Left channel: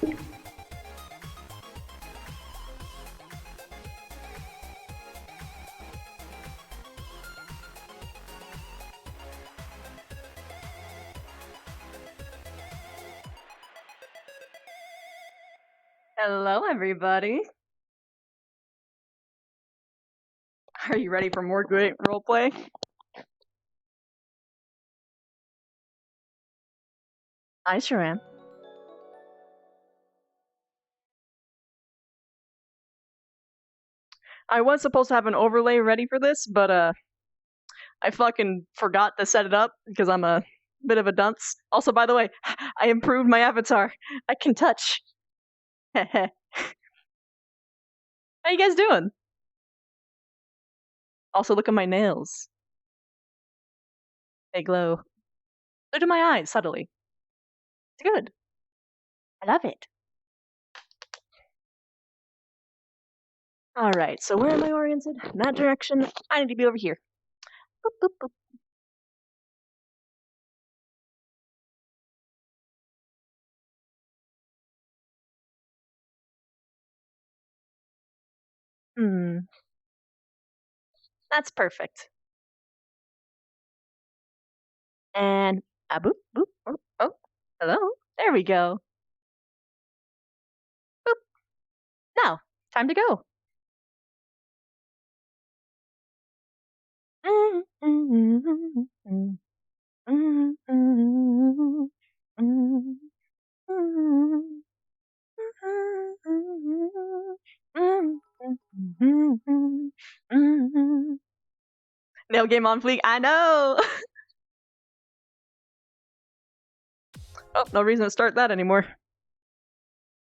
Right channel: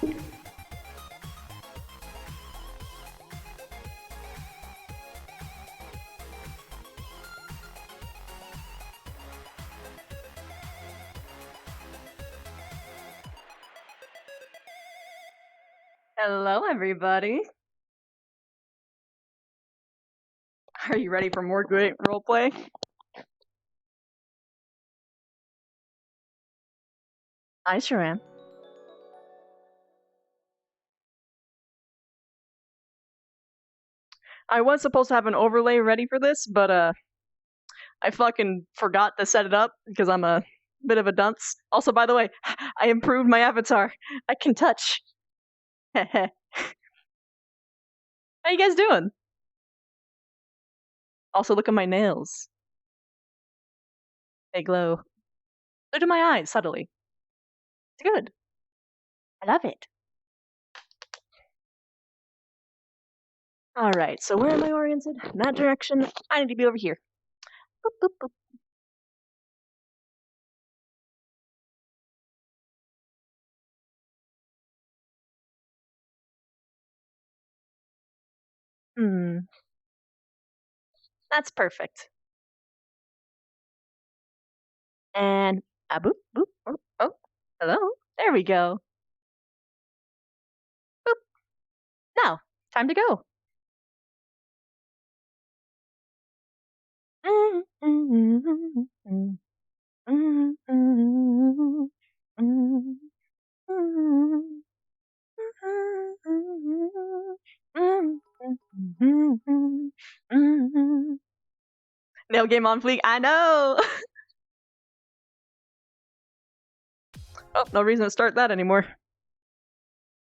Hello, everybody. Are you ready for more great roleplay? I sure am. I was supposed to have an overlay ready for this, but I fucking forgot to set it up because I'm a bit of a dunce. Also, by the way, I improved my avatar. I can touch. How you guys doing? Also, look at my nails. They glow. So do my eyes, subtly. It's good. I love it. Alright, so where am I oriented? In that direction. I need to be over here. Boop, boop, boop. That's perfect. And boop, boop, oh, hello. There we go. Boop. Now, time to go. Nail game on fleek. I know. Oh, no reason to start that anymore.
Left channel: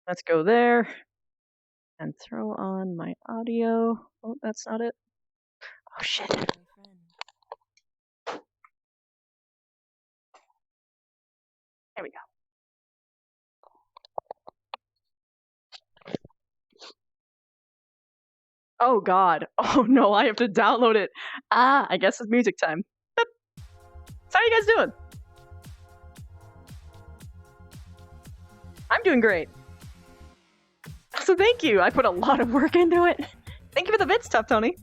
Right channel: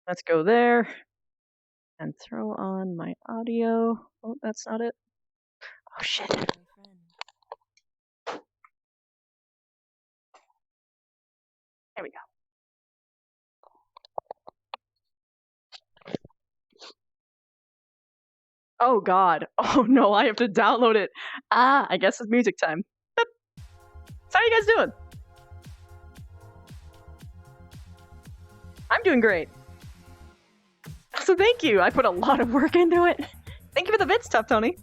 Let's go there and throw on my audio. Oh, that's not it. Oh shit. There we go. Oh god. Oh no, I have to download it. I guess it's music time. Boop. So how you guys doing? I'm doing great. So thank you. I put a lot of work into it. Thank you for the bits, Tough Tony.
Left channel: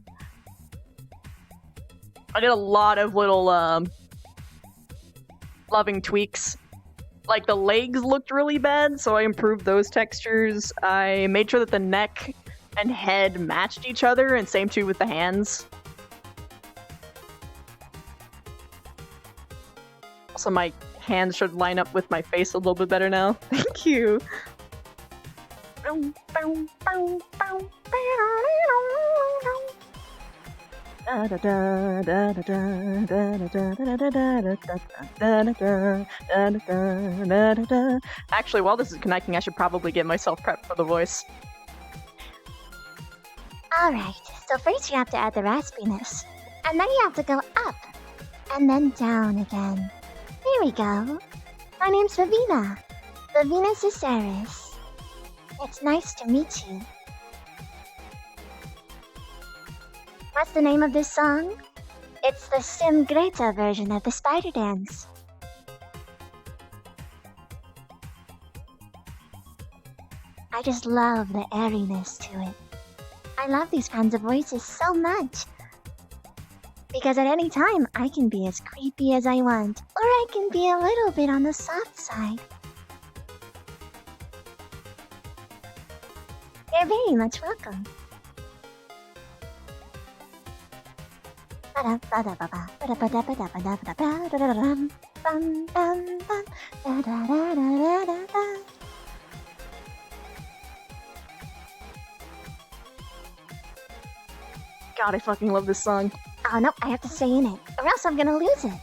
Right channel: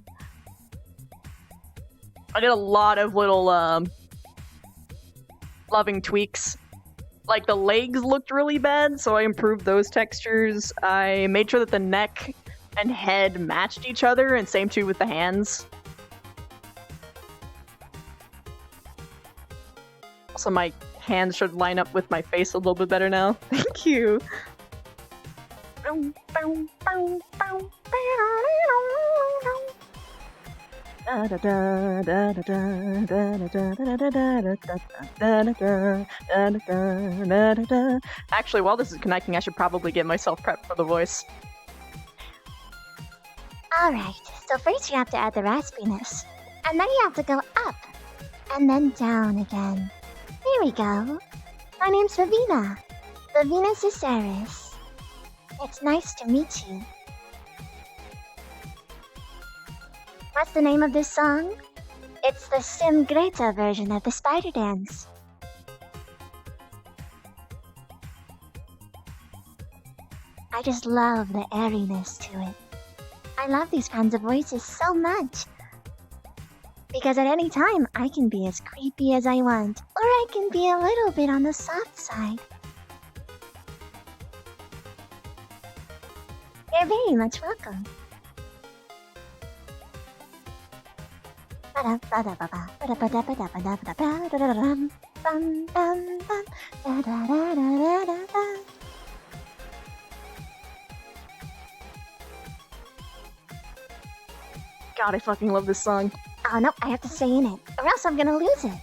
I did a lot of little loving tweaks. Like the legs looked really bad, so I improved those textures. I made sure that the neck and head matched each other, and same too with the hands. Also, my hands should line up with my face a little bit better now. Thank you. Actually, while this is connecting, I should probably get myself prepped for the voice. Alright, so first you have to add the raspiness. And then you have to go up. And then down again. Here we go. My name's Vivina. Vivina Ciceris. It's nice to meet you. What's the name of this song? It's the Sim Greta version of the Spider Dance. I just love the airiness to it. I love these kinds of voices so much. Because at any time, I can be as creepy as I want, or I can be a little bit on the soft side. You're very much welcome. God, I fucking love this song. Oh no, I have to stay in it, or else I'm gonna lose it.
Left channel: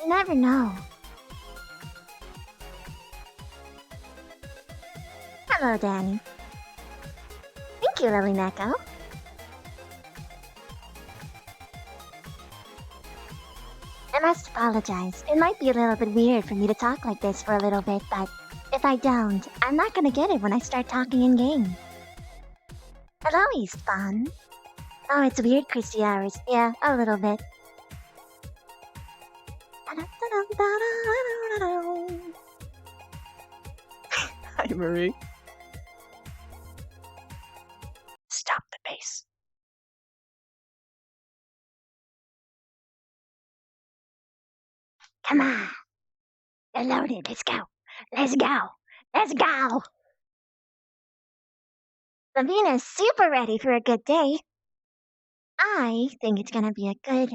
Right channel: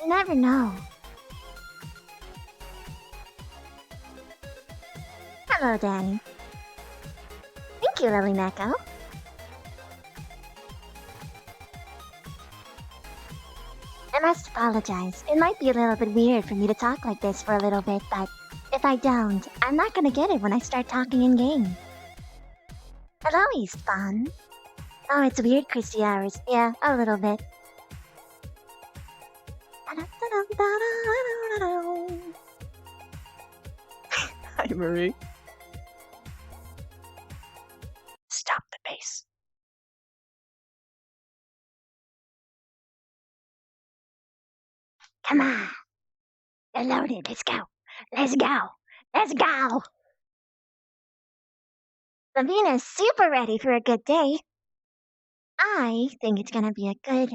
You never know. Hello, Danny. Thank you, Lily Neko. I must apologize. It might be a little bit weird for me to talk like this for a little bit, but if I don't, I'm not gonna get it when I start talking in game. Hello, Eastbon. Oh, it's weird, Christy hours. Yeah, a little bit. I Marie. Stop the pace. Come on. They're loaded. Let's go. Let's go. Let's go. Lavina's super ready for a good day. I think it's gonna be a good,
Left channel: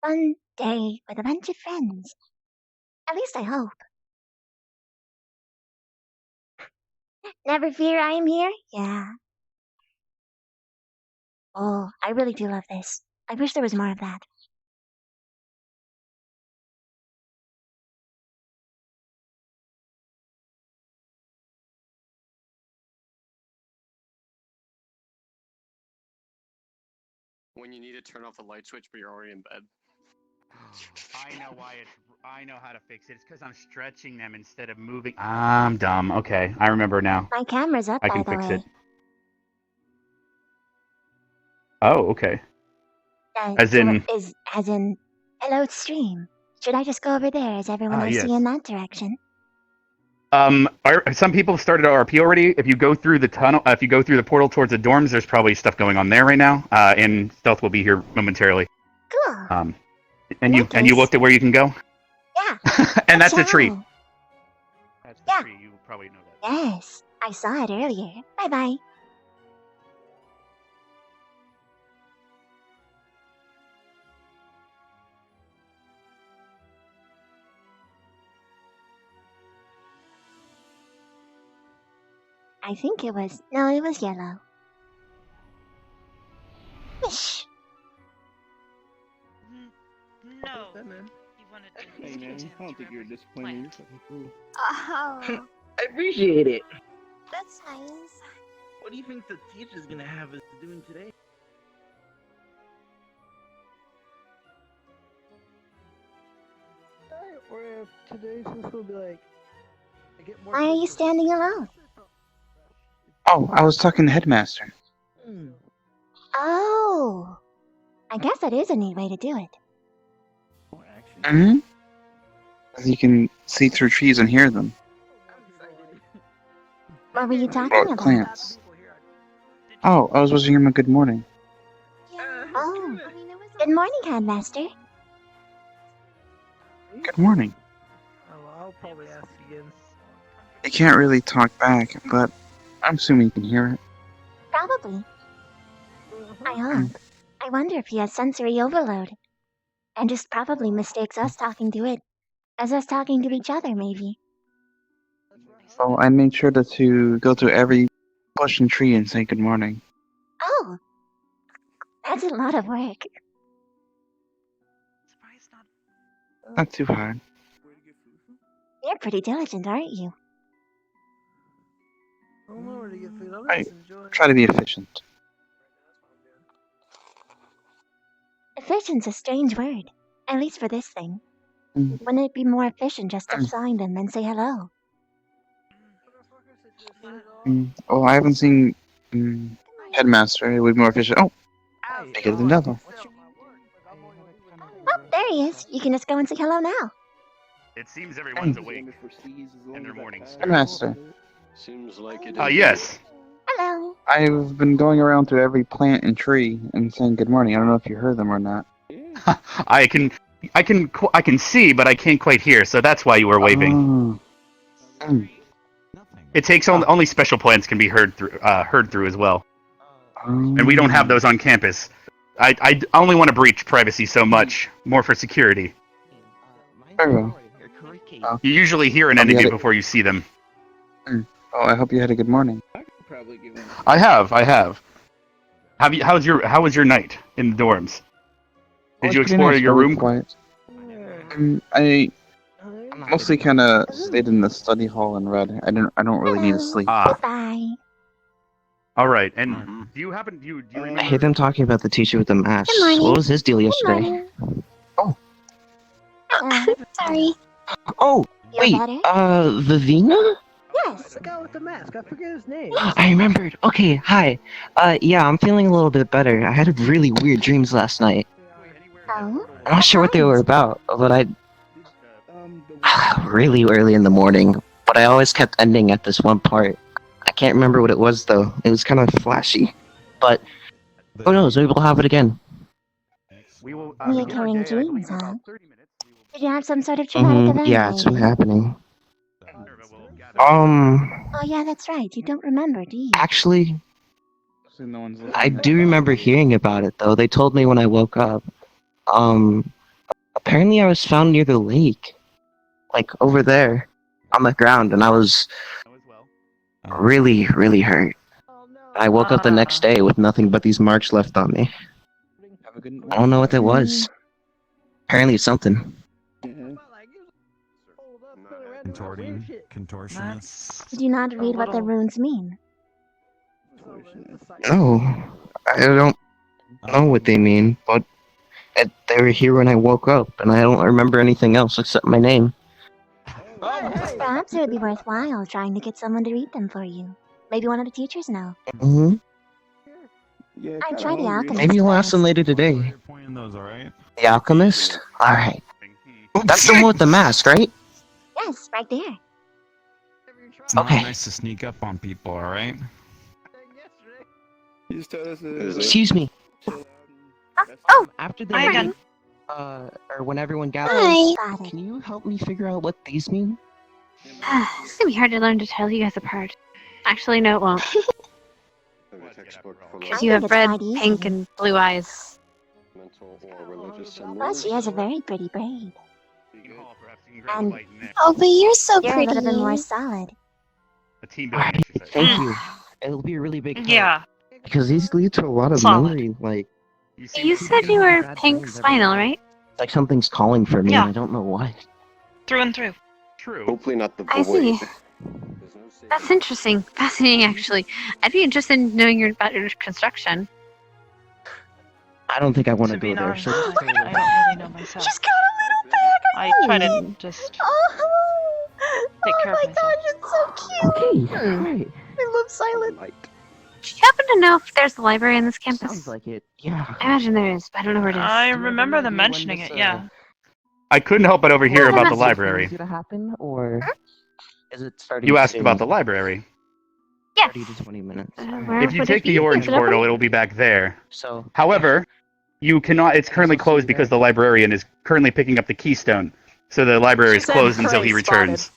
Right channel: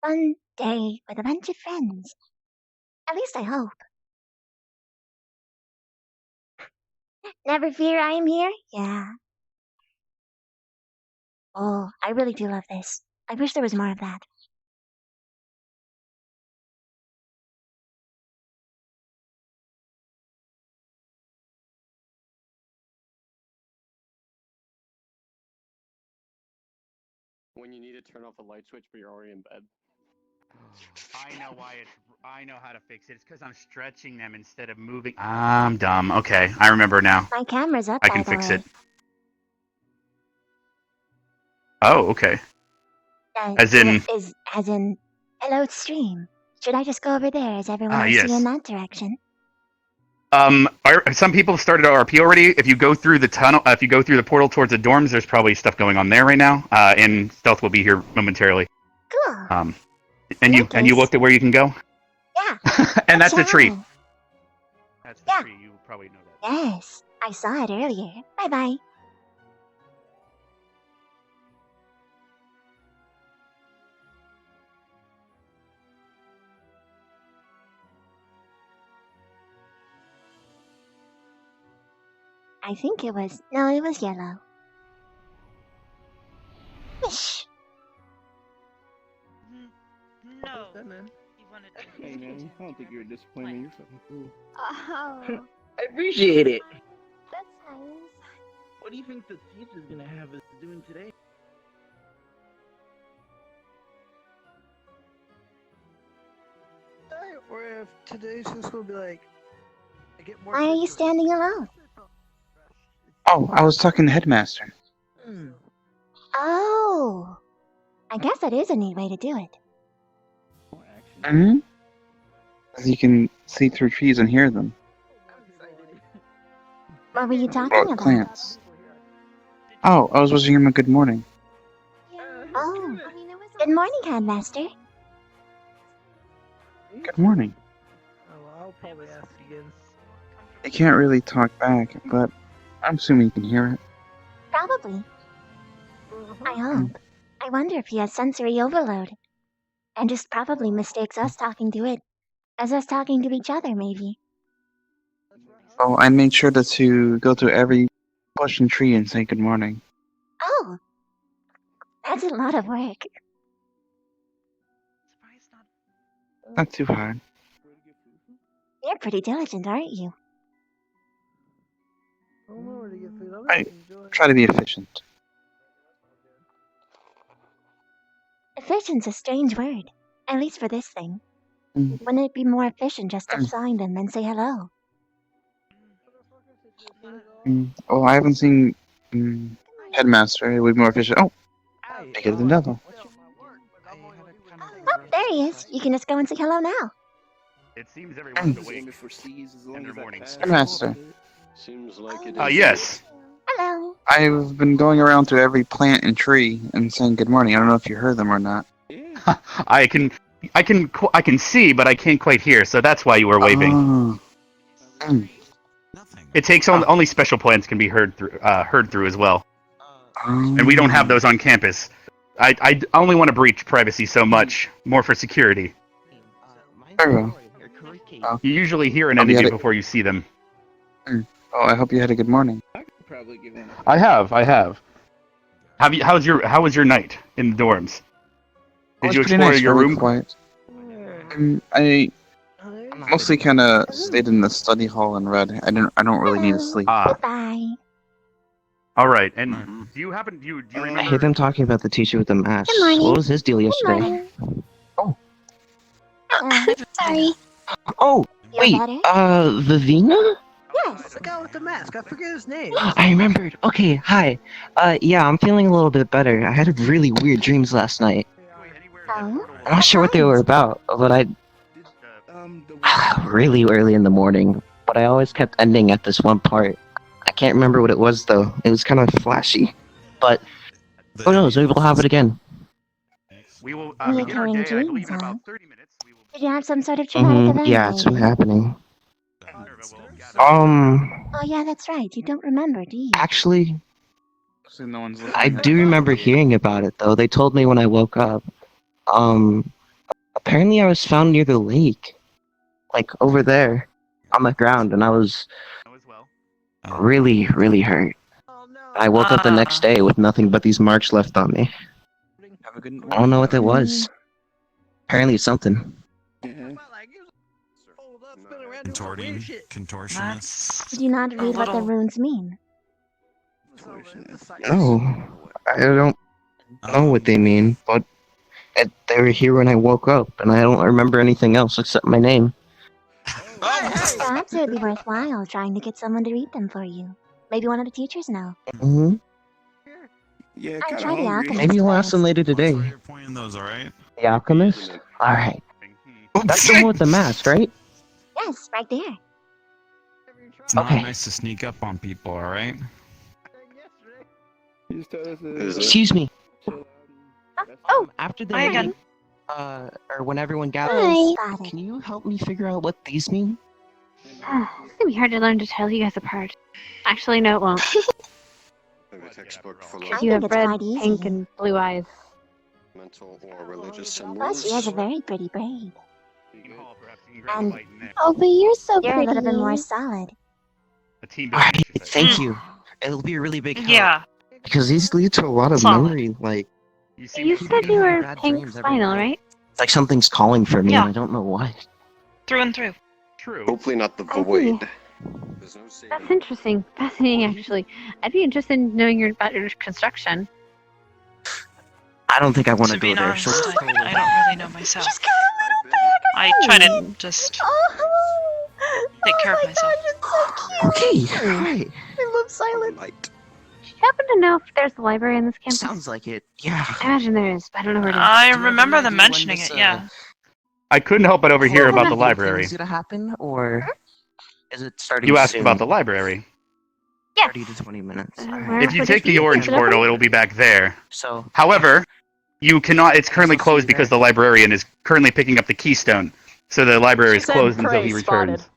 fun day with a bunch of friends. At least I hope. Never fear, I am here? Yeah. Oh, I really do love this. I wish there was more of that. When you need to turn off the light switch, but you're already in bed. I know why it's. I know how to fix it. It's because I'm stretching them instead of moving. I'm dumb. Okay, I remember now. My camera's up, I by can the fix way. it. Oh, okay. As in, hello stream. Should I just go over there as everyone I see yes. in that direction? Some people started RP already. If you go through the tunnel, if you go through the portal towards the dorms, there's probably stuff going on there right now. And Stealth will be here momentarily. Cool. And you looked at where you can go? Yeah. And that's a tree. That's the Yeah. tree. You probably know that. Yes, I saw it earlier. Bye-bye. I think it was... No, it was yellow. Wish. No. He wanted to Hey man, I don't think you're a disappointment. You're fucking cool. Oh, I appreciate it. that's nice. What do you think the teacher's gonna have us doing today? Or if today's just gonna be like, I get more. Why are you standing alone? Oh, I was talking to Headmaster. Oh. I guess that is a neat way to do it. Mm-hmm. As you can see through trees and hear them. What were you talking Or about? plants. Oh, I was wishing him a good morning. Oh. Good morning, Headmaster. Good morning. Oh, I'll probably ask again. I can't really talk back, but I'm assuming you can hear it. Probably. I hope. I wonder if he has sensory overload. And just probably mistakes us talking to it as us talking to each other, maybe. So I made sure to go through every bush and tree and say good morning. Oh. That's a lot of work. Not too hard. You're pretty diligent, aren't you? I try to be efficient. Efficient's a strange word. At least for this thing. Mm. Wouldn't it be more efficient just to find them and say hello? Oh, I haven't seen Headmaster. It would be more efficient. Oh, make it another. Oh, there he is. You can just go and say hello now. It seems everyone's awake in their mornings. Headmaster. Seems like it. Yes. Hello. I've been going around to every plant and tree and saying good morning. I don't know if you heard them or not. I can see, but I can't quite hear. So that's why you were waving. It takes only special plants can be heard through as well, and we don't have those on campus. I only want to breach privacy so much, more for security. You usually hear an entity before you see them. Oh, I hope you had a good morning. I have. How was your night in the dorms? Did you explore your room? Quiet. I mostly kind of stayed in the study hall and read. I don't really need to sleep. Goodbye. All right. And do you remember? I hear them talking about the teacher with the mask. Good morning. What was his deal yesterday? Oh. Sorry. Oh, Feel wait. better? Vivina? Yes. The guy with the mask. I forget his name. I remembered. Okay, hi. Yeah, I'm feeling a little bit better. I had really weird dreams last night. Oh? I'm not sure what they were about, but really early in the morning. But but I always kept ending at this one part. I can't remember what it was though. It was kind of flashy, but who knows? Maybe we'll have it again. We will begin our Reoccurring day, I believe, dreams, in huh? about 30 minutes. We will Did you have some sort of traumatic event Yeah, it's been lately? happening. Oh yeah, that's right. You don't remember, do you? Actually, So no one's looking I at do remember hearing about it though. They told me when I woke up. Apparently I was found near the lake, like over there, on the ground, and I was as well. really, really hurt. I woke up the next day with nothing but these marks left on me. Have a good I don't know what that was. Apparently it's something. Contorting, contortionist. Did you not read what the runes mean? No, I don't know what they mean, but they were here when I woke up, and I don't remember anything else except my name. Perhaps it would be worthwhile trying to get someone to read them for you. Maybe one of the teachers know. hmm Yeah, I'd try the alchemist Maybe we'll ask first. them later today. You're pointing those, alright? The alchemist? Alright. That's the one with the mask, right? Yes, right there. It's not Okay. nice to sneak up on people, alright? Excuse me. Oh, After the Hi meeting, again. or when everyone gathers, Got it. can you help me figure out what these mean? It's gonna be hard to learn to tell you guys apart. Actually, no, it won't. Because you I have think it's red, quite easy. pink, and blue eyes. Mental or religious Plus, she has a very pretty braid. And Oh, but you're so you're a little bit more solid. A team building Alright, exercise. thank you. It'll be a really big help. Yeah. Because these lead to a lot of Solid. memory, like... You see, You said you were pink spinal, right? It's like something's calling for me, Yeah. and I don't know why. Through and through. true. Hopefully not the I see. void. There's no saving. That's interesting. Fascinating, actually. I'd be interested in knowing about your construction. I don't think I want to To be go there, honest, so... I don't really know myself. She's got a little bag. I try to just Oh, take care of my myself. gosh, it's so cute. Okay, alright. I love silence. Do you happen to know if there's a library in this campus? Sounds like it, yeah. I imagine there is, but I don't know where it is. I Do you have remember any them idea when mentioning this, it, yeah. I couldn't help but overhear Oh, about the that's- library. Is it gonna happen, or... Is it starting You asked soon? about the library. Yes. 30 to 20 minutes. Where If you would it take the be? orange Is it open? portal, it'll be back there. So... However, you cannot. It's currently I'll see you closed because there. the librarian is currently picking up the keystone. So the library She is said closed until prey he spotted. returns.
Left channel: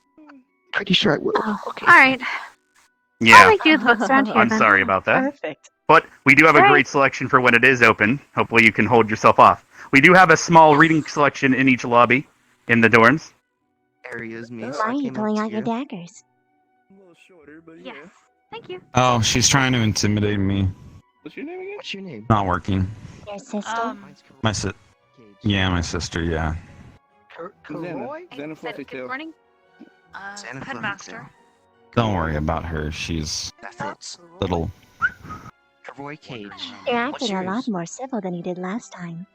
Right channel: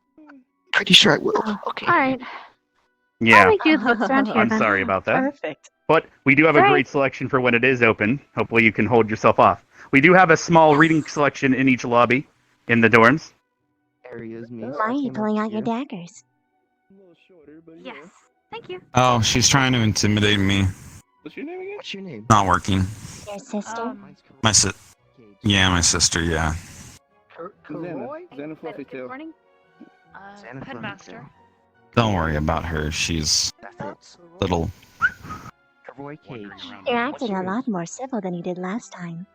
Pretty sure I will. Okay. Alright. I'll Yeah, make you the books around here I'm then. sorry about that. Perfect. But we do have a Sorry. great selection for when it is open. Hopefully you can hold yourself off. We do have a small reading selection in each lobby in the dorms. Areas me. Why are you pulling out your daggers? Yes. Thank you. Oh, she's trying to intimidate me. What's your name again? What's your name? Not working. Your sister? My my sister, yeah. Xena Good 42. morning. Santa Fe. Headmaster. Don't worry about her. She's That fits. little. Roy Cage. You're What's acting a lot yours? more civil than you did last time.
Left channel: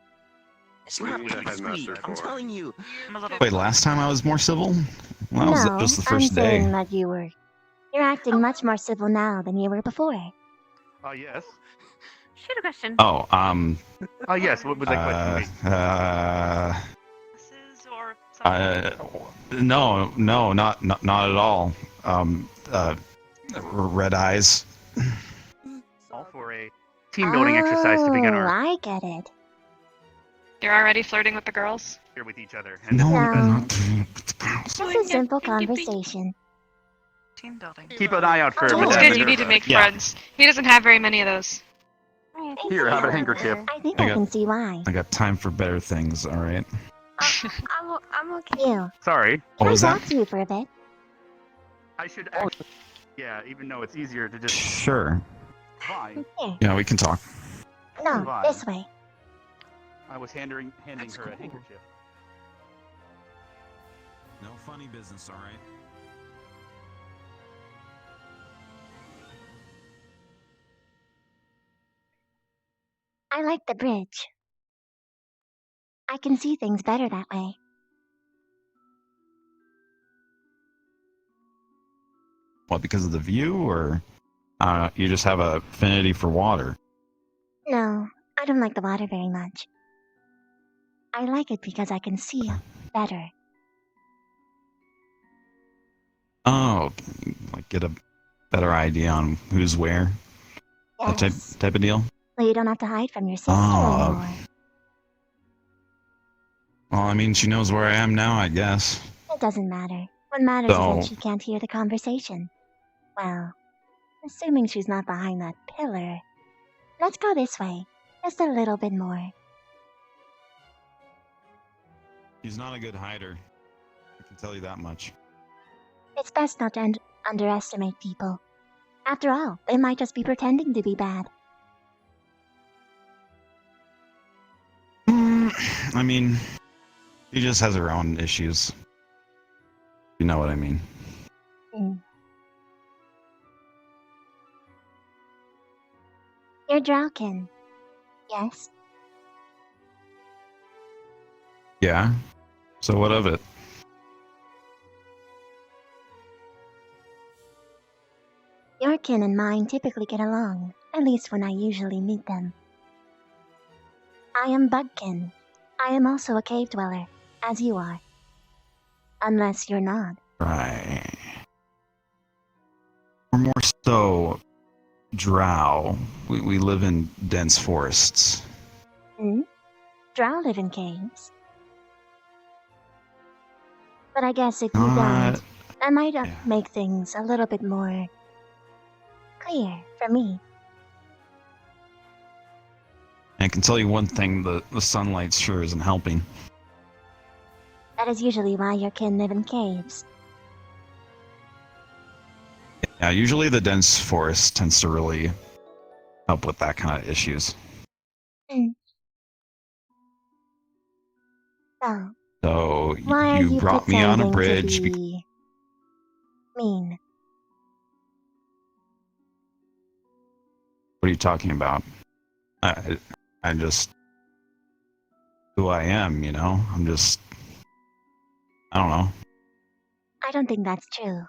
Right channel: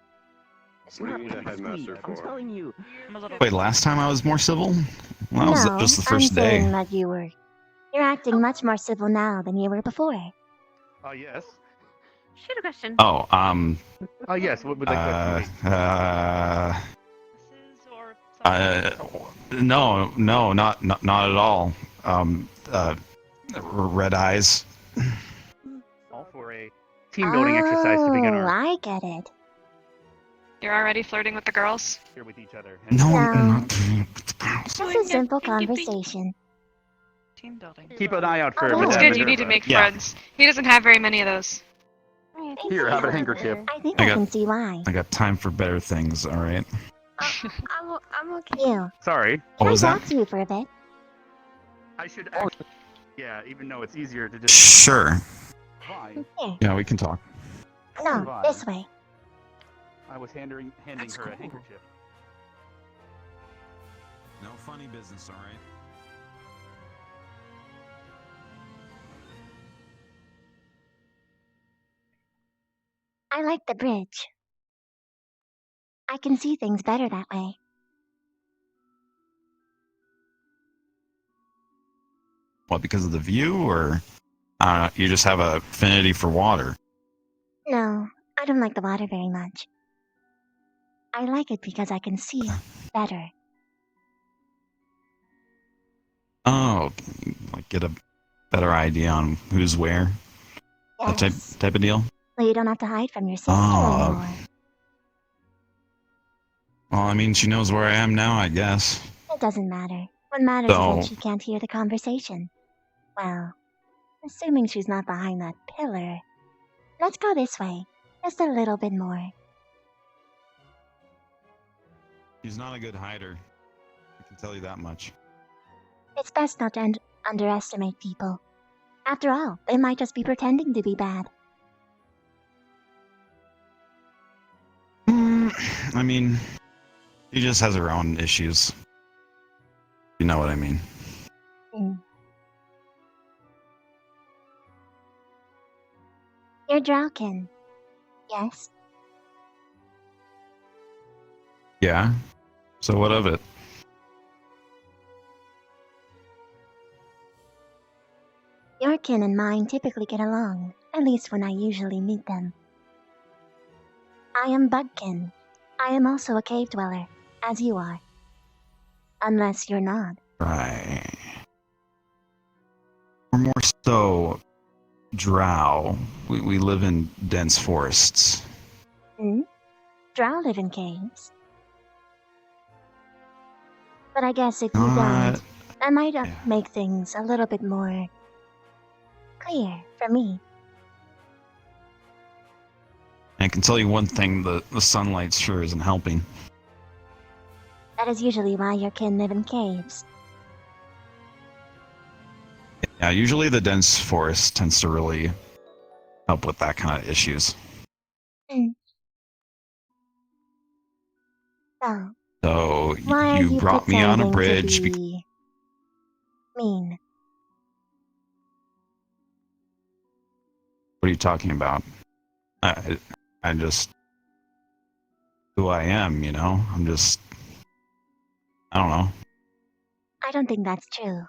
It's not Who's the pretty headmaster sweet, I'm for? telling you. I'm a little. Wait, last time I was more civil? Well, that No, was the I'm first saying day. that you were. You're acting much more civil now than you were before. Yes. Shoot a question. Oh, Yes. What was that question? Glasses or something? no, not at all. Red eyes. All for a team building exercise to begin our I get it. You're already flirting with the girls? here with each other. No. Just It's a simple conversation. Team building. Keep an eye out for Oh, That's Madame good, you need to Minerva. make Yeah. friends. He doesn't have very many of those. Here, have a handkerchief. I think I I got- can see why. I got time for better things, alright? I'm okay. You. Sorry. What Can I was talk that? to you for a bit? I should actually. Yeah, even though it's easier to just. Sure. Fine. Here. Yeah, we can talk. No, Fine. this way. I was handing her a handkerchief. No funny business, alright? I like the bridge. I can see things better that way. What, because of the view, or you just have a affinity for water? No, I don't like the water very much. I like it because I can see better. Oh, know, like get a better idea on who's where. That Yes. type of deal. So you don't have to hide from your sister Oh. anymore. Well, I mean, she knows where I am now, I guess. It doesn't matter. What matters is So- that she can't hear the conversation. Well, assuming she's not behind that pillar. Let's go this way. Just a little bit more. She's not a good hider. I can tell you that much. It's best not to underestimate people. After all, they might just be pretending to be bad. I mean, she just has her own issues. You know what I mean. Mm. You're Draukin. Yes? Yeah? So what of it? Your kin and mine typically get along, at least when I usually meet them. I am Bugkin. I am also a cave dweller, as you are. Unless you're not. Right. We're more so drow. We live in dense forests. Hmm? Drow live in caves. But I guess if you don't, that might make things a little bit more clear for me. I can tell you one thing, the sunlight sure isn't helping. That is usually why your kin live in caves. Yeah, usually the dense forest tends to really help with that kind of issues. Hmm. So, So why are you brought me on a pretending bridge. to be mean? What are you talking about? I just who I am, you know? I'm just I don't know. I don't think that's true.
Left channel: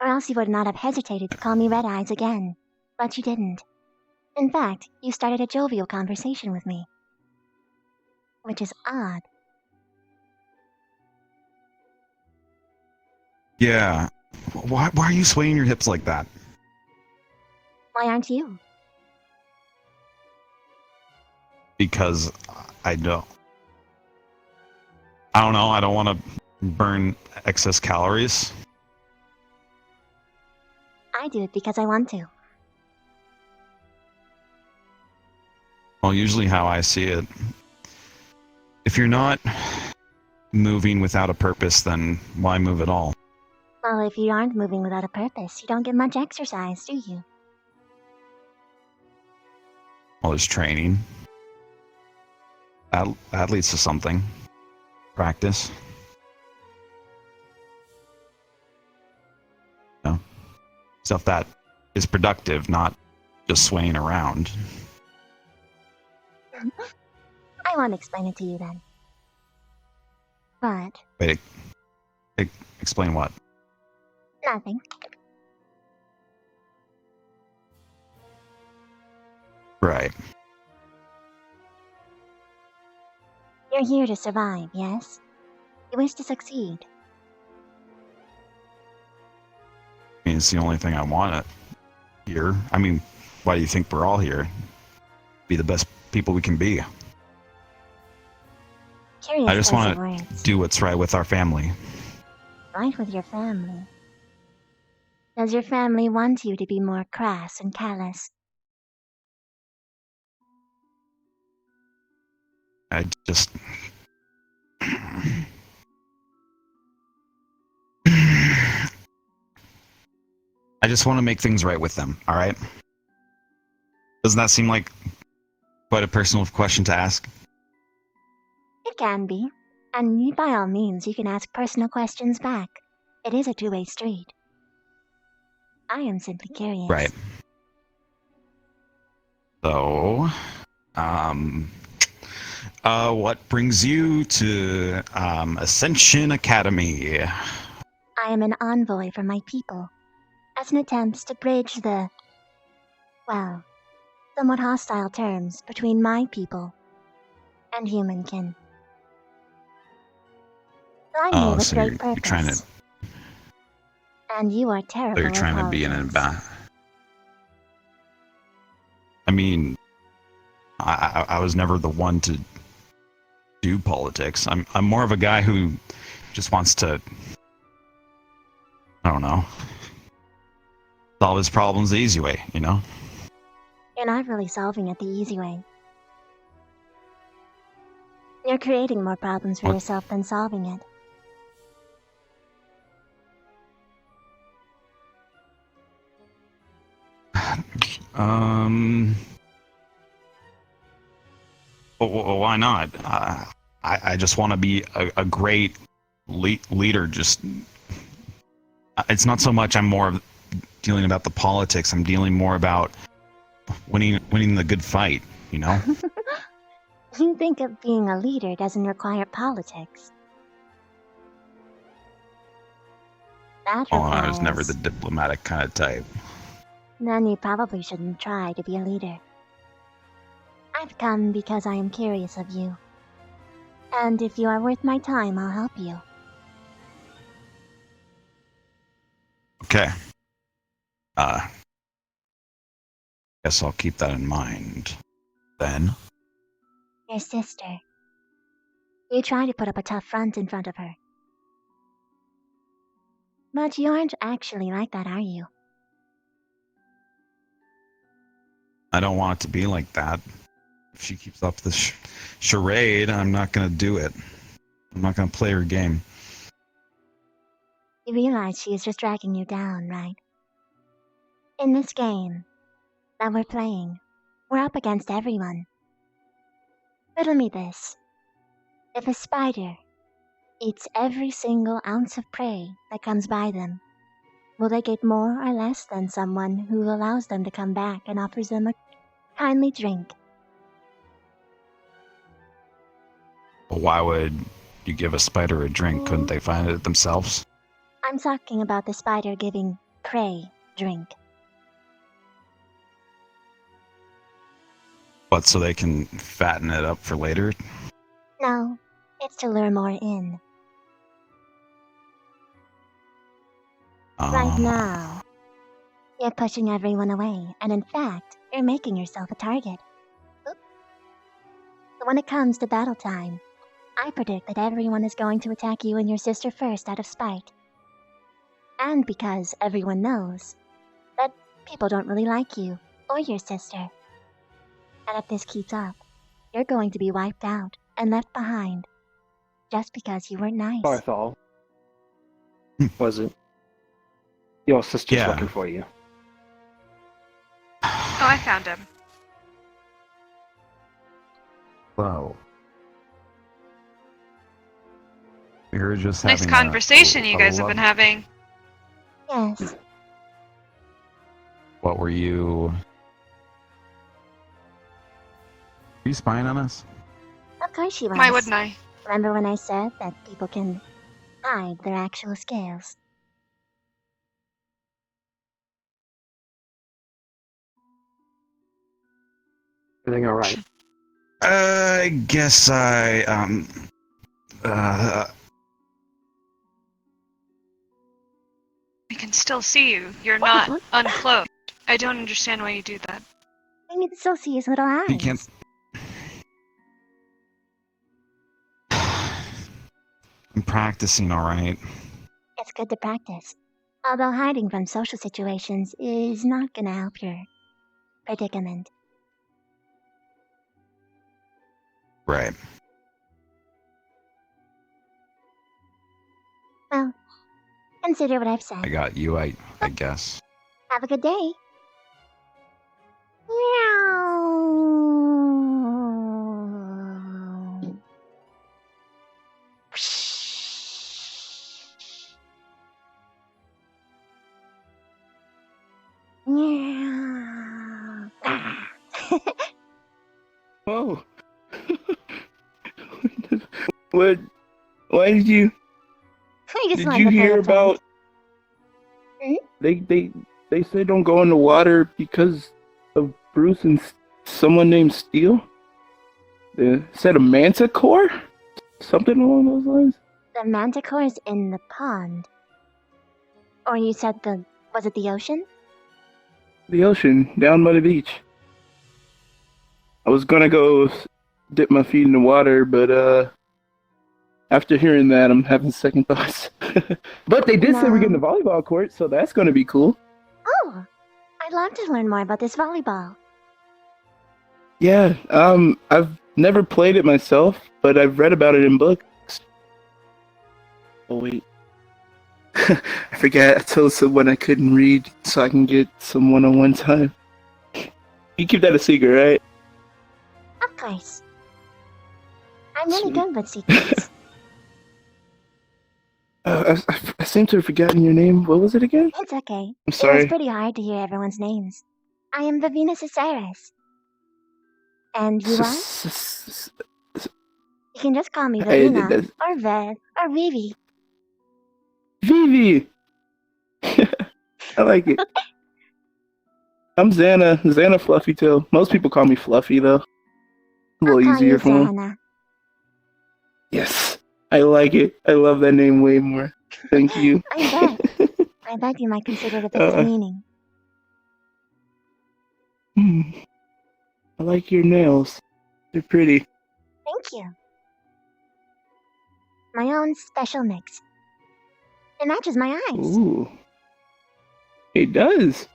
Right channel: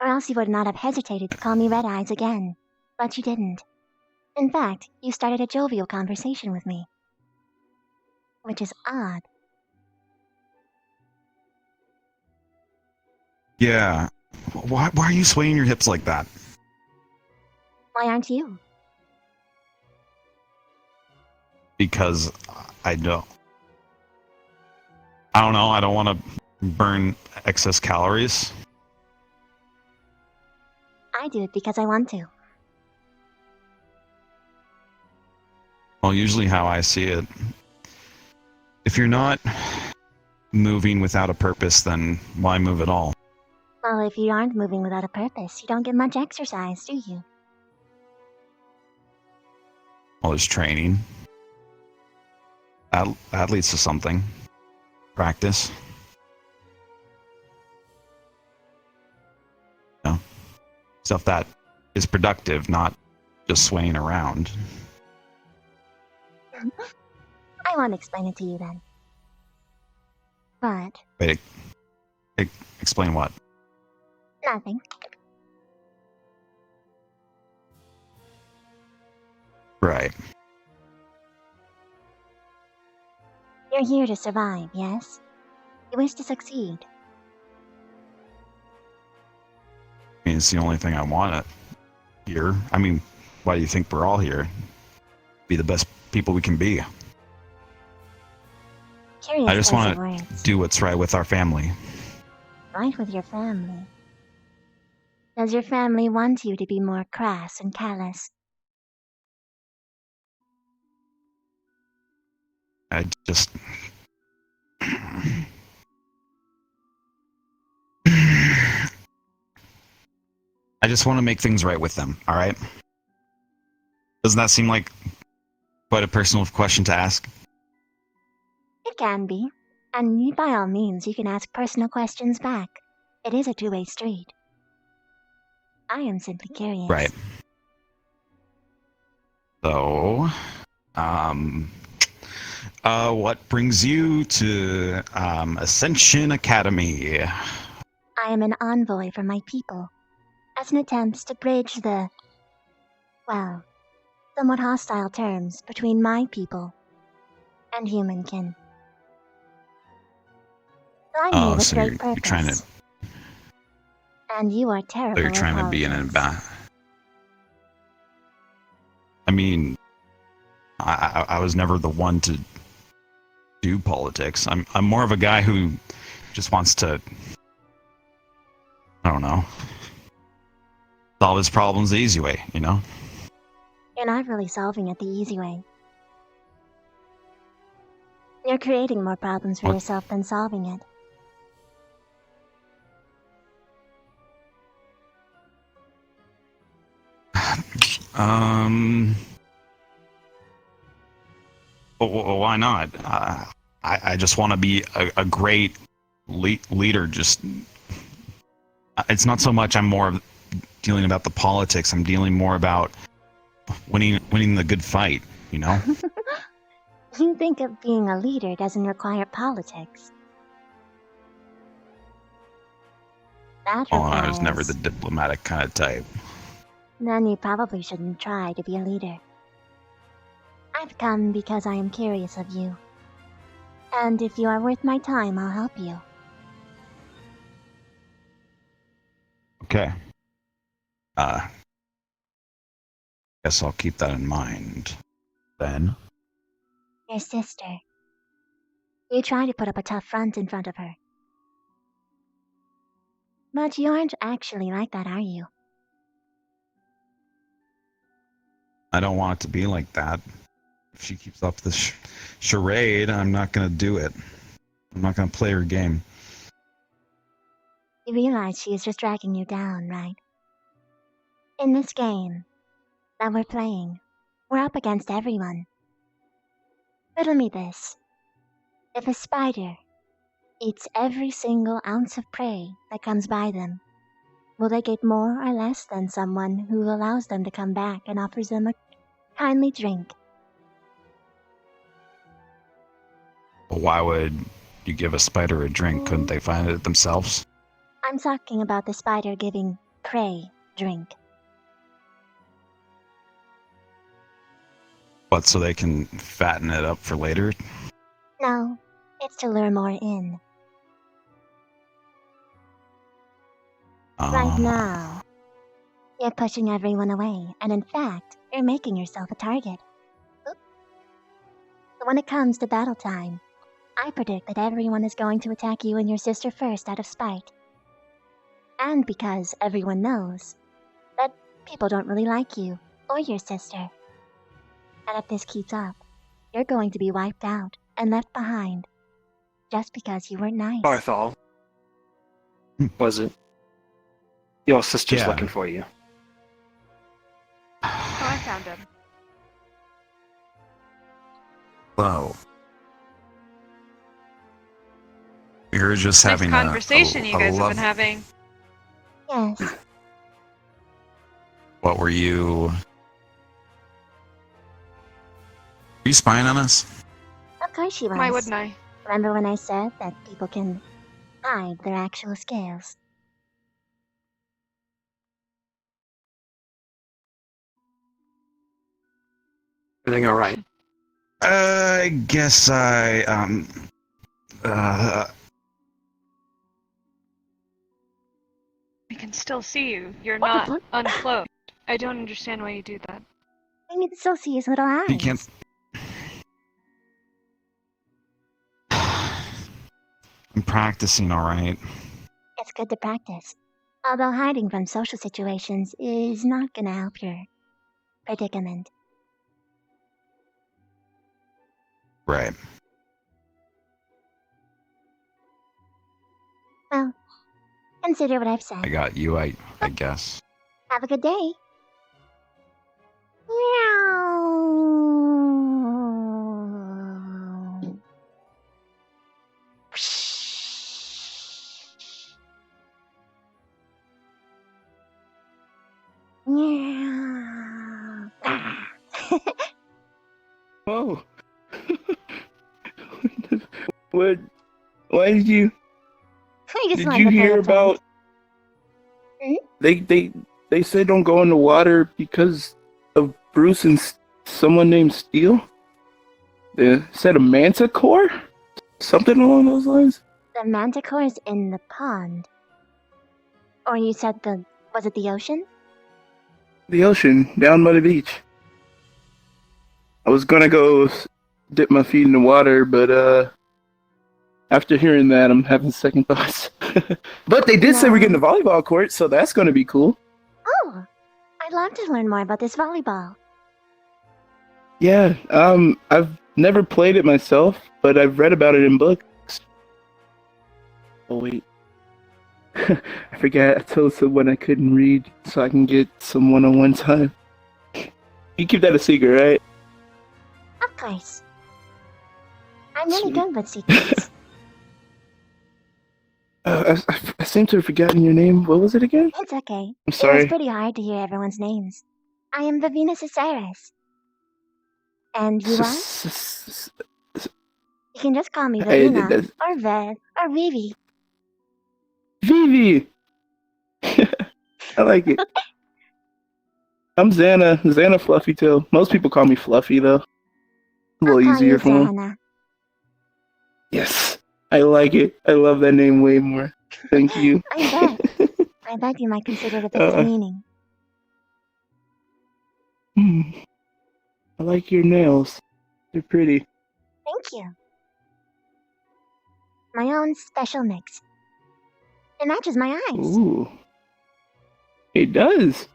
Or else you would not have hesitated to call me Red Eyes again. But you didn't. In fact, you started a jovial conversation with me. Which is odd. Yeah. Why are you swaying your hips like that? Why aren't you? Because I don't know, I don't want to burn excess calories. I do it because I want to. Well, usually how I see it, if you're not moving without a purpose, then why move at all? Well, if you aren't moving without a purpose, you don't get much exercise, do you? Well, there's training. That leads to something. Practice. You know, stuff that is productive, not just swaying around. I won't explain it to you then. But... Wait, explain what? nothing. Right. You're here to survive, yes? You wish to succeed. I mean, it's the only thing I want here. I mean, why do you think we're all here? Be the best people we can be. Curious I just choice of want to words. do what's right with our family. Right with your family. Does your family want you to be more crass and callous? I just... I just want to make things right with them, alright? Doesn't that seem like quite a personal question to ask? It can be. And by all means, you can ask personal questions back. It is a two-way street. I am simply curious. Right. So, what brings you to Ascension Academy? I am an envoy for my people, as an attempt to bridge the, well, somewhat hostile terms between my people and humankin. I'm here with So great you're purpose. trying to And you are So terrible you're at trying to be an politics. I mean, I was never the one to do politics. I'm more of a guy who just wants to, I don't know, solve his problems the easy way, you know? You're not really solving it the easy way. You're creating more problems for What? yourself than solving it. Why not? I just want to be a great leader. Just it's not so much I'm more dealing about the politics. I'm dealing more about winning the good fight. You know? You think of being a leader doesn't require politics. That Oh, I was never the requires... diplomatic kind of type. Then you probably shouldn't try to be a leader. I've come because I am curious of you. And if you are worth my time, I'll help you. Okay. Guess I'll keep that in mind. Then. Your sister. You try to put up a tough front in front of her. But you aren't actually like that, are you? I don't want it to be like that. If she keeps up this charade, I'm not going to do it. I'm not going to play her game. You realize she is just dragging you down, right? In this game that we're playing, we're up against everyone. Riddle me this. If a spider eats every single ounce of prey that comes by them, will they get more or less than someone who allows them to come back and offers them a kindly drink? But why would you give a spider a drink? Couldn't they find it themselves? I'm talking about the spider giving prey drink. What, so they can fatten it up for later? No, it's to lure more in. Right now, you're pushing everyone away, and in fact, you're making yourself a target. Oop. So when it comes to battle time, I predict that everyone is going to attack you and your sister first out of spite. And because everyone knows that people don't really like you or your sister. And if this keeps up, you're going to be wiped out and left behind just because you weren't nice. Barthol. Was it? Your sister's Yeah. looking for you. Oh, I found him. Whoa. We were just Nice having conversation you guys have love- been having. Yes. What were you... Are you spying on us? Of course she was. Why wouldn't I? Remember when I said that people can hide their actual scales? Everything alright? I guess I, I can still see you. You're What the not fuck? unclothed. I don't understand why you do that. I can still see his little eyes. you can't... I'm practicing, alright? It's good to practice. Although hiding from social situations is not gonna help your predicament. Right. Well, consider what I've said. I got you, I guess. Have a good day. Meow. Meow. Oh. What? Why did you? I just Did wanted you to play hear a prank. about? They say don't go in the water because of Bruce and someone named Steele. They said a manticore, something along those lines. The manticore's in the pond. Or you said was it the ocean? The ocean, down by the beach. I was gonna go dip my feet in the water, but after hearing that, I'm having second thoughts. But they did say we're getting a volleyball court, so that's gonna be cool. Oh, I'd love to learn more about this volleyball. Yeah, I've never played it myself, but I've read about it in books. Oh wait, I forgot. I told someone I couldn't read, so I can get some one-on-one time. You keep that a secret, right? Of course. I'm really good with secrets. I seem to have forgotten your name. What was it again? It's okay. I'm sorry. It was pretty hard to hear everyone's names. I am Vivina Ciceres. And you are? You can just call me Vivina, or Vev, or Vivi. Vivi! I like it. I'm Xana. Xana Fluffytail. Most people call me Fluffy, though. A little I'll call easier you for them. Xana. Yes. I like it. I love that name way more. Thank you. I bet. I bet you might consider it a bit demeaning. I like your nails. They're pretty. Thank you. My own special mix. It matches my eyes. Ooh. It does.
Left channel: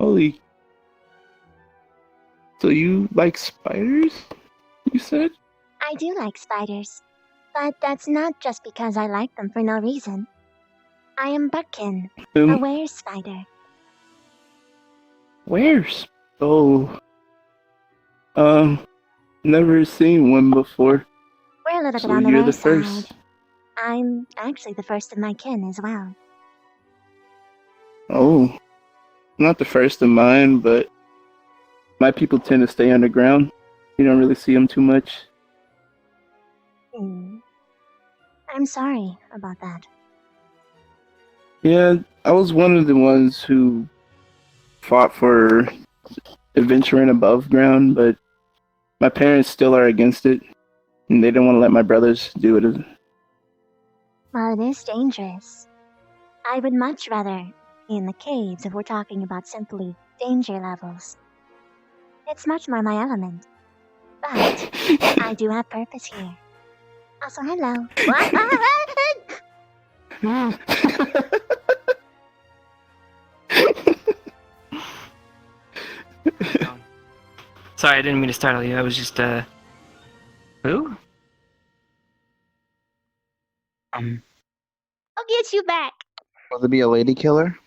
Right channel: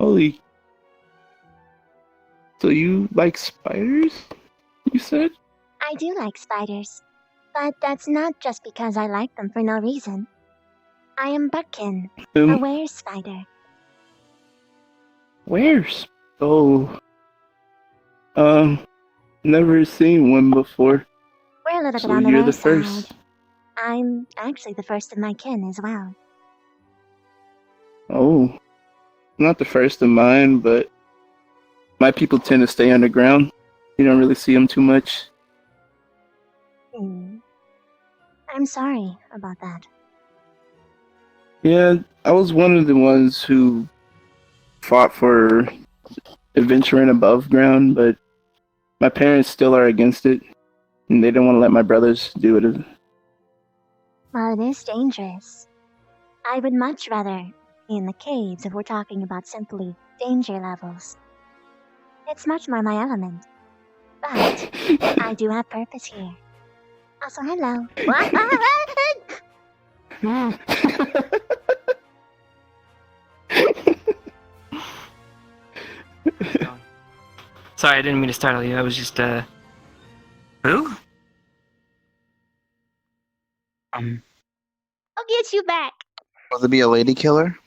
Holy. So you like spiders? You said? I do like spiders. But that's not just because I like them for no reason. I am Buckkin, a were spider. Where's? Oh. Never seen one before. We're a little So bit on the you're rare the first. side. I'm actually the first of my kin as well. Oh. Not the first of mine, but my people tend to stay underground. You don't really see them too much. I'm sorry about that. Yeah, I was one of the ones who fought for adventuring above ground, but my parents still are against it, and they don't want to let my brothers do it. Well, it is dangerous. I would much rather be in the caves if we're talking about simply danger levels. It's much more my element. But I do have purpose here. Also, hello. Sorry, I didn't mean to startle you. I was just, Who? I'll get you back. Will there be a lady killer?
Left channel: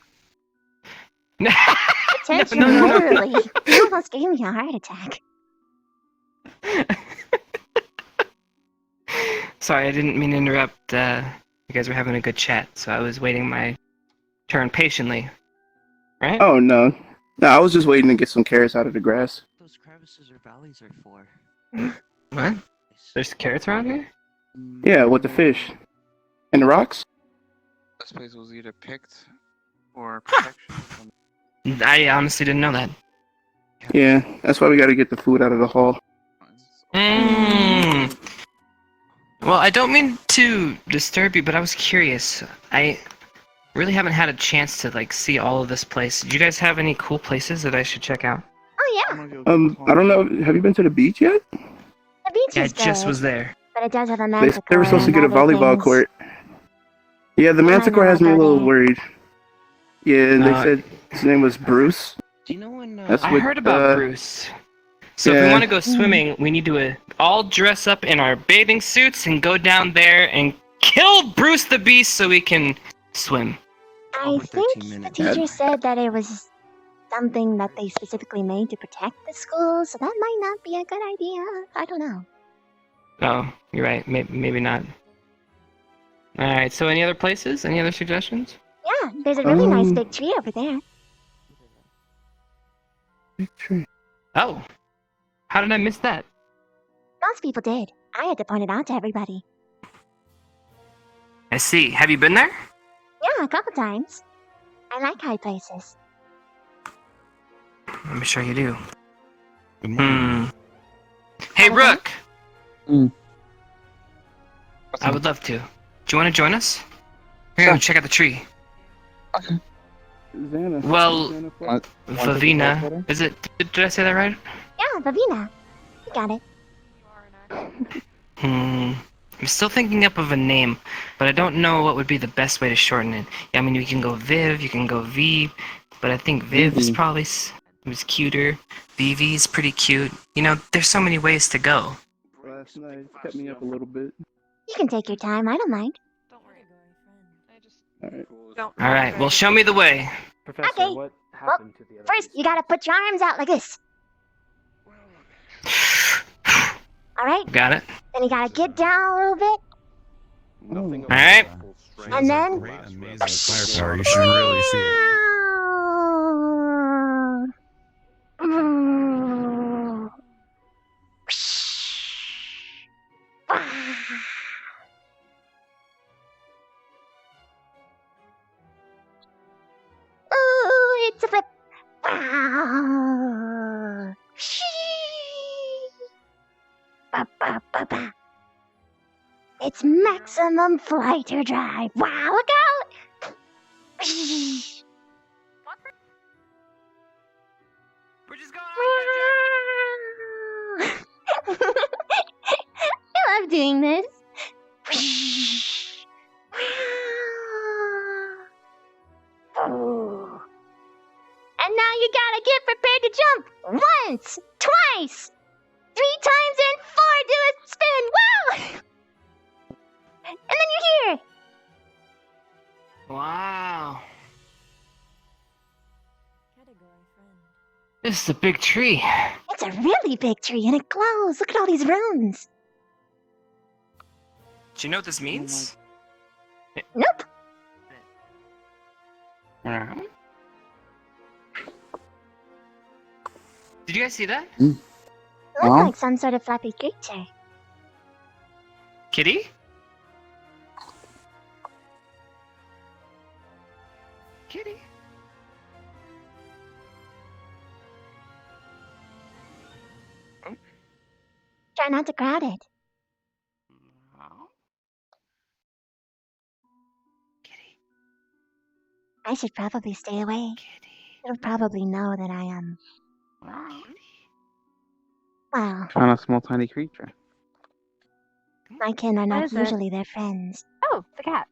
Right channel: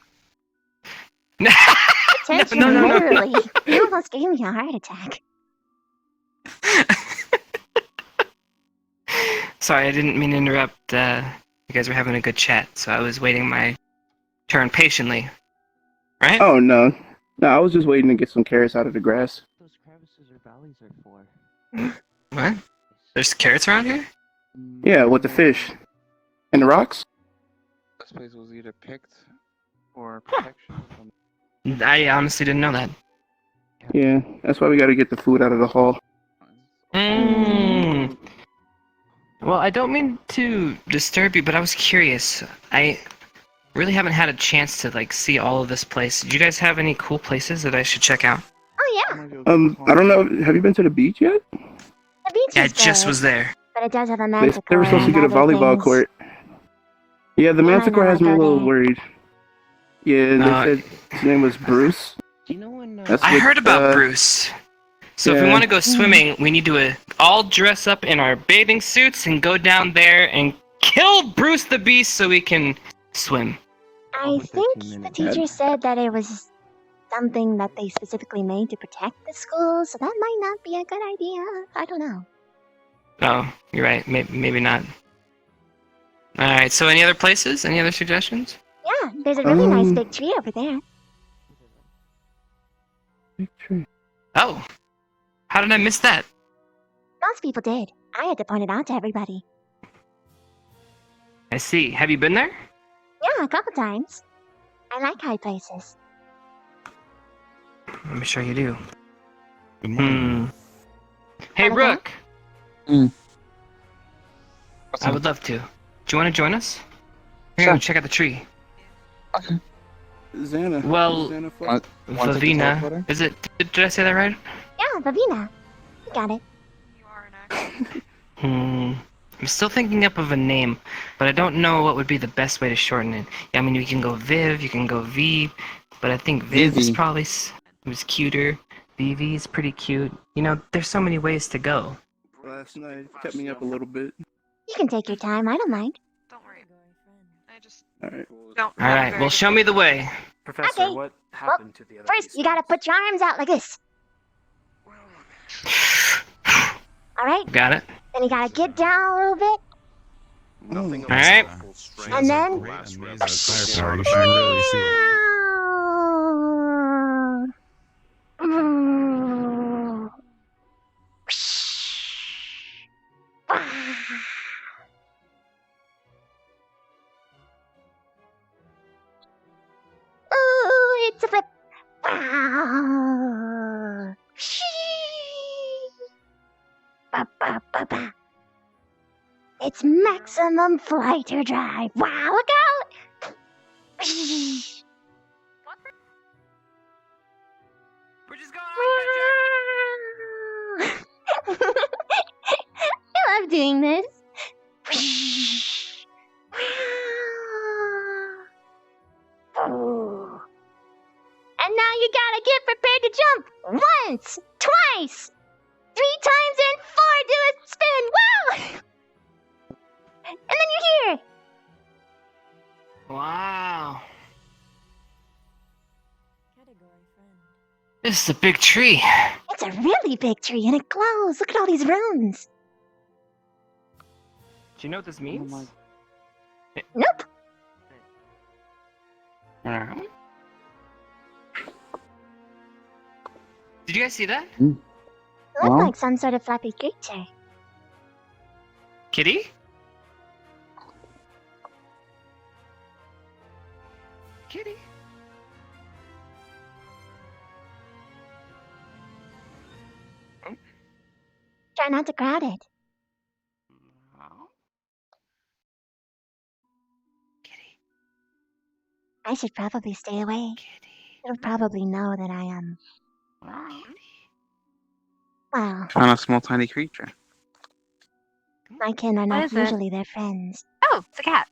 Potentially, literally. You almost gave me a heart attack. Sorry, I didn't mean to interrupt. You guys were having a good chat, so I was waiting my turn patiently. Right? Oh, no. No, I was just waiting to get some carrots out of the grass. Those crevices or valleys are for. What? There's carrots around here? Yeah, with the fish. And the rocks? This place was either picked or protection. I honestly didn't know that. Yeah, that's why we gotta get the food out of the hall. Well, I don't mean to disturb you, but I was curious. I really haven't had a chance to, see all of this place. Do you guys have any cool places that I should check out? Oh, yeah. I don't know. Have you been to the beach yet? The beach Yeah, is I just good, was there. but it does have a They manticore were supposed to and get a other volleyball things. court. Yeah, the I might manticore not has me a go little there. worried. Yeah, they said his name was Bruce. Do you know when? I heard about Bruce. So if we yeah. want to go swimming, we need to all dress up in our bathing suits and go down there and kill Bruce the Beast so we can swim. I think the teacher said that it was something that they specifically made to protect the school, so that might not be a good idea. I don't know. Oh, you're right. Maybe not. Alright, so any other places? Any other suggestions? Yeah, there's a really nice big tree over there. Big tree. Oh, how did I miss that? Most people did. I had to point it out to everybody. I see. Have you been there? Yeah, a couple times. I like high places. I'm sure you do. Good morning. Hey, Wanna go? Rook! Mm. I would love to. Do you want to join us? Here, check out the tree. Xana. Well, Xana Fluff. Vavina. Is it? Did I say that right? Yeah, Vavina. You got it. I'm still thinking up of a name, but I don't know what would be the best way to shorten it. I mean, you can go Viv, you can go V, but I think Viv is Vivi. probably was cuter. Vivi is pretty cute. You know, there's so many ways to go. Last night kept me up a little bit. You can take your time. I don't mind. Don't worry. I just Alright. don't. All right, well, show me the way. Okay. Well, first you gotta put your arms out like this. All right. Got it. Then you gotta get down a little bit, Nothing All right. and then. Great, amazing firepower. You should really see it. Ooh, it's a flip. Ba, ba, ba, ba. It's maximum flight or drive. Wow, look out! We're just I love doing this. And now you gotta get prepared to jump once, twice, 3 times, and 4. Do a spin. Wow! And then you're here. Wow. This is a big tree. It's a really big tree, and it glows. Look at all these runes. Do you know what this means? Nope. Did you guys see that? It looks like some sort of flappy creature. Kitty? Kitty? Try not to crowd it. I should probably stay away. It'll probably know that I am. Well, Kind of small, tiny creature. my kin are What not is it? usually their friends. Oh, it's a cat.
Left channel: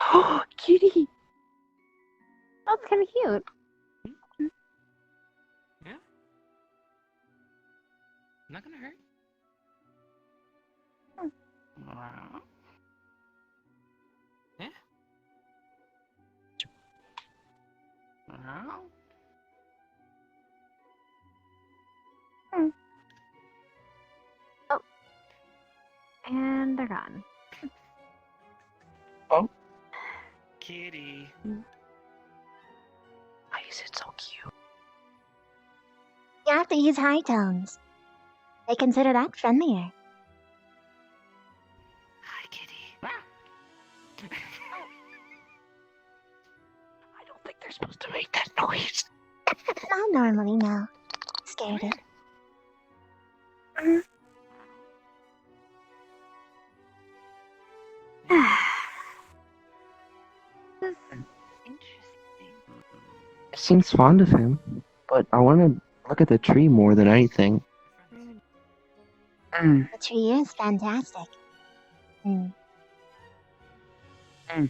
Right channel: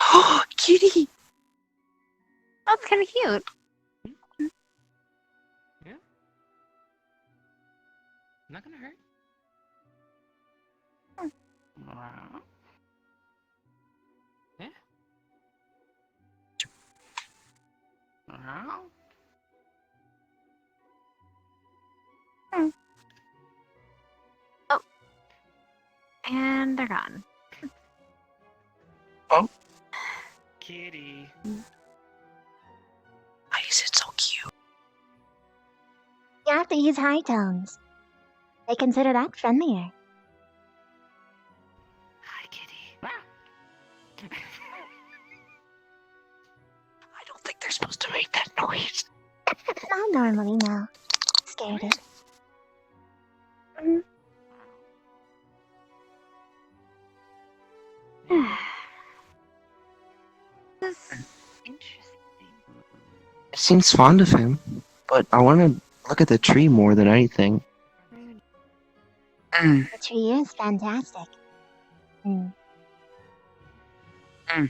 Oh, kitty! Oh, it's kind of cute. Yeah. Not gonna hurt. Yeah. Oh. And they're gone. Kitty. Why is it so cute? You have to use high tones. They consider that friendlier. Hi, Kitty. I don't think they're supposed to make that noise. Not normally, no. Scared it. This is interesting. It seems fond of him, but I want to look at the tree more than anything. The tree is fantastic. Celtic or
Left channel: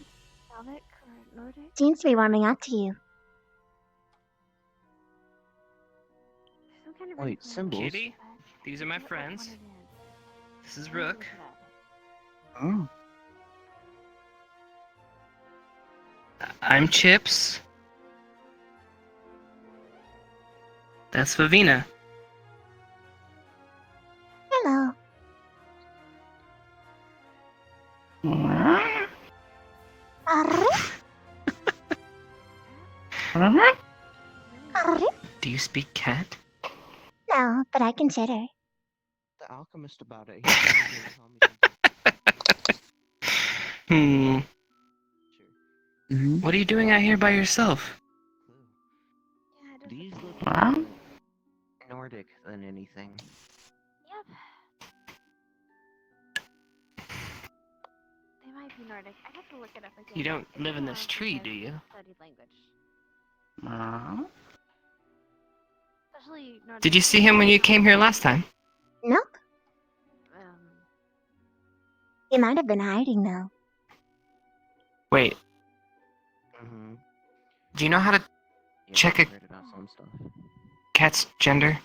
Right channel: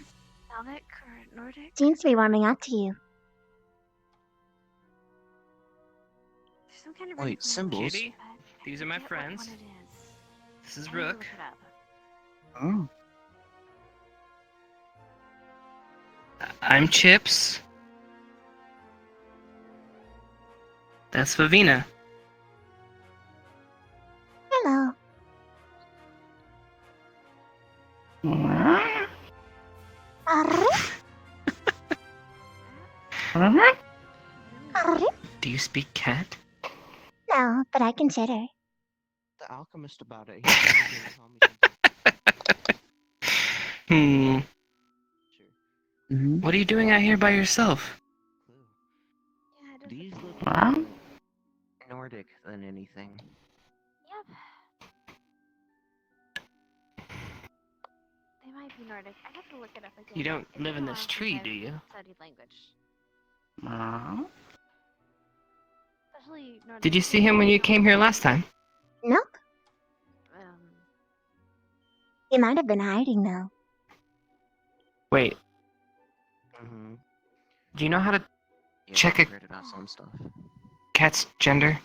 Nordic? Seems to be warming up to you. There's some kind of Wait, symbols? Kitty? These are my friends. This is Rook. Oh. I'm Chips. That's Vavina. Hello. Do you speak cat? No, but I can chitter. The alchemist about it. Hmm. Mm-hmm. What are you doing out here by yourself? These look more Nordic than anything. Yep. It might be Nordic. I have to look it up again. You don't It's live been in a this while tree, since do I've you? studied language. Especially Nordic. Did you see him when you came here last time? Nope. Um, He might have been hiding though. Wait, Mm-hmm. do you know how to Yeah, check I a heard about some stuff. cat's gender?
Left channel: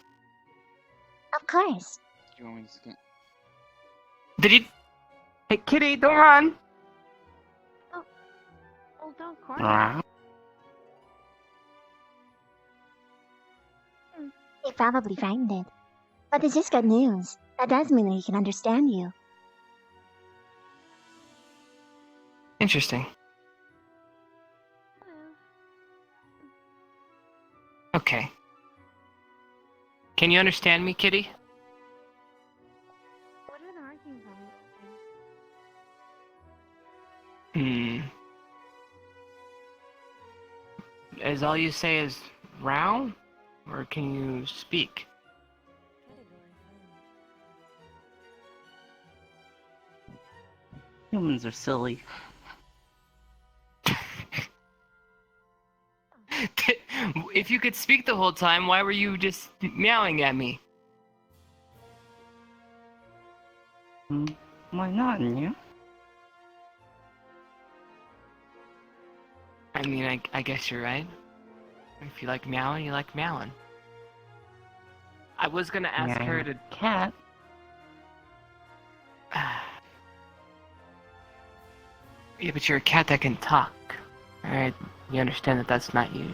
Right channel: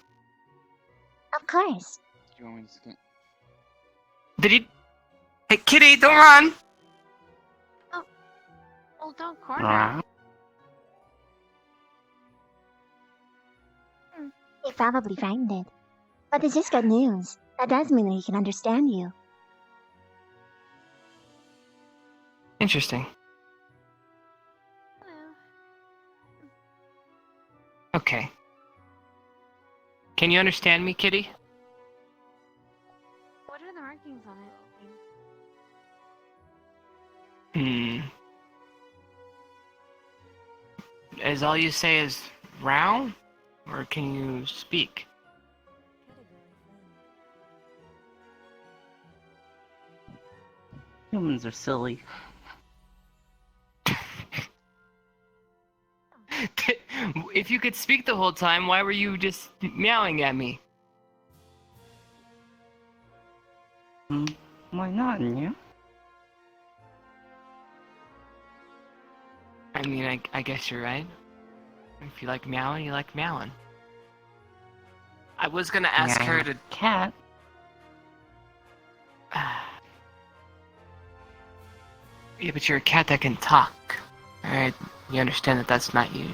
Of course. You want me to scan? Did he? Hey, kitty, don't run! oh, don't corner. He probably frightened it. But this is good news. That does mean that he can understand you. Interesting. Okay. Can you understand me, kitty? What are the markings on it? Is all you say is round? Or can you speak? Humans are silly. If you could speak the whole time, why were you just meowing at me? Why not, yeah? I mean, I guess you're right. If you like meowing, you like meowing. I was gonna ask her to... Cat. Yeah, but you're a cat that can talk. Alright, you understand that that's not you,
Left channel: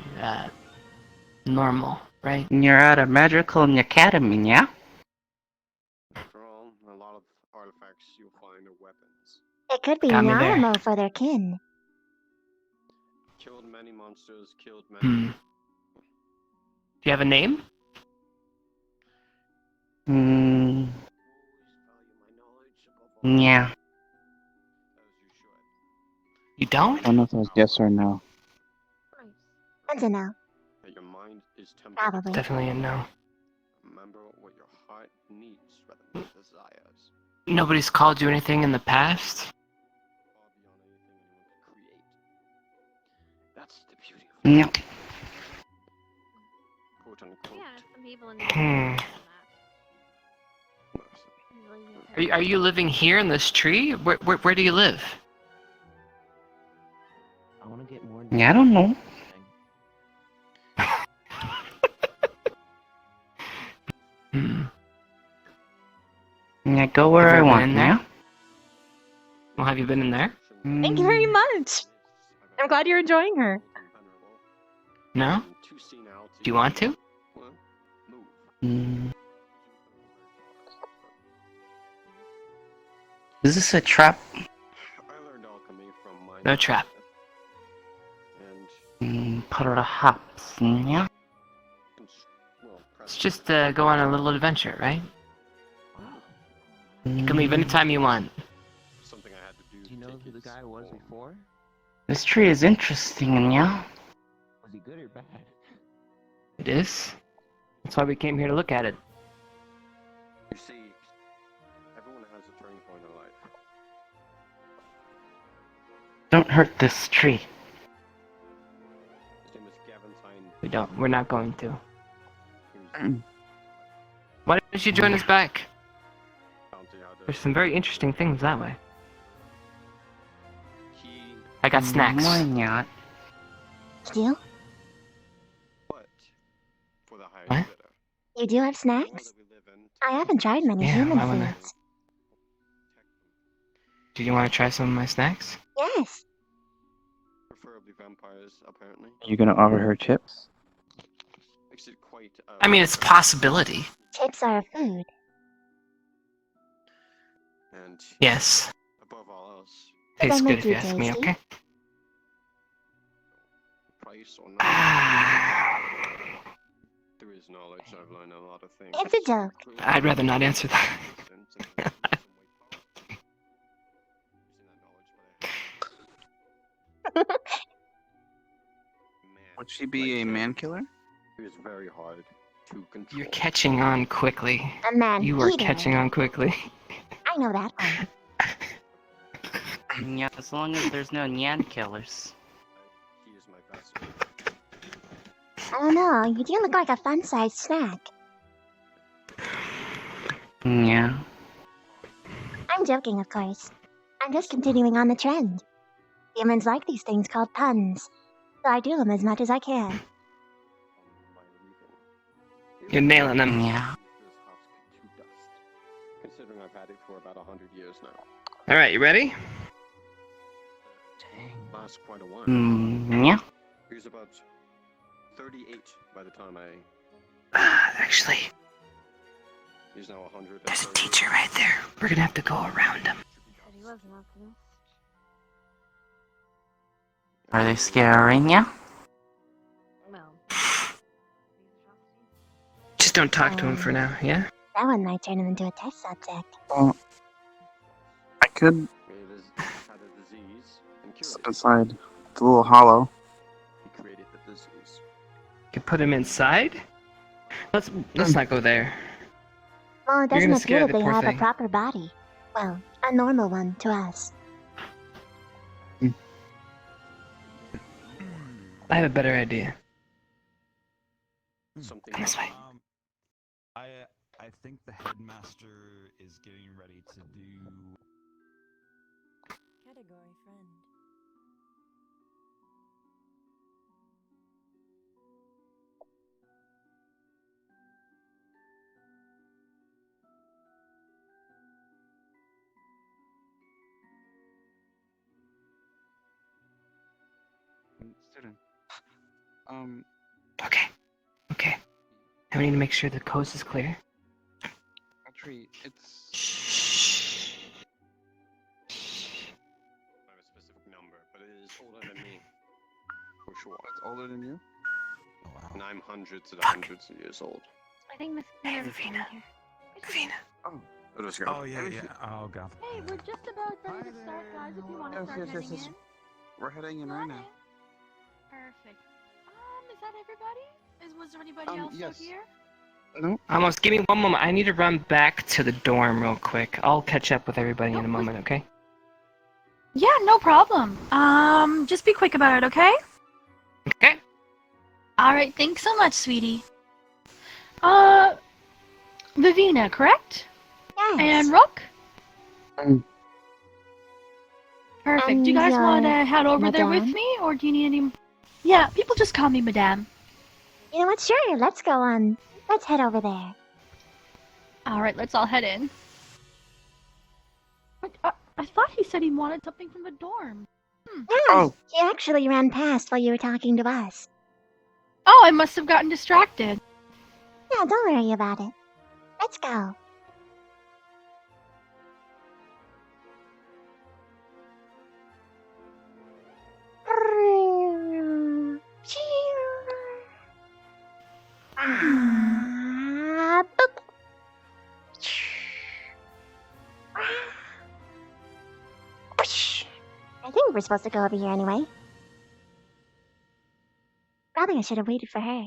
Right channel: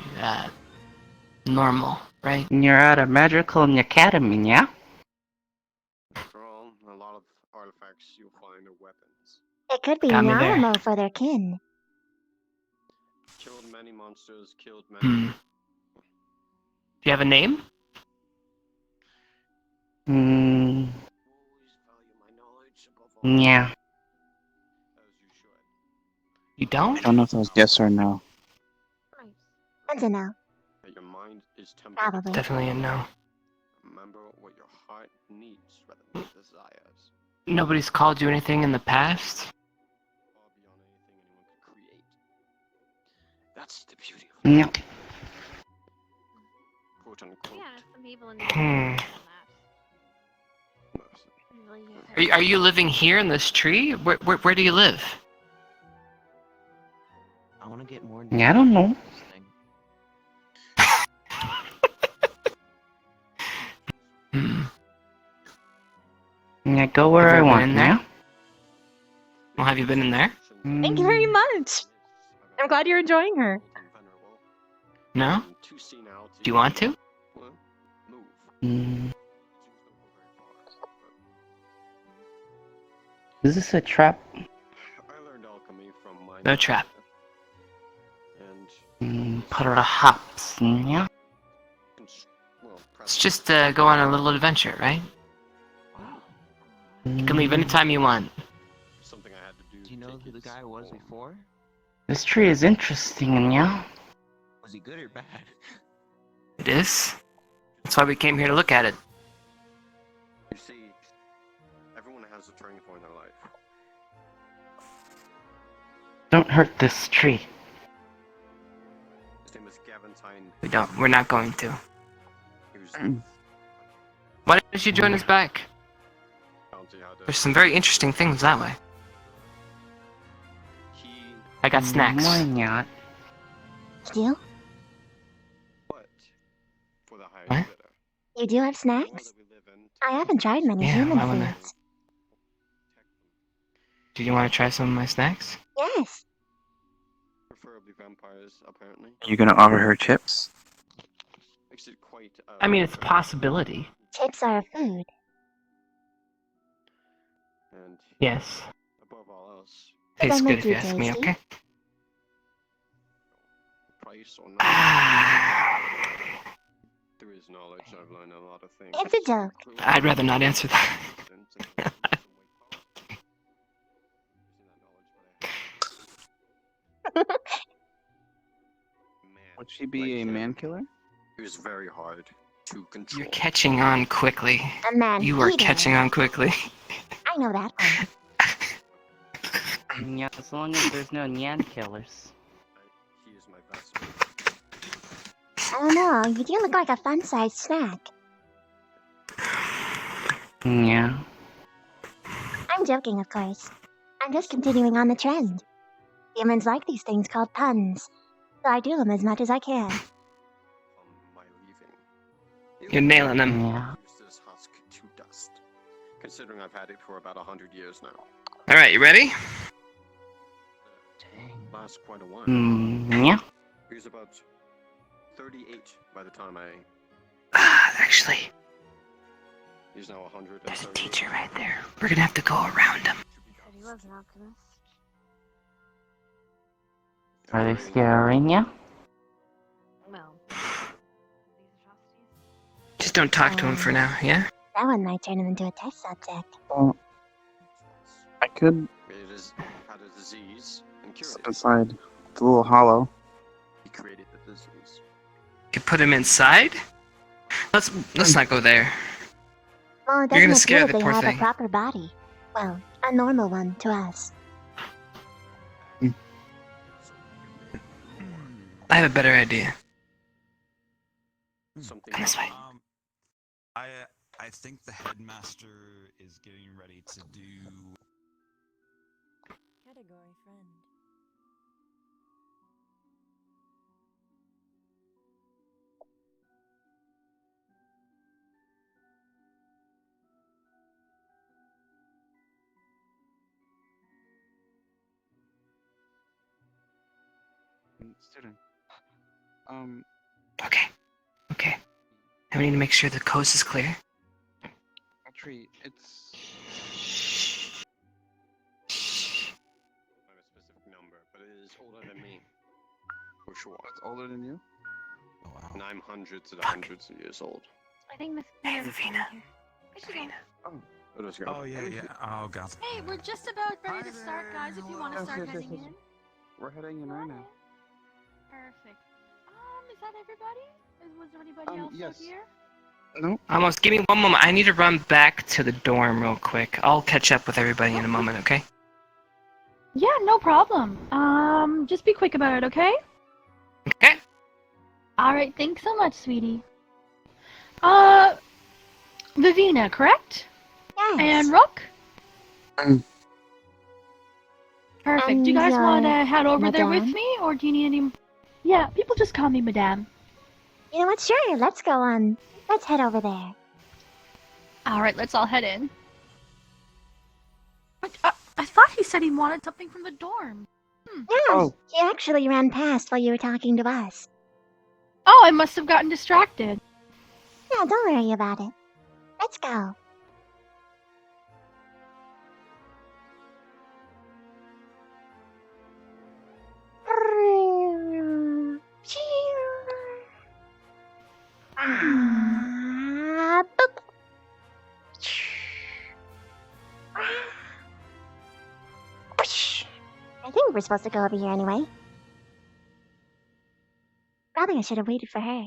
normal, right? You're at a magical academy, yeah? After all, a lot of artifacts you'll find are weapons. It could be Got me there. normal for their kin. Killed many monsters, killed many. Do you have a name? Always value my knowledge above all. Yeah. As you should. You don't? I don't know if it was yes or no. That's a no. That your mind is tempered. Probably. Definitely a no. Remember what your heart needs rather than desires. Nobody's called you anything in the past? Far beyond anything anyone could create. That's the beauty of Yeah. quote unquote. Yeah, some people in the Are you living here in this tree? Where do you live? I want to get more. Yeah, I don't know. Yeah, go where I want, yeah? Well, have you been in there? Thank you very much. I'm glad you're enjoying her. No? Do you want to? Is this a trap? I learned alchemy from my No trap. and Perhaps, yeah? well, It's just go on a little adventure, right? You can leave anytime you want. something I had to do. Do you know who the guy was before? This tree is interesting, yeah? Was he good or bad? It is. That's why we came here to look at it. You see, everyone has a turning point in life. Don't hurt this tree. His name is Gaventine. We're not going to. He was Why don't you join us back? bounty hunter. There's some very interesting things that way. He I got snacks. Why not? Still? but for the highest What? bidder. You do have The world snacks? that we live in, I haven't tried many Yeah, human why wouldn't I? foods. Do you want to try some of my snacks? Yes. preferably vampires, apparently. You gonna offer her chips? Makes it quite. I mean, it's a possibility. Chips are a food. And Yes. above all else, Does Tastes that good make if you you ask me, tasty? okay? price or not, through his knowledge, I've learned a lot of things. It's a joke. I'd rather not answer that. Would she be a man killer? It was very hard to control. You're catching on quickly. A man You are eater. catching on quickly. I know that one. Yeah, as long as there's no Nyan killers. He is my vassal. I don't know, you do look like a fun-sized snack. Yeah. I'm joking, of course. I'm just continuing on the trend. Humans like these things called puns, so I do them as much as I can. You're nailing them. Yeah. This husk to dust. Considering I've had it for about 100 years now. Alright, you ready? Lasts quite a while. Yeah. He was about 38 by the time I... Actually, He's now 100. there's a teacher right there. We're gonna have to go around him. He was an alchemist. Are they scaring you? Well, Just don't talk to him for now, yeah? that one might turn him into a test subject. I could It is had a disease and cured step it. inside the little hollow. He created the disease. You put him inside? Let's not go there. Well, it You're doesn't gonna appear scare that the they poor have thing. a proper body. Well, a normal one to us. I have a better idea. Something This way. I think the headmaster is getting ready to do. Category friend. Student. Okay. I need to make sure the coast is clear. Actually, it's... I have a specific number, but it is older than me. For sure. It's older than you? Oh, wow. And I'm hundreds and hundreds of years old. I think Miss Miller is Vina. here. Vina. Oh. Let's go. Oh yeah. Oh god. Hey, we're just about ready to start, guys. If you want to Yes, start yes, heading yes, yes. in. We're heading in right now. Perfect. Is that everybody? Was there anybody else yes. here? No? Almost. Give me one moment. I need to run back to the dorm real quick. I'll catch up with everybody in a moment, okay? Yeah, no problem. Just be quick about it, okay? Okay. All right. Thanks so much, sweetie. Vivina, correct? Yes. And Rook? Mm. Perfect. And Do you guys your want to head over there with madame? me, or do you need any... Yeah, people just call me Madame. You know what? Sure, let's go on. Let's head over there. All right, let's all head in. I thought he said he wanted something from the dorm. Yeah, he actually ran past while you were talking to us. Oh, I must have gotten distracted. Yeah, don't worry about it. Let's go. Boop. I think we're supposed to go over here anyway. Probably I should have waited for her.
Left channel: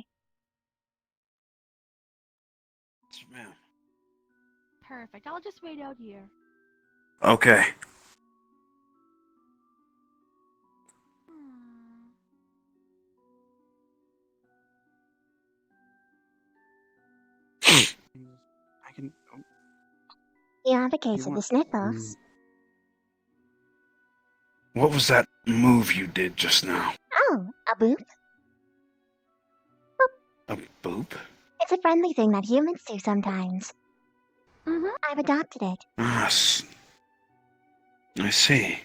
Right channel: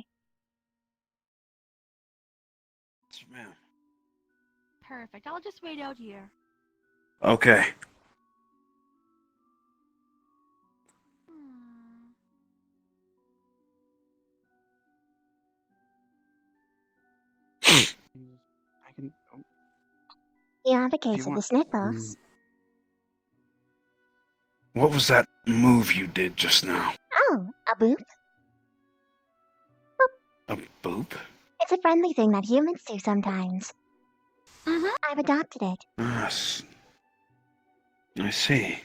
Man. Perfect. I'll just wait out here. Okay. I can... He advocates of the sniffles. What was that move you did just now? Oh, a boop? A boop? It's a friendly thing that humans do sometimes. I've adopted it. Yes. I see.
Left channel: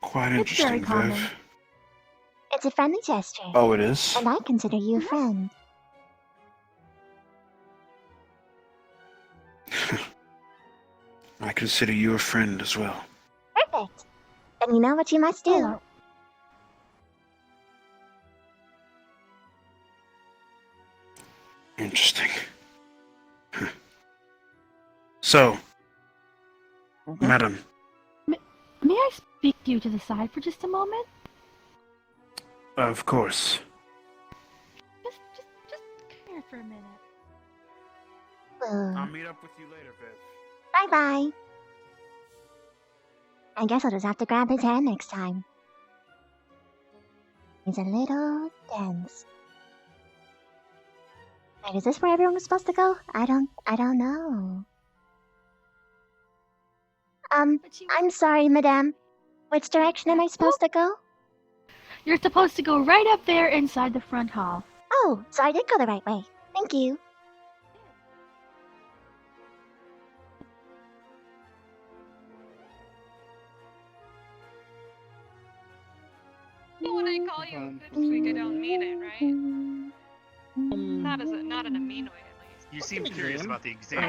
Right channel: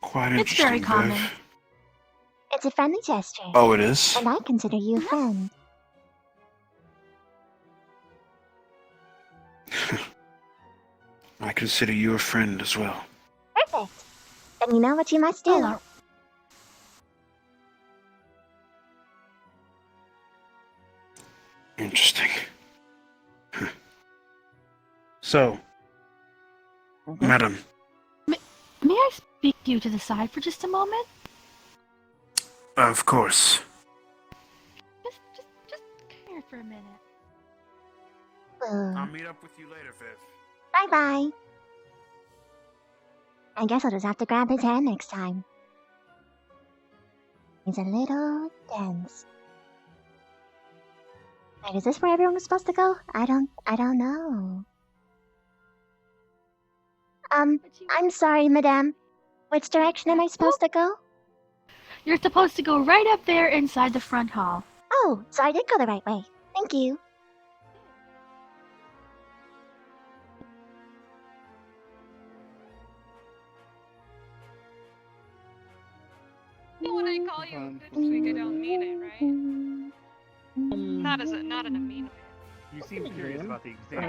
Quite It's very interesting, common. Viv. It's a friendly gesture. Oh, it is? And I consider you a friend. I consider you a friend as well. Perfect. Then you know what you must do. Interesting. So, madam, May I speak to you to the side for just a moment? of course. Just come here for a minute. I'll meet up with you later, Viv. Bye-bye. I guess I'll just have to grab his hand next time. He's a little dense. Wait, is this where everyone was supposed to go? I don't know. I'm sorry, madame. Which direction am I supposed to go? You're supposed to go right up there inside the front hall. Oh, so I did go the right way. Thank you. When I call you a bitch, I don't mean it, right? Not in a mean way. You seem curious about the exam.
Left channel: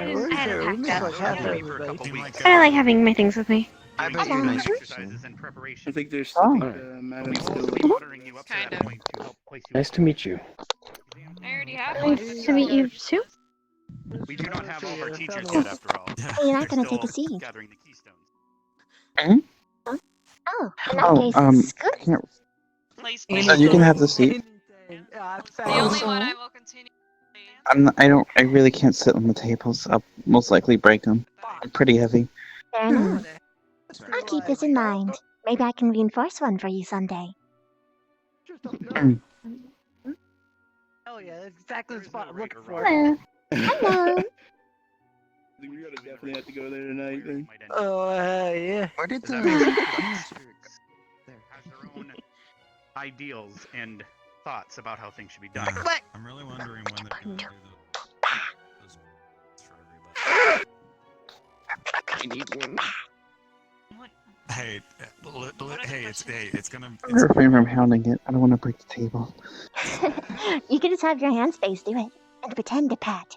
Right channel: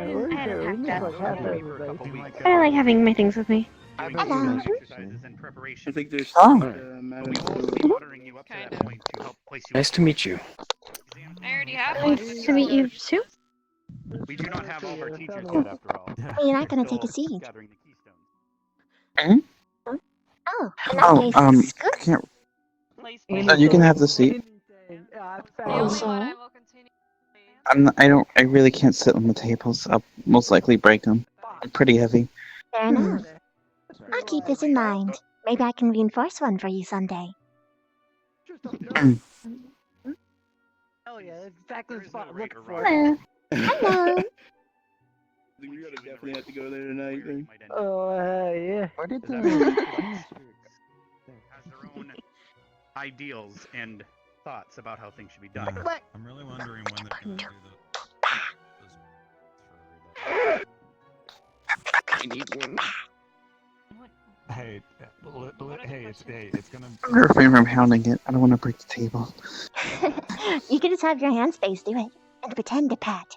I like having my things with me. Hello. Exercises in preparation. I think there's Oh. Madam Watering you up to that point to help place you. Nice to meet you. I already have one. Nice to meet you too. We do not have all our teachers yet, after all. Well, you're not gonna take a seat. Gathering the keystones. Oh, in that case, scoot. You can have the seat. I really can't sit on the tables. I'll most likely break them. I'm pretty heavy. Fair enough. I'll keep this in mind. Maybe I can reinforce one for you someday. Oh yeah, that's exactly the spot I'm looking for. Hello. Hello. We're gonna definitely have to go there tonight. Then. Oh yeah. Where did the has their own ideals and thoughts about how things should be done. I'm really wondering when they're gonna do I need one. Hey, it's gonna. Refrain from hounding it. I don't want to break the table. You can just have your hand space do it and pretend to pet.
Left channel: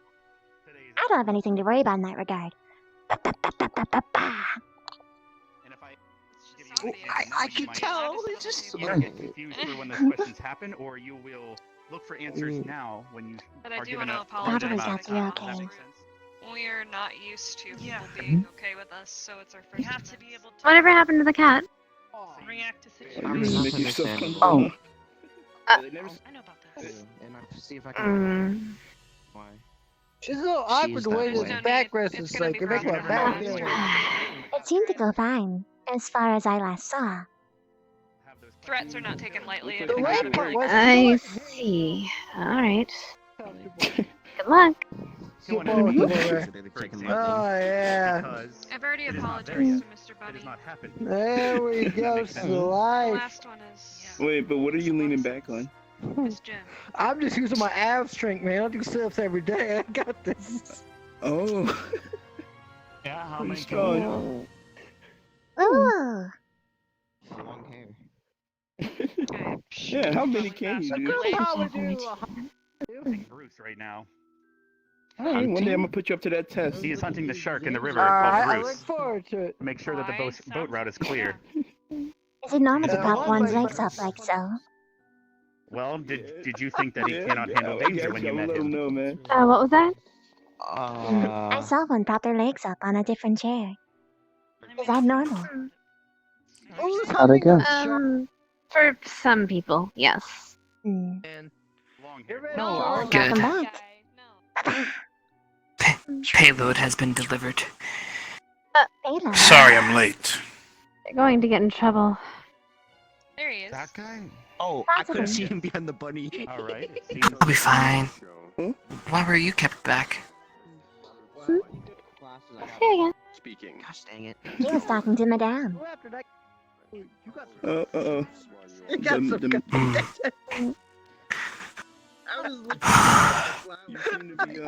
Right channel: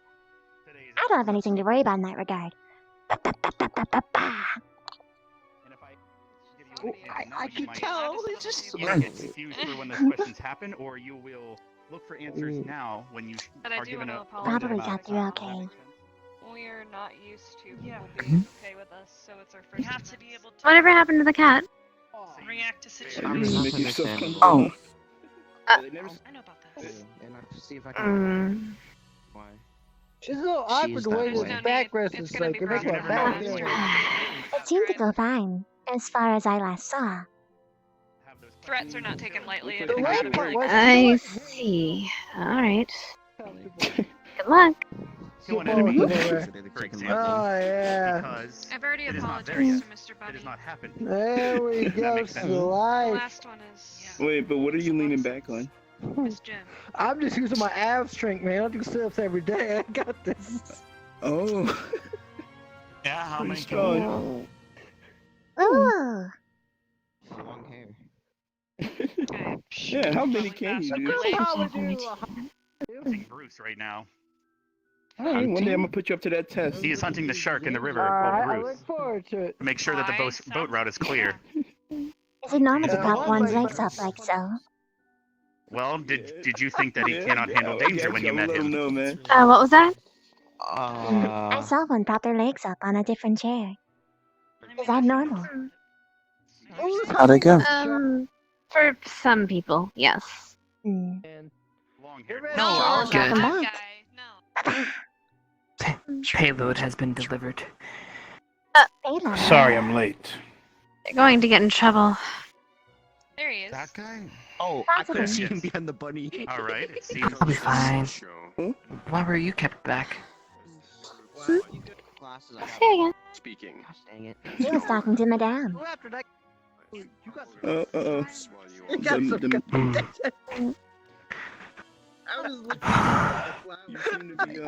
I don't have anything to worry about in that regard. I can tell. It's just. You will get confused for when those questions happen, or you will look for answers now when you are given a. Probably got through okay. We're not used to people being okay with us, so it's our first. We have to be able to Whatever happened to the cat? react to I'm situations. not understanding. I know about this. And I'll see if I can. Why? She's a little awkward the way that this way. back rest is like. It makes my back hurt. It seemed to go fine, as far as I last saw. Threats are not taken lightly in The the right academy. part was I see. Alright. Good luck. Oh yeah. I've already apologized to Mr. Bunny. There we go, The Slice. last one is Wait, but what are you leaning back on? Miss Jim. I'm just using my ab strength, man. I do sit-ups every day. I got this. Oh. Yeah, how many? Ooh. Long hair. Yeah, how many can you do? Bruce right now. Alright, one day I'm gonna put you up to that test. He is hunting the shark in the river called I Bruce. look forward to it. Make sure that the boat route is clear. Is it normal to prop one's legs up like so? Well, did you think that he cannot handle danger when you met him? No, man. What was that? I saw one prop their legs up on a different chair. Is that normal? How'd it go? For some people, yes. Welcome back. Payload has been delivered. Payload. Sorry I'm late. You're going to get in trouble. There he is. That guy? Oh, I Possibly. couldn't see him behind the bunny. All right, it seems. We'll be fine. Why were you kept back? Say again. Speaking. Gosh dang it. He was talking to Madame. Uh-oh.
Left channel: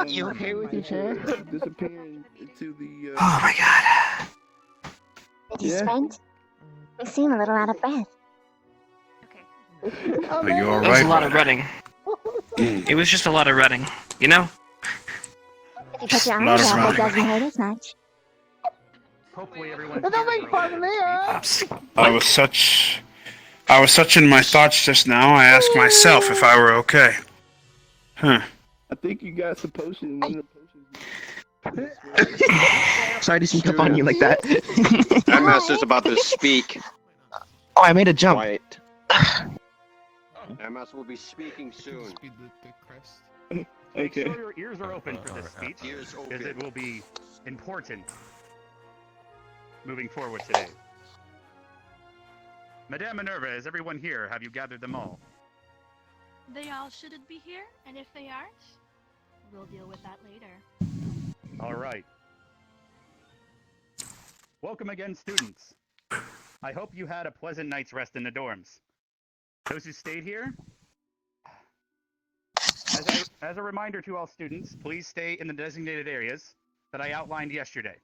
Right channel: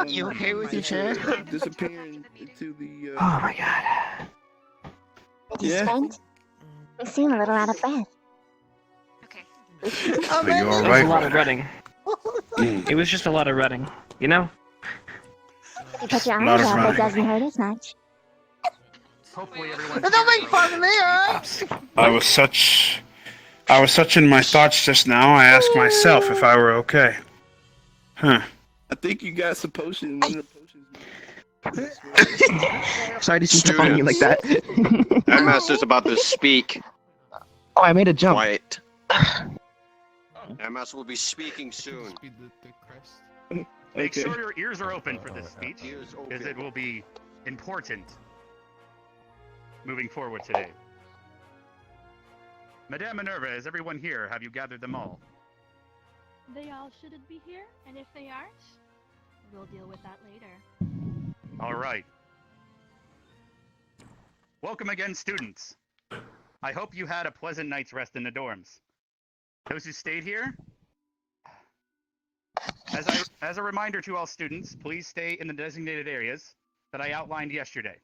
You okay with your chair? Disappearing into the. Oh my god. Did you sprint? You seem a little out of breath. Are you It was alright? a lot of running. It was just a lot of running, you know? If you put your Lot arms of up, it running. doesn't hurt as much. Hopefully everyone. Don't make fun of me, alright? I was such in my thoughts just now. I asked myself if I were okay. Huh. I think you got some potions. Sorry to sneak up on you like that. Headmaster's about to speak. Oh, I made a jump. Quiet. Headmaster will be speaking soon. Make Okay. sure your ears are open for this speech, Ears as open. it will be important moving forward today. Madame Minerva, is everyone here? Have you gathered them all? They all shouldn't be here, and if they aren't, we'll deal with that later. All right. Welcome again, students. I hope you had a pleasant night's rest in the dorms. Those who stayed here, as a reminder to all students, please stay in the designated areas that I outlined yesterday.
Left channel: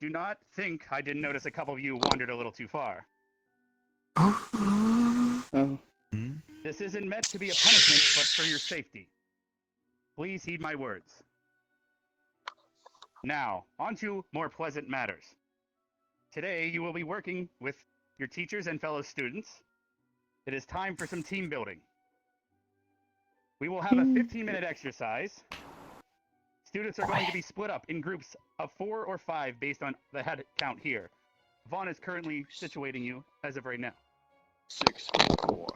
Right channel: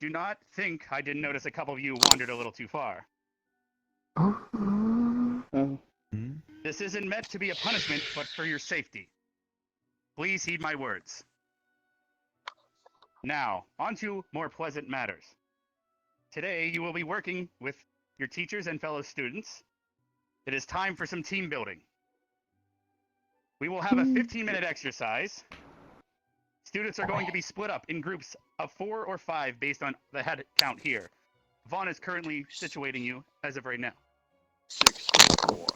Do not think I didn't notice a couple of you wandered a little too far. Oh. This isn't meant to be a punishment, but for your safety. Please heed my words. Now, on to more pleasant matters. Today, you will be working with your teachers and fellow students. It is time for some team building. We will have a 15-minute exercise. Students are going to be split up in groups of 4 or 5 based on the head count here. Vaughn is currently situating you as of right now. 644.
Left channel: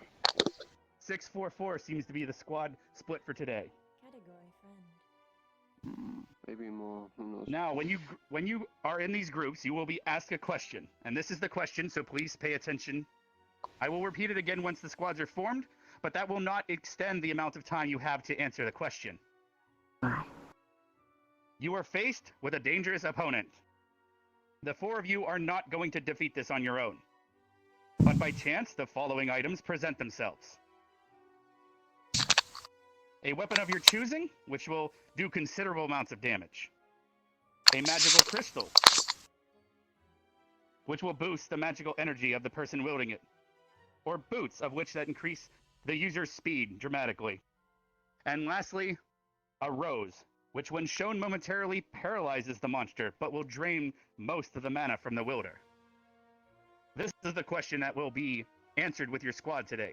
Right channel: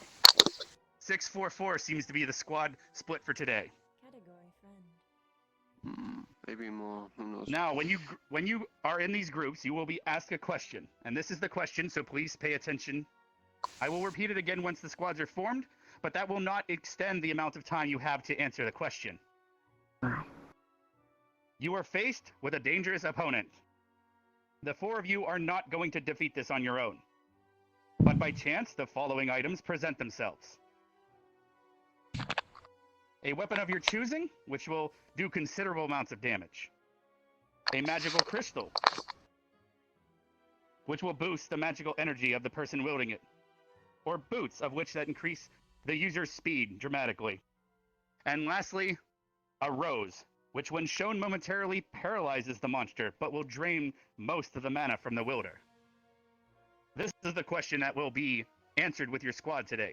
644 seems to be the squad split for today. Category friend. Maybe more. Who knows? Now, when you are in these groups, you will be asked a question, and this is the question, so please pay attention. I will repeat it again once the squads are formed, but that will not extend the amount of time you have to answer the question. You are faced with a dangerous opponent. The 4 of you are not going to defeat this on your own. But by chance, the following items present themselves. A weapon of your choosing, which will do considerable amounts of damage. A magical crystal, which will boost the magical energy of the person wielding it. Or boots, of which that increase the user's speed dramatically. And lastly, a rose, which when shown momentarily paralyzes the monster, but will drain most of the mana from the wielder. This is the question that will be answered with your squad today.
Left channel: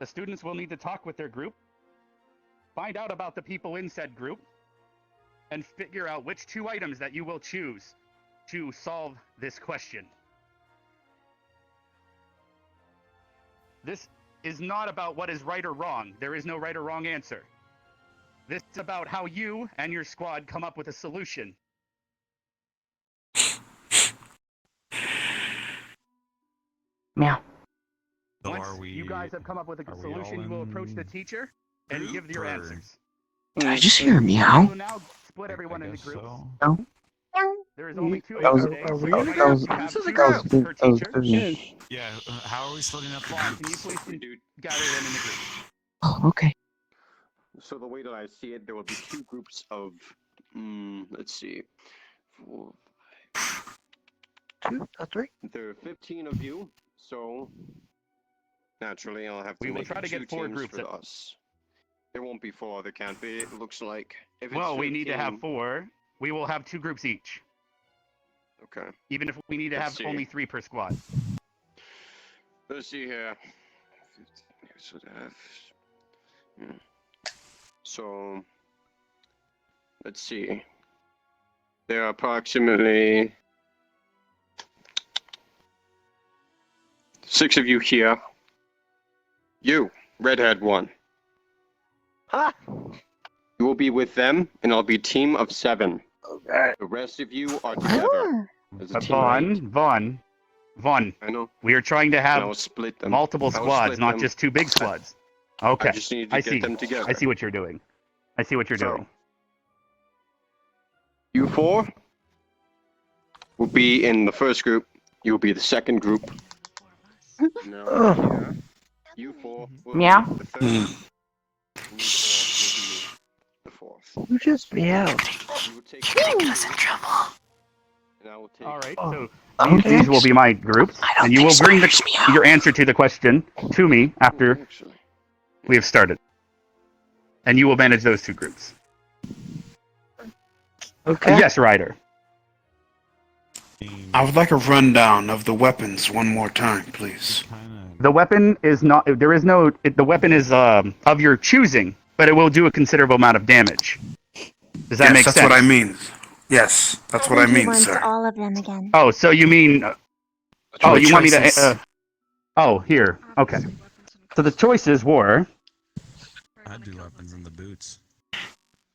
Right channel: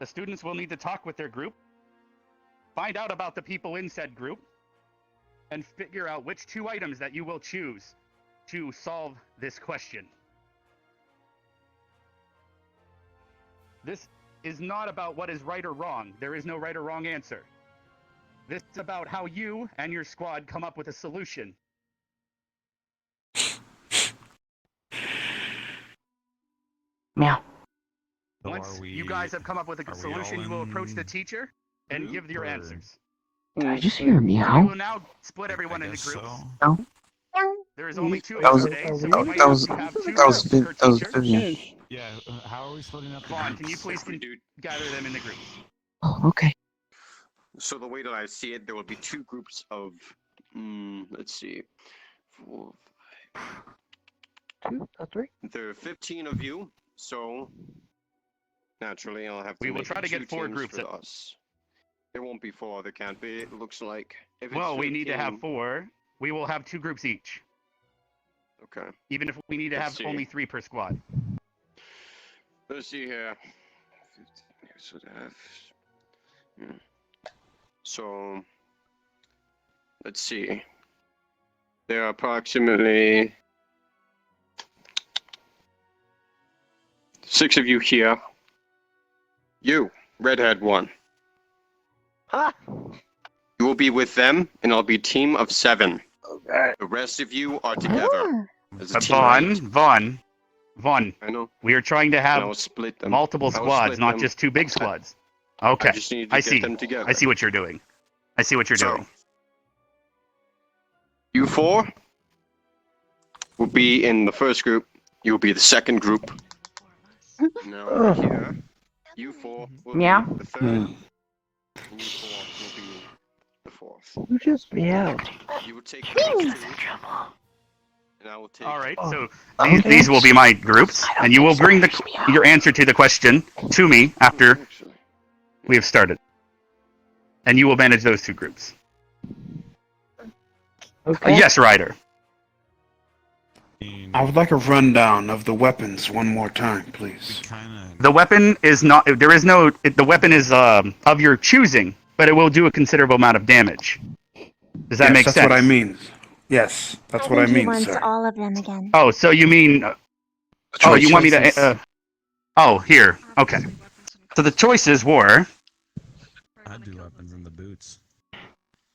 The students will need to talk with their group, find out about the people in said group, and figure out which 2 items that you will choose to solve this question. This is not about what is right or wrong. There is no right or wrong answer. This is about how you and your squad come up with a solution. Meow. Once you guys have come up with a solution, you will approach the teacher and give your answers. Did I just hear a meow? We will now split everyone into groups. No. There is only 2 That was- today, so you might that was- have to have 2 that was groups per that was teacher. Vivian. Yeah, how are we splitting up the Vaughn, groups? can you please gather them in the groups? Oh, okay. So the way that I see it, there will be 2 groups of, let's see, 4, 2, 3. there are 15 of you, so naturally I'll have to We will make try to 2 get 4 teams groups for at- us. There won't be 4, there can't be, it looks like. If it's Well, we need to 15, have 4. We will have 2 groups each. Okay. Even if we need to Let's have see. only 3 per squad. Let's see here. 15, so that. So, let's see. There are approximately 6 of you here. You, redhead one. Ah. You will be with them, and I'll be a team of 7. Okay. The rest of you are together as a team of 8. Vaughn. I know. We are trying to And have I will split them. multiple I will squads, split not them. just 2 big squads. Okay. I just need to I get see. them together. I see what you're doing. I see what you're So, doing. You 4 will be in the first group. You will be the second group. Now here, you 4 will Meow. be the third. And you 4 will be the 4th. You just meowed. You will take trouble. and I will take. All right. Oh. So Okay. these will be my groups, and you will bring your answer to the question to me after we have started. And you will manage those 2 groups. Okay. Yes, Ryder. I would like a rundown of the weapons one more time, please. The weapon is not. There is no. The weapon is of your choosing, but it will do a considerable amount of damage. Does that Yes, make that's sense? what I mean. Yes, that's I what I think he mean, wants sir. all of them again. Oh, so you mean? Oh, you want me to? choices. Oh, here. Okay. So the choices were I'd do weapons in the boots.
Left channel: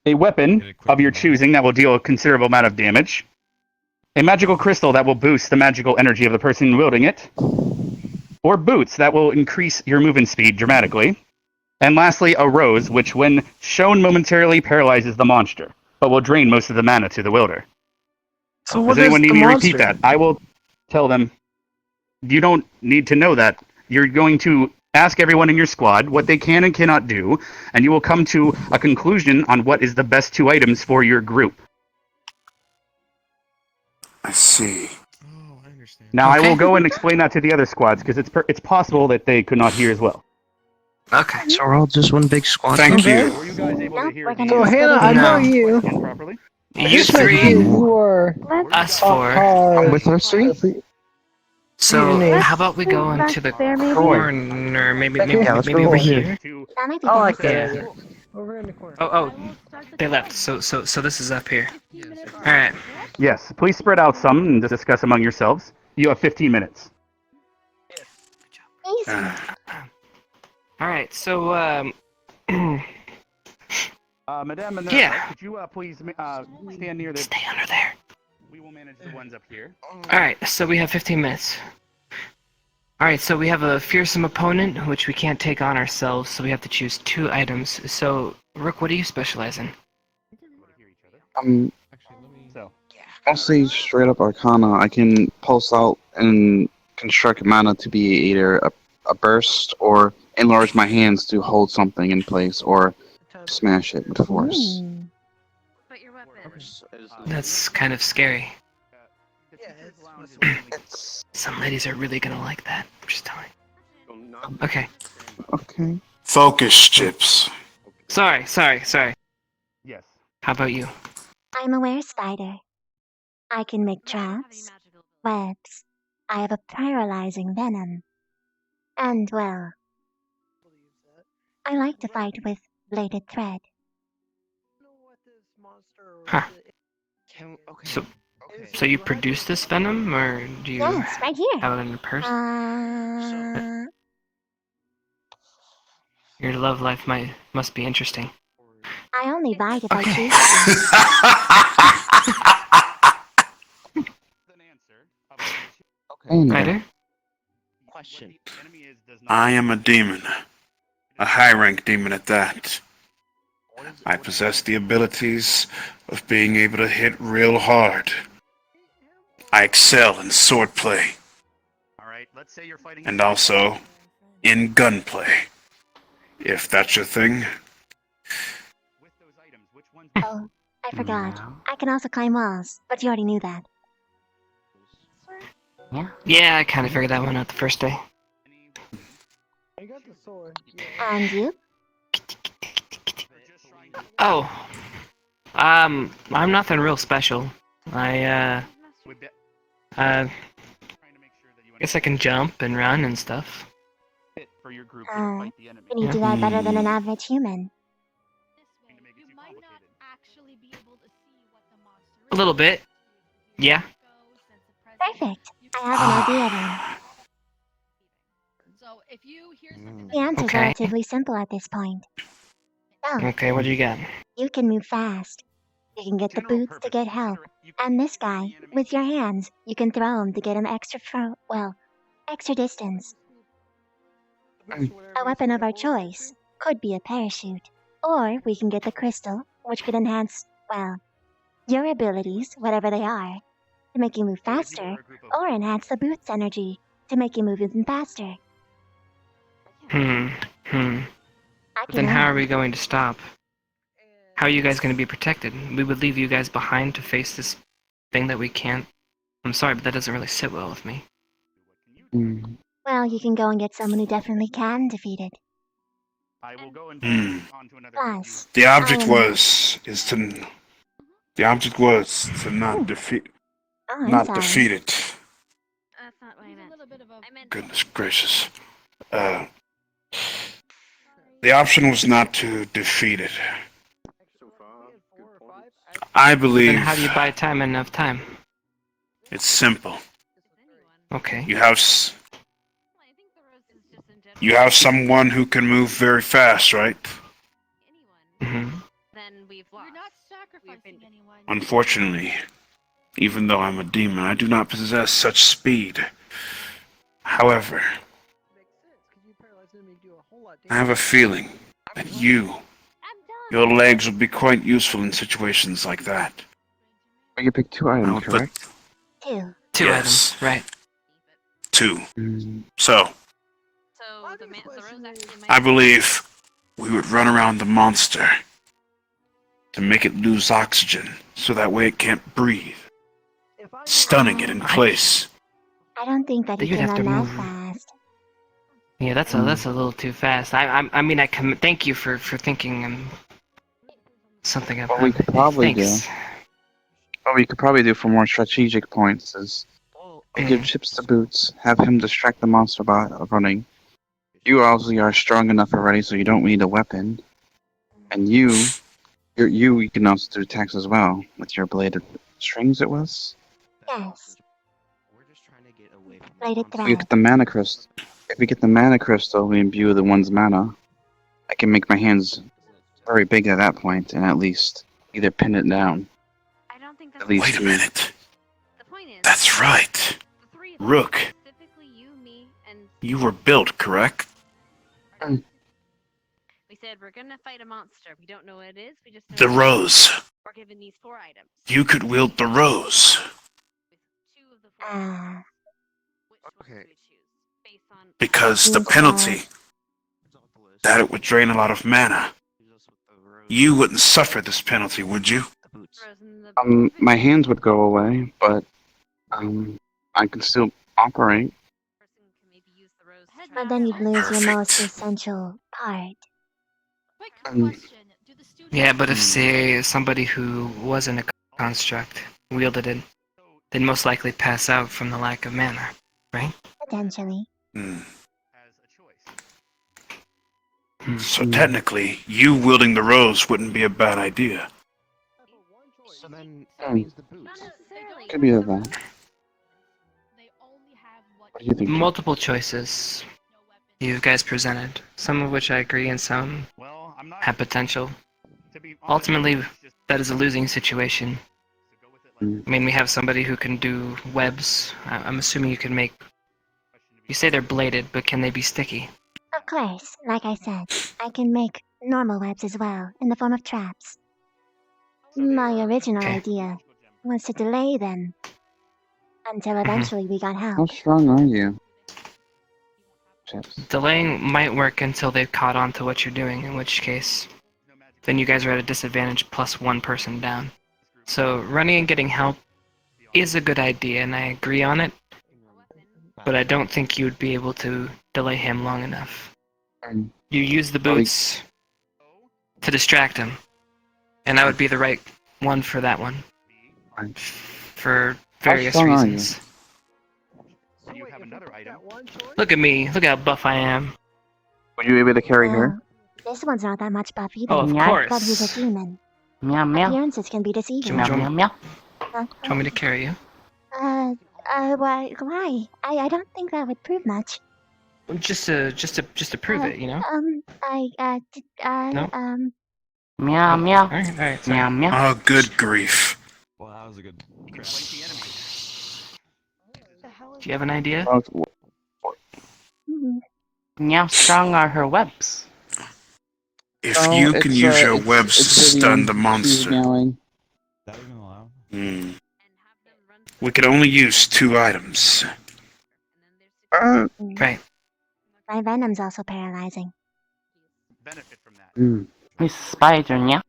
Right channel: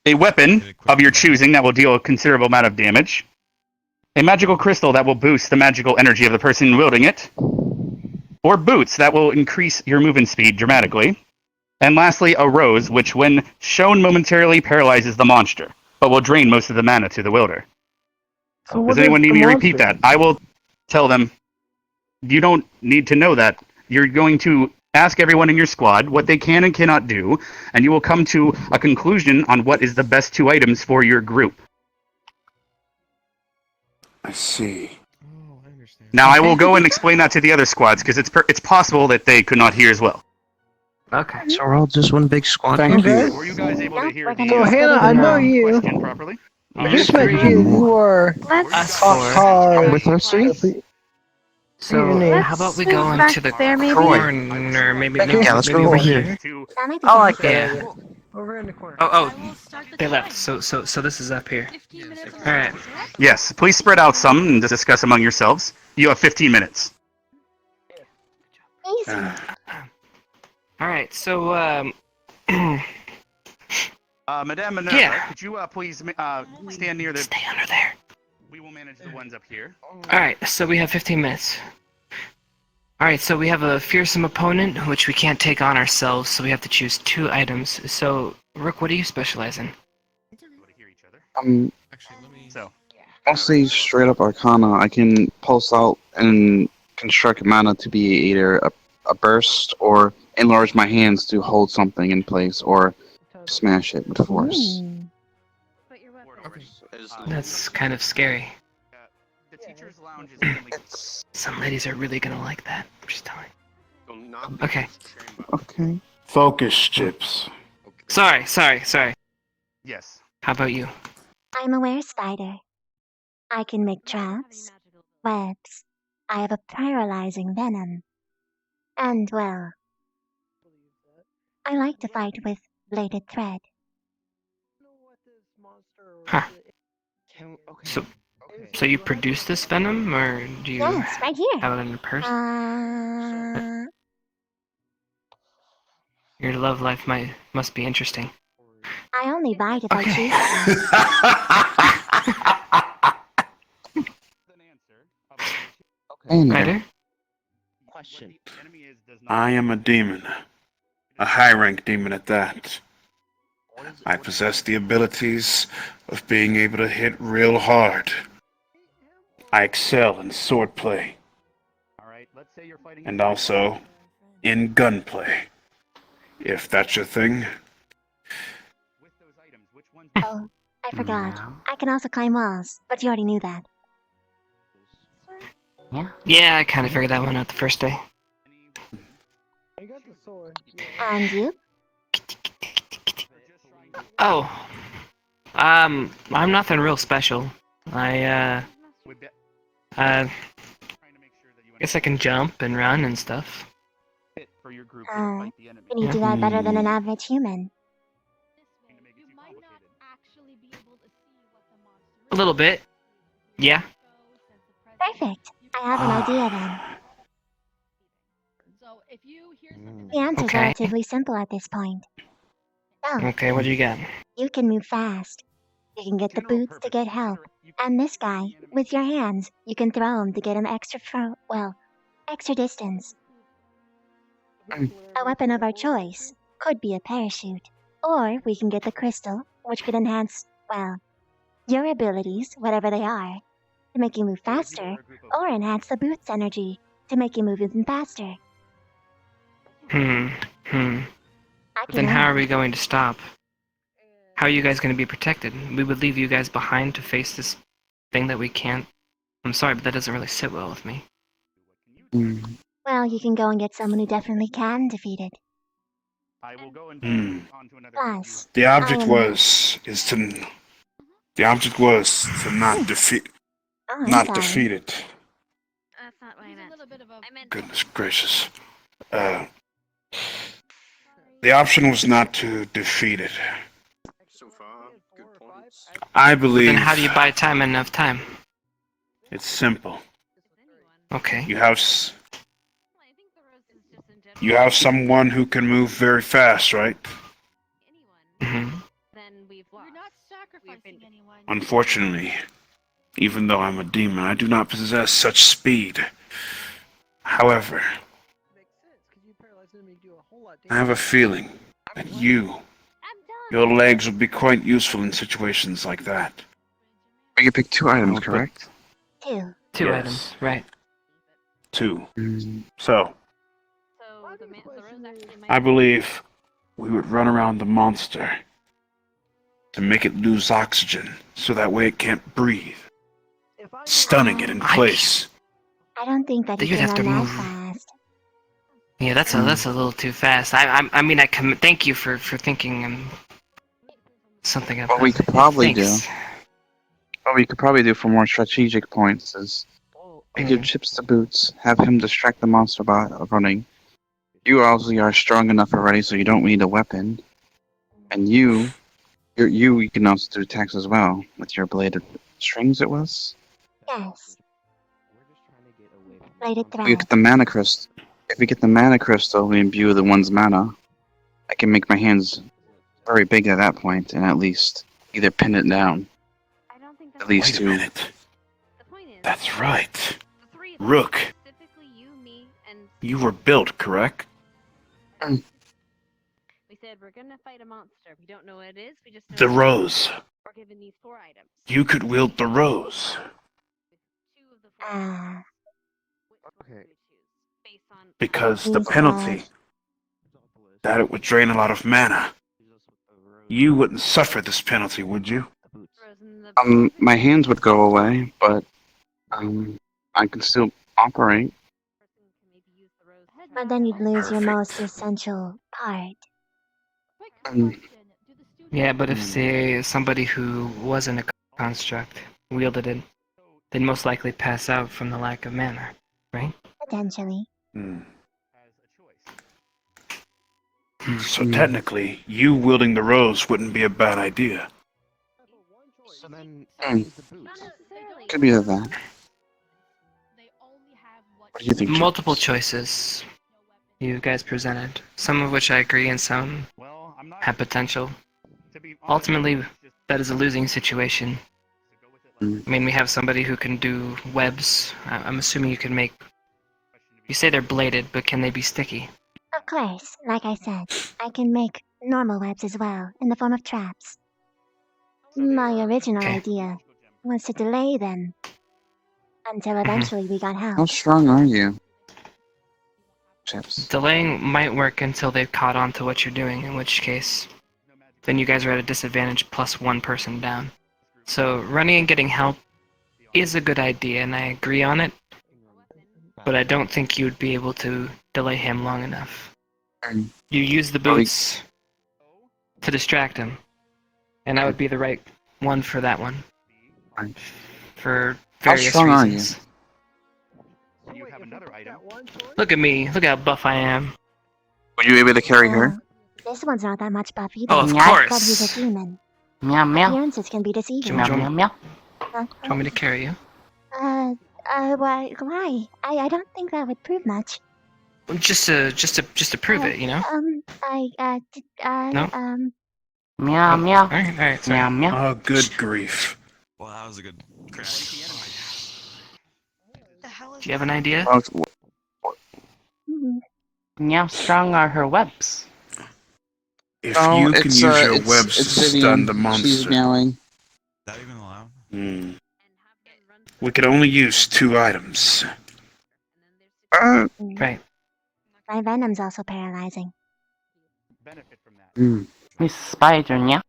a weapon of your choosing that will deal a considerable amount of damage, a magical crystal that will boost the magical energy of the person wielding it, or boots that will increase your movement speed dramatically, and lastly, a rose, which when shown momentarily paralyzes the monster, but will drain most of the mana to the wielder. So what Does is anyone need the me to repeat monster? that? I will tell them. You don't need to know that. You're going to ask everyone in your squad what they can and cannot do, and you will come to a conclusion on what is the best 2 items for your group. I see. Now, I will go and explain that to the other squads, because it's possible that they could not hear as well. Okay. So we're all just one big squad. Thank Okay. you. Were you guys able to Nope, hear we're the gonna So be Hannah, splitting I know now. you. question properly? I You just met three, you. You were us top four. card. With us three? So Let's how about we go into the there, maybe? corner? Maybe Yeah, let's go over over here. here. That might be I like better. that Yeah. idea. Over in the corner. Oh, they left. So this is up here. All right. Yes, please spread out some and discuss among yourselves. You have 15 minutes. Easy. All right. So Madame Minerva, Yeah. could you please stand near the... Stay under there. We will manage the ones up here. All right. So we have 15 minutes. All right. So we have a fearsome opponent, which we can't take on ourselves. So we have to choose 2 items. So Rook, what do you specialize in? So, Mostly straight up Arcana. I can pulse out and construct mana to be either a burst or enlarge my hands to hold something in place or smash it with force. Ooh. That's kind of scary. Some ladies are really gonna like that. I'm just telling. Okay. Okay. Focus, Chips. Sorry. yes. How about you? I'm a were-spider. I can make traps, webs. I have a paralyzing venom. And, well, I like to fight with bladed thread. Huh. So you produce this venom, or do you Yes, right here. have it in your purse? Your love life must be interesting. I only bite if I Okay. choose to. Ryder? Question. I am a demon. A high-rank demon at that. I possess the abilities of being able to hit real hard. I excel in swordplay. And also in gunplay. If that's your thing. Oh, I forgot. I can also climb walls, but you already knew that. Yeah, I kind of figured that one out the first day. And you? Oh. I'm nothing real special. I guess I can jump and run and stuff. Can you do that better than an average human? A little bit. Yeah. Perfect. I have an idea then. The answer's Okay. relatively simple at this point. So, Okay, what do you got? you can move fast. You can get the boots to get help. And this guy, with your hands, you can throw him to get him extra distance. A weapon of our choice could be a parachute. Or we can get the crystal, which could enhance, well, your abilities, whatever they are, to make you move faster, or enhance the boot's energy to make you move even faster. But then how are we going to stop? How are you guys going to be protected? We would leave you guys behind to face this thing that we can't... I'm sorry, but that doesn't really sit well with me. Well, you can go and get someone who definitely can defeat it. Plus, The object I am- was to not defeat Oh, I'm not sorry. defeat it. That's not what I meant. Goodness gracious. The option was not to defeat it. I believe Then how do you buy time enough time? it's simple. Okay. You have someone who can move very fast, right? Mm-hmm. You're not sacrificing anyone. Unfortunately, Even though I'm a demon, I do not possess such speed. However, I have a feeling that your legs would be quite useful in situations like that. We can pick 2 items, correct? 2. Two Yes. items, right? 2. So, So the rose actually might I believe we would run around the monster to make it lose oxygen, so that way it can't breathe, stunning it in place. I don't think that he You'd can have to run that move. fast. Yeah, that's a little too fast. I mean, thank you for thinking something about What we could probably do, Thanks. what we could probably do for more strategic points is we give Chips the boots, have him distract the monster by running. You obviously are strong enough already, so you don't need a weapon. And you can also do attacks as well with your bladed strings. It was. Yes. Bladed If we thread. get the mana crystal, we imbue the one's mana. I can make my hands very big at that point, and at least either pin it down. At least Wait a minute. That's right. Rook, you were built, correct? We said we're gonna fight a monster. We don't know what it is. We just know The it's- rose. We're given these 4 items. You could wield the rose. Because the penalty, that it would drain a lot of mana. You wouldn't suffer this penalty, would you? My hands would go away, but I could still operate. But then you'd lose your most essential part. Yeah, but if say somebody who wasn't a construct wielded it, they'd most likely pass out from the lack of mana, right? Potentially. So technically, you wielding the rose wouldn't be a bad idea. So then that means the boots. Could be that. What do you think, Multiple choices you guys presented, some of which I agree and some have potential. Ultimately, that is a losing situation. I mean, we have somebody who can do webs. I'm assuming you can make... You say they're bladed, but can they be sticky? Of course, like I said, I can make normal webs as well, in the form of traps. My original idea was to delay them until eventually we got How help. strong are you? Chips. Delaying might work until they've caught on to what you're doing, in which case, then you guys are at a disadvantage plus 1 person down. So running and getting help is a good idea, and I agree on it, but I don't think you would be able to delay him long enough. You use the boots to distract him, and that would be the right one for that one. For various strong are you? reasons. Look at me, look how buff I am. Were you able to carry her? This one's not that much buff either. Oh, of But course. he's a demon. Meow meow. Appearances can be deceiving. Meow meow meow. Huh? Do you want me to carry you? Why? I don't think that would prove much. Just to prove it, you know? No? Meow meow. Alright, Meow meow. Oh, good grief. Well, that was a good. Do you have an idea? Meow strong are her webs. If you can use your webs to stun the She's monster, meowing. we could only use 2 items. Right. My venom's also paralyzing. Miss Spider, yeah?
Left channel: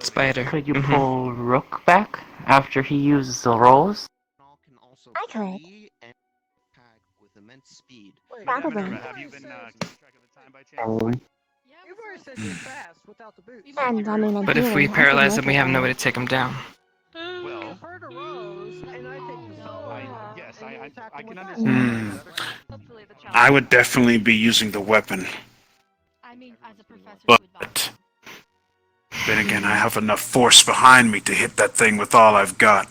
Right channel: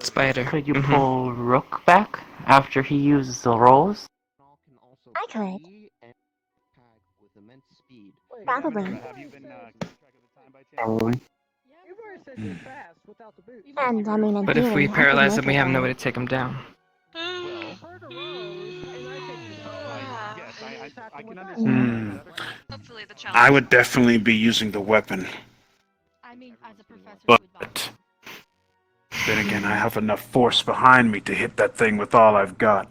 Spider. Could you pull Rook back after he uses the rolls? I could. Probably. Probably. And I mean, in But theory, if we I could paralyze make him, we it have no work. way to take him down. I would definitely be using the weapon. But then again, I have enough force behind me to hit that thing with all I've got.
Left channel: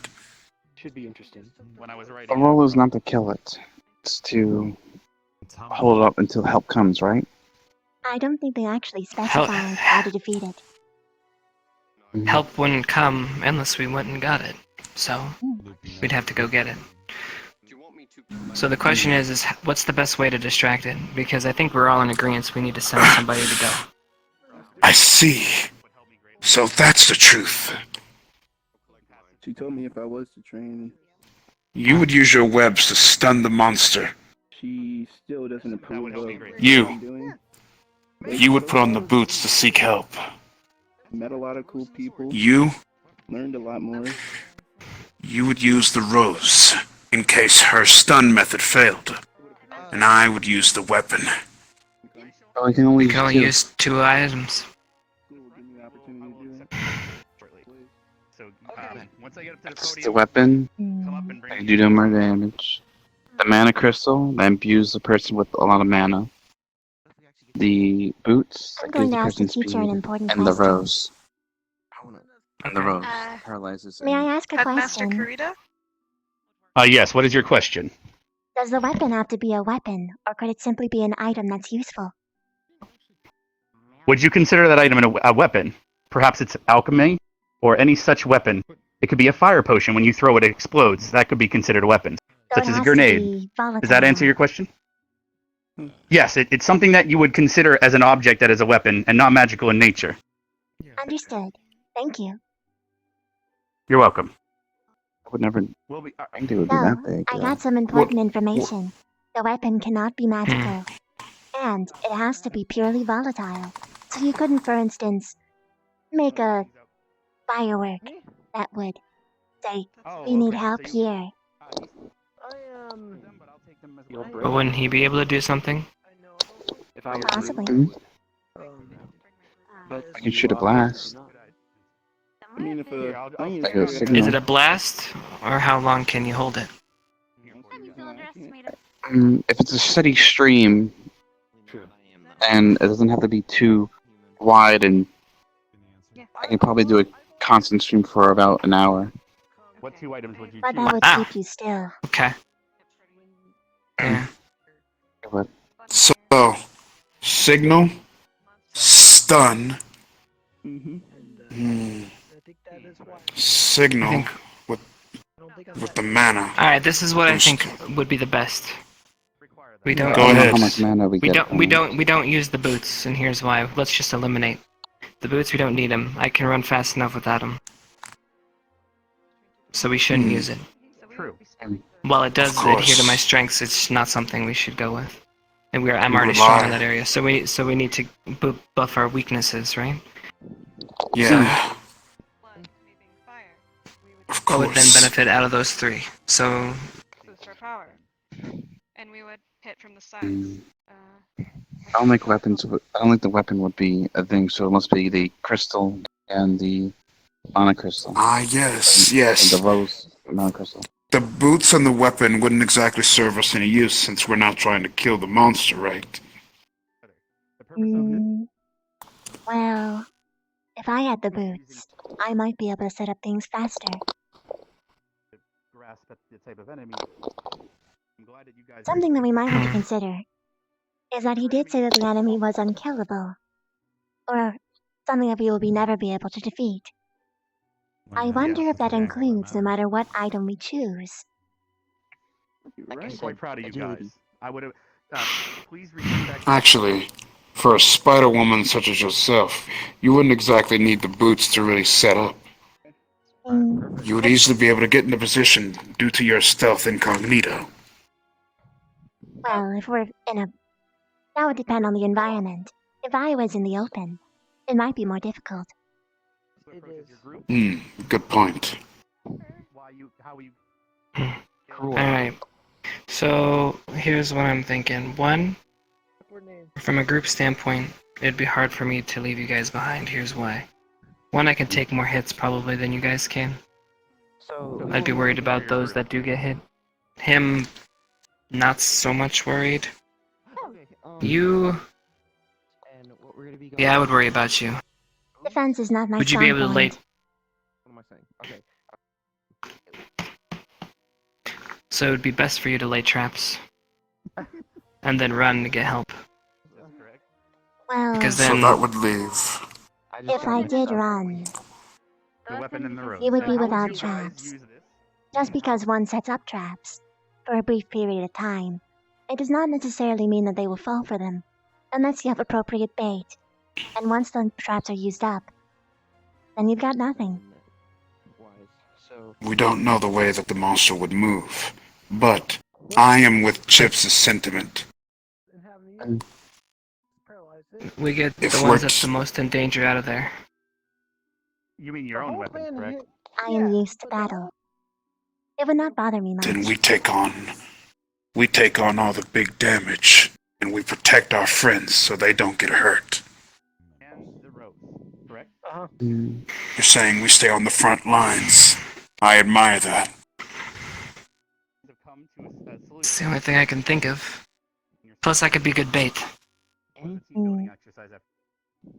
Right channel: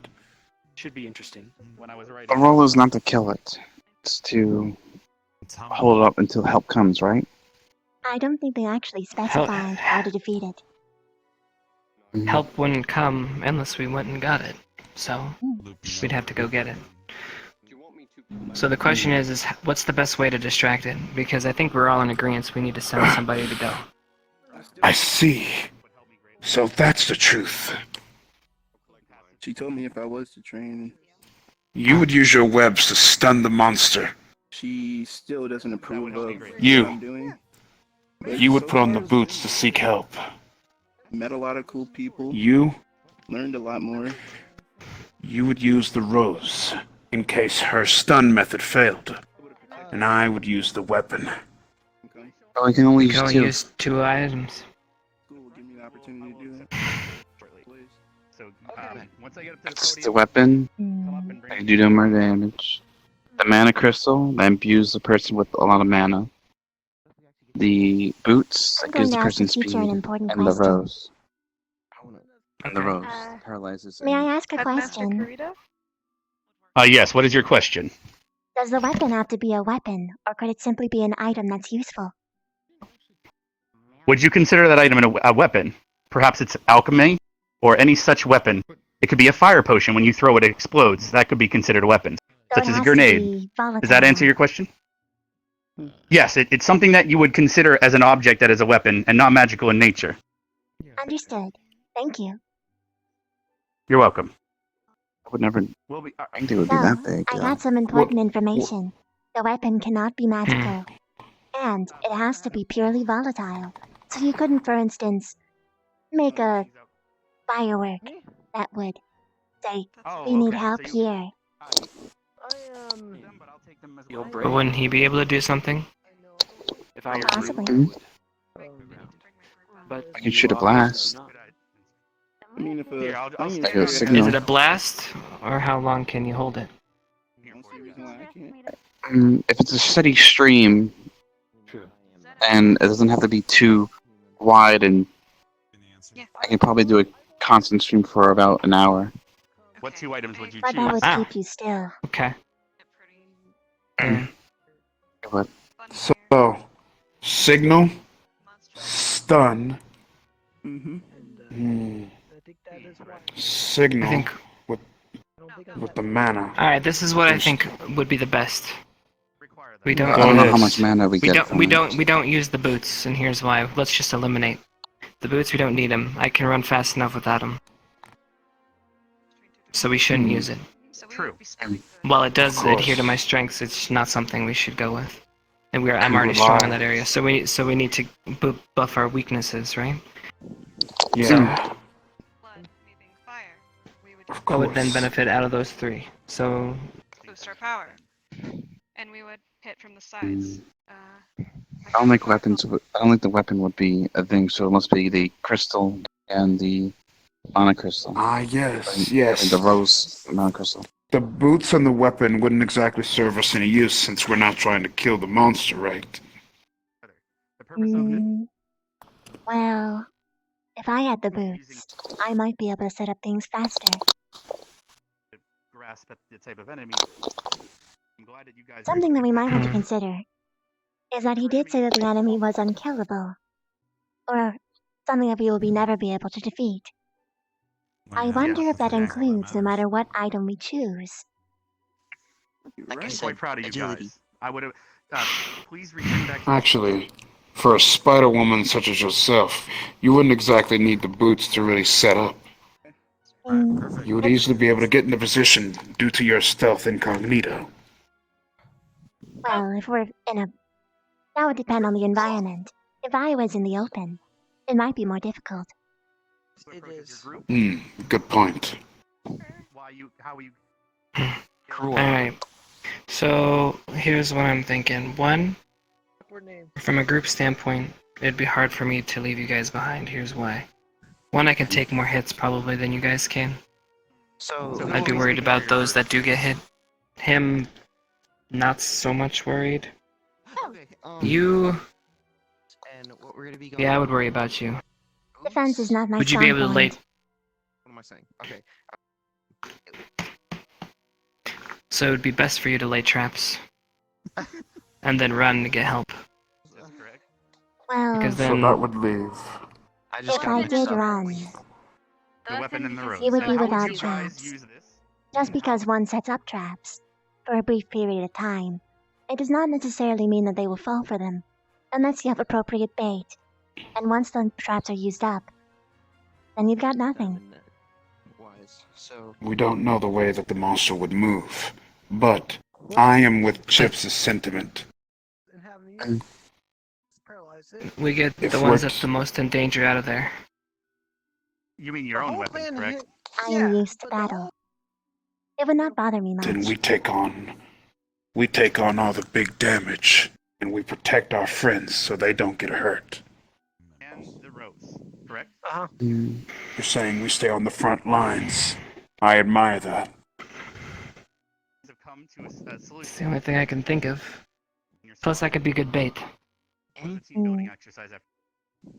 Should be interesting. When I was The role is not to kill it. It's to hold it up until help comes, right? I don't think they actually specified how to defeat it. help wouldn't come unless we went and got it. So we'd have to go get it. So the question is what's the best way to distract it? Because I think we're all in agreement we need to send somebody to go. I see. So that's the truth. She told me if I was to train. You would use your webs to stun the monster. She still doesn't approve of what You. I'm doing. You would put on the boots to seek help. Met a lot of cool people. You. Learned a lot more. You would use the rose in case her stun method failed. And I would use the weapon. Oh, I can only You use can only two. use 2 items. So once I get up to the It's podium, the weapon. I can do more damage. The mana crystal that imbues the person with a lot of mana. The boots I'm that gives going to the ask the person teacher speed. an important And the question. rose. And the rose paralyzes. May I ask a Headmaster question? Kurita? Yes, what is your question? Does the weapon have to be a weapon, or could it simply be an item that's useful? Would you consider that item a weapon? Perhaps it's alchemy or any such weapon. It could be a fire potion. When you throw it, it explodes. That could be considered a weapon. So it Such as a has to grenade. be volatile. Does that answer your question? Yes, it's something that you would consider as an object that is a weapon and not magical in nature. Understood. Thank you. You're welcome. I would never think they would be So, that big. I got some important information. The weapon cannot be magical. And it has to be purely volatile. So you couldn't, for instance, make a firework that would say, we need help here. But wouldn't he be able to do something? Possibly. I can shoot a blast. I mean, if Like a Is signal. it a blast? Or how long can you hold it? If it's a steady stream, and it doesn't have to be too wide, and I can probably do a constant stream for about an hour. What 2 items would you But that would Wow. keep you still. Okay. So, signal, stun, signal I think- with the mana. Alright, this is what I think would be the best. We don't Go I don't know ahead. how much mana we get. we don't use the boots, and here's why. Let's just eliminate the boots. We don't need them. I can run fast enough without them, so we shouldn't use it. True. While it does Of course. adhere to my strengths, it's not something we should go with. And I'm Who already strong in rely. that area, so we need to buff our weaknesses, right? Yeah. Of What would then course. benefit out of those 3? So Boost our power. And we would hit from the sides. I don't think weapons. I don't think the weapon would be a thing. So it must be the crystal and the mana crystal. Ah, yes, And yes. the rose mana crystal. The boots and the weapon wouldn't exactly serve us any use since we're not trying to kill the monster, right? Well, if I had the boots, I might be able to set up things faster. Grasp at the type of enemy. I'm glad that you guys Something that we might want to consider is that he did say that the enemy was unkillable, or something that we will never be able to defeat. I wonder if that includes no matter what item we choose. I'm quite proud of you guys. I would have. Please return back. Actually, for a spider woman such as yourself, you wouldn't exactly need the boots to really set up. You would easily be able to get into position due to your stealth incognito. Well, if we're in a... That would depend on the environment. If I was in the open, it might be more difficult. Good point. Alright. So here's what I'm thinking. One, from a group standpoint, it'd be hard for me to leave you guys behind. Here's why. One, I can take more hits probably than you guys can. I'd be worried about those that do get hit. Him, not so much worried. You... Yeah, I would worry about you. Defense is not my Would you strong be able to lay... point. What am I saying? Okay. So it would be best for you to lay traps. And then run to get help. Well, Because So then... that would leave. if I did run, weapon in the rose. You would And be how would without you guys traps. use this? Just because one sets up traps for a brief period of time, it does not necessarily mean that they will fall for them, unless you have appropriate bait. And once the traps are used up, then you've got nothing. We don't know the way that the monster would move, but I am with Chips' sentiment. We get If the we're ones that's the most in danger out of there. You mean your own weapon, correct? I am used to battle. It would not bother me much. then we take on all the big damage, and we protect our friends so they don't get hurt. And the rose, correct? You're saying we stay on the front lines. I admire that. It's the only thing I can think of. Plus, I could be good bait.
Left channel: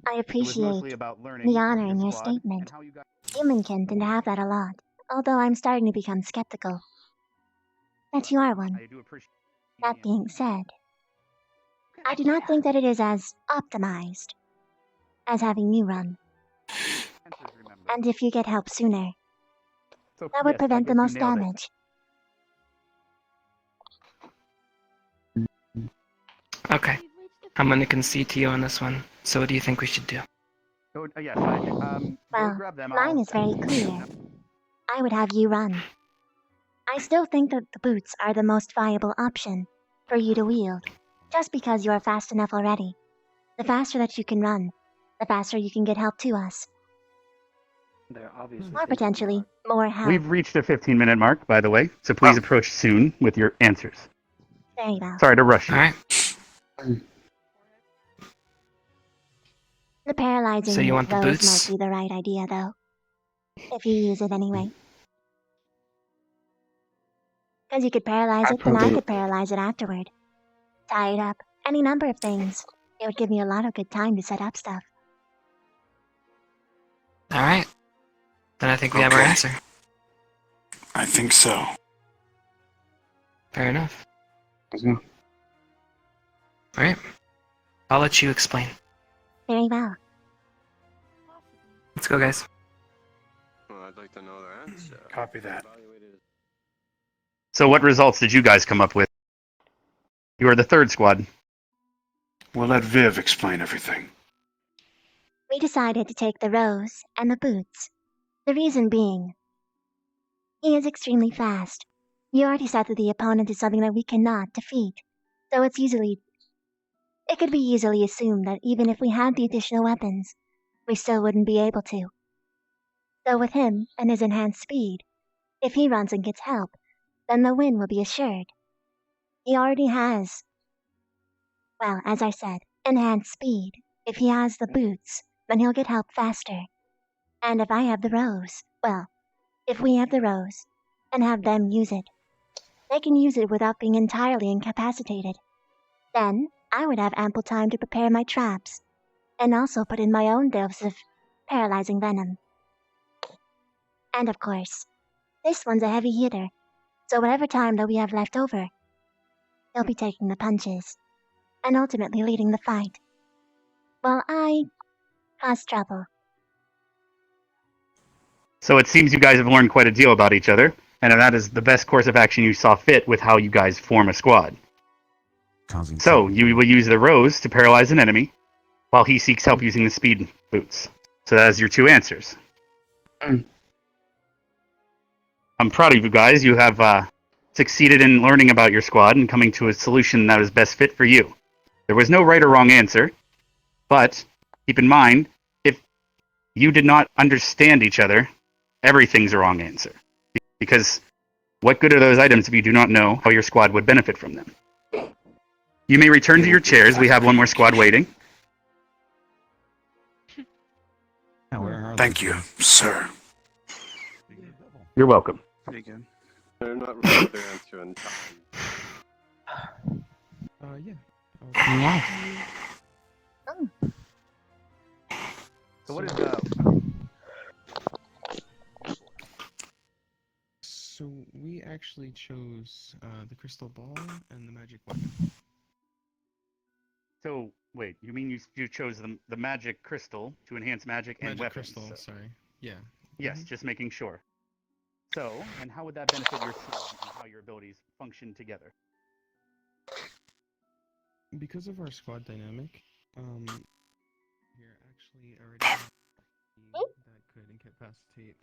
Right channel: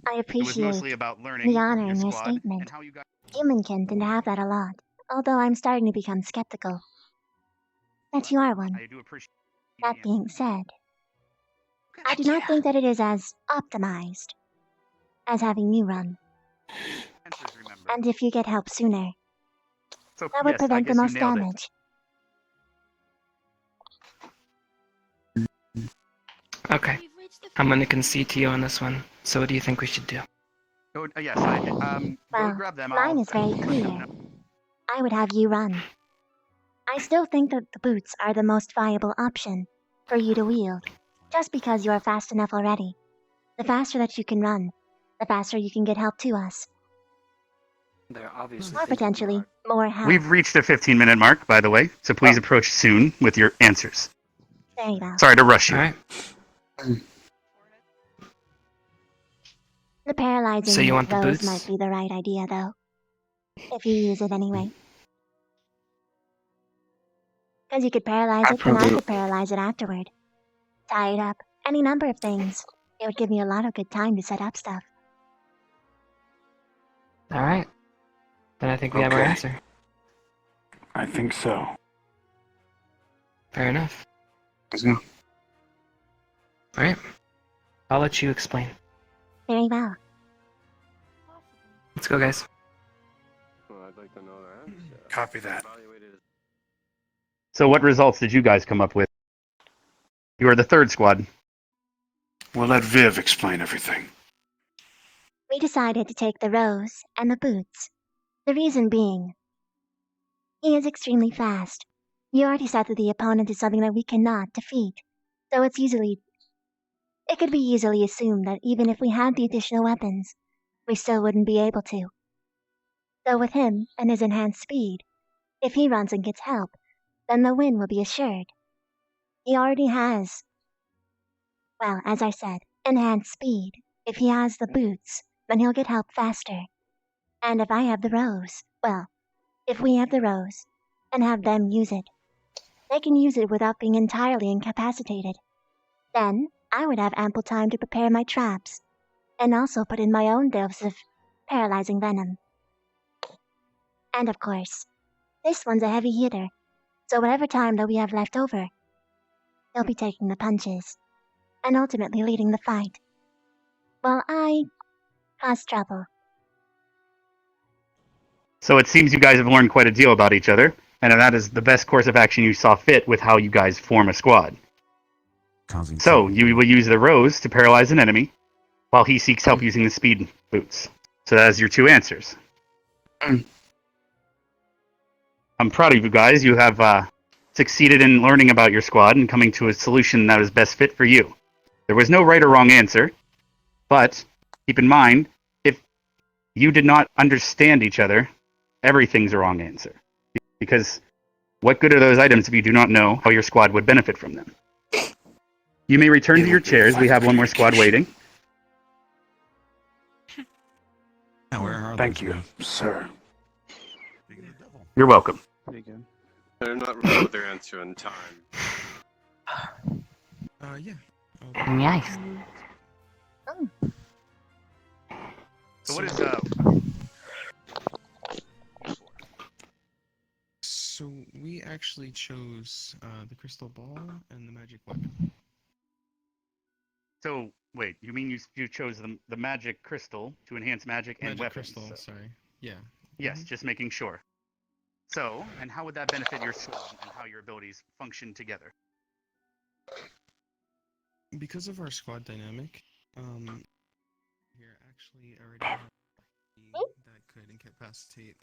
I appreciate the honor in your statement. Humankin didn't have that a lot, although I'm starting to become skeptical that you are one. That being said, I do not think that it is as optimized as having you run. And if you get help sooner, that would prevent the most damage. Okay. I'm gonna concede to you on this one. So what do you think we should do? Yes, Well, mine is very clear. I would have you run. I still think that the boots are the most viable option for you to wield, just because you are fast enough already. The faster that you can run, the faster you can get help to us. Or potentially, more help. We've reached the 15-minute mark, by the way, so please approach soon with your answers. Very well. Sorry to rush you. Alright. The paralyzing So you want the rose boots? might be the right idea, though. If you use it anyway. Because you could paralyze it, then I could paralyze it afterward. Tie it up. Any number of things. It would give me a lot of good time to set up stuff. Alright. Then I think we have our answer. I think so. Fair enough. Alright. I'll let you explain. Very well. Let's go, guys. I'd like to know the answer. Copy that. So what results did you guys come up with? You are the third squad. We'll let Viv explain everything. We decided to take the rose and the boots. The reason being, he is extremely fast. You already said that the opponent is something that we cannot defeat, so it could be easily assumed that even if we had the additional weapons, we still wouldn't be able to. So with him and his enhanced speed, if he runs and gets help, then the win will be assured. He already has, well, as I said, enhanced speed. If he has the boots, then he'll get help faster. And if I have the rose, well, if we have the rose, and have them use it, they can use it without being entirely incapacitated. Then, I would have ample time to prepare my traps, and also put in my own dose of paralyzing venom. And of course, this one's a heavy hitter, so whatever time that we have left over, he'll be taking the punches, and ultimately leading the fight, while I cause trouble. So it seems you guys have learned quite a deal about each other, and that is the best course of action you saw fit with how you guys form a squad. So you will use the rose to paralyze an enemy, while he seeks help using the speed boots. So that is your two answers. I'm proud of you guys. You have succeeded in learning about your squad and coming to a solution that is best fit for you. There was no right or wrong answer, but keep in mind, if you did not understand each other, everything's a wrong answer. Because what good are those items if you do not know how your squad would benefit from them? You may return to your chairs. We have one more squad waiting. Thank you, sir. You're welcome. Pretty good. They're not ready with their answer in time. Yeah. Yes. So what is So we actually chose the crystal ball and the magic weapon. So wait, you mean you chose the magic crystal to enhance magic and Magic weapons? crystal, sorry. Yeah. Yes, just making sure. So, and how would that benefit your sword and how your abilities function together? Because of our squad dynamic, here actually already have that could incapacitate.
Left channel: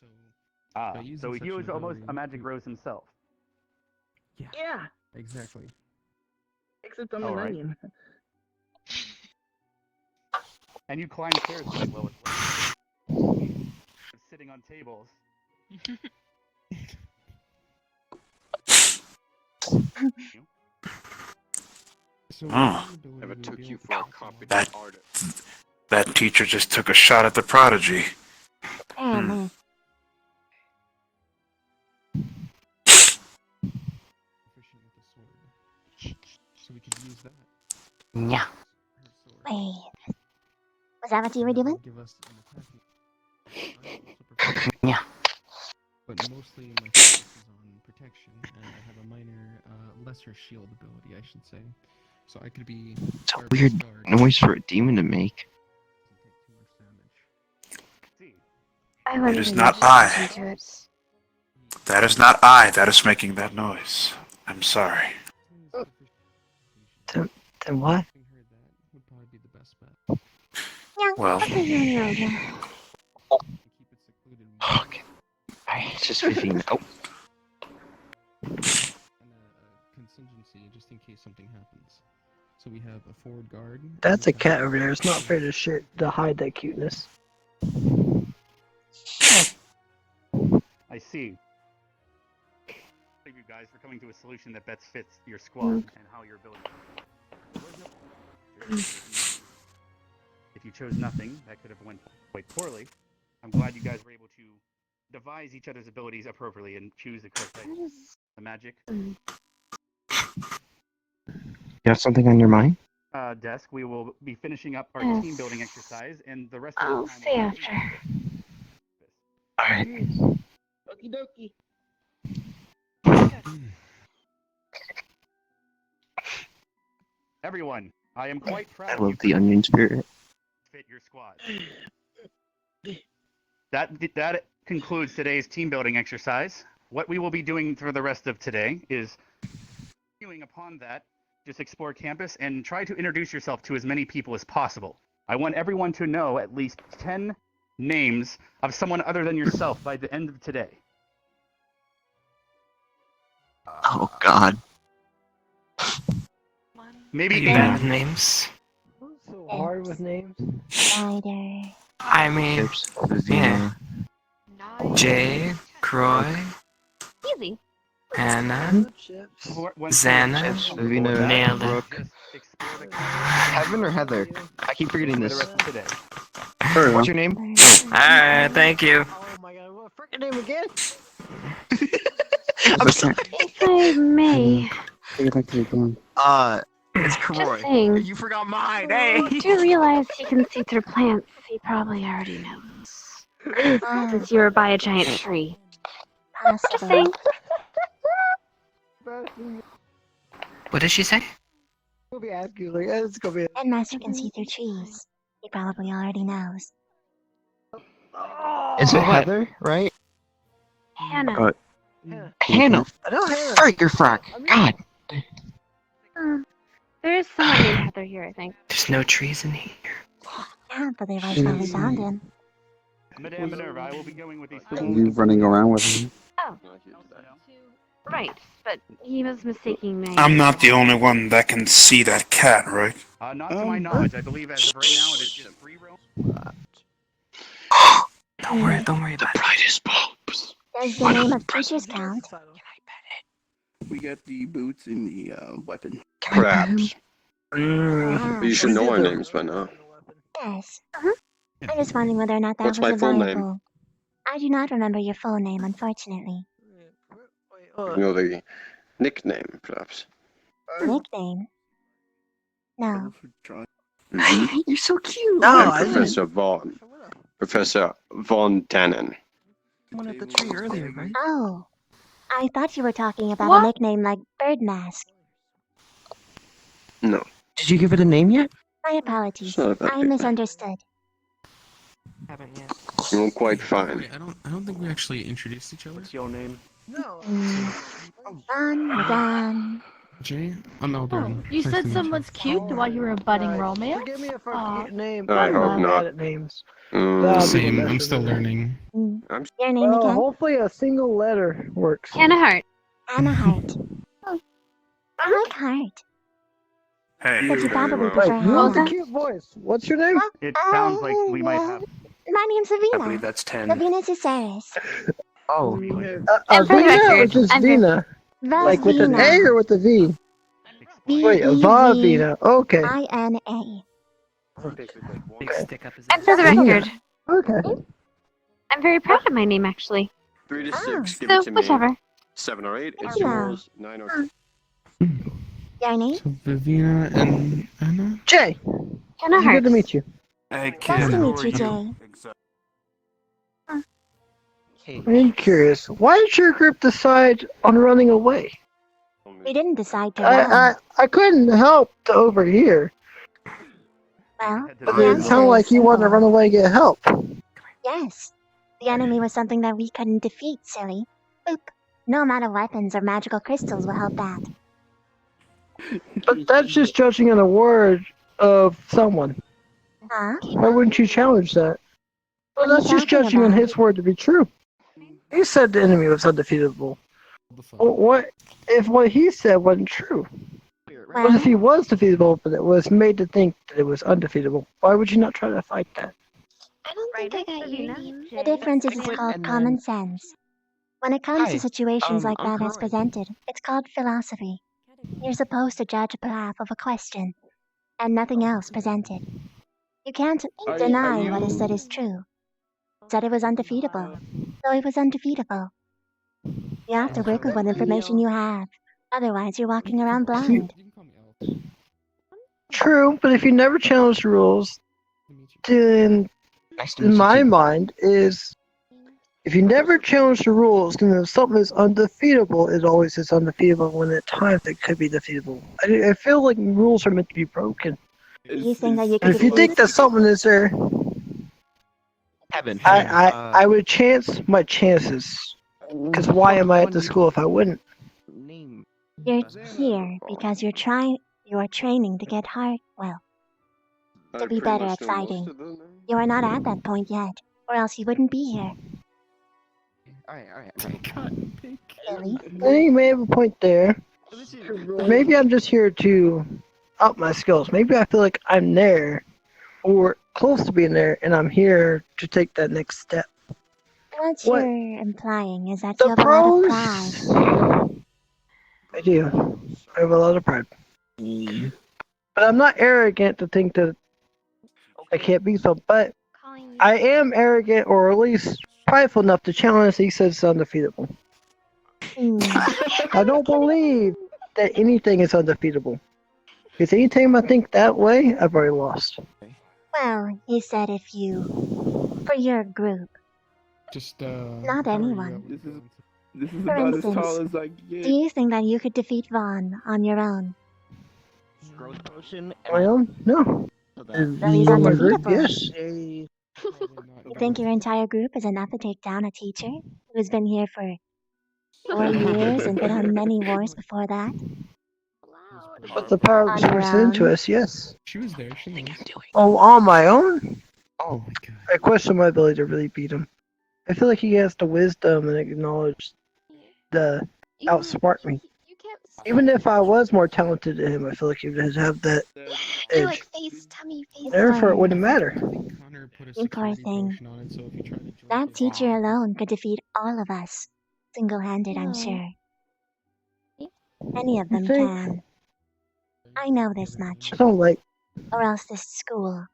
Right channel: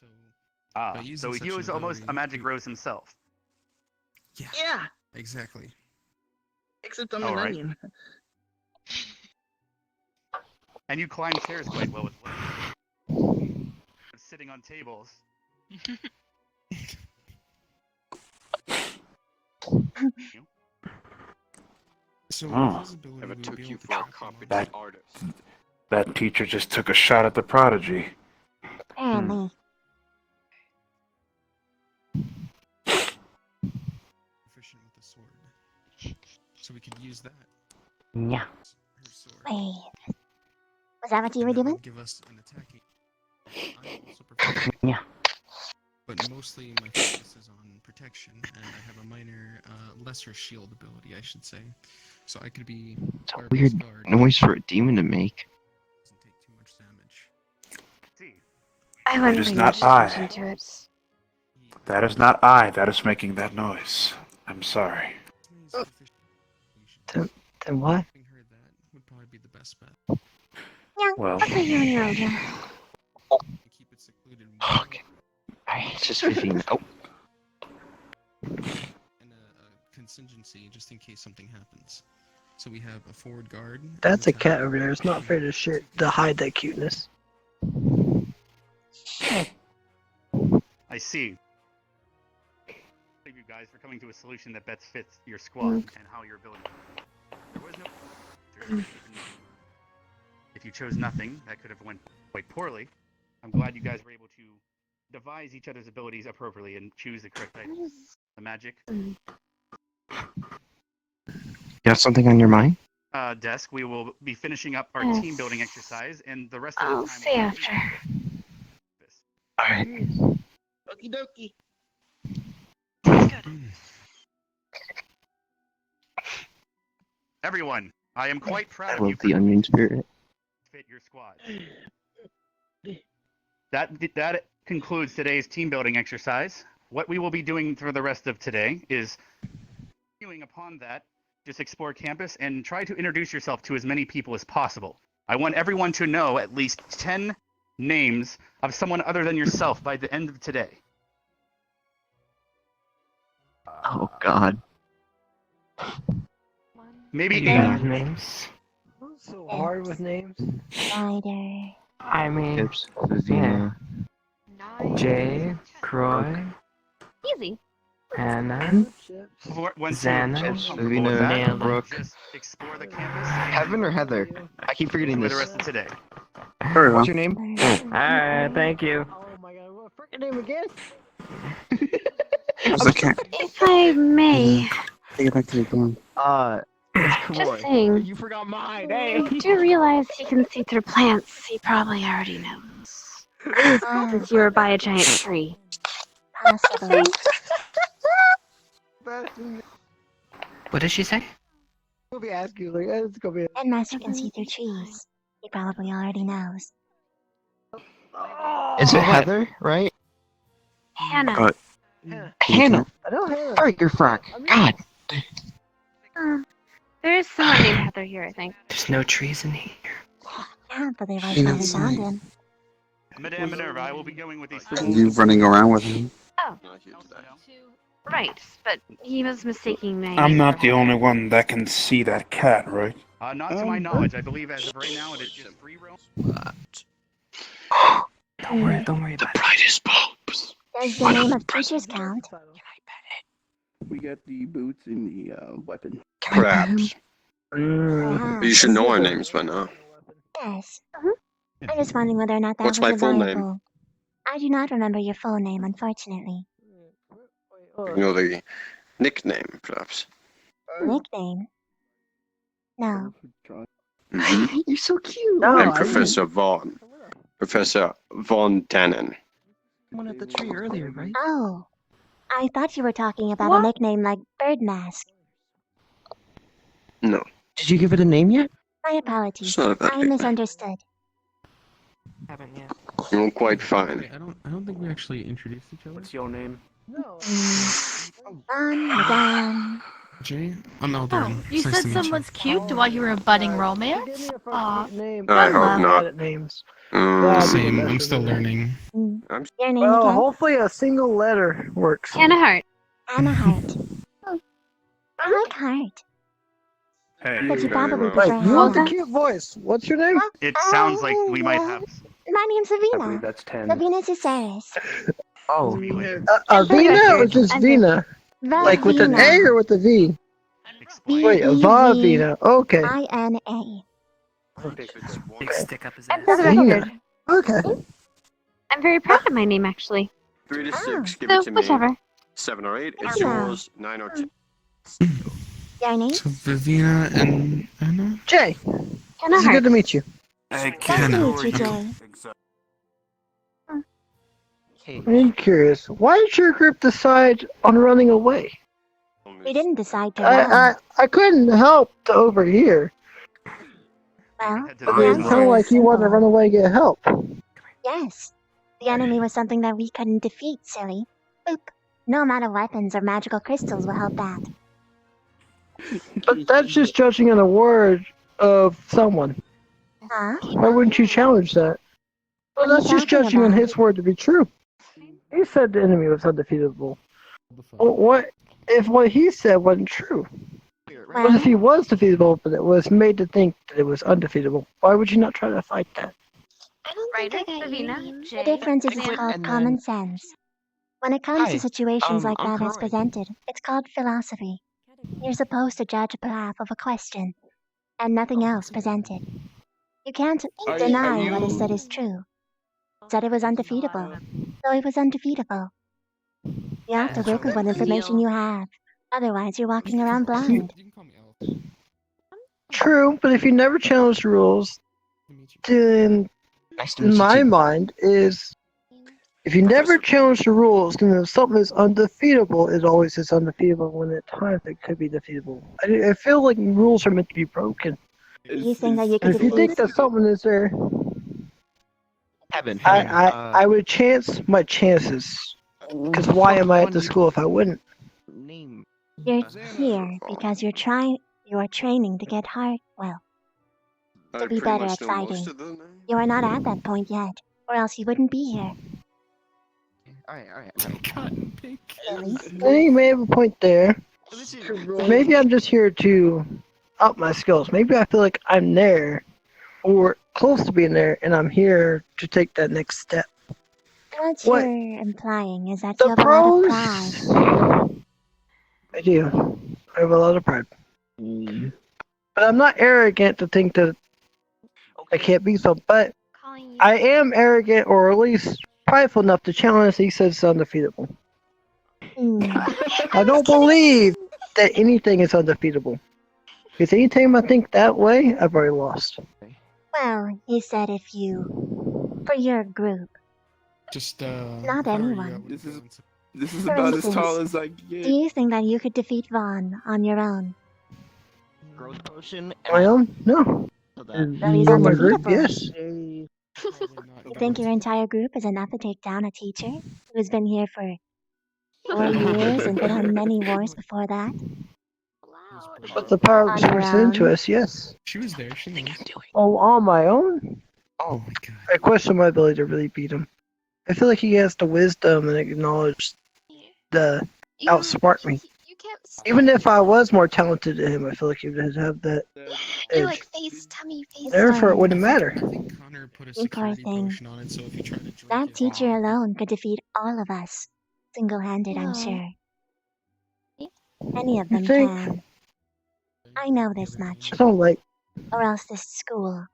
So, by using So such he an was almost ability, a magic rose himself. Yeah. Exactly. Except I'm All an right. onion. And you climb stairs quite well as well. Sitting on tables. So Hmm. with his ability, Never we would took be you able to for a track competent artist. That teacher just took a shot at the prodigy. Apparently. proficient with the sword. So we could use that. Yeah. Her sword. Wait. Was that what you were And that doing? would give us an attacking. I'm also proficient. Yeah. But mostly my focus is on protection, and I have a minor, lesser shield ability, I should say. So I could be It's a our weird best guard. noise for a demon to make. Doesn't take too much damage. See. I It wonder is if not you I. listen to it. That is not I that is making that noise. I'm sorry. Then what? Having heard that would probably be the best bet. Well, Okay, you're right. Keep it secluded. Fuck. Alright, it's just 15. Oh. And a contingency just in case something happens. So we have a forward guard. That's a cat over there. It's not fair to shit to hide that cuteness. I see. Thank you guys for coming to a solution that best fits your squad and how your ability. There was no. If you chose nothing, that could have went quite poorly. I'm glad you guys were able to devise each other's abilities appropriately and choose the correct items. The magic. You have something on your mind? Desk, we will be finishing up our Yes. team building exercise, and the rest of I'll the time. see after. Alright. Okie dokie. Everyone, I am quite proud I of you love the onion spirit. fit your squad. That concludes today's team building exercise. What we will be doing for the rest of today is continuing upon that, just explore campus and try to introduce yourself to as many people as possible. I want everyone to know at least 10 names of someone other than yourself by the end of today. Oh god. Maybe You got names? So hard with names. Spider. I mean, Chips, Vizina. Jay, Croy, Easy. Hannah, Xana, Chips, Vizina, Nailed it. Brooke. Heaven or Heather? I keep forgetting For this. the rest of today. What's your name? Alright, thank you. Oh my god, what freaking name again? If I may, Take it back to the dorm. It's just Croy. saying, You forgot mine, you hey! do realize he can see through plants. He probably already knows. Since you were by a giant tree. Possibly. What did she say? We'll be asking you, like, it's gonna be. Headmaster can see through trees. He probably already knows. Is it What? Heather, right? Hannah. Hannah. Hannah. Freak your frock. God. There is someone named Heather here, I think. There's no trees in here. Yeah, but they right finally found him. Madame Minerva, I will be going with these. You running around with him? Oh, right. But he was mistaking me. I'm not the only one that can see that cat, right? Not to my knowledge. I believe as of right now it is just free roam. Don't worry The about it. brightest bulbs. Does the name of creatures count? We got the boots and the weapon. Perhaps. Perhaps. You should know our names by now. Yes. I'm just wondering whether or not that What's was my full name? reliable. I do not remember your full name, unfortunately. You know the nickname, perhaps. Nickname? No. You're so cute. I'm Professor Vaughn. Professor Von Dannen. One at the tree earlier, right? Oh. I thought you were talking about a nickname like Bird Mask. No. Did you give it a name yet? My apologies. It's not about I nickname. misunderstood. Haven't yet. You're quite fine. Wait, I don't think we actually introduced each other. What's your name? Madame. Jay? I'm Eldarin. You It's nice said to meet someone's cute while you were a budding romance? Give me a first Aw, name. I I'm hope really not. bad at names. Mm. God, Same, people I'm mess still with me. learning. Your name Well, again? hopefully a single letter works. Hannah Hart. Anna Hart. I like Hart. Hey, But you very probably well. prefer You have a Hannah. cute voice. What's your name? It sounds like we might have. My name's I believe Avina. that's 10. Avina Cesaris. Oh, And for the Avina or record, just I'm very, Vina? Like with an A Vavina. or with a V? Wait, Vavina. Okay. Vina. Big stick up his and for the Vina. record, Okay. I'm very proud of my name actually. 3 to Oh. 6, give So it to me. whichever. 7 or 8, it's Vina. yours. 9 or 10. Your name? So Vivina and Anna? Jay. Hannah It's Hart. good to meet you. Nice to meet you, Jay. I'm curious. Why did your group decide on running away? We didn't decide to run. I couldn't help to overhear. Well, It the sounded answer like is you wanted to simple. run away and get help. Yes. The enemy was something that we couldn't defeat, silly. Boop. No amount of weapons or magical crystals will help that. But that's just judging on a word of someone. Huh? Why wouldn't you challenge that? Well, What are you that's just talking judging on about? his word to be true. He said the enemy was undefeatable. Well, what if what he said wasn't true? What Well, if he was defeatable, but it was made to think that it was undefeatable? Why would you not try to fight that? I don't think I got your Savina, name. Jay, The difference is it's Anna. called common sense. When it comes to Hi. situations like I'm that as Colin. presented, it's called philosophy. You're supposed to judge a behalf of a question, and nothing else presented. You can't deny what is said is true. Said it was undefeatable, so it was undefeatable. You have to work with what information you have. Otherwise, you're walking around blind. True, but if you never challenge the rules, then Nice to meet in you my too. mind is if you never challenge the rules, then if something is undefeatable, it always is undefeatable when at times it could be defeatable. I feel like rules are meant to be broken. Do you think that you could And if you think defeat? that something is there, Heaven. I would chance my chances. Because why am I at the school if I wouldn't? You're here because you're training to get hard. Well, to be better at fighting. You are not at that point yet, or else you wouldn't be here. Alright. Silly. I think you may have a point there. But maybe I'm just here to up my skills. Maybe I feel like I'm there, or close to being there, and I'm here to take that next step. What What? you're implying is that The you have a lot of pride. pros? I do. I have a lot of pride. But I'm not arrogant to think that I can't be so. But I am arrogant, or at least prideful enough to challenge he says it's undefeatable. I don't believe that anything is undefeatable. Because anytime I think that way, I've already lost. Well, he said if you... For your group. Just, Not anyone. This is For about as instance, tall as I get. do you think that you could defeat Vaughn on your own? Growth potion. Well, no. Well, he's For my group, undefeatable. yes. You think your entire group is enough to take down a teacher who's been here for 4 years and been on many wars before that? But the power On was your presented to own? us, yes. She was there. She knew. Oh, on my own? Oh my god. I question my ability to really beat him. I feel like he has the wisdom and acknowledge the outsmart me. Even if I was more talented than him, I feel like he would have that edge. face, tummy, face. Therefore, it wouldn't matter. Connor put a You poor security thing. potion on it, so if you try to join That his teacher alone could defeat all of us. Single-handed, I'm sure. Any of You them think? can. I know this much. I don't like. Or else this school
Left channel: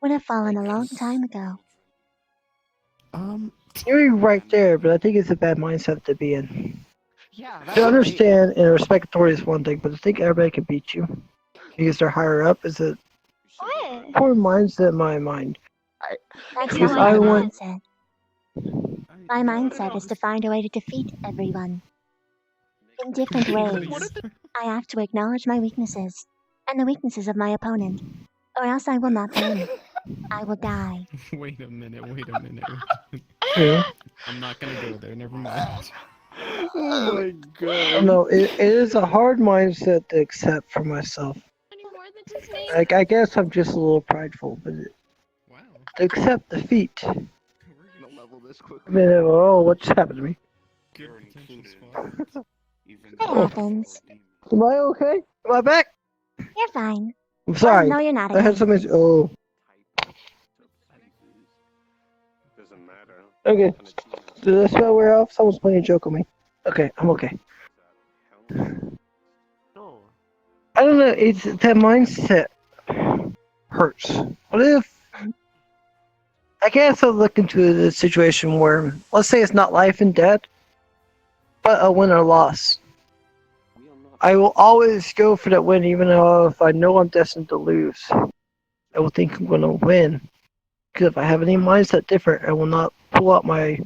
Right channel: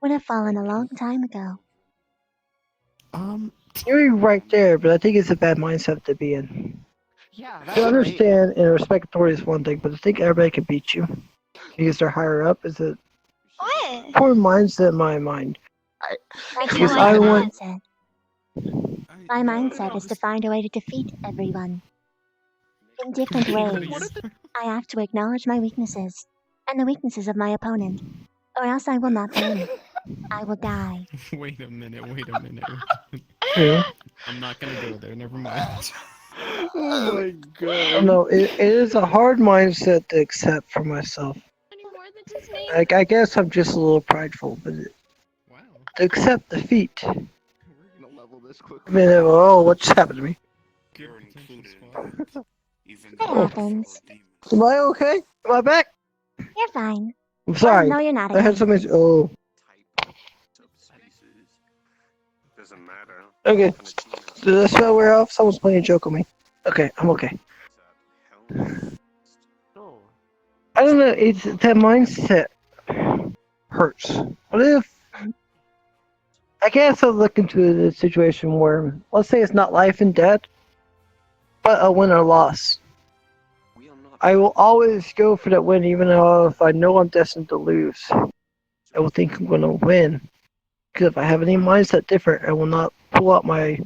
would have fallen a long time ago. You're right there, but I think it's a bad mindset to be in. Yeah, To understand and respect authority is one thing, but to think everybody can beat you because they're higher up is a poor mindset in my mind. That's Because not my I want. mindset. My mindset is to find a way to defeat everyone. In different ways. I have to acknowledge my weaknesses, and the weaknesses of my opponent, or else I will not win. I will die. Wait a minute, wait a minute. Yeah. I'm not gonna go there, never mind. Oh my I god. don't know. It is a hard mindset to accept for myself. Any more than just name? I guess I'm just a little prideful, but Wow. to accept defeat. Gonna level this I quickly. mean, oh, what just happened to me? Good potential included. spot. Even It though happens. Am I okay? Am I back? You're fine. I'm Oh, sorry. no, you're not I had again. something. Oh, Doesn't matter. okay. Did I smell wear off? Someone's playing a joke on me. Okay, I'm okay. I don't know. It's that mindset hurts. What if? I guess I'll look into the situation where, let's say it's not life and death, but a win or loss. I will always go for that win, even though if I know I'm destined to lose. I will think I'm going to win. Because if I have any mindset different, I will not pull out my.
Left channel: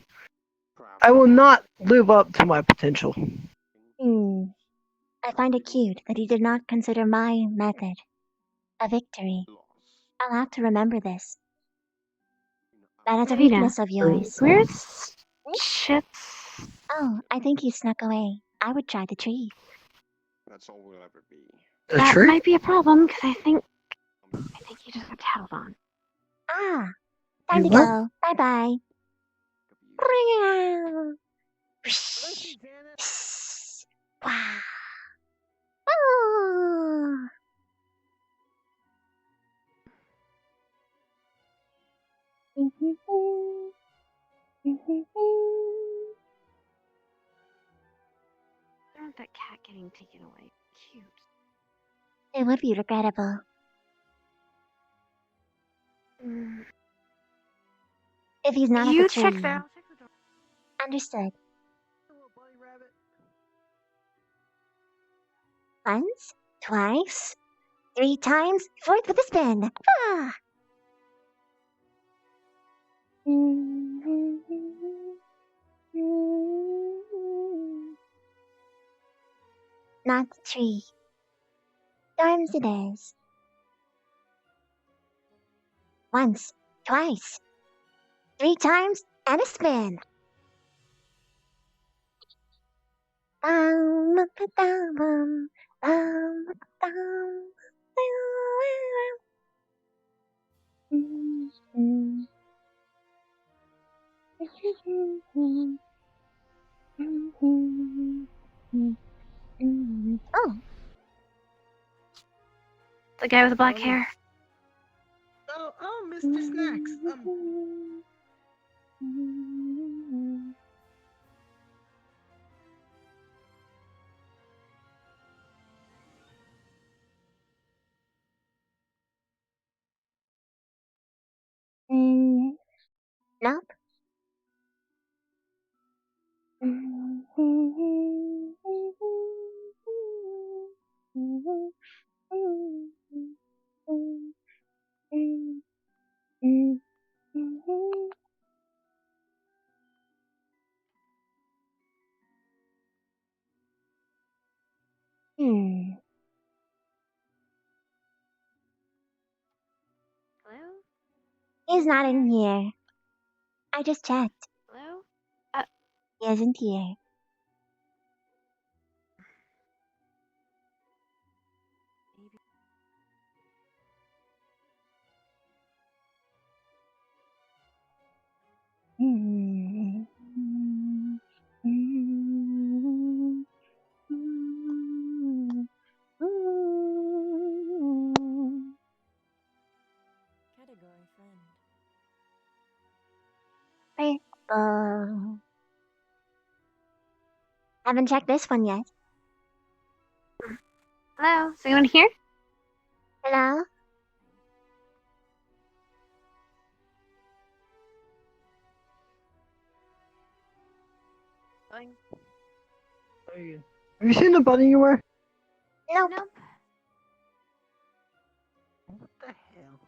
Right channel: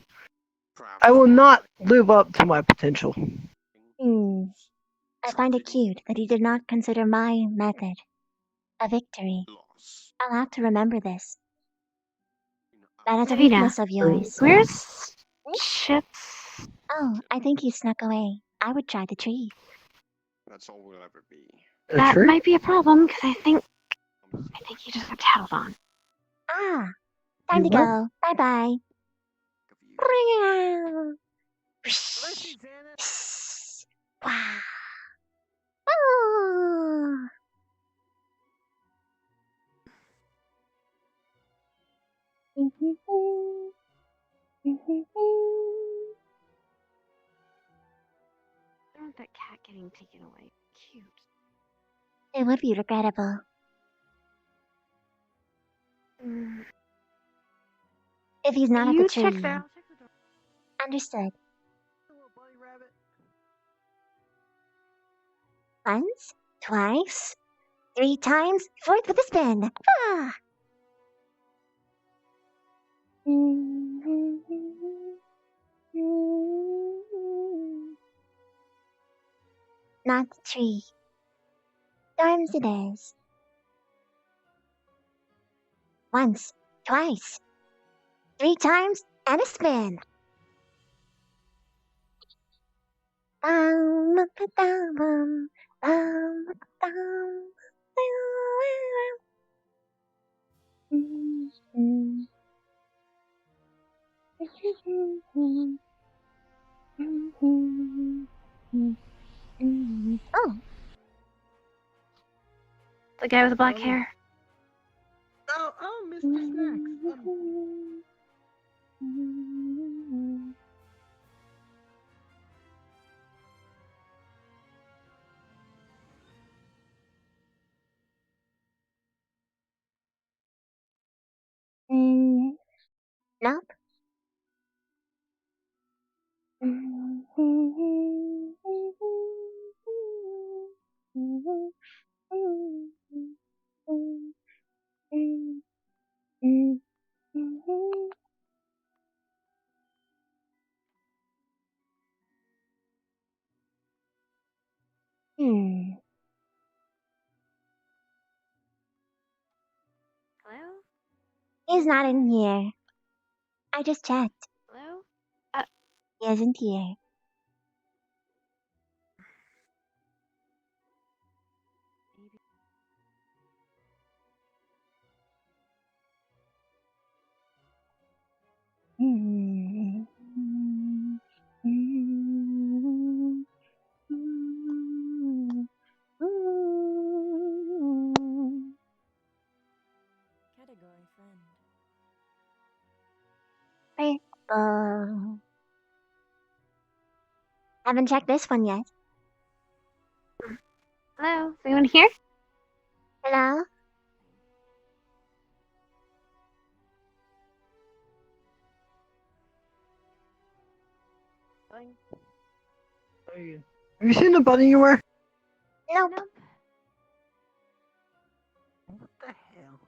I will not live up to my potential. I find it cute that you did not consider my method a victory. I'll have to remember this. That is a Rita, weakness of yours. where's Chips? Oh, I think he snuck away. I would try the tree. That's all we'll ever be. That might be a problem because I think you just got tattled on. Ah, time to what? go. Bye bye. Wow. Oh. That cat getting taken away. Cute. It would be regrettable. If he's not at the You tree. check there. Understood. Once, twice, 3 times, 4th with a spin. Ah. Not the tree. Storms it is. Once, twice, 3 times, and a spin. Oh, The guy with the black hair. Oh, Mr. Snacks. nope. Hello? He's not in here. I just checked. Hello? He isn't here. Category friend. Purple. Haven't checked this one yet. Hello? Is anyone here? Hello? Have you seen the bunny you were? Nope. What the hell?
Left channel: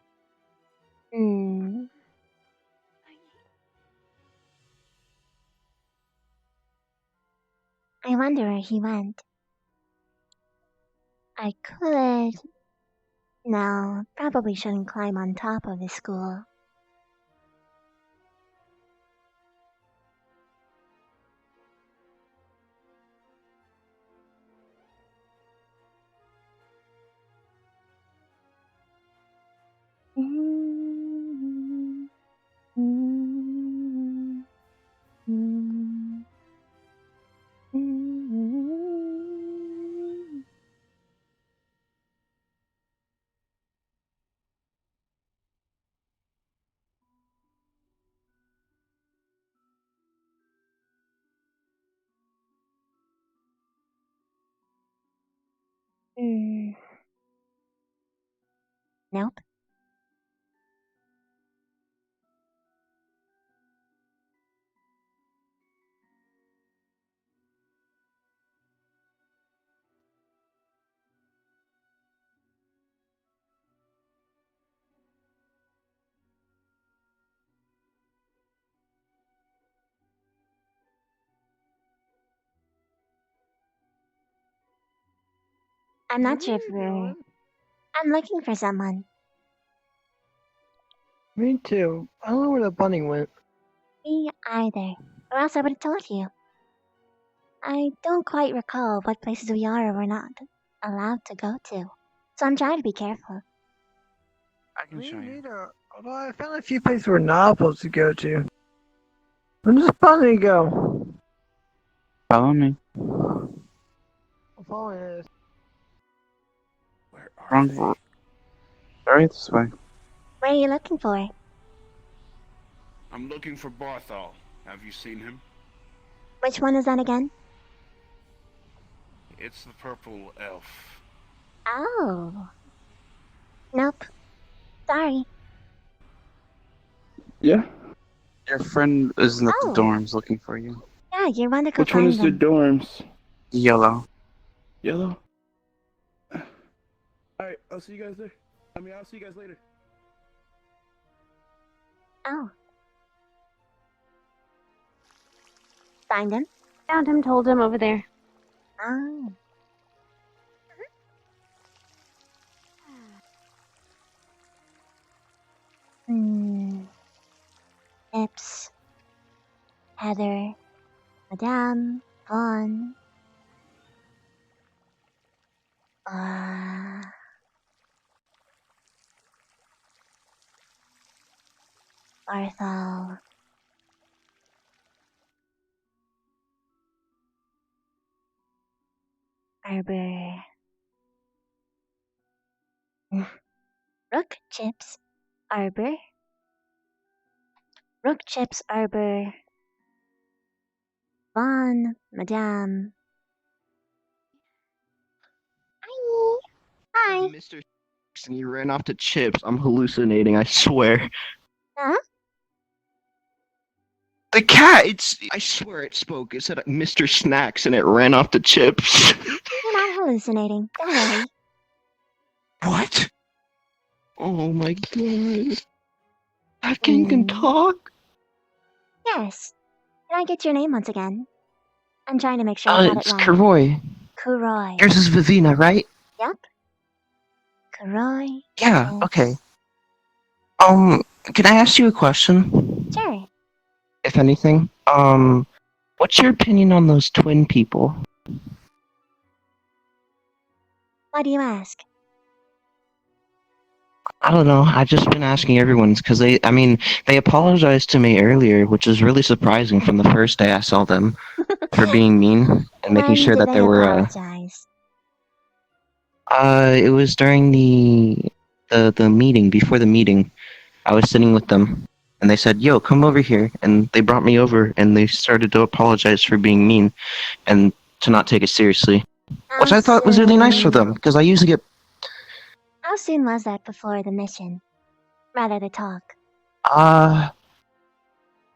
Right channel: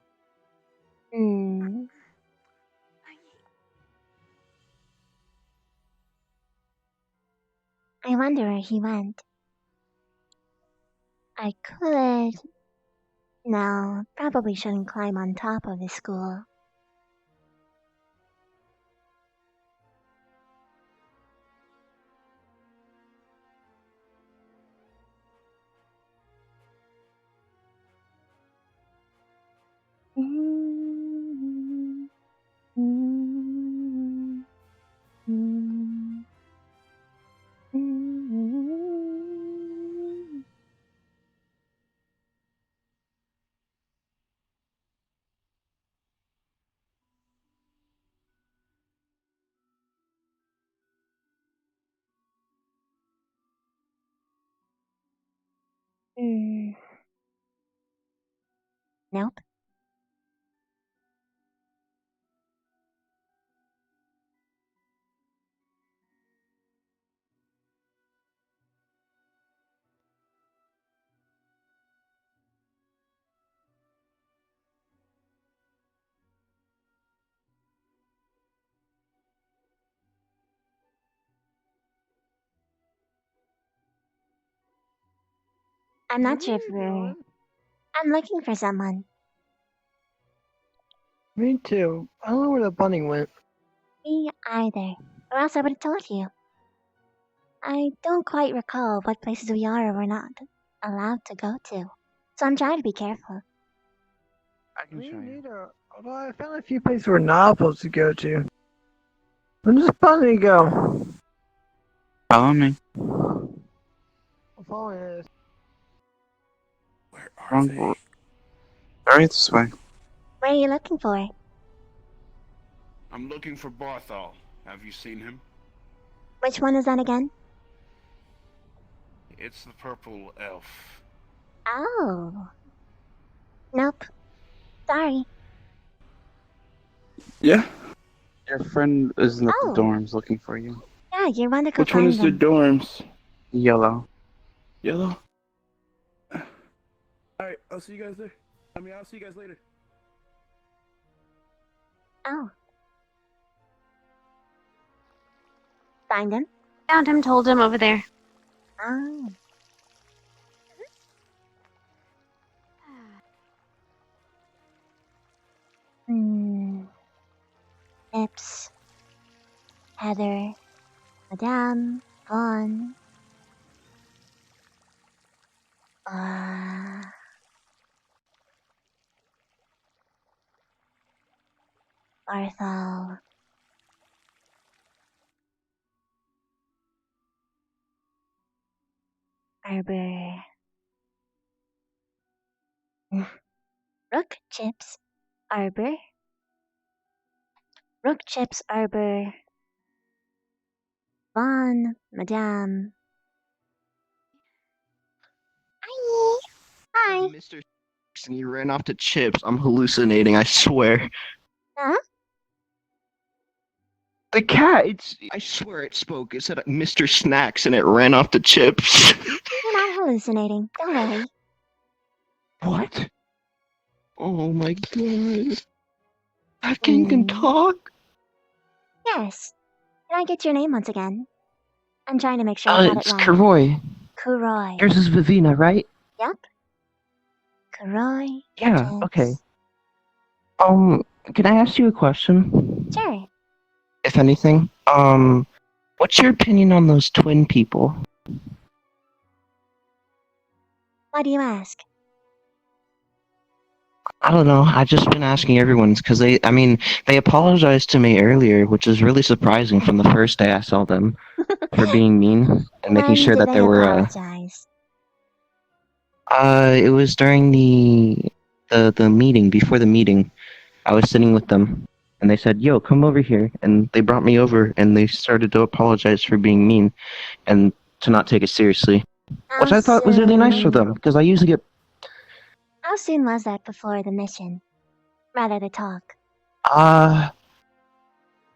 I wonder where he went. I could No, probably shouldn't climb on top of the school. Nope. I'm not sure if we're... I'm looking for someone. Me too. I don't know where the bunny went. Me either. Or else I would have told you. I don't quite recall what places we are or we're not allowed to go to. So I'm trying to be careful. I can show you. Although I found a few places we're not supposed to go to. Where does the bunny go? Follow me. I'm following it. Are they? Right this way. What are you looking for? I'm looking for Barthol. Have you seen him? Which one is that again? It's the purple elf. Oh. Nope. Sorry. Yeah. Your friend isn't at the Oh. dorms looking for you. Yeah, you want to go Which one find is the them. dorms? Yellow. Yellow? Alright, I'll see you guys there. I'll see you guys later. Oh. Find him? Found him, told him over there. Oh. Ips. Heather. Madame. Vaughn. Barthol. Arbor. Rook Chips. Arbor. Rook Chips Arbor. Vaughn. Madame. Hi. Mr. And you ran off to Chips. I'm hallucinating, I swear. Huh? The cat, I swear it spoke. It said Mr. Snacks and it ran off to Chips. You're not hallucinating. Don't worry. What? Oh my god. That thing can talk? Yes. Can I get your name once again? I'm trying to make sure I got It's it right. Karoy. Kuroi. Yours is Vivina, right? Yep. Kuroi. Yeah, okay. Can I ask you a question? Sure. If anything? What's your opinion on those twin people? Why do you ask? I don't know. I've just been asking everyone because they apologized to me earlier, which is really surprising from the first day I saw them for being mean and making When sure did that they there were, apologize? it was during the meeting, before the meeting. I was sitting with them and they said, "Yo, come over here." And they brought me over and they started to apologize for being mean and to not take it seriously. Which I thought was really nice for them because I usually get How soon was that before the mission? Rather the talk.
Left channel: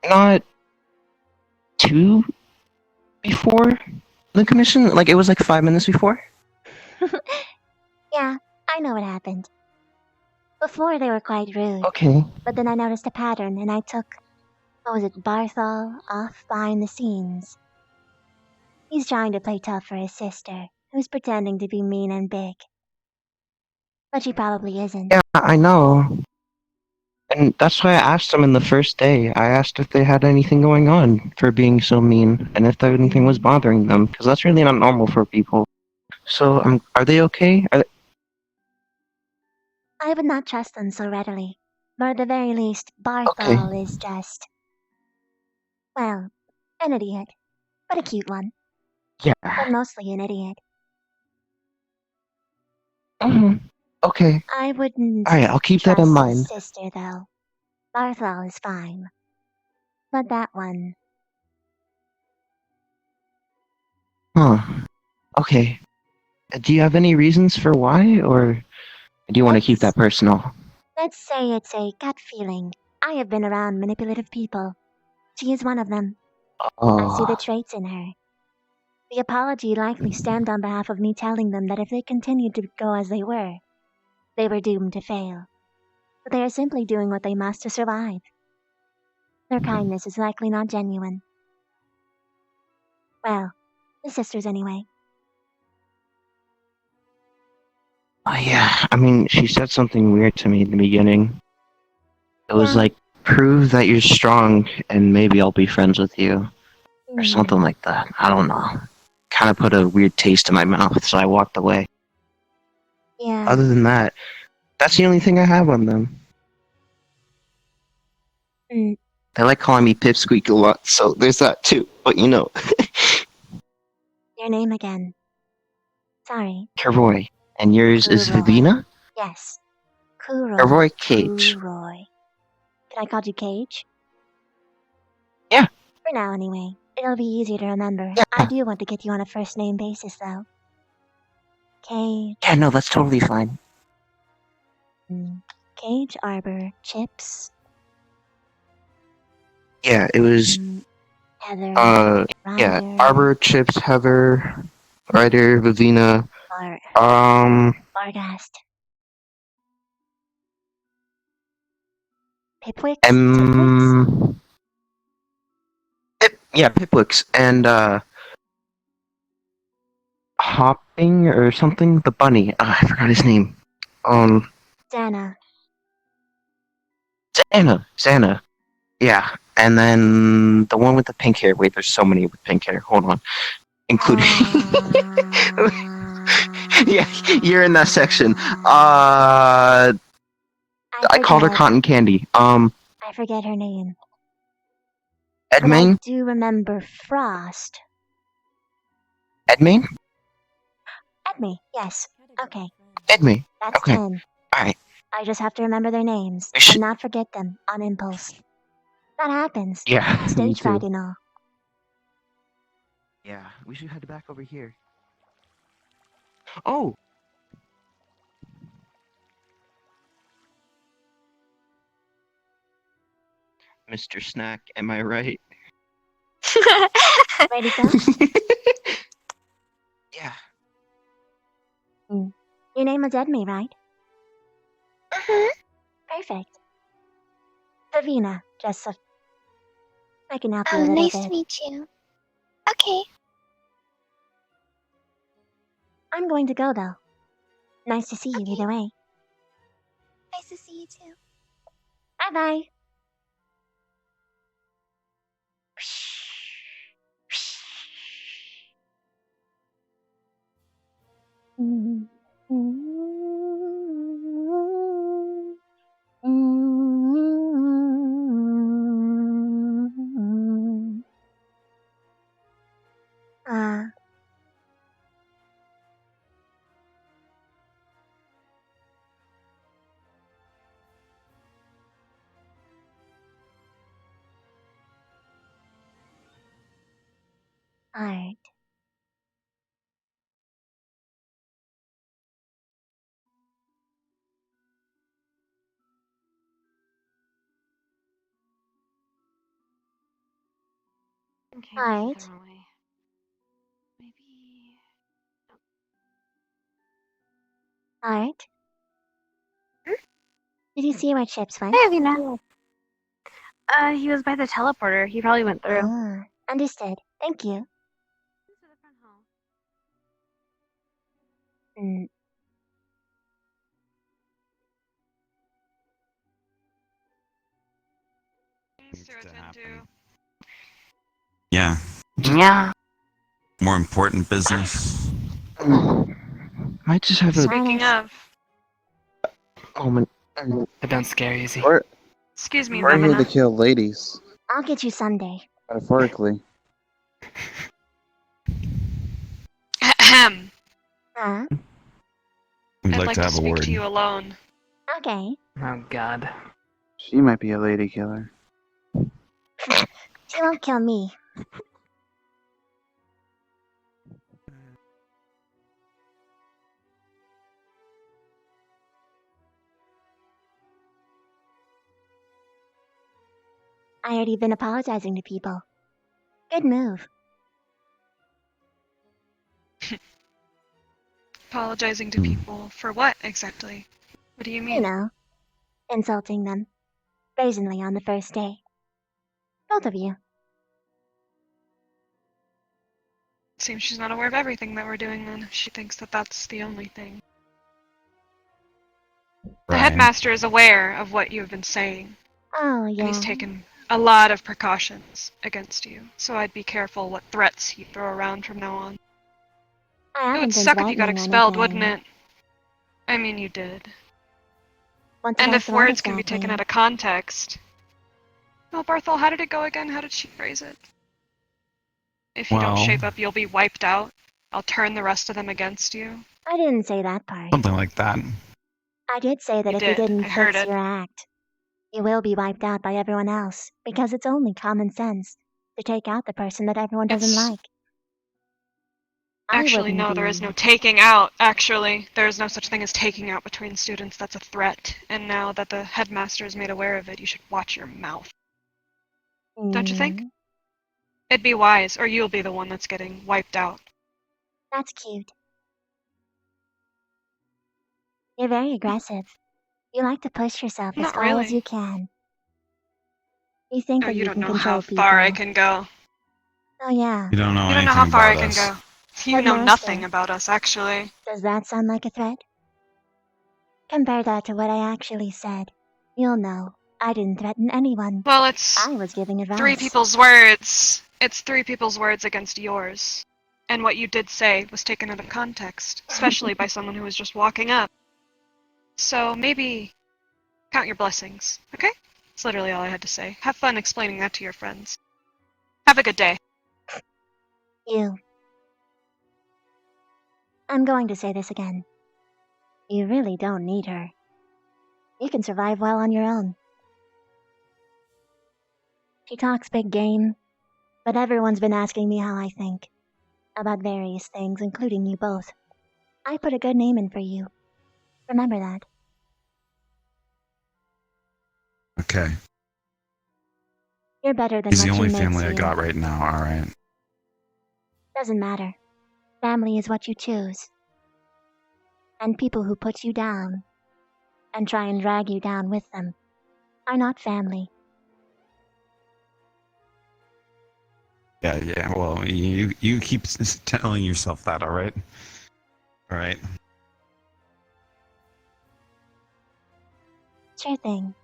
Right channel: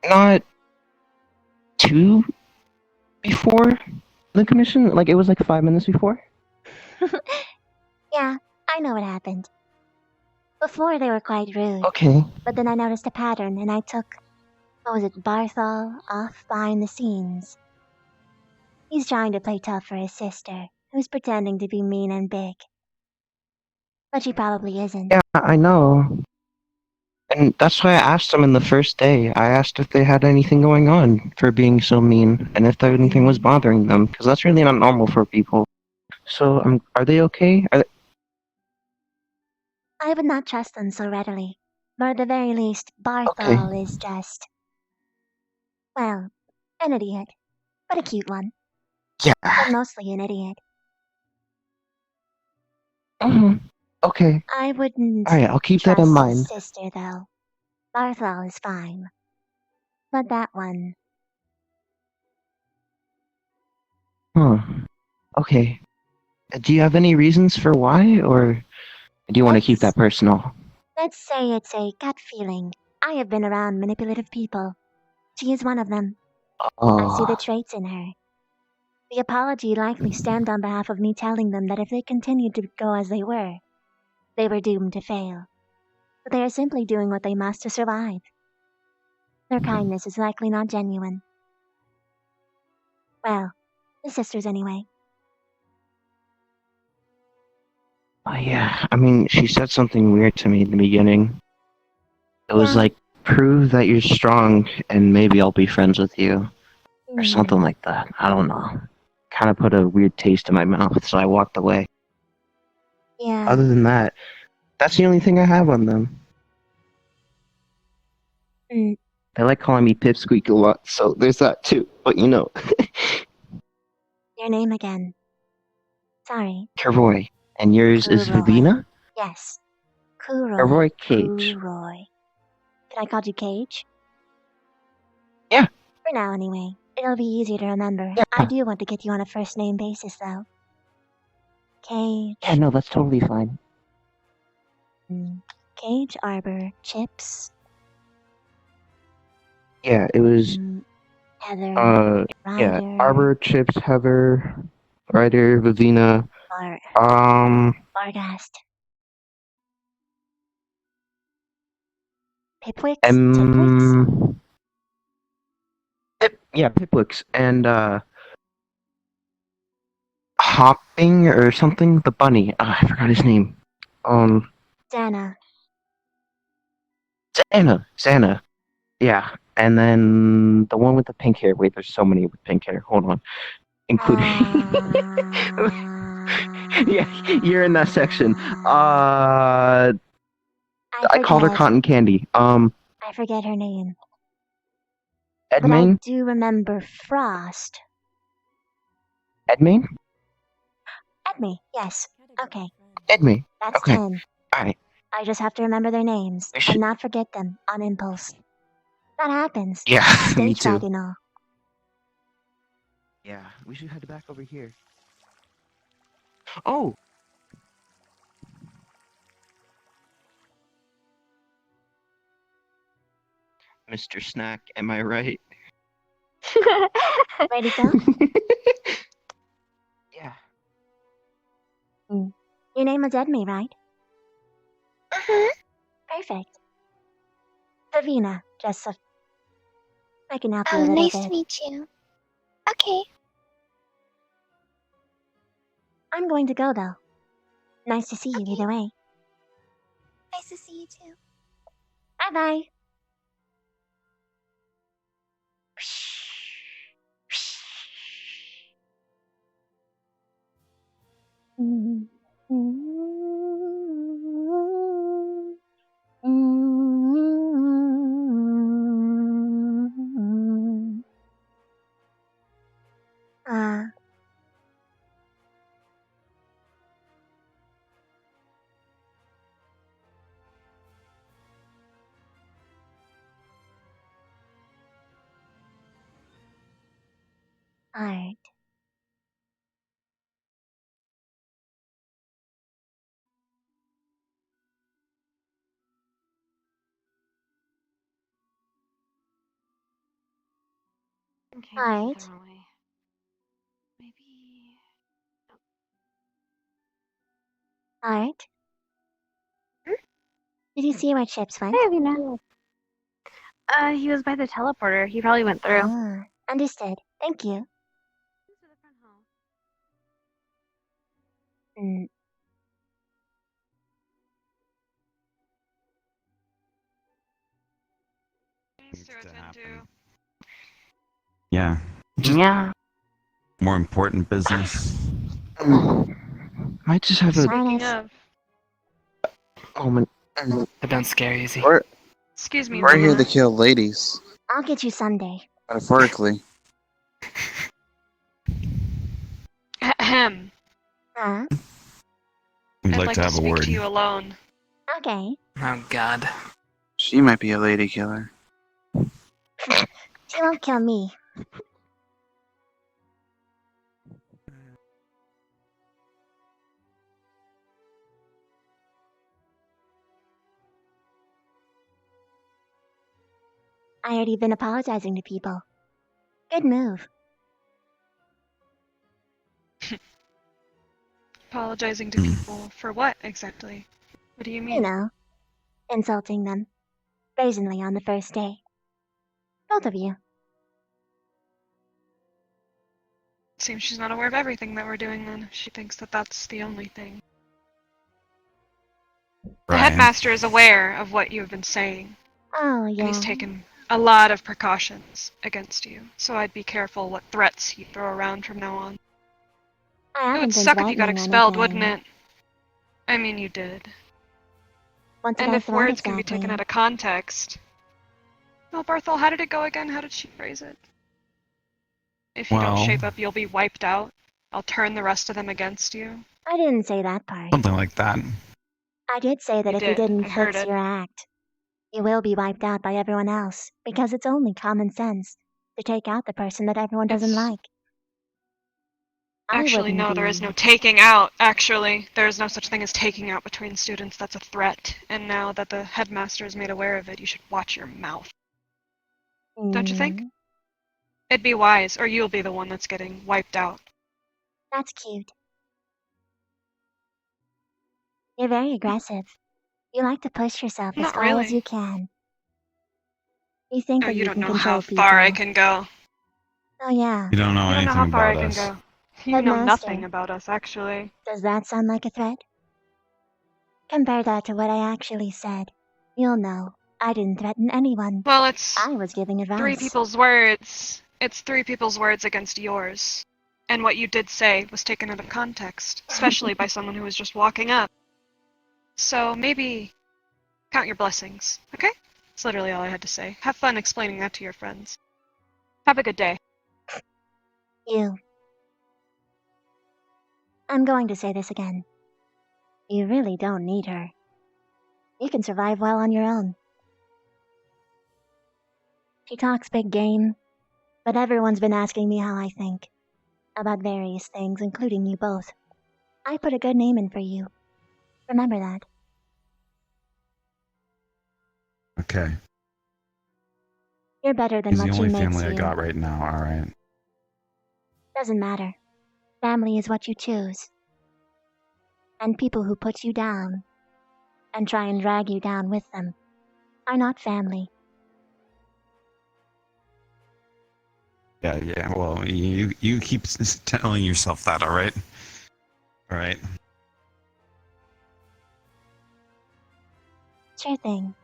not too before the commission. Like it was like 5 minutes before. Yeah, I know what happened. Before they were quite rude. Okay. But then I noticed a pattern and I took, what was it, Barthol off behind the scenes. He's trying to play tough for his sister, who's pretending to be mean and big. But she probably isn't. Yeah, I know. And that's why I asked them in the first day. I asked if they had anything going on for being so mean, and if anything was bothering them, because that's really not normal for people. So, are they okay? I would not trust them so readily. But at the very least, Barthol is just, well, an idiot. But a cute one. Yeah. But mostly an idiot. Okay. I wouldn't Alright, I'll keep that in trust his mind. sister, though. Barthol is fine. But that one, Okay. Do you have any reasons for why, or do you want to keep that personal? let's say it's a gut feeling. I have been around manipulative people. She is one of them. I see the Oh. traits in her. The apology likely stemmed on behalf of me telling them that if they continued to go as they were doomed to fail. But they are simply doing what they must to survive. Their kindness is likely not genuine. Well, the sisters anyway. Oh, yeah, I mean, she said something weird to me in the beginning. It was like, prove that you're strong, and maybe I'll be friends with you. Or something like that. I don't know. Kind of put a weird taste in my mouth, so I walked away. Yeah. Other than that, that's the only thing I have on them. Mm. They like calling me Pipsqueak a lot, so there's that too. But you know, Your name again. Sorry. Karoy. And yours is Kuroy. Vivina? Yes. Kuroy. Karoy Cage. Kuroy. Can I call you Cage? Yeah. For now, anyway. It'll be easier to remember. Yeah. I do want to get you on a first name basis, though. Cage. Yeah, no, that's totally fine. Cage, Arbor, Chips. Yeah, it was, Heather. yeah, Ryder. Arbor, Chips, Heather, Ryder, Vivina, Bargast. Pipwix? Pipwix, and, Hopping or something? The bunny. I forgot his name. Dana. Xana. Yeah. And then the one with the pink hair. Wait, there's so many with pink hair. Hold on. Including. Yeah, you're in that section. I called her Cotton Candy. I forget her name. But I Edmaine? do remember Frost. Edmaine? Edme, yes. Okay. Edmaine. That's Okay. 10. Alright. I just have to remember their names and not forget them on impulse. That happens. Yeah, me Stage fright too. and all. Yeah, we should head back over here. Oh! Mr. Snack, am I right? Ready to go? Yeah. Your name was Edme, right? Perfect. Davina, just so I can help you a little nice bit. to meet you. Okay. I'm going to go, though. Nice to see you either way. Nice to see you too. Bye-bye. Alright. Okay, Alright. this is the wrong way. Maybe. Alright. Did you see where Chips went? Hey, you know. He was by the teleporter. He probably went through. Ah, understood. Thank you. to happen. Yeah. Yeah. More important business. Might just have a Speaking of, moment. But don't scare easy. We're, excuse me, we're here to Lamina. kill ladies, I'll get you someday. metaphorically. Ahem. Huh? We'd I'd like like to to have a speak word. to you alone. Okay. Oh God. She might be a lady killer. She won't kill me. I already been apologizing to people. Good move. Apologizing to people for what exactly? What do you You mean? know, insulting them. Brazenly on the first day. Both of you. Seems she's not aware of everything that we're doing then. She thinks that that's the only thing. The headmaster is aware of what you have been saying. Oh, And yeah. he's taken a lot of precautions against you. So I'd be careful what threats you throw around from now on. I It haven't would been suck if you got threatening expelled, anything. wouldn't it? I mean, you did. What did And I if threat words can be taken exactly? out of context. Well, Barthol, how did it go again? How did she phrase it? If you don't Well, shape up, you'll be wiped out. I'll turn the rest of them against you. I didn't say that part. something like that. I did say that You if you did. didn't I heard fix it. your act, you will be wiped out by everyone else, because it's only common sense to take out the person that everyone doesn't It's- like. I Actually, wouldn't no, be... there is no taking out, actually. There is no such thing as taking out between students. That's a threat. And now that the headmaster is made aware of it, you should watch your mouth. Don't you think? It'd be wise, or you'll be the one that's getting wiped out. That's cute. You're very aggressive. You like to push yourself as Not far as really. you can. You think Oh, that you you don't can know control how people. far I can go. Oh yeah. You don't know You don't know anything how far I about can us. go. You know Headmaster. nothing about us, actually. Does that sound like a threat? Compare that to what I actually said. You'll know. I didn't threaten anyone. Well, it's I was giving advice. 3 people's words. It's 3 people's words against yours. And what you did say was taken out of context, especially by someone who was just walking up. So maybe count your blessings, okay? That's literally all I had to say. Have fun explaining that to your friends. Have a good day. You. I'm going to say this again. You really don't need her. You can survive well on your own. She talks big game, but everyone's been asking me how I think. About various things, including you both. I put a good name in for you. Remember that. Okay. You're better than He's what the she only makes family I you. got right now, alright. Doesn't matter. Family is what you choose. And people who put you down and try and drag you down with them are not family. Yeah, well, you keep telling yourself that, alright? Alright. Sure thing.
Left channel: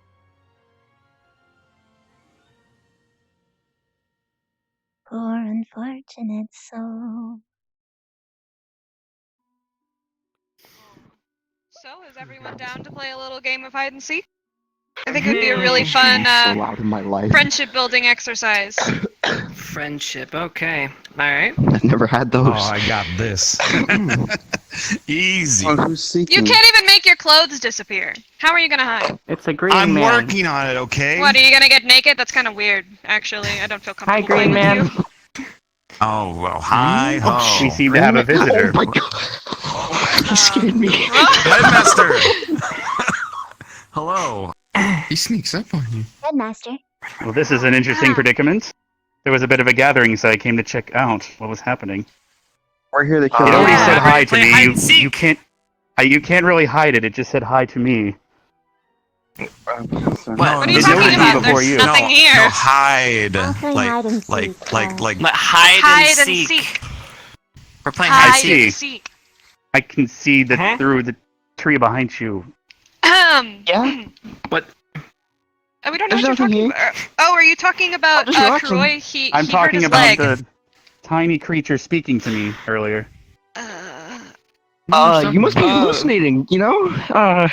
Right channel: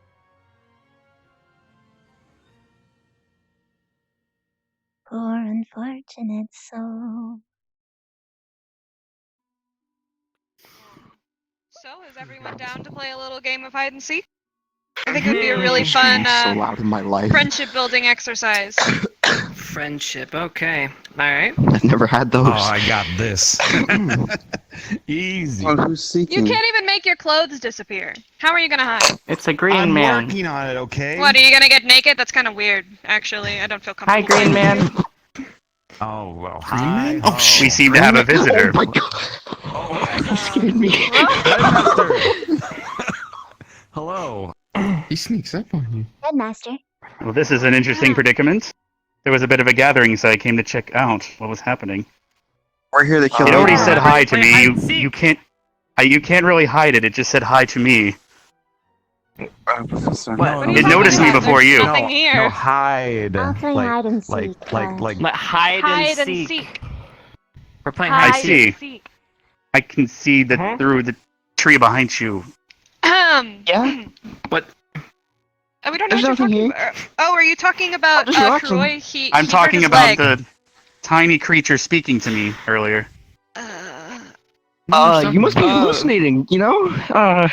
Poor unfortunate soul. So, is everyone down to play a little game of hide and seek? I think it would be a really fun, so loud in my life. friendship building exercise. Friendship. Okay. All right. I've never had those. Oh, I got this. Easy. Oh, who's seeking? You can't even make your clothes disappear. How are you gonna hide? It's a green I'm man. working on it, okay? What, are you gonna get naked? That's kind of weird, actually. I don't feel Hi, comfortable green playing man. with you. Oh, well, hi, Oh, ho. we seem to have a visitor. Oh my god. Oh, He scared me. Headmaster! Hello. He sneaks up on you. Headmaster. Well, this is an interesting predicament. There was a bit of a gathering, so I came to check out what was happening. We're here to kill It already ladies. said hi to me. You seek. can't really hide it. It just said hi to me. Professor. No, What are you It talking noticed me about? before There's you. nothing here. No, hide. I'll play like, hide and like, seek, like, Hide and seek. We're playing I Hide see. and seek. I can see that through the tree behind you. Yeah? What? We don't know There's what you're nothing talking here. about. Oh, are you talking about just watching. Troy? I'm He hurt talking his about leg. the tiny creature speaking to me earlier. You must be hallucinating, you know?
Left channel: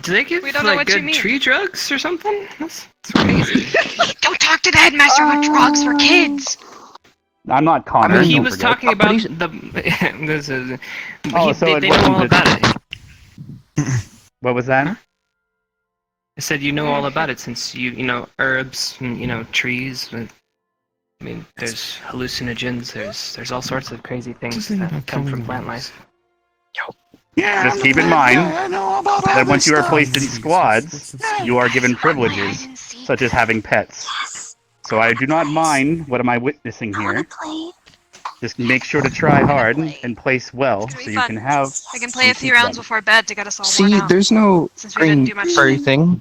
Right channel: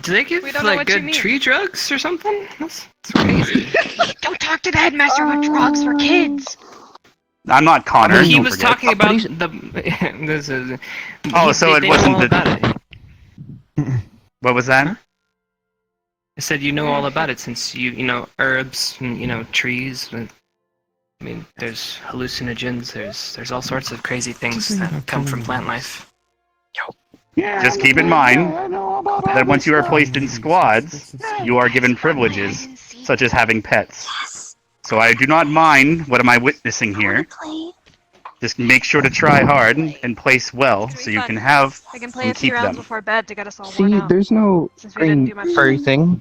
Do they give We don't know like what you good mean. tree drugs or something? That's crazy. Don't talk to the headmaster about drugs for kids. I'm not I Connor. mean, he don't was forget. talking about the. This is. So they it know wasn't all the. about it. What was that? I said you know all about it since you know herbs and trees. And, I mean, there's hallucinogens. There's all sorts of crazy things that come from plant life. Just keep in mind that once you are placed in squads, you are given privileges, such as having pets. So I do not mind what am I witnessing here. Just make sure to try hard and place well, so you can have We can play a and few keep rounds them. before bed to get us all worn See, out. there's no Since we didn't Green do much. furry thing.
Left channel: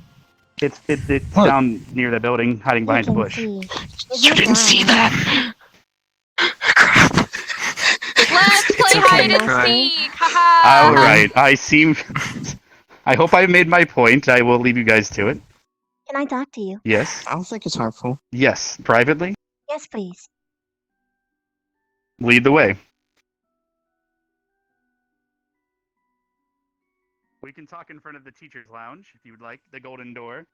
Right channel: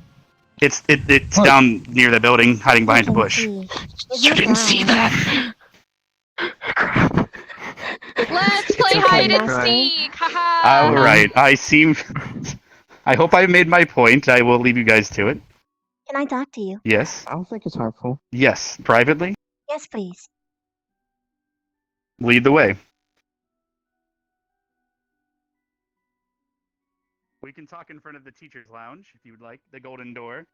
It's Look. down near the building, hiding You behind a can bush. see. He's You not didn't see blind. that. Let's play okay, hide and Troy. seek. Haha. All right, I hope I made my point. I will leave you guys to it. Can I talk to you? Yes. I don't think it's harmful. Yes. Privately. Yes, please. Lead the way. We can talk in front of the teacher's lounge if you would like. The golden door.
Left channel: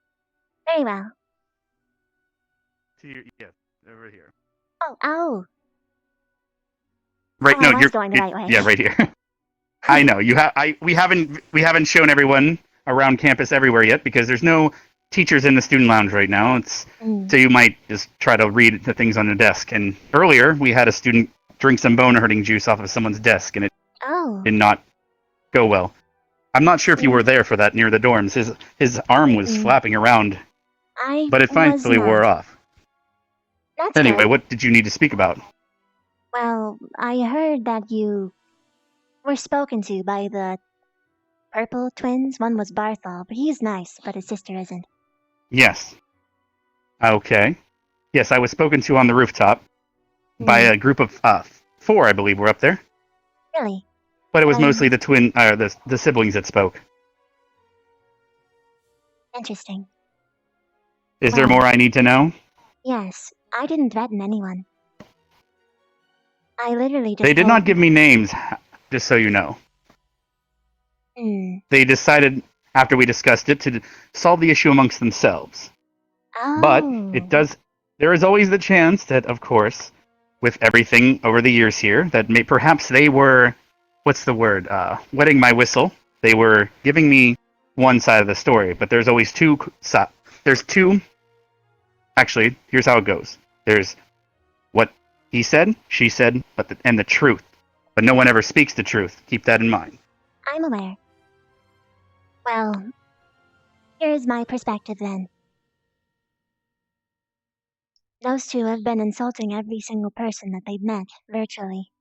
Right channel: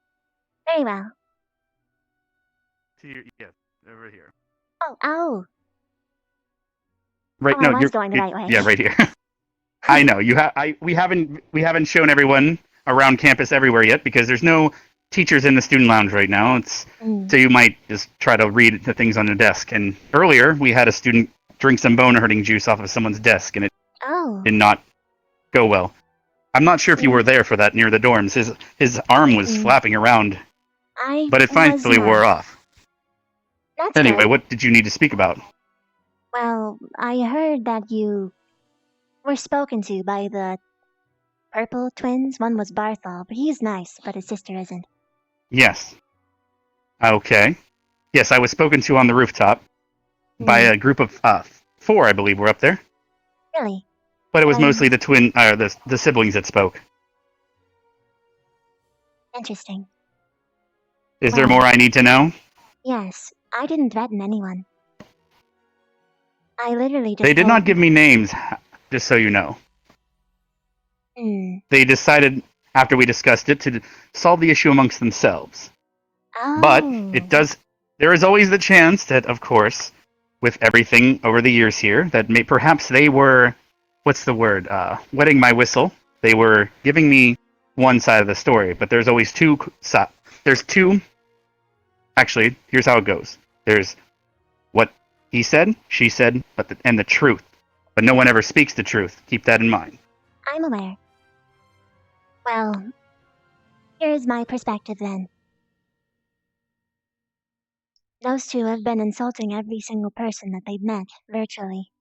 Very well. To your, yes, over here. Oh. Right. Oh, No, I was you're going the right way. Yeah, right here. I know you have. We haven't shown everyone around campus everywhere yet because there's no teachers in the student lounge right now. So you might just try to read the things on the desk. And earlier we had a student drink some bone hurting juice off of someone's desk, and it did not go well. I'm not sure if you were there for that near the dorms. His arm was flapping around, but it finally wore off. That's Anyway, good. what did you need to speak about? Well, I heard that you were spoken to by the purple twins. One was Barthol, but he's nice, but his sister isn't. Yes. Okay. Yes, I was spoken to on the rooftop by a group of 4, I believe, were up there. Really? But it was mostly the siblings that spoke. Interesting. Is there more I need to know? Yes, I didn't threaten anyone. I literally just They did told not give me names, just so you know. They decided, after we discussed it, to solve the issue amongst themselves. But there is always the chance that, of course, with everything over the years here, that perhaps they were, what's the word, wetting my whistle. They were giving me one side of the story, but there's always two. Actually, here's how it goes. There's what he said, she said, and the truth. But no one ever speaks the truth. Keep that in mind. I'm aware. Well, here's my perspective then. Those two have been insulting every single person that they've met, virtually.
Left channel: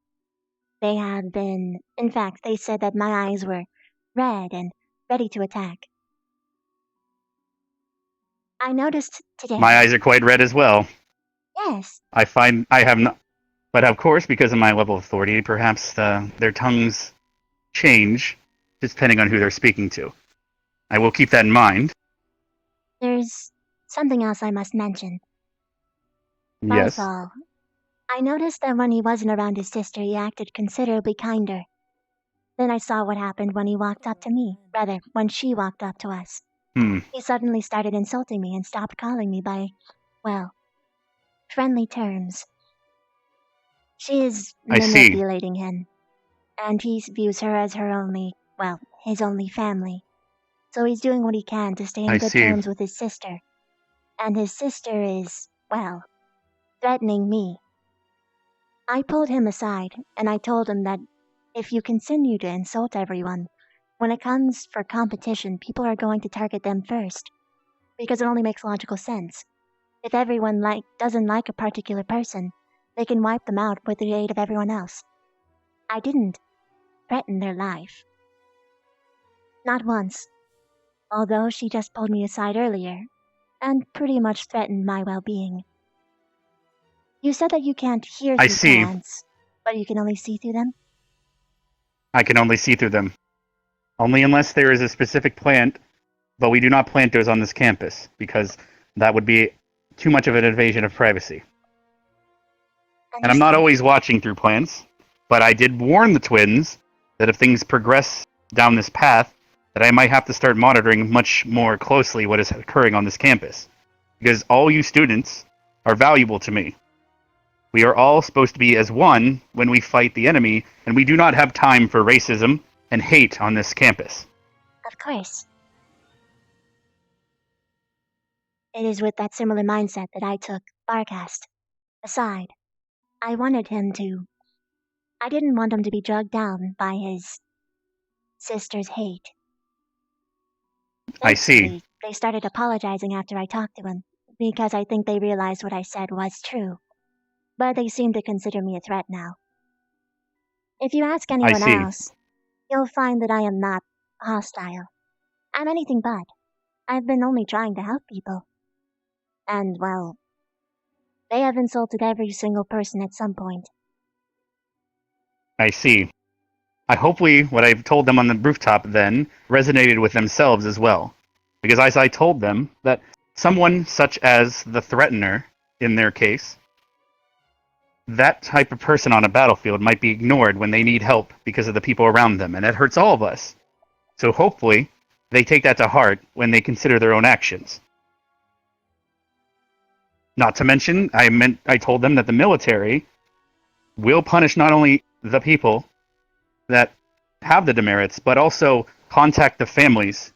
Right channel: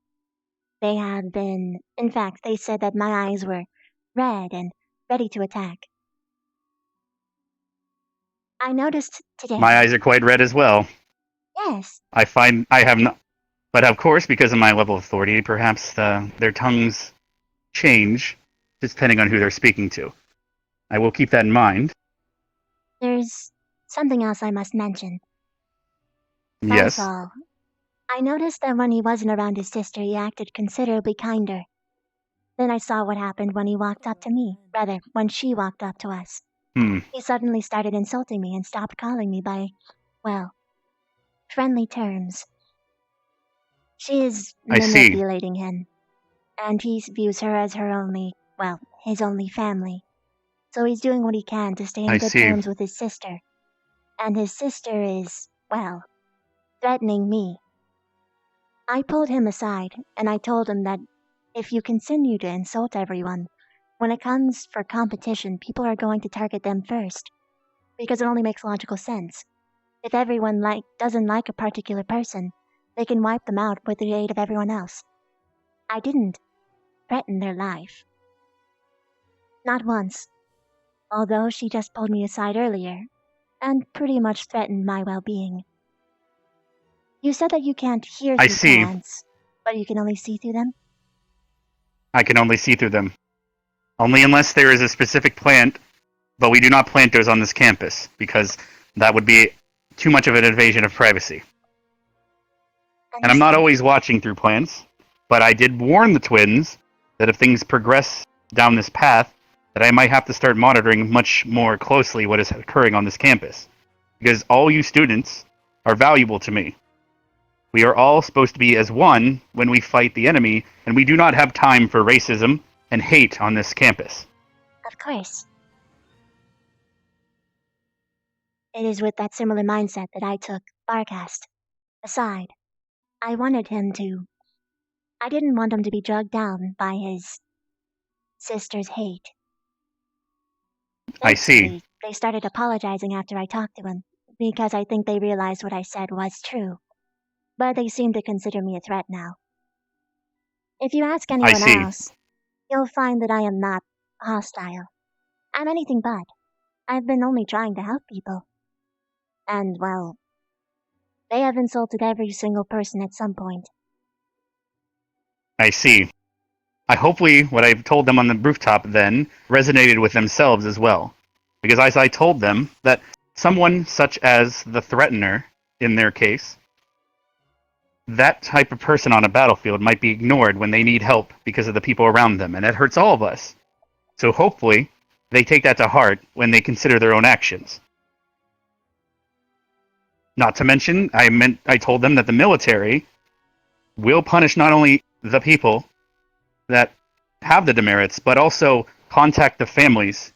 They have been, in fact, they said that my eyes were red and ready to attack. I noticed today. My eyes are quite red as well. Yes. I have not, but of course, because of my level of authority, perhaps their tongues change depending on who they're speaking to. I will keep that in mind. There's something else I must mention. Yes. Barthol. I noticed that when he wasn't around his sister, he acted considerably kinder. Then I saw what happened when he walked up to me. Rather, when she walked up to us. He suddenly started insulting me and stopped calling me by, well, friendly terms. She is I see. manipulating him. And he views her as her only, well, his only family. So he's doing what he can to stay in I good see. terms with his sister. And his sister is, well, threatening me. I pulled him aside, and I told him that if you continue to insult everyone, when it comes for competition, people are going to target them first. Because it only makes logical sense. If everyone doesn't like a particular person, they can wipe them out with the aid of everyone else. I didn't threaten their life. Not once. Although she just pulled me aside earlier, and pretty much threatened my well-being. You said that you can't hear I through see. plants, but you can only see through them? I can only see through them. Only unless there is a specific plant but we do not plant those on this campus because that would be too much of an invasion of privacy. And I'm not always watching through plants, but I did warn the twins that if things progress down this path, that I might have to start monitoring much more closely what is occurring on this campus. Because all you students are valuable to me. We are all supposed to be as one when we fight the enemy, and we do not have time for racism and hate on this campus. Of course. It is with that similar mindset that I took Barcast aside. I didn't want him to be drugged down by his sister's hate. I see. They started apologizing after I talked to him, because I think they realized what I said was true. But they seem to consider me a threat now. If you ask anyone see. else, you'll find that I am not hostile. I'm anything but. I've been only trying to help people. And, well, they have insulted every single person at some point. I see. Hopefully what I've told them on the rooftop then resonated with themselves as well. Because as I told them that someone such as the threatener, in their case, that type of person on a battlefield might be ignored when they need help because of the people around them, and it hurts all of us. So hopefully they take that to heart when they consider their own actions. Not to mention, I told them that the military will punish not only the people that have the demerits, but also contact the families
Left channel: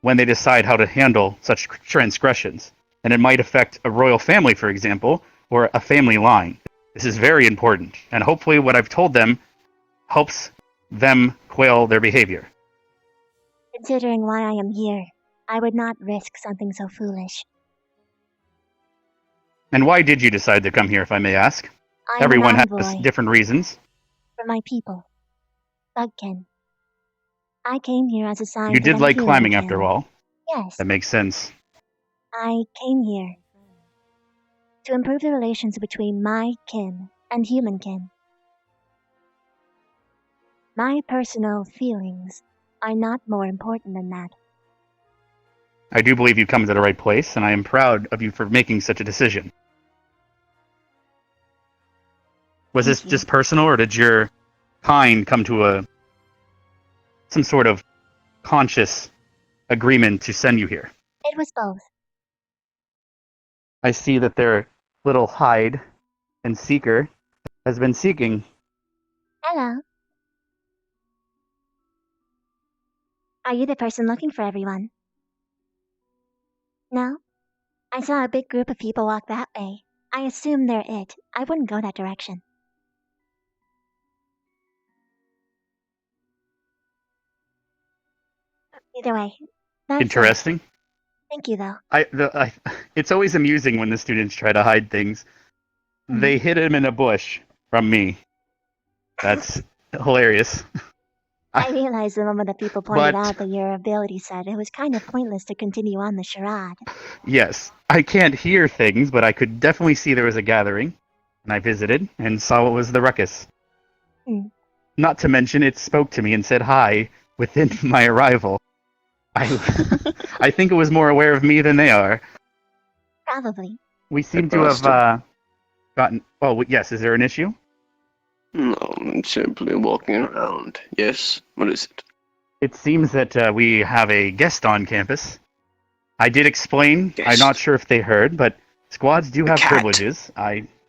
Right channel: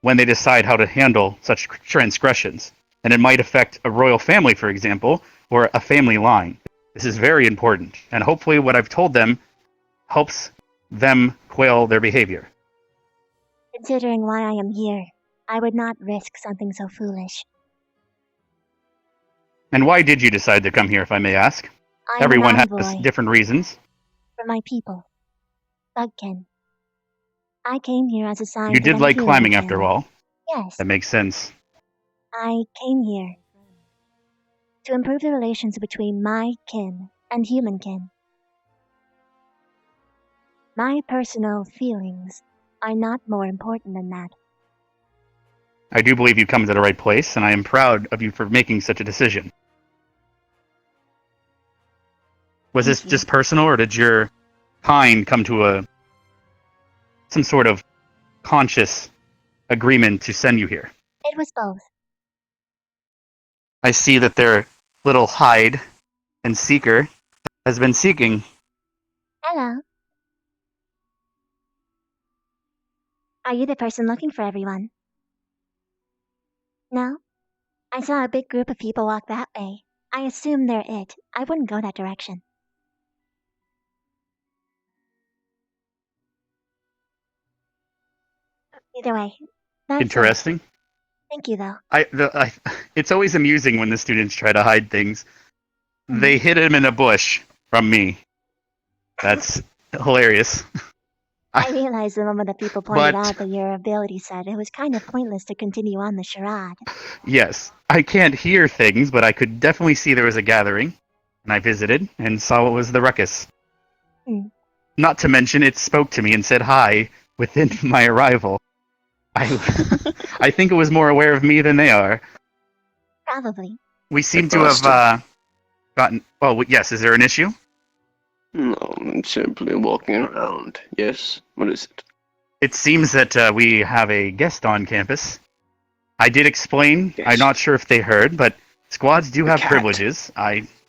when they decide how to handle such transgressions. And it might affect a royal family, for example, or a family line. This is very important, and hopefully what I've told them helps them quail their behavior. Considering why I am here, I would not risk something so foolish. And why did you decide to come here, if I may ask? I'm Everyone an has envoy different reasons. for my people. Bugkin. I came here as a sign You for did them like humankin. climbing, after all. Yes, That makes sense. I came here to improve the relations between my kin and humankin. My personal feelings are not more important than that. I do believe you've come to the right place, and I am proud of you for making such a decision. Was this just personal, or did your kind come to some sort of conscious agreement to send you here? It was both. I see that their little hide and seeker has been seeking. Hello. Are you the person looking for everyone? No? I saw a big group of people walk that way. I assume they're it. I wouldn't go that direction. Either way, that's Interesting. Thank you, though. It's always amusing when the students try to hide things. They hid him in a bush from me. That's hilarious. I realized the moment that people pointed out that your ability set, it was kind of pointless to continue on the charade. Yes, I can't hear things, but I could definitely see there was a gathering, and I visited and saw what was the ruckus. Hmm. Not to mention, it spoke to me and said hi within my arrival. I think it was more aware of me than they are. Probably. We seem to have gotten... Oh, yes, is there an issue? No, I'm simply walking around. Yes? What is it? It seems that we have a guest on campus. I did explain. I'm not sure if they heard, but squads do have privileges.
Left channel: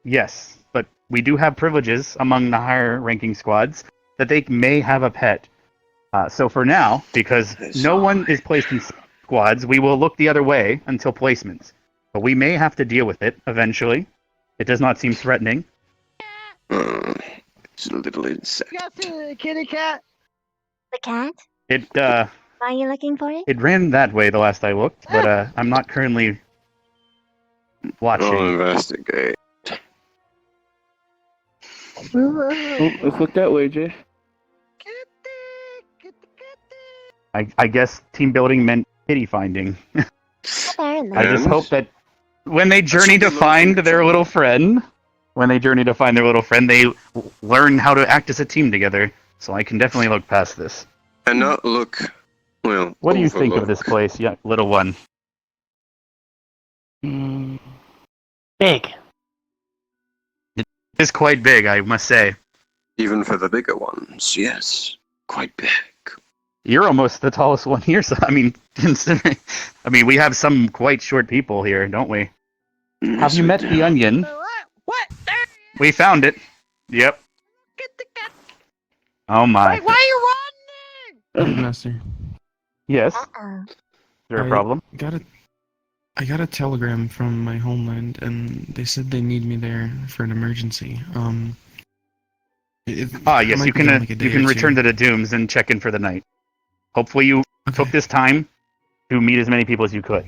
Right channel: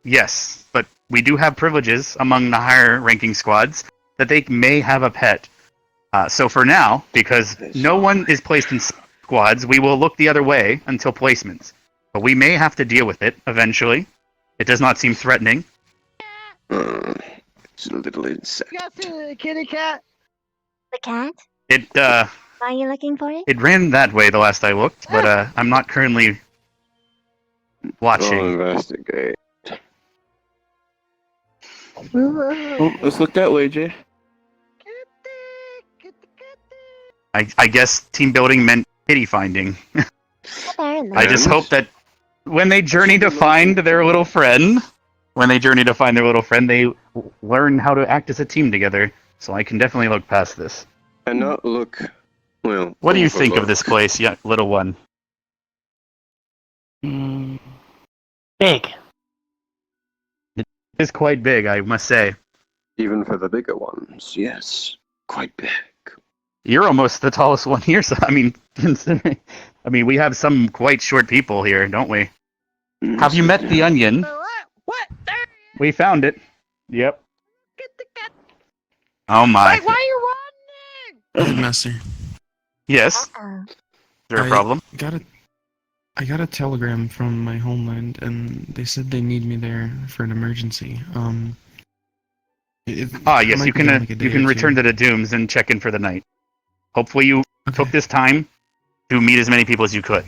Yes, but we do have privileges among the higher ranking squads that they may have a pet. So for now, because no one is placed in squads, we will look the other way until placements. But we may have to deal with it eventually. It does not seem threatening. It's a little insect. You guys see the kitty cat? The cat? It Are you looking for it? It ran that way the last I looked, but I'm not currently watching. I'll investigate. Oh, let's look that way, Jay. I guess team building meant kitty finding. Apparently. I just hope that when they journey to find their little friend, they learn how to act as a team together. So I can definitely look past this. Cannot look Well, What do you think of overlook. this place, little one? Big. It is quite big, I must say. Even for the bigger ones, yes. Quite big. You're almost the tallest one here, so I mean, considering, we have some quite short people here, don't we? Have Yes, you we met do. the onion? What? We found it. Yep. Oh my. Wait, why are you running? Headmaster, Yes. Is Uh-oh. there a problem? I got a telegram from my homeland, and they said they need me there for an emergency. It Yes, might you be can in, like, a day you can or return two. to the Dooms and check in for the night. Hopefully you took this time to meet as many people as you could.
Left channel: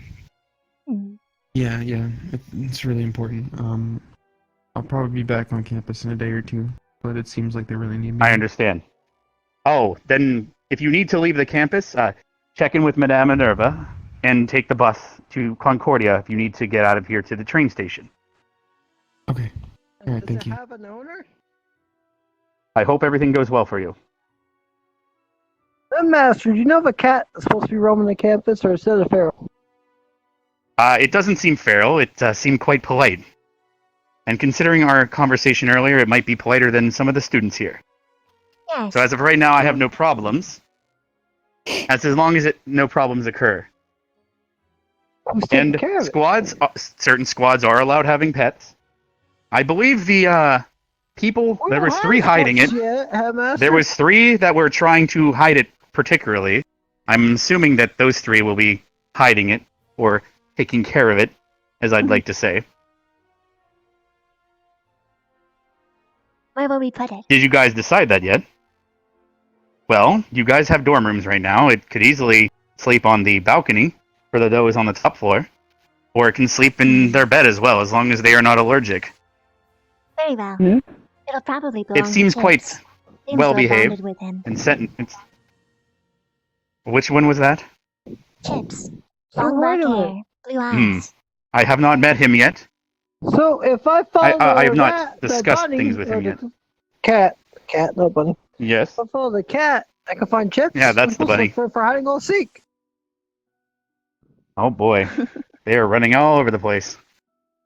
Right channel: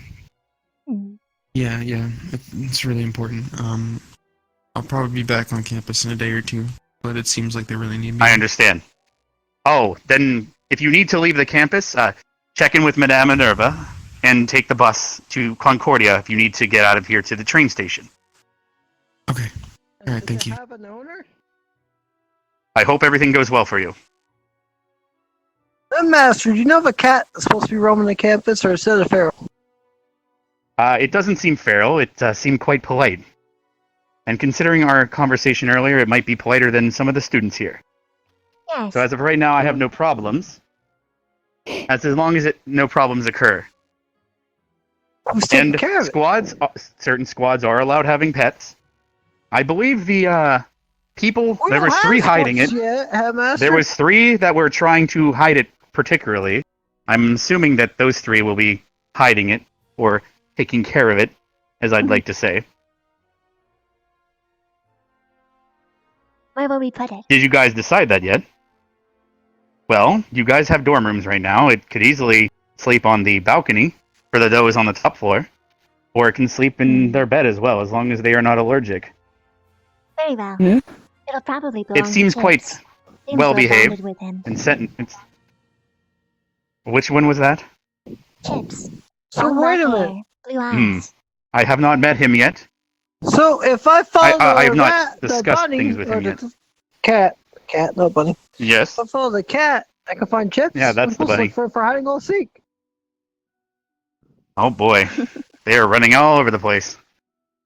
Yeah, it's really important. I'll probably be back on campus in a day or two, but it seems like they really need me. I understand. Oh, then if you need to leave the campus, check in with Madame Minerva and take the bus to Concordia if you need to get out of here to the train station. Okay. All right, Does thank it you. have an owner? I hope everything goes well for you. Master, do you know if a cat is supposed to be roaming the campus or is it a feral? It doesn't seem feral. It seemed quite polite. And considering our conversation earlier, it might be politer than some of the students here. Yes. So as of right now, I have no problems. As long as no problems occur. Who's taking And care of it? squads, certain squads are allowed having pets. I believe the people, there was 3 hiding it. There was 3 that were trying to hide it particularly. I'm assuming that those 3 will be hiding it, or taking care of it, as I'd like to say. Where will we put it? Did you guys decide that yet? Well, you guys have dorm rooms right now. It could easily sleep on the balcony for those on the top floor, or it can sleep in their bed as well, as long as they are not allergic. Very well. It'll probably belong It seems to quite Chips. Seems well to have behaved bonded with him. and sentenced. Which one was that? Chips. So Long black wait a minute. hair, blue eyes. I have not met him yet. So if I follow I the have not rat, the discussed bunny, things with or him the yet. cat, no bunny. Yes. If I follow the cat, I can find Chips. Yeah, that's I'm the supposed to bunny. look for hiding and seek. Oh boy, they are running all over the place.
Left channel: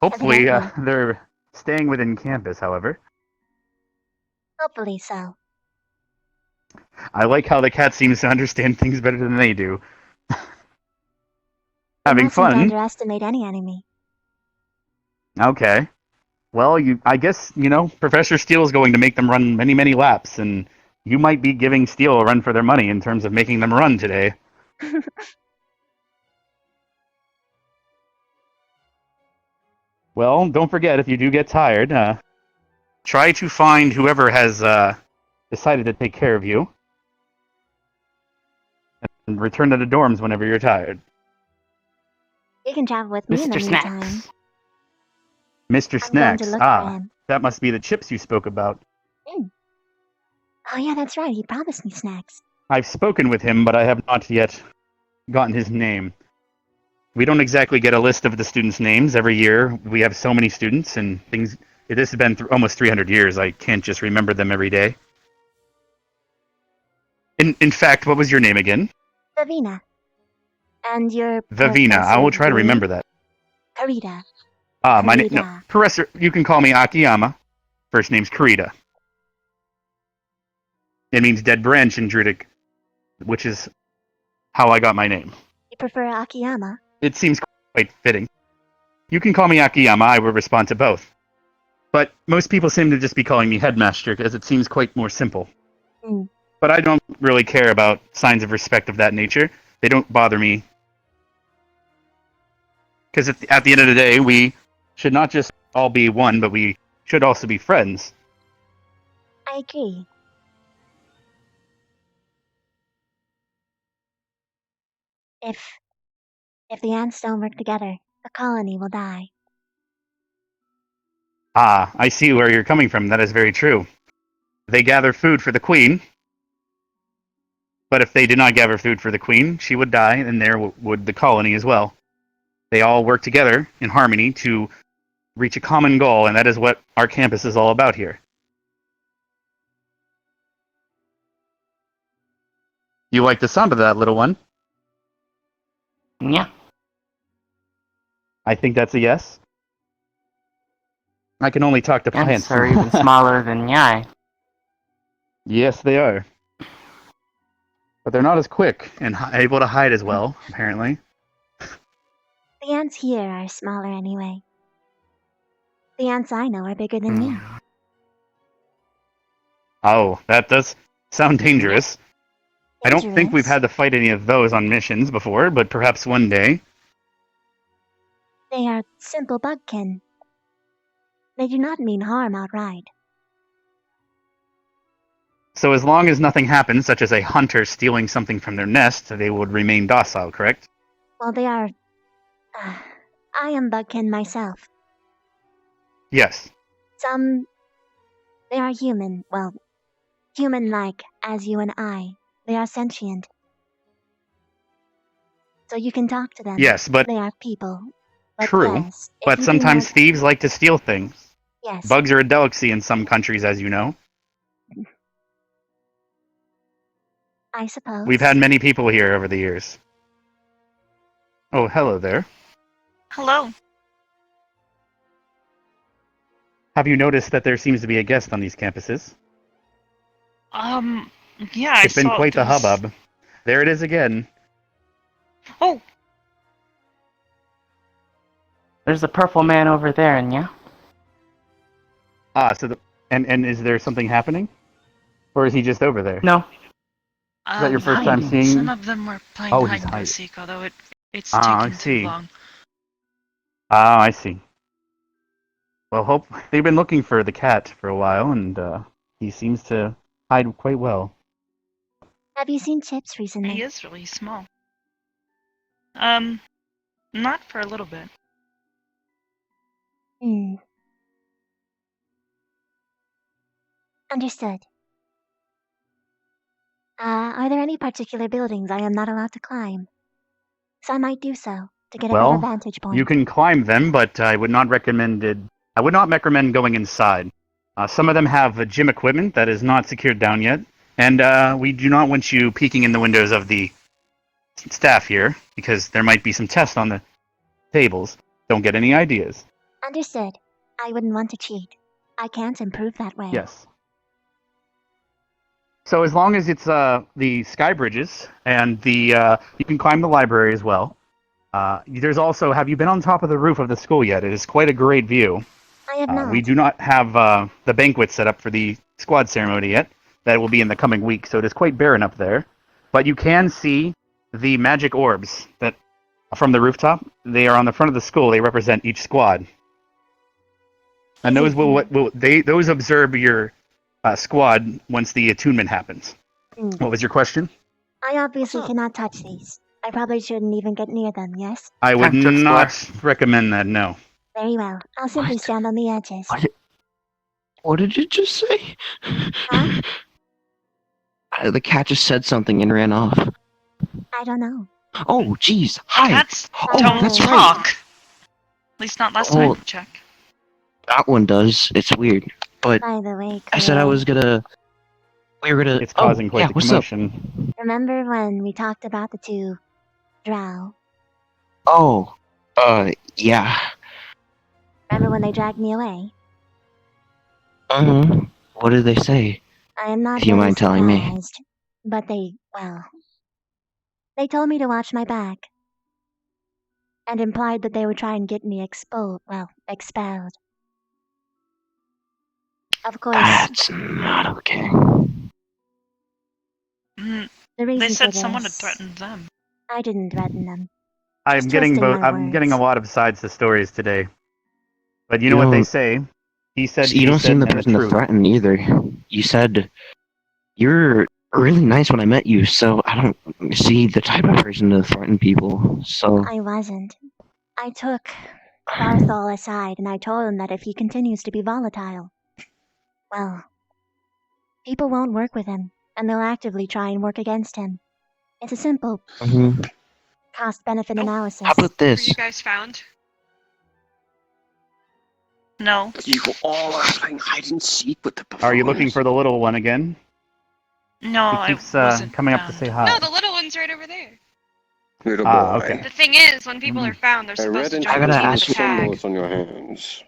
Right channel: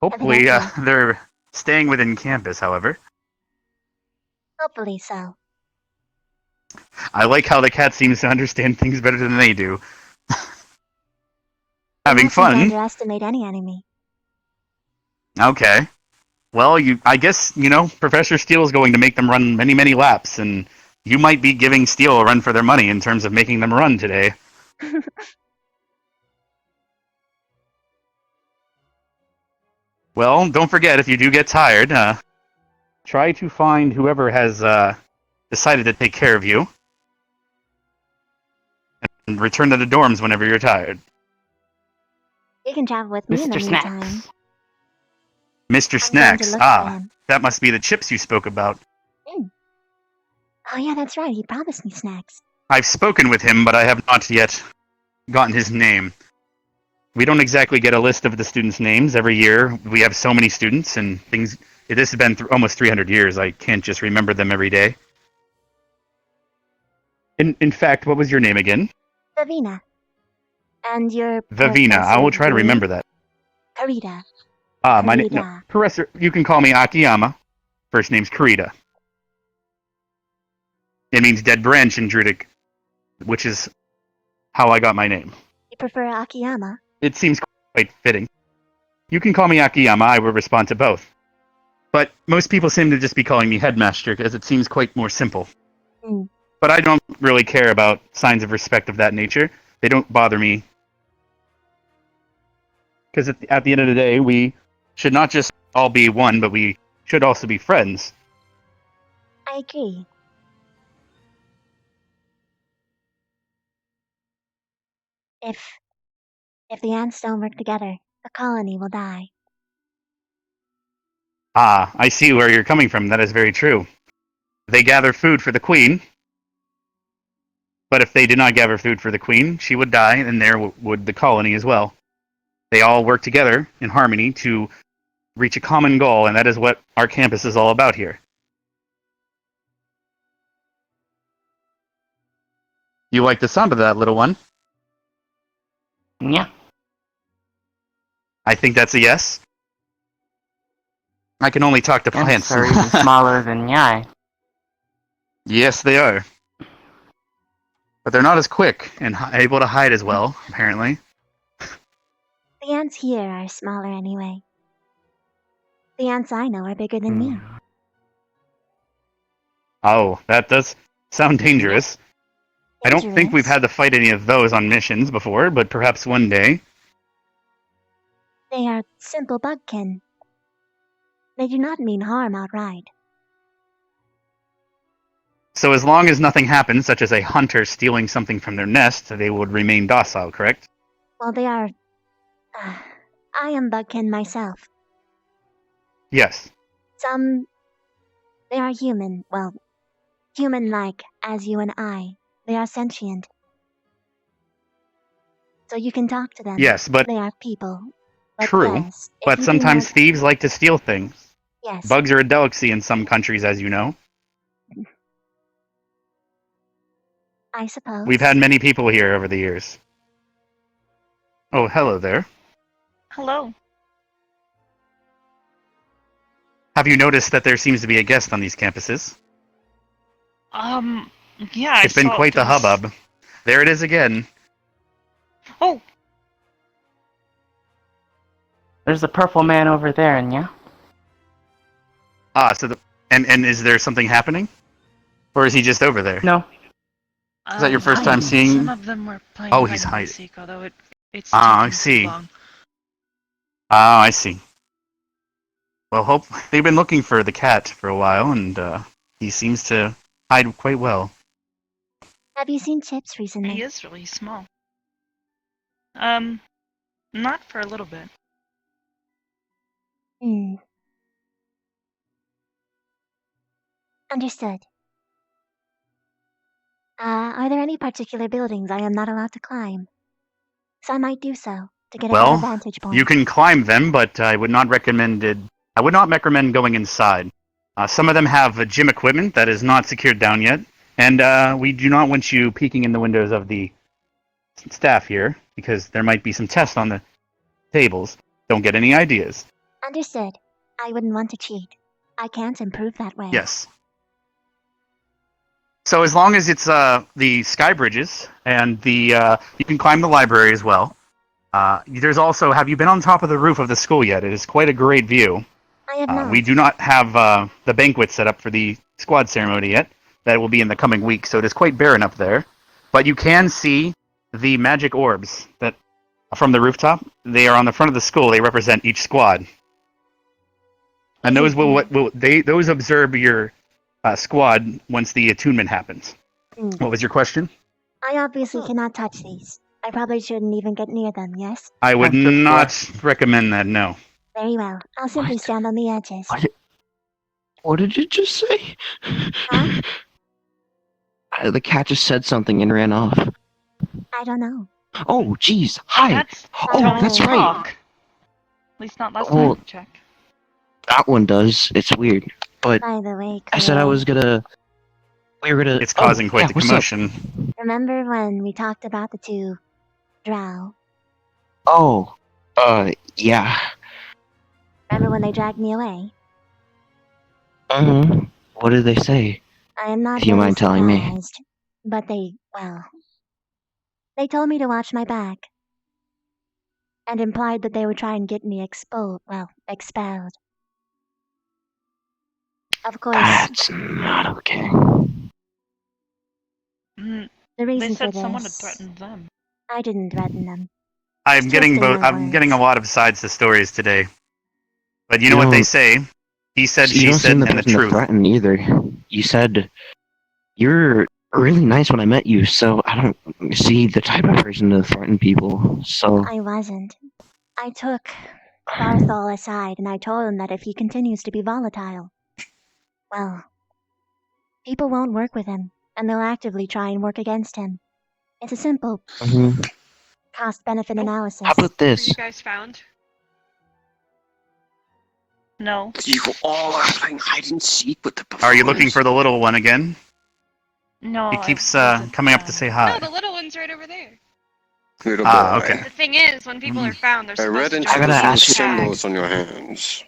Hopefully, Evidently. they're staying within campus. However, Hopefully so. I like how the cat seems to understand things better than they do. You Having mustn't fun. underestimate any enemy. Okay. Well, I guess, Professor Steele is going to make them run many, many laps, and you might be giving Steele a run for their money in terms of making them run today. Well, don't forget, if you do get tired, try to find whoever has decided to take care of you, and return to the dorms whenever you're tired. You can travel with me in the Mr. meantime. Snacks. Mr. I'm going to Snacks, look for him. that must be the chips you spoke about. Oh yeah, that's right. He promised me snacks. I've spoken with him, but I have not yet gotten his name. We don't exactly get a list of the students' names every year. We have so many students and things. It has been almost 300 years. I can't just remember them every day. In fact, what was your name again? Vivina. And your Vivina. I will try to remember that. Karita. My name. No, Karita. Professor, you can call me Akiyama. First name's Karita. It means dead branch in Druidic, which is how I got my name. You prefer Akiyama? It seems quite fitting. You can call me Akiyama, I will respond to both. But most people seem to just be calling me Headmaster, as it seems quite more simple. But I don't really care about signs of respect of that nature. They don't bother me. Because at the end of the day, we should not just all be one, but we should also be friends. I agree. If the ants don't work together, the colony will die. I see where you're coming from. That is very true. They gather food for the queen, but if they did not gather food for the queen, she would die, and there would the colony as well. They all work together in harmony to reach a common goal, and that is what our campus is all about here. You like the sound of that, little one? Yeah. I think that's a yes. I can only talk to plants. Ants are even smaller than Nyai. Yes, they are. But they're not as quick and able to hide as well, apparently. The ants here are smaller anyway. The ants I know are bigger than me. Oh, that does sound dangerous. I don't think we've Dangerous? had to fight any of those on missions before, but perhaps one day. They are simple bugkin. They do not mean harm outright. So as long as nothing happens, such as a hunter stealing something from their nest, they would remain docile, correct? Well, they are... I am bugkin myself. Yes. They are human. Well, human-like, as you and I. They are sentient. So you can talk to them. Yes, but... They are people. But True. yes, if But you do sometimes not... thieves like to steal things. Yes. Bugs are a delicacy in some countries, as you know. I suppose. We've had many people here over the years. Oh, hello there. Hello. Have you noticed that there seems to be a guest on these campuses? Yeah, It's been quite the hubbub. There it is again. Oh! There's the purple man over there, and yeah? Ah, so and is there something happening? Or is he just over there? No. Is that your first time seeing? Some of them were playing Oh, hide he's and hiding. seek, although it's Ah, I taking see. too long. Ah, I see. Well, they've been looking for the cat for a while, and he seems to hide quite well. Have you seen Chips recently? He is really small. Not for a little bit. Understood. Are there any particular buildings I am not allowed to climb? So I might do so, to get a better Well, vantage point. you can climb them, but I would not recommend going inside. Some of them have gym equipment that is not secured down yet, and we do not want you peeking in the windows of the staff here, because there might be some tests on the tables. Don't get any ideas. Understood. I wouldn't want to cheat. I can't improve that way. Yes. So as long as it's the sky bridges and you can climb the library as well. There's also, have you been on top of the roof of the school yet? It is quite a great view. I have not. We do not have the banquet set up for the squad ceremony yet. That will be in the coming week, so it is quite barren up there. But you can see the magic orbs that from the rooftop. They are on the front of the school. They represent each squad. And those those observe your squad once the attunement happens. What was your question? I obviously cannot touch these. I probably shouldn't even get near them, yes? I would not recommend that, no. Very well. I'll simply stand on the edges. What did you just say? Huh? The cat just said something and ran off. I don't know. Oh, jeez. Hi. That's right. At least not last Oh, time. Check. That one does. It's weird. But By the way, I said I was gonna... We were gonna... It's causing quite the what's commotion. Remember when we talked about the two drow? Up? Oh, yeah. Remember when they dragged me away? What did they say? I am not If you very mind telling me. surprised, but they told me to watch my back. And implied that they would try and get me expelled. Of course. That's not okay. The They reason said for this, someone had threatened them. I didn't threaten them. I'm Just getting twisting my I'm getting a words. lot of sides to stories today. But you know what they say? He said, You she don't said, seem the and the person to truth. threaten either. You said you're really nice when I met you, so I don't see the type of person to threaten people. So I wasn't. I took Barthol aside and I told him that if he continues to be volatile, well, people won't work with him, and they'll actively try and work against him. It's a simple cost-benefit analysis. How about Were this? you guys found? No. You all are playing hide and seek with the Are you looking for the little one again? No. He keeps I wasn't coming up to found. say hi. No, the little one's right over there. Little boy. Okay. The thing is, when people are found, they're I supposed read to into join the the team with a first tag. symbols on your hands.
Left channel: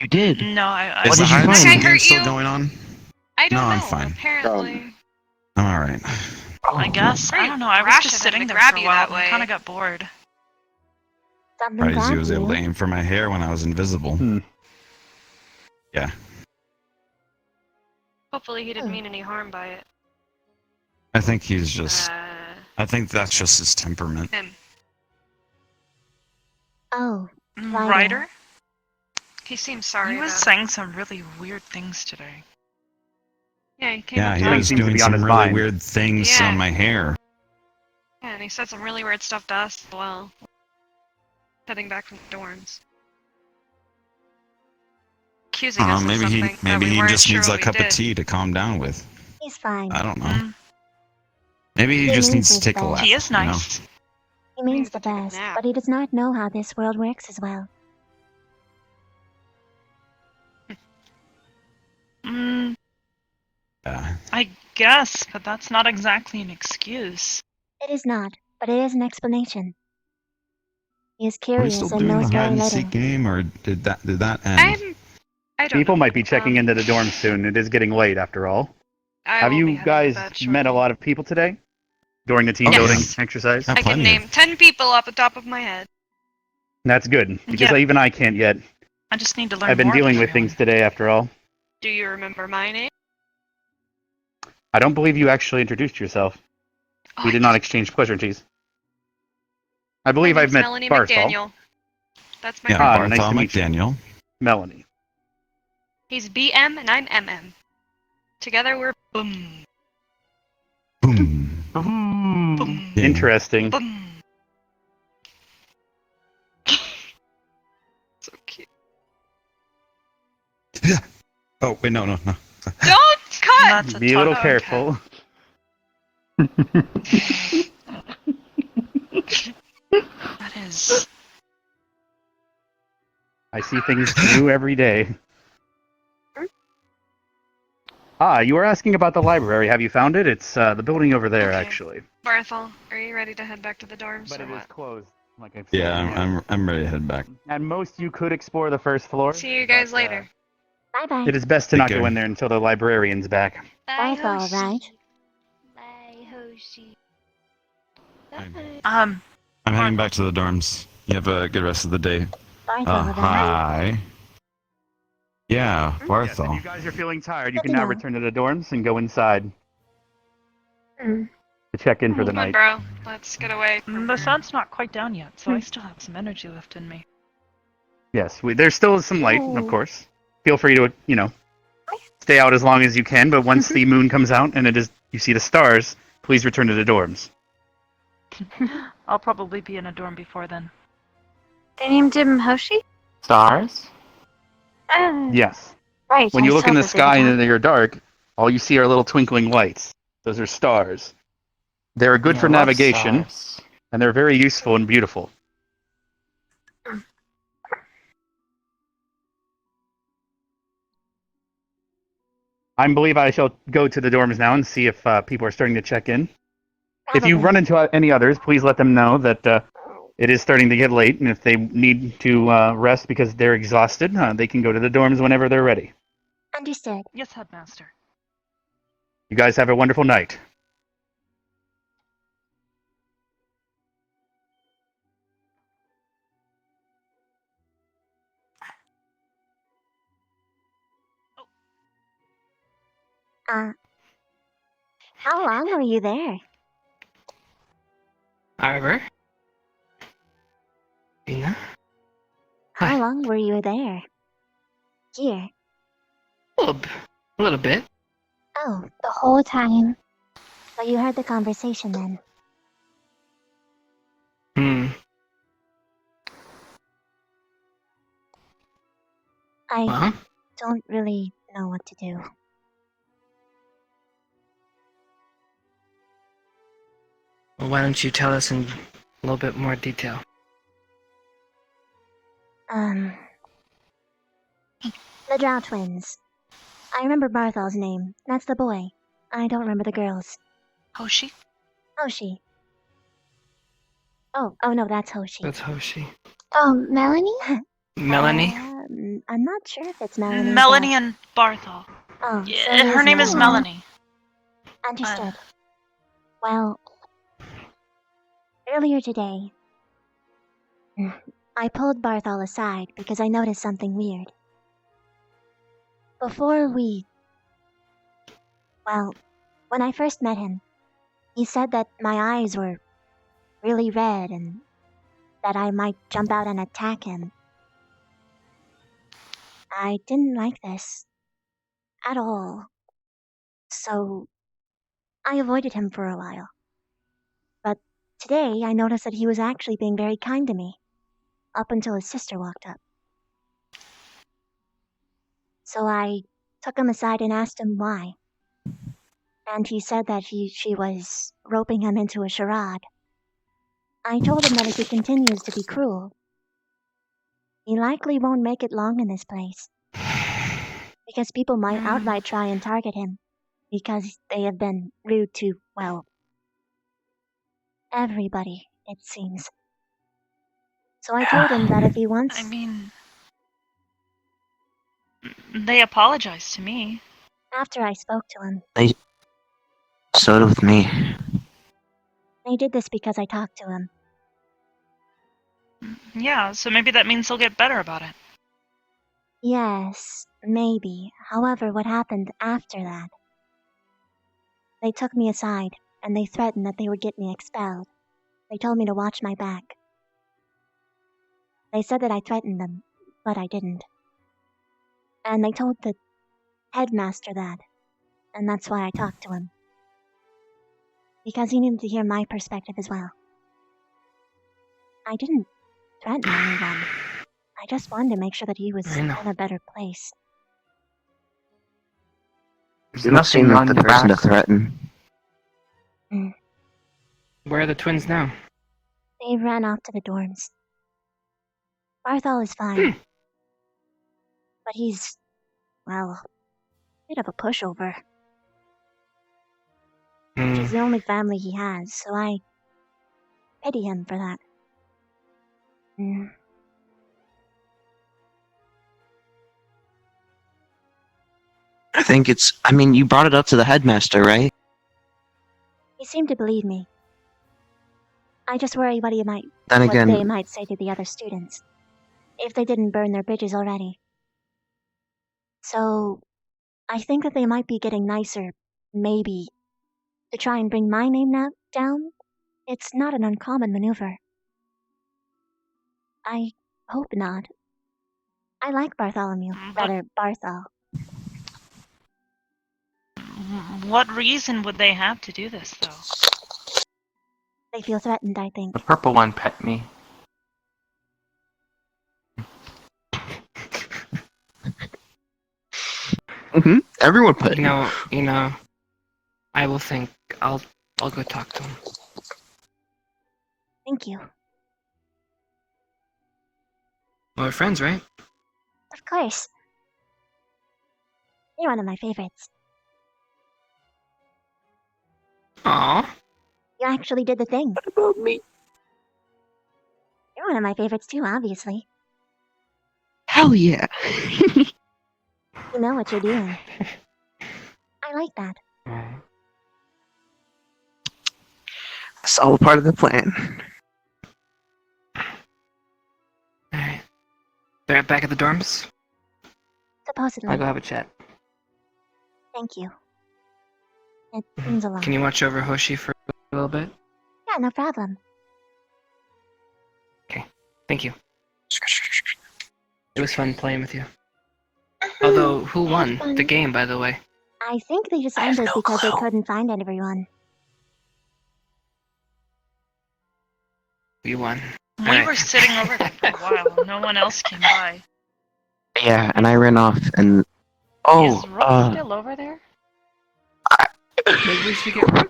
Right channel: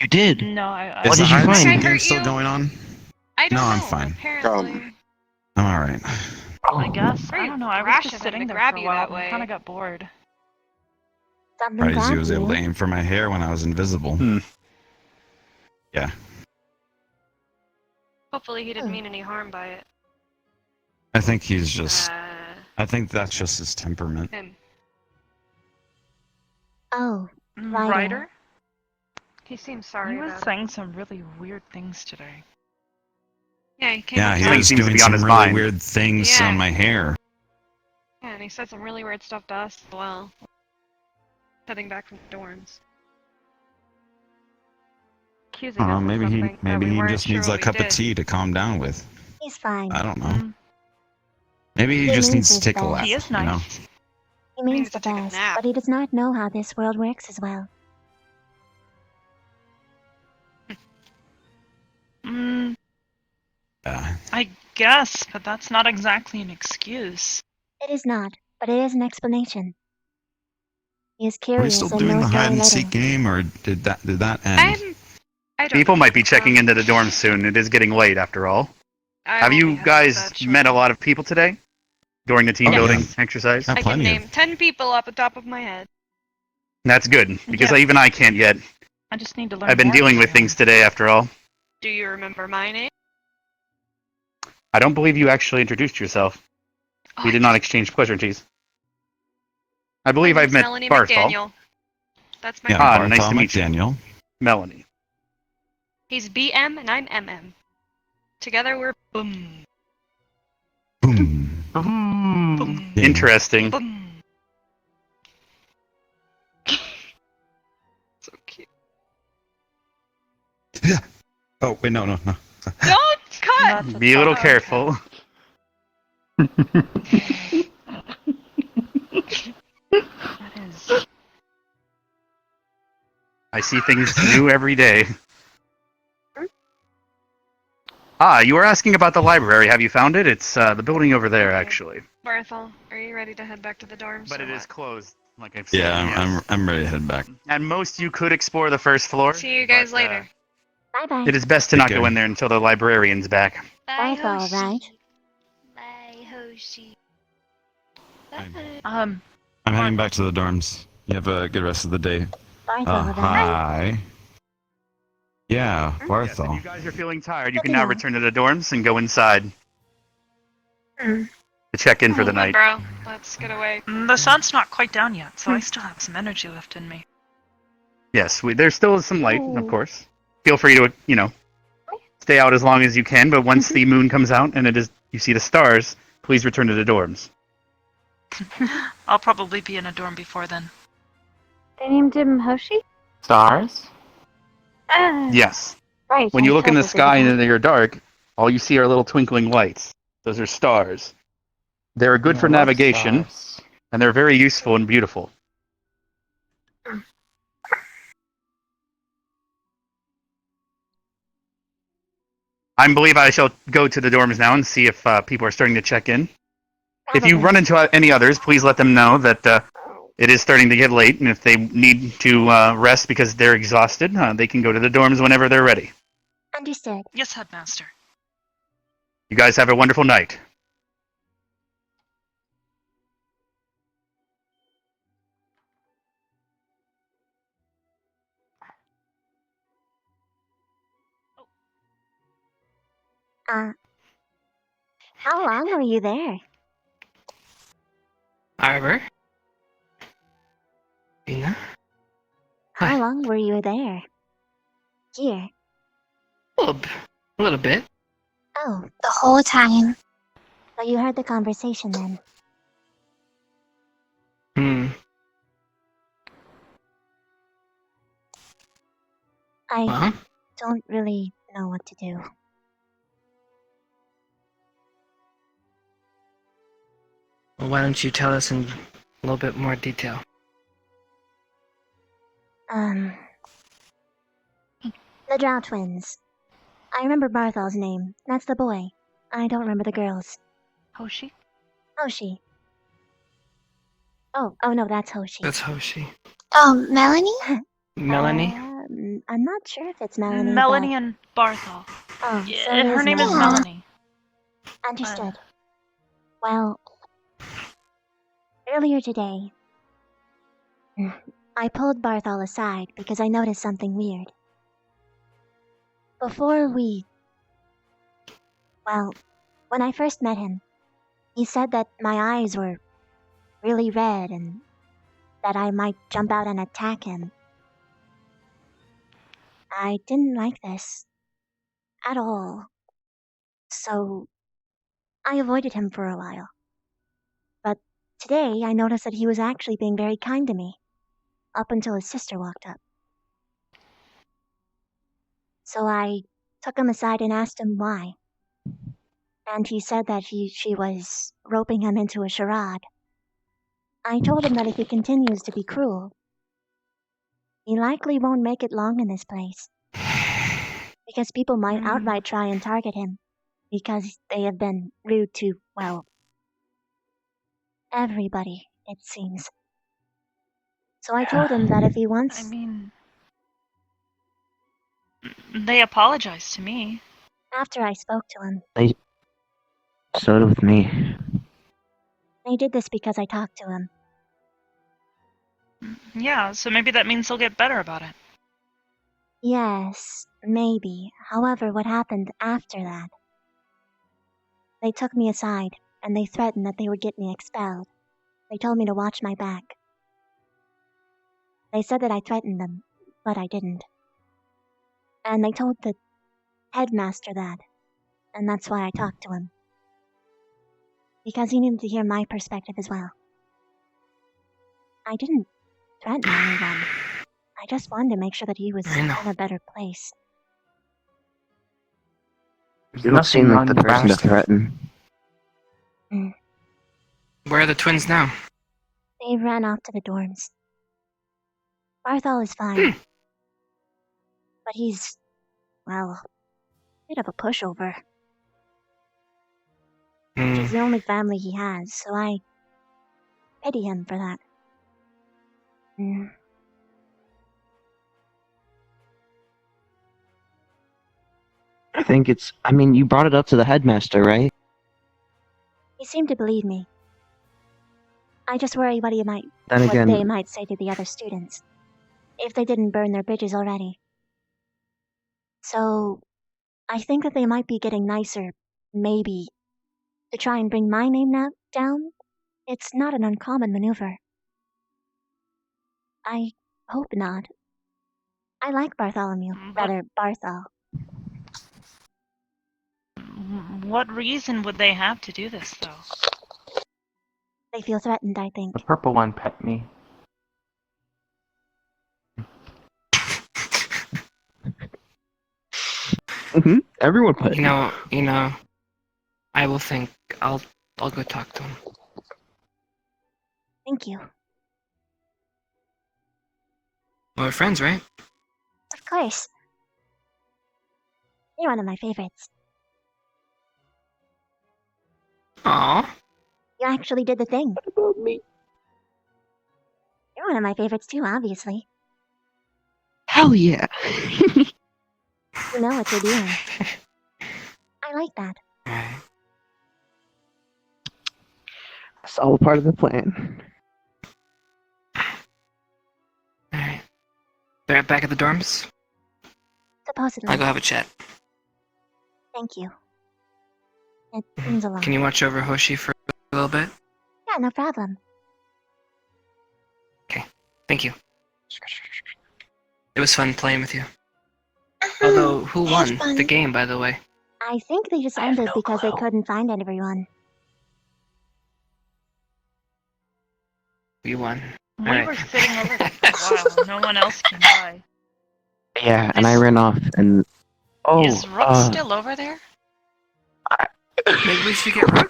You did. No, I What Is the did you hide and find? seek I game hurt still you? going on? I No, don't I'm know. fine. Apparently. I'm alright. I guess. I Very don't know. I was rash just of him sitting to there grab for a you while that and way. kind of got bored. Something Surprised he grabbed was able to you. aim for my hair when I was invisible. Yeah. Hopefully, he didn't mean any harm by it. I think he's just. I think that's just his temperament. Him. Oh, Ryder? He seems sorry. He was about it. saying some really weird things today. Yeah, he came Yeah, up he to was us. doing some really weird things Yeah. on my hair. Yeah, and he said some really weird stuff to us as well. Heading back from the dorms. Accusing us of Maybe something he maybe that we he weren't just sure needs what a we cup did. of tea to calm down with. He's fine. I don't know. Maybe he He just means needs to his take a best. laugh. He is You know? nice. He means the best, but he does not know how this world works as well. Mm, Yeah. I guess, but that's not exactly an excuse. It is not, but it is an explanation. He is Are we curious still and doing the knows hide very and little. seek game, or did that end? I don't People know. might be checking into the dorms soon. It is getting late after all. I Have will be you heading to guys bed met a shortly. lot of people today during the team Oh, building yeah. exercise? I can name 10 people off the top of my head. That's good because Yeah. even I can't yet. I just need to learn I've been more dealing about with things today after all. Do you remember my name? I don't believe you actually introduced yourself. We did not exchange pleasantries. I believe My I've name's met Melanie Barthol. McDaniel. That's my Yeah, brother. nice Barthol to meet you. McDaniel. Melanie. He's BM and I'm MM. Together we're boom. Boom. Boom. Yeah. Interesting. Boom. So cute. Oh wait, no. Don't cut! Be a little careful. That is. I see things new every day. You were asking about the library. Have you found it? It's the building over there, actually. Barthel, are you ready to head back to the dorms? But or it what? is closed, like I've said. Yeah, yes. I'm ready to head back. At most, you could explore the first floor. See you guys later. Bye bye. It is best to Take not go care. in there until the librarian's back. That's all right. Bye, Hoshi. I'm heading back to the dorms. You have a good rest of the day. Barthol, right? Hi. Yeah, If Barthol. you guys are feeling tired, you Good can to now know. return to the dorms and go inside to check in for the Come on, night. bro. Let's get away. The sun's not quite down yet, so I still have some energy left in me. Yes, there's still some light, of course. Feel free to, stay out as long as you can, but once the moon comes out and you see the stars, please return to the dorms. I'll probably be in a dorm before then. They named him Hoshi? Stars? Yes. Right. When I you look in the struggled sky with and they're dark, all you see are little twinkling lights. Those are stars. They're good for Yeah, I love navigation, stars. and they're very useful and beautiful. I believe I shall go to the dorms now and see if people are starting to check in. If you Probably. run into any others, please let them know that it is starting to get late, and if they need to rest because they're exhausted, they can go to the dorms whenever they're ready. Understood. Yes, Headmaster. You guys have a wonderful night. How long were you there? However, Ina? How long were you there? Here. A little bit. Oh, The whole time. so you heard the conversation then. I Well, don't really know what to do. why don't you tell us in a little bit more detail? The Drow twins. I remember Barthol's name. That's the boy. I don't remember the girls. Hoshi? Hoshi. Oh no, that's Hoshi. That's Hoshi. Oh, Melanie? Melanie? I'm not sure if it's Melanie, Melanie and Barthol. Oh, so And it her is name is Melanie. Melanie. Understood. Well, earlier today, I pulled Barthol aside because I noticed something weird. When I first met him, he said that my eyes were really red and that I might jump out and attack him. I didn't like this at all, so I avoided him for a while. But today I noticed that he was actually being very kind to me, up until his sister walked up. So I took him aside and asked him why. And he said that she was roping him into a charade. I told him that if he continues to be cruel, he likely won't make it long in this place. Because people might outright try and target him, because they have been rude to, well, everybody, it seems. So I told him that if he wants... I mean, they apologized to me. After I spoke to him, So did with me. they did this because I talked to him. Yeah, so maybe that means they'll get better about it. Yes, maybe. However, what happened after that? They took me aside, and they threatened that they would get me expelled. They told me to watch my back. They said that I threatened them, but I didn't. And they told the headmaster that, and that's why I talked to him. Because he needed to hear my perspective as well. I didn't threaten anyone. I just wanted to make sure that he was in a better place. You don't seem like the person to threaten. Where are the twins now? They ran off to the dorms. Barthol is fine. But he's, well, a bit of a pushover. She's the only family he has, so I pity him for that. I mean, you brought it up to the headmaster, right? He seemed to believe me. I just worry what they might say to the other students, if they didn't burn their bridges already. So, I think that they might be getting nicer, maybe, to try and bring my name down. It's not an uncommon maneuver. I hope not. I like Barthol. What reason would they have to do this, though? They feel threatened, I think. The purple one pet me. Everyone pet you know, I will think. I'll go talk to him. Thank you. Well, we're friends, right? Of course. You're one of my favorites. Aww. You actually did the thing. What about me? You're one of my favorites too, obviously. Hell yeah. You know what you're doing. I like that. It's all part of the plan. Alright. They're back at the dorms? Supposedly. I'll go have a chat. Thank you. It means a lot. Can you watch over Hoshi for a little bit? Yeah, no problem. Okay. Thank you. It was fun playing with you. Although, who won the game, by the way? I think they just ended because they couldn't find everyone. We won. We were sitting over there for a while. No one else came by. Yeah, and I ran off and... Is Rook still over there? Maybe we should get Rook.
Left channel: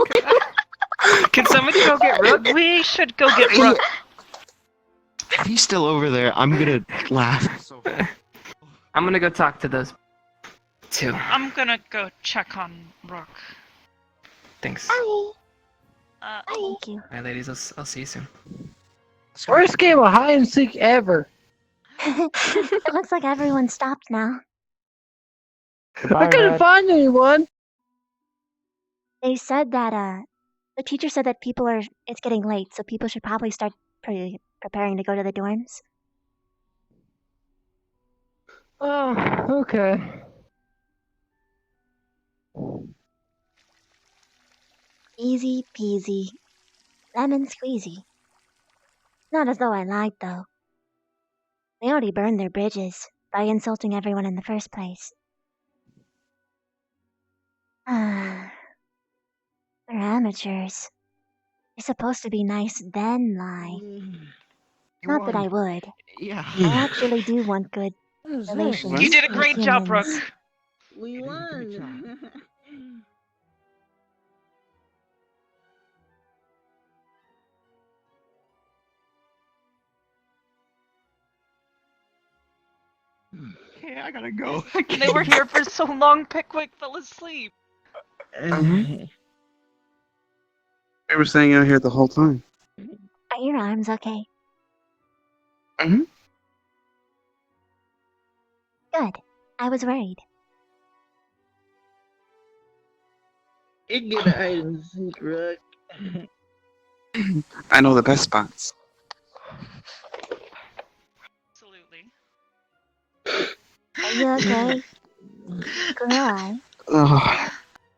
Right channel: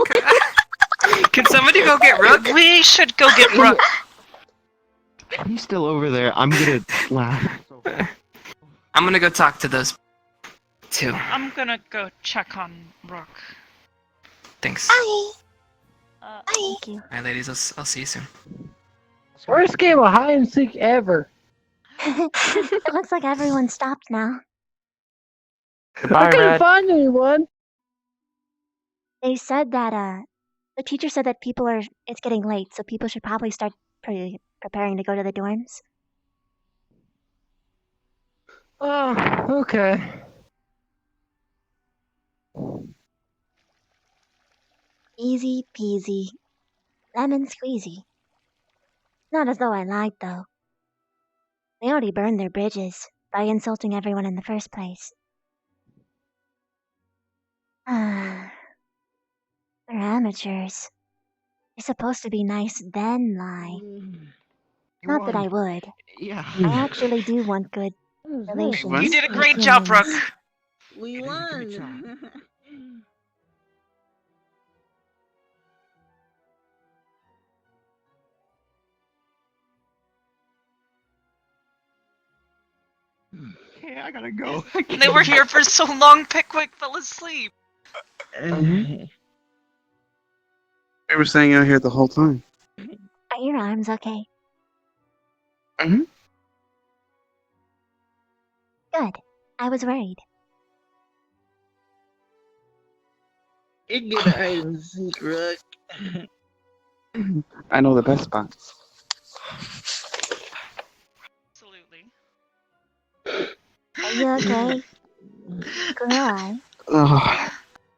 Can somebody go get Rook? We should go get Rook. If he's still over there, I'm gonna laugh. I'm gonna go talk to those two. I'm gonna go check on Rook. Thanks. Bye. Thank you. Alright, ladies, I'll see you soon. Worst game of hide and seek ever. It looks like everyone stopped now. I couldn't find anyone. They said that the teacher said that it's getting late, so people should probably start preparing to go to the dorms. Oh, okay. Easy peasy. Lemon squeezy. Not as though I lied, though. They already burned their bridges by insulting everyone in the first place. They're amateurs. You're supposed to be nice, then lie. Not that I would. Yeah. I actually do want good relations. You did a with great job, Brooke. humans. We won. Okay, I gotta go. They were here for so long, Pickwick fell asleep. They were staying out here the whole time. Are your arms okay? Mm-hmm. Good. I was worried. You're good at hide and seek, Rook. I know the best spots. Are you okay? Cry. Oh,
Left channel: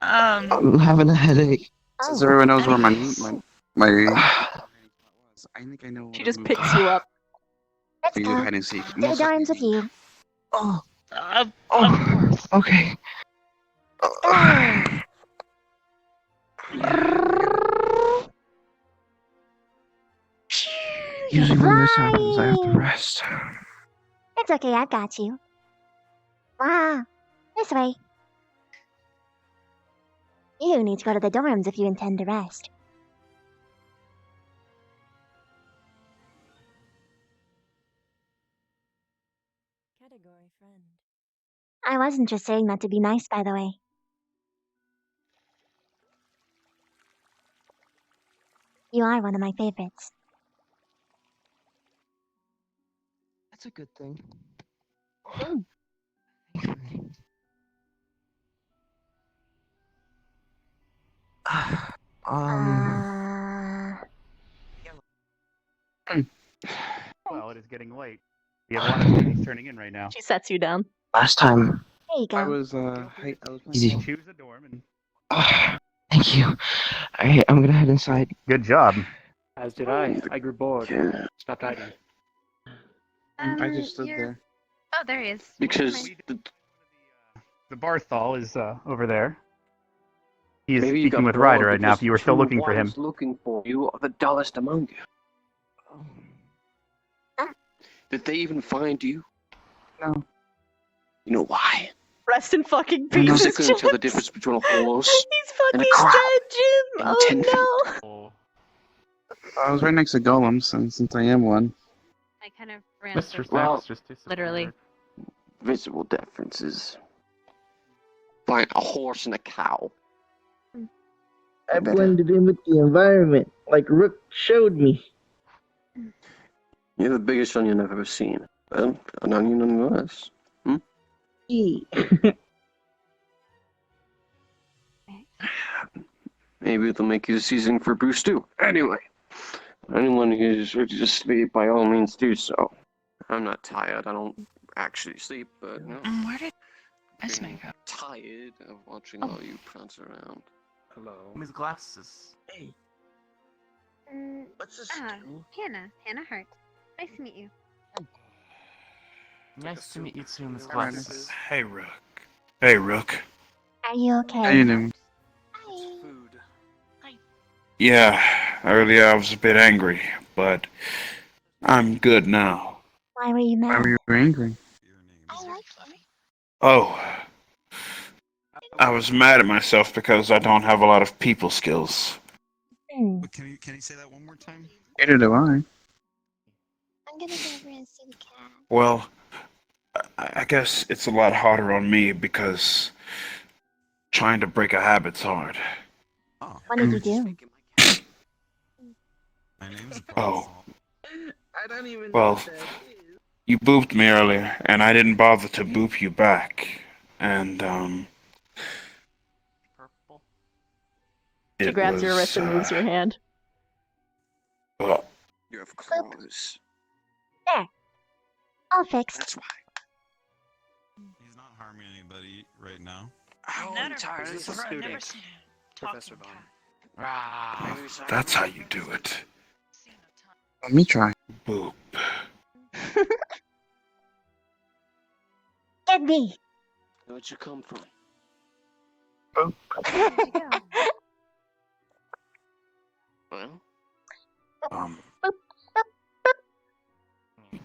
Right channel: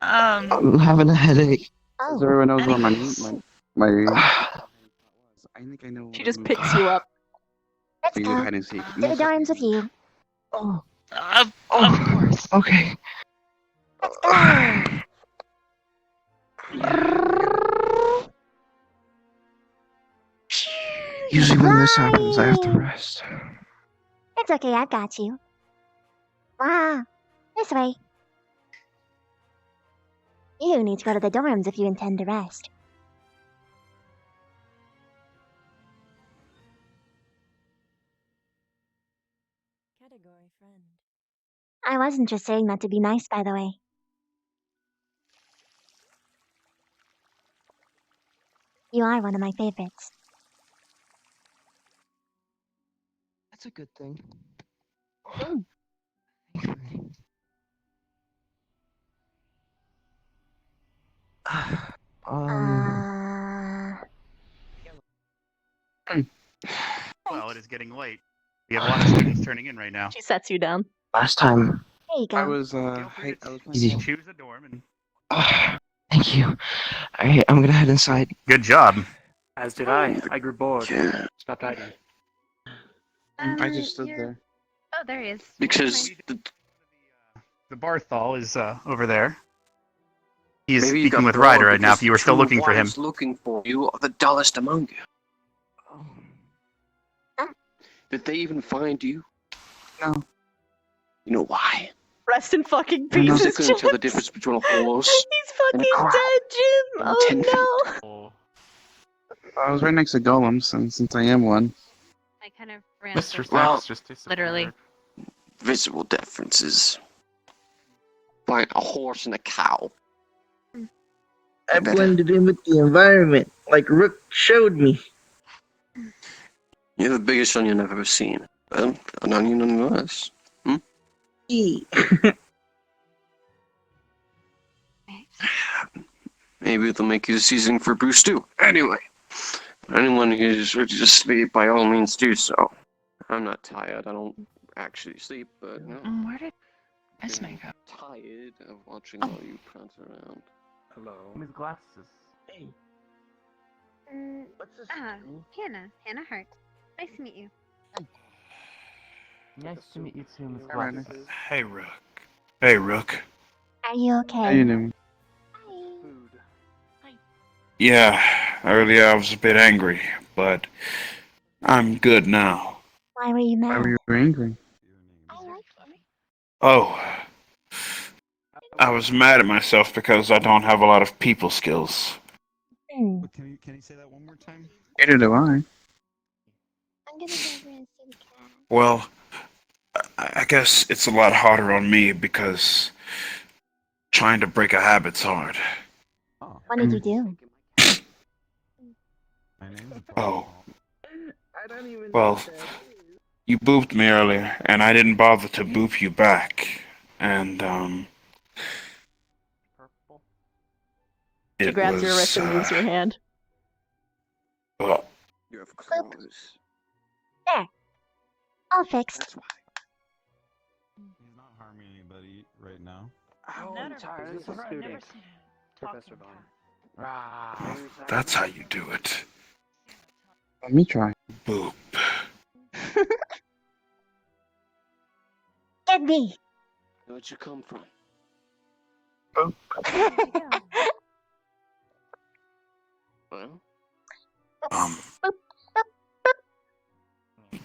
I'm having a headache. Since Oh, everyone knows where anyways. my I think I know. She just picks you up. Let's go. Hide and seek. To the dorms with you. Oh, Of oh, okay. Let's go. Usually when this happens, I have to rest. It's okay, I've got you. Wow. This way. You need to go to the dorms if you intend to rest. Category friend. I wasn't just saying that to be nice, by the way. You are one of my favorites. That's a good thing. Well, it is getting late. We have a lot of students turning in right now. She sets you down. Last time. There you go. I was Easy. Choose a dorm and Thank you. Alright, I'm gonna head inside. good job. As did I. I grew bored. Stopped hiding. I just stood there. Oh, there he is. Because The Barthol is over there. He is maybe you speaking got with Ryder bored right now. because If you were still two looking for him, ones looking for you are the dullest among you. Did they even find you? No. You know why? Rest in fucking They're not pieces, going to tell the Jim. difference between a horse He's and a fucking crowd. dead, Jim. And Oh 10 no. I was right next to Golem, since I am one. I kind of ran That's through just Well, literally. Visible differences. Find a horse and a cow. I blended in with the environment, like Rook showed me. You're the biggest onion I've ever seen. Well, an onion nonetheless. Maybe they'll make you a seasoning for Bruce too. Anyway, anyone who's ready to sleep, by all means do so. I'm not tired. I don't actually sleep, but no. Where did Esme go? Tired of watching all you prance around. hello. His glasses. Hey, what's this? Hannah. Hannah Hart. Nice to meet you. Nice to meet you too, Miss Alright. Glasses. Hey, Rook. Hey, Rook. Are you How okay? you doing? Yeah, earlier I was a bit angry, but I'm good now. Why were you Why mad? were you angry? Oh, I was mad at myself because I don't have a lot of people skills. Hmm. Can you say that one more time? Neither do I. I'm gonna go over and see the cat. Well, I guess it's a lot harder on me because trying to break a habit's hard. What did you do? Oh, Well, you booped me earlier, and I didn't bother to boop you back. And, She it grabs your wrist was, and moves your hand. well, You have claws. There. All fixed. That's why. He's not harming anybody right now. How tired is a student? Professor Bond. that's how you do it. Let me try. Boop. Get me. Where'd you come from? Well,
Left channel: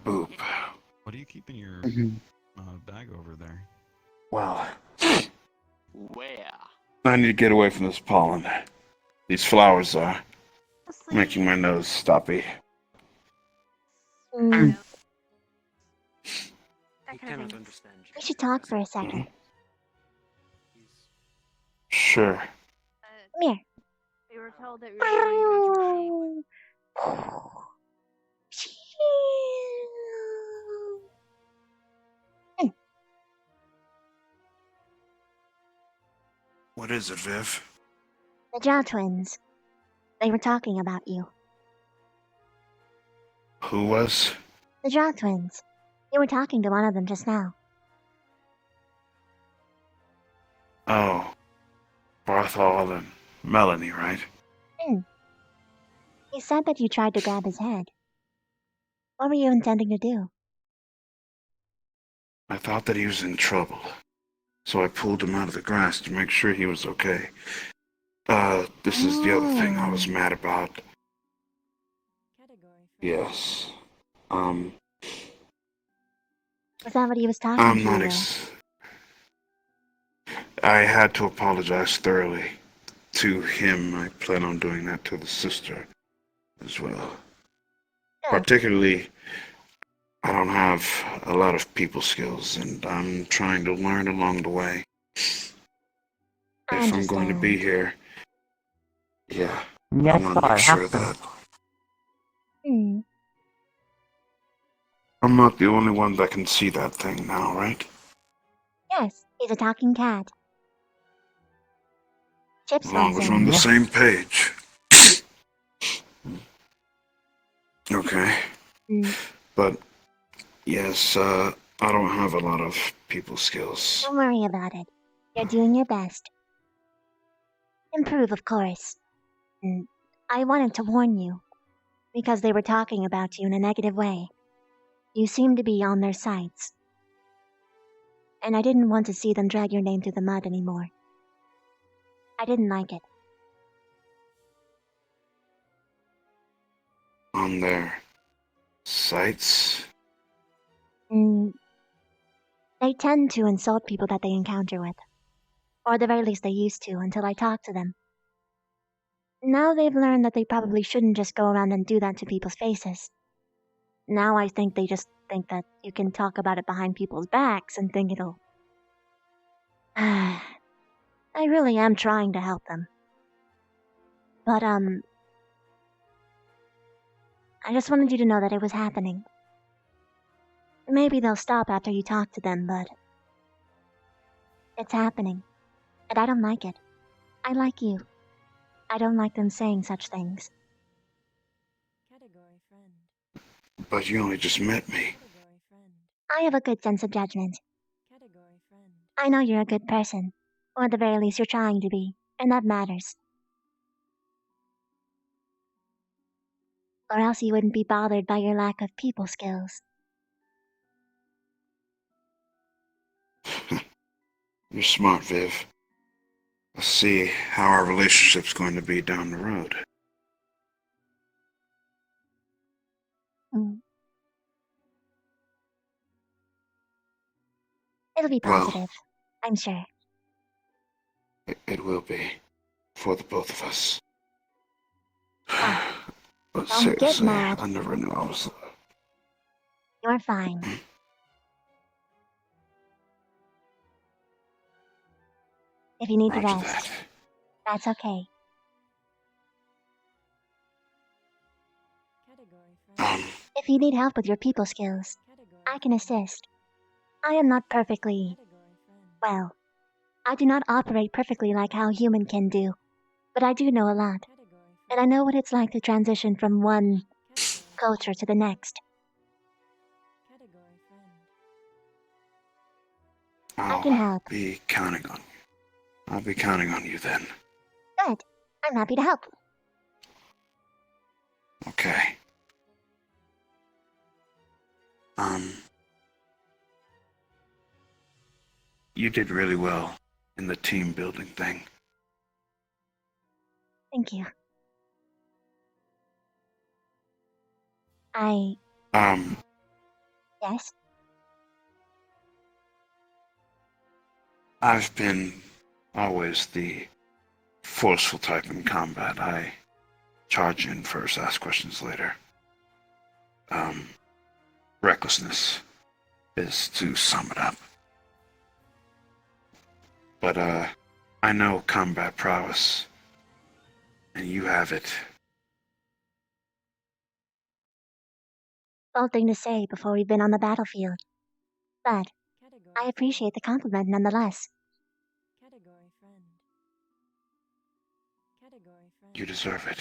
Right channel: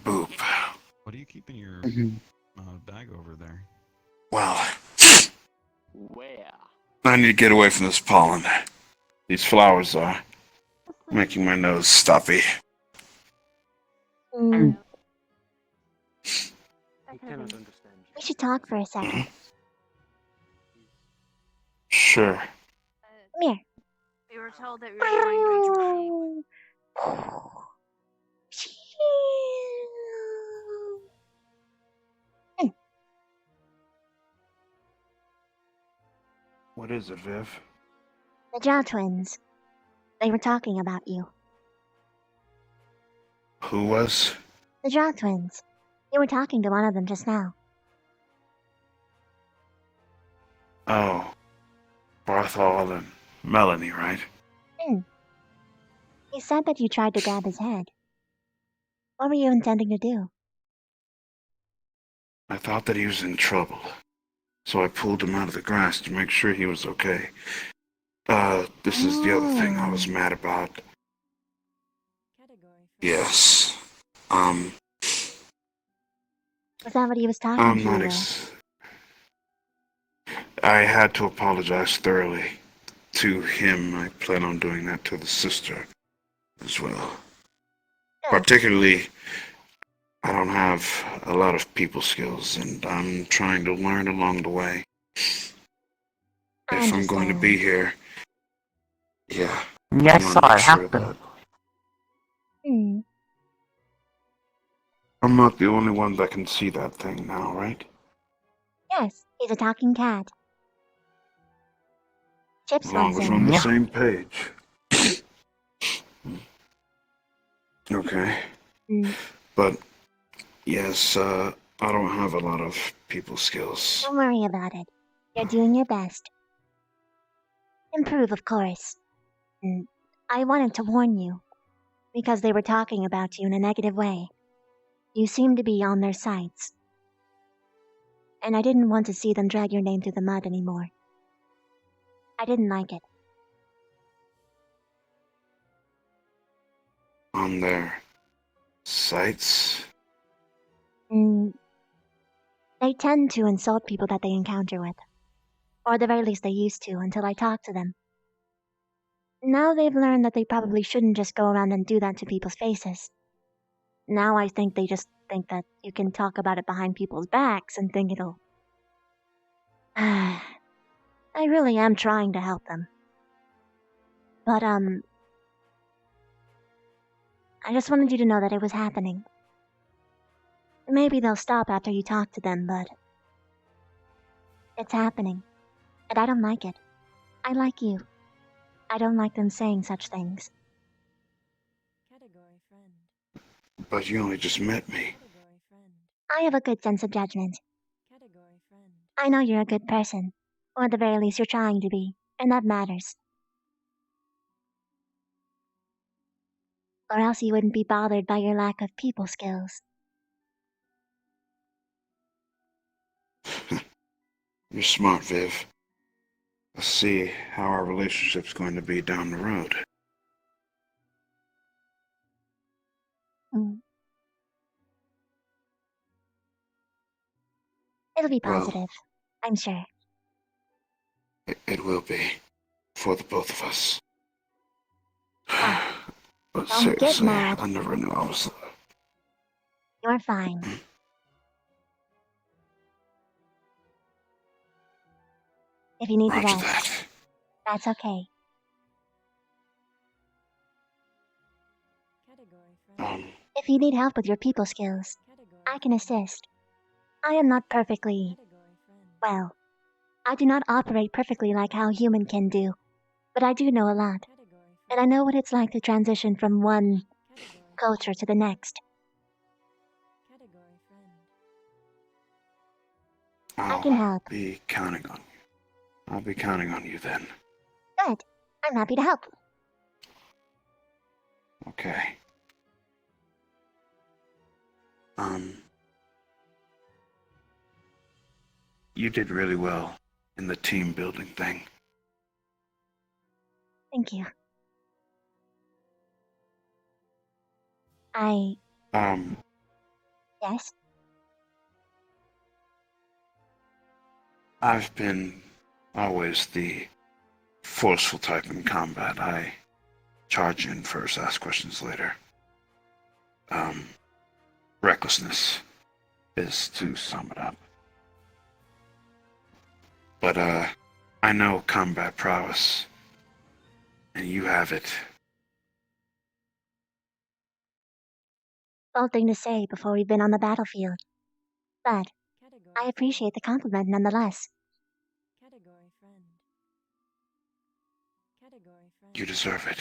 Boop. What are you keeping your bag over there? Well, where? I need to get away from this pollen. These flowers are making my nose stuffy. Mm, He cannot understand you. we should talk for a second. Sure. Come here. We were told that we were going What is it, Viv? The Jaw twins. They were talking about you. Who was? The Jaw twins. You were talking to one of them just now. Oh, Barthol and Melanie, right? He said that you tried to grab his head. What were you intending to do? I thought that he was in trouble, so I pulled him out of the grass to make sure he was okay. This is the other thing I was mad about. Yes. Was that what he was talking I'm to you not with? I had to apologize thoroughly to him. I plan on doing that to the sister as well. Particularly, I don't have a lot of people skills, and I'm trying to learn along the way. If I'm going to be here, yeah, Yeah, I I want saw to make it sure happen. that Hmm. I'm not the only one that can see that thing now, right? Yes, he's a talking cat. Chips As long wants as we're on the in. same page. Okay. But, yes, I don't have a lot of people skills. Don't worry about it. You're doing your best. Improve, of course. I wanted to warn you, because they were talking about you in a negative way. You seem to be on their sides. And I didn't want to see them drag your name through the mud anymore. I didn't like it. On their sites? They tend to insult people that they encounter with. Or at the very least they used to until I talked to them. Now they've learned that they probably shouldn't just go around and do that to people's faces. Now I think they just think that you can talk about it behind people's backs and think it'll... I really am trying to help them. But, I just wanted you to know that it was happening. Maybe they'll stop after you talk to them, but... It's happening. And I don't like it. I like you. I don't like them saying such things. Category friend. But you only just met me. Category friend. I have a good sense of judgment. Category friend. I know you're a good person. Or at the very least you're trying to be. And that matters. Or else you wouldn't be bothered by your lack of people skills. You're smart, Viv. Let's see how our relationship's going to be down the road. It'll be Well, positive. I'm sure. It will be. For the both of us. But Don't get seriously, mad. I never knew I was... You're fine. If you need to Roger rest, that's okay. Category friend. If you need help with your people skills, I can assist. I am not perfectly... well, I do not operate perfectly like how human can do, but I do know a lot, and I know what it's like to transition from one culture to the next. I can help. Be counting on you. I'll be counting on you then. Good. I'm happy to help. Okay. You did really well in the team building thing. Thank you. Yes? I've been always the forceful type in combat. I charge in first, ask questions later. Recklessness is to sum it up. But, I know combat prowess, and you have it. Bold thing to say before we've been on the battlefield. But I appreciate the compliment nonetheless. You deserve it.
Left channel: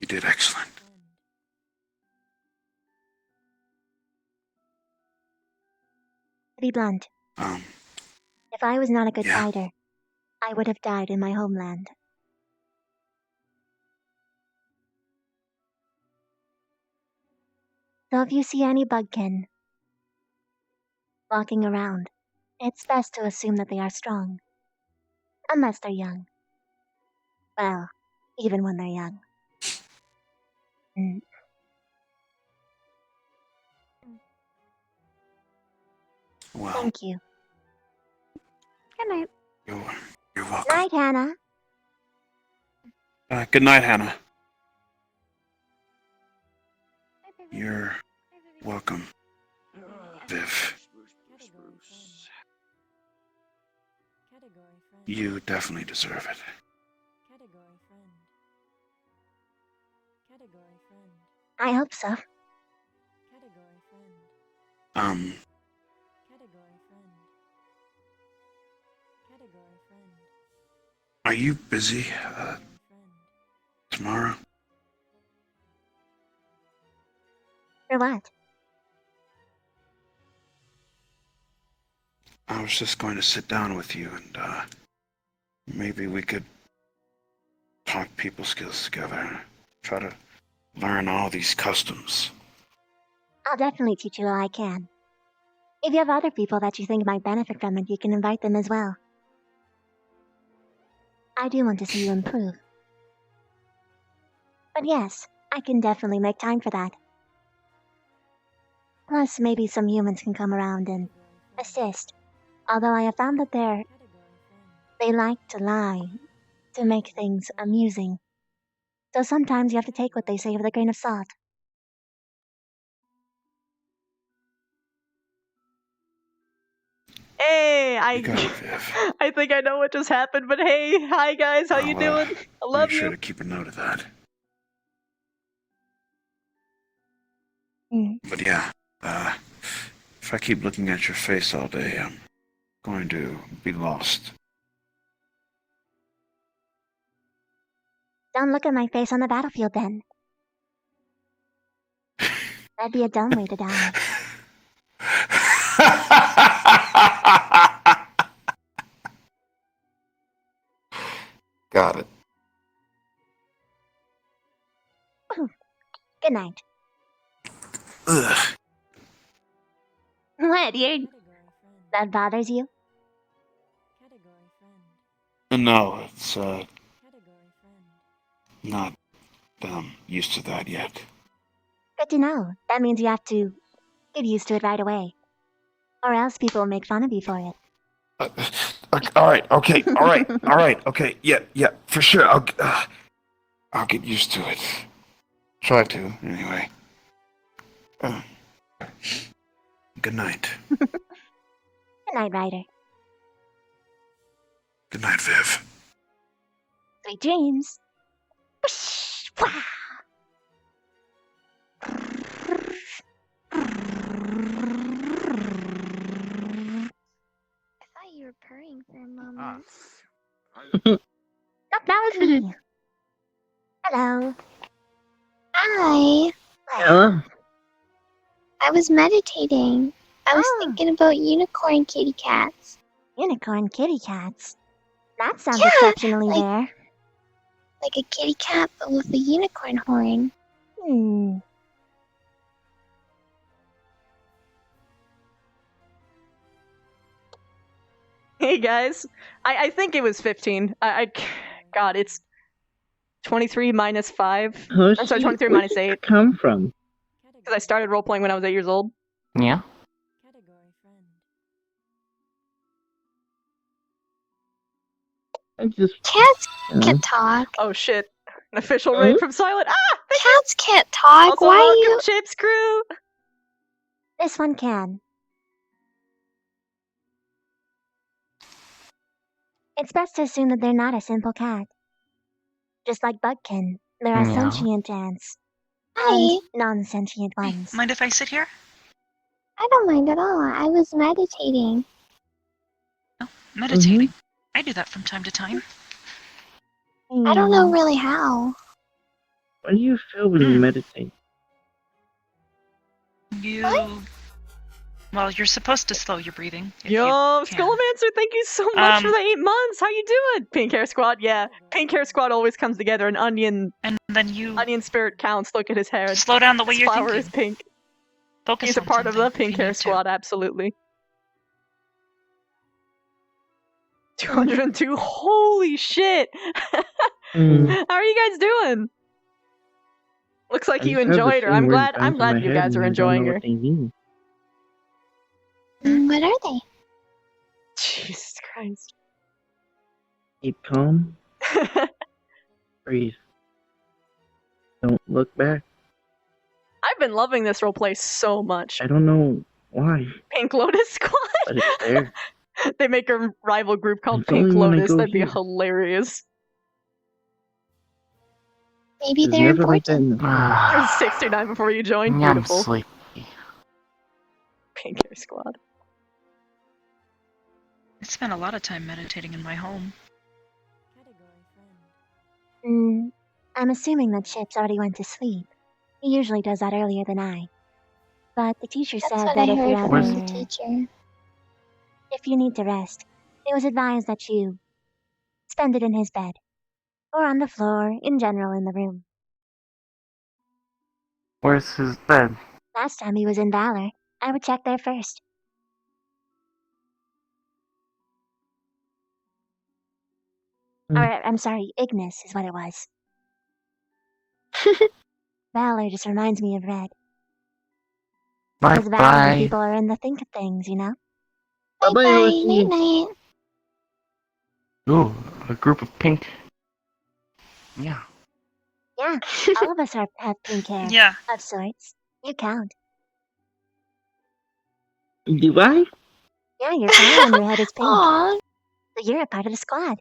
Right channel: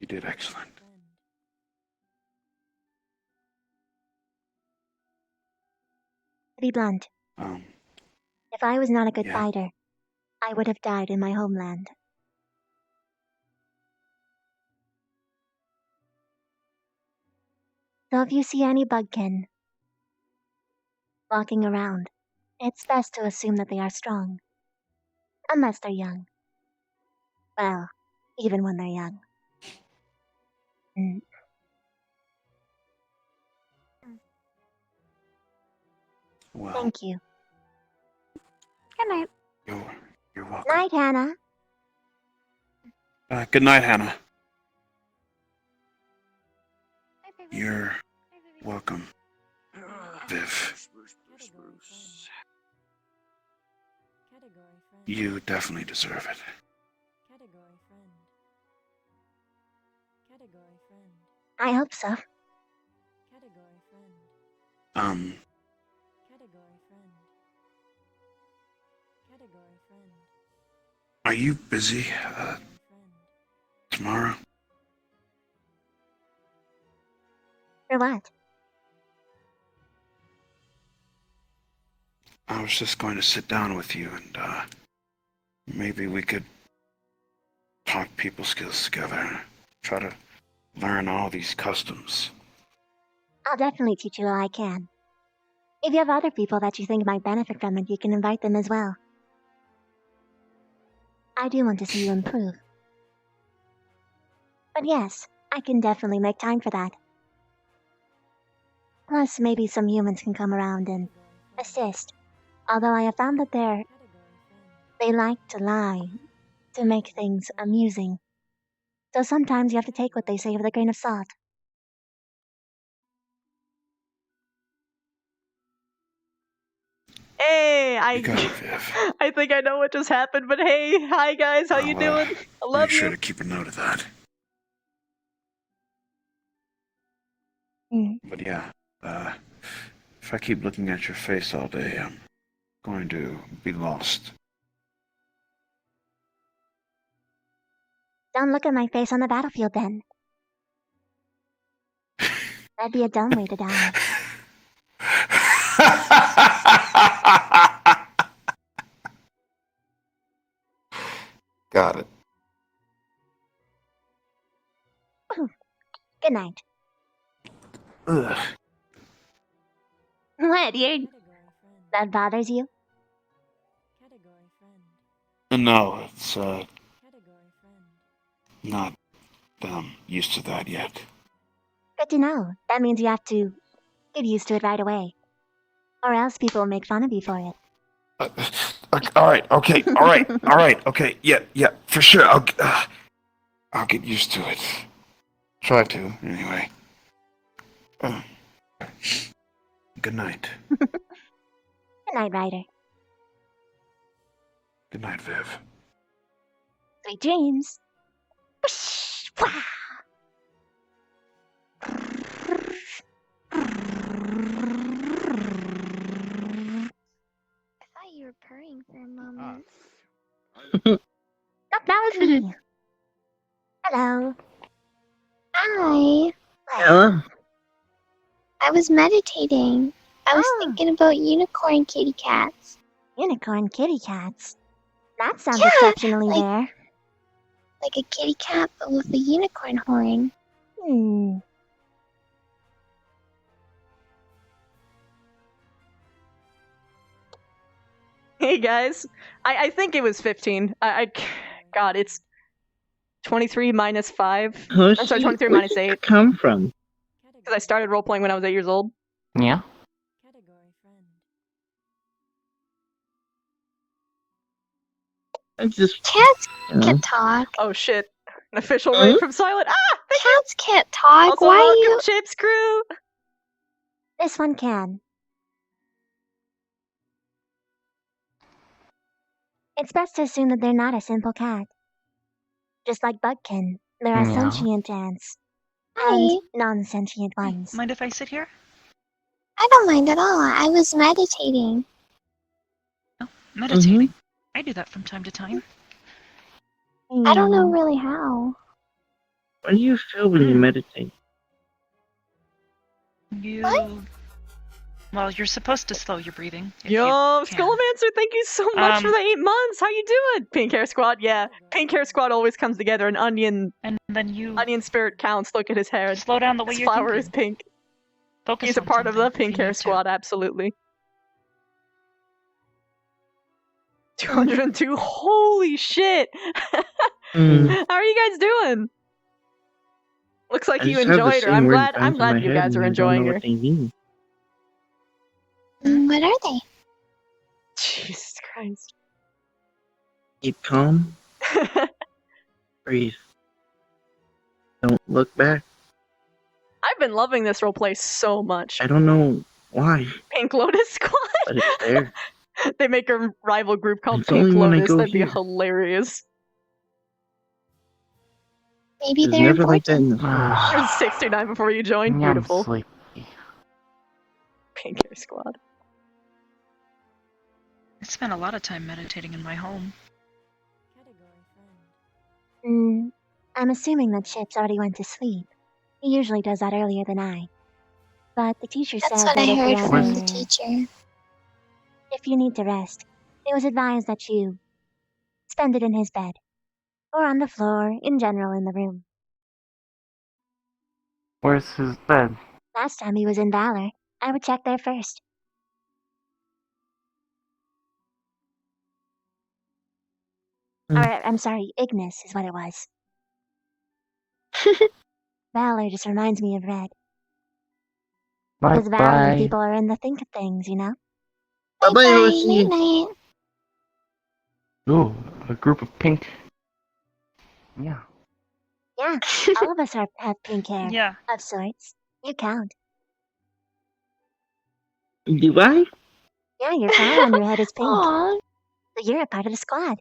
You did excellent. To be blunt, if I was not a good fighter, I would have died in my homeland. So if you see any bugkin walking around, it's best to assume that they are strong. Unless they're young. Well, even when they're young. Well, Thank you. Good night. You're welcome. Night, Hannah. Good night, Hannah. You're welcome, Viv. You definitely deserve it. I hope so. Are you busy, tomorrow? For what? I was just going to sit down with you and, maybe we could talk people skills together. Try to learn all these customs. I'll definitely teach you all I can. If you have other people that you think might benefit from it, you can invite them as well. I do want to see you improve. But yes, I can definitely make time for that. Plus, maybe some humans can come around and assist. Although I have found that they like to lie to make things amusing. So sometimes you have to take what they say with a grain of salt. Hey, I think I know what just happened, but hey, hi guys, how you doing? I love Make sure you. to keep a note of that. But yeah, if I keep looking at your face all day, I'm going to be lost. Don't look at my face on the battlefield then. That'd be a dumb way to die. Got it. Good night. Ugh. What, dear? That bothers you? No, it's, not, used to that yet. Good to know. That means you have to get used to it right away. Or else people will make fun of you for it. Alright, okay, alright, okay, yeah, for sure, I'll get used to it. Try to, anyway. Good night. Good night, Ryder. Good night, Viv. Sweet dreams. were purring for a moment. Ah. That was me. Hello. Hi. Hello. I was meditating. I was thinking about unicorn kitty cats. Unicorn kitty cats? That sounds exceptionally rare. Like a kitty cat, but with a unicorn horn. Hmm. Hey guys, I think it was 15. God, it's 23 minus 5. I'm sorry, 23 Where minus did 8. that come from? Because I started role playing when I was 8 years old. Yeah. I just Cats can't talk. Oh shit. An official raid from Silent. Ah! Cats can't talk. Also, Why welcome, you? Chips Crew! This one can. It's best to assume that they're not a simple cat. Just like Bugkin, there are Yeah. sentient ants. And non-sentient ones. Mind if I sit here? I don't mind at all. I was meditating. Meditating. I do that from time to time. I don't know really how. What do you feel when you meditate? You. Well, you're supposed to slow your breathing. if Yo, you can. Skullmancer, thank you so much for Um, the 8 months. How you doing? Pink Hair Squad, yeah. Pink Hair Squad always comes together. An onion. And then you. Onion spirit counts. Look at his hair. Slow down the way His you're flower thinking. is pink. Focus He's a on part of the something if Pink you Hair need to. Squad, absolutely. 202. Holy shit! How are you guys doing? Looks like you enjoyed her. I'm glad you guys are enjoying her. What are they? Jesus Christ. Keep calm. Breathe. Don't look back. I've been loving this roleplay so much. I don't know why, Pink Lotus Squad? but it's there. They make a rival group called It's Pink only when I Lotus. go That'd be here. hilarious. Maybe It's they're never like that important. in the It was 69 before you joined. I'm Beautiful. sleepy. Pink Hair Squad. I spent a lot of time meditating in my home. I'm assuming that Chips already went to sleep. He usually does that earlier than I. But the teacher said that if you ever... from the teacher. If you need to rest, it was advised that you spend it in his bed. Or on the floor, in general in the room. Where's his bed? Last time he was in Valor, I would check there first. Or, I'm sorry, Ignis is what it was. Valor just reminds me of Red. Because Valiant Bye. people are in the think of things, you know? Bye-bye, Bye-bye, Yoshi. night-night. Ooh, a group of pink. Yeah. Yeah, all of us have pink hair. Yeah. Of sorts. You count. Do I? Yeah, your flower on your head is pink. So you're a part of the squad.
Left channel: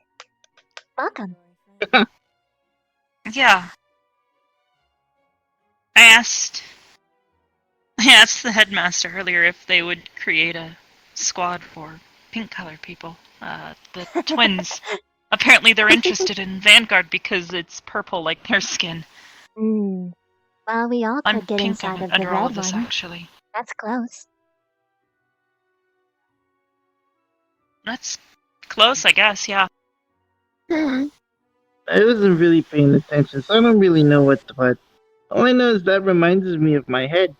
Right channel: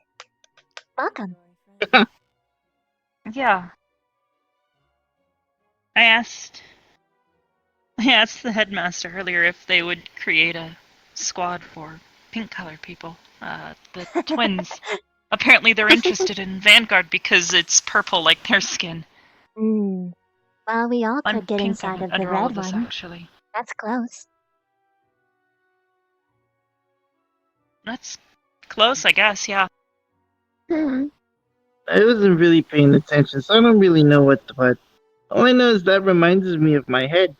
Welcome. Yeah. I asked the headmaster earlier if they would create a squad for pink colored people. The twins. Apparently they're interested in Vanguard because it's purple like their skin. Well, we all I'm could get pink inside of the under all red of this, one. actually. That's close. That's close, I guess, yeah. I wasn't really paying attention, so I don't really know what the what. All I know is that reminds me of my head.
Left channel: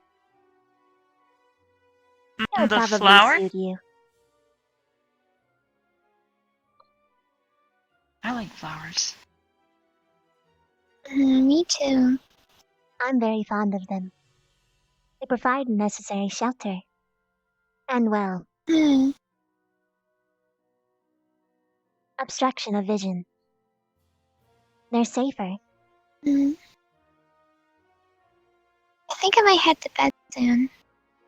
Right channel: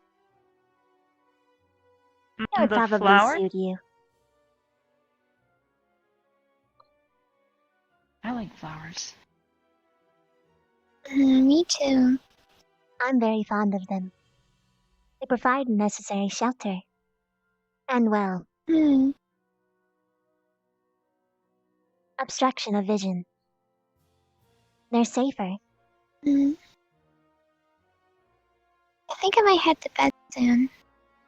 It would The probably flower? suit you. I like flowers. Me too. I'm very fond of them. They provide necessary shelter. And well, obstruction of vision. They're safer. I think I might head to bed soon.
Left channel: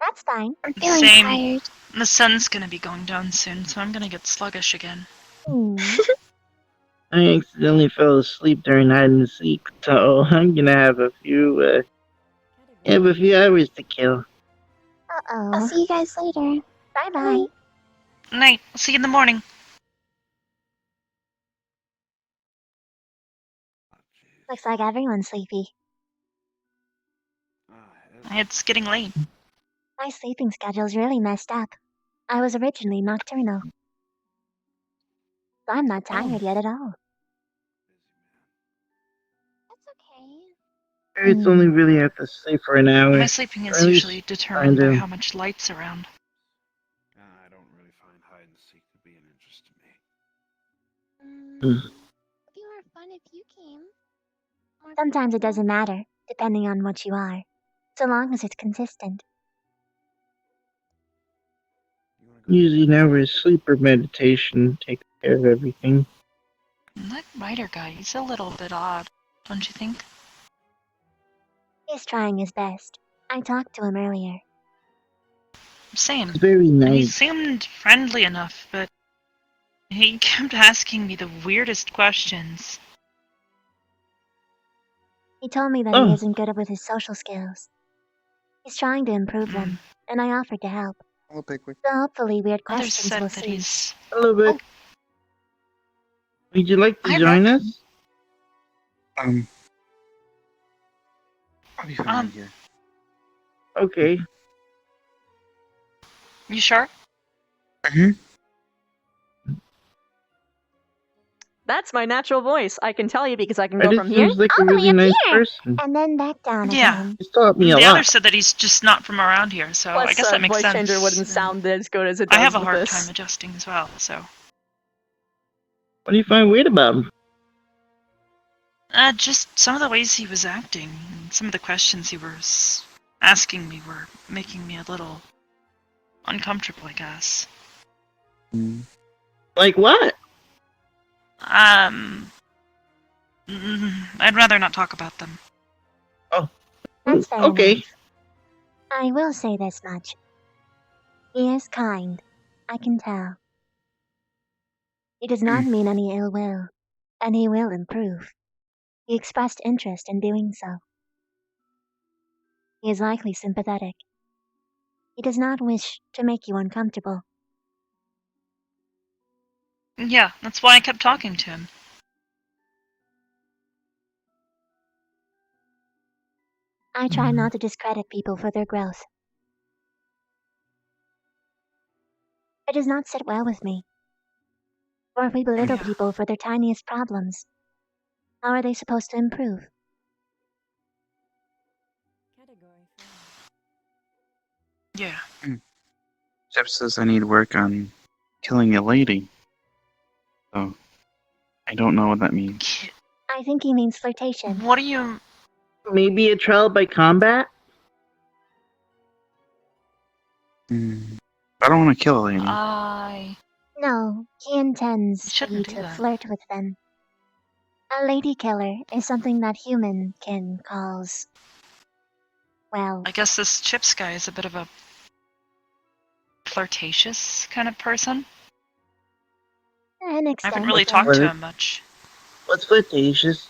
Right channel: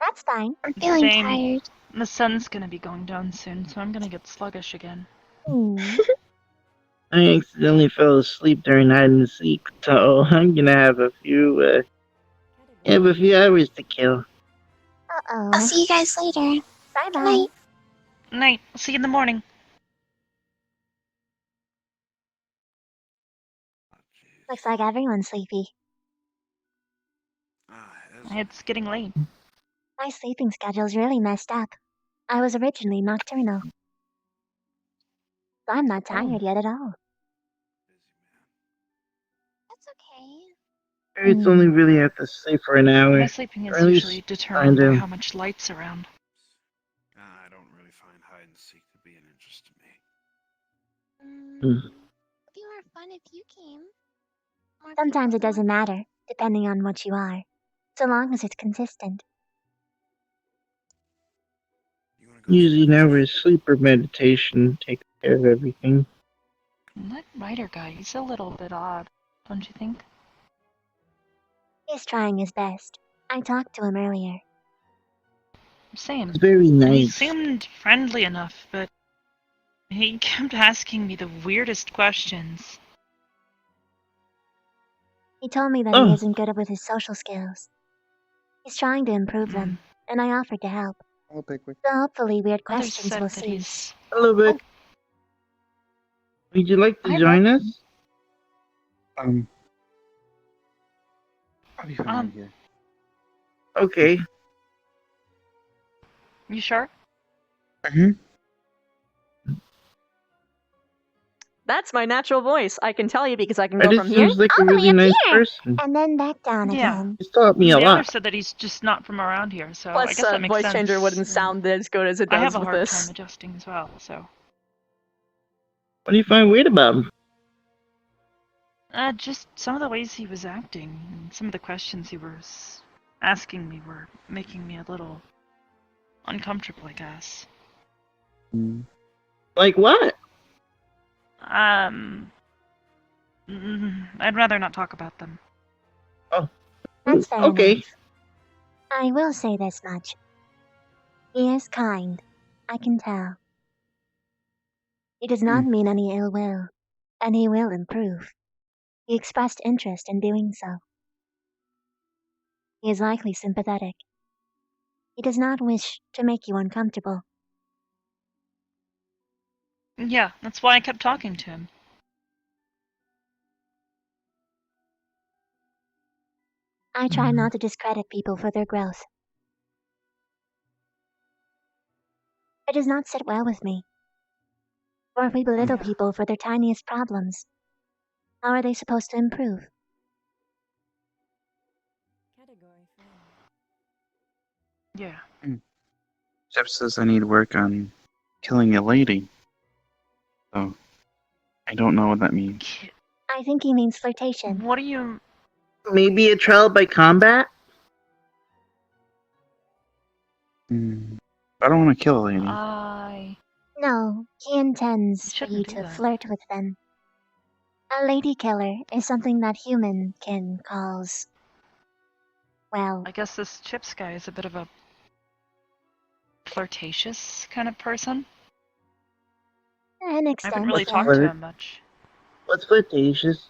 That's fine. I'm feeling Same. tired. The sun's gonna be going down soon, so I'm gonna get sluggish again. I accidentally fell asleep during hide and seek, so I'm gonna have a few hours to kill. Uh-oh. I'll see you guys later. Bye-bye. Night. I'll see you in the morning. Looks like everyone's sleepy. It's getting late. My sleeping schedule's really messed up. I was originally nocturnal. So I'm not tired yet at all. It's only really have to sleep for an hour. My sleeping Or is at least usually I determined by do. how much light's around. I don't really find hide and seek to be an interest to me. Sometimes it doesn't matter, depending on what you are, so long as it's consistent. Usually never sleep or meditation takes care of everything. That writer guy is a little bit odd, don't you think? He's trying his best. I talked to him earlier. Same. It's very And he nice. seemed friendly enough, but he kept asking me the weirdest questions. He told me that he isn't good with his social skills. He's trying to improve them, and I offered to help. Hello, Pickwick. So hopefully weird Others questions said will that cease. Hello, Vic. Would you like to join us? I'll be fine here. Okay. You sure? That's my natural voice. I can tell you because I can That go just from here seems like a all the way really up nice here, person. and then back down Yeah. again. He's taught me a The lot. others said that he's just not from around here, so I Plus, guess that makes voice sense. changer wouldn't sound as good as it I does have a with hard this. time adjusting as well, so. What do you find weird about him? Just some of the ways he was acting, and some of the questions he was asking me were making me a little uncomfortable, I guess. Like what? I'd rather not talk about them. That's fair Okay. enough. I will say this much. He is kind. I can tell. He does not mean any ill will, and he will improve. He expressed interest in doing so. He is likely sympathetic. He does not wish to make you uncomfortable. Yeah, that's why I kept talking to him. I try not to discredit people for their growth. It does not sit well with me. Or if we belittle people for their tiniest problems, how are they supposed to improve? Yeah. Jeff says I need work on killing a lady. So, I don't know what that means. I think he means flirtation. What do you... Maybe a trial by combat? I don't want to kill a lady. No, he intends for shouldn't you do to that. flirt with them. A lady killer is something that human can calls. Well, I guess this Chips guy is a bit of a flirtatious kind of person. an I extent. haven't really yeah. talked to him much. What's flirtatious?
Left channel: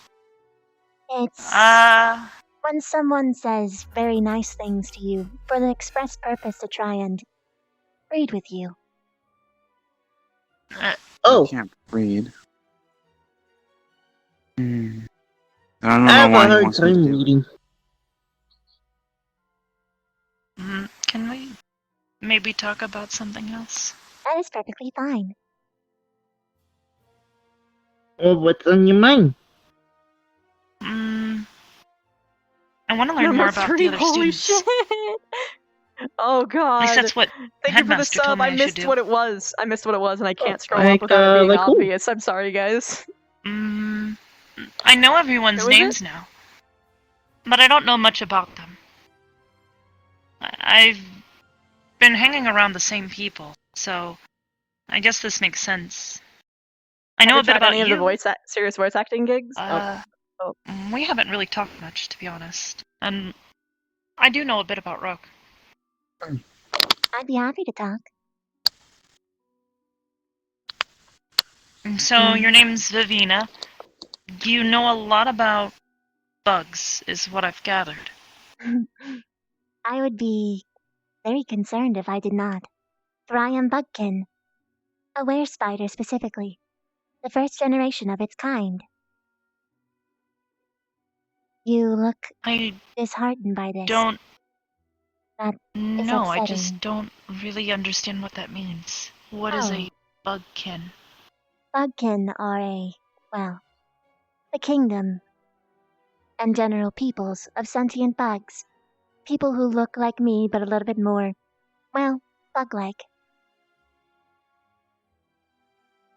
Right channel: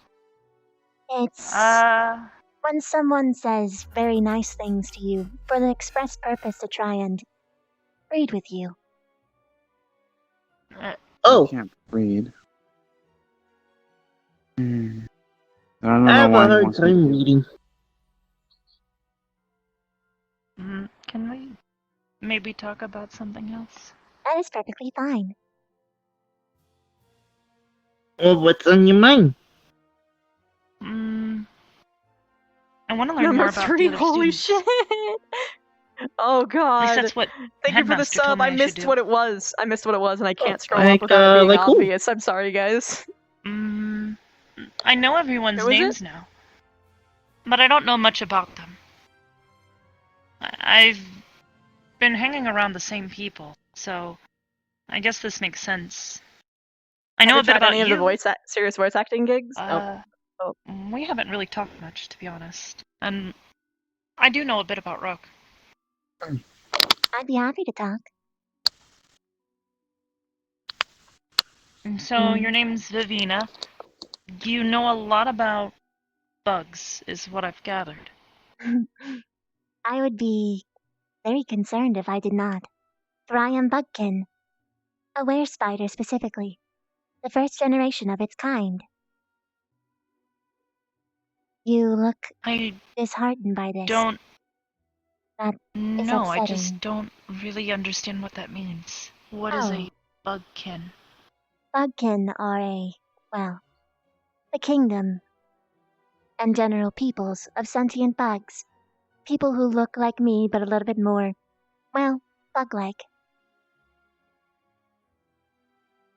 It's Ah, when someone says very nice things to you for the express purpose to try and breed with you. Oh, I can't read. I don't I know have what a he hard wants me to time do. reading. can we maybe talk about something else? That is perfectly fine. Well, what's on your mind? I want to learn Number more about 3, the other holy students. shit! Oh At least god. that's what Thank you for the Headmaster told sub. me I I should missed do. what it was. I missed what it was, and I can't scroll up without it being like who? obvious. I'm sorry, guys. I know everyone's Who is it? names now, but I don't know much about them. I've been hanging around the same people, so I guess this makes sense. I know Have a you bit tried about any of the you. serious voice acting gigs? We haven't really talked much, to be honest. And I do know a bit about Rook. I'd be happy to talk. So your name's Vivina. You know a lot about bugs, is what I've gathered. I would be very concerned if I did not. For I am Bugkin. A were spider specifically. The first generation of its kind. You look I disheartened by this. don't. That is No, I just upsetting. don't really understand what that means. What is Oh, a bugkin? Bugkin are the kingdom and general peoples of sentient bugs. People who look like me but a little bit more, bug-like.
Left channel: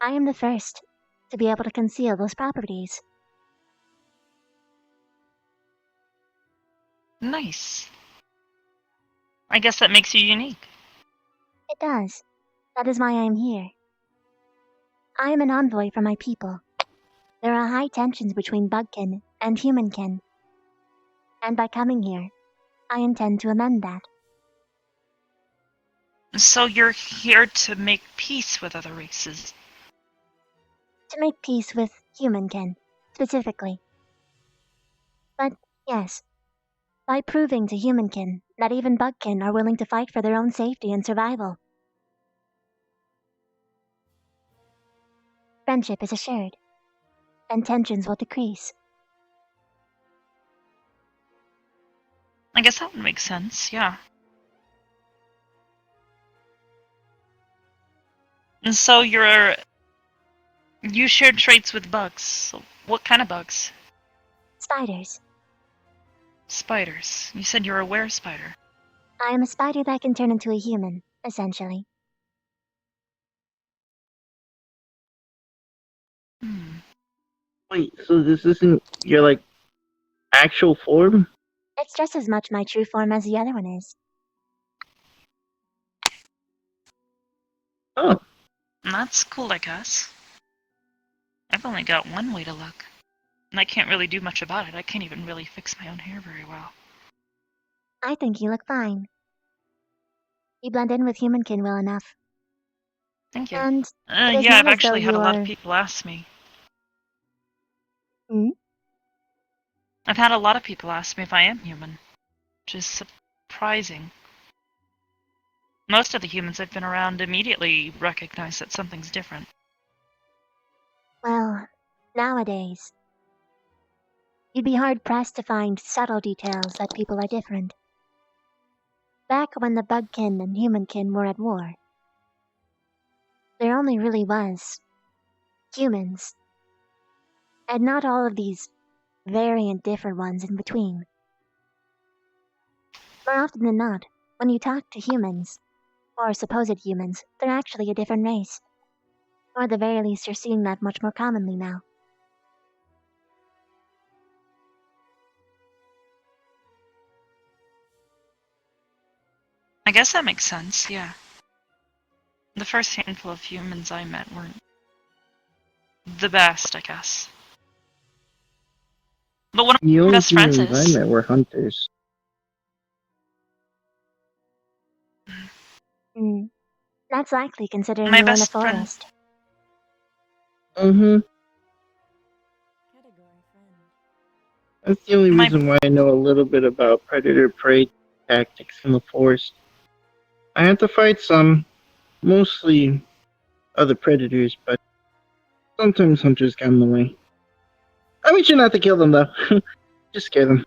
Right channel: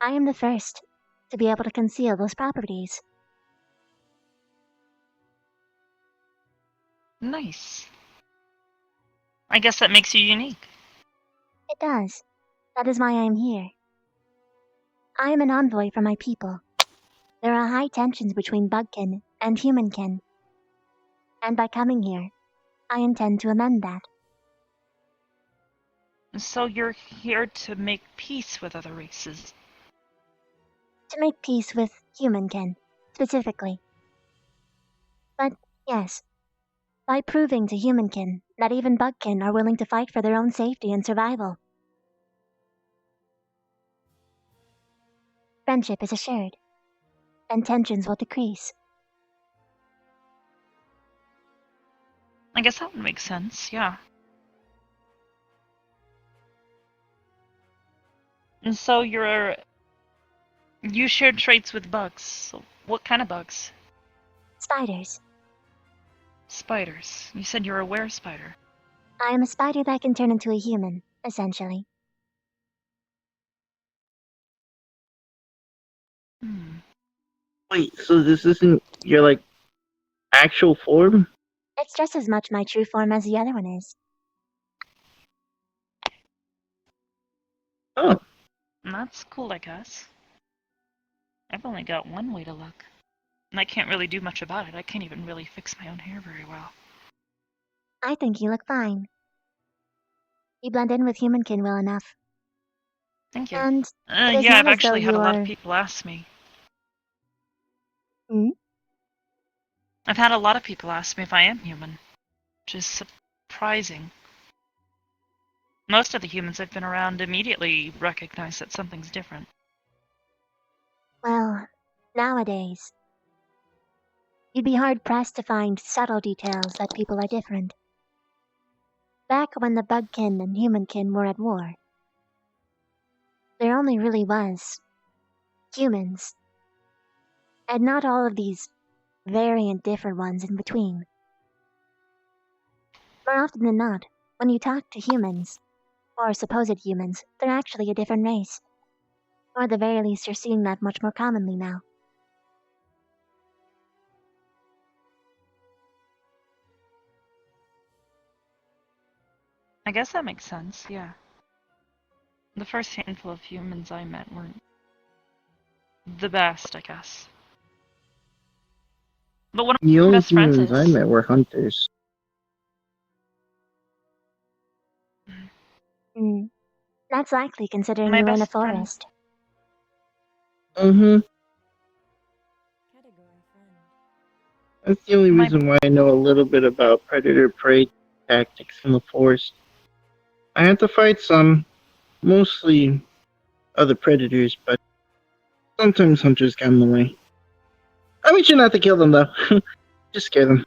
I am the first to be able to conceal those properties. Nice. I guess that makes you unique. It does. That is why I am here. I am an envoy for my people. There are high tensions between bugkin and humankin. And by coming here, I intend to amend that. So you're here to make peace with other races. To make peace with humankin, specifically. But, yes, by proving to humankin that even bugkin are willing to fight for their own safety and survival. Friendship is assured, and tensions will decrease. I guess that would make sense, yeah. And so you share traits with bugs. So what kind of bugs? Spiders. Spiders. You said you're a were-spider. I am a spider that can turn into a human, essentially. Wait, so this isn't your, like, actual form? It's just as much my true form as the other one is. Oh. That's cool, I guess. I've only got one way to look. And I can't really do much about it. I can't even really fix my own hair very well. I think you look fine. You blend in with humankin well enough. Thank you. And it is Yeah, not I've as though actually had you a lot of are... people ask me. Hmm? I've had a lot of people ask me if I am human. Which is surprising. Most of the humans I've been around immediately recognize that something's different. Well, nowadays, you'd be hard-pressed to find subtle details that people are different. Back when the bugkin and humankin were at war, there only really was humans, and not all of these variant different ones in between. More often than not, when you talk to humans, or supposed humans, they're actually a different race. Or at the very least, you're seeing that much more commonly now. I guess that makes sense, yeah. The first handful of humans I met weren't the best, I guess. But one of The my only best friends humans I is. met were hunters. Hmm. That's likely considering My you were in a best friend. forest. Mm-hmm. That's the only reason why I know a little bit about predator-prey tactics in the forest. I had to fight some, mostly other predators, but sometimes hunters get in the way. I mean, you not to kill them though. Just scare them.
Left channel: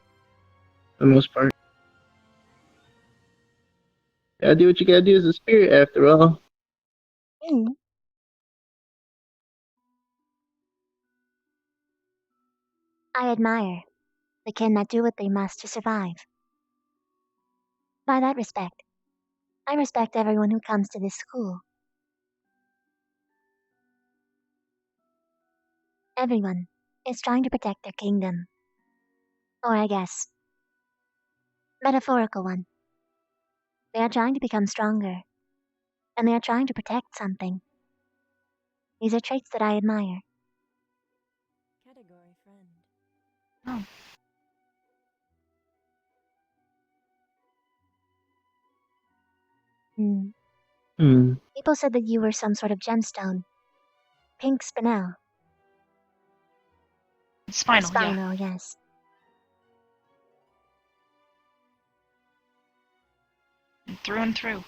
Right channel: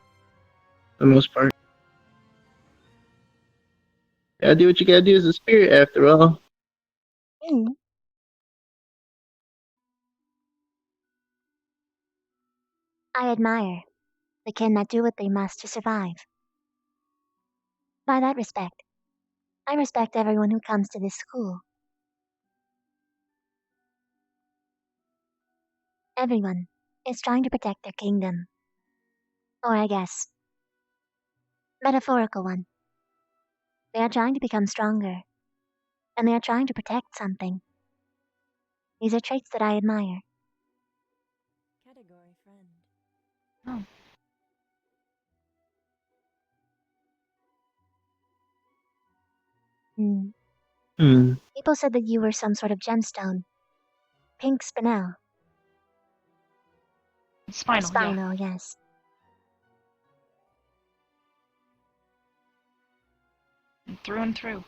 For the most part. Gotta do what you gotta do as a spirit, after all. Hmm. I admire the kin that do what they must to survive. By that respect, I respect everyone who comes to this school. Everyone is trying to protect their kingdom. Or I guess, metaphorical one. They are trying to become stronger, and they are trying to protect something. These are traits that I admire. Category friend. Oh. People said that you were some sort of gemstone. Pink spinel. Spinal, Spinal, yes. Through and through.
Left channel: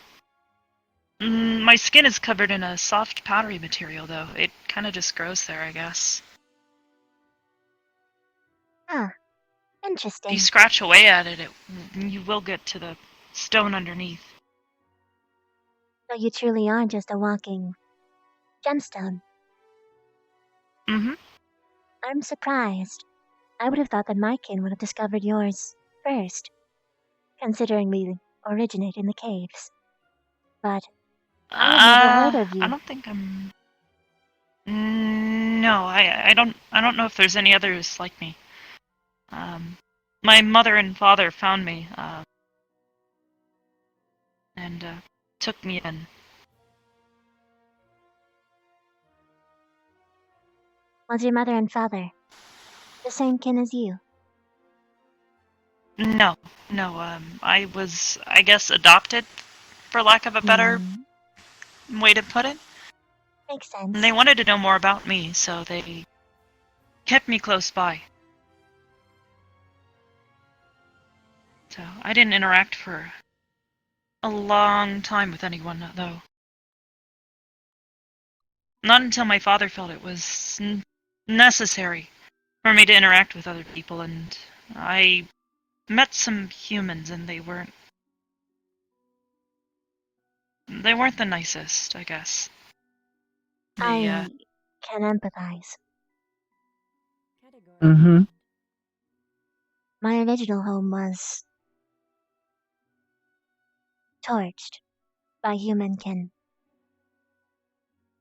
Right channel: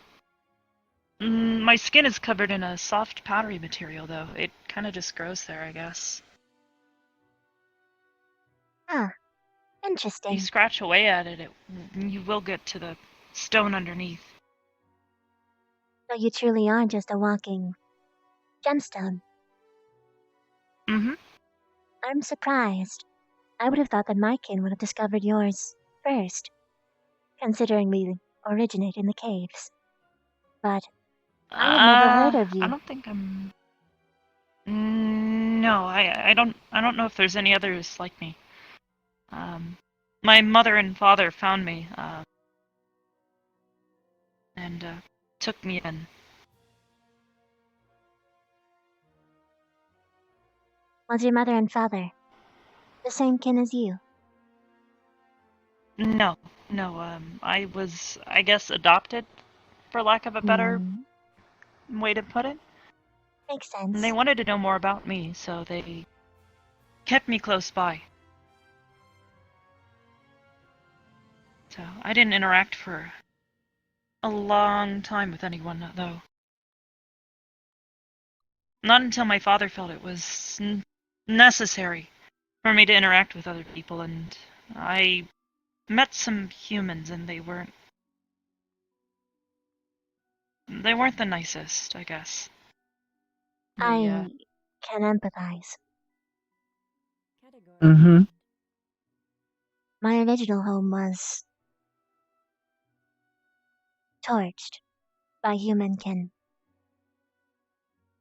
My skin is covered in a soft, powdery material, though. It kind of just grows there, I guess. Huh. If Interesting. you scratch away at it, you will get to the stone underneath. So you truly are just a walking gemstone. Mm-hmm. I'm surprised. I would have thought that my kin would have discovered yours first, considering we originate in the caves. But I had never heard of I you. don't think I'm. No, I don't know if there's any others like me. My mother and father found me, and took me in. Was your mother and father the same kin as you? No, I was, I guess, adopted, for lack of a better way to put it. Makes And sense. they wanted to know more about me, so they kept me close by. So I didn't interact for a long time with anyone, though. Not until my father felt it was necessary for me to interact with other people, and I met some humans, and they weren't the nicest, I guess. I can empathize. Mm-hmm. My original home was torched by human kin.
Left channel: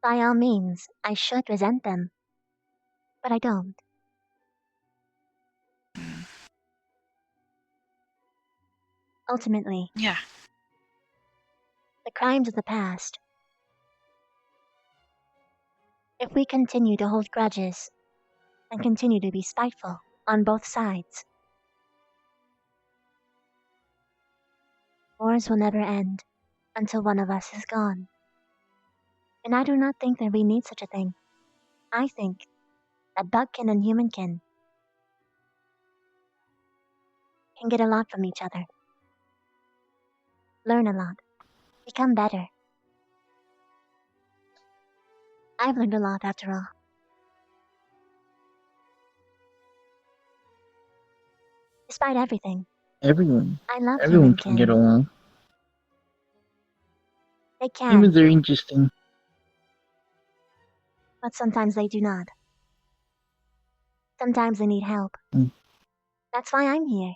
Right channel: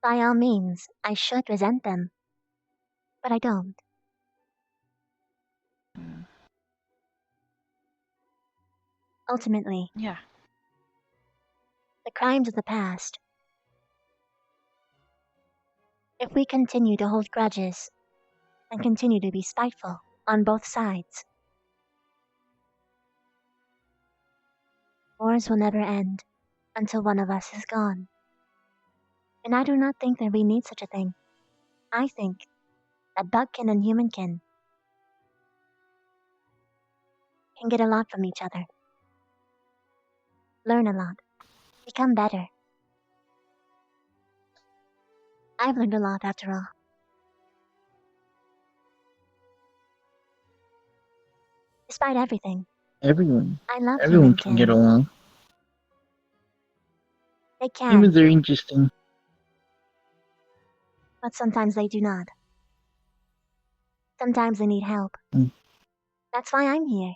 By all means, I should resent them, but I don't. Ultimately, Yeah. the crimes of the past. If we continue to hold grudges and continue to be spiteful on both sides, wars will never end until one of us is gone. And I do not think that we need such a thing. I think that bugkin and humankin can get a lot from each other, learn a lot, become better. I've learned a lot after all. Despite everything, Everyone. I love Everyone can get humankin. along. They can, Humans are interesting. but sometimes they do not. Sometimes they need help. Mm. That's why I'm here.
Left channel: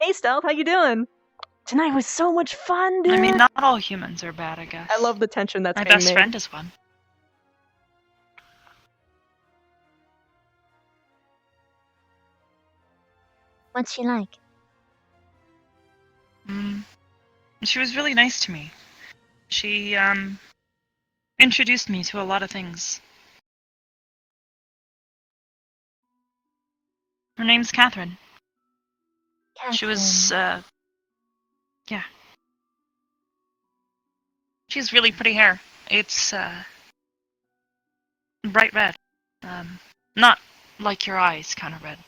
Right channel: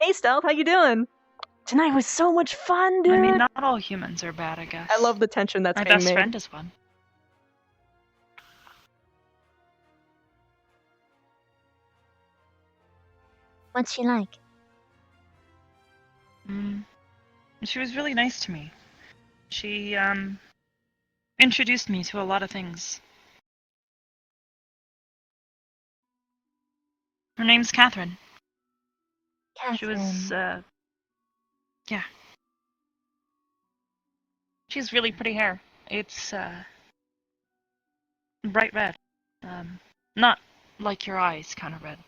Hey, Stealth, how you doing? Tonight was so much fun, dude. I mean, not all humans are bad, I guess. I love the tension that's My being best made. friend is one. What's she like? She was really nice to me. She, introduced me to a lot of things. Her name's Catherine. She was, yeah. She has really pretty hair. It's, bright red. Not like your eyes kind of red.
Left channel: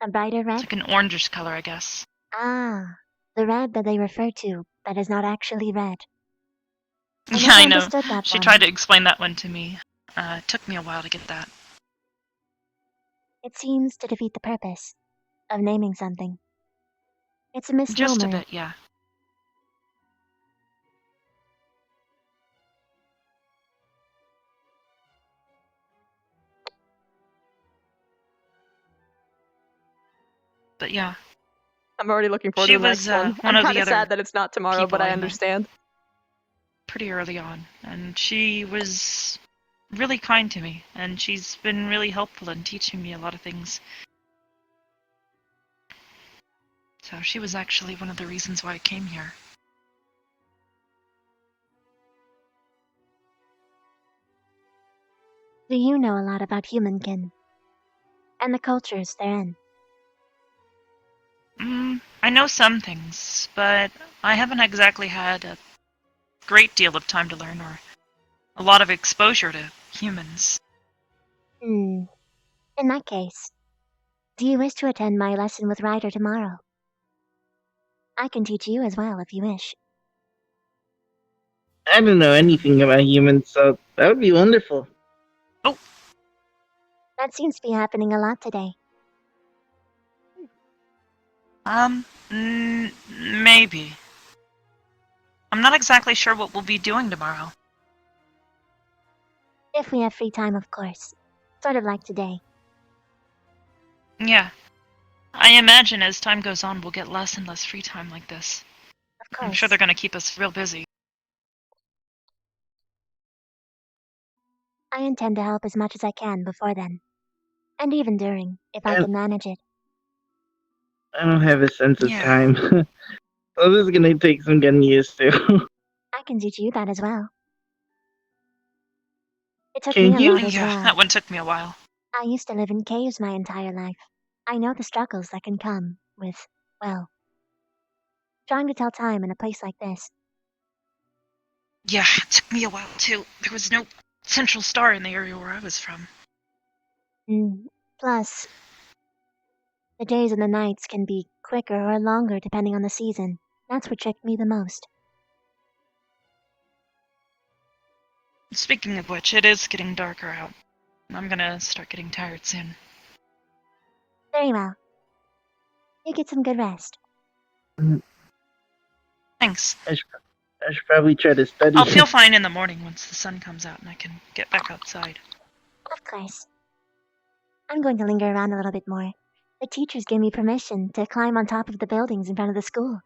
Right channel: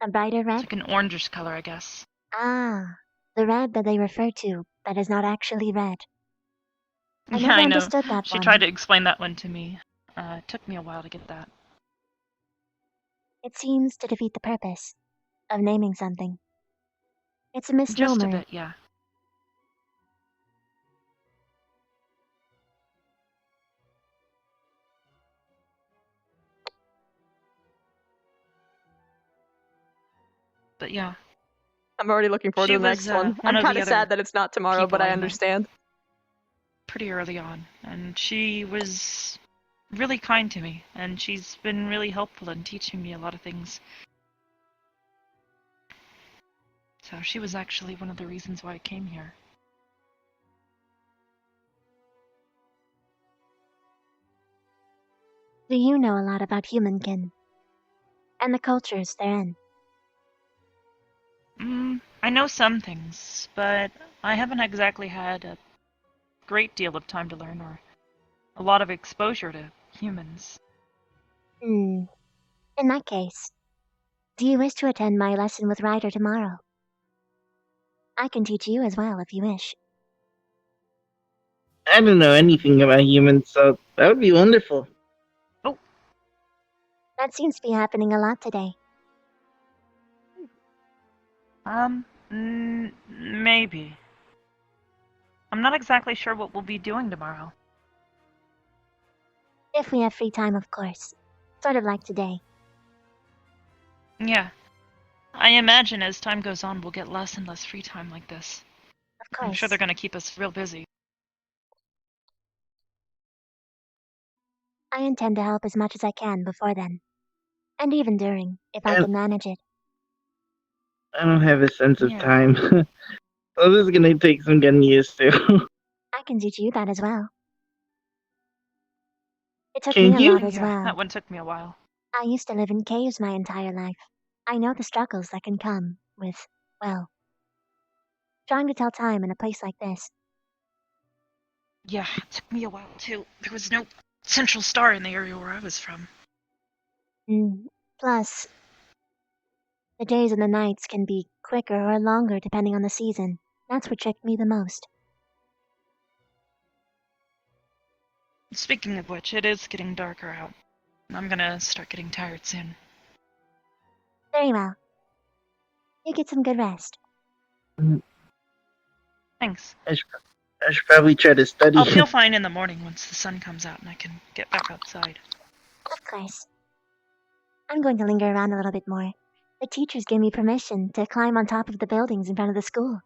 A brighter It's red? like an orangish color, I guess. Ah, the red that they refer to that is not actually red. I Yeah, never I know. understood that She one. tried to explain that one to me. It took me a while to get that. It seems to defeat the purpose of naming something. It's a Just a misnomer. bit, yeah. But yeah. I'm already looking forward She to the was, next one. one I'm of kind the of sad other that it's not tomorrow, but people I I met. understand. Pretty early on, and she was really kind to me, and she's been really helpful in teaching me a lot of things. So she was actually one of the reasons why I came here. Do you know a lot about humankin? And the cultures they're in? I know some things, but I haven't exactly had a great deal of time to learn or a lot of exposure to humans. In that case, do you wish to attend my lesson with Ryder tomorrow? I can teach you as well if you wish. I don't know anything about humans, so that would be wonderful. That seems to be happening a lot today. Maybe. I'm not exactly sure what we'll be doing tomorrow. If we have free time, of course. Sort of like today. Yeah. I imagine as time goes on, we'll get less and less free time like this. Of I'm course. sure they're gonna keep us real busy. I intend to help as much as I can before then. And even during, if I And can manage it. I don't have a sense of Yeah. time. So this is gonna take some getting used to. I can teach you that as well. It took Can me a you? lot as Yeah, well. that one took me a while. I used to live in caves my entire life. I know the struggles that can come with, well, trying to tell time in a place like this. Yeah, it took me a while too. There was no central star in the area where I was from. Plus, the days and the nights can be quicker or longer depending on the season. That's what tricked me the most. Speaking of which, it is getting darker out. I'm gonna start getting tired soon. Very well. You get some good rest. Thanks. I should probably try to study. I'll feel fine in the morning once the sun comes out and I can get back outside. Of course. I'm going to linger around a little bit more. The teachers gave me permission to climb on top of the buildings in front of the school.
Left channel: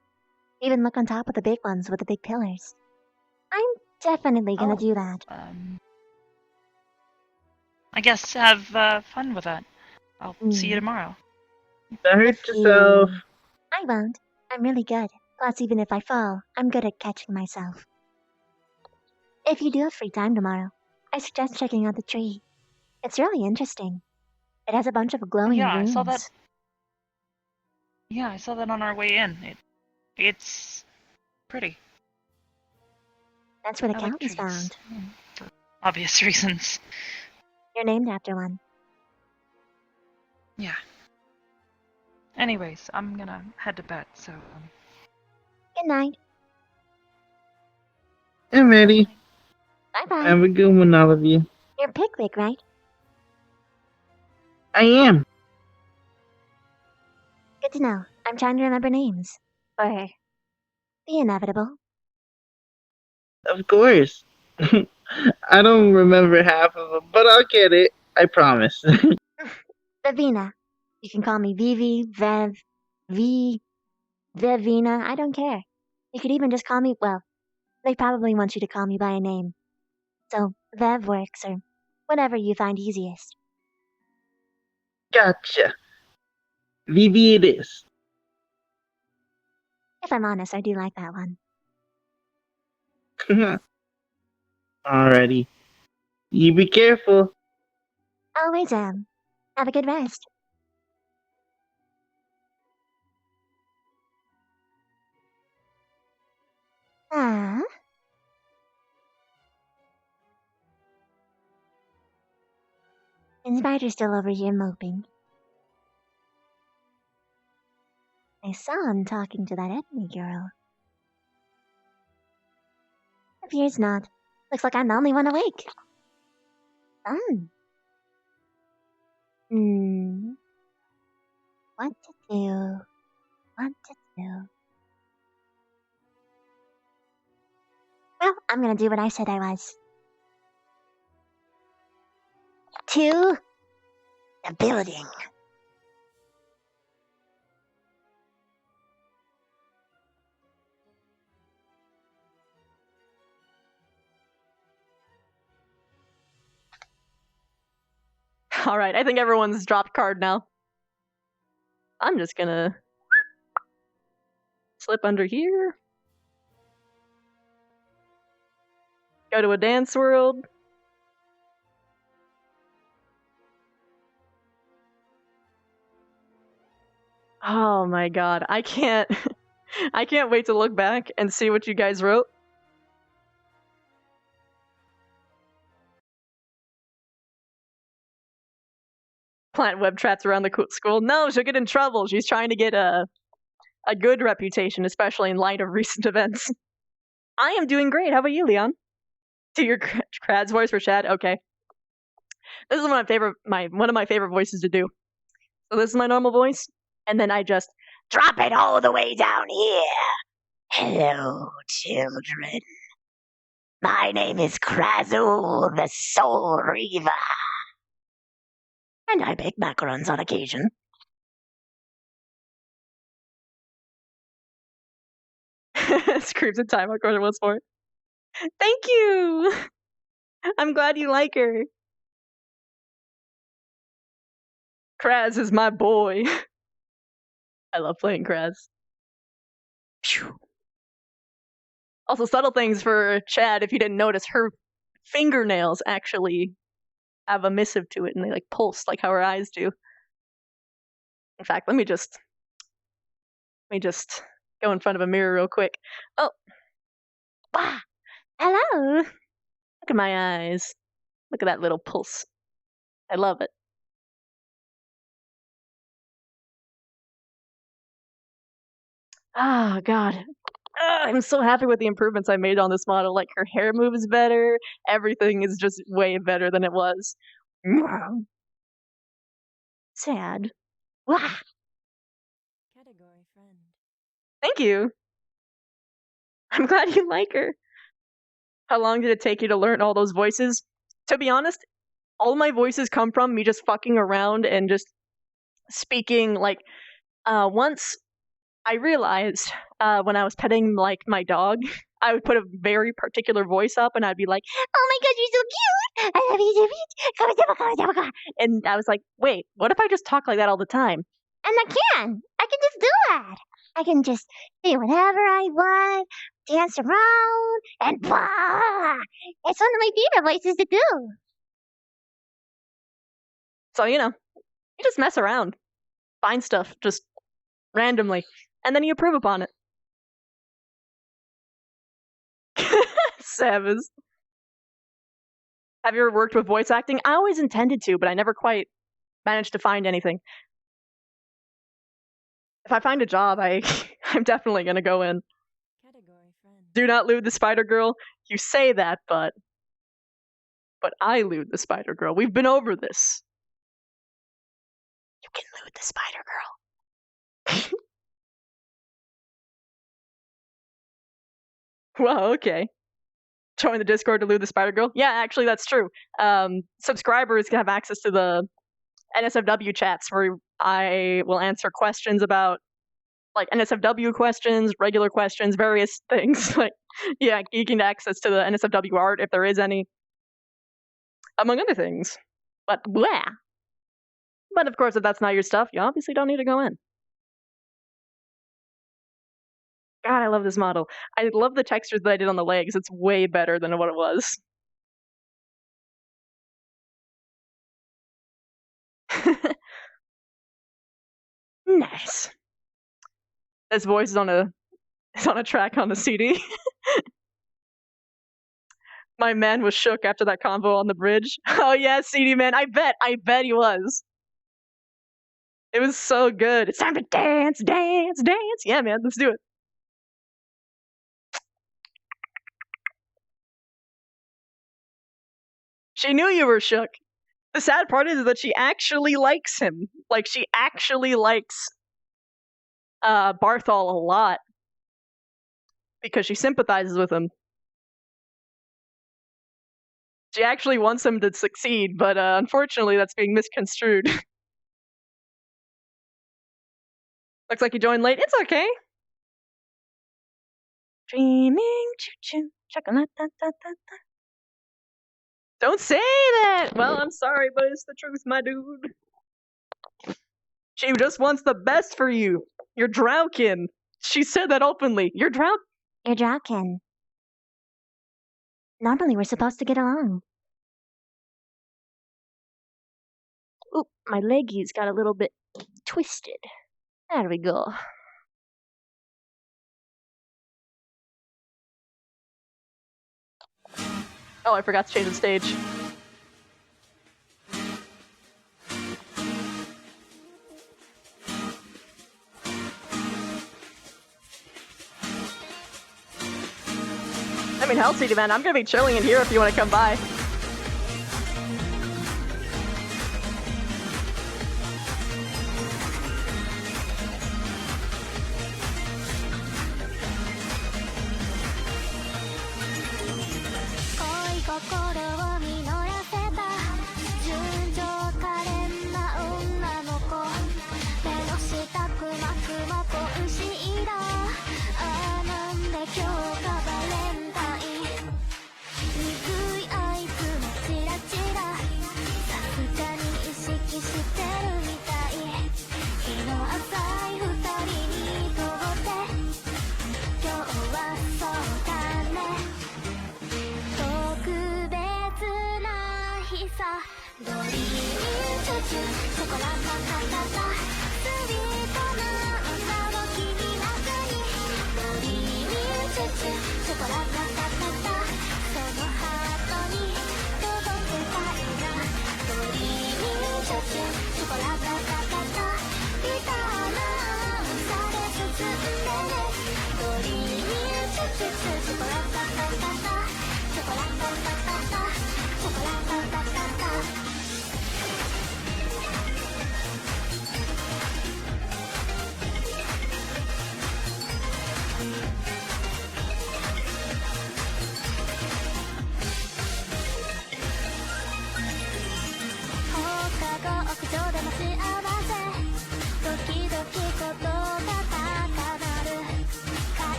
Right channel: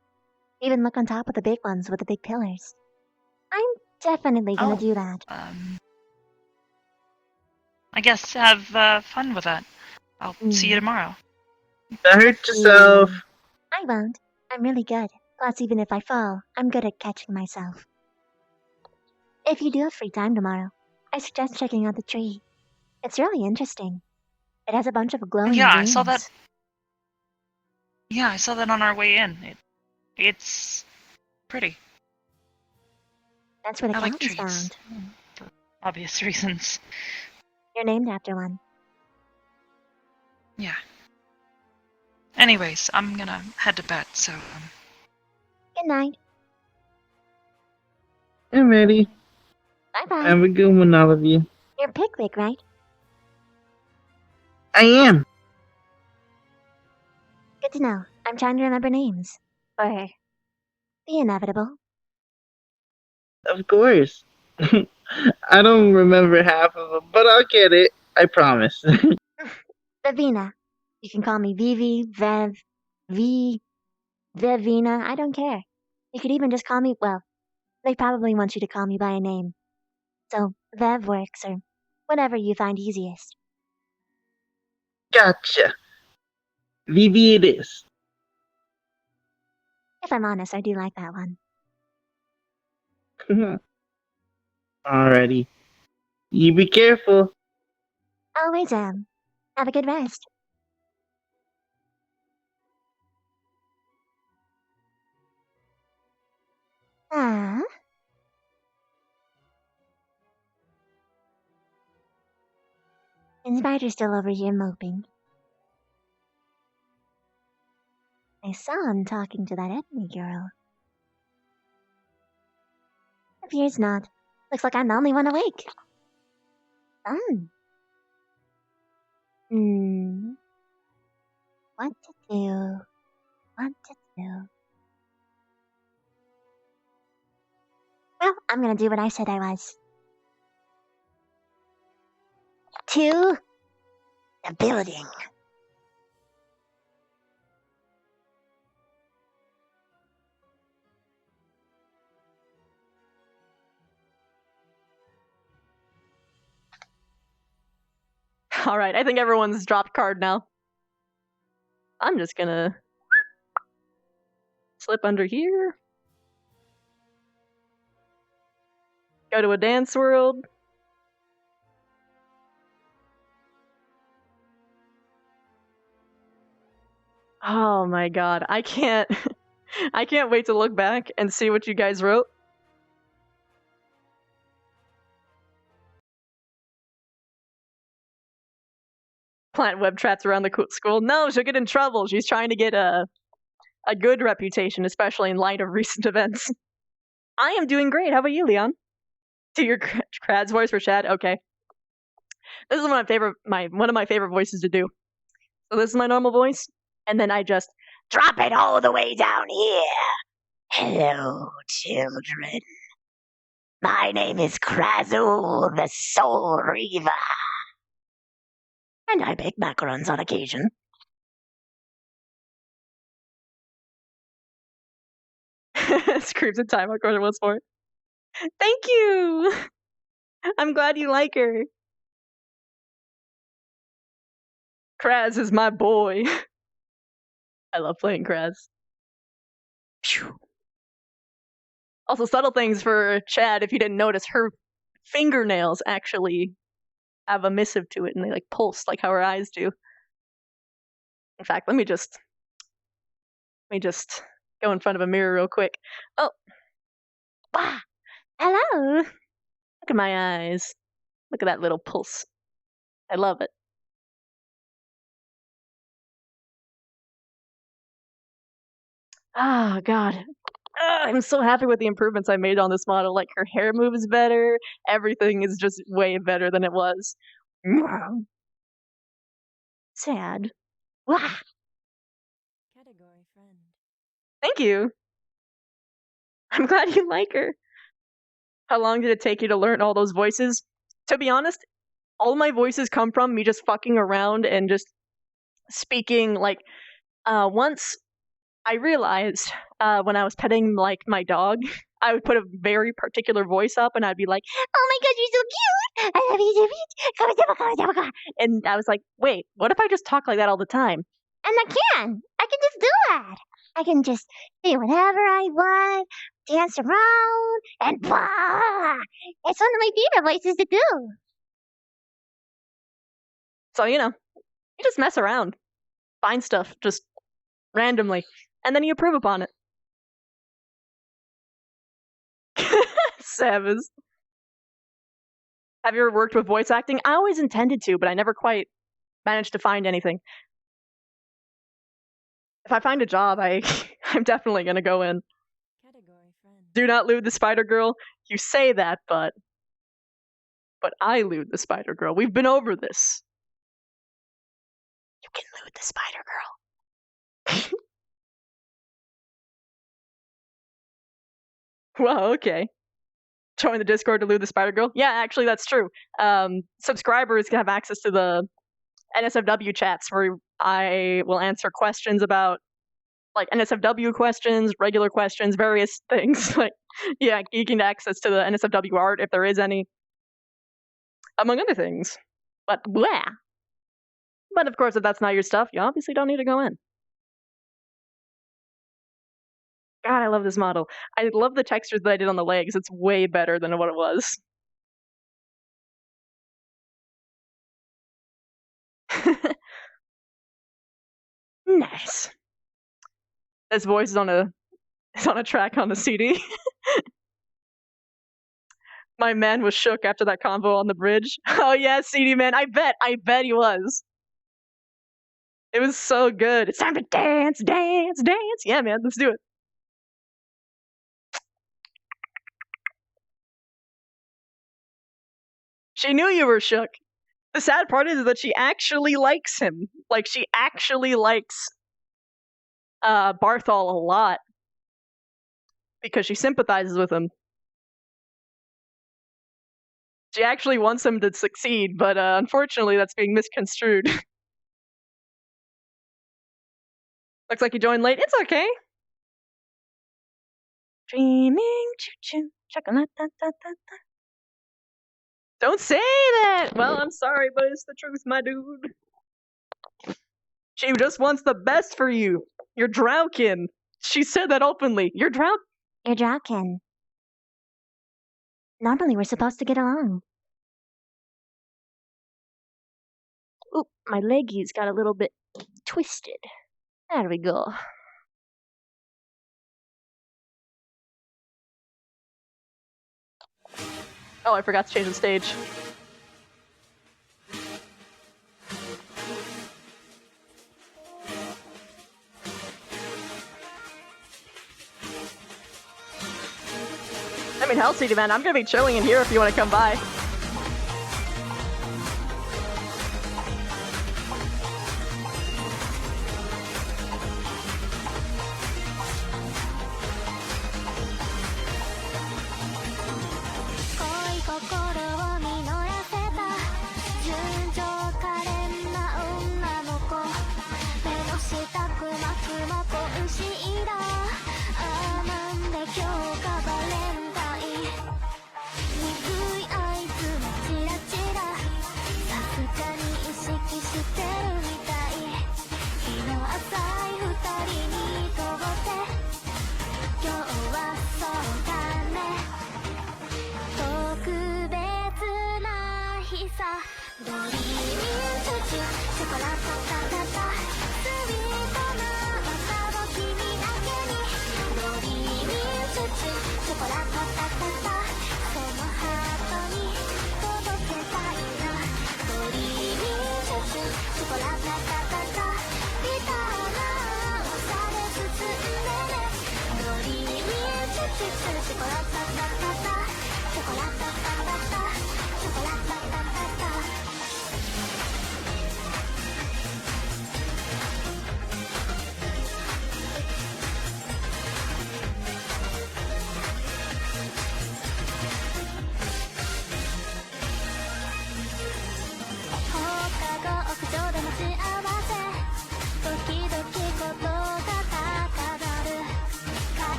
Even look on top of the big ones with the big pillars. I'm definitely gonna do that. I guess have fun with that. I'll see you tomorrow. Don't hurt yourself. I won't. I'm really good. Plus, even if I fall, I'm good at catching myself. If you do have free time tomorrow, I suggest checking out the tree. It's really interesting. It has a bunch of glowing Yeah, rings. I saw that. Yeah, I saw that on our way in. It's pretty. That's where the I like cat was trees. found. For obvious reasons. You're named after one. Yeah. Anyways, I'm gonna head to bed, so. Good night. Hey, Maddie. Bye-bye. Have a good one, all of you. You're Pickwick, right? I am. Good to know. I'm trying to remember names. Or the inevitable. Of course. I don't remember half of them, but I'll get it. I promise. Vivina. You can call me Vivi, Vev, V, Vivina. I don't care. You could even just call me, well, they probably want you to call me by a name. So, Vev works, or whatever you find easiest. Gotcha. Vivi it is. If I'm honest, I do like that one. Alrighty. You be careful. Always am. Have a good rest. Ah. And Spider's still over here moping. I saw him talking to that Ethne girl. Appears not. Looks like I'm the only one awake. Fun. What to do? What to do? Well, I'm gonna do what I said I was. To the building. Alright, I think everyone's dropped card now. I'm just gonna slip under here. Go to a dance world. Oh my god, I can't I can't wait to look back and see what you guys wrote. Plant web traps around the school. No, she'll get in trouble. She's trying to get a good reputation, especially in light of recent events. I am doing great. How about you, Leon? To your Krad's voice for Chad? Okay. This is one of my favorite voices to do. So this is my normal voice, and then I just drop it all the way down here. Hello, children. My name is Krazul, the Soul Reaver. And I bake macarons on occasion. Screams in time, of course it was for it. Thank you! I'm glad you like her. Kraz is my boy. I love playing Kraz. Phew. Also, subtle things for Chad, if you didn't notice, her fingernails actually have a missive to it, and they like pulse like how her eyes do. In fact, let me just go in front of a mirror real quick. Oh, wow! Hello. Look at my eyes. Look at that little pulse. I love it. Oh God. I'm so happy with the improvements I made on this model. Like, her hair moves better. Everything is just way better than it was. Sad. Wah. Category friend. Thank you. I'm glad you like her. How long did it take you to learn all those voices? To be honest, all my voices come from me just fucking around and just speaking. Like, once I realized when I was petting like my dog, I would put a very particular voice up, and I'd be like, "Oh my God, you're so cute! I love you so much!" And I was like, "Wait, what if I just talk like that all the time?" And I can just do that. I can just do whatever I want, dance around, and blah! It's one of my favorite voices to do. So you just mess around, find stuff just randomly, and then you improve upon it. Savage. Have you ever worked with voice acting? I always intended to, but I never quite managed to find anything. If I find a job, I'm definitely gonna go in. Category friend. Do not lewd the Spider Girl. You say that, but I lewd the Spider Girl. We've been over this. You can lewd the Spider Girl. Wow, okay. Join the Discord to lewd the Spider Girl? Yeah, actually, that's true. Subscribers can have access to the NSFW chats where I will answer questions about, like, NSFW questions, regular questions, various things. Like, yeah, you can access to the NSFW art if there is any, among other things. But blah. But of course, if that's not your stuff, you obviously don't need to go in. God, I love this model. I love the textures that I did on the legs. It's way better than what it was. Nice. This voice is on a track on the CD. My man was shook after that convo on the bridge. Oh yeah, CD man. I bet he was. It was so good. It's time to dance, dance, dance. Yeah, man, let's do it. She knew you were shook. The sad part is that she actually likes him. Like, she actually likes Barthol a lot because she sympathizes with him. She actually wants him to succeed, but unfortunately that's being misconstrued. Looks like you joined late. It's okay. Dreaming, choo-choo, chocolate, da, da, da, da. Don't say that! Well, I'm sorry, but it's the truth, my dude. She just wants the best for you. You're Drowkin. She said that openly. You're Drowkin. Normally we're supposed to get along. Oop, my leggies got a little bit twisted. There we go. Oh, I forgot to change the stage. I mean, hell, CD man, I'm gonna be chilling in here if you want to come by.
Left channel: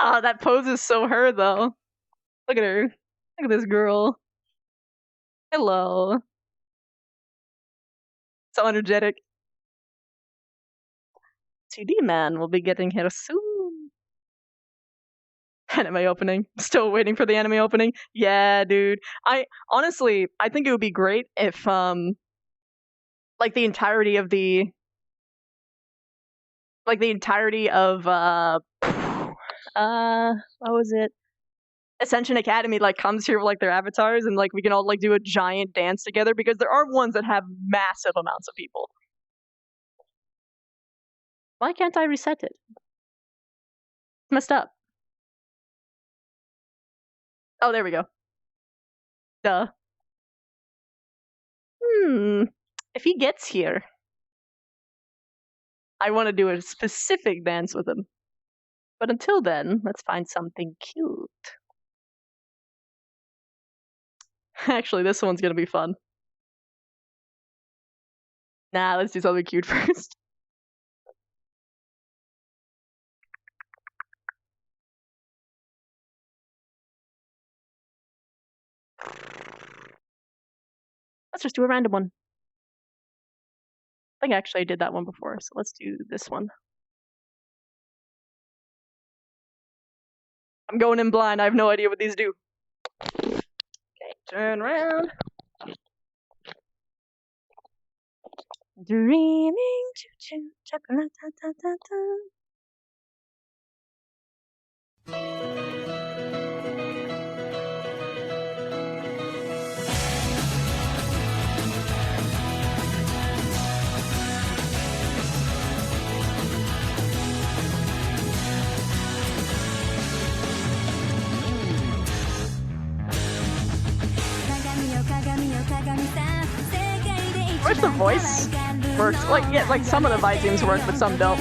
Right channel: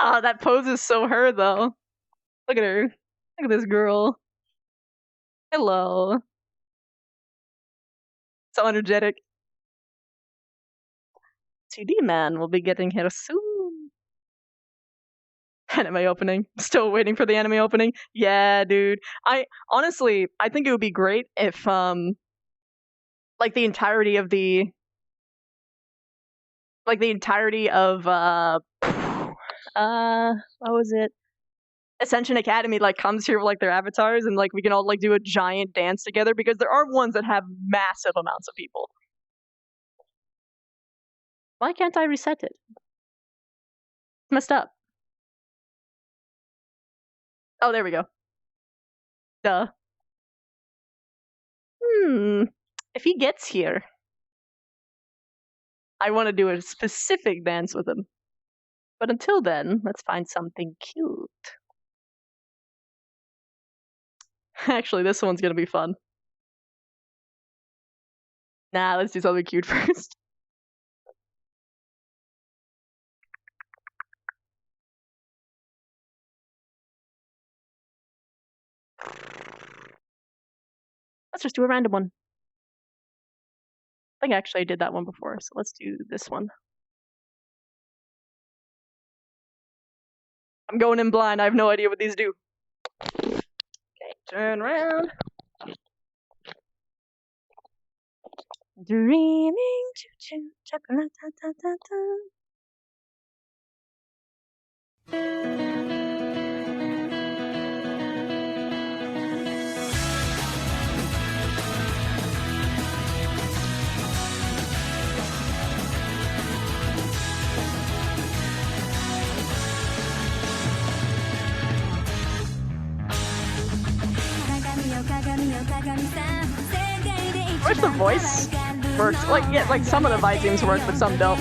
Ah, that pose is so her though. Look at her. Look at this girl. Hello. So energetic. 2D man will be getting here soon. Anime opening. Still waiting for the anime opening. Yeah, dude. I honestly, I think it would be great if like the entirety of what was it? Ascension Academy like comes here with like their avatars and like we can all like do a giant dance together because there are ones that have massive amounts of people. Why can't I reset it? It's messed up. Oh, there we go. Duh. If he gets here, I want to do a specific dance with him. But until then, let's find something cute. Actually, this one's gonna be fun. Nah, let's do something cute first. Let's just do a random one. I think actually I did that one before, so let's do this one. I'm going in blind. I have no idea what these do. Okay, turn around. Dreaming, choo-choo, chocolate-ta-ta-ta-ta. I wish the voice works. Like, yeah, like some of the volumes work, but some don't.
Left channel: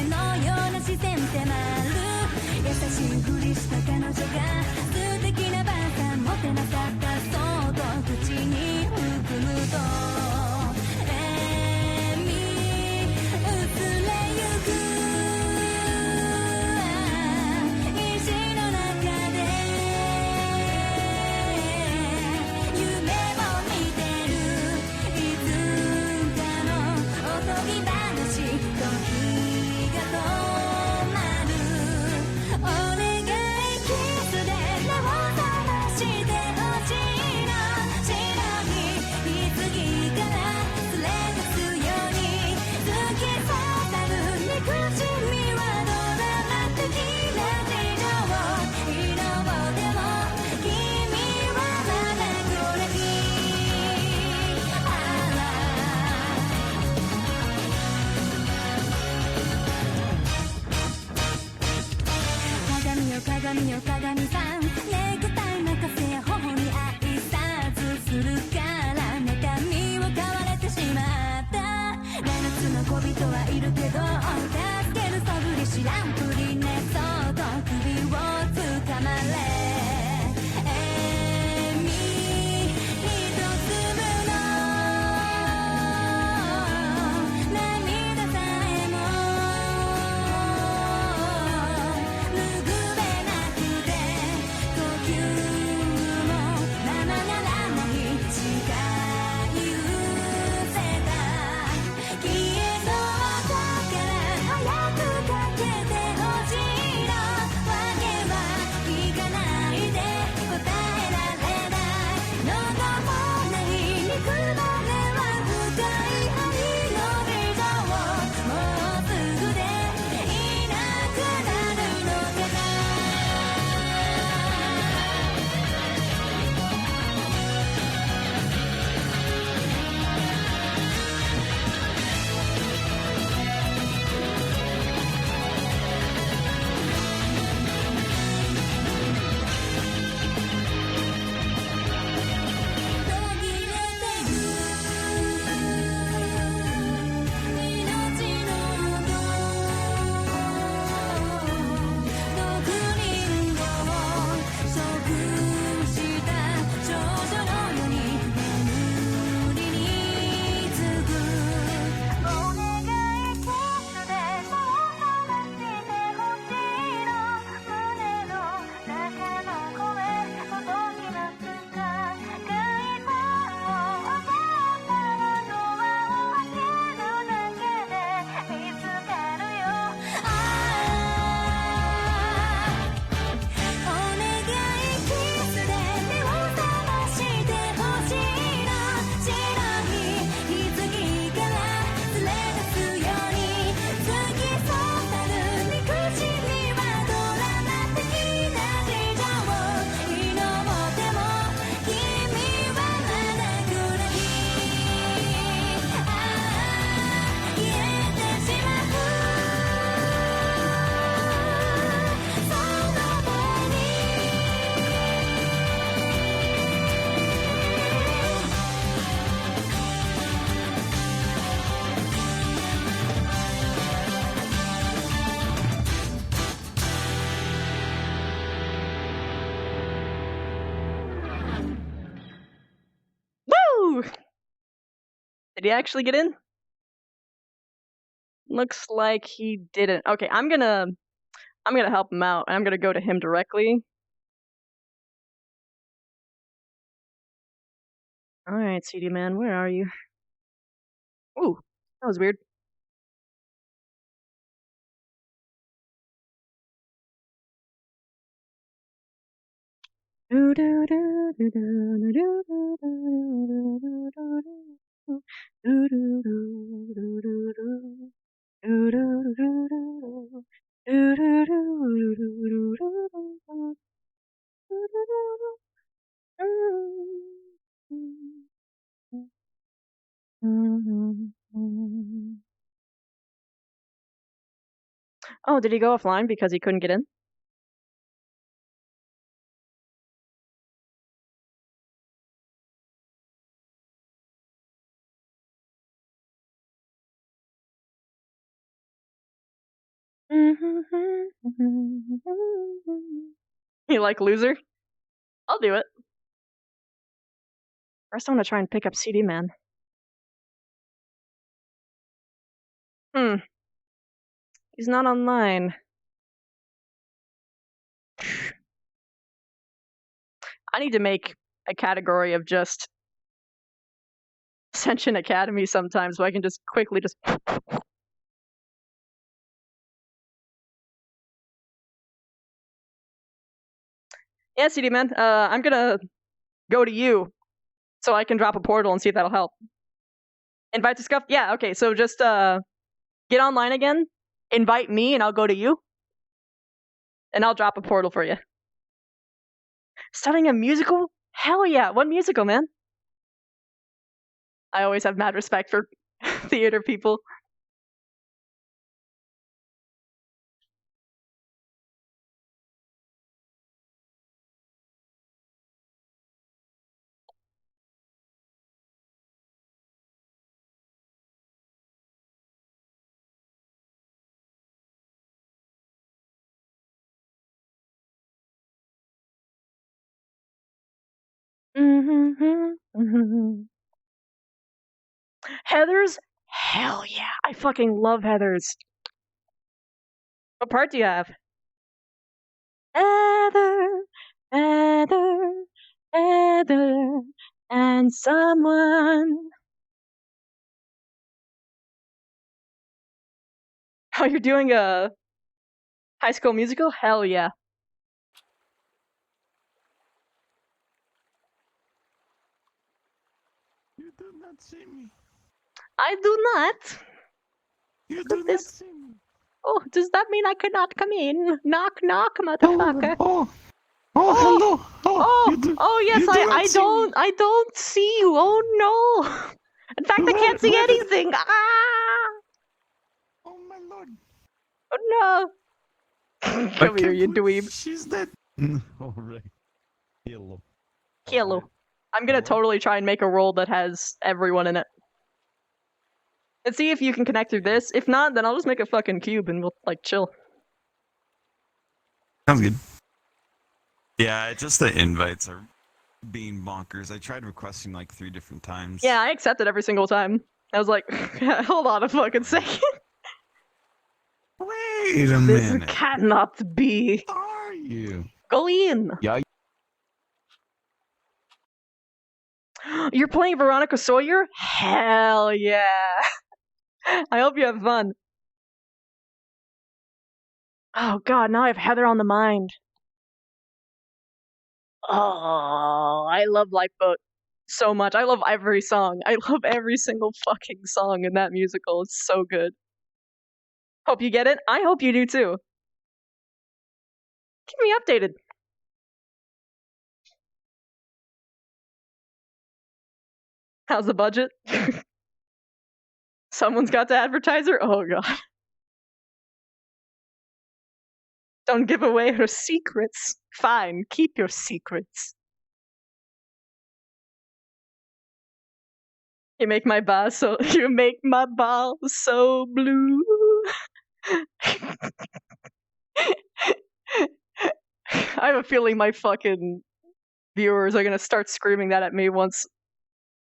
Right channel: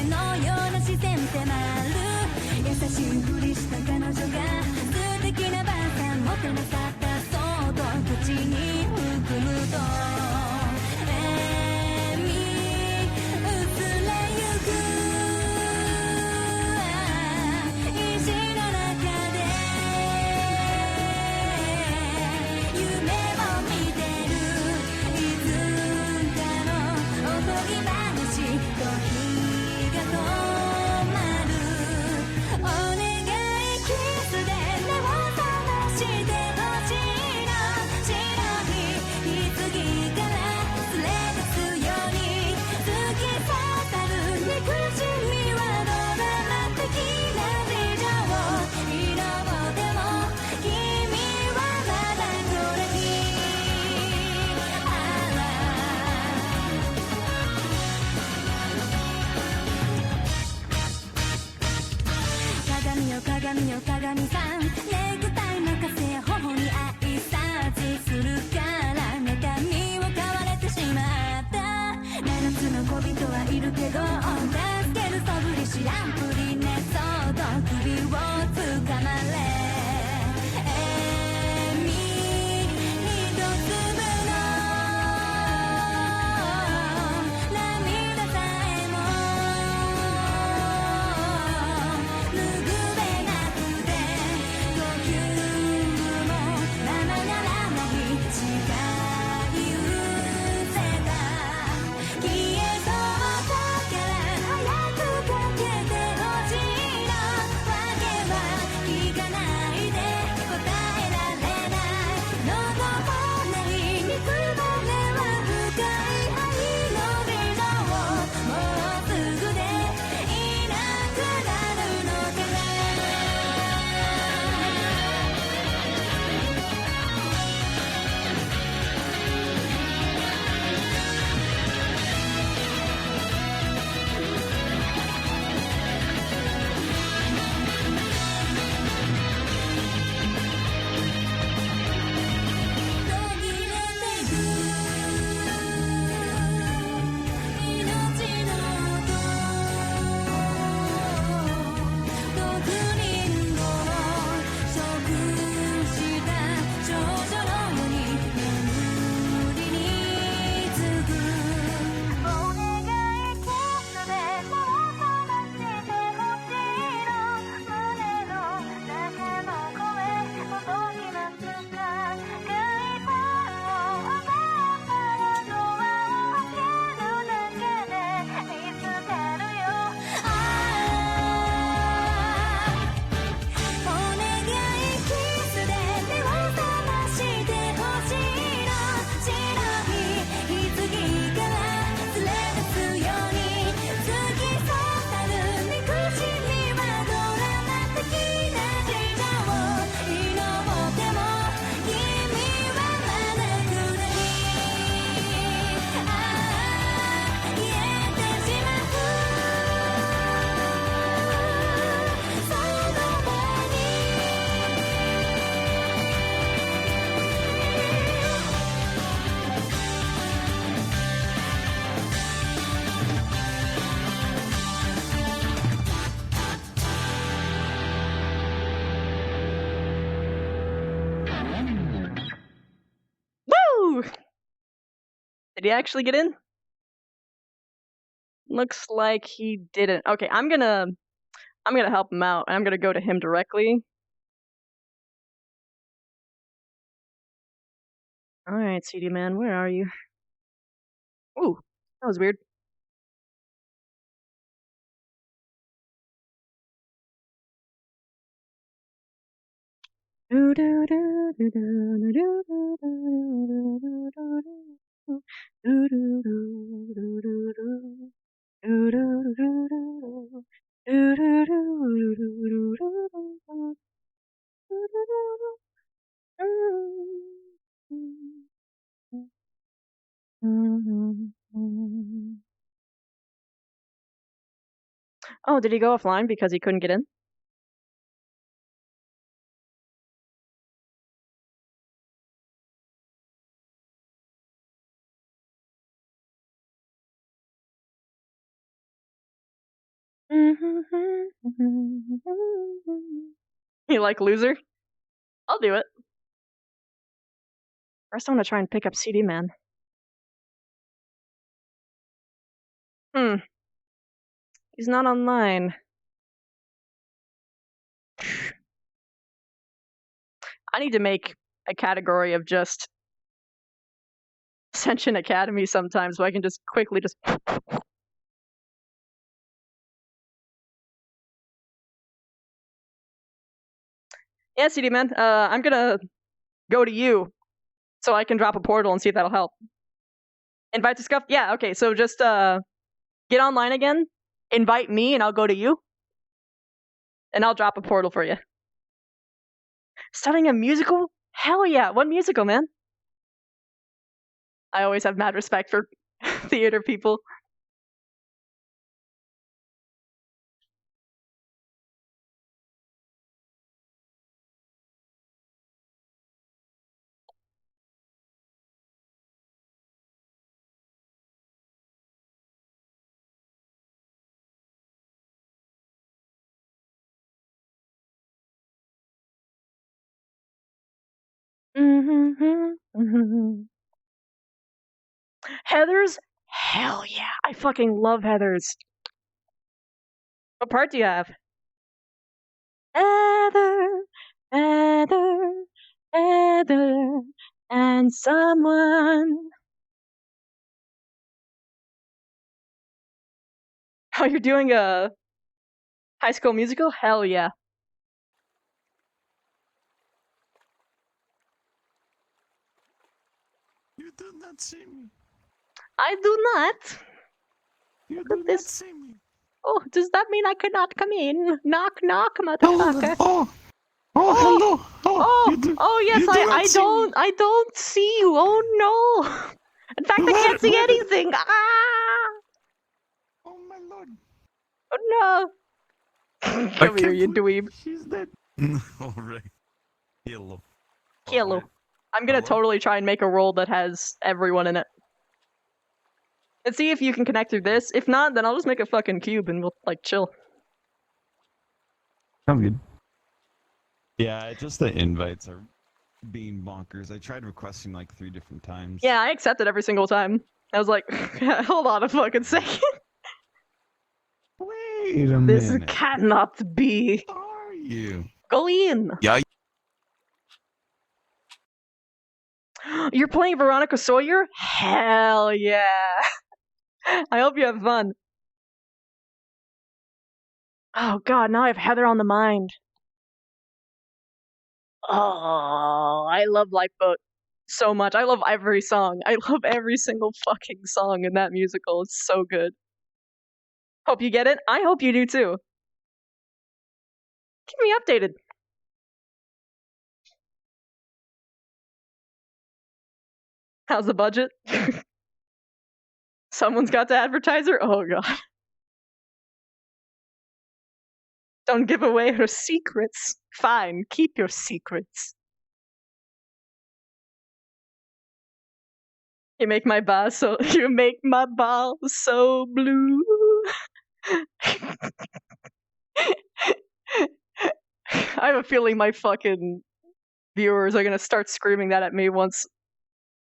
Woo! Did he actually get in? Looks like he didn't. Okay, I'm gonna help him out. I'm gonna go to him directly. Alright, CD man, where are you? Ooh, that was weird. Oh, did he go offline because he couldn't get in? You like loser? I'll do it. First, I'm gonna try and pick up CD man. He's not online. I need to make a category of just Ascension Academy sometimes so I can just quickly just. Yeah, CD man. I'm gonna go to you so I can drop a portal and see if that'll help. Invite to Scuff? Yeah, okay, so just get online again, invite me, and I'll go to you. And I'll drop a portal for you. Starting a musical? Hell yeah, what musical, man? I always have mad respect for theater people. Heathers? Hell yeah. I fucking love Heathers. What part do you have? Heather, Heather, Heather, and someone. Oh, you're doing a High School Musical? Hell yeah. You do not see me. I do not. You Look do at not this. see me. Oh, does that mean I cannot come in? Knock, knock, motherfucker. Oh, hello. Yes, you do not see me. I don't see you. Oh no. In fact, I can't see anything. Ah! Oh my lord. Oh no. Come here, you dweeb. She's dead. Alright. Hello. Hello. I'm gonna totally try and make a roll that has everyone in it. And see if you can connect through this. If not, then I'll just make a fucking cube and we'll, like, chill. Sounds good. Yeah, it's just the invites are being bonkers. I tried requesting like 3 different times. Yeah, I accepted every single time. I was like, hold on a fucking second. Wait a This minute. cannot be. Are you? Go in. Yeah. You're playing Veronica Sawyer? Hell yeah. I hope you have fun. Oh god, now I have Heather on the mind. Oh, I love Lifeboat so much. I love every song. I love every single fucking song in that musical. It's so good. Hope you get it. I hope you do too. Keep me updated. How's the budget? Someone's got to advertise her? Oh god. Don't give away her secrets. Fine, keep your secrets. You make my bar so blue. I have a feeling my fucking viewers are gonna start screaming that at me once,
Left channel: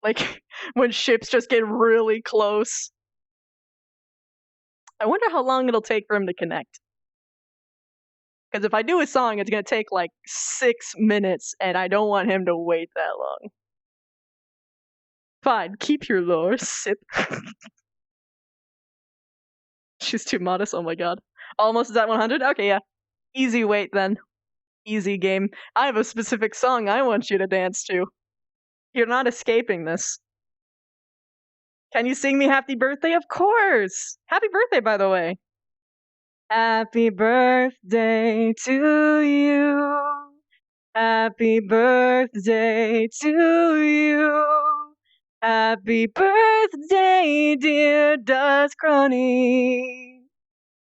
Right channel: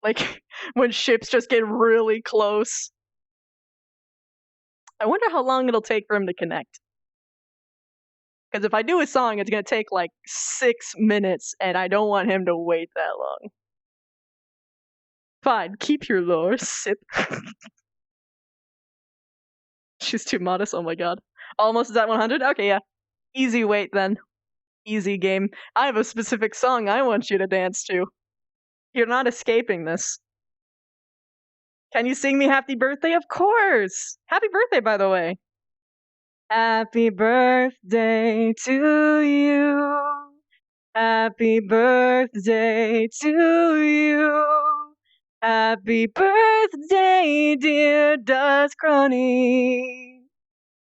like, when ships just get really close. I wonder how long it'll take for him to connect. Because if I do a song, it's gonna take like 6 minutes, and I don't want him to wait that long. Fine, keep your lore, sip. She's too modest, oh my god. Almost at 100? Okay, yeah. Easy wait then. Easy game. I have a specific song I want you to dance to. You're not escaping this. Can you sing me happy birthday? Of course! Happy birthday, by the way. Happy birthday to you. Happy birthday to you. Happy birthday, dear Dust Crony.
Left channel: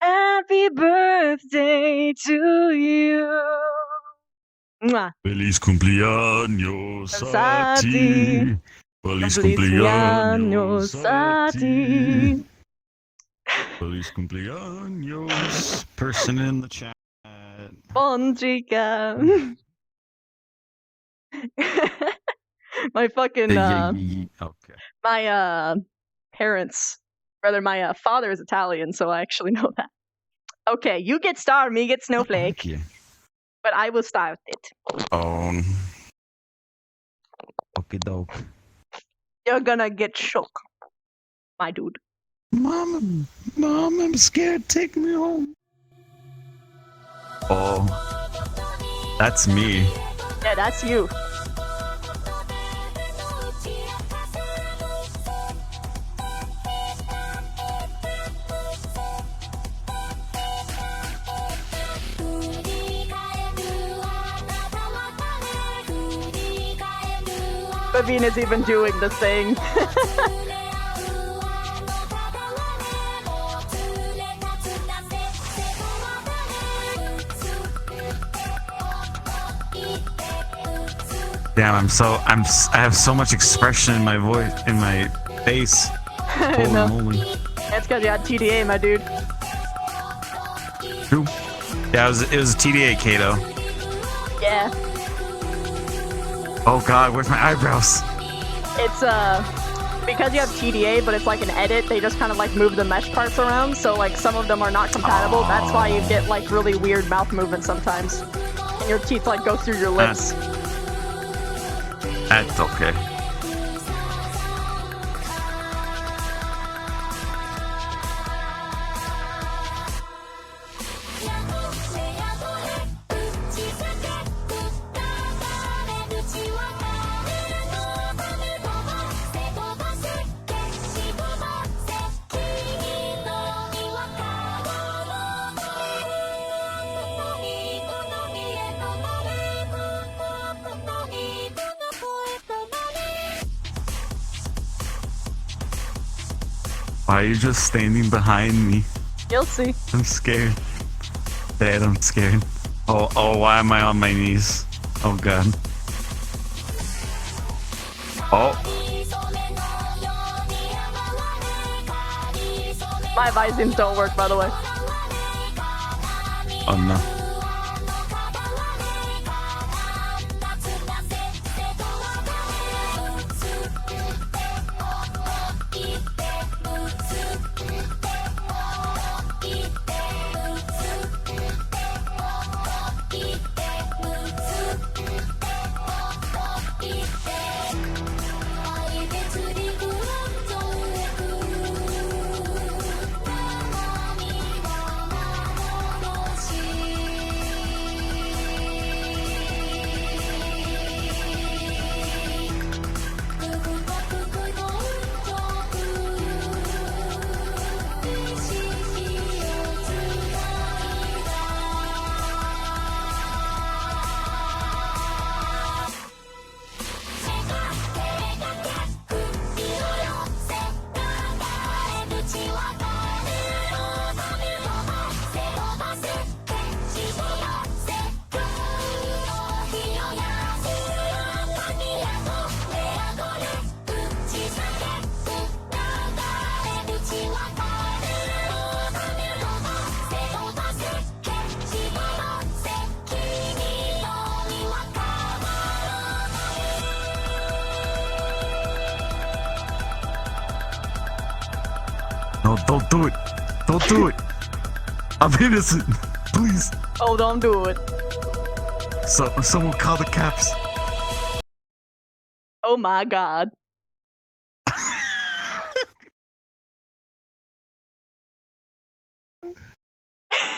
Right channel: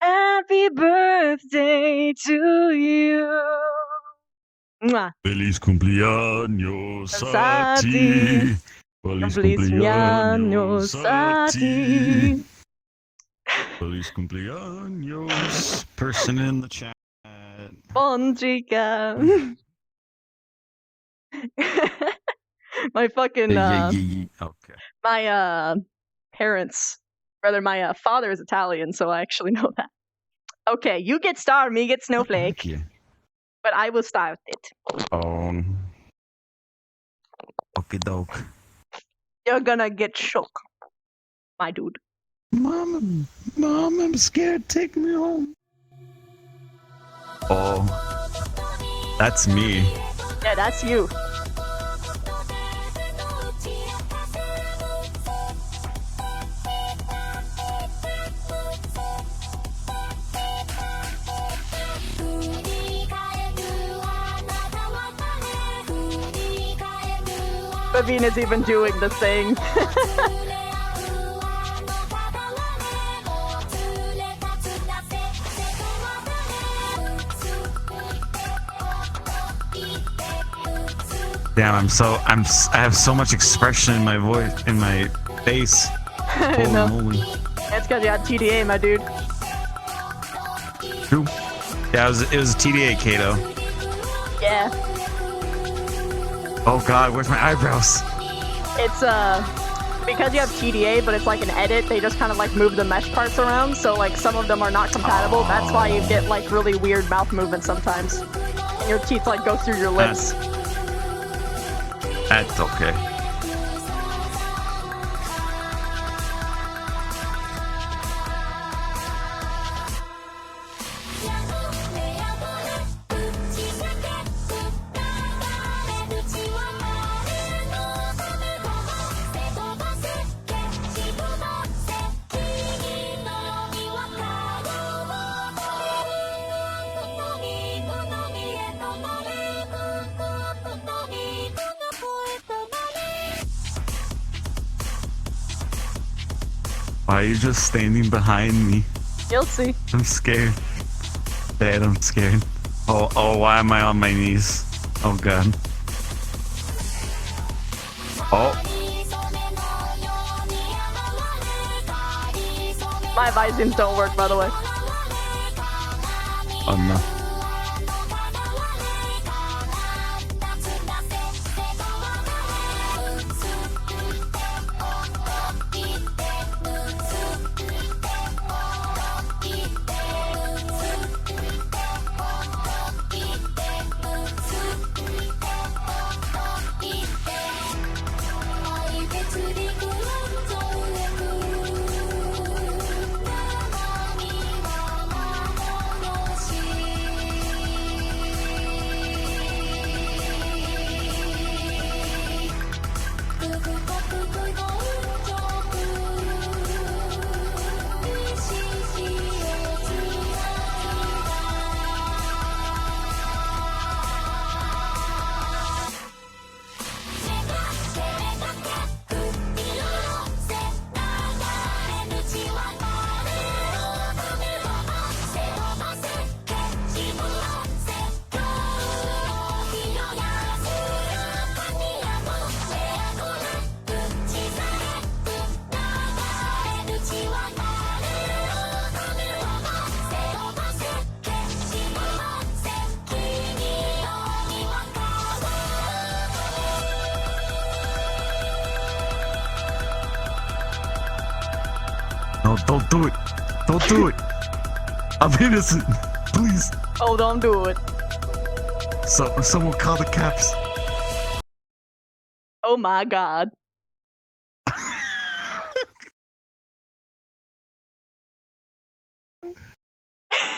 Happy birthday to you. Mwah. Feliz cumpleaños A a ti. ti. Feliz cumpleaños a ti. Feliz cumpleaños. Person in the chat. Bon chica. My fucking Okay. my parents, rather my father is Italian, so I actually know that. Okay, you get star, me get snowflake. Thank you. But I will start it. Okie doke. You're gonna get shook, my dude. Mom, I'm scared. Take me home. Oh, that's me. Yeah, that's you. Bavine is even doing the thing. Damn, I have so much expression in my voice, in my face. I Holy know. moly. That's because you had TDA, my dude. Who? Yeah, it was TDA, Kato. Yeah. Oh god, where's my eyebrows? It's because you have TDA, but it's like an edit, they just kind of like move the mesh parts around, so like some of them are not compatible. That's why you get like really weird mouth movements sometimes. And your teeth like go through your lips. That's okay. Why are you just standing behind me? You'll see. I'm scared. Dad, I'm scared. Oh, why am I on my knees? Oh god. Oh, My Visins don't work, by the way. oh no. No, don't do it. Don't do it. I'm innocent. Please. Oh, don't do it. Someone call the cops. Oh my god.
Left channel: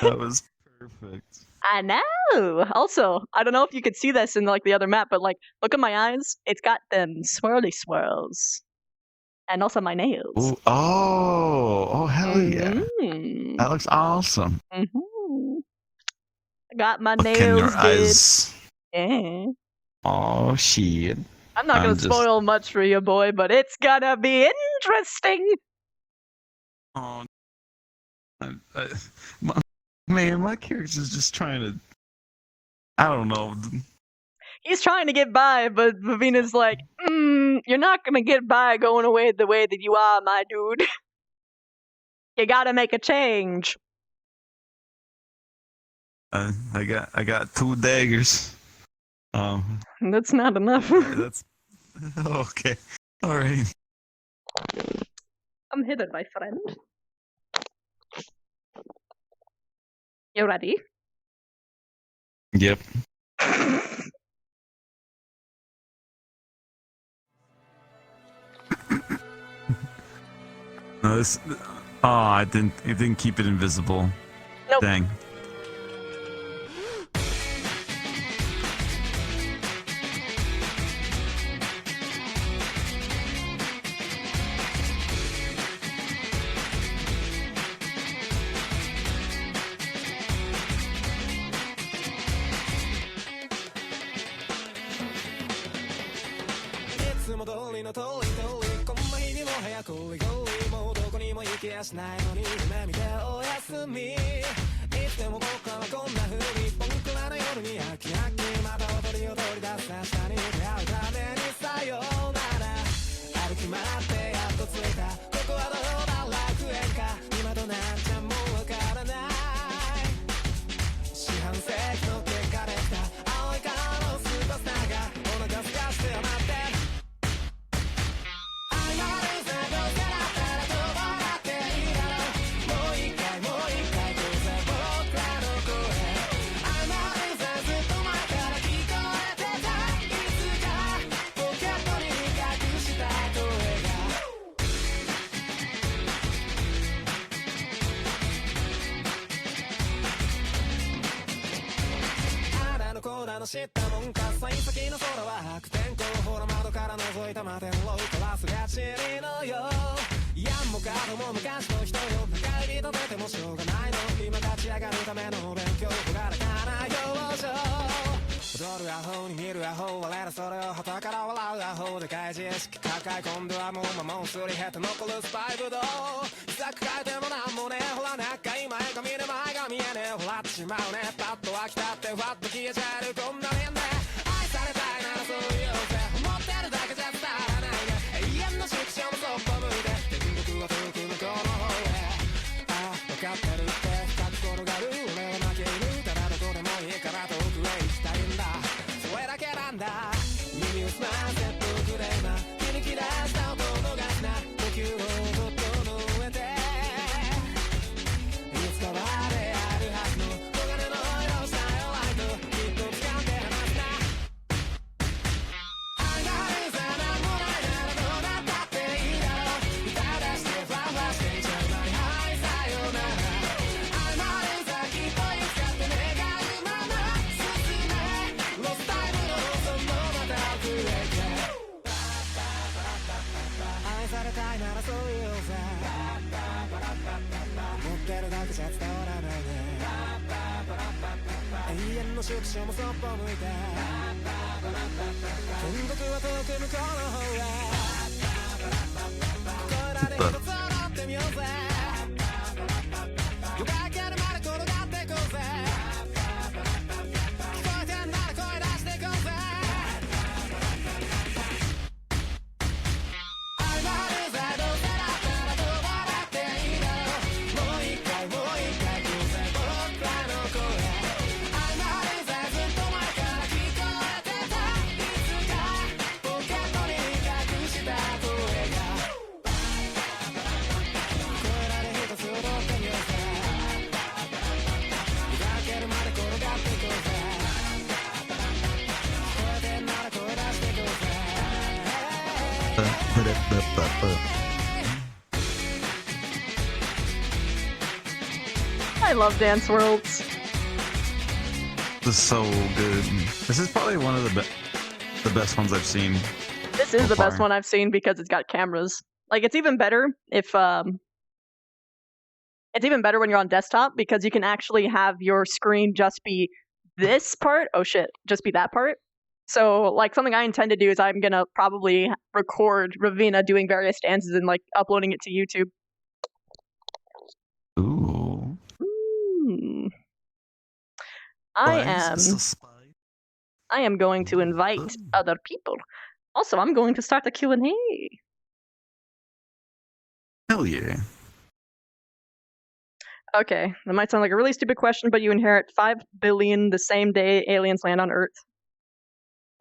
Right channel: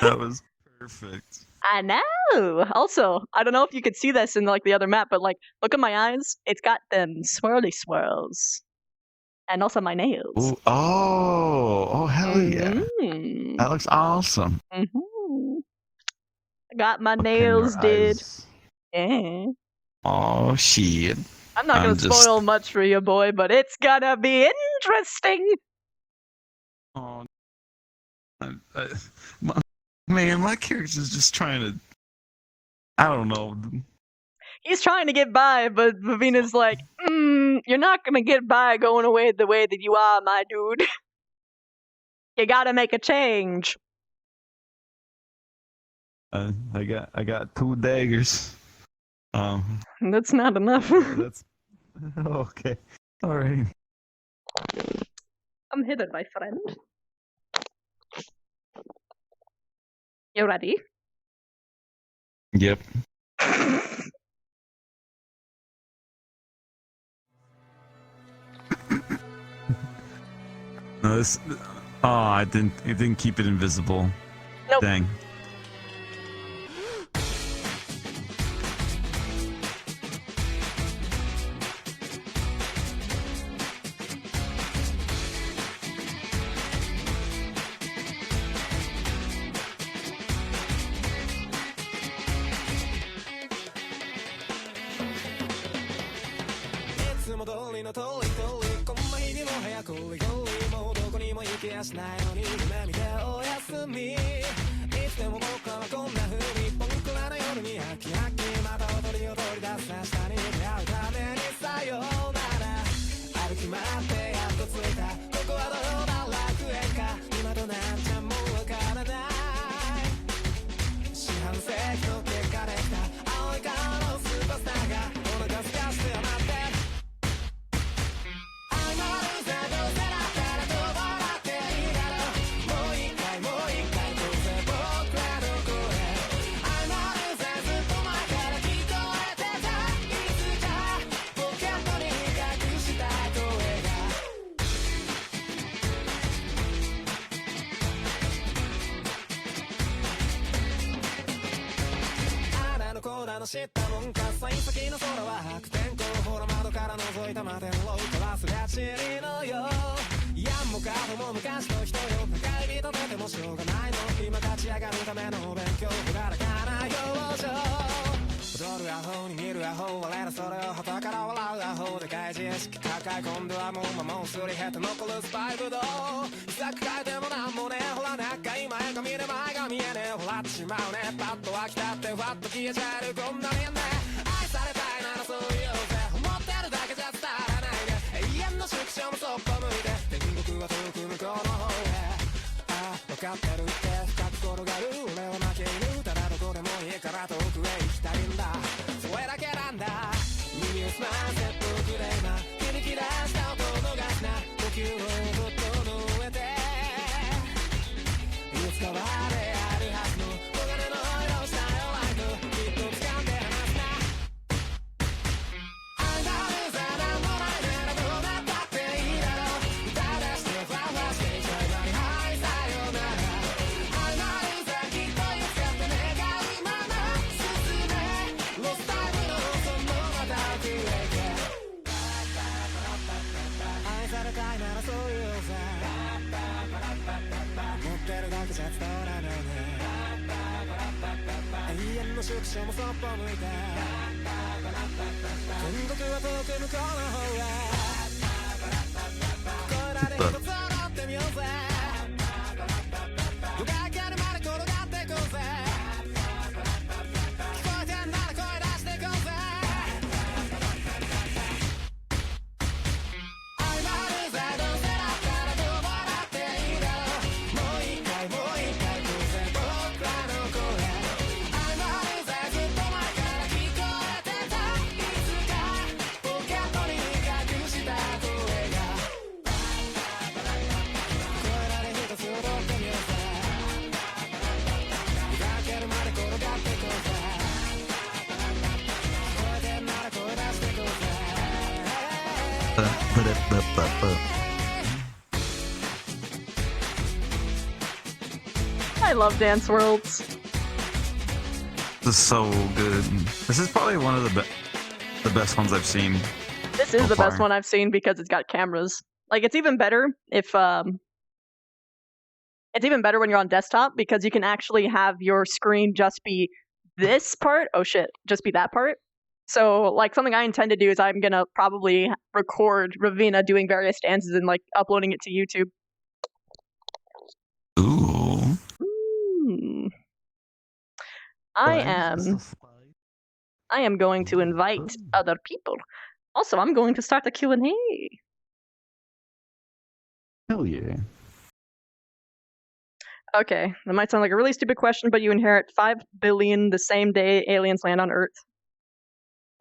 That was perfect. I know. Also, I don't know if you could see this in like the other map, but like, look at my eyes. It's got them swirly swirls, and also my nails. Ooh, oh, hell yeah! Mm-hmm. That looks awesome. Mm-hmm. I got my Look in your nails did. eyes. Yeah. Oh shit! I'm not gonna I'm just- spoil much for you, boy, but it's gonna be interesting. Oh, my character's just trying to. I don't know. He's trying to get by, but Vavina's like, you're not gonna get by going away the way that you are, my dude. You gotta make a change. I got 2 daggers. That's not enough. That's okay. All right. I'm hidden, my friend. You ready? Yep. No, this. Oh, it didn't keep it invisible. Nope. Dang. I love Dance Worlds. This is so good. This is probably one of the best ones I've seen. This is so the best far. one I've seen because it's got cameras. Like, it's even better if it's even better when you're on desktop because you can actually have your screen just be this part. Oh shit, just be that part. So, like, something I intend to do is I'm gonna probably record Ravina doing various dances and like uploading it to YouTube. Ooh. I am going to invite other people. Also, I'm going to start a Q&A. Hell yeah. Okay, that might sound like a really stupid question, but you inherit 5 billion the same day aliens land on Earth.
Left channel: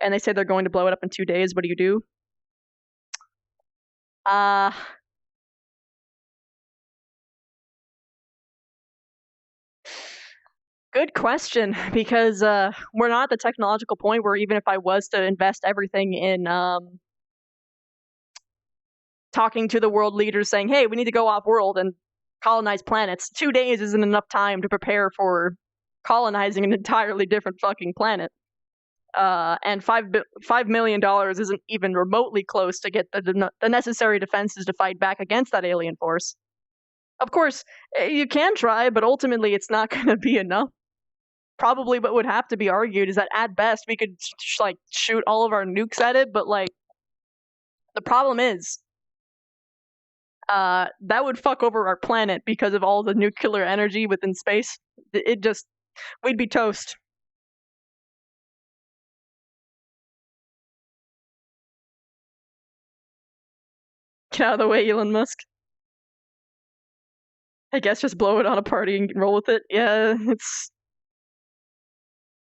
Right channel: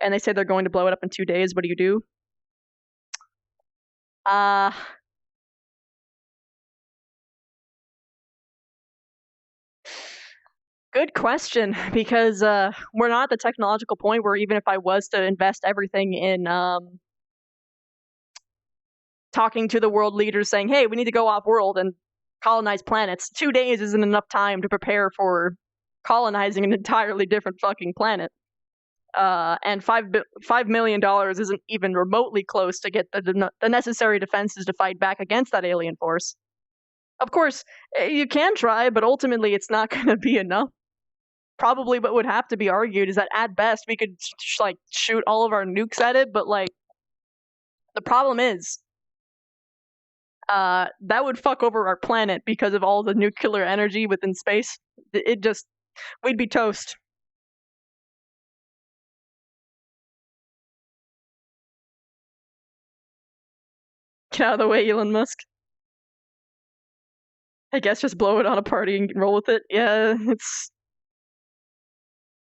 And they say they're going to blow it up in 2 days. What do you do? Good question, because we're not at the technological point where even if I was to invest everything in talking to the world leaders saying, hey, we need to go off-world and colonize planets, 2 days isn't enough time to prepare for colonizing an entirely different fucking planet. And $5 million isn't even remotely close to get the necessary defenses to fight back against that alien force. Of course, you can try, but ultimately it's not going to be enough. Probably what would have to be argued is that at best we could like shoot all of our nukes at it, but like the problem is that would fuck over our planet because of all the nuclear energy within space. We'd be toast. Get out of the way, Elon Musk. I guess just blow it on a party and roll with it. Yeah,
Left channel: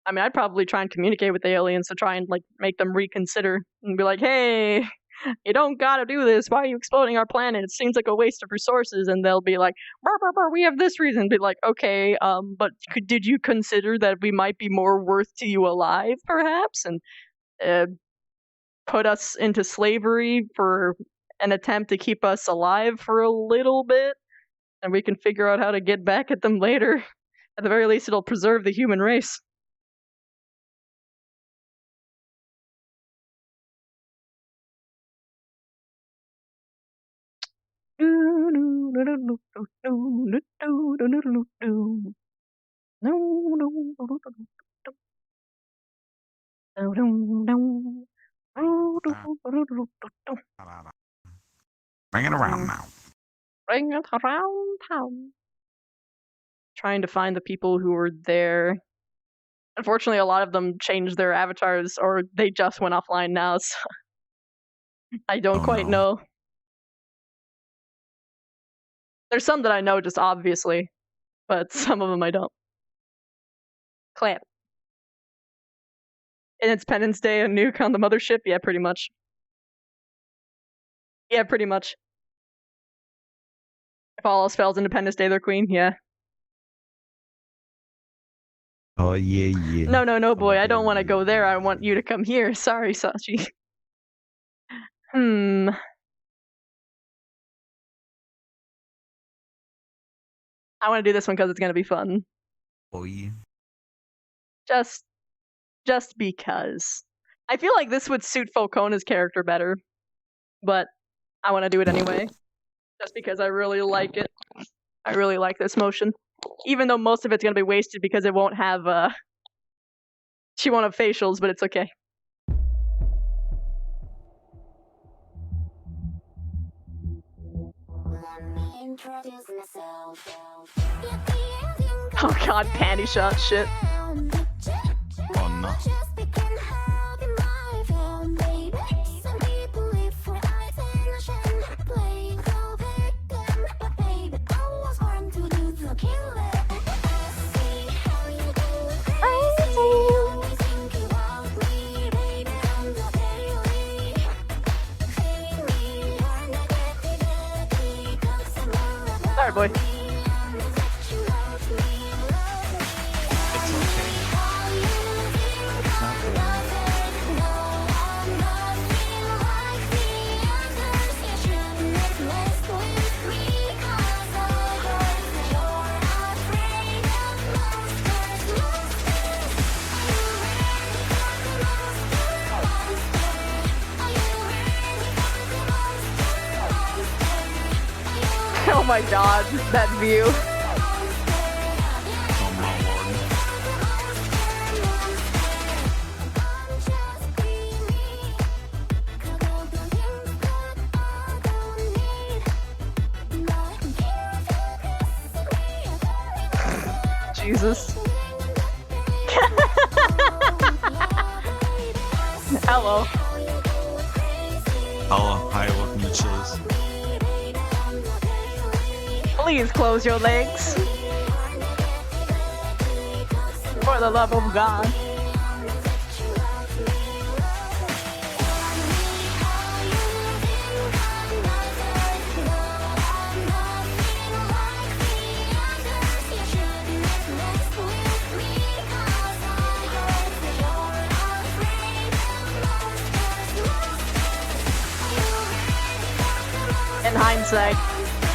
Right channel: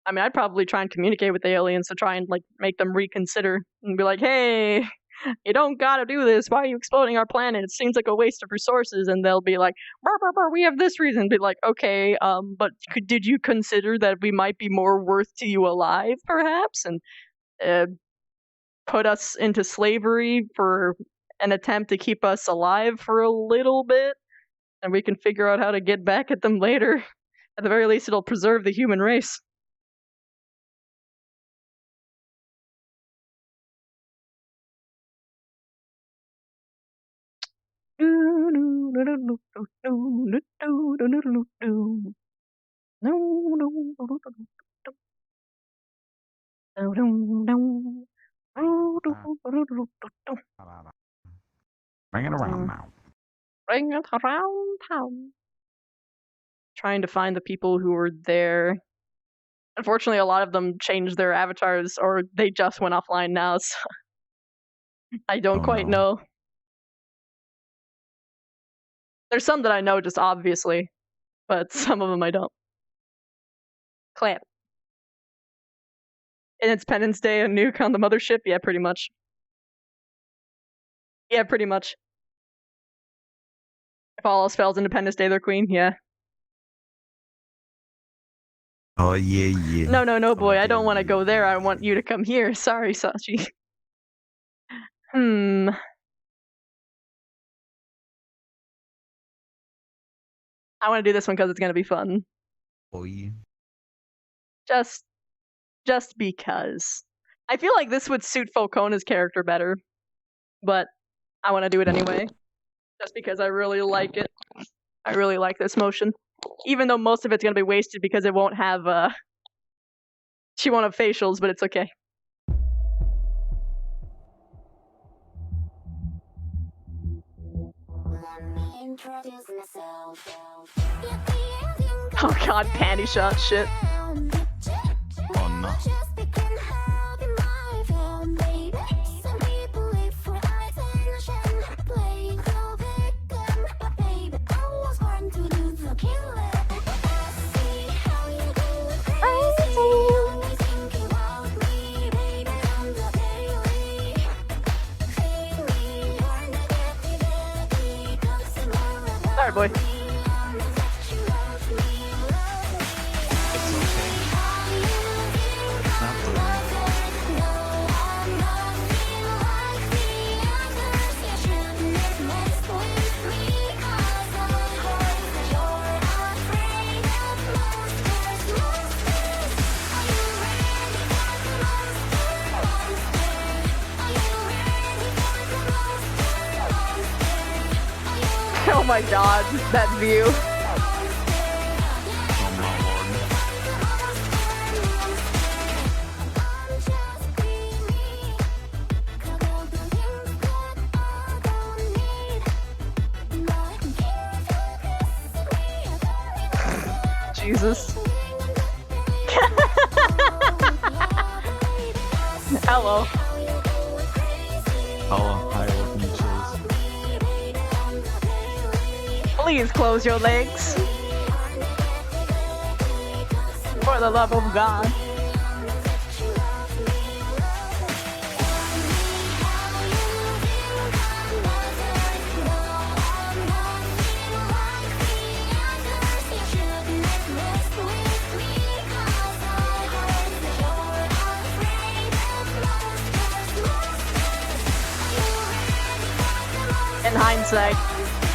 I mean, I'd probably try and communicate with the aliens to try and like make them reconsider and be like, hey, you don't gotta do this. Why are you exploding our planet? It seems like a waste of resources. And they'll be like, burr, burr, burr, we have this reason. Be like, okay, but did you consider that we might be more worth to you alive, perhaps? And put us into slavery for an attempt to keep us alive for a little bit? And we can figure out how to get back at them later. At the very least, it'll preserve the human race. Bring it around now. Bring it around town. Trying to find the people who were there. Unfortunately, a lot of them changed their avatars, or they just went offline now, so I don't quite know. There's some that I know just obviously, but some of them I don't. Clamp. Independence Day, a nuke on the mothership? Yeah, pretty much. Yeah, pretty much. If all else fails, Independence Day, they're queen? Yeah. Oh, yeah. No, boy, I don't want to go there. I want you to come here. Sorry, Sachi. I want to do this one because it's going to be fun. Oh, yeah. Just because. I feel like this would suit Falcone's character better, but I want to do it anyway. Just because I really like it. I really like this motion. Even though most of it's going to be wasted because it won't have, she won't have facials, but it's okay. Oh god, panty shot shit. Oh no. Sorry, boy. Oh my god, that view. Oh my lord. Jesus. Hello. Oh, hi, what you Please close your legs. For the love of God. In hindsight,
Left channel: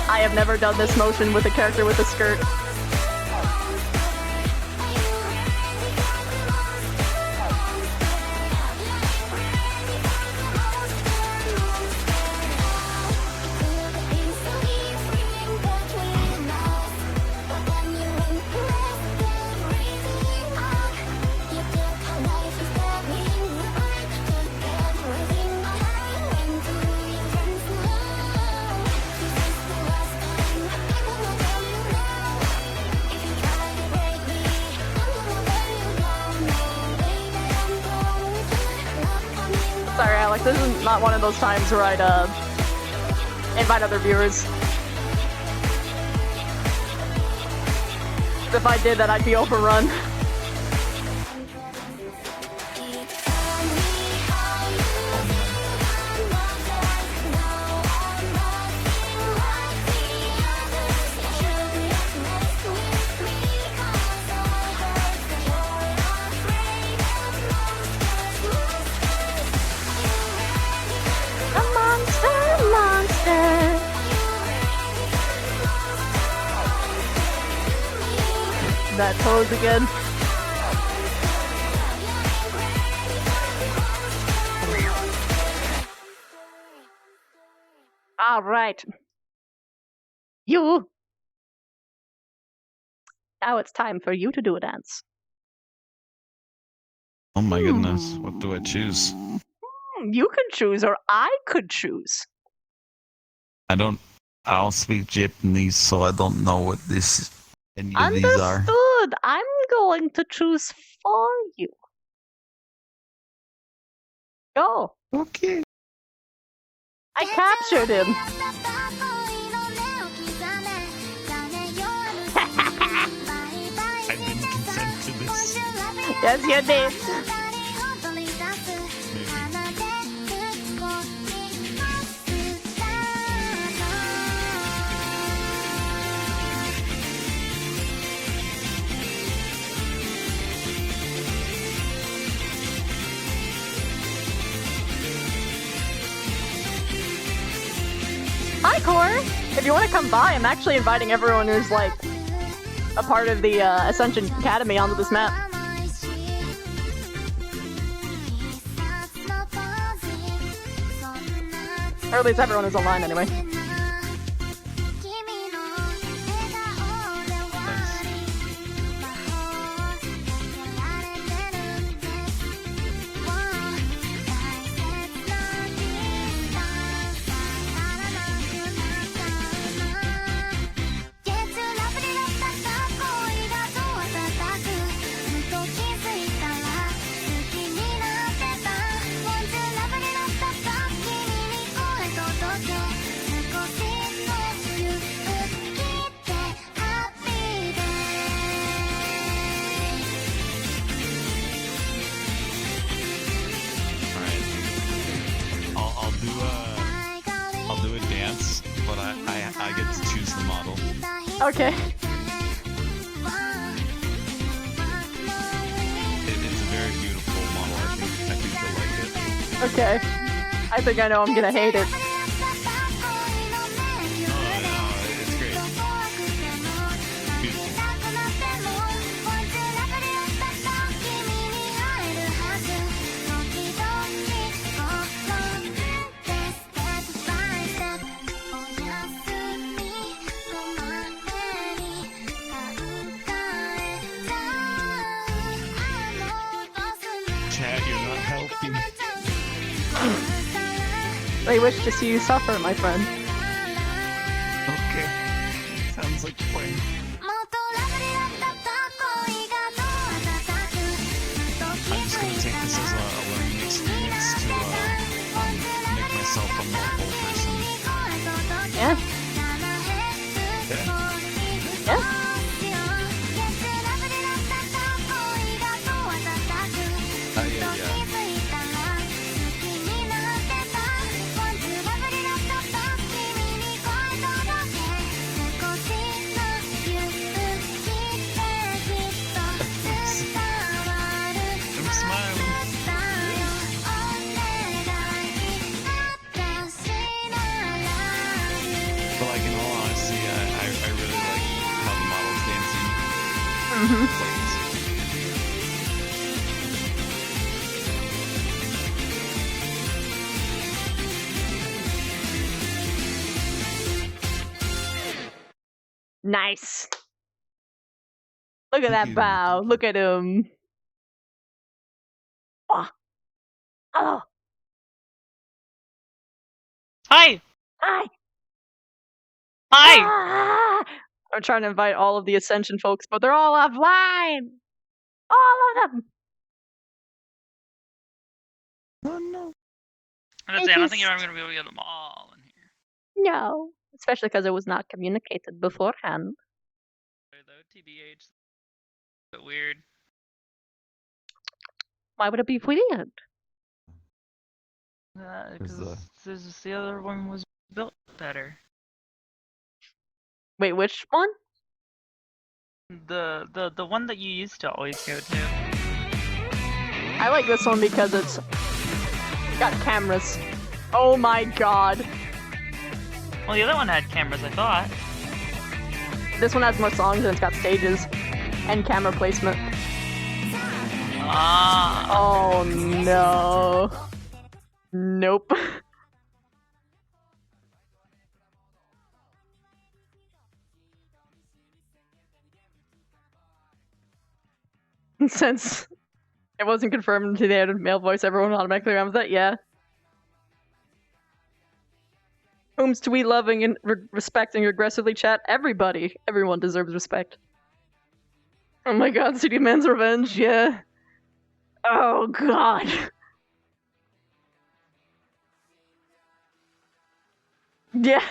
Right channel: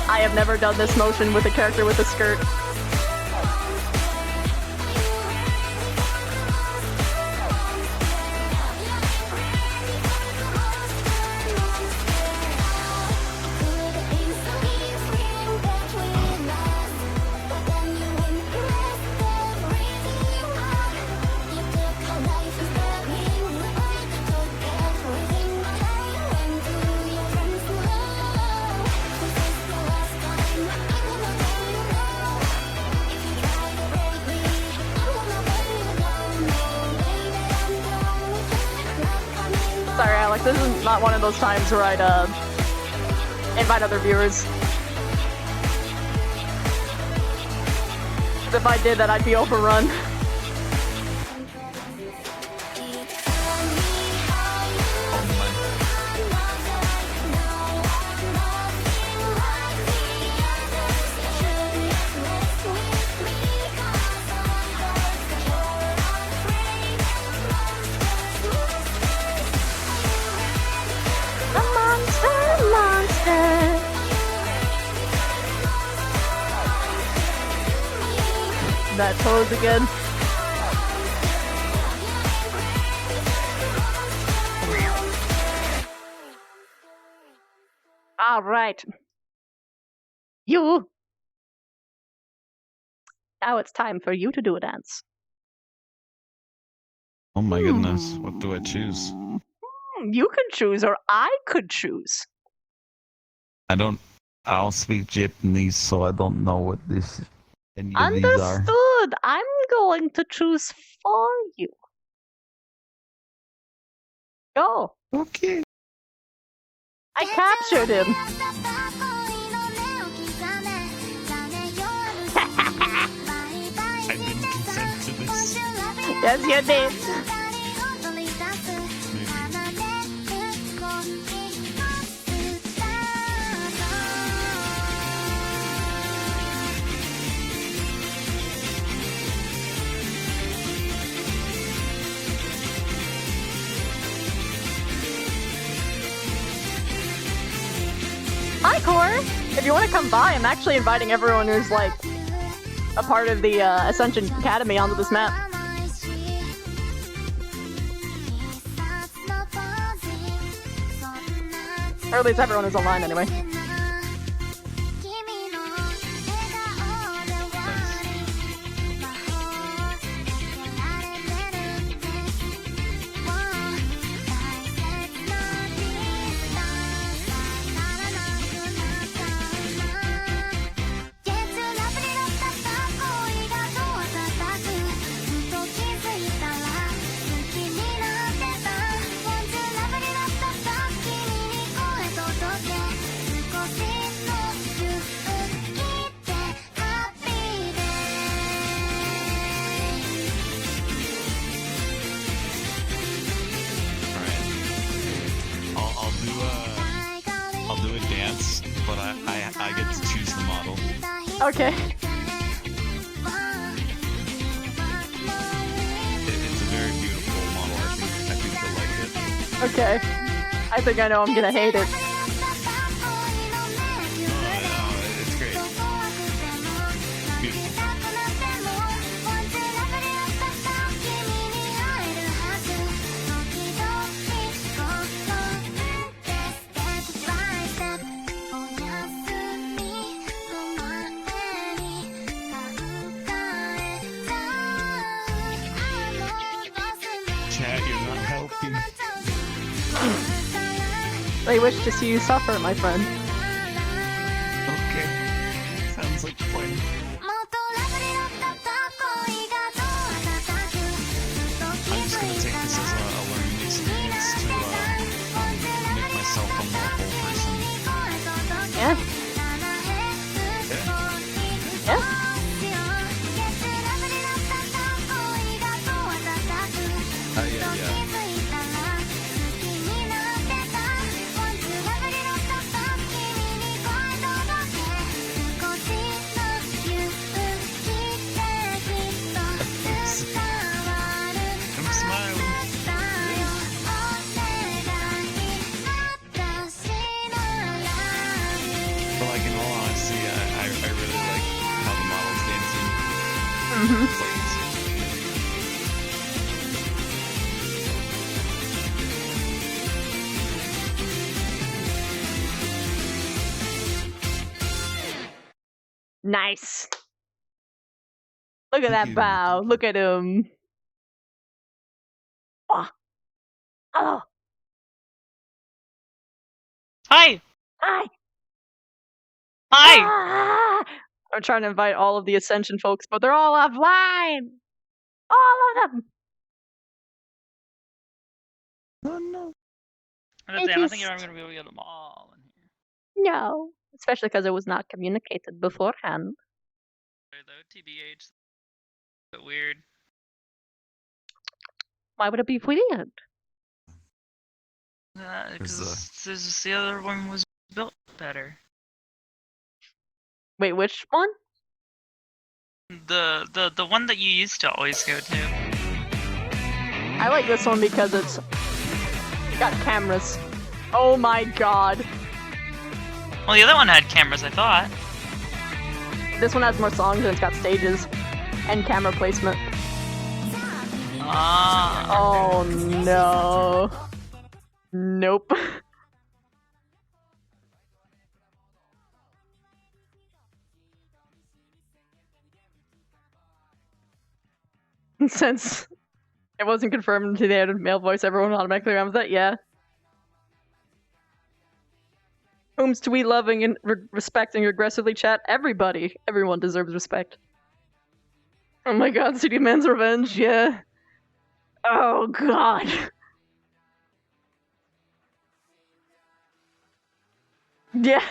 I have never done this motion with a character with a skirt. Sorry, Alex, this is not one of those times where I'd, invite other viewers. If I did that, I'd be overrun. That pose again. All right. You. Now it's time for you to do a dance. Oh my goodness, what do I choose? You can choose, or I could choose. I don't speak Japanese, so I don't know what any of these are. Understood. I'm going to choose for you. Go. Okay. I captured him. I didn't consent to this. Yes, you did. Hi, Core! If you want to come by, I'm actually inviting everyone who's, like, a part of the Ascension Academy onto this map. Or at least everyone is online, anyway. I'll do a dance, but I get to choose the model. Okay. It's a very beautiful model. I think you'll like it. Okay. I think I know I'm gonna hate it. No, it's great. Beautiful. Chat, you're not helping. They wish to see you suffer, my friend. Okay. Sounds like a plan. I'm just gonna take this as a learning experience to make myself a more whole person. Yeah. Yeah. Yeah. I'm smiling. But like in all honesty, I really like how the model's dancing. Plays. Nice. Look at that bow. Look at him. Oh. Hello. Hi. Hi. Hi. Ah! I'm trying to invite all of the Ascension folks, but they're all offline. All of them. Oh no. I don't think you're ever gonna be able to get them all in here. No. Especially because it was not communicated beforehand. Though, TBH. But weird. Why would it be weird? Because the other one was built better. Wait, which one? The one that you used to always go to. I like this one because it's got cameras. Oh my god. Well, the other one had cameras, I thought. This one has more songs and it's got stages and camera placement. Ah. Oh no. Nope. Since it wasn't confirmed to the added male voice, everyone automatically ran with that, yeah. Whom's to we loving and respecting aggressively chat? Everybody. Everyone deserves respect. Oh my god, CD Man's Revenge, yeah. Oh god. Yeah.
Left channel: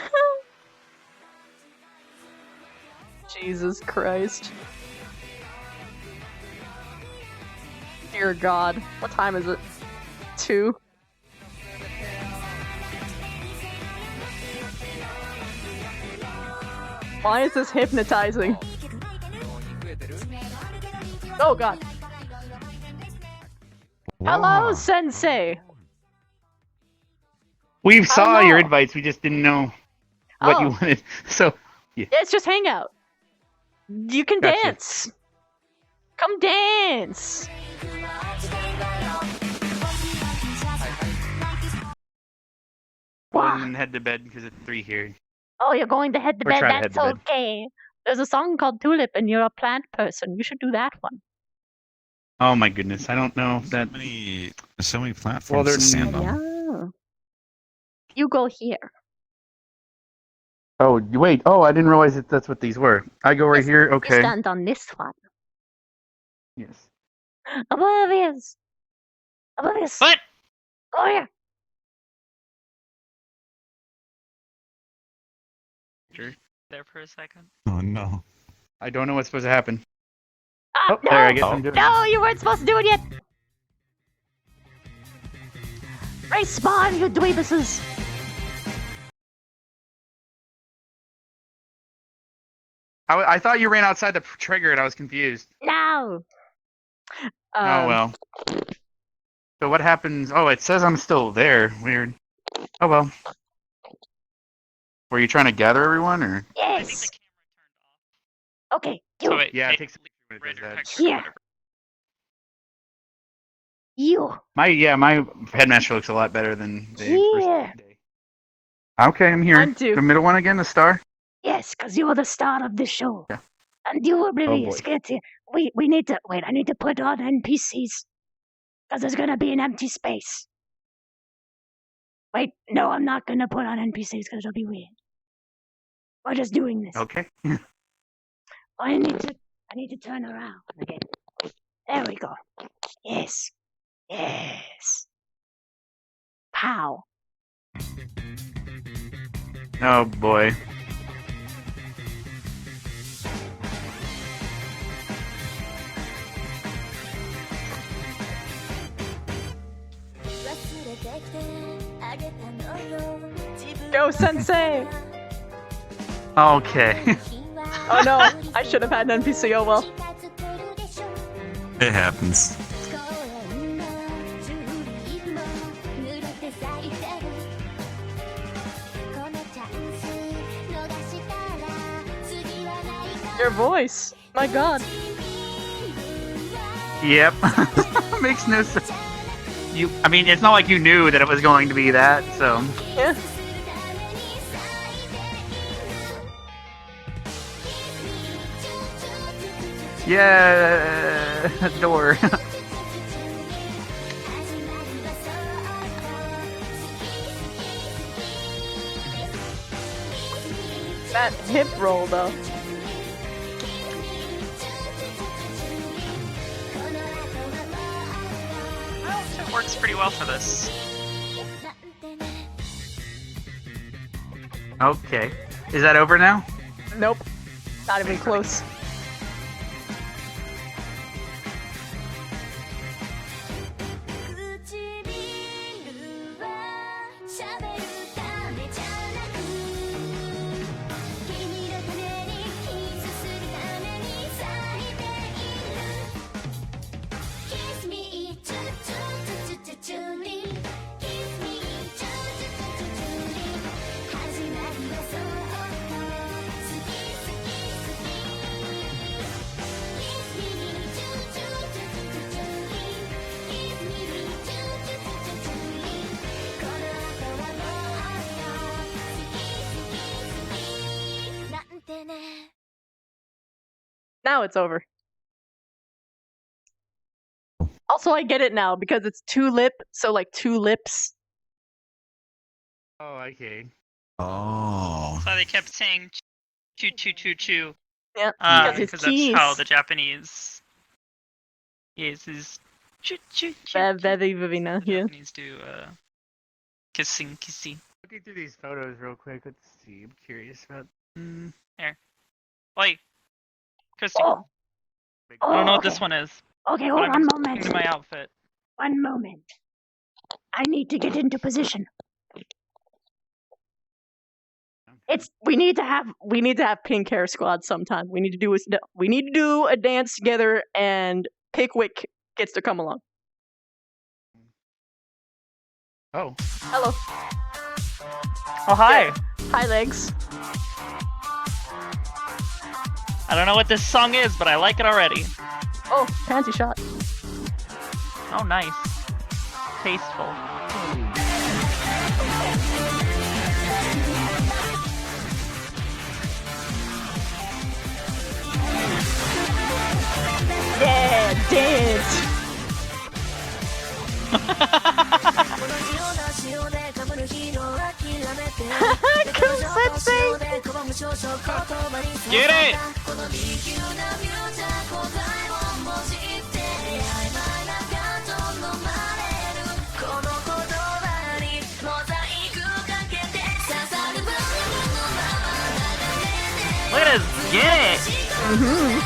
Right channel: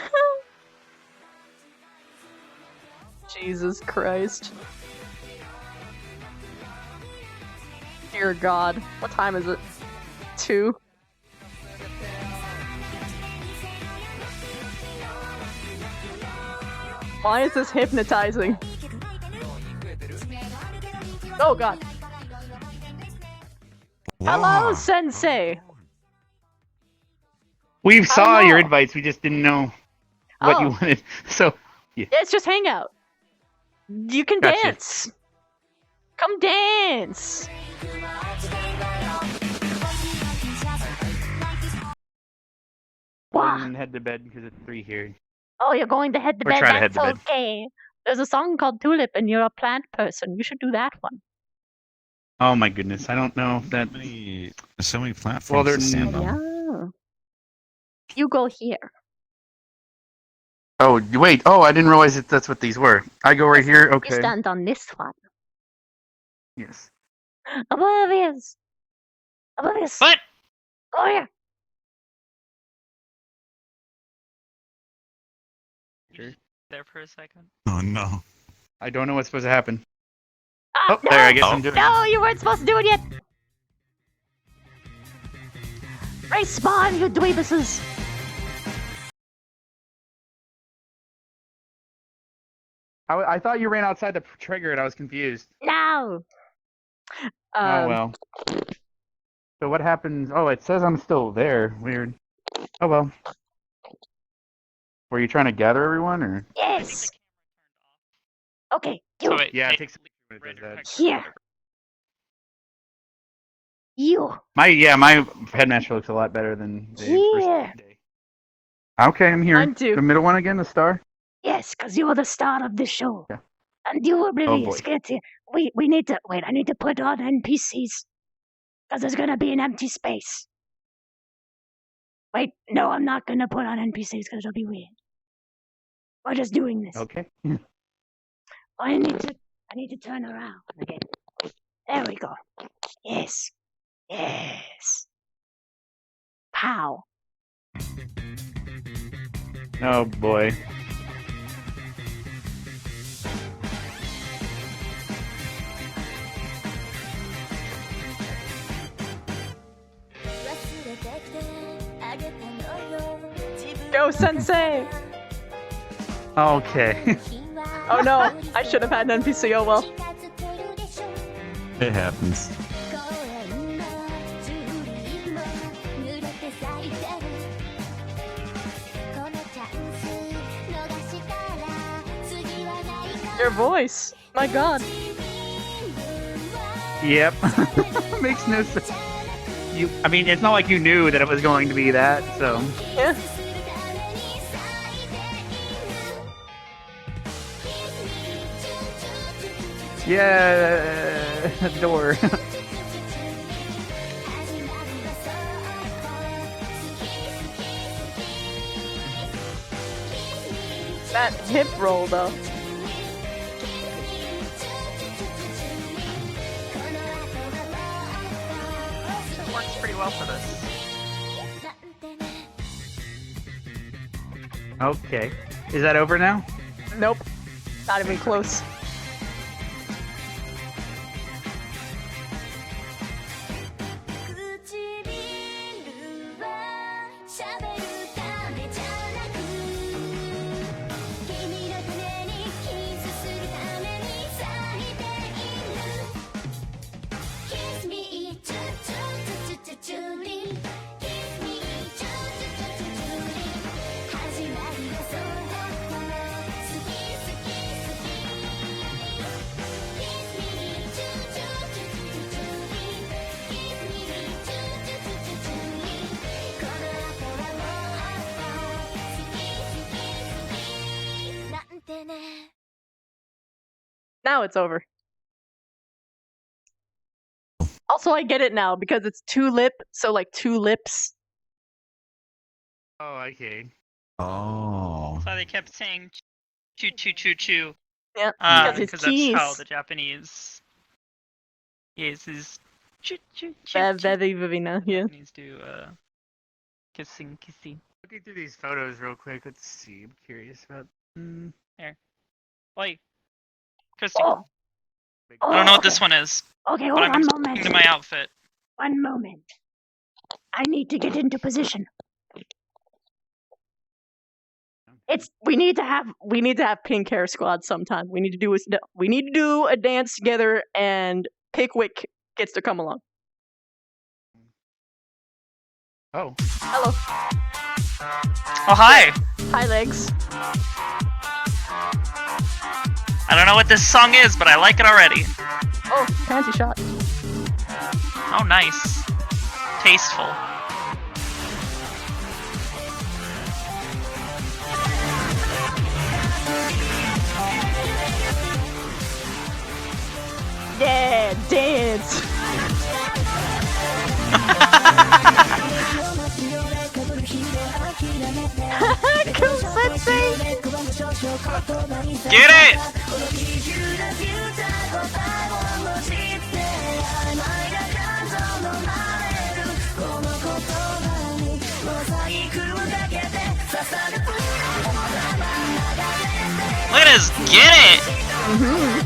Jesus Christ. Dear God. What time is it? 2? Why is this hypnotizing? Oh God. Hello, Sensei! We saw your know. invites, we just didn't know what you Oh. wanted. So, yeah. It's just hangout. You can Gotcha. dance. Come dance. Wow. Head to bed because it's 3 here. Oh, you're going to head to Or bed? try to head That's to bed. okay. There's a song called Tulip and you're a plant person. You should do that one. Oh my goodness, I don't know if that. There's so many platforms Well, they're to stand on. Yeah. You go here. Oh, wait. Oh, I didn't realize that's what these were. I go right here? You Okay. stand on this one. Yes. Oblivious. Oblivious. What? Go here. There for a second. Oh no. I don't know what's supposed to happen. Ah, Oh, no! there, I guess I'm doing No, you weren't supposed to do it yet! Respawn, you dweebuses! I thought you ran outside to trigger it. I was confused. No! Oh, well. So what happens? Oh, it says I'm still there. Weird. Oh, well. Were you trying to gather everyone, or? Yes! Okay, you. Oh, wait, Yeah, hey, it takes a minute to do that. Here. You. My headmaster looks a lot better than the Here. first day. Okay, I'm here. Mine too. The middle one again, the star? Yes, because you were the star of the show. Yeah. And you were oblivious. boy. Get here. We need to. Wait, I need to put on NPCs. Because there's gonna be an empty space. Wait, no, I'm not gonna put on NPCs because it'll be weird. We're just doing this. Okay. I need to turn around again. There we go. Yes. Yes. Pow. Oh boy. Go, Sensei! Okay. Oh no, I should have had an NPC, oh well. It happens. Your voice, my god. Yep. Makes no sense. I mean, it's not like you knew that it was going to be that, so. Yeah. Yeah, door. That hip roll though. It works pretty well for this. Okay. Is that over now? Nope. Not even close. Now it's over. Also, I get it now because it's two lip, so like two lips. Oh, okay. Oh. So they kept saying choo choo choo choo. Yeah, because it's Because that's how keys. the Japanese. Yes, is choo choo choo. Very, very nice, yeah. Japanese do kissing. Looking through these photos real quick. Let's see. I'm curious about. Here. Wait. Christy. Oh. I don't know what okay. this one is. Okay, but hold I'm on a responding moment. to my outfit. One moment. I need to get into position. We need to have pink hair squad sometime. We need to do a dance together, and Pickwick gets to come along. Oh. Hello. Oh hi. Hi, legs. I don't know what this song is, but I like it already. Oh, panty shot. Oh nice. Tasteful. Yeah, dance. Cool Sensei. Get it! Let us get it! Mm-hmm.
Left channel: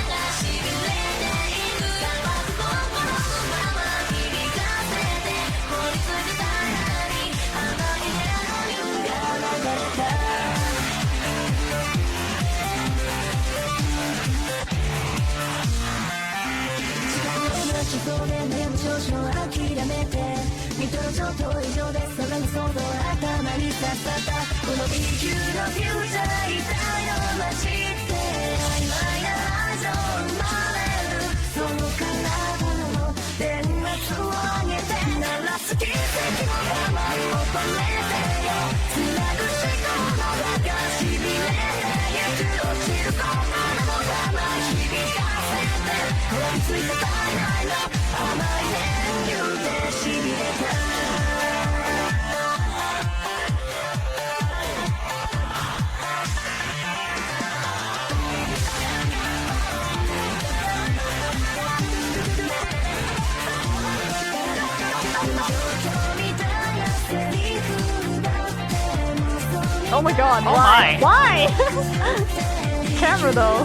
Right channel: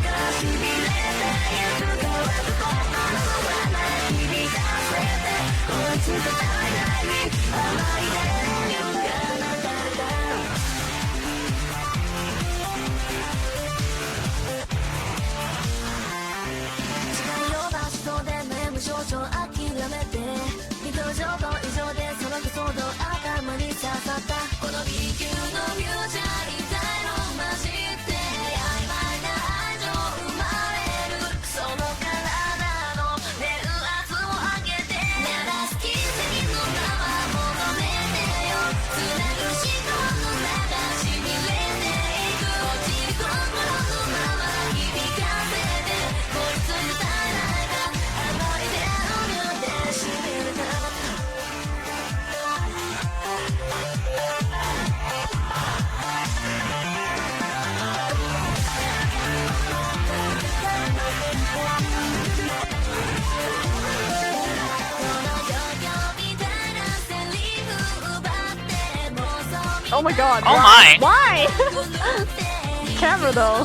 Oh my god, Oh why? my. Why? Camera though.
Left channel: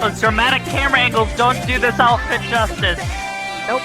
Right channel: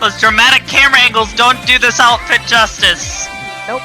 Those dramatic camera angles don't do this outfit justice. Nope.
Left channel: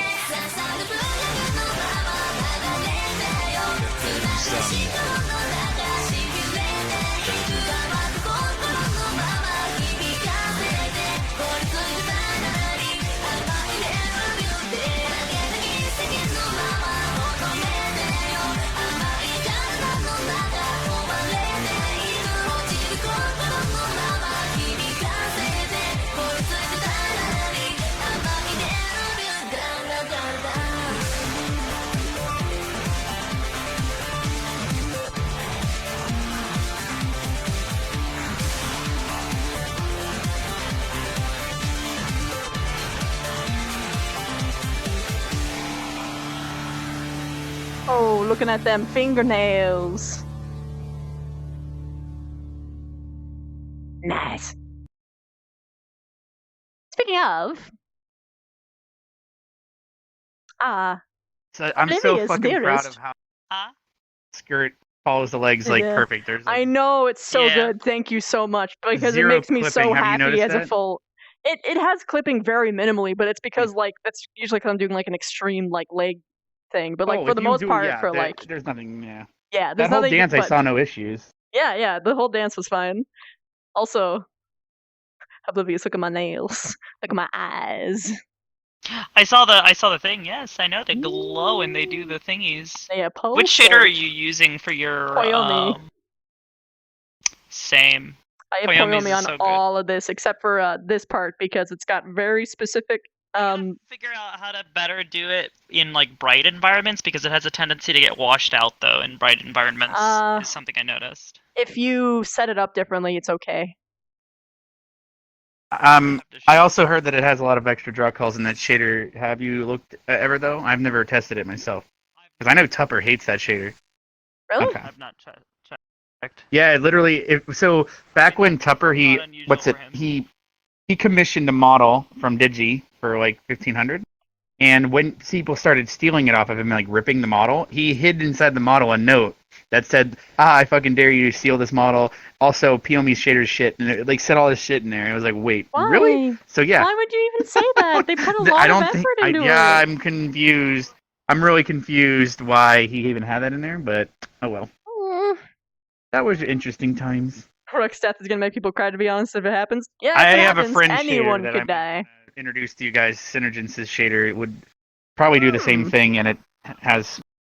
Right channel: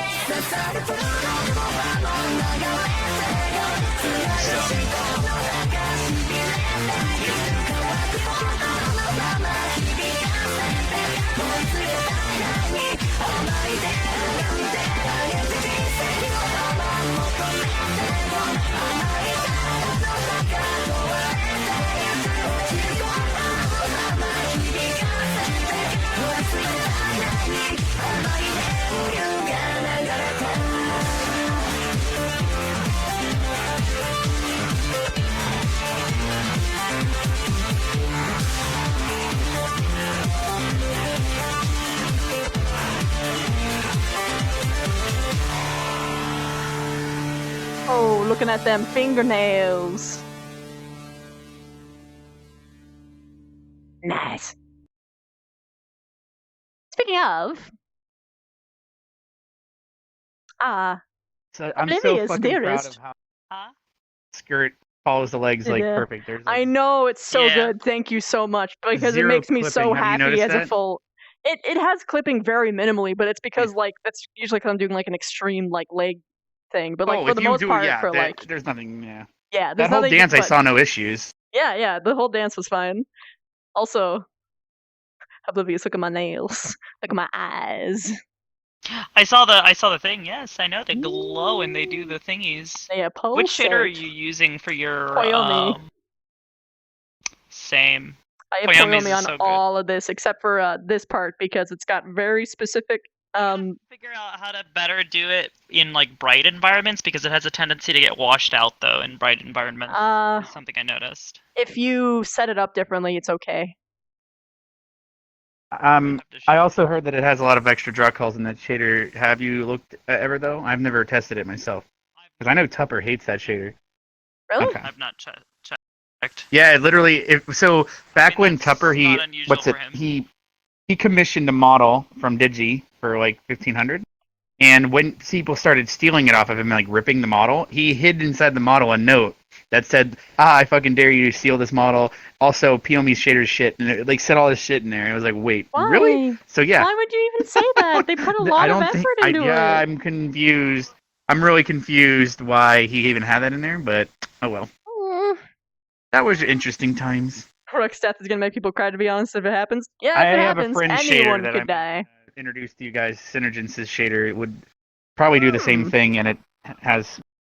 Oh, looking at them fingernails. Nice. Speaking of, So I'm so Oblivious fucking Dearest. proud of how skirt follows the legs like Yeah. perfect. There's I know, it's so Yeah. good. Thank you so much because it Zero makes me clipping. so Have you happy noticed as a that? full. It has clipping very minimally, but it's because like that's usually because I'm doing like an extreme like leg thing. But like for if the you most do, part, yeah, for like there's nothing. Yeah. there's That whole nothing. dance I but, saw no issues. Yeah, the whole dance was fine. Also, Oblivious, look at my nails, look at my eyes. I saw the thing. Yes, I know they glow and they do the thingies. Yeah, Which shader are pulsate. you using for your Koyomi. Same. I have Koyomi's Koyomi is on so good. all of this except for this part because it's got very specific. Figure out how to better do it in like bright environments because it has a tendency to get washed out though in bright environments. Is something I noticed. If you set it up differently, it's okay. I also heard that it has a lot of extra draw calls in that shader. Have you looked at ever though? I've never tested it myself because I know Tupper hates that shader. Really? Okay. I've not checked. Yeah, literally. So back when Tupper he commissioned a model from Digi for like 1,500, and when people started stealing it off of him, like ripping the model, he hid inside the model a note that said, "I fucking dare you to steal this model." Also, Piomi's shader's shit, and it like said all this shit in there. And I was like, "Wait, Why? really?" So yeah, Why would you even say that? They put a lot of effort into it. Yeah, I'm confused. I'm really confused why he even had that in there, but oh well. That was interesting times. Rook's death is gonna make people cry. To be honest, if it happens, yeah, if I it have a happens, friend anyone shader that could I'm die. Introduced to you guys. Synergens's shader. It would probably do the same thing, and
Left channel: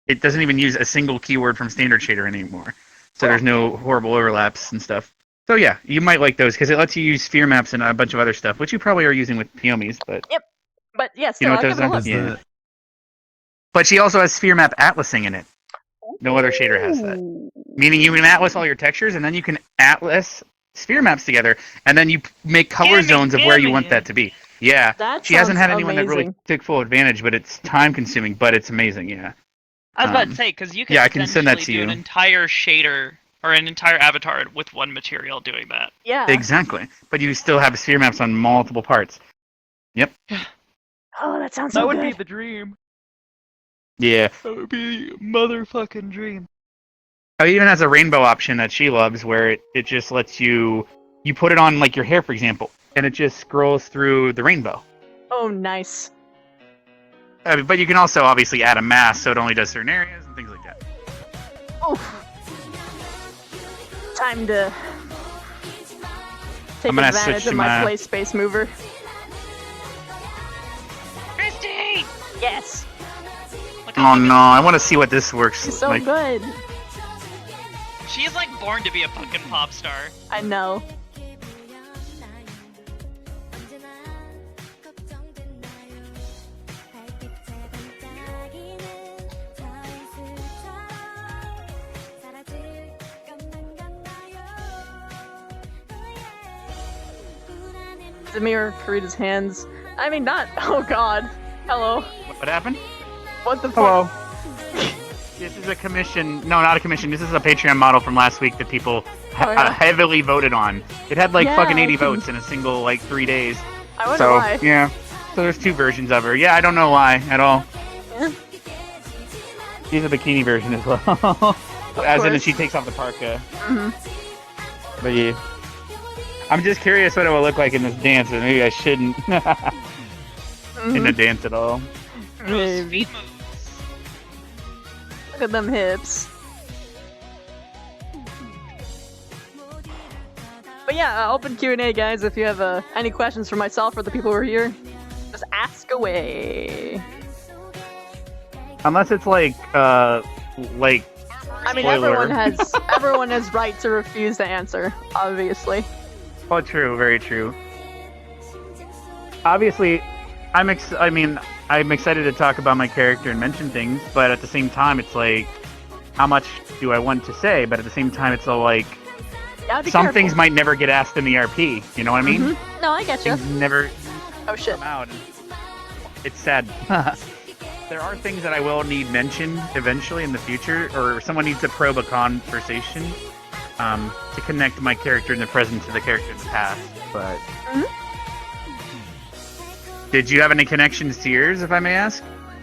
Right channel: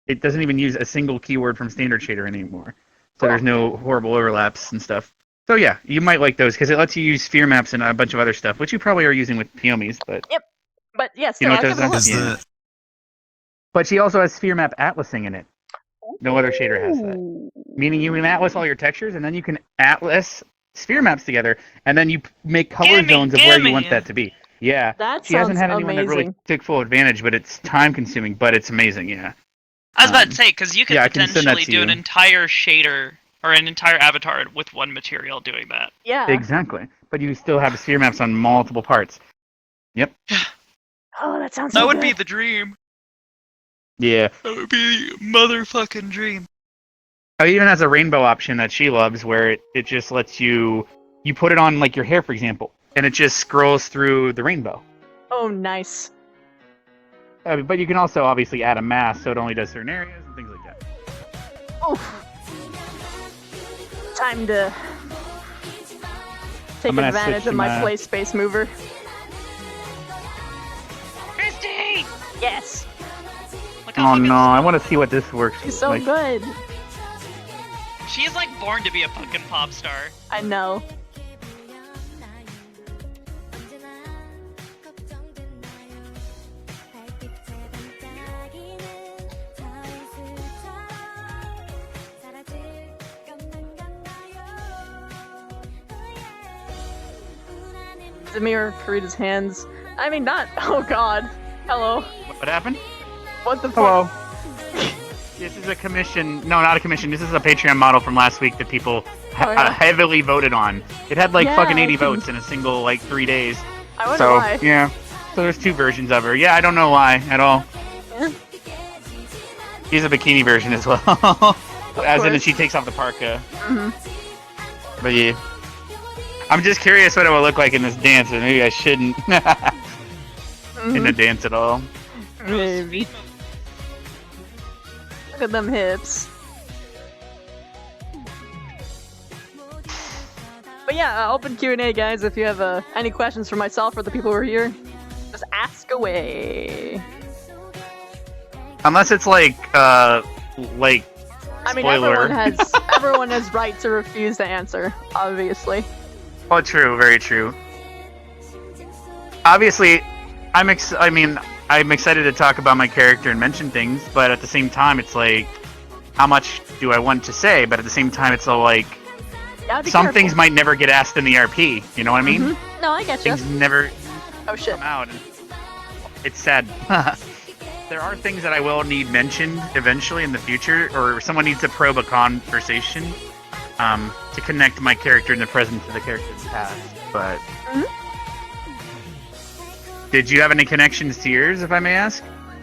it doesn't even use a single keyword from standard shader anymore. So there's no horrible overlaps and stuff. So yeah, you might like those because it lets you use sphere maps and a bunch of other stuff, which you probably are using with Piomis, but Yep. But yeah, you still, know I'll what give it a look. does that? Yeah. But she also has sphere map atlasing in it. No other shader has that. Meaning you can atlas all your textures, and then you can atlas sphere maps together, and then you make color zones of where you want that to be. Yeah. That she hasn't sounds had anyone that really amazing. took full advantage, but it's time consuming, but it's amazing, yeah. I was about to say because you could yeah, I can send that potentially to do you. an entire shader or an entire avatar with one material doing that. Yeah. Exactly. But you still have sphere maps on multiple parts. Yep. Oh, that sounds That so would be good. the dream. Yeah. That would be the motherfucking dream. Oh, it even has a rainbow option that she loves where it just lets you put it on like your hair, for example, and it just scrolls through the rainbow. Oh, nice. But you can also obviously add a mask so it only does certain areas and things like that. Oof. Time to take gonna advantage switch of my to play space mover. Christy! Yes. Oh no, I want to see what this works She's so like. good. She's like born to be a fucking pop star. I know. Zamir Karita's hands. I mean, not. Oh god. Hello. What happened? What the fuck? Hello. This is a commission. No, not a commission. This is a Patreon model from last week that people heavily voted on. It had like fucking 80 votes in a single like 3 days. I wonder so, why. Yeah. So there's two versions of her. Yeah, I don't know why at all. Yeah. She's a bikini version as well. As in, she takes off the parka. But yeah. I'm just curious what it will look like in this dance, or maybe I shouldn't. In the dance at all. Maybe. Look at them hips. But yeah, open Q&A, guys. If you have any questions for myself or the people who are here, just ask away. Unless it's like. I mean, spoiler. everyone has right to refuse to answer, obviously. Oh, true, very true. Obviously, I'm excited to talk about my character and mention things, but at the same time, it's like, how much do I want to say? But at the same time, it's like, some things might never get asked in the RP. You know what I mean? No, I get you. Things never. Oh shit. Come out. It's sad. There are things that I will need mentioned eventually in the future, or someone needs to probe a conversation to connect my character in the present to the character in the past. But did you have any connections to yours, if I may ask?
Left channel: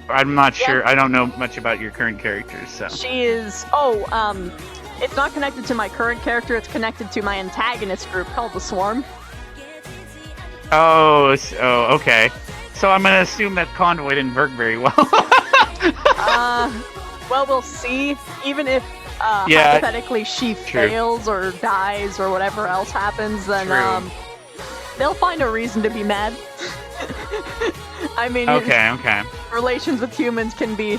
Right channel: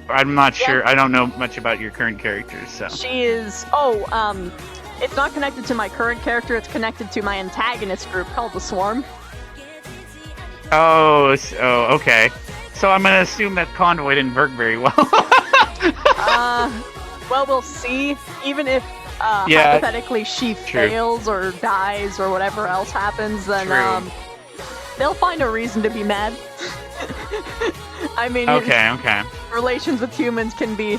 I'm not sure. I don't know much about your current character, so. She is. It's not connected to my current character. It's connected to my antagonist group called the Swarm. Oh, okay. So I'm gonna assume that Convoy didn't work very well. Well, we'll see. Even if hypothetically she fails or dies or whatever else happens, then they'll find a reason to be mad. I mean, okay. Relations with humans can be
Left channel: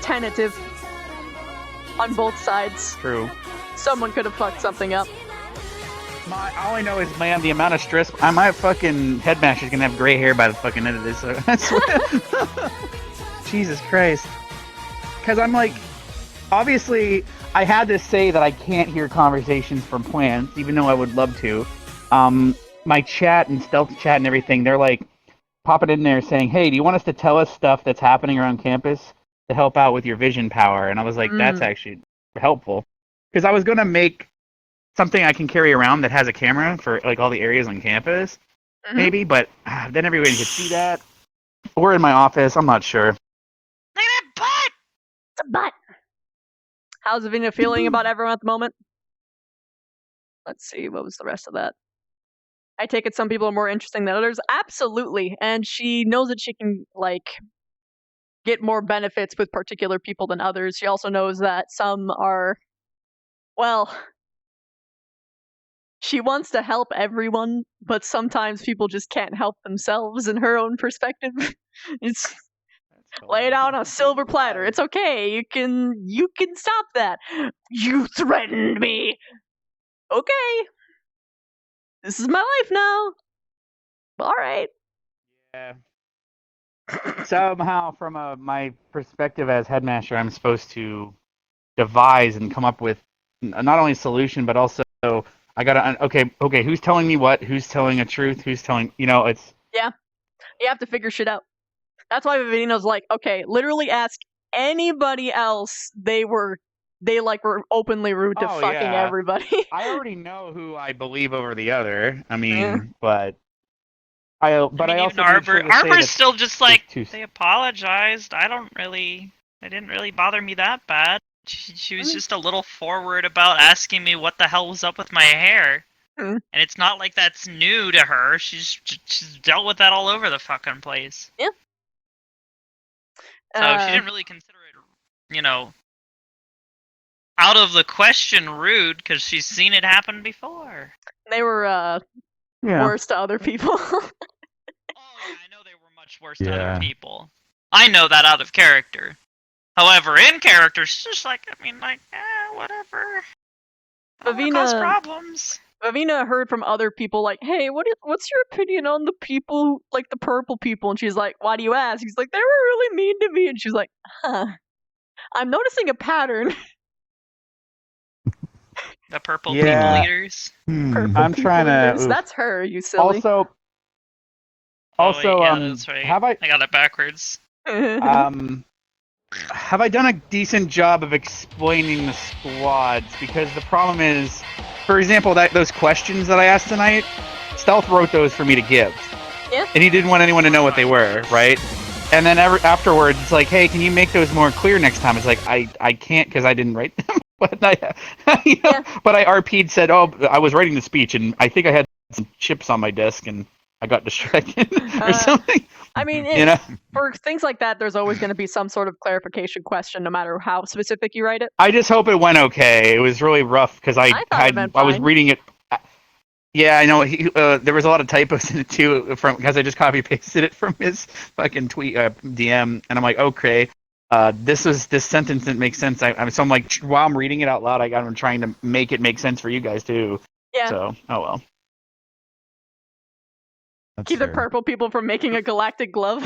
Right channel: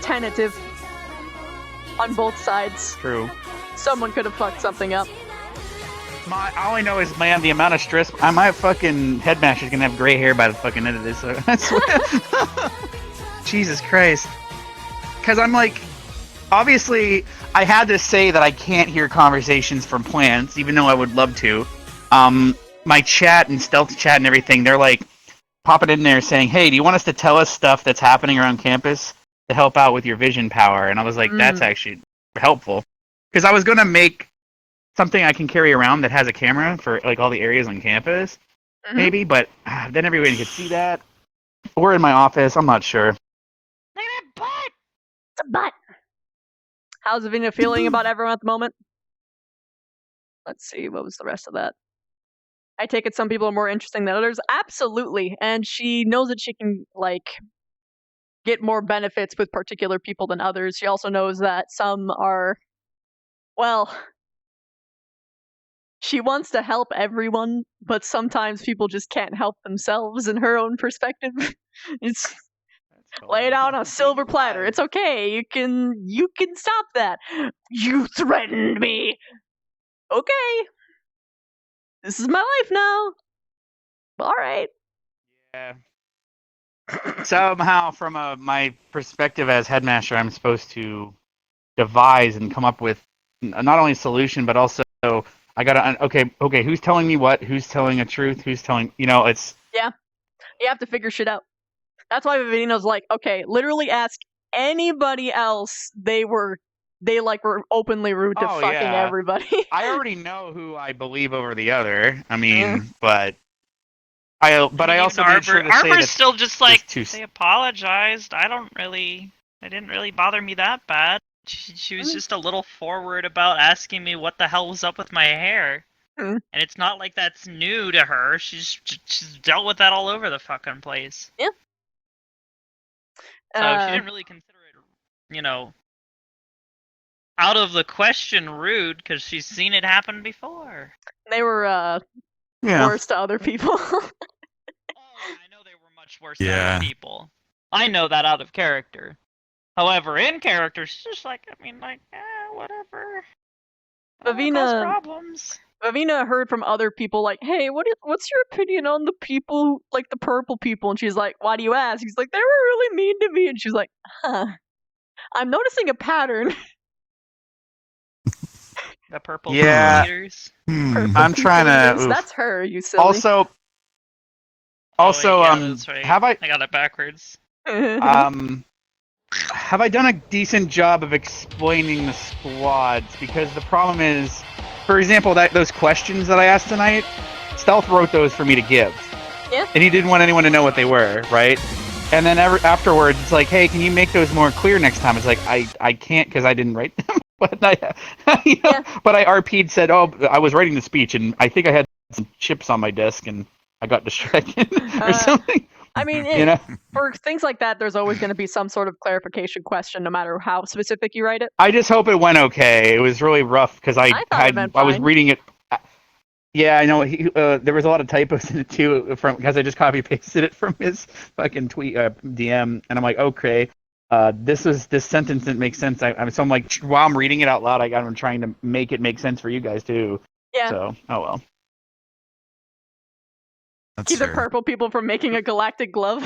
tentative on both sides. True. Someone could have fucked something up. All I know is, man, the amount of stress. My fucking headmaster's gonna have gray hair by the fucking end of this. Jesus Christ. Because I'm like, obviously, I had to say that I can't hear conversations from plants, even though I would love to. My chat and stealth chat and everything, they're like popping in there saying, "Hey, do you want us to tell us stuff that's happening around campus to help out with your vision power?" And I was like, that's actually helpful. Because I was gonna make something I can carry around that has a camera for like all the areas on campus, maybe, but then everybody could see that. Or in my office, I'm not sure. It's a butt. How's Avina feeling about everyone at the moment? Let's see, what was the rest of that? I take it some people are more interesting than others. Absolutely, and she knows that she can get more benefits with particular people than others. She also knows that some are, well, she wants to help everyone, but sometimes people just can't help themselves in her own perspective. It's lay it out on a silver platter. It's okay. You can stop that. You threatened me. Okay. This is my life now. All right. Yeah. Somehow, from my perspective as headmaster, I'm supposed to devise and come up with not only a solution, but also I gotta okay. Who's telling me what? Who's telling a truth? Who's telling? It's yeah. You have to figure shit out. That's why Vivino's like, okay, literally ask anybody else. They were openly rude to fucking everybody. I already know who I believe over the other. I mean, but I also Arbor's still just like they apologized. It didn't really bother me that bad. She was just a little forward about asking me what the hell was up with my hair. And it's not like that's new to her. She's dealt with that all over the fucking place. Yeah. So she didn't really consider it, out of the question rude because she's seen it happen before. They were worse to other people. Much worse to other people. I know that out of character. However, in character, she's just whatever. Vivina heard from other people like, hey, what's your opinion on the people, like the purple people? And she's like, why do you ask? He's like, they were really mean to me. And she's like, huh. I'm noticing a pattern. The purple leaders. Purple I'm trying leaders. to. That's her, you silly. Also, that's right. I got it backwards. Have I done a decent job of explaining the squads? Because the problem is, for example, those questions that I asked tonight, Stealth wrote those for me to give. Yeah. And he didn't want anyone to know what they were, right? And then afterwards, it's like, hey, can you make those more clear next time? It's like, I can't because I didn't write them. But but I RP'd, said, oh, I was writing the speech, and I think I had some chips on my desk, and I got distracted or something. I mean, You know? for things like that, there's always going to be some sort of clarification question, no matter how specific you write it. I just hope it went okay. It was really rough because I thought it went I was fine. reading it. Yeah, I know. There was a lot of typos in it too, because I just copy pasted it from his fucking tweet DM, and I'm like, okay, this sentence didn't make sense. So I'm like, while I'm reading it out loud, I'm trying to make it make sense for you guys too. Yeah. So, oh well. Keep the purple people from making a galactic glove.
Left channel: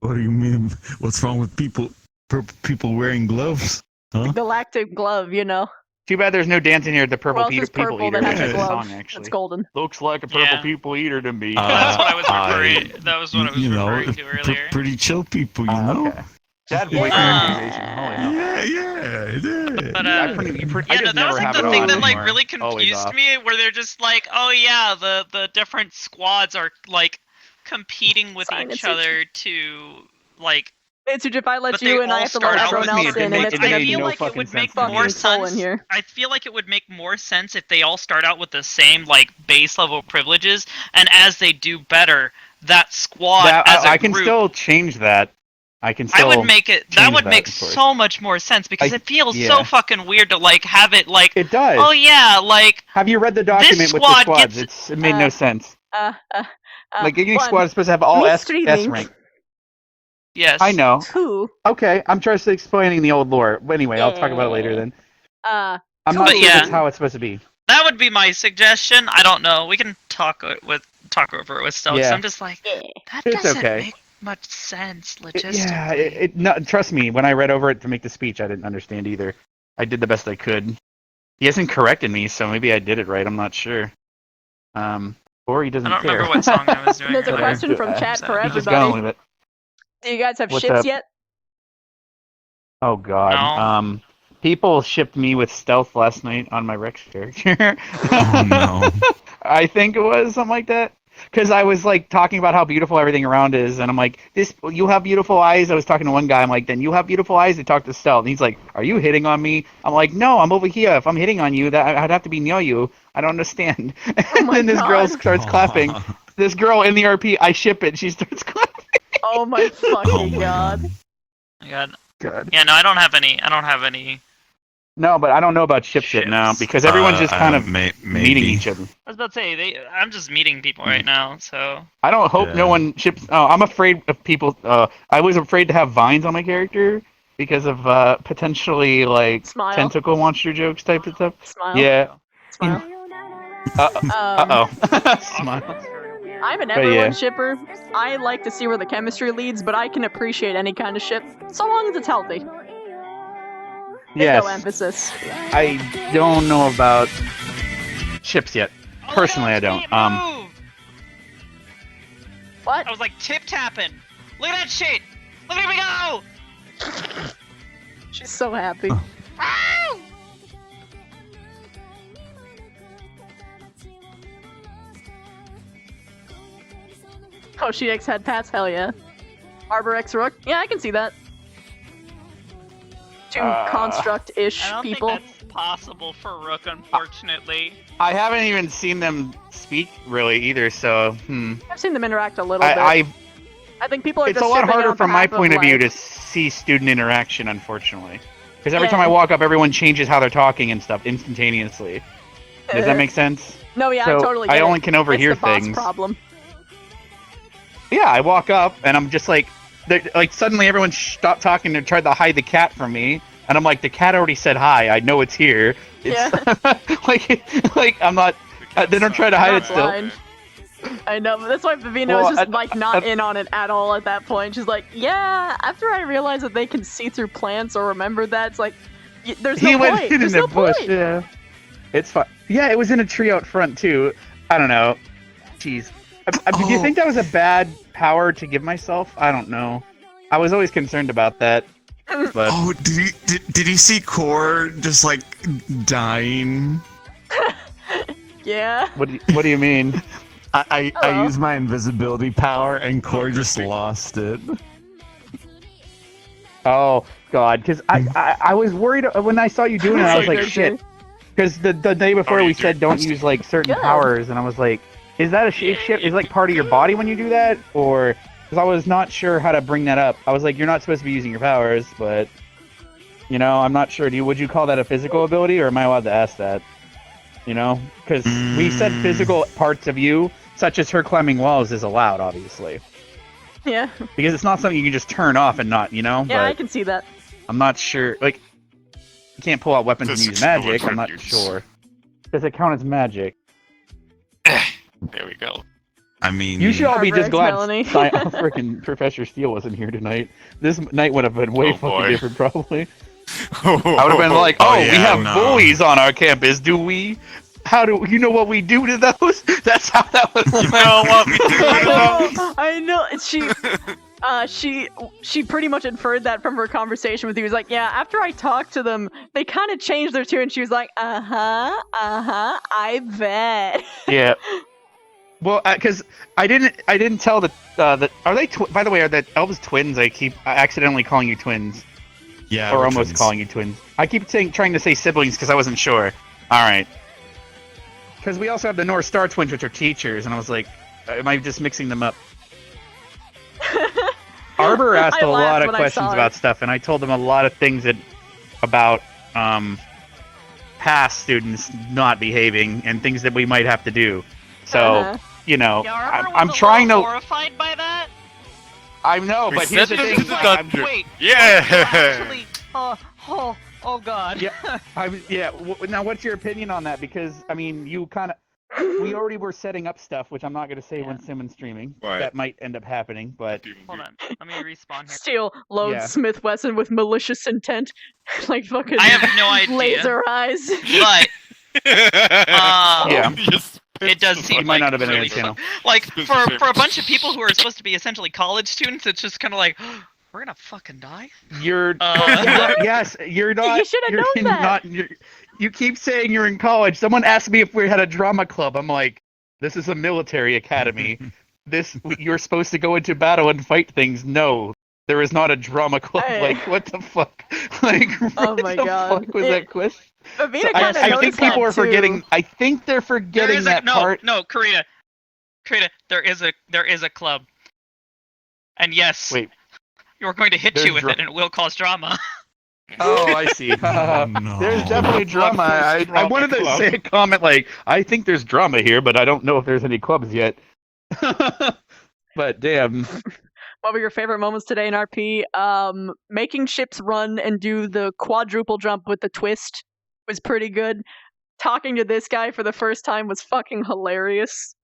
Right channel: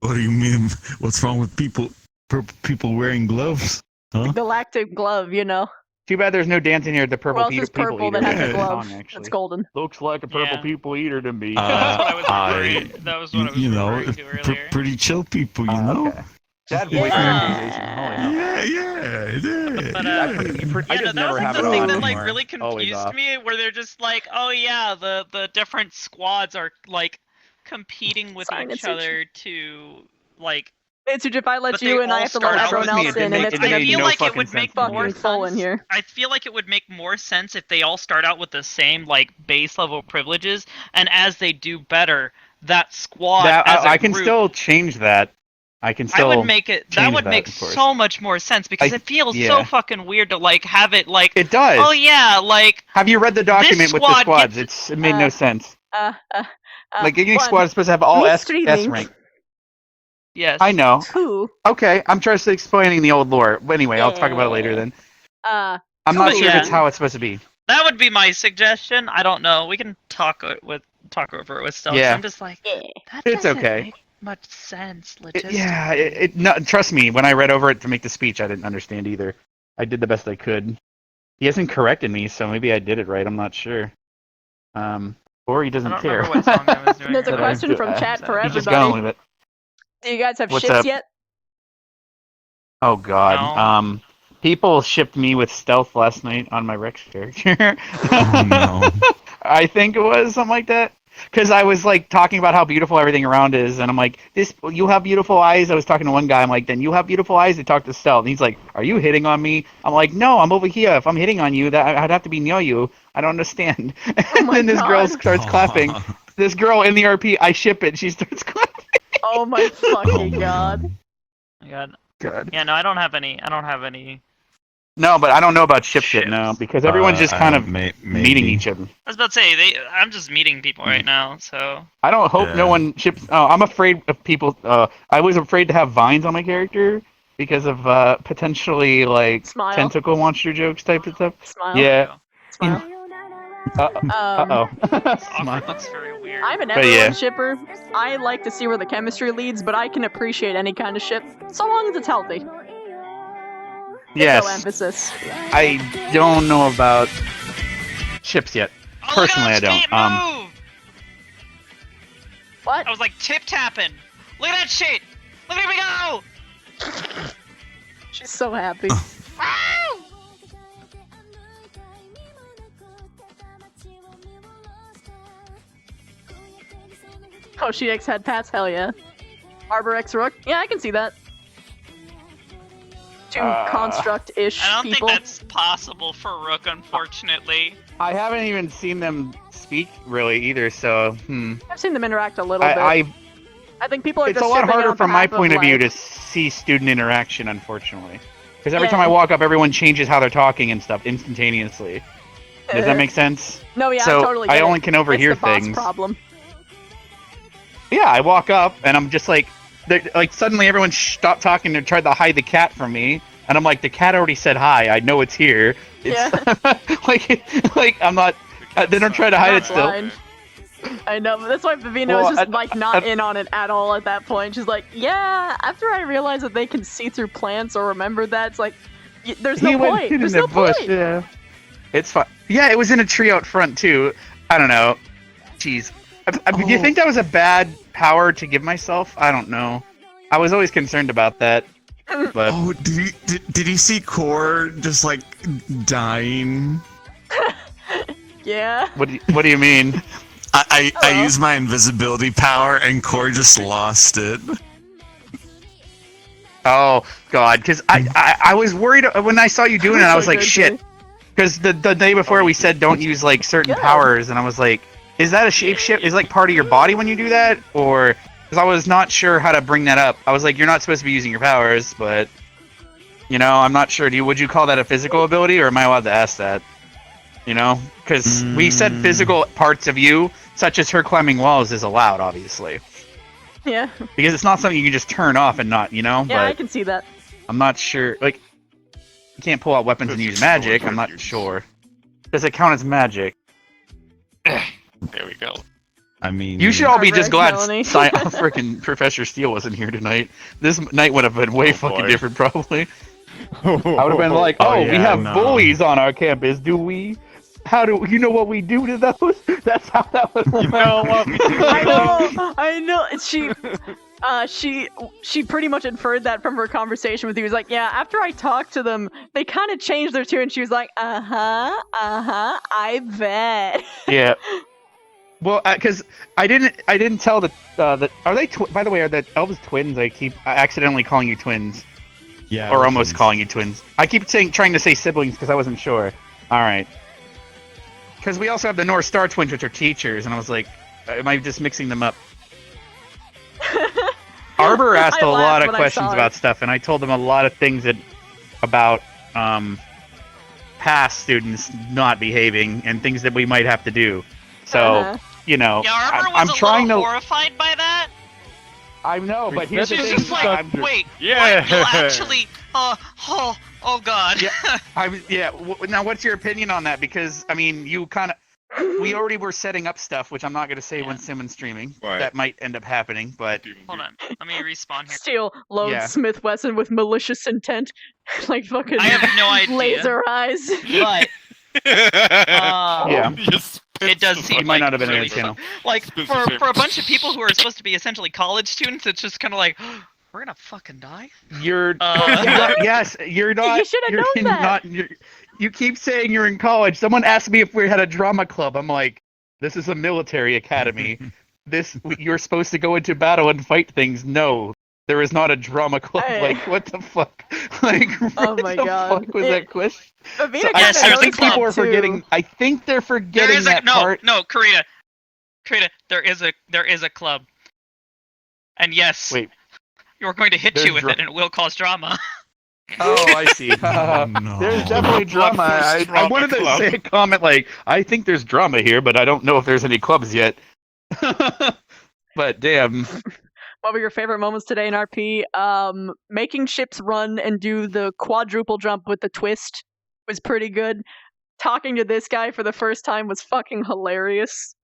What do you mean? What's wrong with purple people wearing gloves? Huh? Galactic glove, you know. Too bad there's no dancing here at the purple Who else people is purple that eater. has a glove? Song, actually. That's golden. Looks like a purple people eater to me. That was what I was what I was referring to earlier. Pretty chill people, you know. Okay. That Yeah. Yeah. I just never have the thing that like really confused me, where they're just like, oh yeah, the different squads are like competing with each other to like. It's if I let you in, I have to let everyone else in, and it's gonna be it would make fucking more full in sense. here. I feel like it would make more sense if they all start out with the same like base level privileges, and as they do better, that squad. As a I can group, still change that. I can still. I would make it. That would make of course. so much more sense because it feels so yeah. fucking weird to like have it like. It does. Oh yeah, like. Have you read the document with the squads? It made no sense. Like each squad is supposed to have all S rank. Yes. I know. Who? Okay, I'm just explaining the old lore. But anyway, I'll talk about it later then. I'm not sure that's how it's supposed to be. That would be my suggestion. I don't know. We can talk over it with stuff. Yeah. I'm just like, that It's doesn't okay. make much sense logistically. Yeah, no, trust me. When I read over it to make the speech, I didn't understand either. I did the best I could. He hasn't corrected me, so maybe I did it right. I'm not sure. Or he doesn't care. What song I was doing. There's a question from chat for He's just going with everybody. it. Do you guys have What's ships up? yet? Oh God. People shipped me with stealth last night on my Rex character. Oh no. I think it was something like that. Because I was like talking about how beautiful everything around is, and I'm like, you have beautiful eyes. I was talking to one guy. I'm like, then you have beautiful eyes. They talk to Stealth, and he's like, are you hitting on me? I'm like, no, I'm over here. If I'm hitting on you, that I'd have to be near you. I don't understand. And then this girl starts clapping. This girl in the RP, I ship it. She starts clapping. Oh my fucking god. God. Yeah, no, I don't have any. No, but I don't know about ships yet now because everyone's just kind of meeting each other. I was about to say I'm just meeting people right now, so. I don't hope no one ships. Oh, I'm afraid of people. I was afraid to have vines on my character because of potentially like Smile. tentacle monster jokes type of stuff. Smile. Yeah. Smile. Uh-oh. I'm an But everyone yeah. shipper. I like to see where the chemistry leads, but I can appreciate any kind of ship, so long as it's healthy. Big Yes. O emphasis. I don't know about ships yet. Personally, I don't. What? I was like tip tapping. Look at that shit. Look at me go. She's so happy. Oh, she X head pats? Hell yeah. Arbor X Rook? Yeah, I can see that. Two construct-ish I don't people. think that's possible for Rook, unfortunately. I haven't even seen them speak really either, so I've seen them interact a little bit. I think people are it's just a lot shipping harder on from my behalf point of view like- to see student interaction, unfortunately. Because every Yeah. time I walk up, everyone changes how they're talking and stuff instantaneously. Does that make sense? No, yeah, So I totally get I it. only can overhear it's the boss things. problem. Yeah, I walk up and I'm just like suddenly everyone stopped talking and tried to hide the cat from me, and I'm like, the cat already said hi. I know it's here. It's like I'm not. They don't try to hide it still. Blind. I know, but that's why Vivino Well, is just like not in on it at all at that point. She's like, yeah. After I realized that they can see through plants or remember that, it's like, there's no He went point. in There's the no bush, point. Yeah, it's fine. Yeah, it was in a tree out front too. I don't know. Jeez. Do you think that was a bad power to give myself? I don't know. I was always concerned about that. But Oh, did he see Core just like dying? Yeah. What do you mean? I used my invisibility power and Corey just lost it. Oh God, because I was worried when I saw you doing it. I was like, shit. Because the day before we said don't use like certain powers, and I was like, is that a shapeshift? Is like part of your body when you do that, or because I was not sure how to bring that up. I was like, you're not supposed to be using your powers, but you know, I'm not sure. Would you call that a physical ability, or am I allowed to ask that? You know, because we said physical parts of you, such as her climbing walls, is allowed, obviously. Yeah. Because it's not something you can just turn off and not, you know. Yeah, but I can see that. I'm not sure. Like, you can't pull out weapons and use magic. I'm not sure. Does it count as magic? There we go. I mean, You should all be just glad Melanie. freaking Professor Steele wasn't here tonight. This night would have been way fucking different, probably. I would have been like, we have bullies on our campus, do we? How do you know what we do to those? That's how that was. I know. She pretty much inferred that from her conversation with you. He was like, yeah, after I talked to them, they kind of changed their tune. She was like, I bet. Yeah. Well, because I didn't tell the are they by the way, are the elves twins? I keep accidentally calling you twins. Yeah. Or almost calling you twins. I keep trying to say siblings because I wasn't sure. All right. Because we also have the North Star twins, which are teachers, and I was like, am I just mixing them up? Arbor asked a lot of questions about stuff, and I told them a lot of things about past students not behaving and things that we might have to do. So, you know, I'm trying to. Horrified by that. I know, but We here's the said thing. this is wait. Yeah. What? No, actually. Oh God. Yeah. Now, what's your opinion on that? Because I mean, you kind of. We already were setting up stuff, which I'm not going to say when Simon's streaming. Right. That might end up happening, but Hold on. Let me respawn here. Steele loads Yeah. Smith Wesson with malicious intent, like fucking I have no idea. laser eyes. But yeah, it does seem it might like not have been really in the channel. like for a bunch of people who are supposed to be essentially college students, it's just kind of like we're gonna fucking die. You're yes, you're not. You should have known that. You keep saying you're in college. Someone asked me if we had a drama club. I'm like, this is a military academy. You're supposed to go into battle and fight things. No, there is not a drama club. Like, what the fuck? Like, Oh my God. Fuck was that question? Avita I kind of think noticed people that are too. forgetting. I think they're forgetting that part. No, Karita, there is a club, and yes, Wait, you're going to hit there's you with it, and it will cause drama. Oh, I see. No. There's definitely drama. I wanted to say a comment like, I think there's drama here, but I don't know if there's any clubs yet. But damn. What were your favorite moments today in RP? Making ships run and do the quadruple jump with the twist was pretty good. Talking to this guy for the first time was fucking hilarious.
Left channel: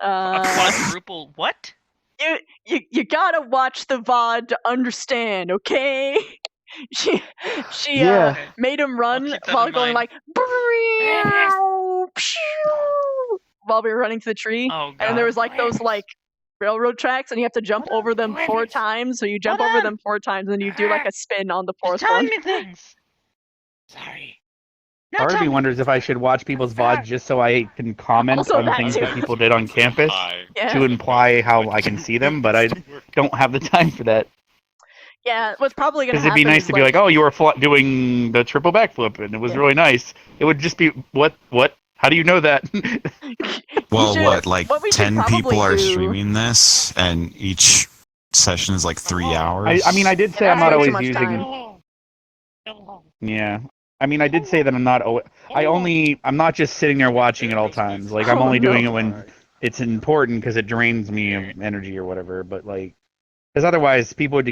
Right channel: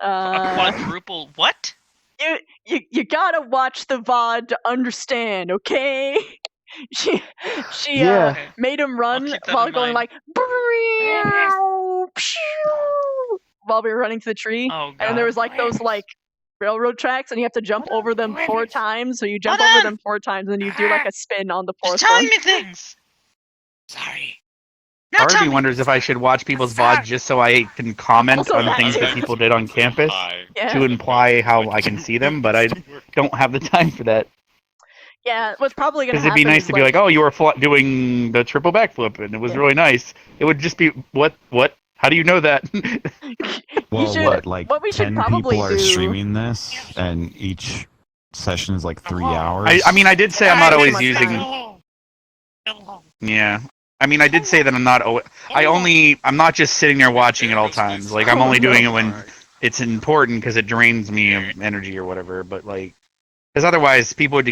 A quadruple what? You gotta watch the VOD to understand, okay? She made him run while going like while we were running to the tree. Oh, and there was like those like railroad tracks, and you have to jump over them 4 times. So you jump over them 4 times, and then you do like a spin on the 4th one. me things. Sorry. Harvey wonders if I should watch people's VODs just so I can comment Also on that things too. that people did on campus Yeah. to imply how I can see them, but I don't have the time for that. Yeah, what's probably gonna Because happen it'd be nice is, to be like, oh, you were doing the triple backflip, and it was really nice. It would just be, what? How do you know that? Well, should- like what we should 10 probably people are do- streaming this, and each session is like 3 hours. I mean, I did say I'm not Too always much using. time. Yeah. I mean, I did say that I'm not. I'm not just sitting there watching at all times. Like, I'm Oh, only no. doing it when it's important because it drains me of energy or whatever. But like, because otherwise people would.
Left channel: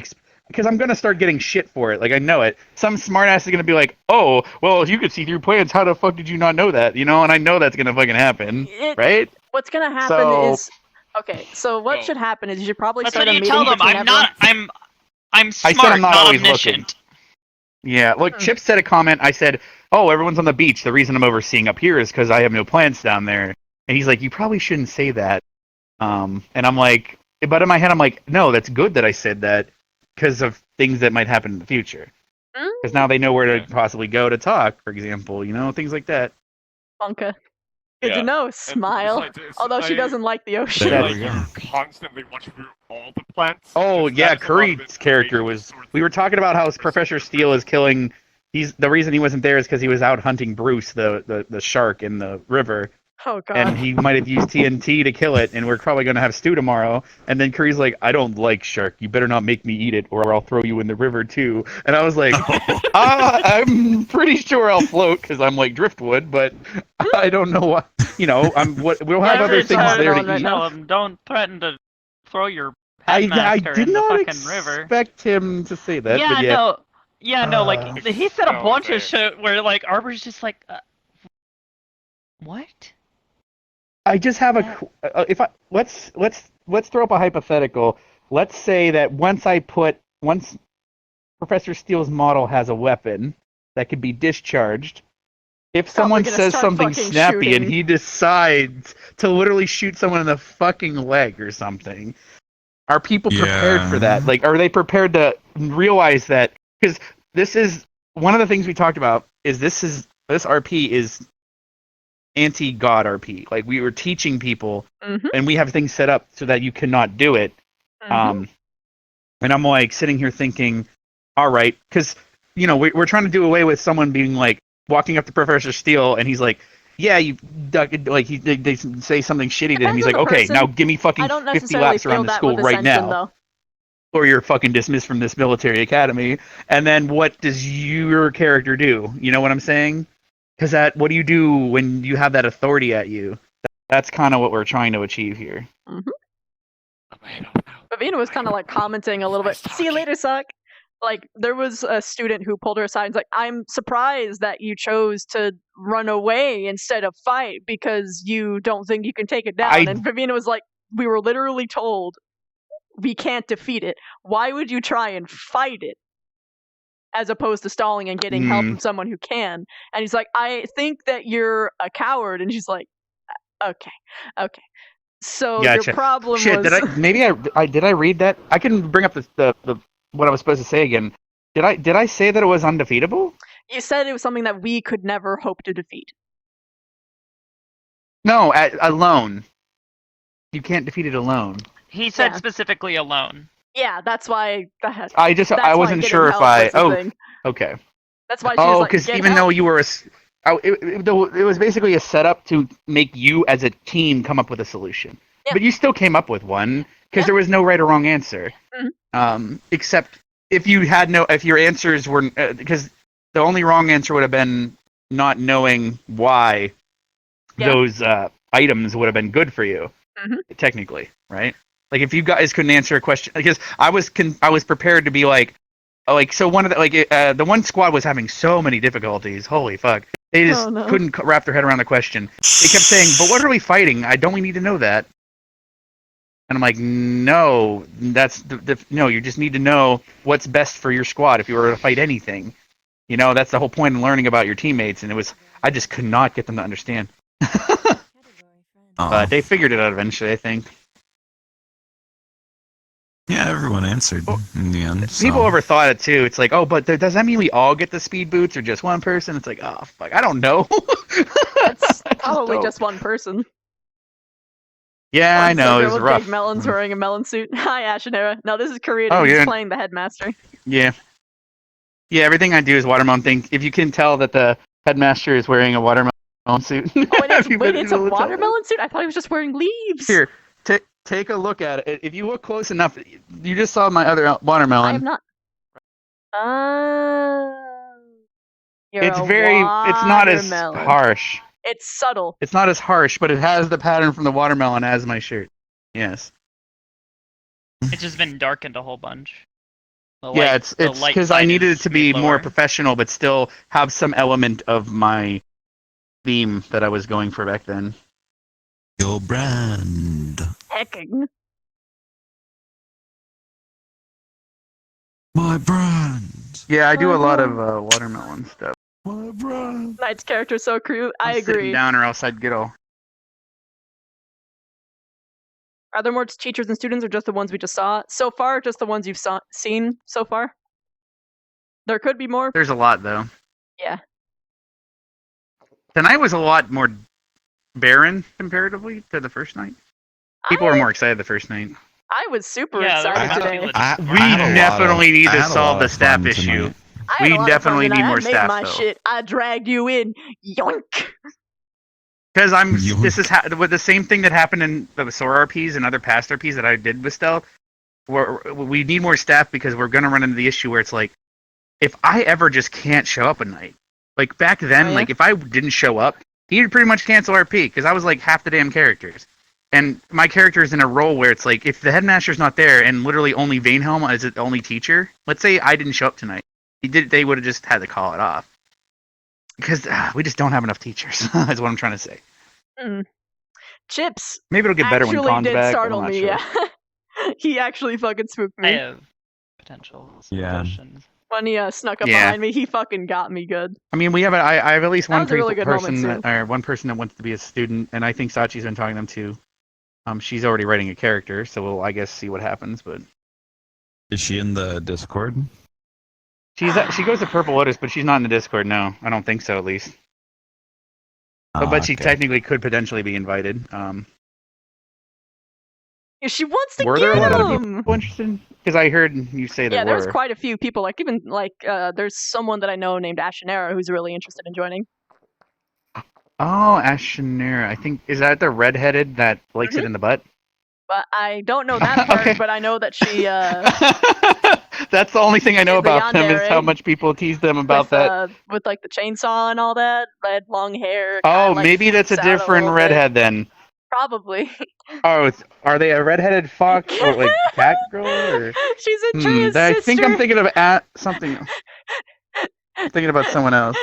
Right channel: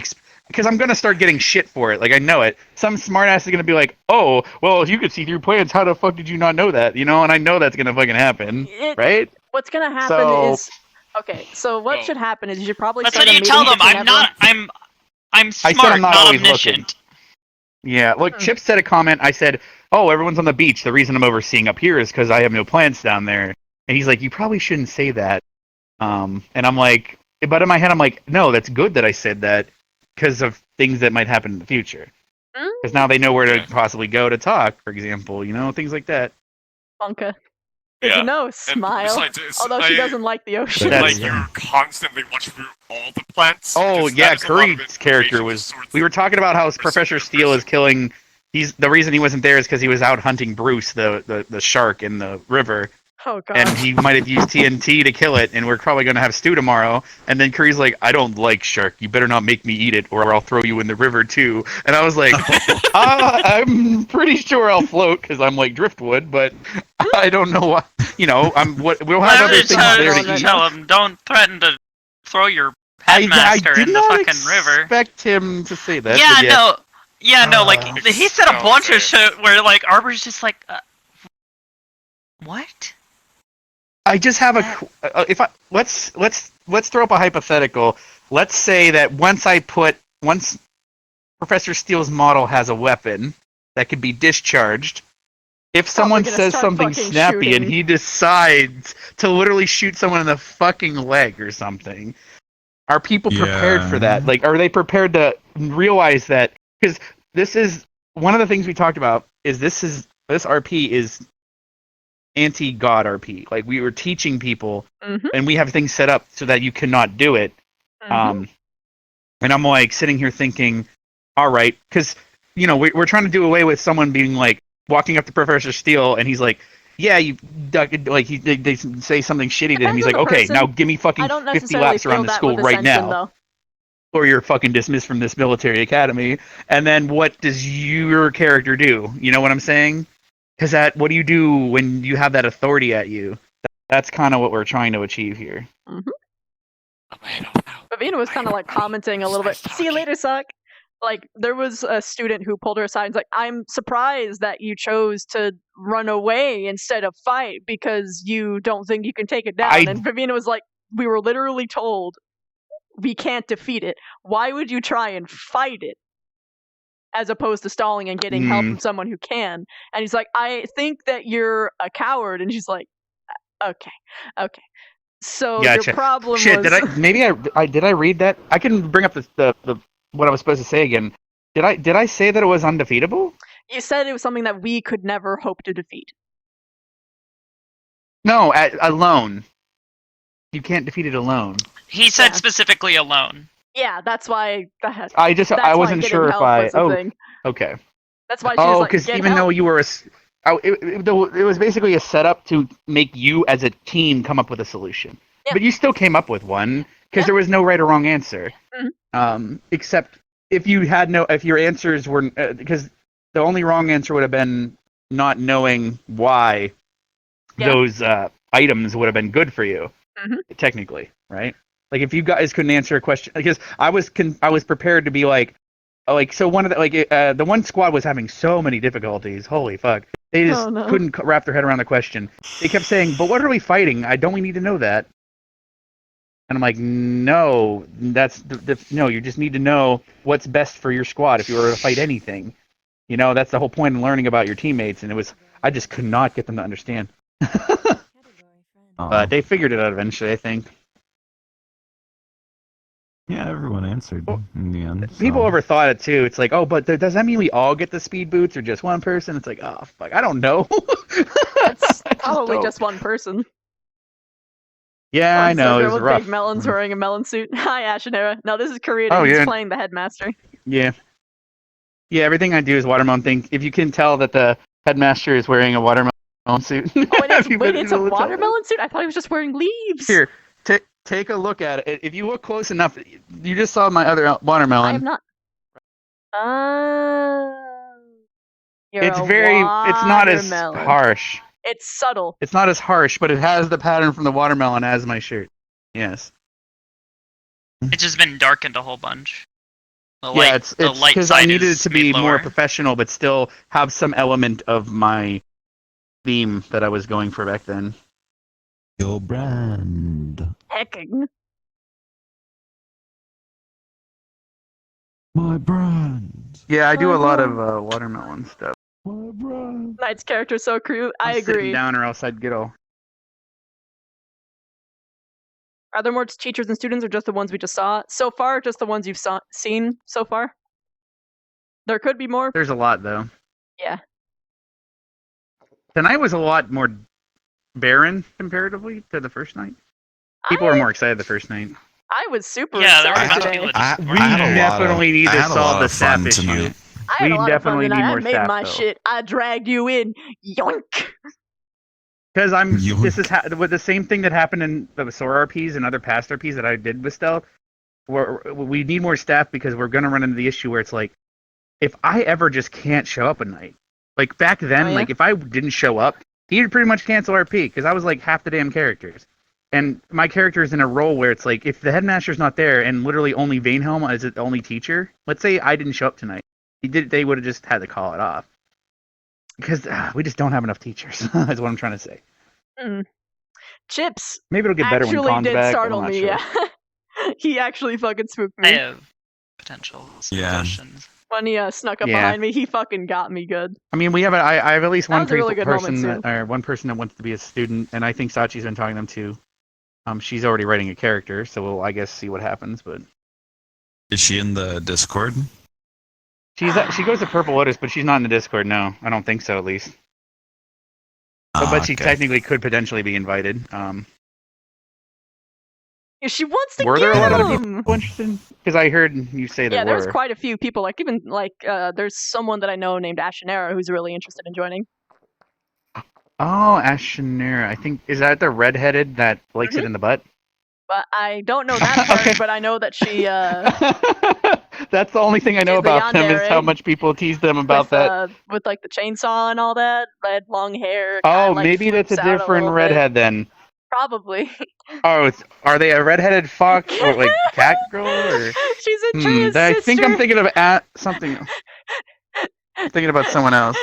Because I'm gonna start getting shit for it. Like, I know it. Some smartass is gonna be like, "Oh, well, if you could see through plans, how the fuck did you not know that?" You know, and I know that's gonna fucking happen, right? What's gonna happen So- is okay. So what should happen is you should probably That's start what a you meeting tell them. between I'm everyone. not. I'm I smart, said I'm not always omniscient. looking. Yeah, look, Chip said a comment. I said, "Oh, everyone's on the beach. The reason I'm overseeing up here is because I have no plants down there." And he's like, "You probably shouldn't say that." And I'm like, but in my head, I'm like, "No, that's good that I said that because of things that might happen in the future. Because now they know where to possibly go to talk, for example. You know, things like that." Bunka. Good to Yeah. know. And Smile. besides, Although she doesn't like the ocean. like you constantly watch through all the plants. Oh because yeah, that is a lot of Curry's character was. We were talking about how Professor Steele is killing. He's the reason he wasn't there is because he was out hunting Bruce, the shark in the river, Oh god. and he might have used TNT to kill it. And we're probably gonna have stew tomorrow. And then Curry's like, "I don't like shark. You better not make me eat it, or I'll throw you in the river too." And I was like, I'm pretty sure I'll float because I'm like driftwood, but I don't know what. You know, we'll have other things there to eat. Tell him, don't threaten to throw your I headmaster did in the not fucking river. expect him to say that. Yeah, but yeah. no. Yeah, no, like, he said a bunch of shit where, like, Arbor's just like, what? I just have if I let's throw up a hypothetical. Let's say that once Professor Steele's model has a weapon that could be discharged, if someone gonna says start something fucking snappy and shooting. he decides to literally shoot someone in the fucking leg or something, are people prepared for that? Like, are they prepared to realize that? Because this is one of the things we talked about. This RP is anti-God RP. Like, we were teaching people, and we have things set up so that you cannot do it. And I'm like sitting here thinking, all right, because we're trying to do away with someone being like walking up to Professor Steele, and he's like, yeah, you like they say something shitty to him. He's like, okay, now give me fucking I don't 50 necessarily laps around feel the that school with right Ascension, now, though. or you're fucking dismissed from this military academy. And then what does your character do? You know what I'm saying? Because what do you do when you have that authority at you? That's kind of what we're trying to achieve here. Vivina was kind of like commenting a little bit. See you later, suck. Like, there was a student who pulled her aside and was like, I'm surprised that you chose to run away instead of fight because you don't think you can take it down. And Vivina was like, we were literally told we can't defeat it. Why would you try and fight it as opposed to stalling and getting help from someone who can? And he's like, I think that you're a coward. And she's like, okay. So Gotcha. your problem Shit, was... did I read that? I can bring up the what I was supposed to say again. Did I say that it was undefeatable? You said it was something that we could never hope to defeat. No, alone. You can't defeat it alone. He said specifically alone. Yeah, that's why... I wasn't sure if I... thing. Okay. That's why she was like, because get even help. though you were it was basically a setup to make you as a team come up with a solution. Yeah. But you still came up with one because there was no right or wrong answer. Except if your answers were because the only wrong answer would have been not knowing why those items would have been good for you. Technically, right? Like if you guys couldn't answer a question, because I was prepared to be like so one of the the one squad was having so many difficulties. Holy fuck. They just couldn't wrap their head around the question. They kept saying, but what are we fighting? Don't we need to know that? And I'm like, no, no, you just need to know what's best for your squad if you were to fight anything. That's the whole point of learning about your teammates. And I just could not get them to understand. But they figured it out eventually, I think. Yeah, everyone answered in the end. People overthought it too. It's like, oh, but does that mean we all get the speed boots or just one person? It's like, oh, fuck, I don't know. It's probably just one person. Yeah, I know. Girl It's with rough. big melons wearing a melon suit. Hi, Ashenera. No, this is Korean. Oh, He's yeah. playing the headmaster. Yeah. Yeah, everything I do is watermelon things. If you can tell that the headmaster is wearing a watermelon suit. Oh, it's a watermelon suit? I thought he was just wearing leaves. Here, take a look at it. If you look close enough, you just saw my other watermelon. I have not. It's not as harsh. It's subtle. It's not as harsh, but it has the pattern from the watermelon as my shirt. Yes. It's just been darkened a whole bunch. It's because I needed it to be more professional, but still have some element of my theme that I was going for back then. Your brand. Hecking. My brand. Yeah, I do a lot of watermelon stuff. My brand. Knight's character so cute. I I'm sitting agree. down or else I'd get all. Are there more teachers and students or just the ones we just saw? So far, just the ones you've seen so far. There could be more. There's a lot, though. Yeah. Tonight was a lot more barren comparatively to the first night. People were more excited the first night. I was super Yeah, there were excited a lot of today. people that I, We I had a lot definitely of need I to had a solve lot the of staff fun issue. tonight. I had We a lot of fun definitely tonight. need I more made staff, my though. shit. I dragged you in. Yoink. Because this is with the same thing that happened in the SOAR RPs and other past RPs that I did with Stealth. We need more staff because we're going to run into the issue where it's like, if I ever just can't show up at night, like back then, Oh, yeah? like if I didn't show up, he'd pretty much cancel RP because I was like half the damn characters. And my character is in a role where it's like, if the headmaster's not there and literally only Vanehelm is the only teacher, let's say I didn't show up tonight, they would have just had to call it off. Because we just don't have enough teachers, is what I'm trying to say. Mm. Chips Maybe it'll get better when actually Khan's did back, but startle I'm not me, sure. yeah. He actually fucking spooked I me. have potential Yeah. suggestions. When he snuck up Yeah. behind me, he fucking got me good. I mean, I have at least That one was a really good person moment, that, or one person that wants to be a student, and I think Sachi's been talking to them too. She's already writing a character, so we'll, I guess, see what happens. But Is she in the Discord? she goes to Purple Lotus, but she's not in the Discord. No, I don't think so, at least. But she okay. technically could potentially be invited. Yeah, she wants to Were get there a lot of him! people interested? Because I heard you say there Yeah, there's were. quite a few people. Like, even, like, there's someone that I know named Ashenera who's really interested in joining. Oh, Ashenera. I think, is that the redheaded that likes it in the butt? But I don't know that part, Okay. but I know that she, That's the only thing I know She's the about them is how yandere much people tease them about with, that. with, like, the chainsaw and all that. Red, long hair. Oh, kinda, like, maybe that's a flips out different little bit. redhead then. Probably. Oh, are they a redheaded fox or like cat girl? Or... She's Atreus' I think I'm sister. thinking of something. I'm thinking about someone else.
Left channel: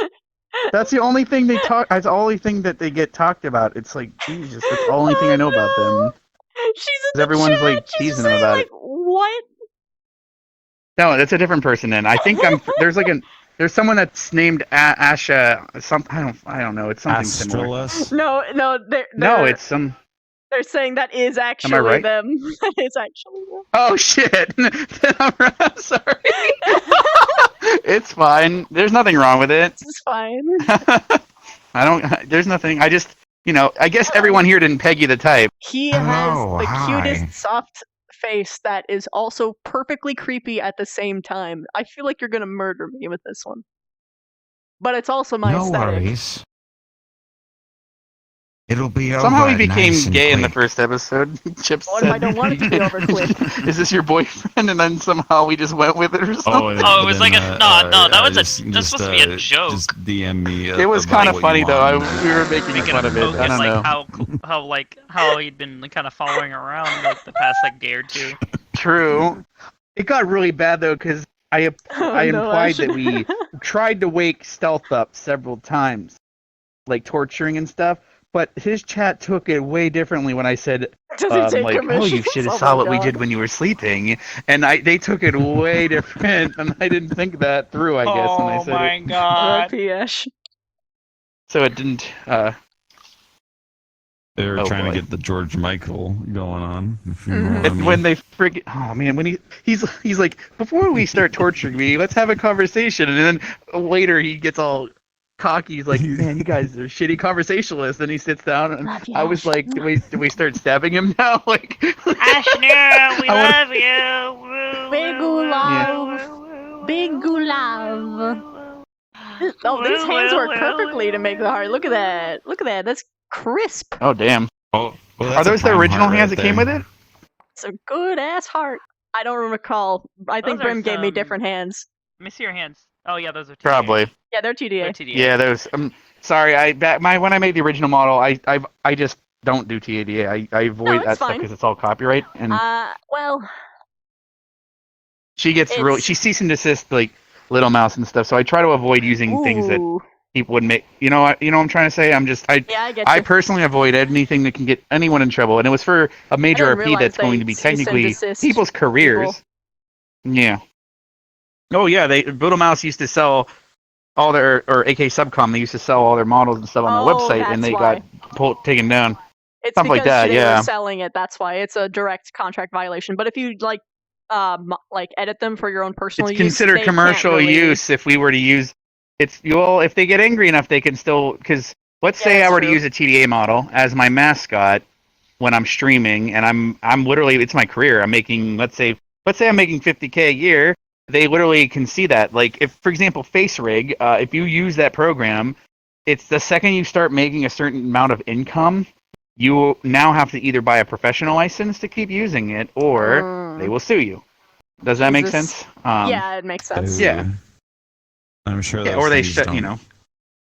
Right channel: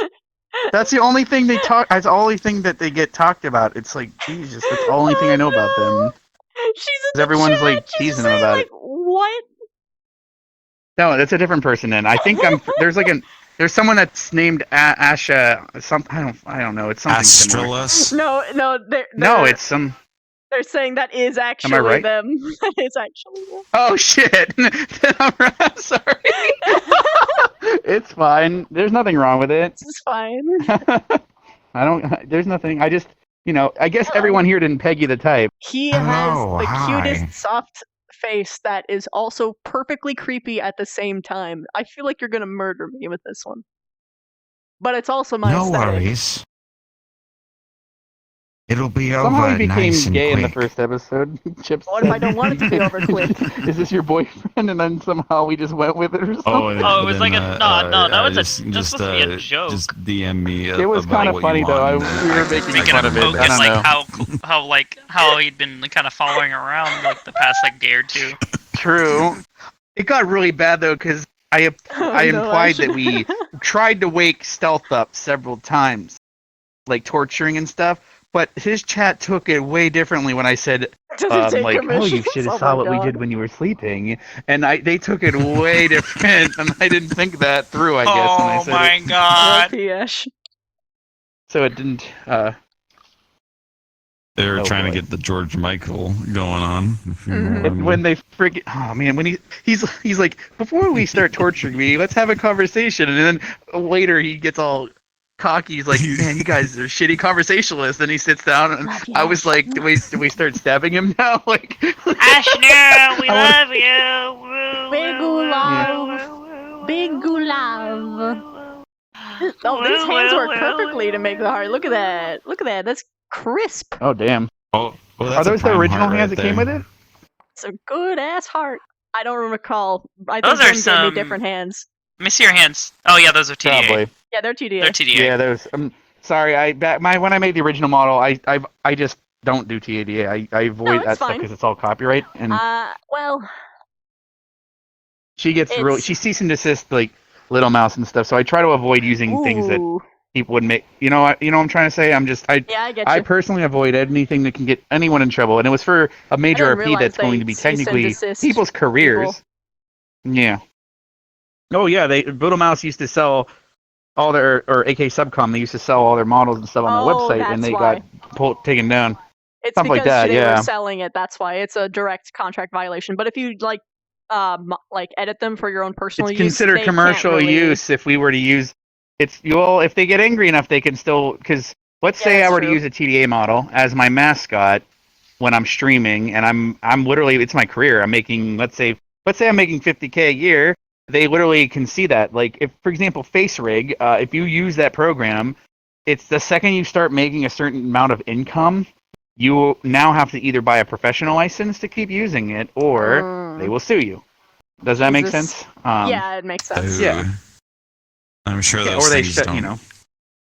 That's the only thing they talk. That's the only thing that they get talked about. It's like Jesus. That's the only thing I know about them. She's in the Everyone's chat. like She's just teasing them saying, about like, it. what? No, that's a different person. Then I think there's someone that's named Asha. I don't know. It's something similar. No, No, it's some. They're saying that is actually right? them. That is actually them. Oh shit! I'm sorry. It's fine. There's nothing wrong with it. It's fine. I don't. There's nothing. I just, I guess everyone here didn't peg you the type. He has the cutest soft face that is also perfectly creepy at the same time. I feel like you're gonna murder me with this one. But it's also my aesthetic. Worries. It'll be Somehow over he became nice and gay in the quick. first episode. Chips. What if I don't want it to be over quick? Is this your boyfriend? And then somehow we just went with it or something? Oh, it was like a that was just, supposed to be a joke. Just DM me. It was kind of funny though. We were making fun of it. I don't know. how he'd been kind of following around like the past day or two. True. It got really bad though because I implied that we tried to wake Stealth up several times, like torturing and stuff. But his chat took it way differently when I said, Does he take like, commissions? oh, you should have Oh saw my what we God. did when you were sleeping. And they took it way different, and I didn't think that through, I guess, when I said it. Oh my god. RPS. So it didn't, They were Oh, trying boy. to get the George Michael going on. If you know what I mean. when they friggin', oh man, when he's like, before we start torturing me, let's have a conversation. And then later he gets all cocky. He's like, man, you guys are shitty conversationalists. Then he sits down, and I was like, do we start stabbing him now? Like, Ashnera, we I love you. Big love. Big love. Oh, these hands work perfectly to make the heart. Look at that. Look at that. That's crisp. oh damn. Oh, well, Are that's a those the prime original heart hands right that came there. with it? It's a good ass heart. I don't recall. I think Those are Grim gave me some- different hands. Let me see your hands. Oh yeah, those are TDA. Probably. Yeah, they're TDA. They're TDA. Yeah, those. Sorry, when I made the original model, I just don't do TADA. I avoid it's that stuff fine. because it's all copyright, and Well, she gets it's- really she cease and desist like Little Mouse and stuff. So I try to avoid using things that ooh. people would make. You know what I'm trying to say? Yeah, I get I you. personally avoid anything that can get anyone in trouble, and it was for a major didn't RP realize that's going they to be cease and technically desist people's careers. people. Yeah. Oh yeah, Little Mouse used to sell all their, or AK Subcom, they used to sell all their models and stuff on their Oh, website, and that's they why. got taken down. It's Stuff because like that, they yeah. were selling it. That's why it's a direct contract violation. But if you like edit them for your own personal It's use, considered they can't commercial really... use if we were to use. If they get angry enough, they can still, because let's say I were to use a TDA model as my mascot when I'm streaming, and I'm literally, it's my career. I'm making, let's say I'm making 50K a year. They literally can see that. Like, if, for example, Face Rig, if you use that program, it's the second you start making a certain amount of income, you now have to either buy a professional license to keep using it, or they will sue you. Does that make Jesus. sense? Yeah, it makes sense. Yeah. I'm sure Yeah, those or they things set, don't. you know.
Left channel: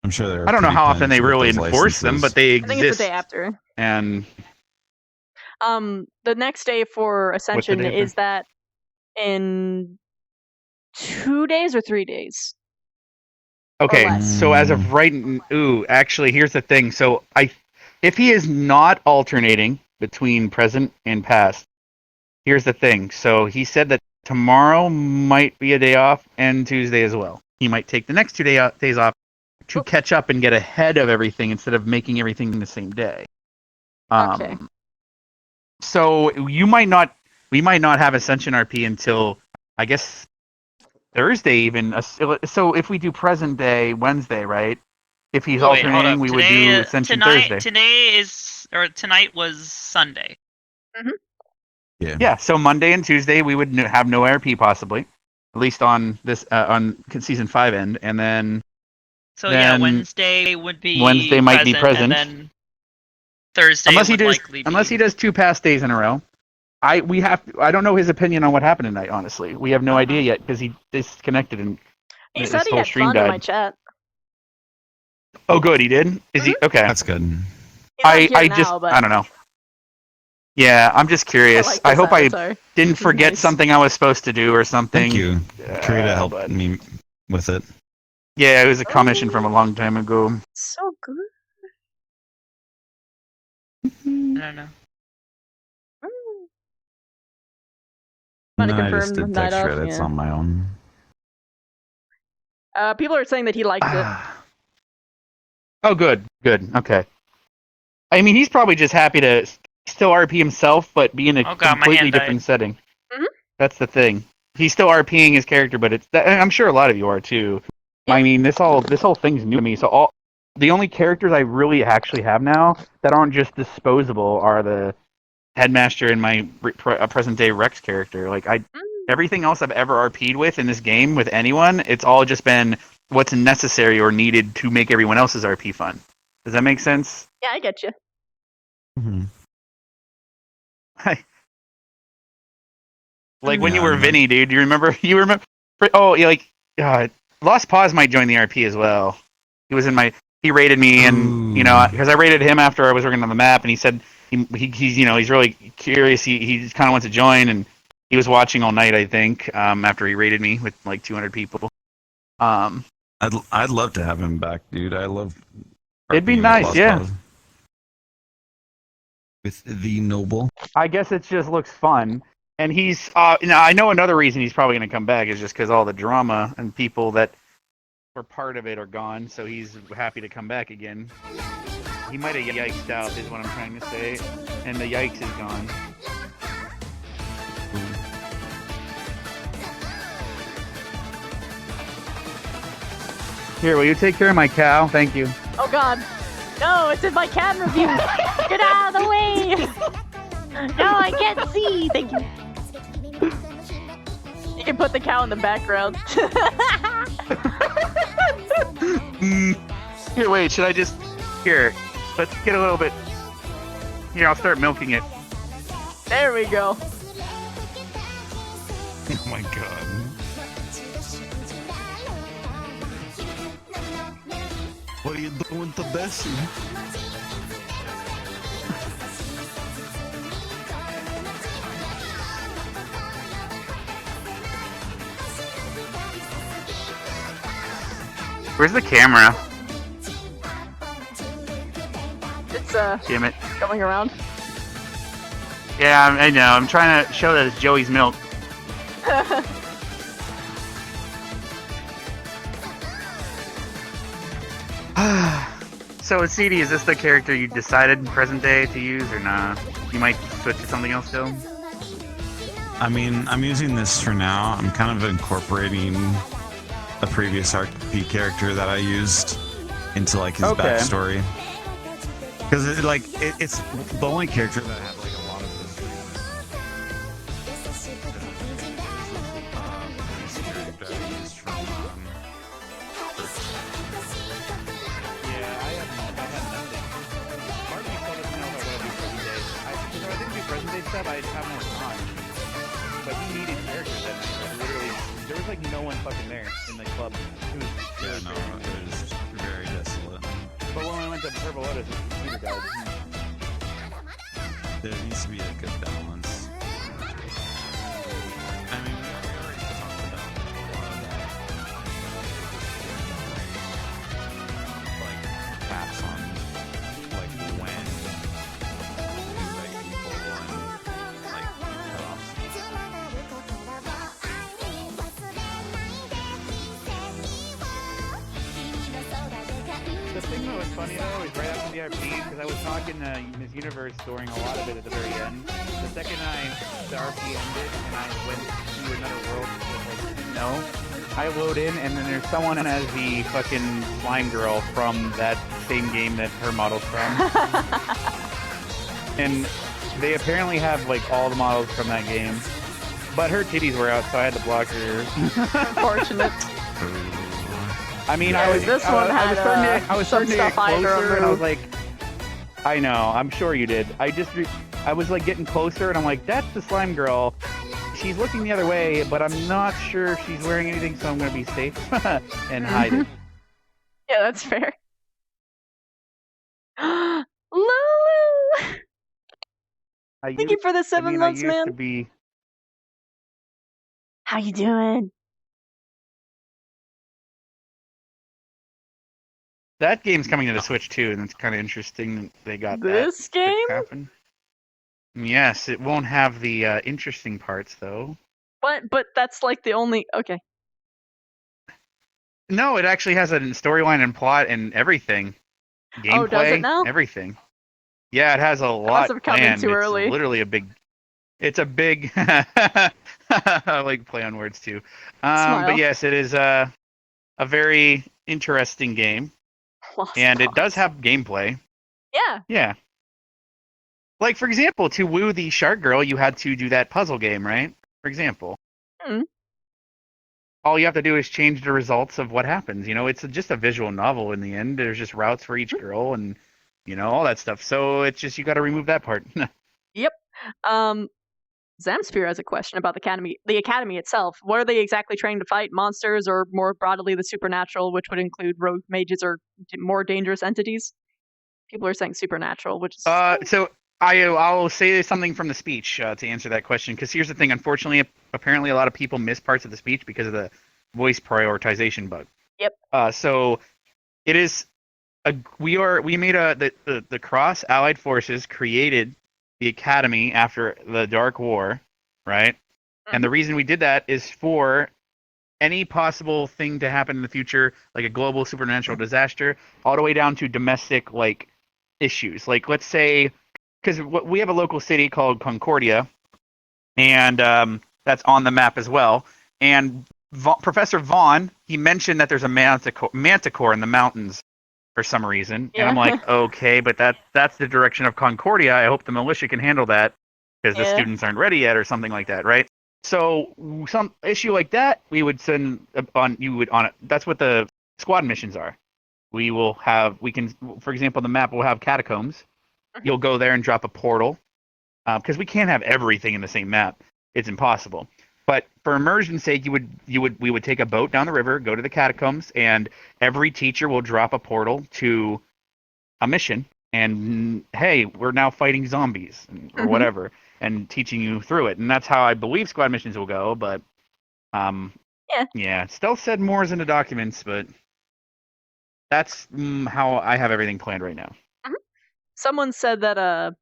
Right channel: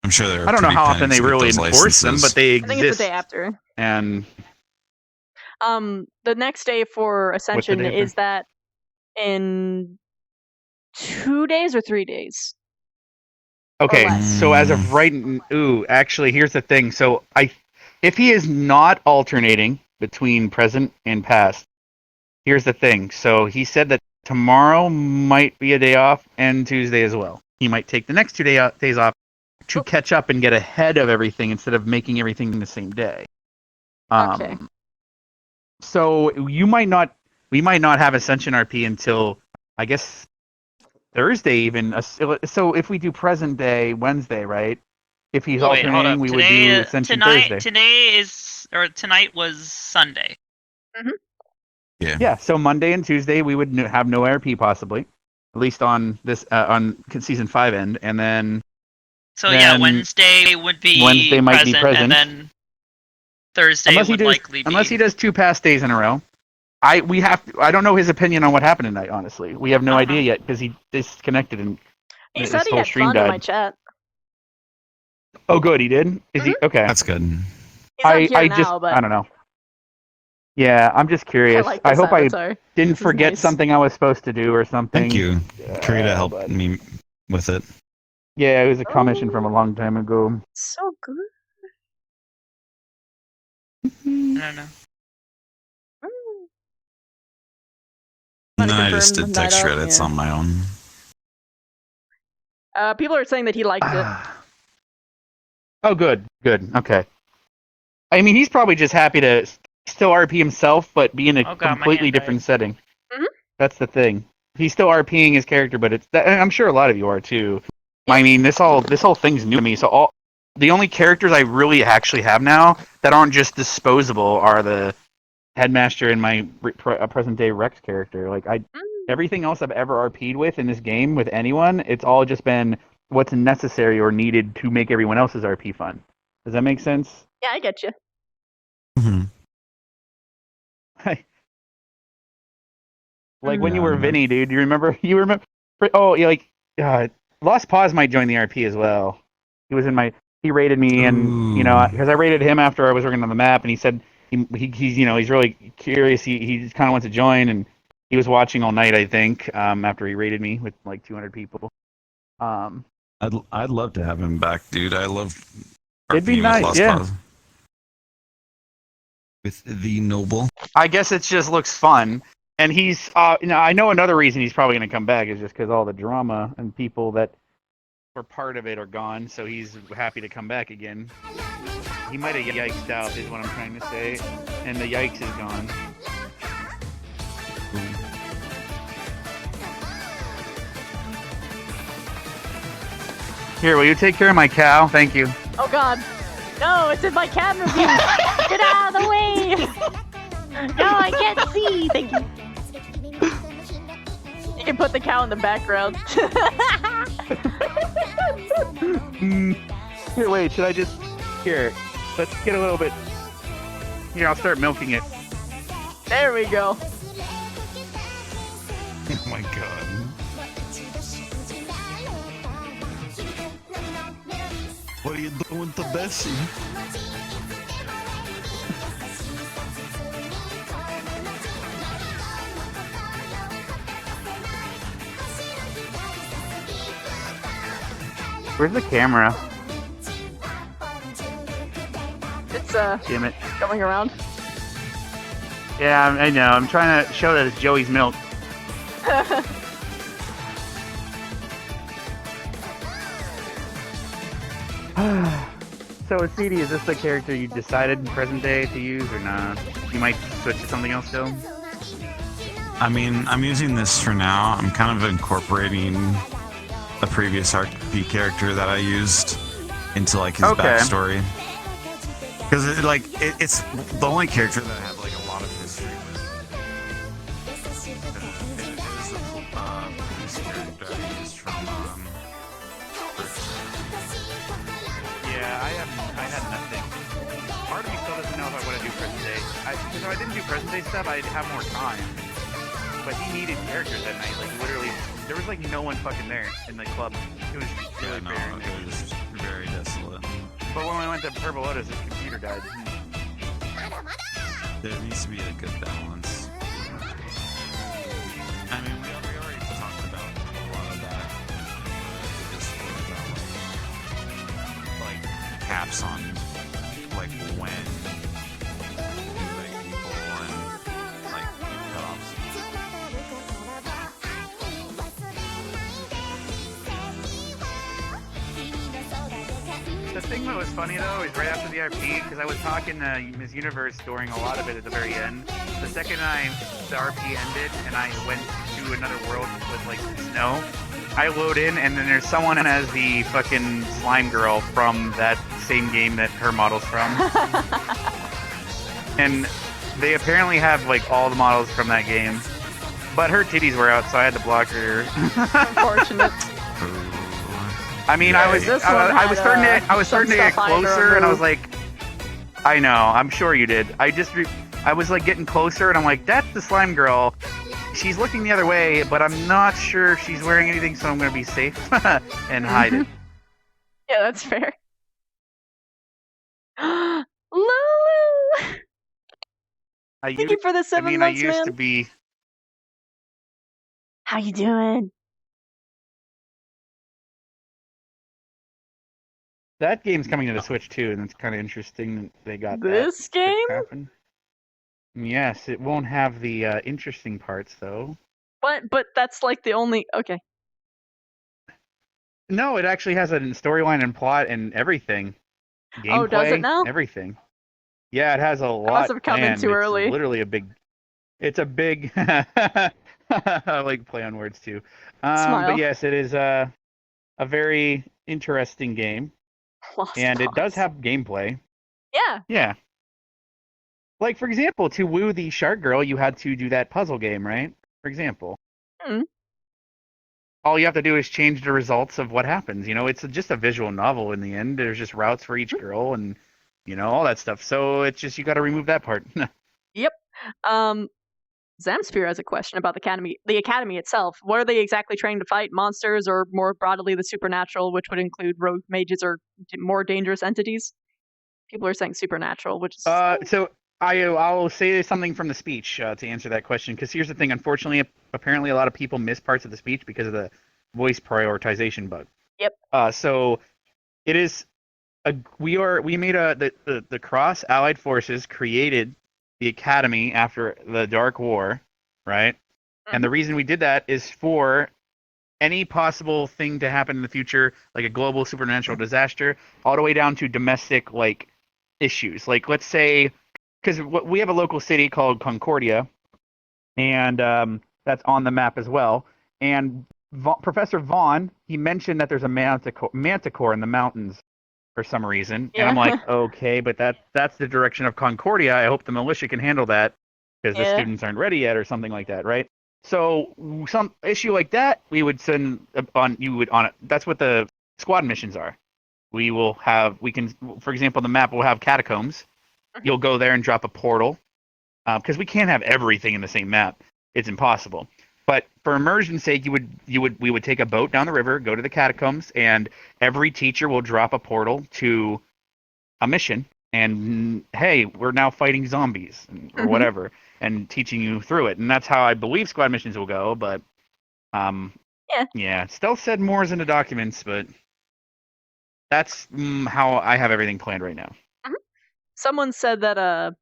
I'm sure they're I don't know pretty how often panicked they to get really those enforce them, but licenses. they I think it's the exist. day after. And the next day for Ascension day after? is that in 2 days or 3 days? Okay, less. so as of right, actually, here's the thing. So if he is not alternating between present and past, here's the thing. So he said that tomorrow might be a day off and Tuesday as well. He might take the next 2 days off to catch up and get ahead of everything instead of making everything the same day. Okay. So we might not have Ascension RP until, I guess, Thursday even. So if we do present day Wednesday, right? If he's Wait, hold alternating, up. we would do Ascension Thursday. Tonight was Sunday. Yeah. So Monday and Tuesday we would have no RP possibly, at least on this on season 5 end, and then. So yeah, Wednesday would be Wednesday might be present, and then Thursday would likely be. Unless he does 2 past days in a row. I don't know his opinion on what happened tonight. Honestly, we have no idea yet because he disconnected and He his said he whole had stream fun died. in my chat. Oh, good, he did. Is he okay? That's good. He's not here now, but I don't know. Yeah, I'm just curious. like I this hope avatar. I didn't This is forget nice. something I was supposed to do or something. Thank you. Karita helped me with it. Yeah, it was a commission from a long time ago. So good. I don't know. No, Might have I just confirmed did text night off, credits yeah. on my own. People are saying that he liked it. Oh, good. Okay. I mean, he's probably just happy to still RP himself, but be in a God, my completely hand died. different setting. Mhm. That's the thing. He's still RPing his character, but I'm sure a lot of you are too. I mean, this whole thing's new to me. So the only characters I really actually have now that aren't just disposable are the Headmaster and my present day Rex character. Like everything else I've ever RP'd with in this game with anyone, it's all just been what's necessary or needed to make everyone else's RP fun. Does that make sense? Yeah, I get you. Mm-hmm. Like when you were Vinny, dude. You remember? Oh, yeah, like Lost Paws might join the RP as well. He was in my. He rated me, and because I rated him after I was working on the map, and he said he's really curious. He kind of wants to join, and he was watching all night. I think after he rated me with like 200 people. I'd love to have him back, dude. I love. It'd be RPing with nice, Lost yeah. Paws. With the noble. I guess it just looks fun. And he's, I know another reason he's probably going to come back is just because all the drama and people that were part of it are gone, so he's happy to come back again. He might have yiked out, is what I'm trying to say, and the yikes is gone. Here, will you take care of my cow? Thank you. Oh god. No, it's in my cat review. Get out of the way. No, I can't see. Thank you. You can put the cow in the background. Here, wait, should I just... Here, let's get a little bit... Here, I'll start milking it. There we go. Oh my god. What are you doing to Bessie? Where's the camera? It's Damn it. going around. Yeah, I know. I'm trying to show that it's Joey's milk. So, CD, is this the character you decided in present day to use, or not? You might switch to something else still? I mean, I'm using this for now. I'm kind of incorporating the previous RP character that I used into like his Okay. backstory. Because it's the only character that I have like a lot of his. Stuff, I'd have more fun. But he needed characters that night. Like, literally, there was like no one fucking there in the club. It was very desolate. But when we went to Purple Lotus, his computer died. There needs to be a good balance. I mean, we already talked about a lot of that. Just like apps on like when invite people and like cutoffs. The thing that was funny though is right after the RP, because I was talking to Miss Universe during a lot of it at the very end. The second the RP ended and I went to another world with like snow, I load in and then there's someone as the fucking slime girl from that same game that her model's from. And they apparently have like all the models from that game. But her titties were out, so I had to block her. Unfortunate. I mean, Yeah, this one had I was some starting to get stuff I had to closer, and I was remove. like, I know, I'm sure you did. I was like getting closer, and I'm like, that's the slime girl. She's looking the other way, but I'm not sure if she's wearing anything, so I'm gonna be safe and hide it. Yeah, that's fair. Lulu! Thank you for the 7 months, I used man. to be. How you doing? That game's coming to the Switch too, and it's kind of interesting that they got This that to game? happen. Yes, it won't have the interesting parts though. But that's like the only. Okay. No, it actually has a storyline and plot and everything. Gameplay, Oh, does it now? Everything. Yeah, it has a lot. must have come in planned. too It's early. Literally a big. It's a big. I like play on words too. Smile. But yes, it is a very interesting game, Lost and it Box. does have gameplay. Yeah. Yeah. Like for example, to woo the shark girl, you had to do that puzzle game, right? For example. Hmm. All you have to do is change the results of what happens. You know, it's just a visual novel in the end. There's just routes for each girl and, all that stuff. So it's just, you got to remove that part. Yep. Zamsphere has a question about the academy itself. What are they exactly training to fight? Monsters, or more broadly, the supernatural, which would include rogue mages or more dangerous entities? People are saying supernatural, which is So I'll say something from the speech to answer that question. Because here's the thing. Unfortunately, apparently a lot of people miss parts of the speech because of the voice prioritization bug. Yep. So it is we made the Cross Allied Forces created the Academy after the Dark War, right? And the reason we did that is for any possible thing to happen in the future, like a global supernatural disaster, all the way down to domestic like issues. Like let's say, because we have a local city called Concordia, and that's on the map as well. And Professor Vaughn, he mentioned that there's a manticore in the mountains for some reason, and I'm like, okay, but that's the direction of Concordia. I hope the militia can handle that because the students aren't ready yet, or something like that, right? So some issue like that, we would send on it. That's what the squad missions are. We can, for example, the map will have catacombs. You'll go there and drop a portal because we can't have everything in the same map. It's impossible. But for immersion's sake, we would take a boat down the river, go to the catacombs, and every teacher will drop a portal to a mission. And hey, we're now fighting zombies or whatever, and teaching you through it. And that's how I believe squad missions will go. But yeah, Stealth said more is in the documents, but that's how I have everything planned right now. Someone said that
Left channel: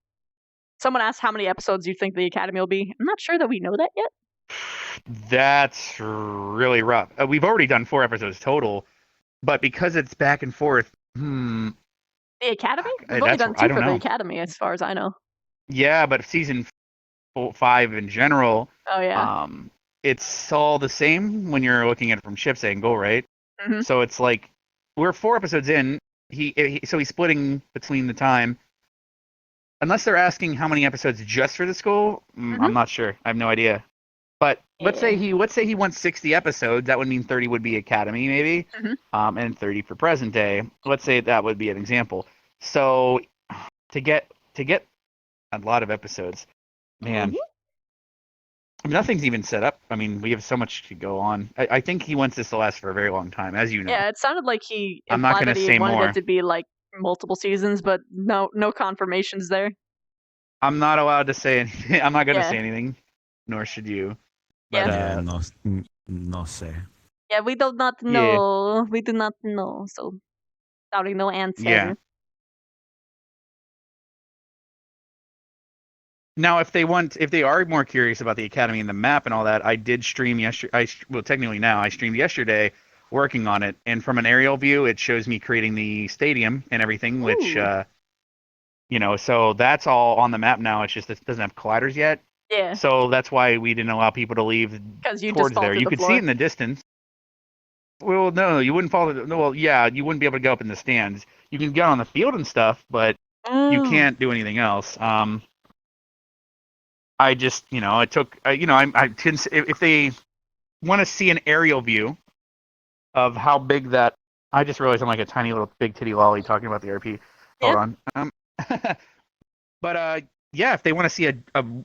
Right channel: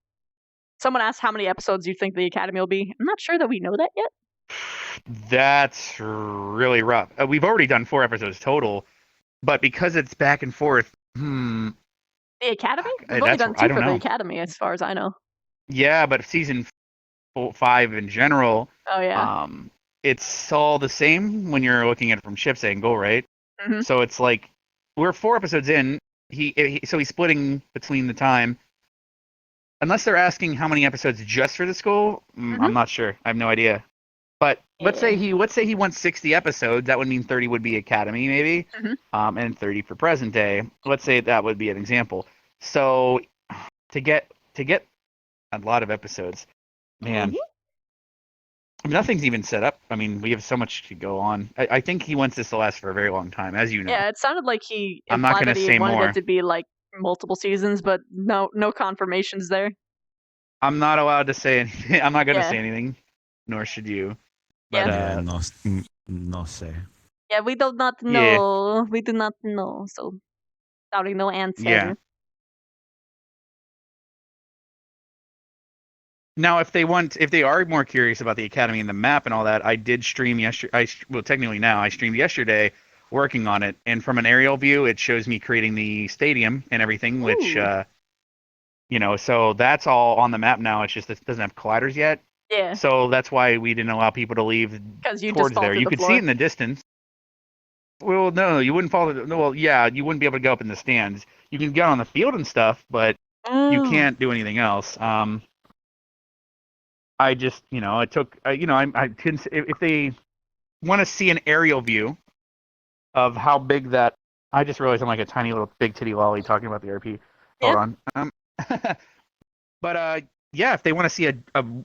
someone asked how many episodes you think the Academy will be. I'm not sure that we know that yet. That's really rough. We've already done 4 episodes total, but because it's back and forth, The Academy? We've only done 2 for the Academy, as far as I know. Yeah, but season 5 in general, Oh yeah. It's all the same when you're looking at it from Ship's angle, right? So it's like we're 4 episodes in. so he's splitting between the time. Unless they're asking how many episodes just for the school, I'm not sure. I have no idea. But let's say he wants 60 episodes. That would mean 30 would be Academy, maybe, and 30 for present day. Let's say that would be an example. So to get a lot of episodes, man, nothing's even set up. I mean, we have so much to go on. I think he wants this to last for a very long time, as you know. Yeah, it sounded like he I'm not implied gonna that he say wanted more. it to be like multiple seasons, but no confirmations there. I'm not allowed to say anything. I'm not gonna Yeah. say anything, nor should you. But Yeah. no sé. Yeah, we do not Yeah. know. We do not know. So, doubting no answer. Yeah. Now, if they are more curious about the Academy and the map and all that, I did stream yesterday. Well, technically now I streamed yesterday, working on it, and from an aerial view, it shows me creating the stadium and everything, which so that's all on the map now. It's just it doesn't have colliders yet. Yeah. So that's why we didn't allow people to leave 'Cause you just towards fall there. through You the could see floor. it in the distance. Well, no, you wouldn't fall. No, well, yeah, you wouldn't be able to go up in the stands. You can get on the field and stuff, but you can't do anything else. I just, it took, I couldn't, if they want to see an aerial view of how big that, I just realized I'm like a tiny little big titty lolly talking about the RP. Hold on. But yeah, if they want to see a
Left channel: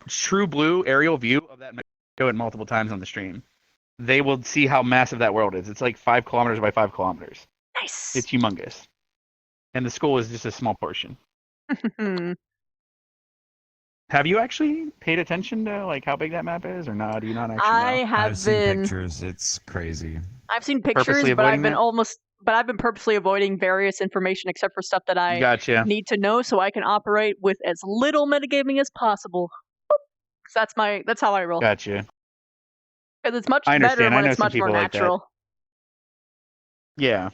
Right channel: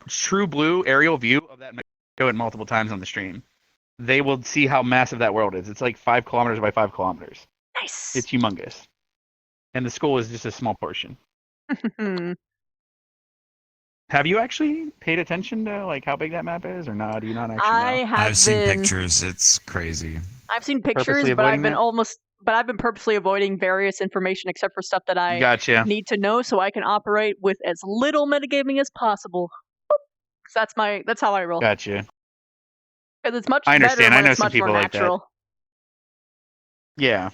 true blue aerial view of that, show it multiple times on the stream, they will see how massive that world is. It's like 5 kilometers by 5 kilometers. Nice. It's humongous. And the school is just a small portion. Have you actually paid attention to like how big that map is, or not? Do you not actually know? I have I've seen been. pictures. It's crazy. I've seen pictures, Purposely but avoiding that? I've been purposely avoiding various information except for stuff that I Gotcha. need to know so I can operate with as little metagaming as possible. 'Cause that's how I roll. Gotcha. Because it's much I better understand. I when know it's some much more people like that. natural. Yeah.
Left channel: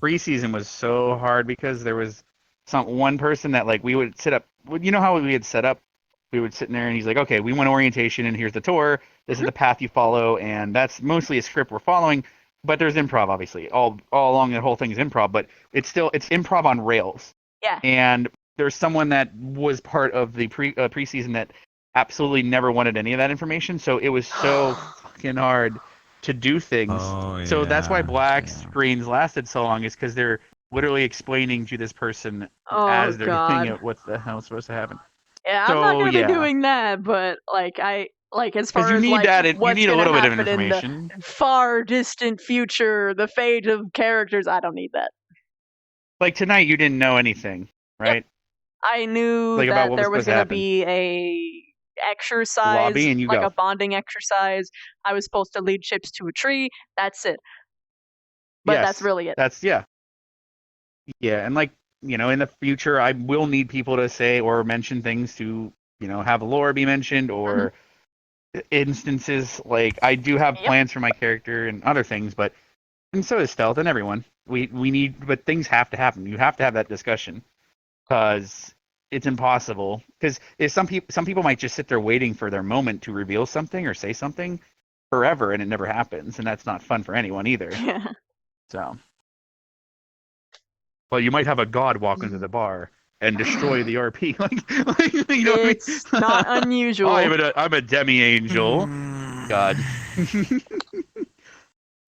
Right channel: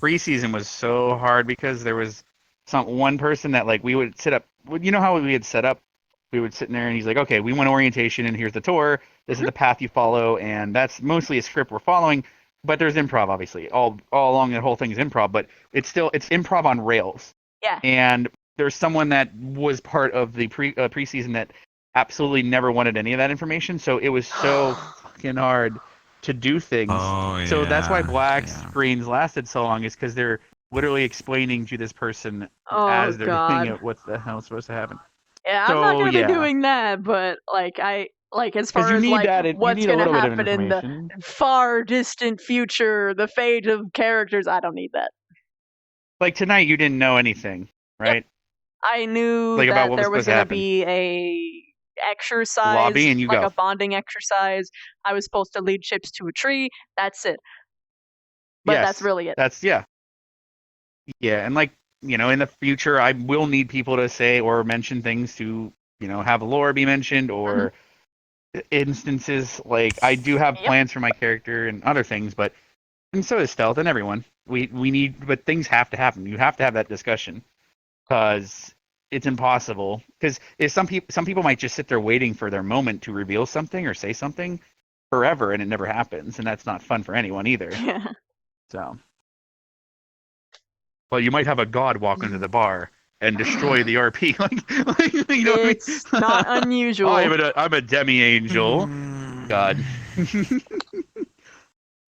Preseason was so hard because there was one person that like we would sit up. You know how we had set up? We would sit in there and he's like, okay, we want orientation and here's the tour. This is the path you follow, and that's mostly a script we're following. But there's improv, obviously. All along the whole thing is improv, but it's improv on rails. Yeah. And there's someone that was part of the preseason that absolutely never wanted any of that information, so it was so fucking hard to do things. Oh, So that's why black screens lasted so long, is because they're literally explaining to this person as they're doing it what the hell is supposed to happen. Yeah, so, I'm not gonna yeah. be doing that, but as 'Cause far you as need like that, you what's need a gonna little bit of happen in the information. far distant future, the fate of characters, I don't need that. Like tonight, you didn't know anything, right? I knew Like, about that what there was was supposed to gonna happen. be a exercise, Lobby and you like go. a bonding exercise. I was supposed to lead ships to a tree. That's it. But Yes, that's really it. Yeah, and like, in the future, I will need people to say or mention things to, have lore be mentioned or instances. Like, I do have plans for my character and other things, and so does Stealth and everyone. We need, but things have to happen. You have to have that discussion because it's impossible. Because some people might just sit there waiting for their moment to reveal something or say something forever, and it never happens, and that's not fun for anyone either. Yeah. So. Well, you might have a god walk into the bar and destroy the RP. You know It's what I mean? not unusual. I'm a demi-angel. God.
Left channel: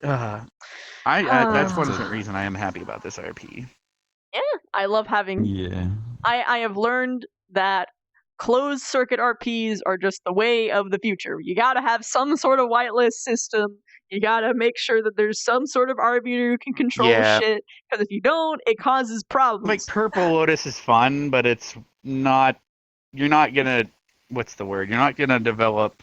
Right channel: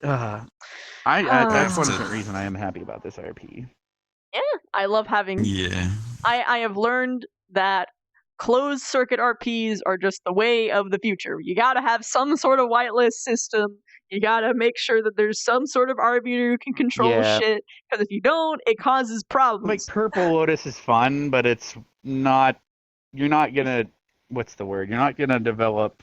That's one reason I am happy about this RP. Yeah, I love having. Yeah. I have learned that closed circuit RPs are just the way of the future. You gotta have some sort of whitelist system. You gotta make sure that there's some sort of arbiter who can control shit. Because if you don't, it causes problems. Like Purple Lotus is fun, but it's not. You're not gonna. What's the word? You're not gonna develop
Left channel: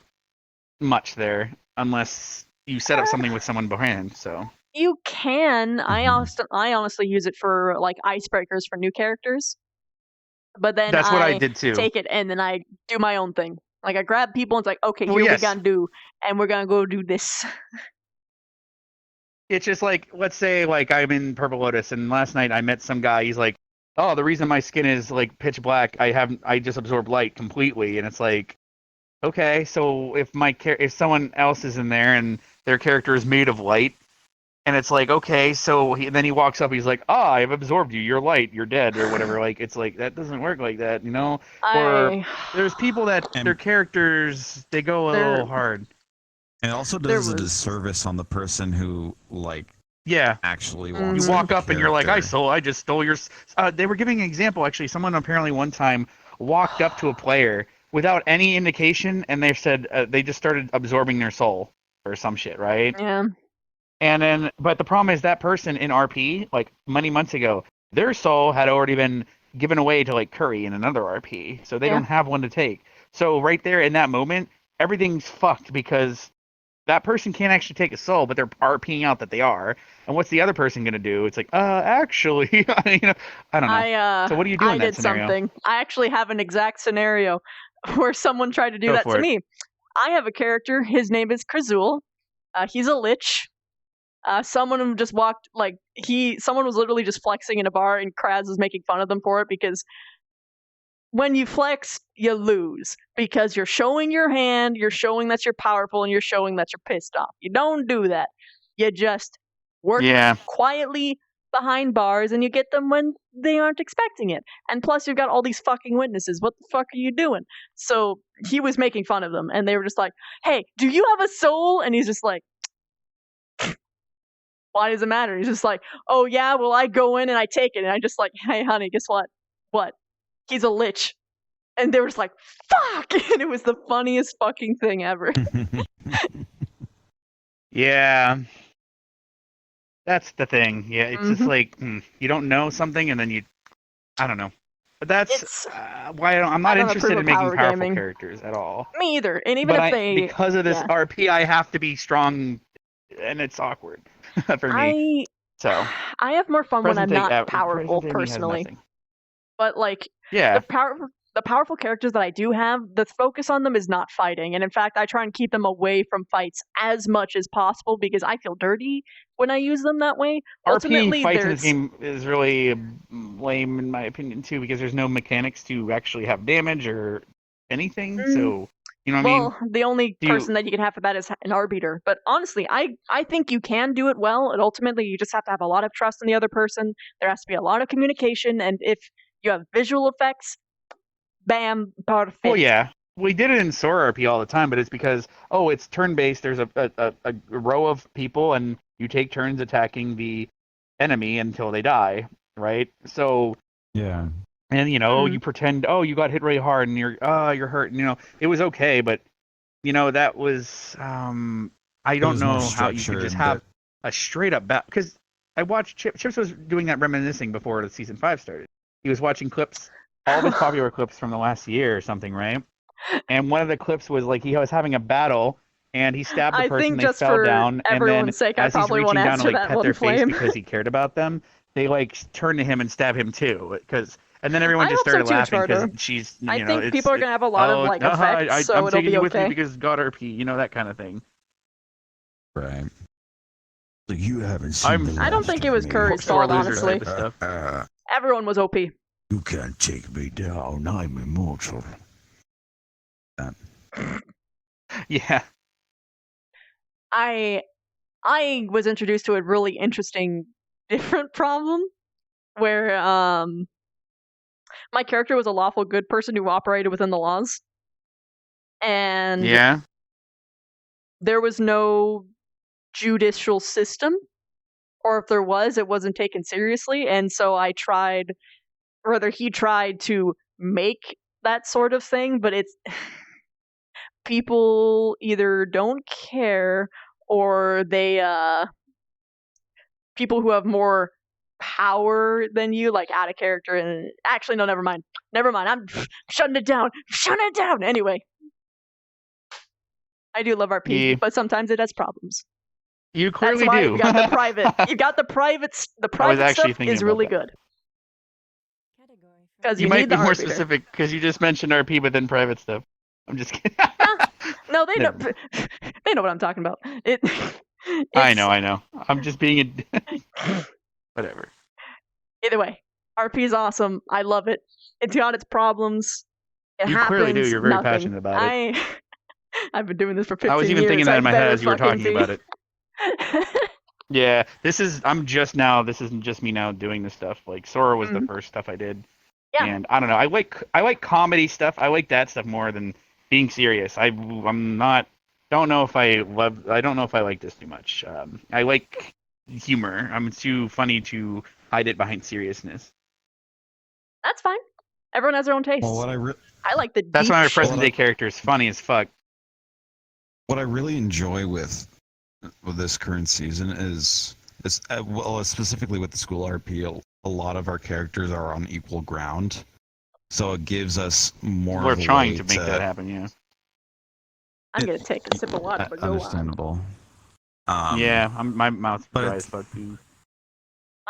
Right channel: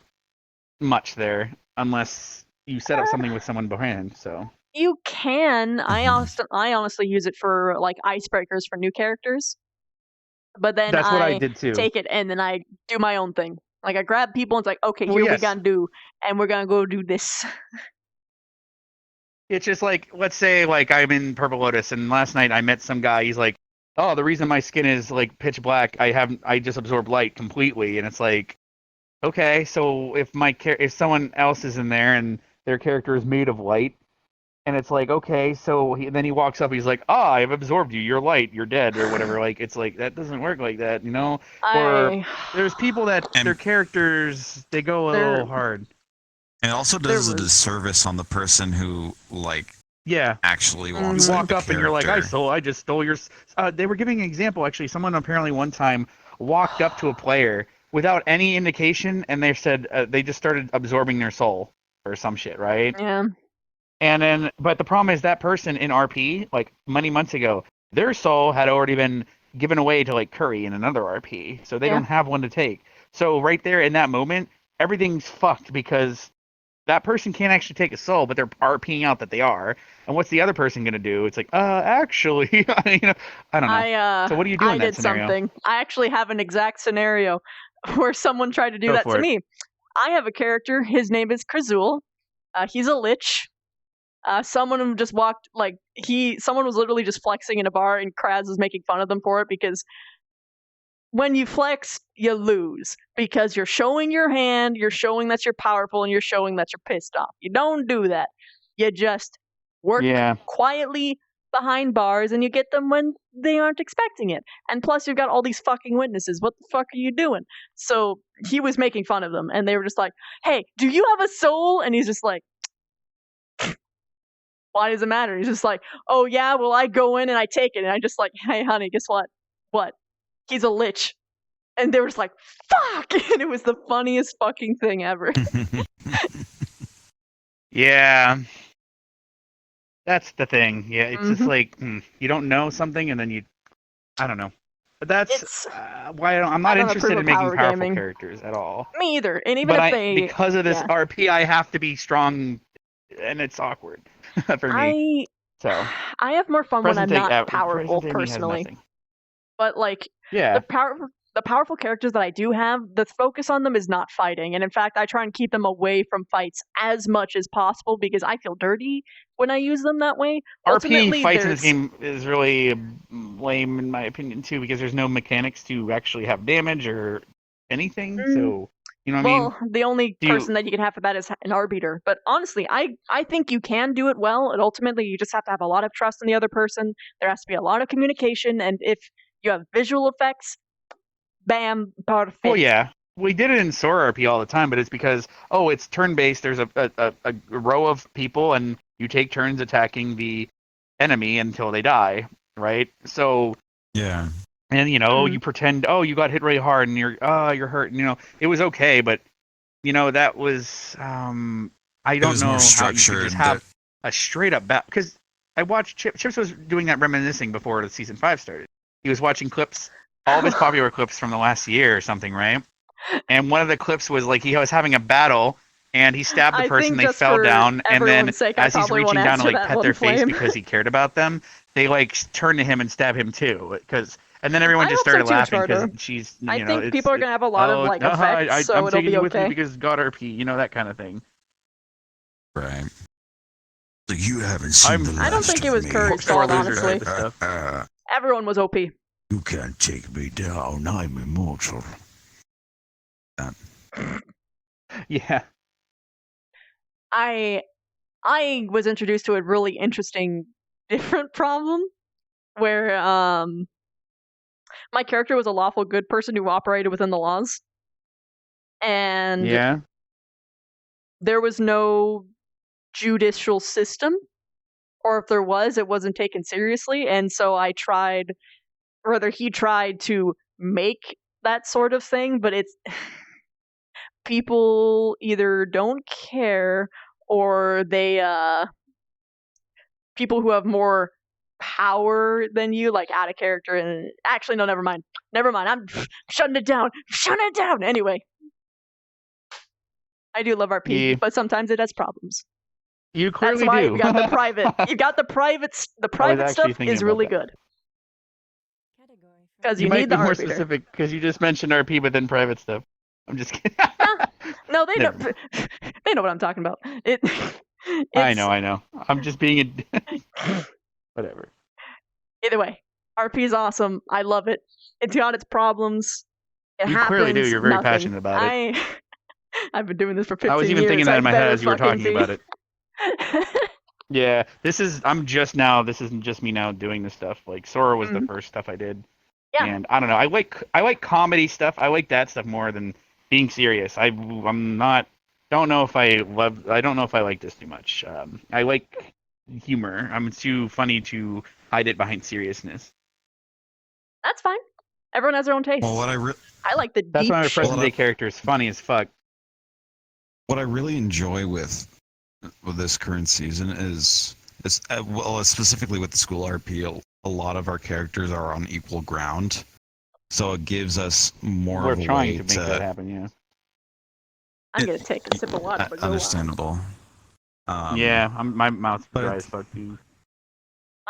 much there unless you set up something with someone behind. So. You can. I honestly use it for like icebreakers for new characters. But then That's what I did too. take it and then I do my own thing. Like I grab people and it's like, okay, Well, here we yes. gonna do, and we're gonna go do this. It's just like, let's say like I'm in Purple Lotus, and last night I met some guy. He's like, "Oh, the reason my skin is like pitch black, I just absorb light completely." And it's like, okay, so if someone else is in there and their character is made of light, And it's like, okay, so then he walks up, he's like, I've absorbed you, you're light, you're dead, or whatever. Like, it's like, that doesn't work like that, you know? Or there's people that their characters, they go a little hard. It also does a disservice on the person who, like, yeah, actually you wants walk the up and you're like, I just stole your. They were giving an example, actually. Someone apparently one time walked up to a player without any indication, and they said they just started absorbing their soul or some shit, right? Yeah. And then, but the problem is that person in RP, like many months ago, their soul had already been given away to like Curry in another RP, so they don't have one to take. So right there in that moment, everything's fucked because that person can't actually take a soul, but they're RPing out that they are. And what's the other person gonna do? It's like, actually, you know, I don't know. So what do you do in that did scenario? something. I actually have an exact scenario where someone tried to do Go that for to it. me. I have a character. His name is Krazul. He's a lich. Someone just walked someone was literally just flexing in a bar, and Kraz was making fun of them for it because when you flex, you lose because you're showing your hand, you're showing that you're powerful, and you're showing that you're pissed off. You don't do that. You just work quietly behind bars, and you get them when they aren't expecting it. And plus, you've got all these fucking witnesses. What the fuck are you doing? So he was making fun of them, and they were just like, "Hey, do you have a soul?" And he's just like, why does it matter? He's just like, oh yeah, well I go in and I take it, and I just like, hey honey, guess what? What? He's a lich. And they were just like, fuck! And it was the funniest fucking thing ever. Yeah. That's the thing. Yeah, it's just like, you don't know something, and then I don't know. But that's why I'm not interested in making powerful characters at all. Me either. And even if they... because of this RP, I have to be strong, and it's awkward for me. I have more fun when I'm not powerful, personally. But like, the powerful characters that I do have, the focus on them is not fighting. And in fact, I try and keep them away from fights as much as possible because I feel dirty when I use them that way. RP fights in this game is really lame in my opinion too, because there's no mechanics to actually have damage or anything. So, you know what I mean? Well, the only person that you can have for that is an arbiter. But honestly, I think you can do it well, and ultimately you just have to have a lot of trust in the other person. There has to be a lot of communication, and if you have visual effects, bam, perfect. Well, yeah. We did it in Sora RP all the time, but it's because, it's turn-based. There's a row of people, and you take turns attacking the enemy until they die, right? So... yeah. And, you pretend, you got hit really hard, and you're hurt. And, it was okay, but, that was... I don't know how you could just have a straight-up battle. Because I watched... Chips was doing that reminiscing before the Season 5 started. He was watching clips... all of his popular clips from the last year or something, right? And one of the clips was like he was having a battle and he stabbed the person, they fell down, and then sake, as he's reaching down to like pet their flame. face because he cared about them, they like turn to him and stab him too. And then everyone just started laughing because she's. I think people are gonna have a lot of like effects, so it'll be okay. Because God RP, that kind of thing. Right. So you haven't seen. I don't think it was Curry's fault, honestly. Everyone was OP. You can't take me down. I'm immortal. Yeah. I was introduced to a really interesting, different problem where my character was a lawful good person who operated within the laws. And there was no judicial system, or if there was, it wasn't taken seriously. And so he tried to make that sort of thing, but it's people either don't care or they people who have more power than you, like out of character. And actually, no, never mind. I'm shutting it down. Anyway, I do love RP, but sometimes it has problems. You clearly That's why do. you got the private. You got the private. The private stuff is really good. Because you need the more arbiter. Specific because you just mentioned RP, but then private stuff. I'm just kidding. No, they know. They know what I'm talking about. I know. I'm just being whatever. Either way, RP is awesome. I love it. It's got its problems. It happens. Clearly do. You're very passionate about it. I've been doing this for 15 years. I was even thinking that in my head as you were talking about it. Yeah, I'm just now. This isn't just me now doing this stuff. Like Sora was the first stuff I did, Yeah. and I don't know. I like comedy stuff. I like that stuff more than being serious. I'm not. Don't know if I love. I don't know if I like this too much. I like humor. I'm too funny to hide it behind seriousness. That's fine. Everyone has their own tastes. Well, I like the That's deep why my shit. present day character is funny as fuck. What I really enjoy with this current season is well, specifically with the school RP, a lot of our characters are on equal ground, so it gives us more We're of a trying way to make that happen. Yeah. I'm gonna take a sip of water, but go on. Understandable. Yeah, my mouth's but dry it's- as fuck too.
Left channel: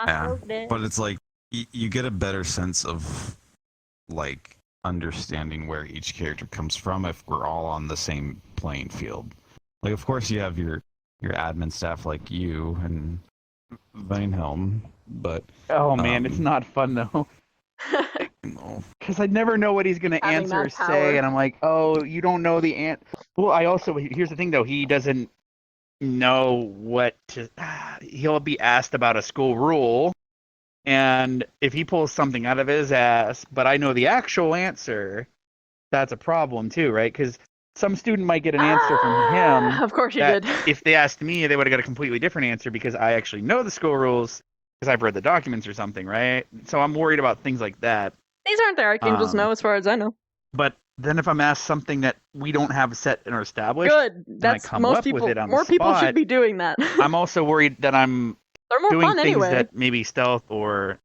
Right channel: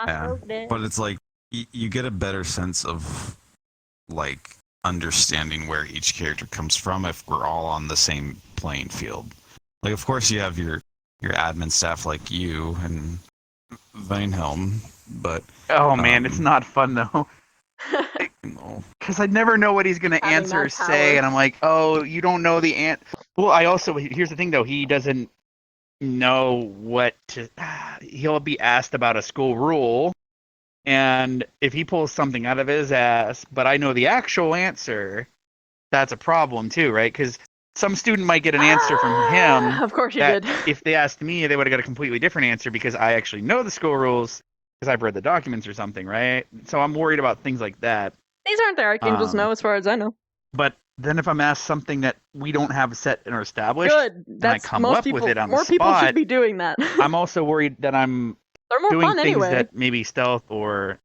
Yeah, but it's like you get a better sense of like understanding where each character comes from if we're all on the same playing field. Like, of course, you have your admin staff like you and Vinehelm, but Oh man, it's not fun though. Because I never know what he's gonna Having answer or that power. say, and I'm like, oh, you don't know the Well, I also here's the thing though, he doesn't know what to. He'll be asked about a school rule, and if he pulls something out of his ass, but I know the actual answer, that's a problem too, right? Because some student might get an answer from him. Of course you that did. If they asked me, they would have got a completely different answer because I actually know the school rules because I've read the documents or something, right? So I'm worried about things like that. These aren't the Archangels, no, as far as I know. But then if I'm asked something that we don't have set or established, Good. and I That's come most up people. with it on More the people spot, should be doing that. I'm also worried that I'm They're more doing fun things anyway. that maybe stealth or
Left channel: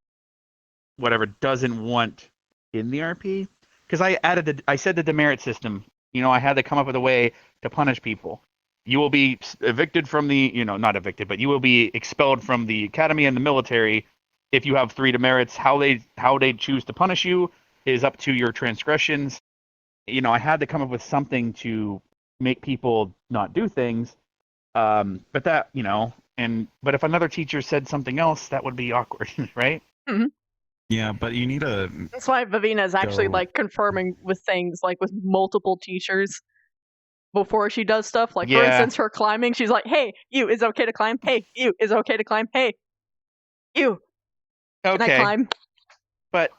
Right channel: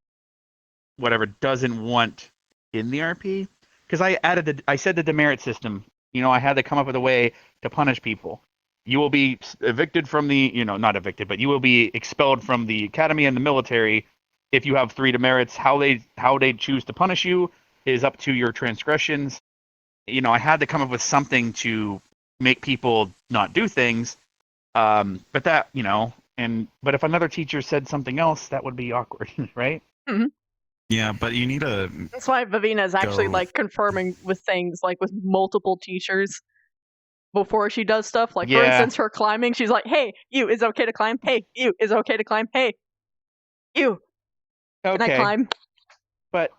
whatever doesn't want in the RP. Because I said the demerit system. I had to come up with a way to punish people. You will be evicted from the, not evicted, but you will be expelled from the academy and the military if you have 3 demerits. How they choose to punish you is up to your transgressions. I had to come up with something to make people not do things. But that, but if another teacher said something else, that would be awkward, right? Mhm. yeah, but you need a That's why Vivina is actually Go. like confirming with things like with multiple teachers before she does stuff. Like for Yeah. instance, her climbing, she's like, "Hey, you, is it okay to climb? Hey, you, is it okay to climb? Hey, you, can I Okay. climb?" But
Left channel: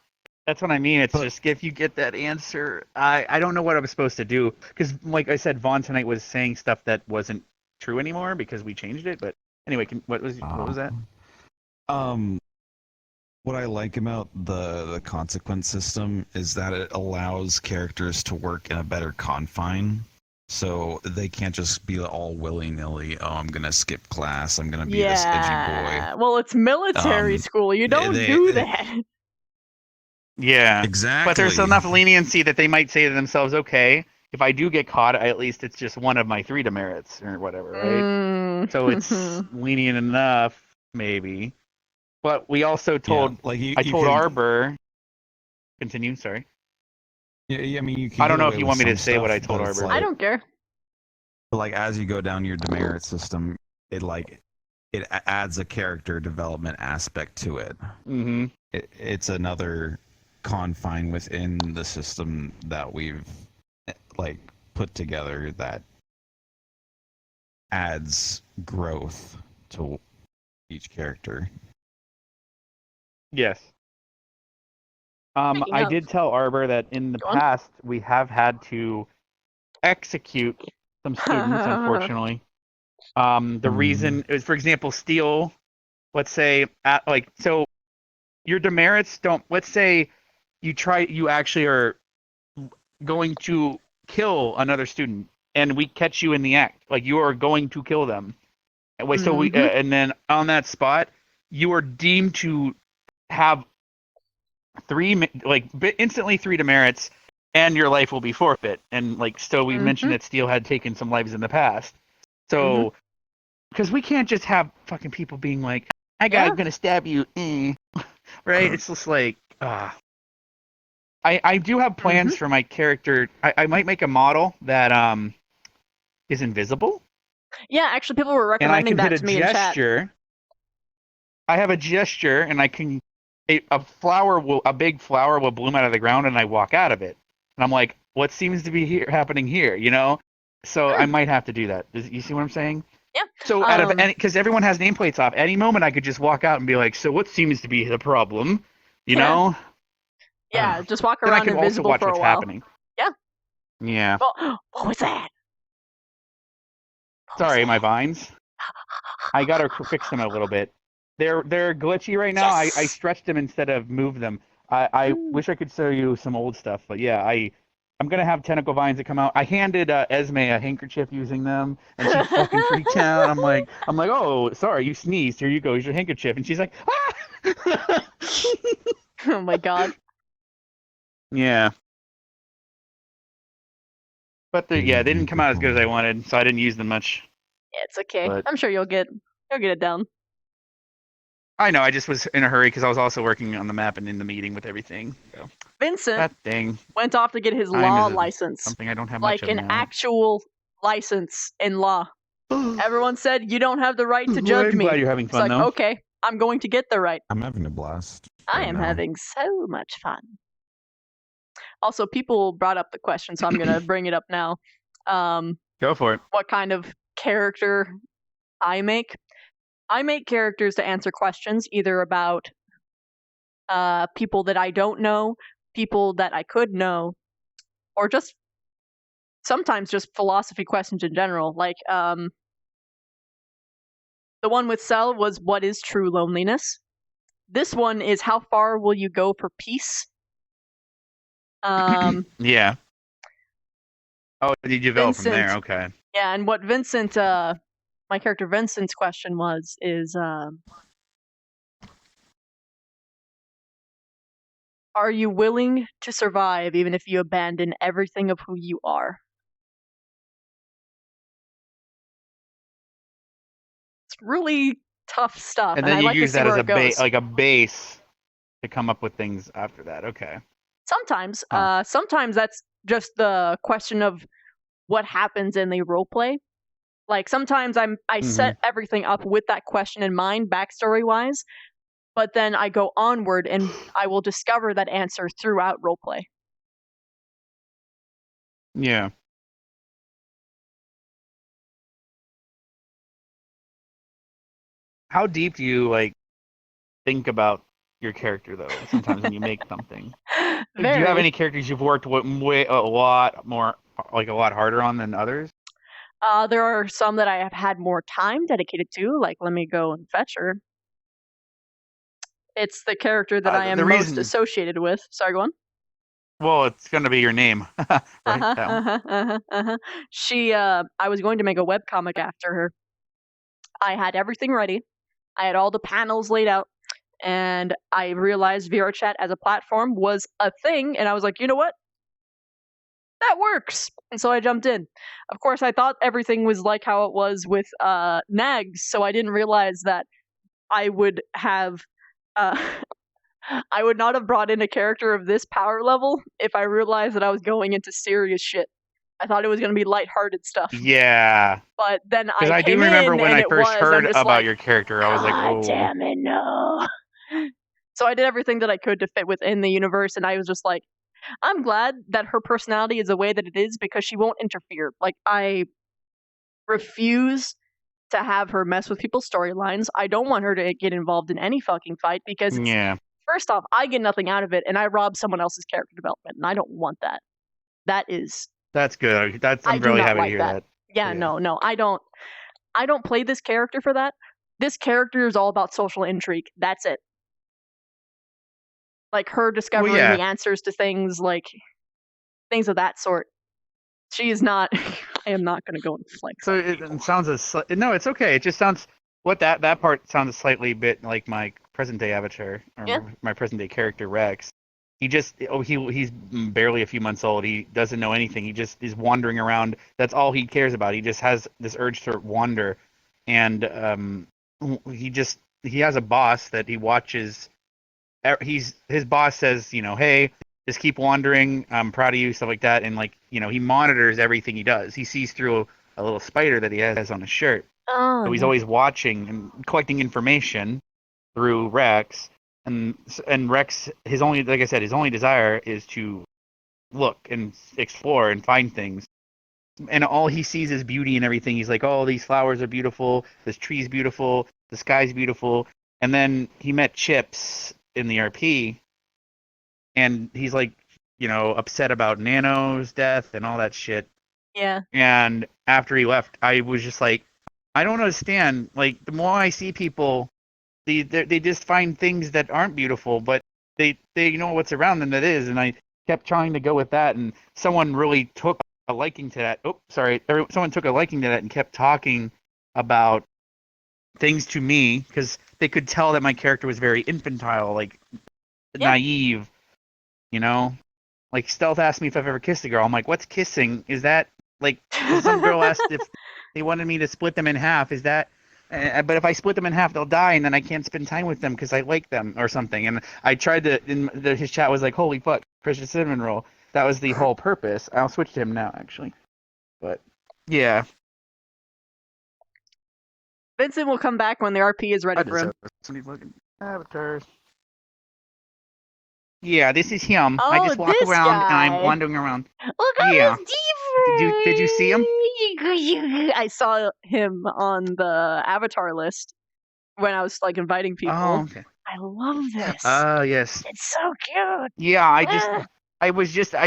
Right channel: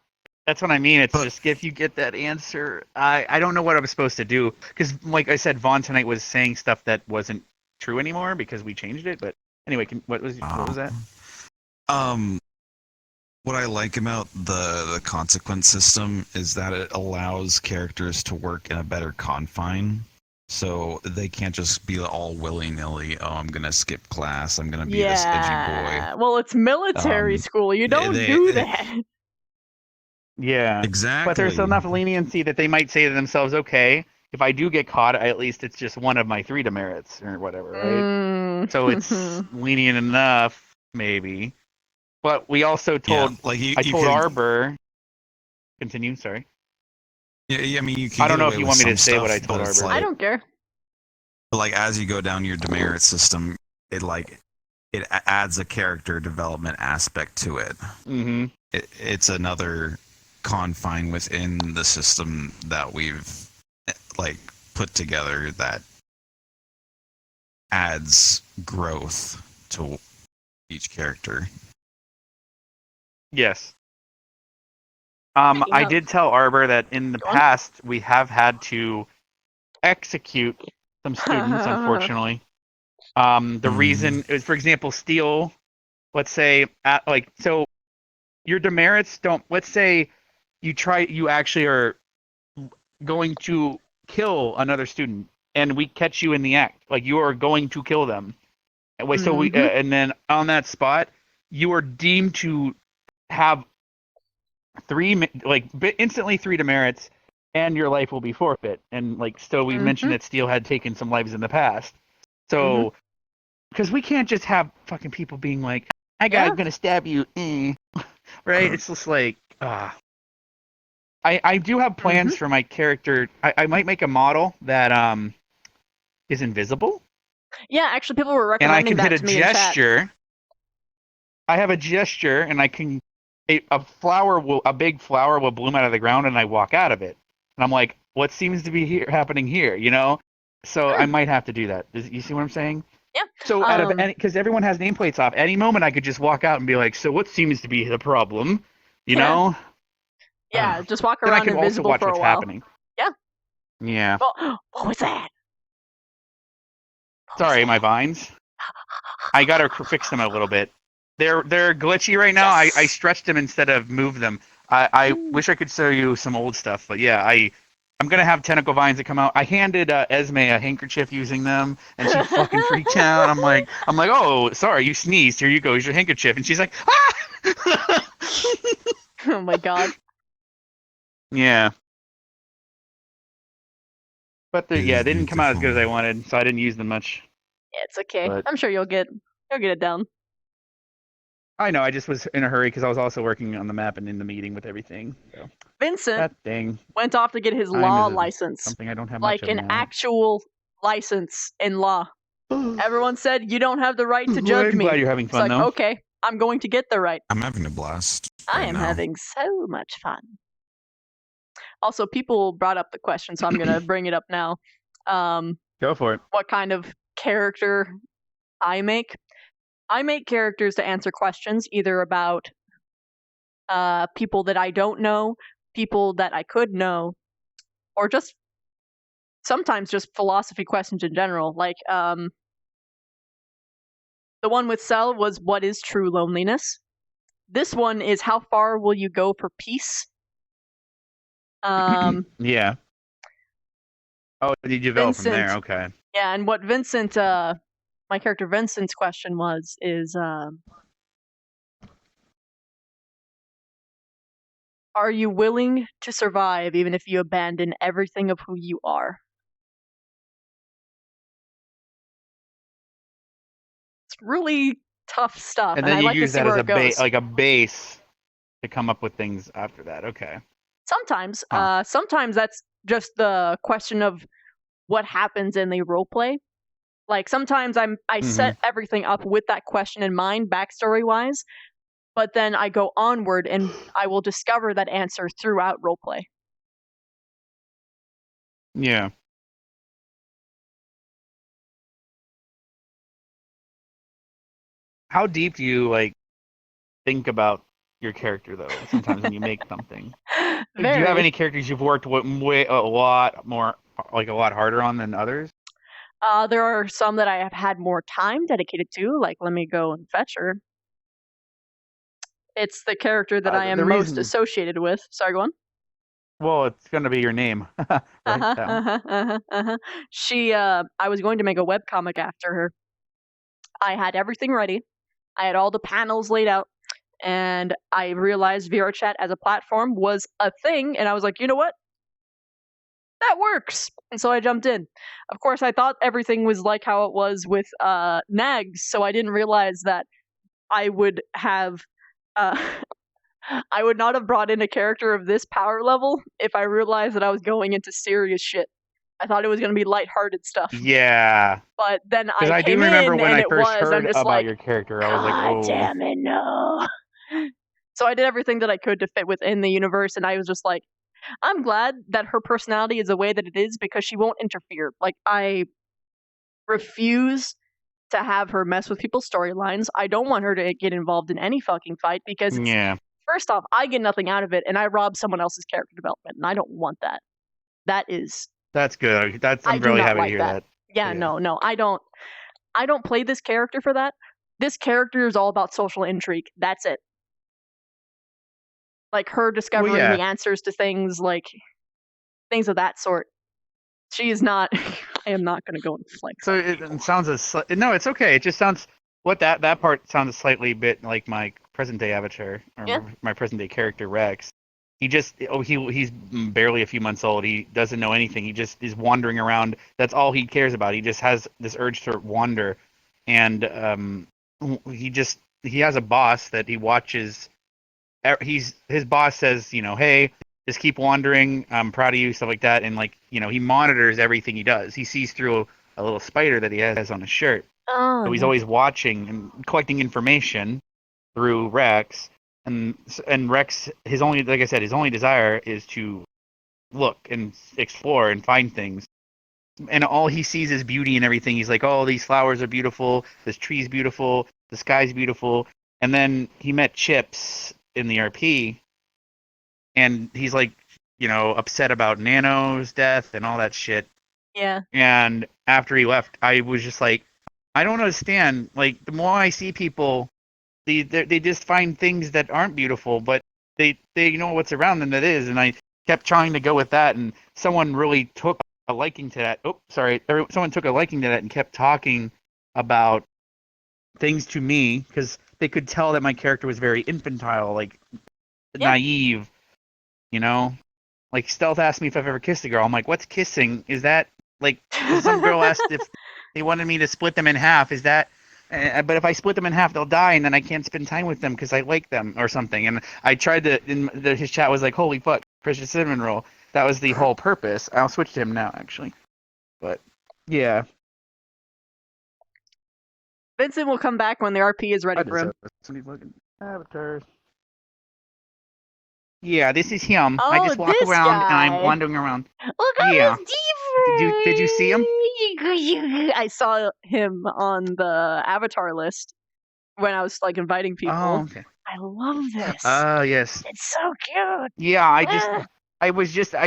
that's what I mean. It's just if you get that answer, I don't know what I was supposed to do because, like I said, Vaughn tonight was saying stuff that wasn't true anymore because we changed it. But anyway, what was that? What I like about the consequence system is that it allows characters to work in a better confine. So they can't just be all willy-nilly, oh, I'm going to skip class, I'm going to be this edgy Yeah. Well, it's military school. You don't they- do that. Yeah, Exactly. But there's enough leniency that they might say to themselves, okay, if I do get caught, at least it's just one of my 3 demerits or whatever, right? So it's lenient enough, maybe. But we also told, like I you told can- Arbor. Continue. Sorry. Yeah, I mean, you can I don't get know away if you with want me to some say what I stuff, told but it's Arbor. I don't care. Like as you go down your demerit system, it adds a character development aspect to it. Mm-hmm. It's another confine within the system that we've like put together that adds growth to each character. Yes. Speaking I of- did tell Arbor that in the Go on. past we have had to execute some students, unfortunately. The reason is, for example, Steel. Let's say, so your demerits don't. Let's say you actually are going to kill another student, and we catch you in the act. Like you are going to kill them. And so we, and then on that spot, you are deemed to have instantly 3 demerits, and your life will be forfeit. And so we mentioned that Steel had taken some lives in the past. So, because we can't just have fucking people being like, I'm gonna stab you, right? It's just like, I do have plans for my character. I might make a model that is invisible. Yeah, actually, people were And I recommending can that hit to a me in chat. gesture. I have a gesture, and I can a big flower will bloom out of the ground, and I walk out of it, and I'm like, what seems to be happening here? So I might have to do that. You see what I'm saying? Yeah. So out of any, because everyone has nameplates off, any moment I could just walk out and be like, "So what seems to be the problem?" You know? Yeah, just walk Then I around could also invisible watch for a what's while. happening. Yeah. Yeah. Oh, what was that? Sorry, my vines. I gotta fix them a little bit. They're glitchy right now. I stretched them instead of moved them. I wish I could show you some old stuff, but yeah, I'm gonna have tentacle vines that come out. I handed Esme a handkerchief using them, and she fucking freaked out. I'm like, oh, sorry, you sneezed. Here you go. Here's your handkerchief. And she's like, ah! Oh my god. Yeah. But they didn't come out as good as I wanted, so I didn't use them much. Yeah, it's okay. But I'm sure you'll get it down. I know. I just was in a hurry because I was also working on the map and in the meeting with everything. So. Vincent That thing went off to get his Time law is license. something I don't have Like much of an in that. actual license in law. Everyone said you don't have the right to judge I'm me. glad you're having It's fun, like, though. okay, I'm going to get the right. I'm having a blast. I am having so much fun. Also, people brought up the question, so I'm gonna bring it up now. Go for it. What kind of character I make? I make characters to answer questions either about people that I don't know, people that I could know, or just sometimes just philosophy questions in general. Like the one with Cell was, what is true loneliness? This one is, how far will you go for peace? Yeah. Oh, you develop from there. Vincent. Okay. Yeah, and what Vincent, my character Vincent's question is, are you willing to survive even if you abandon everything of who you are? It's really tough stuff, And and then I you like to use see that where as it goes. like a base to come up with things after that. Okay. Sometimes, sometimes that's just the question of what happens in the roleplay. Like sometimes I set everything up with that question in mind, backstory wise, but then I go onward and I will discover that answer throughout roleplay. Yeah. How deep do you like think about your character though? Sometimes when you make something, do you have Very. any characters you've worked with a lot more, like a lot harder on than others? There are some that I have had more time dedicated to, like let me go and fetch her. It's the character that I The am most reason- associated with. Sorry, go on. Well, it's gonna be your name. Right? She, I was going to make a webcomic after her. I had everything ready. I had all the panels laid out, and I realized VRChat as a platform was a thing, and I was like, you know what? That works! And so I jumped in. Of course, I thought everything was like how it was with Nags, so I didn't realize that I would have I would not have brought in a character of this power level if I realized that I was going into serious shit. I thought it was going to be lighthearted stuff. Yeah. But then Because I I do came remember in when and I it first was, heard I'm just about like, your character, I was like, God oh. damn it, no. So I did everything that I could to fit within the universe, and I was just like, I'm glad that her personality is the way that it is because she won't interfere. Like, I refuse to have her mess with people's storylines. I don't want her to get involved in any fucking fight because it's, Yeah. first off, I get nothing out of it, and I rob someone else's character development, and I don't want that. That is, That's good. I I'm do really not happy like to hear that. that. Yeah, no, I don't play this character for that. This character is all about social intrigue. That's it. Like her discovering yeah. the answers to things, like things of that sort. She is not. I am not going to go and flex. So it sounds no, it's okay. It just sounds that part sounds slightly bit like my present day avatar or my present day character Rex. He's barely a few months old. He doesn't know anything. He just is wandering around. That's all he cares about. He just has this urge to wander, and he has a boss that he watches. His boss says, hey, just keep wandering. I'm proud of you, stuff like that. And he monitors everything he does. He sees through a little spider that he has on his shirt. Oh, so he's always watching and collecting information through Rex. And Rex, his only desire is to look and explore and find things. and all he sees is beauty and everything. He's like, oh, these flowers are beautiful, this tree's beautiful, the sky's beautiful. And then he met Chips in the RP, and he's like, upset about Nano's death and all that shit. Yeah. And after he left, I was just like, I don't understand. Like, the more I see people, they just find things that aren't beautiful, but they know what's around them that is. And I kept trying to go with that, and someone really took a liking to that. Oh, sorry. Someone took a liking to that and kept talking about things to me because they could tell that my character was very infantile, like naive, Like Stealth asked me if I've ever kissed a girl. I'm like, what's kissing? Is that like some girl asked if they wanted me to split them in half? Is that? But if I split them in half, they'll die, and then I can't spend time with them because I like them or something. And I tried to. His chat was like, "Holy fuck, Christian cinnamon roll." That was the whole purpose. I'll switch to him now, actually. But yeah, Vincent will come back when the RP is ready for him. Somebody's looking avatars. Yeah, this is him. Oh, I just walk this around and I'm guy. wandering around. Look at Yeah. his diva. Did you see him? I saw him on the avatar list when I was like inviting people. Oh, okay. I love this. Yes. It's so cute. Yeah, I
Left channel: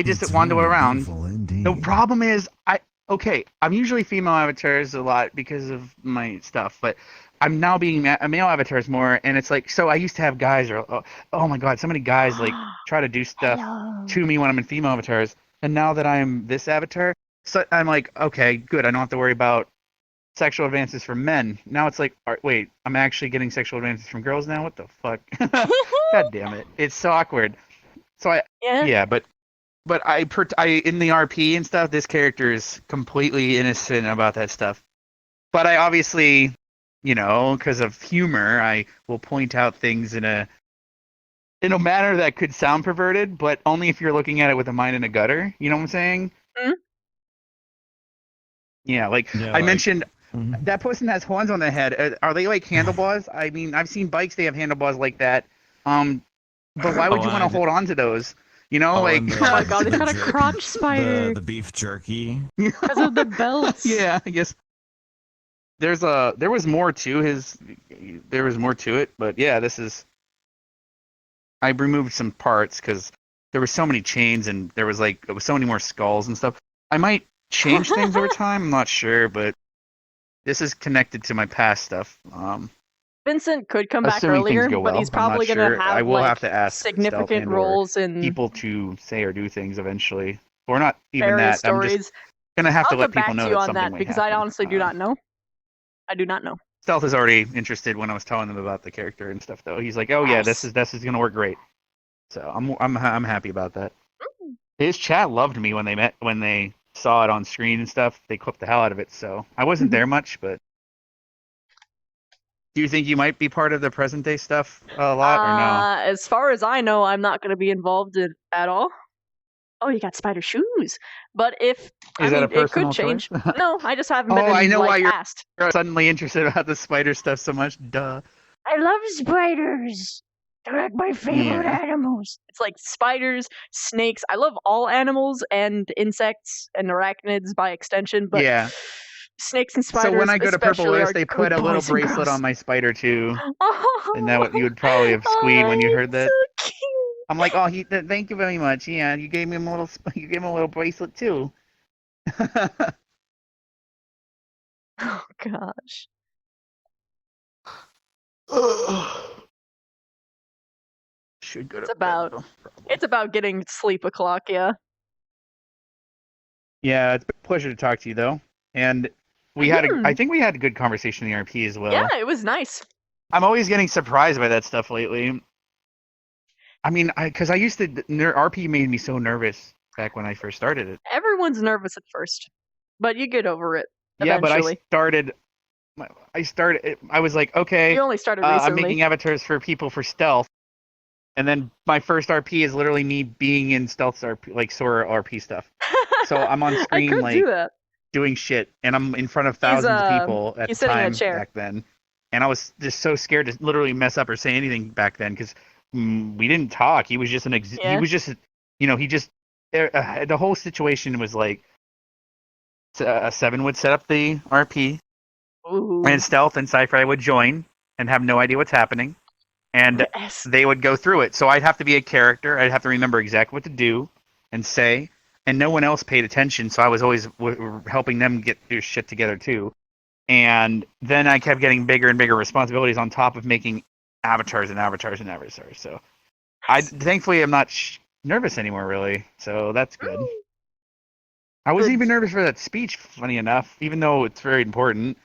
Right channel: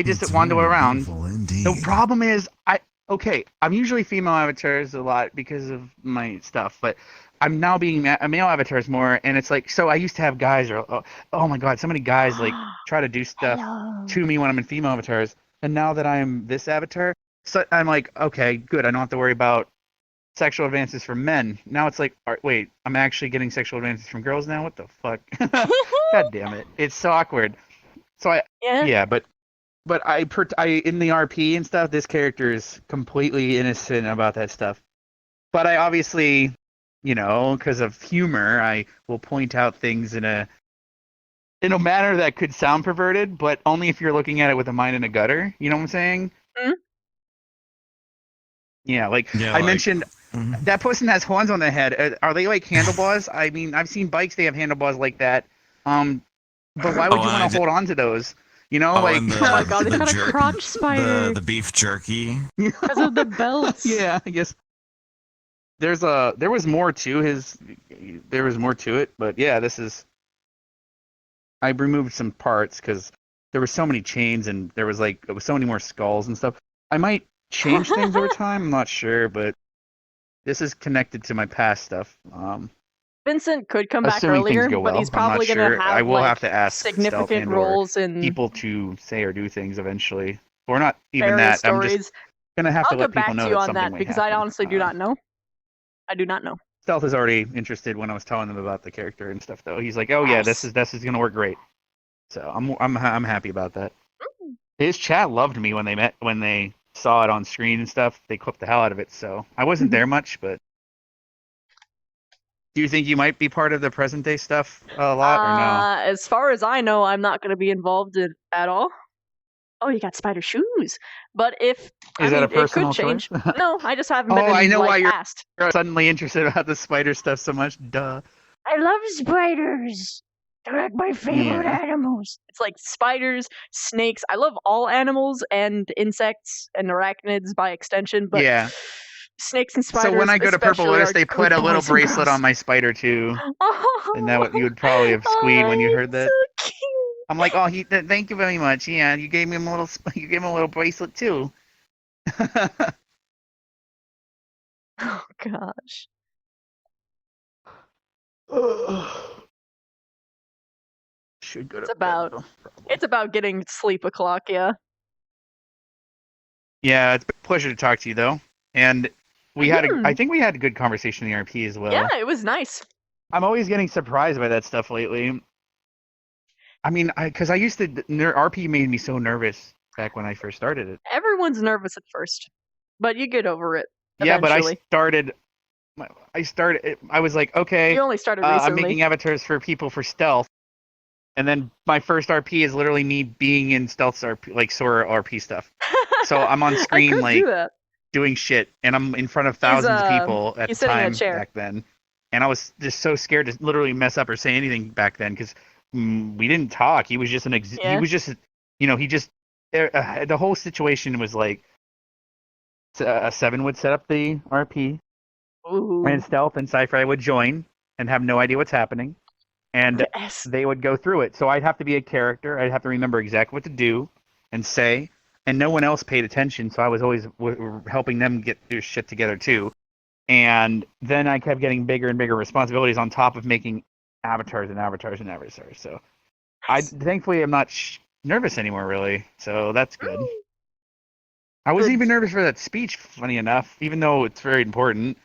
just wander around. The problem is, I'm usually female avatars a lot because of my stuff, but I'm now being a male avatars more, and it's like, so I used to have guys, oh my god, so many guys like try to do stuff to me when I'm in female avatars, and now that I'm this avatar, so I'm like, okay, good, I don't have to worry about sexual advances from men. Now it's like, wait, I'm actually getting sexual advances from girls now? What the fuck? God damn it. It's so awkward. So but I in the RP and stuff, this character is completely innocent about that stuff. But I obviously, because of humor, I will point out things in a manner that could sound perverted, but only if you're looking at it with a mind in a gutter. You know what I'm saying? Mm-hmm. Yeah, I mentioned that person has horns on their head. Are they like handlebars? I mean, I've seen bikes they have handlebars like that. But why would you want to hold on to those? oh my god, he's got a crotch spider. The beef jerky. Because of the belts. Yeah, I guess. There was more to there was more to it, but yeah, I removed some parts because there were so many chains and there was so many more skulls and stuff. I might change things over time, I'm not sure, but this is connected to my past stuff. Vincent could come back Assuming things earlier, go but well, he's I'm not probably going to sure. have I will have to ask significant Stealth and/or roles in people to say or do things eventually, or not even various that. I'm stories. just gonna have I'll to let get back people know to you that on something that might because happen. I honestly do not know. I do not know. Stealth is already interested when I was telling him about the character and stuff, though. He's like, "Oh yeah, this is gonna work great." So I'm happy about that. His chat loved me when they saw it on screen and stuff. They clipped the hell out of it. So I wasn't there much, but do you think you might be part of the present day stuff a lot or no? As far as I know, I'm not going to be involved in at all. Oh, you got spider shoes. But it could change. No, I just haven't been I know why you're asked. suddenly interested about the spider stuff so much. Duh. I love spiders. They're like my favorite animals. It's like spiders, snakes. I love all animals and insects and arachnids by extension, but snakes and spiders. So when I go to Purple especially List, are they put good a little boys and bracelet girls. on my spider too, and that you would probably have squeed when you heard that. So cute. I'm like, oh, thank you very much. Yeah, you gave him a little bracelet too. Oh gosh. Should go to It's about getting sleep o'clock, yeah. Yeah, it's a pleasure to talk to you though, and I think we had a good conversation in the RP as well. Yeah, it was nice. I'm always getting surprised by that stuff lately. I mean, because I used to RP made me so nervous back when I first started it. Everyone's nervous at first, but you get over it eventually. Yeah, but I was like, okay, you only started I'm recently. making avatars for people for stealth, and then my first RP is literally me being in stealth RP, like Sora RP stuff. So I'm on screen doing shit, and I'm in front of thousands of people at the time back then, and I was just so scared to literally mess up or say anything back then because we didn't talk. He was just he was just the whole situation was like Seven would set up the RP, Ooh. and Stealth and Cypher would join and have no idea what's happening, and Yes. they would go through it. So I'd have to be a character. I'd have to remember exactly what to do and say, and no one else paid attention. So I was always helping them get their shit together too. And then I kept getting bigger and bigger responsibilities on top of making avatars and avatars and avatars. So thankfully I'm not nervous anymore, really. So that's good. I wasn't even nervous for that speech, funny enough, even though it's very important.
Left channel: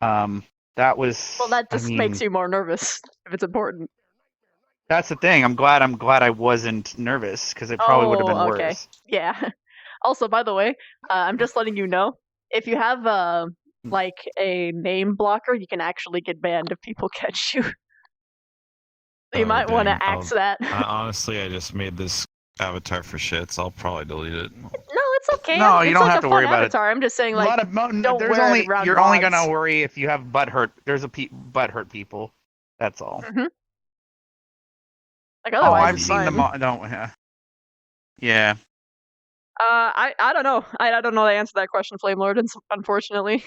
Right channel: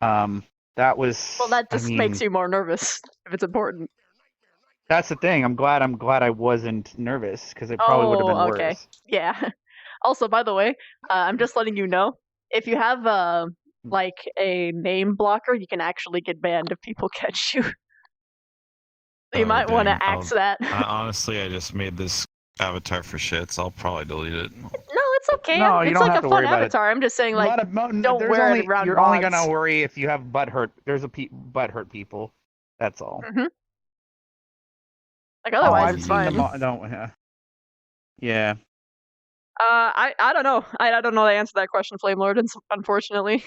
That was. Well, that just makes you more nervous if it's important. That's the thing. I'm glad I wasn't nervous because it probably would have been okay. worse. Yeah. Also, by the way, I'm just letting you know, if you have like a name blocker, you can actually get banned if people catch you. So you might want to axe that. Honestly, I just made this avatar for shits. I'll probably delete it. No, it's okay. No, you it's don't like have a to worry fun about it. avatar. I'm just saying, like, don't There's wear only, it around You're mods. only gonna worry if you have butthurt. There's a butthurt people. That's all. Mm-hmm. Like otherwise, I've it's seen fine. them. I don't. Yeah. I don't know. I don't know the answer to that question, Flame Lord. Unfortunately.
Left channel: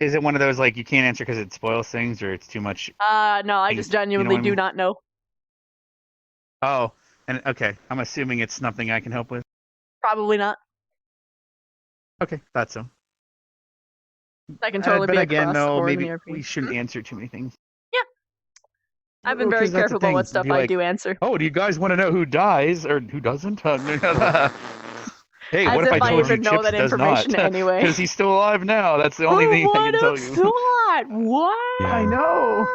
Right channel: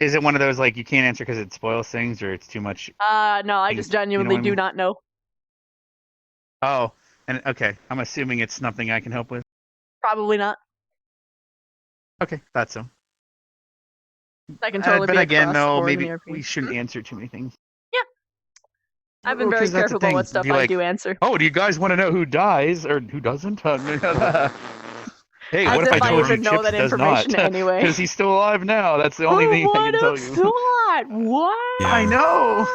Is it one of those like you can't answer because it spoils things or it's too much? No, I just genuinely do not know. Oh, and okay. I'm assuming it's something I can help with. Probably not. Okay, that's so. That can totally be again, across the though, board in maybe the RP. we shouldn't answer too many things. Yeah. I've been very careful about what stuff I do answer. Oh, do you guys want to know who dies or who doesn't? Hey, As what if I if I told you even know Chips that does information not? anyway. Because he's still alive now. That's the only thing I can tell you. Thought? Wow. I know.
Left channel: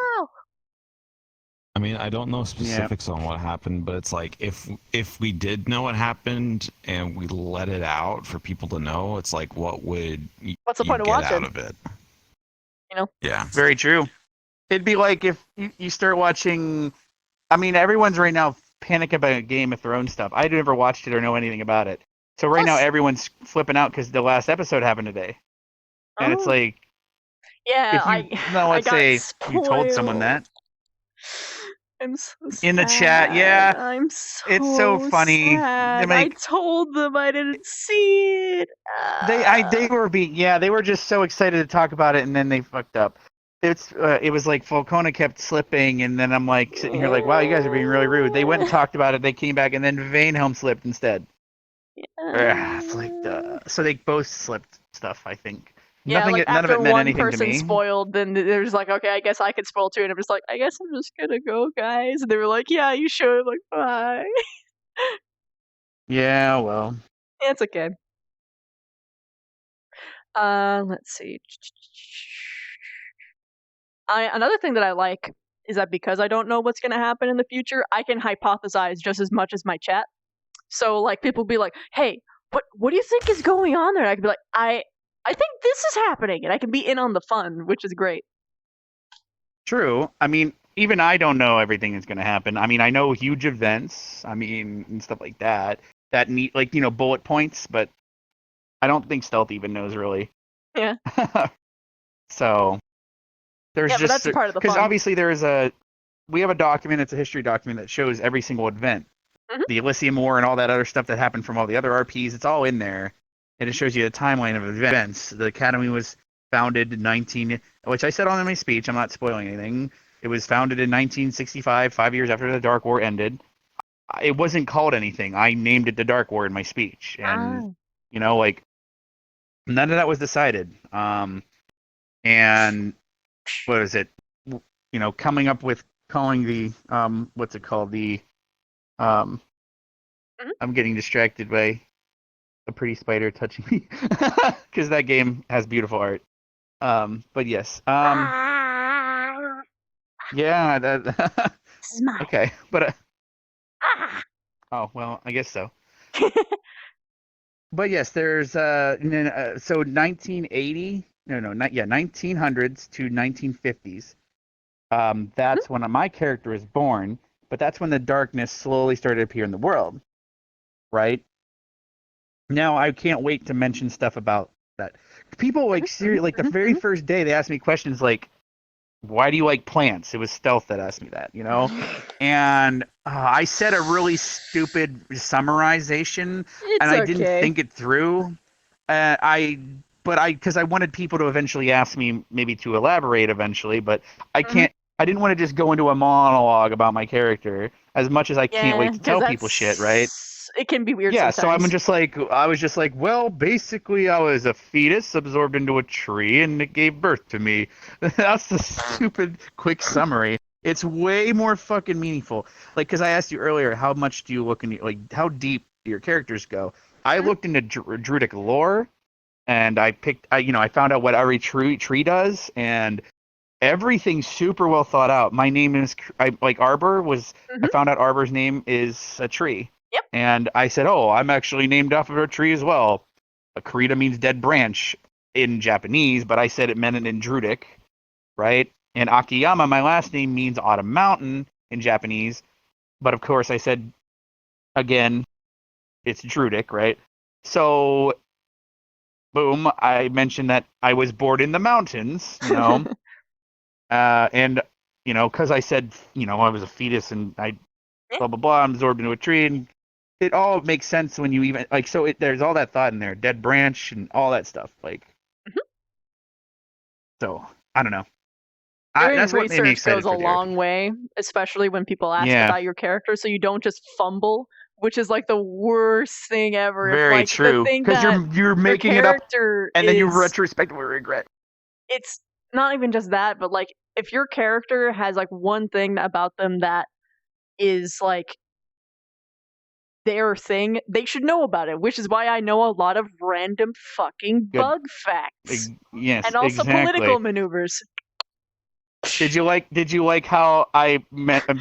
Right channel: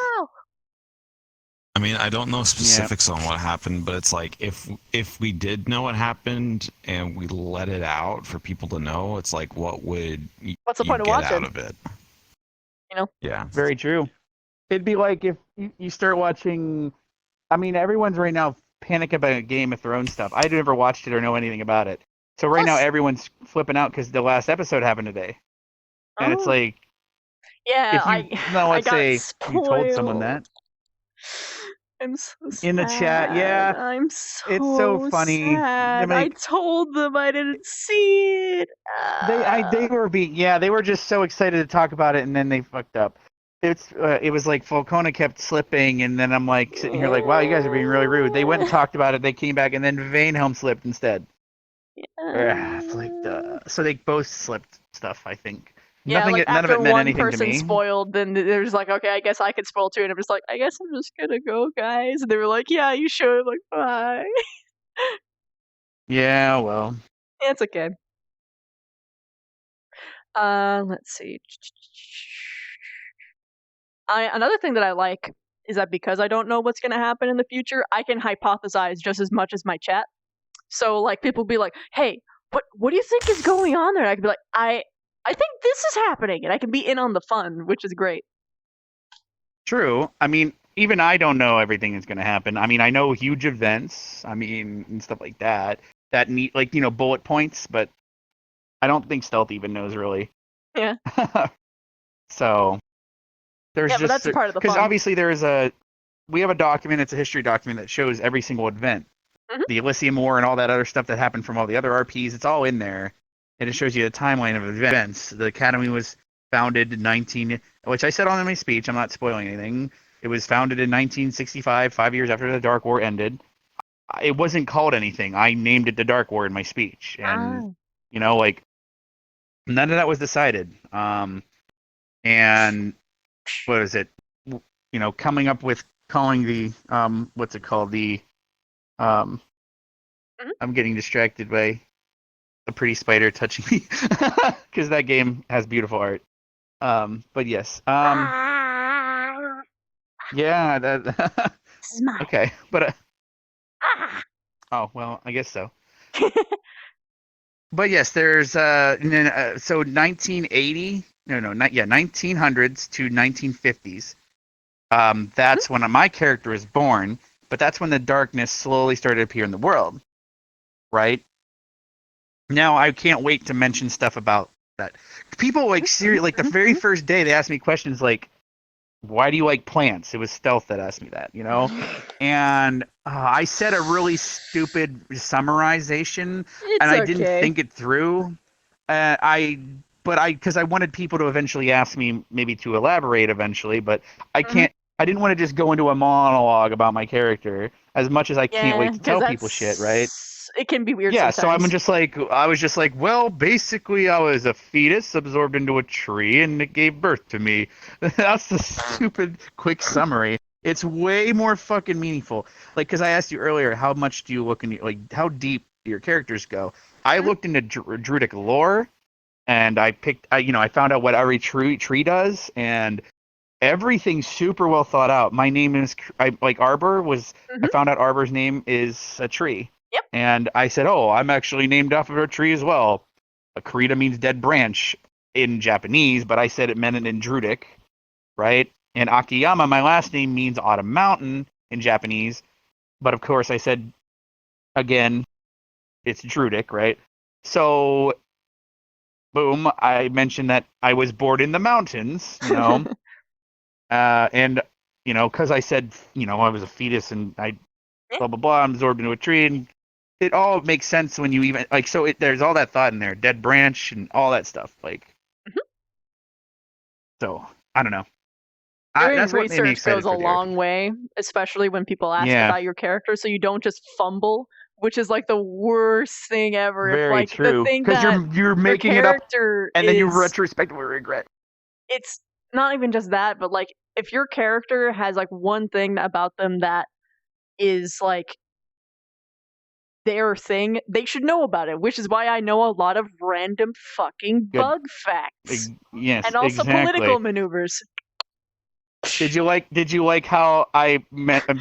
I mean, I don't know specifics on what happened, but it's like if we did know what happened and we let it out for people to know, it's like what would What's the you point of get watching? out of it? You know? Yeah. Very true. It'd be like if you start watching. I mean, everyone's right now panic about Game of Thrones stuff. I never watched it or know anything about it. So right now everyone's flipping out because the last episode happened today, and it's like, yeah, if you, no, let's got say spoiled. you told someone that I'm so sad. in the chat, yeah, I'm so it's so funny. sad. I told them I didn't see it. They were just so excited to talk about it, and then they fucked up. It was like Falcona kept slipping, and then I'm like sitting here like, wow, you guys are being really rude. They went and talked about it. They came back, and then Vanehelm slipped instead. Yeah, it's like so they both slipped stuff. I think. Yeah, None after of it meant one anything to person me. spoiled, then there's like, okay, I guess I could spoil too, and I'm just like, I guess I'm just gonna go, guys. And they were like, yeah, you should. I'm like, bye. Yeah, well. Yeah, it's okay. Let's see. Another thing that I like is that because I don't know what's gonna happen in the future, I can hypothesize just as much as my chat. So like people be like, hey, what do you think is going on there? And I can be like, I think this is happening, and I can be in on the fun, which is great. True. I mean, even I don't know everything that's going to happen. I mean, I know huge events. I mean, and stuff like that. That need like bullet points, but I don't think Stealth even knows really. Yeah. So there's but just that's part of the because fun. obviously we have a document. It's a history document that shows every single event, the Elysium War and all that other stuff that happened from all the other RPs. It's all in there. And it shows you the timeline of events. The Academy was founded in which I said on in my speech, I'm not spoiling anything. It was founded in 1965, 5 years after the Dark War ended. It wasn't called anything. I named it the Dark War in my speech. And, like, none of that was decided. And what is it? Coming up with calling the, what's it called? The, I'm getting distracted by a pretty spider touching me because that game has beautiful art. But yes. Yeah, that okay. But oh, well, I guess so. But yes, there's so 1980, not 1900s to 1950s. That's when my character is born, but that's when the darkness slowly started to appear in the world. Right? Now I can't wait to mention stuff about that. People like the very first day they asked me questions like, "Why do you like plants?" It was Stealth that asked me that, and I said a really stupid summarization, and I didn't think it through. because I wanted people to eventually ask me maybe to elaborate eventually, but I Mm-hmm. can't. I didn't want to just go into a monologue about my character as much as I can't Yeah, wait to because tell people shit, right? it can be weird Yeah, so I sometimes. was just like, well, basically, I was a fetus absorbed into a tree, and it gave birth to me. That's the stupid quick summary. It's way more fucking meaningful. Like, because I asked you earlier, how much do you look into, like, how deep do your characters go? I looked into Druidic lore, and I found out what every tree does, and everything's super well thought out. My name is like Arbor was. I found out Arbor's name is a tree. Yep. And I said, "Oh, I'm actually named after a tree as well." Akarita means dead branch in Japanese, but I said it meant it in Druidic, right? And Akiyama, my last name, means autumn mountain in Japanese, but of course I said again, it's Druidic, right? So, boom, I mentioned that I was born in the mountains, and because I said, I was a fetus and I blah blah blah, I'm absorbed into a tree, and it all makes sense when you even like. So there's all that thought in there, dead branch and all that stuff. Like, so I don't know. Doing That's what made me research excited goes a for the arc. long way, especially when people ask Yeah, about your character, so you don't just fumble, which is like the worst thing ever. If very like the true. thing Because that you're your making it up, character and then you is, retrospectively regret. it's not even just that, but like if your character has like one thing about them that is like their thing, they should know about it, which is why I know a lot of random fucking Good. bug facts Yes, and also exactly. political maneuvers. Did you like how I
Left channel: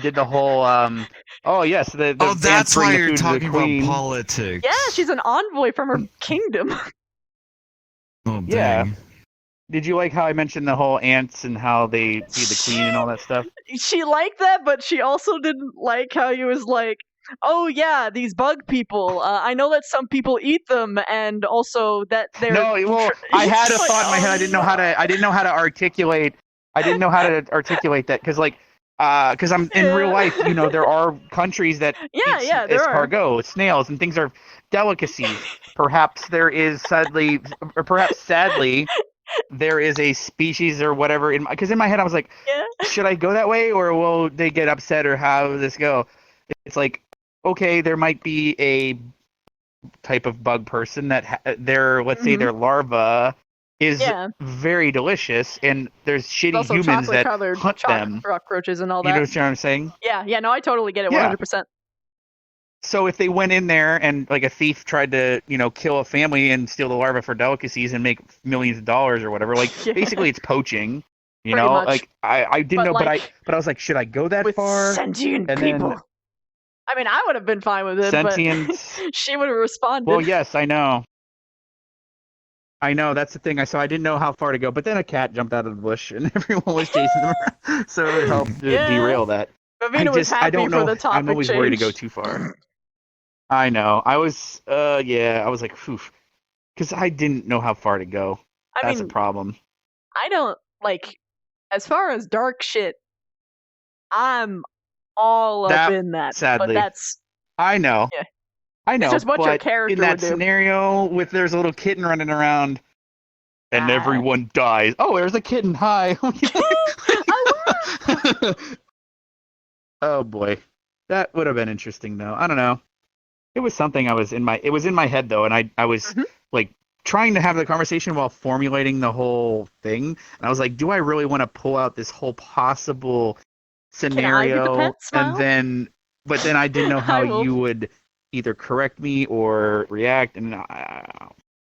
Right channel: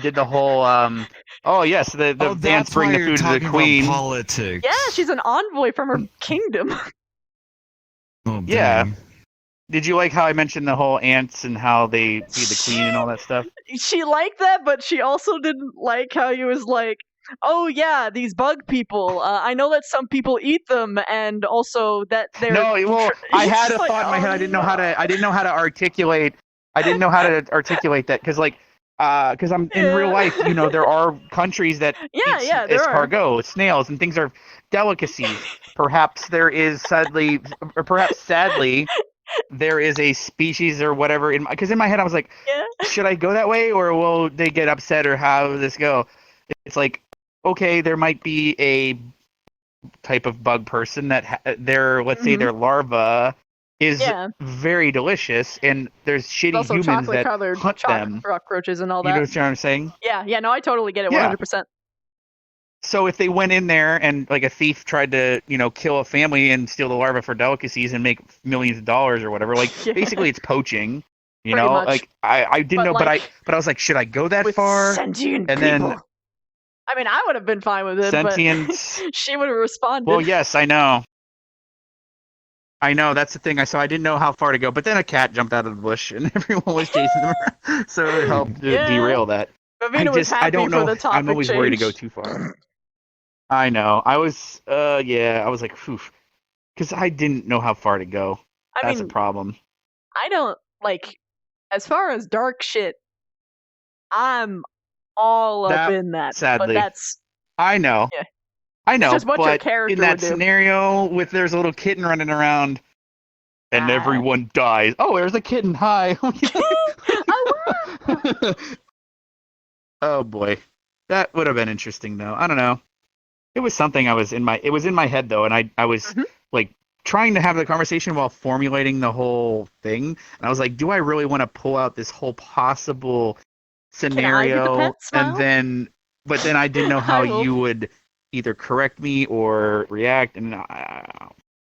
did the whole oh yes, the Oh, ants that's bring why the you're food to the talking about queen. politics. Yeah, she's an envoy from her kingdom. Oh, Yeah. dang. Did you like how I mentioned the whole ants and how they feed the queen and all that stuff? She liked that, but she also didn't like how he was like, "Oh yeah, these bug people. I know that some people eat them, and also that they're." No, well, I He's had a just like, thought in my head. "Oh, I didn't know how to. I didn't know how to articulate. I didn't know how to articulate that because I'm in real life. There are countries that Yeah, eat yeah, there are. escargot, snails, and things are delicacies. Perhaps there is sadly, or perhaps sadly, there is a species or whatever. Because in my head I was like, Yeah. should I go that way or will they get upset or how will this go? It's like, okay, there might be a type of bug person that let's say their larva is Yeah. very delicious, and there's shitty Also humans chocolate that colored hunt them. cockroaches and all You know that. what I'm saying? Yeah, no, I totally get it, Yeah. 100%. So if they went in there and like a thief tried to, kill a family and steal the larva for delicacies and make millions of dollars or whatever, like Yeah. basically it's poaching. Pretty much. Like I didn't But, know, like, but I was like, should I go that with far? sentient And people. then I mean, I would have been fine with it, Sentience. but she would have responded. Well, yes, I know. I know, that's the thing. So I didn't know how far to go, but then a cat jumped out of the bush and everyone was chasing them around, so it helped to Yeah. derail that. Vavina was happy I don't for know. the topic I'm always worried to go change. too far. I know. I was, I was like, phew, because I didn't know how far to go. That's a problem. I don't, like, as far as dark shit, I'm all up in that. Sadly, but that's... I know. Yeah. I know. It's just what your but character in that would do. scenario, with there's a little kitten running around, and everyone dies. Oh, there's a kitten. Hi. Oh boy, that would have been interesting though. I don't know. It was something it was in my head though, and I was like trying to have the conversation while formulating the whole thing. And I was like, do I really want to pull out this whole possible scenario? Can I be the pet? Smile? But then I didn't know how I will. you would either correct me or react, and I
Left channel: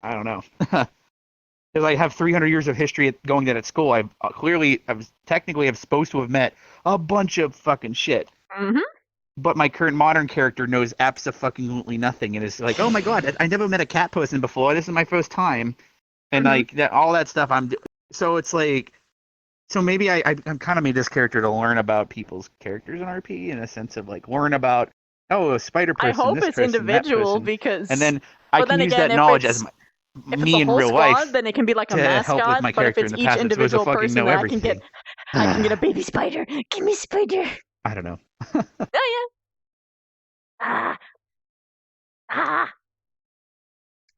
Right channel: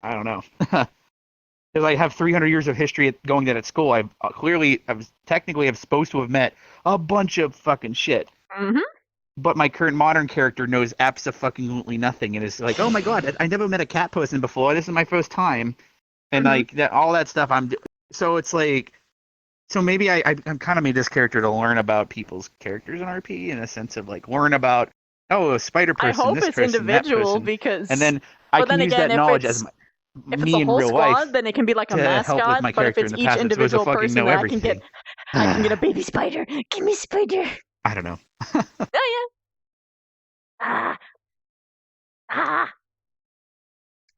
don't know. Because I have 300 years of history going at school. I was technically supposed to have met a bunch of fucking shit. Mm-hmm. But my current modern character knows absolutely nothing, and is like, oh my god, I never met a cat person before. This is my first time, and like that, all that stuff. So it's like, so maybe I'm kind of made this character to learn about people's characters in RP in a sense of like learn about a spider person. I hope this it's person, that individual person. because. And then I but can then use again, that knowledge if as it's me a in whole real squad, life then it can be like a to help with mascot. my But if character it's in the each past. It's supposed to individual fucking person, know then everything. I can get a baby spider. Give me spider. I don't know. Yeah. Ah.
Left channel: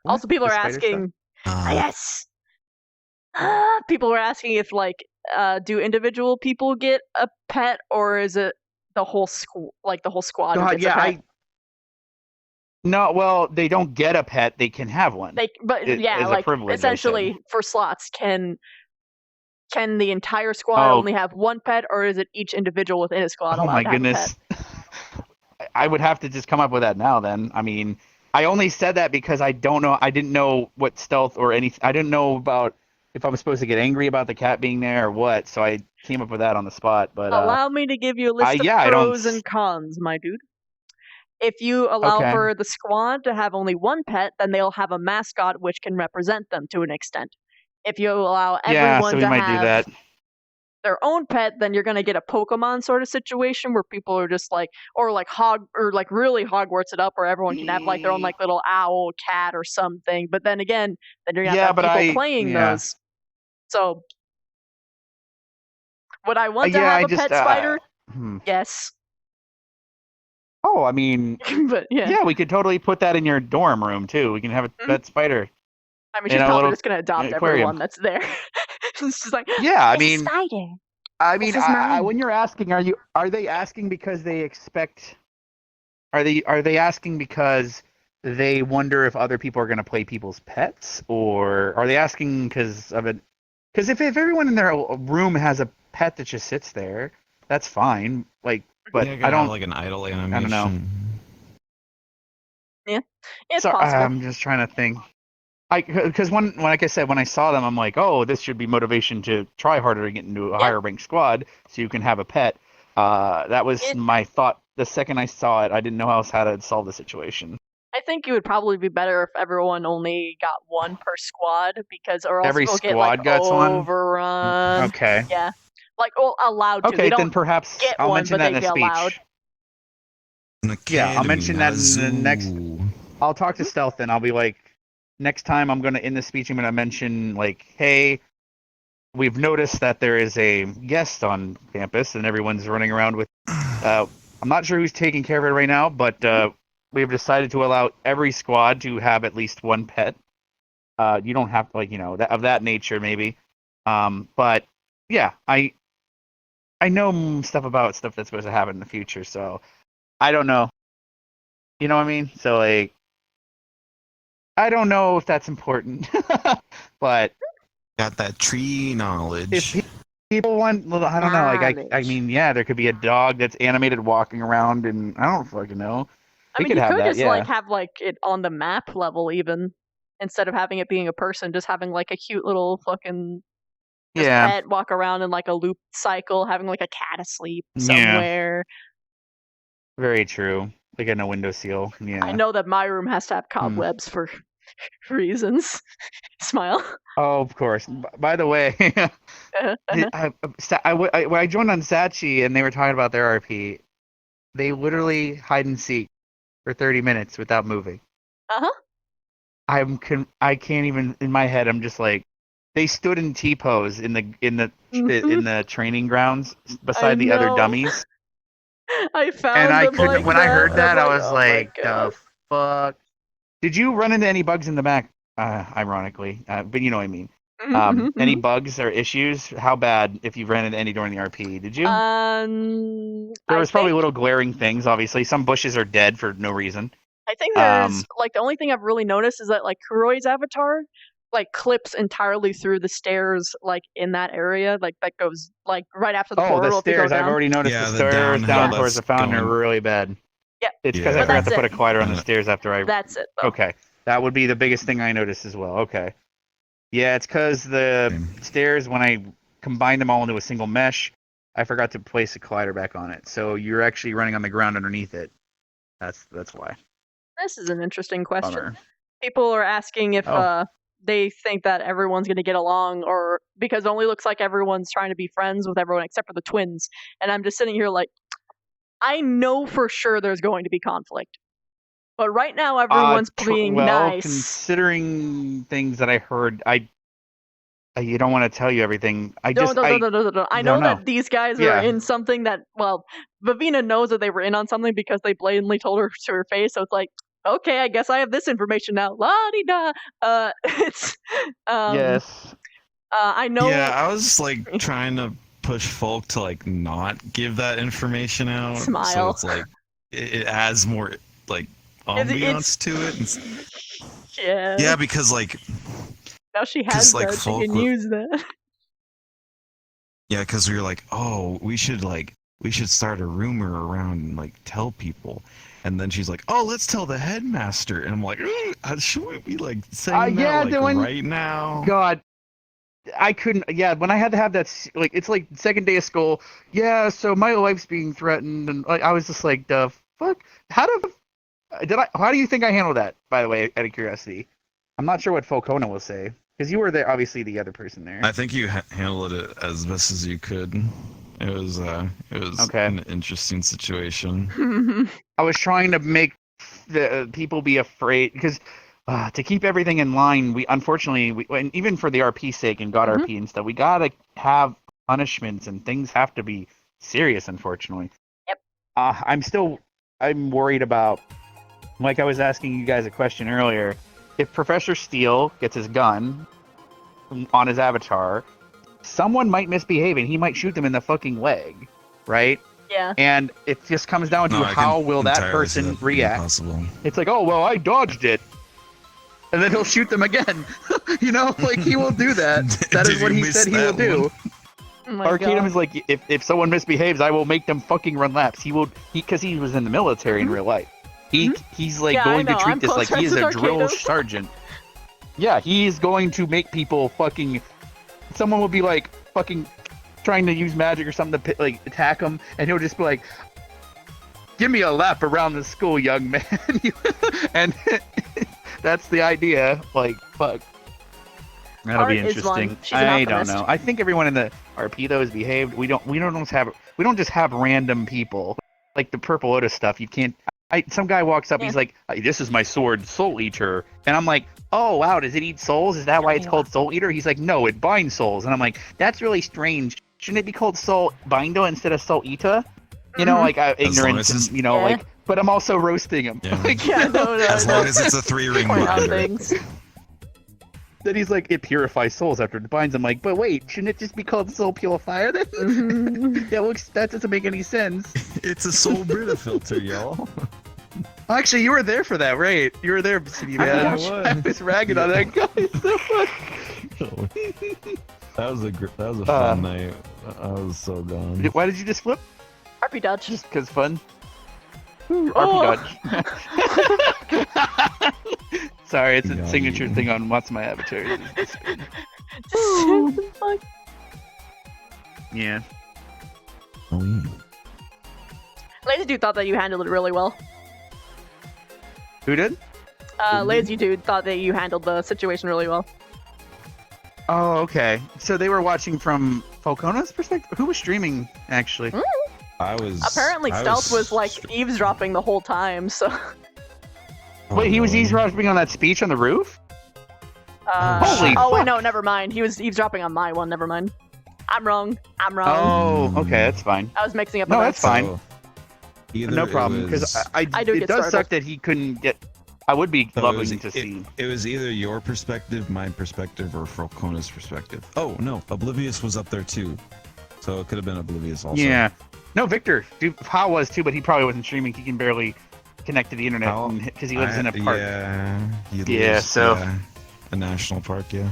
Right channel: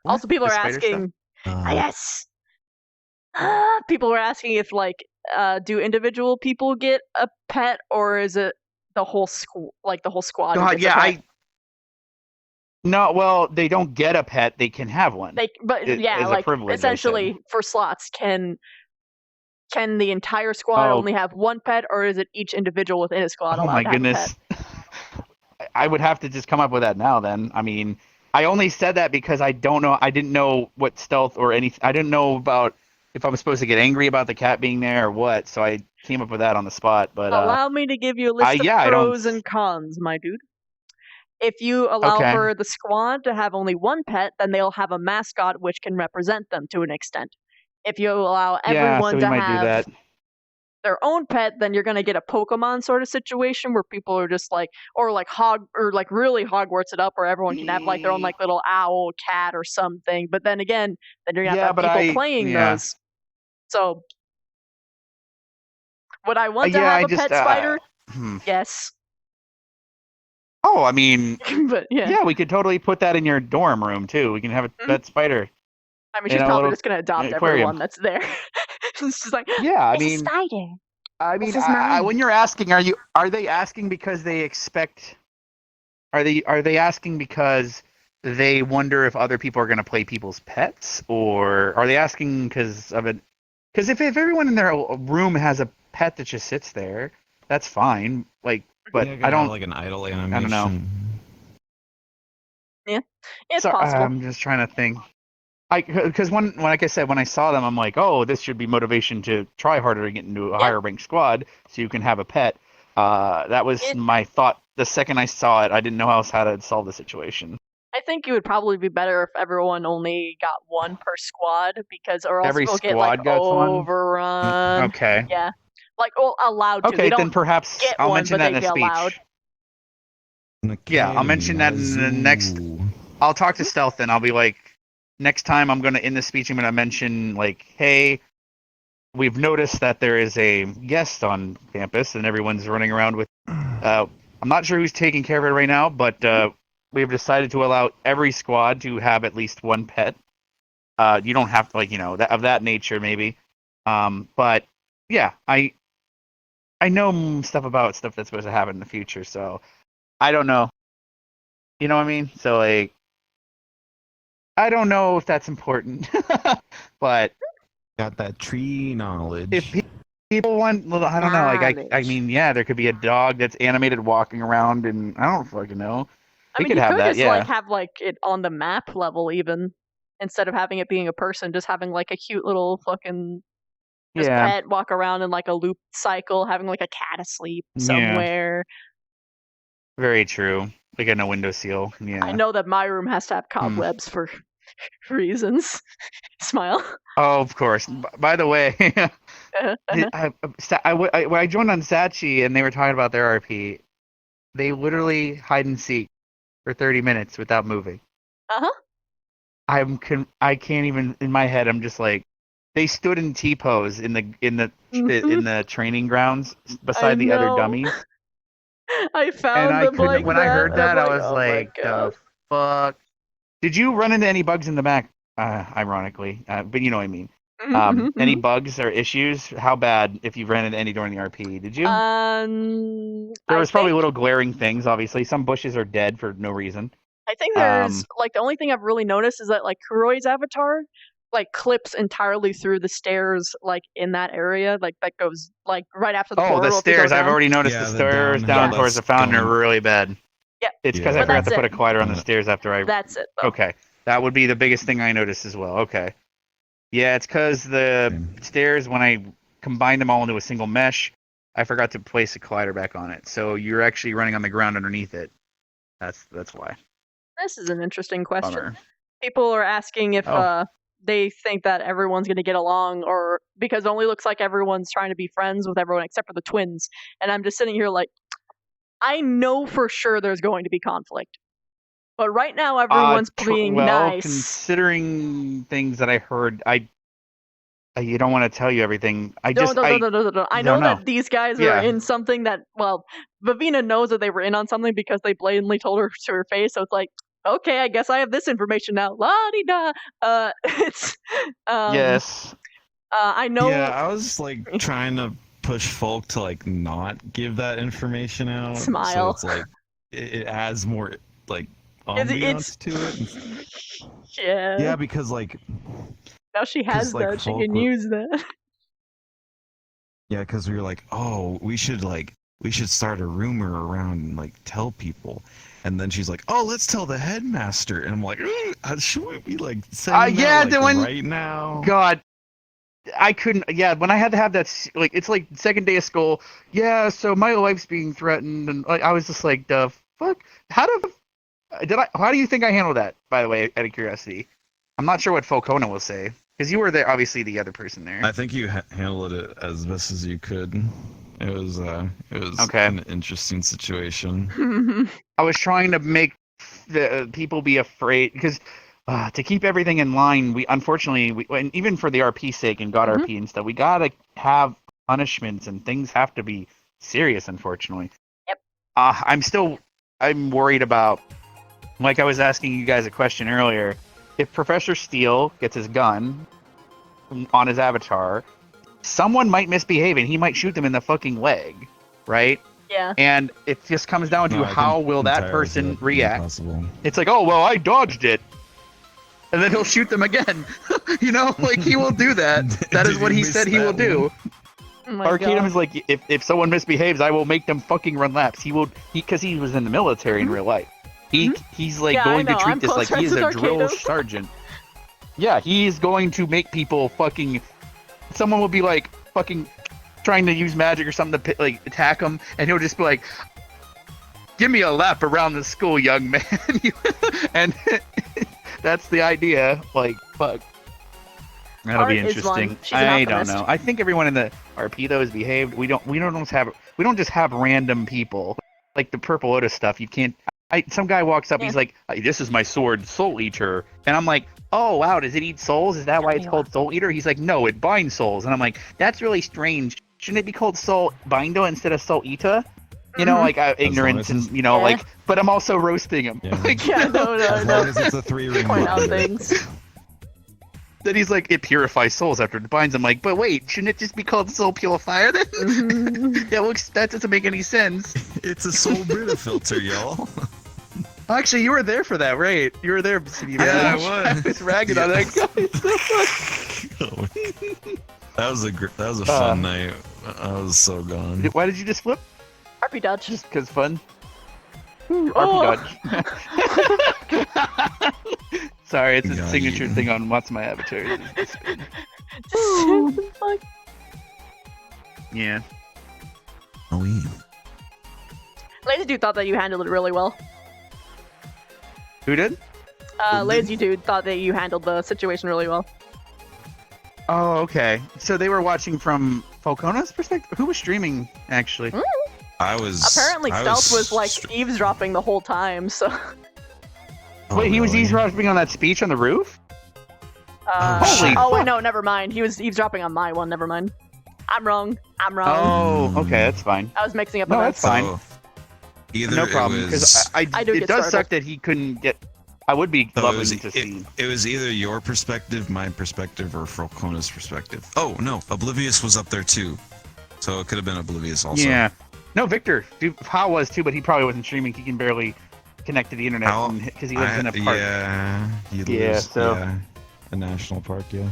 What? Also, people The are spider asking, Yes. People were asking if do individual people get a pet, or is it the whole the whole squad who gets a pet? No, well, they don't get a pet; they can have one. As a privilege, essentially for slots, can the entire squad only have one pet, or is it each individual within a squad Oh allowed my to have a goodness! pet? I would have to just come up with that now. Then, I mean, I only said that because I don't know. I didn't know what stealth or anything. I didn't know about if I was supposed to get angry about the cat being there or what. So I came up with that on the spot. But allow me to give you a list of I don't. pros and cons, my dude. If you allow Okay. for the squad to have only one pet, then they'll have a mascot which can represent them to an extent. If you allow everyone so we to might do have that. their own pet, then you're gonna get a Pokemon sort of situation where people are just really Hogwarts it up, where everyone can have their own little owl, cat, or something. But then again, then you're gonna have to have people playing those. So, would I want to have a pet spider? Yes. Oh, I mean, but yeah, we could totally put that in your dorm room too. We can have a pet spider. I mean, she's probably just gonna adopt everyone that's there. It's just like, yeah, I mean, spider. I mean, This is mine. when you're asking, are they asking because they expect? Are they asking because they wonder if other people are going to play people's pets, or are they asking because of it? Because if everyone in their room has a pet that just sits there, that's fine. But I don't like an idle animation. I don't know. Yeah, it's possible. I'm just trying to think. Because like I said, when I saw them, I'm like, oh, this should be motivation to try harder to get into a higher ranked squad, so you can have a pet. That was my thought. The second I saw it, I didn't know else how to solve the situation. I think it would probably be better if everyone only got one per squad, or else Every we'll get squad gets one? overrun. Okay. Yeah, allowed to. Okay, they don't then perhaps get I'll one, mention but that in they'd a be speech. allowed. Yeah, I'll mention that in the next. I'll talk to Stealth, and I'll be like, next time in the speech, I'm gonna mention hey, we've noticed that there is a guest on campus, and everyone's running around with. I'm not sure who's taking care of it right now, but we've decided to allow every squad to have at least one pet. You don't have to of that nature maybe, but yeah, I know stuff about stuff that's supposed to happen in the future, so I don't know. You know what I mean? So I don't know if that's important, but got that tree knowledge. If people want, I don't know. I mean, yeah, there could be a dog that's animated walking around, and I don't fucking know. I mean, you could just have it on the map level, even instead of having it being a person, just having a cute little fucking pet walk around in a loop cycle, having a cat asleep somewhere. Very true. Like a window seal. Yeah. I know that my room has to have cobwebs for reasons. Smile. Oh, of course. By the way, when I joined on Sachi and they were talking about their RP, they literally hide and seek for 30 minutes without moving. I can't even, in my head, I'm just like, they stood in T-pose in the training grounds beside the other dummies. I found them like when that. I heard that, I was oh like, the fuck? Did you run into any bugs in the back? Ironically, but you know what I mean. Any bugs or issues? How bad if you ran into any during the RP? Did you? There was probably little glaring things. Obviously, some bushes are dead for no reason. I think there's the only thing I've really noticed is that Kuroi's avatar clips entirely through the stairs in that area that goes right after the portal. The stairs! I've already noticed the stairs down towards the fountain are really bad. Yeah, it's because I forgot to put a collider on the stairs after I. That's it. Though. Okay, that would be the biggest thing I noticed as well. Okay, yeah, it's because the stairs when I combined them all into a single mesh, I forgot to place a collider back on it. So you're actually running on the ground underneath it. That's why. This is an interesting question. Bummer. People are asking if they think that everyone's going to get along, or because it only looks like everyone's trying to be friends with everyone except for the twins. And I'm just sitting here I know for sure there's going to be conflict. But right now everyone's being nice. Considering things that I heard, you don't want to tell you everything. I know that these guys are in something that, Vivina knows that they were in on something because they blatantly told her to her face. So it's okay, I guess I have this information now. La di da. It's Yes. I know. Yeah, I was like trying to push folk to like not give that information out, so Smile. it's like it adds more like It's- ambiance to it. And, Yeah. yeah, because like Now she has like, that. She folk can were- use that. yeah, because we were like, oh, we should start a rumor around and like tell people. And then she's like, "Oh, let's tell the headmaster." And I'm like, "Should we be like saying that like, right now?" God, I couldn't. Yeah, when I had to have that, like, it's like second day of school. Yeah, so my life's being threatened, and like, I was just like, "The fuck? How do you think I handled that?" By the way, out of curiosity, I'm not sure what Falcona will say because you were there, obviously the other person there. I think you handled it as best as you could. It was Okay. an interesting situation. I was trying to make the people be afraid because to keep everything in line, we unfortunately, and even for the RP sake and God RP and stuff, we gotta have punishments and things have to be serious. Unfortunately. Yep. I'm worried about, like I was asking you guys a question earlier, if Professor Steele gets his gun on his avatar, someone might misbehave and he might shoot them in the fucking leg, right? Yeah. And it just comes down to No, I how can will that entirely see person that being react. possible. It's like, oh, well, I dodged it. And then he'll shoot them again. You know, like he will do that. That is Did what you he miss said he will that do. one? Oh my Arcanum God. is like, if someone misbehaves, I will make them fucking run laps. Because he was in the military in real life. He's like Yeah, going I to know. treat I'm this like close he is friends a with drill Arcanum. sergeant. Yeah, he's going to make people fucking. Someone will be like fucking trying to use magic or something to like attack him, and he'll just be like, "Give me a lap around the school, young man." And that's the idea. Like, fuck. That'll Art be is one. interesting. She's an I don't optimist. know. I think everyone in the RP though is behaved. We don't just have random people like the Purple Lotus stuff. You can't. Some guy walks up. Yeah. He's like, "This is my sword, Soul Eater," and I'm like, "Oh wow, does it eat souls? Is that why it's called Soul Eater?" He's like, "No, it binds souls," and I'm like, "That's really strange. Shouldn't it be called Soul Binder instead of Soul Eater?" You know, like ignorance and you know, Yeah. like. But I'm also roasting him. Like, Yeah, no, As long as it's a 3-ring Point out word. things. Then he's like, it purifies souls after it binds. I'm like, but wait, shouldn't it just be called Soul Purifier then? That doesn't make any sense. It's a soul Brita filter, y'all. Actually, you were there for that, right? You were there, City Man. I was ragging on that guy so much. That was a fun night. I was so gone. Why did you just flip? RP dodge. Just because fun. Oh. RP dodge. Sorry, it's a signature thing on what's my avatar. Fuck. Yeah. Lazy Dude thought that you handled it really well. Who did? Lazy Dude thought that you handled the situation really well. Oh, okay. So they were watching from Falcona's perspective? Who was streaming, actually? I was. Apparently, Stealth was like eavesdropping the whole time, so. Wait, he was eavesdropping on that speech on the roof? Holy oh, wait, fuck. no, never mind. He was eavesdropping on my one, never mind. I'm wrong. Oh, okay, that's fine. I was mixing up No, events. that's fine. Either No it problem, because was- I do it get does startled. suck that he couldn't get. I would be So loving to see. It was either your perspective, my perspective, or Falcona's perspective. Oh no, Oblivious was up there too, so it could have been Oblivious also. Yeah. No, Victor. How was too, but he probably wasn't streaming. He can barely connect to the internet because he lives in a park. Yeah. He Yeah, lives, so- yeah, a national park. Yeah.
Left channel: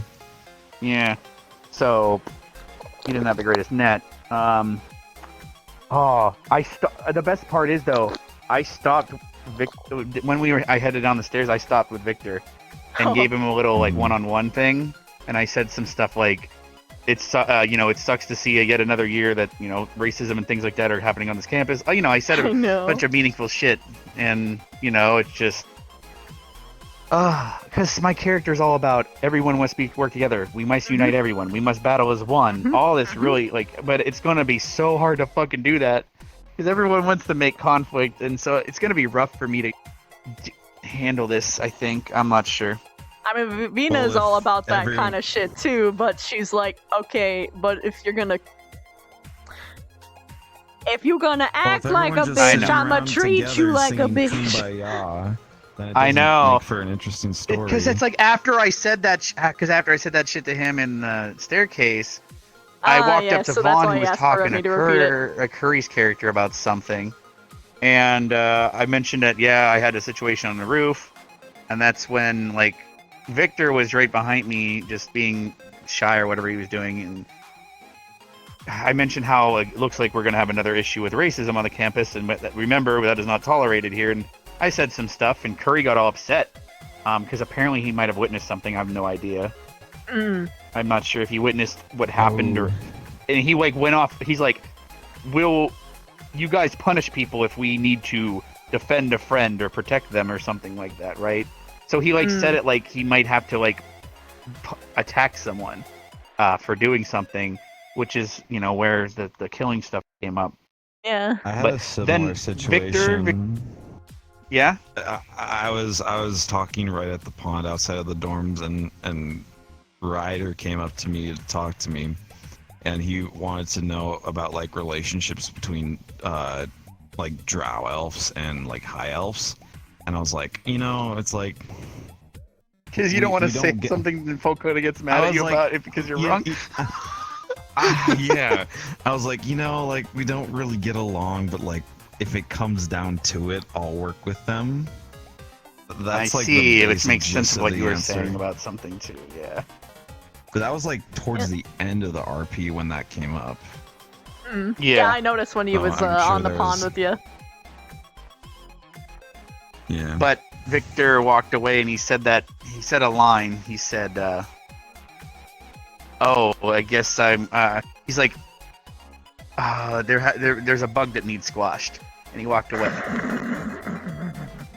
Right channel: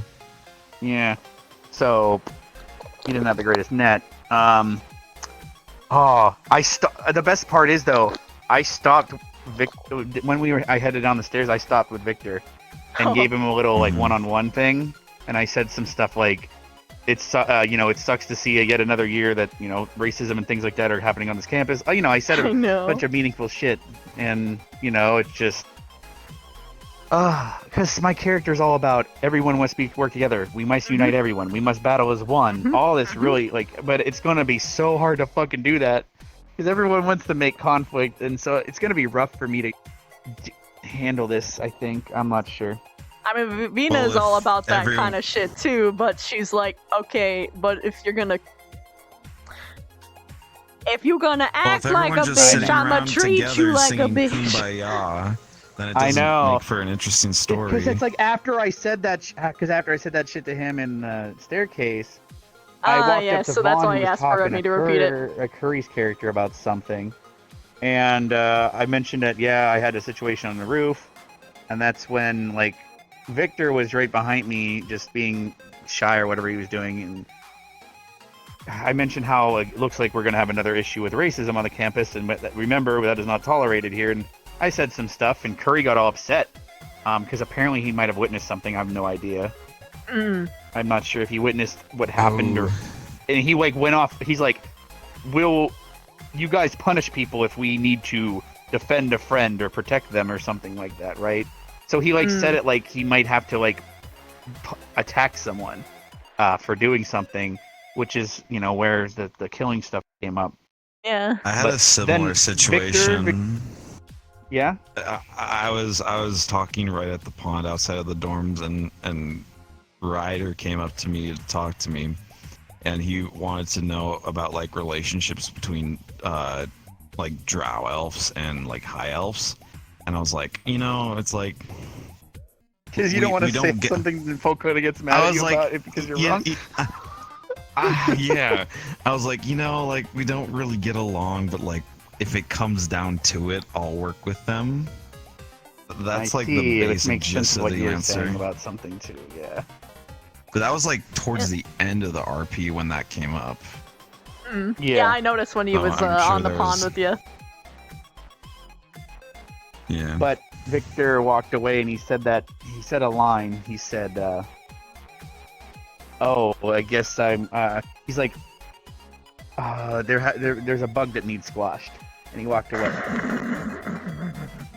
Yeah. So he didn't have the greatest net. The best part is though, I stopped when I headed down the stairs. I stopped with Victor and gave him a little like one-on-one thing, and I said some stuff like, it sucks to see yet another year that racism and things like that are happening on this campus. I said I know. bunch of meaningful shit, and it's just because my character is all about everyone must work together. We must unite everyone. We must battle as one. All this really but it's gonna be so hard to fucking do that because everyone wants to make conflict, and so it's gonna be rough for me to handle this. I think I'm not sure. I mean, Vina Well, is all if about that everyone- kind of shit too, but she's like, okay, but if you're gonna act like a bitch, I'ma treat you like a bitch. then it I doesn't know. make for an interesting story. Because it's like after I said that, because after I said that shit to him in the staircase, I Ah, walked yeah, up to so that's Vaughn, why who he was asked for talking me to to repeat it. Curry's character about something, and I mentioned that I had a situation on the roof, and that's when like Victor was right behind me, just being shy or whatever he was doing, and I mentioned how like, it looks like we're gonna have another issue with racism on the campus, and remember that is not tolerated here. And I said some stuff, and Curry got all upset because apparently he might have witnessed something. I have no idea. I'm not sure if he witnessed what happened and he like went off. He's like, "Will you guys punish people if we need to defend a friend or protect them or something like that?" Right? So he like said it like he might have to like attack someone for doing something, which is where the killing stuff came up. Yeah. I had a similar situation. Yeah. I was talking right at the pond outside of the dorms, and Ryder came up to me to talk to me, and he wanted to know about like relationships between like drow elves and like high elves, and I was like, it's like because you don't want to say something that Folkota gets mad at you about it because you're wrong. Yeah, I was like, like we don't really get along, but like if it comes down to it, I'll work with them. That's I like see, the which basic makes sense gist of of what the you were answer. saying about something too. Yeah. But that was like towards the end of the RP when that came up. Yeah, I noticed when he So was I'm sure on the there pond was- with you. Yeah. But Victor walked away and he said a line. He said, "Oh, I guess I'm." He's like, "There's a bug that needs squashed," and he walked away.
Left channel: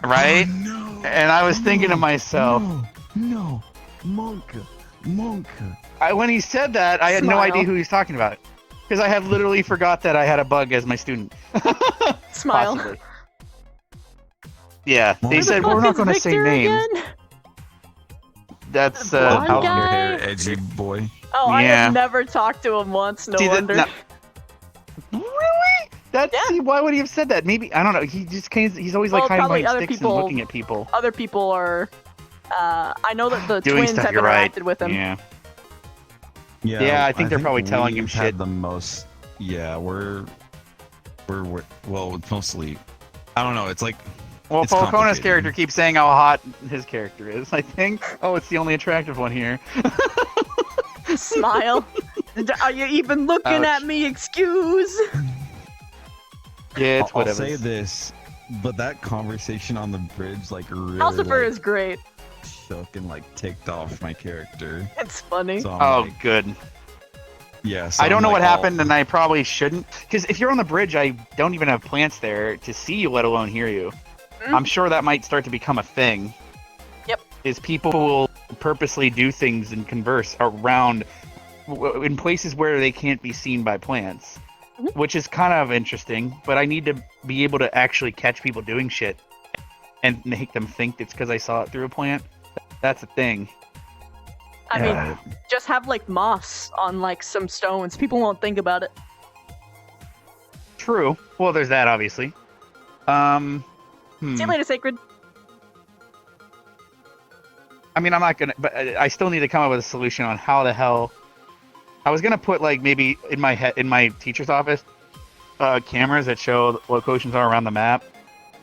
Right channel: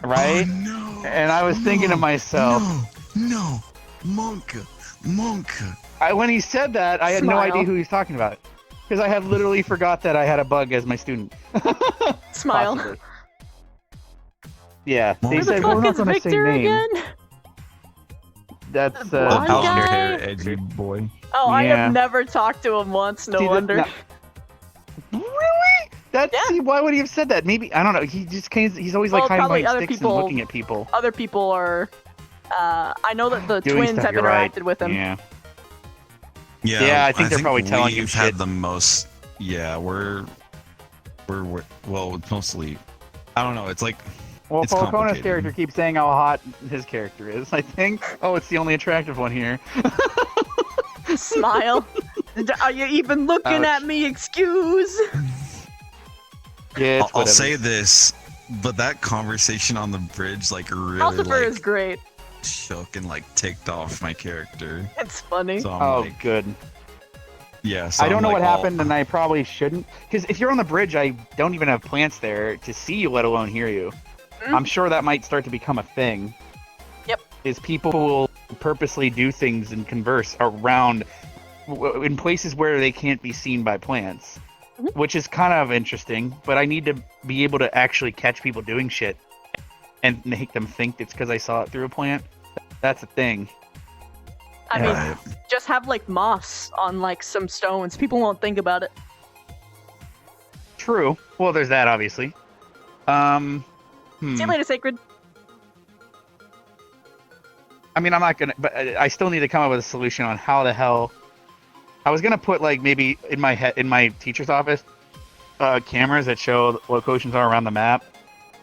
Right? Oh, no. And I was thinking to myself, No, Monk. when he said that, I had no idea who he was talking about, because I had literally forgot that I had a bug as my student. Smile. Possibly. Yeah, Who they the said fuck we're not is going to say Victor names. again? That's blonde guy? Hair, edgy boy. Oh, I Yeah. have never talked to him once. No See, wonder. Really? See, why would he have said that? Maybe I don't know. He just he's always like Well, hiding probably behind other sticks people. and looking at people. Other people are. I know that the Doing twins stuff, have you're interacted right. with him. Yeah. Yeah, I think they're probably telling him we've had shit. the most. Yeah, we're well, it's mostly. I don't know. It's like. Well, It's Falcone's complicated. character keeps saying how hot his character is. I think. Oh, it's the only attractive one here. Smile. Are you even looking at me? Excuse. Yeah, it's I'll whatever. say this, but that conversation on the bridge, like, really Calcifer like, is great. shook and like ticked off my character. It's funny. So I'm Oh, like, good. yeah. So I don't I'm know like, what happened, and I probably shouldn't. Because if you're on the bridge, I don't even have plants there to see you, let alone hear you. I'm sure that might start to become a thing. Yep. Is people will purposely do things and converse around in places where they can't be seen by plants, which is kind of interesting. But I need to be able to actually catch people doing shit and make them think it's because I saw it through a plant. That's a thing. I mean, just have like moss on like some stones. People won't think about it. True. Well, there's that, obviously. See you later, Sacred. I mean, I'm not gonna, but I still need to come up with a solution on how the hell. I was gonna put like maybe in my teacher's office, cameras that show locations are around the map,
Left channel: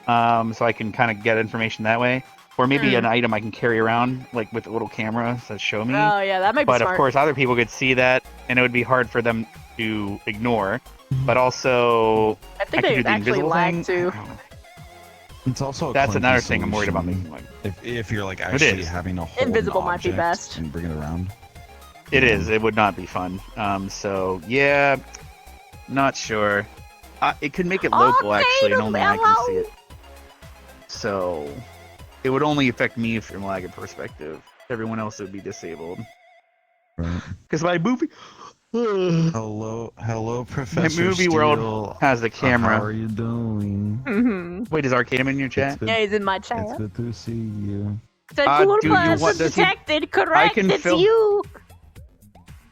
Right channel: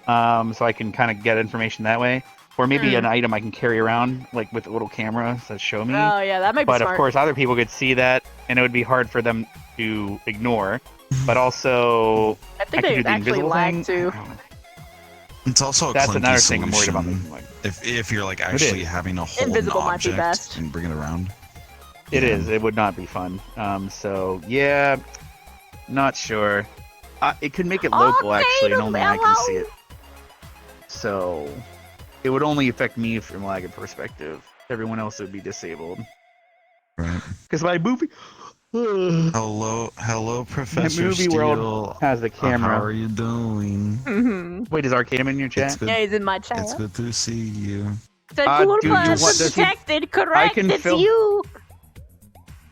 so I can kind of get information that way, or maybe an item I can carry around like with a little camera that show me. Oh yeah, that might be But smart. of course, other people could see that, and it would be hard for them to ignore. But also, I think could they do the actually invisible lag thing. too. It's also a That's clunky another thing I'm worried about solution making. Like, if you're like It actually is. having a whole Invisible might be best. and bring it around. it is. It would not be fun. So yeah, not sure. It could make it local actually, and only I can see it. So it would only affect me from like a perspective. Everyone else would be disabled. Because my movie. Hello, Professor My movie Steele. world has the camera. How are you doing? Mm-hmm. Wait, is Arcanum in your chat? Yeah, he's in my chat. It's good to see you. Said do you Cool want- does he- detected. Correct. can It's fill- you.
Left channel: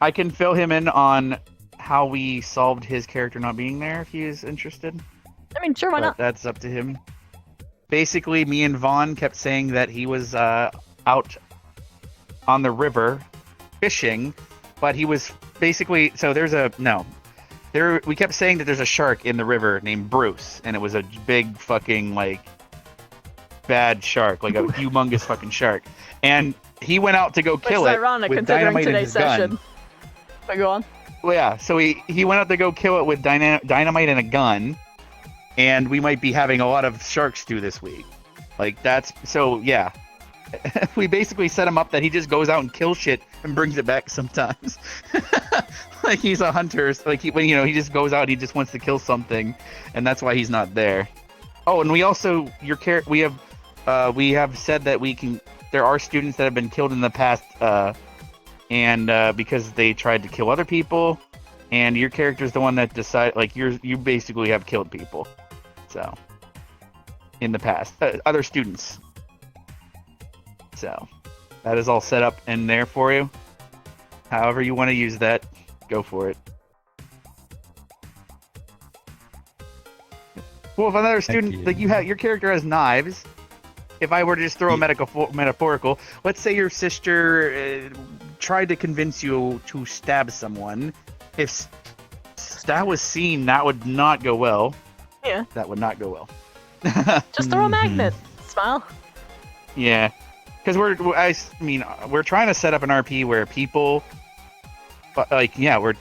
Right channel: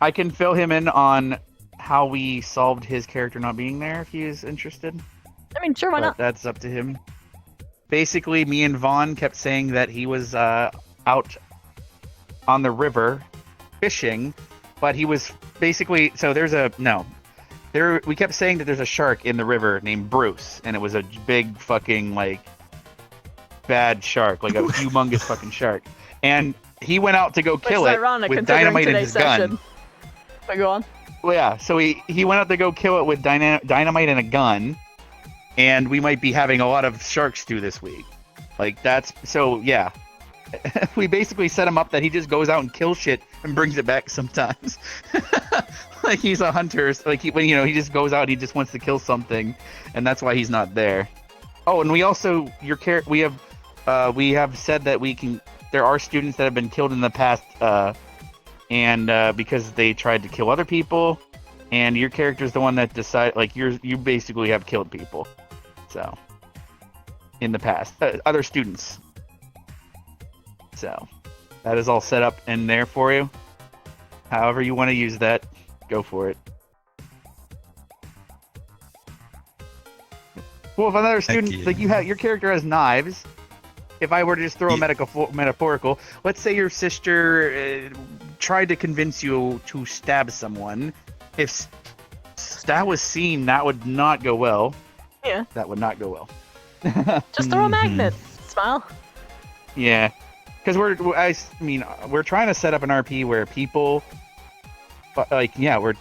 I can fill him in on how we solved his character not being there if he is interested. I mean, sure, why But not? that's up to him. basically, me and Vaughn kept saying that he was out on the river fishing, but he was basically we kept saying that there's a shark in the river named Bruce, and it was a big fucking like bad shark, like a humongous fucking shark, and he went out to go kill Which it is ironic with considering dynamite in today's his gun. session. But go on. Well, yeah, so he went out to go kill it with dynamite and a gun, and we might be having a lot of shark stew this week. Like, that's... So, yeah. We basically set him up that he just goes out and kills shit and brings it back sometimes. Like, he's a hunter. Like, he just goes out and he just wants to kill something, and that's why he's not there. Oh, and we also... we have said that we can... There are students that have been killed in the past, and because they tried to kill other people, and your character's the one that decide, like, you basically have killed people, so in the past, other students. So that is all set up in there for you. However you want to use that, go for it. Well, if another student, like your character has knives. If I were to just throw a metaphorical, let's say your sister tried to convince you to stab someone. If that was seen, that would not go well. Yeah. That would not go well. Just throw a magnet. Smile. Yeah. Because we're trying to set up an RP where people, like, yeah, we're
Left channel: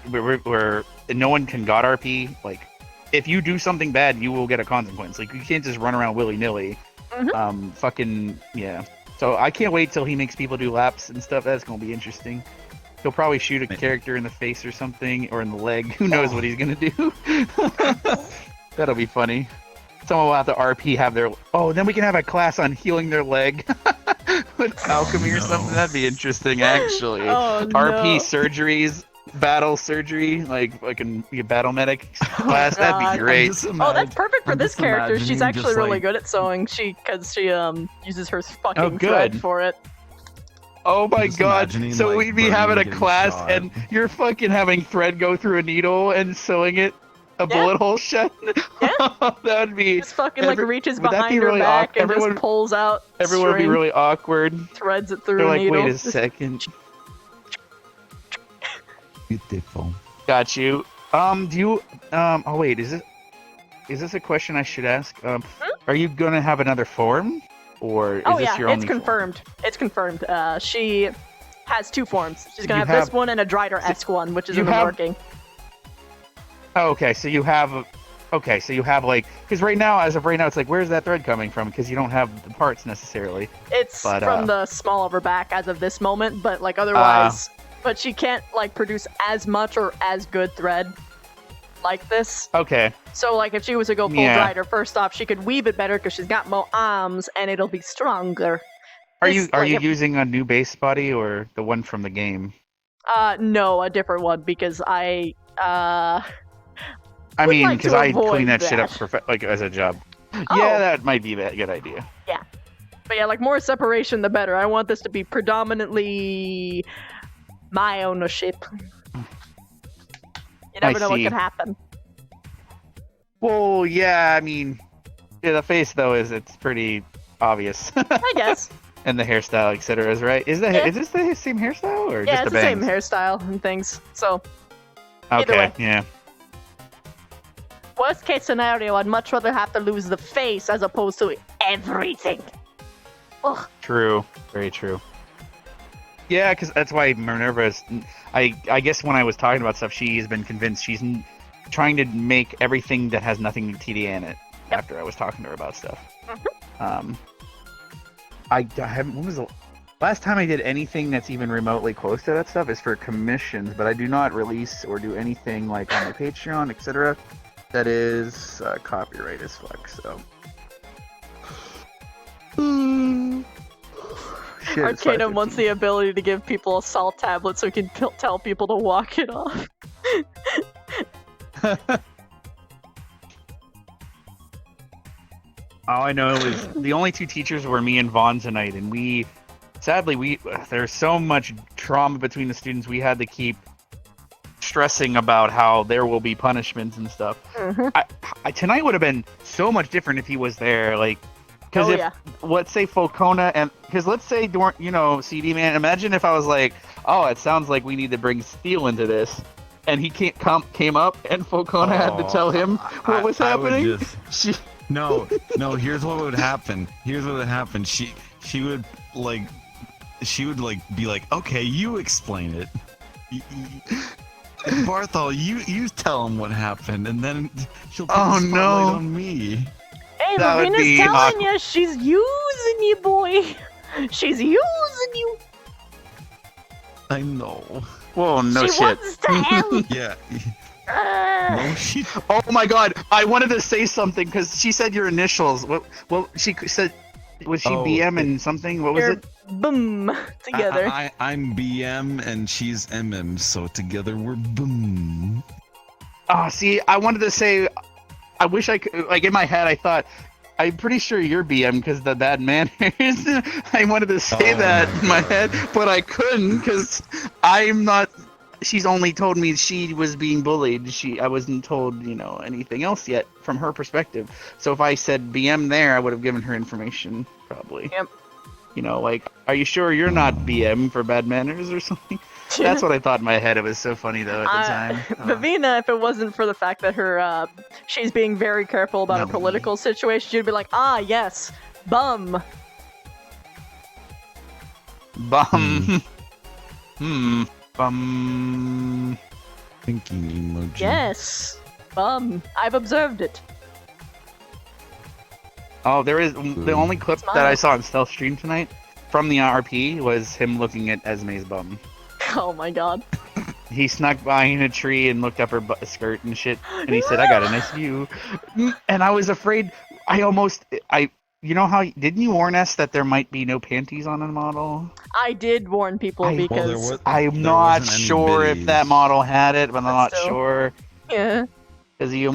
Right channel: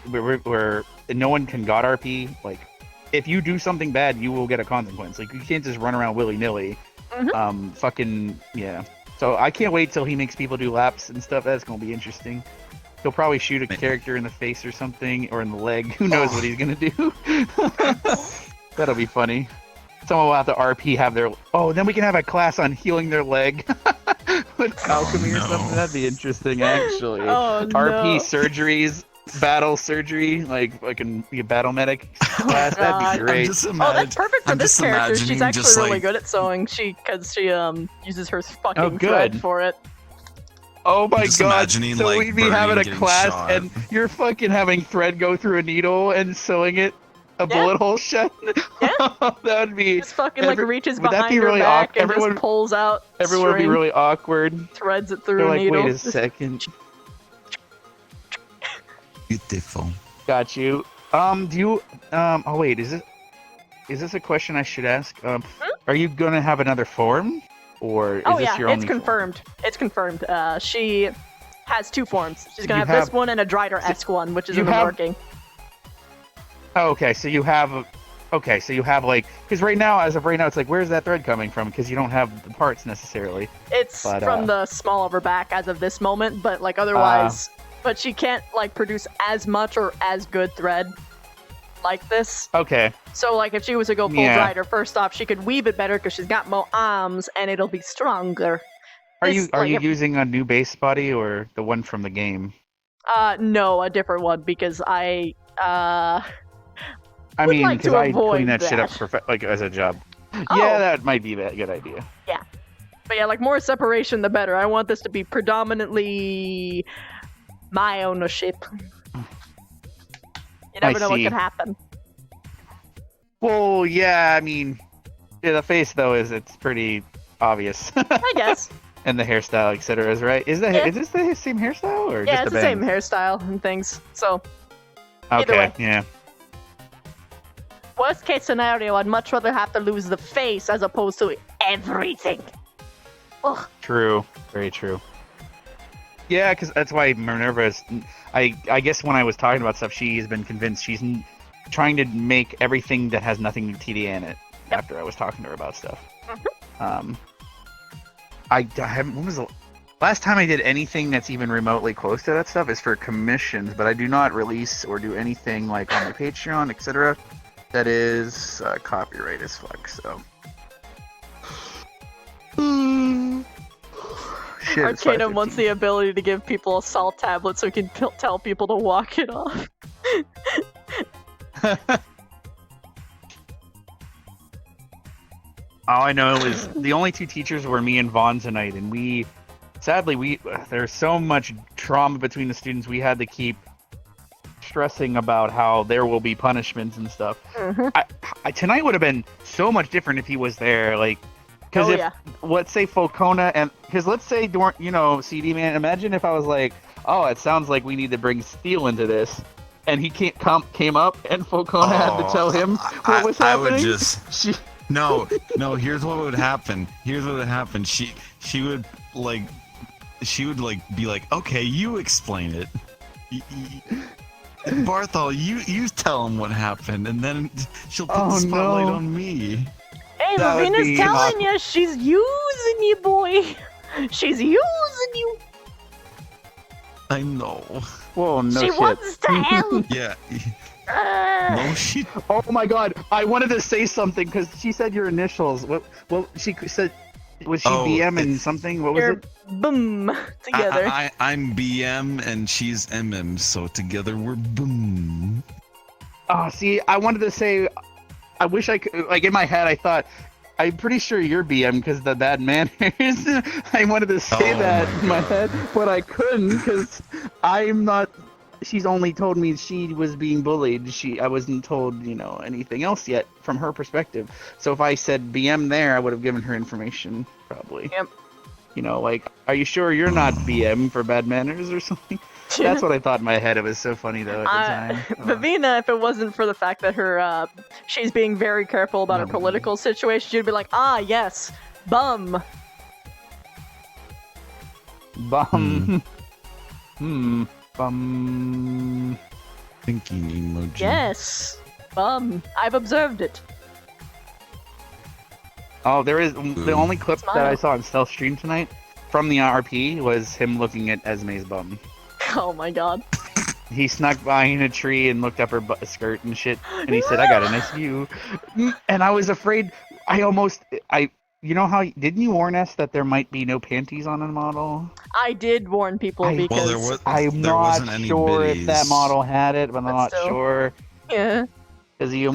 no one can god RP. Like, if you do something bad, you will get a consequence. Like, you can't just run around willy-nilly. Fucking, yeah. So I can't wait till he makes people do laps and stuff. That's gonna be interesting. He'll probably shoot a character in the face or something, or in the leg. Who knows what he's gonna do? That'll be funny. Someone will have to RP have their... Oh, then we can have a class on healing their leg. With alchemy or something. That'd be interesting, actually. Oh, RP no. surgeries, battle surgery, like I can be a battle medic class. That'd be great. Oh, that's perfect for this character. She's actually really good at sewing. Because she uses her fucking thread for it. Oh my just god! imagining, So like, we'd be Bernie having a getting class, shot. and you're fucking having thread go through a needle and sewing it a bullet hole shut. That would be Just fucking like reaches would that behind be her really back and Everyone- just pulls out. Everyone would be string, really awkward. threads it through They're a like, needle. wait a second. Beautiful. Got you. Do you? Oh wait, is this a question I should ask? Are you gonna have another form, or is Oh this yeah, your it's only? confirmed. It's confirmed. She has two forms. She's gonna You have this have- one and a Drider-esque one, which is you in the have- working. Oh, okay, so you have. Okay, so you have like, because as of right now, it's like, where's that thread coming from? Because you don't have the parts necessarily. It's But, from the small of her back as of this moment, but like otherwise, but she can't like produce as much or as good thread like this. Okay. So like if she was to go full Yeah. Drider, first off, she could weave it better because she's got more arms and it'll be stronger. Are This, you like, using a new base body or the one from the game? No, a different one because I I would mean, like because to I avoid clean that shit up that. like as a job. Oh. Yeah, that might be a good idea. Yeah. But yeah, like more separation the better. I want this to be predominantly my ownership. You never know what see. could happen. Well, yeah, I mean, yeah, the face though it's pretty obvious. I guess. And the hairstyle, etc. is right. Is Yeah. this the same hairstyle or Yeah, just it's the the same bangs? hairstyle and things. So either Okay, way. yeah. Worst case scenario, I'd much rather have to lose the face as opposed to everything. Ugh. True. Very true. Yeah, because that's why Minerva is... I guess when I was talking about stuff, she's been convinced she's trying to make everything that has nothing to TDA in it after I was talking to her about stuff. I haven't... When was the last time I did anything that's even remotely close to that stuff is for commissions, but I do not release or do anything like on my Patreon, etc. That is copyright as fuck, so... Shit, it's Arcanum wants the ability to give people a salt tablet so he can tell people to walk it off. All I know is the only two teachers were me and Vaughn tonight, and sadly, there's so much trauma between the students, we had to keep stressing about how there will be punishments and stuff. Tonight would have been so much different if he was there, like, Because Oh, if yeah. let's say Falcona and because let's say CD man, imagine if I was like, oh, it sounds like we need to bring Steel into this, and he came up and Falcona had to tell him what was I would happening. just no. Here's what would happen. She would be like, okay, you explain it. Barthol, you tell him what happened, and then she'll put the spotlight on me. Hey, That would Lavina's be telling you she's using you, boy. She's using you. I know. Whoa, no She shit. wants to help. Yeah. Oh my god, I wanted to say something because she said your initials. What she said, was she BM and something? What was You're it? boom together. I'm BM and she's MM, so together we're boom. Oh, see, I wanted to say, I wish I could, like in my head, I thought, I'm pretty sure you're BM because the bad manners. I wanted to say that in my head, but I couldn't because I'm not. She's only told me she was being bullied. I wasn't told, anything else yet from her perspective. So if I said BM there, I would have given her information probably. Yep. Like, are you sure you're not BM for bad manners or something? That's what I thought in my head. It was so funny though at the time. Lavina, if it wasn't for the fact that her, she's being very careful about her political situation, she'd be like, ah, yes, bum. Bum. Bum. Thinking emoji. Yes, bum. I've observed it. Oh, there is the only clip that I saw on Stealth stream tonight from the RP was him looking at Esme's bum. Oh my god. He snuck behind a tree and looked up her skirt and shit, and he said, "I got a nice view." And I was afraid. You know how? Didn't you warn us that there might be no panties on a model? I did warn people because I'm not wasn't any sure if biddies. that model had it, but I'm not still. sure. Yeah. Because he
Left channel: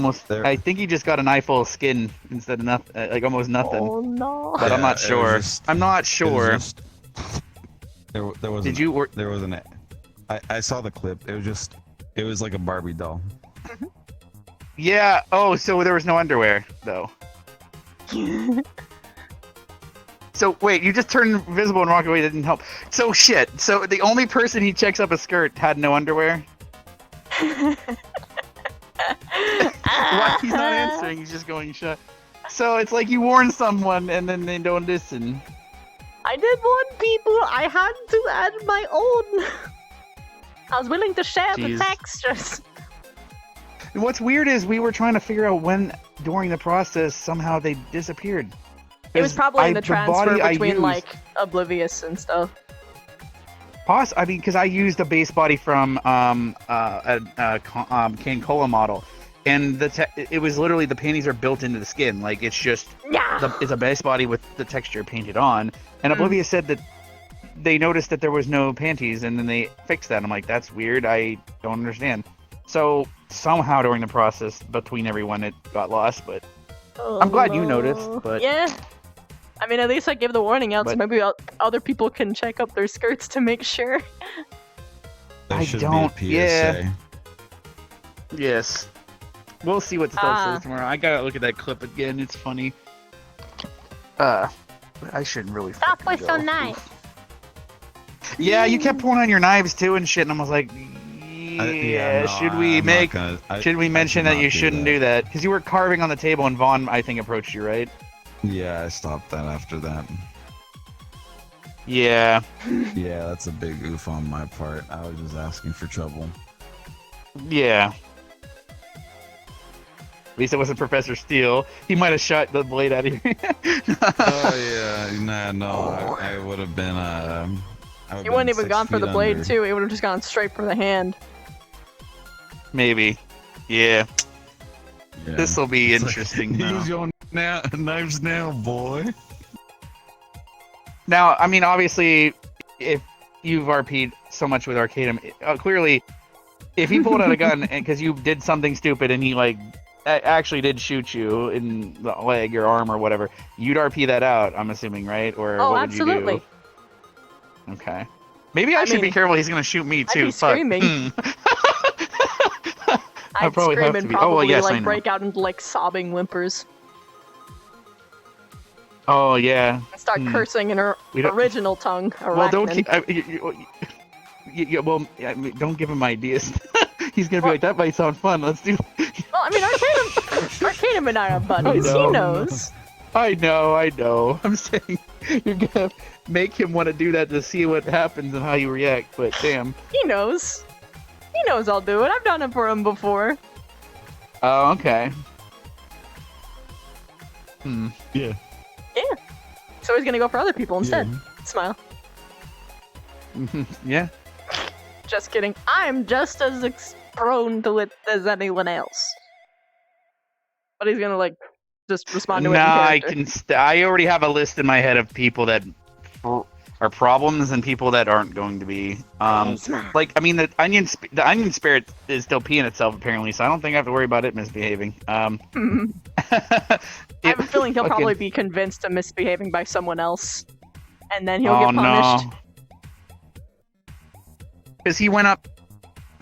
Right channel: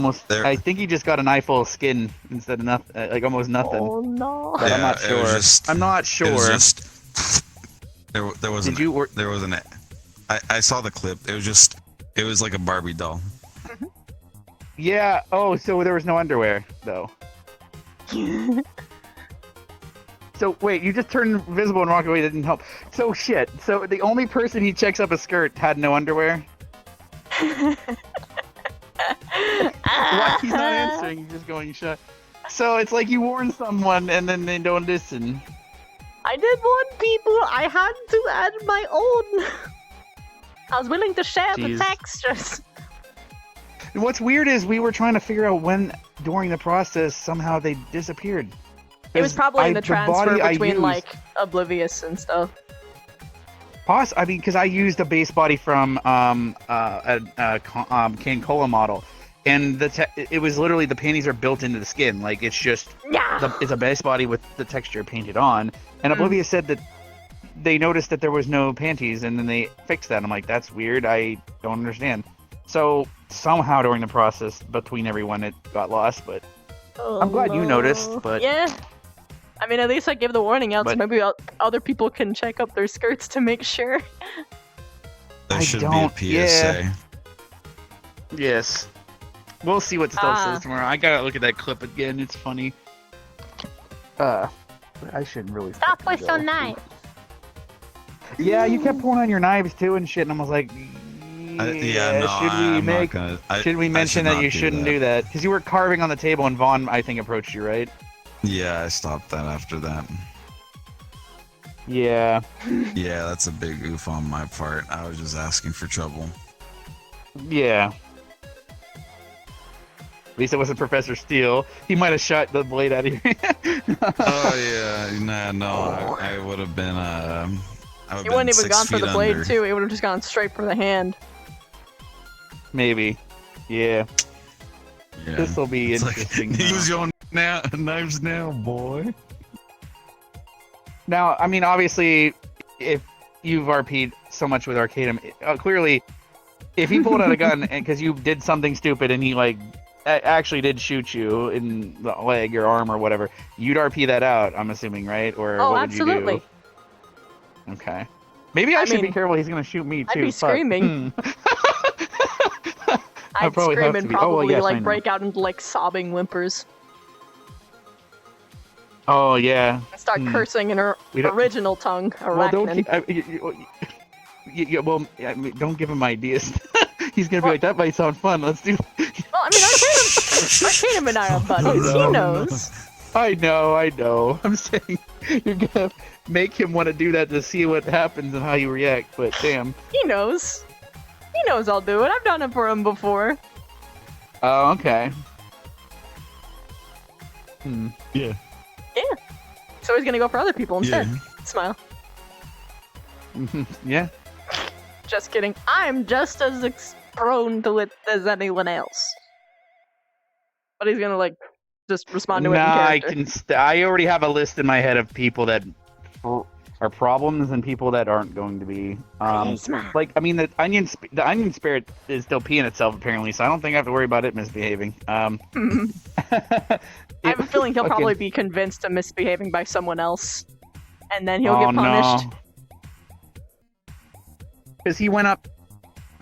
I think he just got an eye full of skin instead of nothing, like almost nothing. Oh no. But I'm Yeah, not it was sure. just- I'm not It sure. was just, there was Did you? there was an. I saw the clip. It was like a Barbie doll. Yeah. Oh, so there was no underwear though. So wait, you just turned invisible and walked away. Didn't help. So shit. So the only person he checks up a skirt had no underwear. Why he's not answering? He's just going shut. So it's like you warn someone and then they don't listen. I did warn people. I had to add my own. I was willing to share the Jeez. textures. What's weird is we were trying to figure out when during the process somehow they disappeared. It was probably in the transfer body I between used- like Oblivious and stuff. I mean, because I used a base body from Cane Cola model, and it was literally the panties are built into the skin. Like it's just it's a base body with the texture painted on. And Oblivious said that they noticed that there was no panties, and then they fixed that. I'm like, that's weird. I don't understand. So somehow during the process between everyone, it got lost. But I'm glad you noticed. But yeah. I mean, at least I gave the warning out, so But- maybe other people can check up their skirts to make sure. There I should don't. be a PSA. Yeah. Yes. We'll see what stuff Ah. says tomorrow. I gotta look at that clip again. It's funny. I shouldn't really. Stop fucking with so go. nice. Yeah, you kept pulling on your knives too and shit, and I was like, Yeah, no, should we I'm not make? gonna- Should we I mention should that not you do shouldn't that. do that? Because you were carving on the table, and Vaughn, I think, approached you, right? Yeah, I stopped that after that. Yeah. Yeah, that's a big oof on my part. I was just asking for trouble. Yeah. At least it wasn't Professor Steele. He might have shot the blade out of you. Oh yeah, no, I would have been. I would've He wouldn't been even 6 gone for the feet blade under. too. He would have just gone straight for the hand. Maybe. Yeah. Yeah. This will be It's like, interesting. use your knives now, boy. Now, I mean, obviously, if you've RP'd so much with Arcadum, clearly, if he pulled out a gun because you did something stupid and he like actually did shoot you in the leg or arm or whatever, you'd RP that out. I'm assuming, right? Or Oh, what would absolutely. you do? Okay. Maybe I, I should be mean, careful. He's gonna shoot me I'd too. be Fuck. screaming. I'd probably scream have and to be. Oh, well, probably yes, I like know. break out into like sobbing whimpers. Oh yeah. And start cursing in her We don't- original tongue, Well, don't. Arachnan. Well, I mean, don't give him ideas. He's gonna be like, that might sound fun. Let's do. Well, I mean, Arcanum and I are buddies. He knows. I know. I'm saying you're gonna make him want to do that to see what happens and how you react. But damn. He knows. He knows I'll do it. I've done it for him before. Oh, okay. Yeah. Yeah. So he's gonna go for other people instead. Smile. Yeah. Just kidding. I'm just as prone to it as anyone else. But he's gonna like just respond to it in Nah, character. I already have a list in my head of people that are problems and people that aren't going to be. Like, I mean, the onion spirit is still peeing itself apparently, so I don't think I have to worry about it misbehaving. I have a feeling he'll probably be convinced of misbehaving by someone else, and then he'll get punished. Because he went up,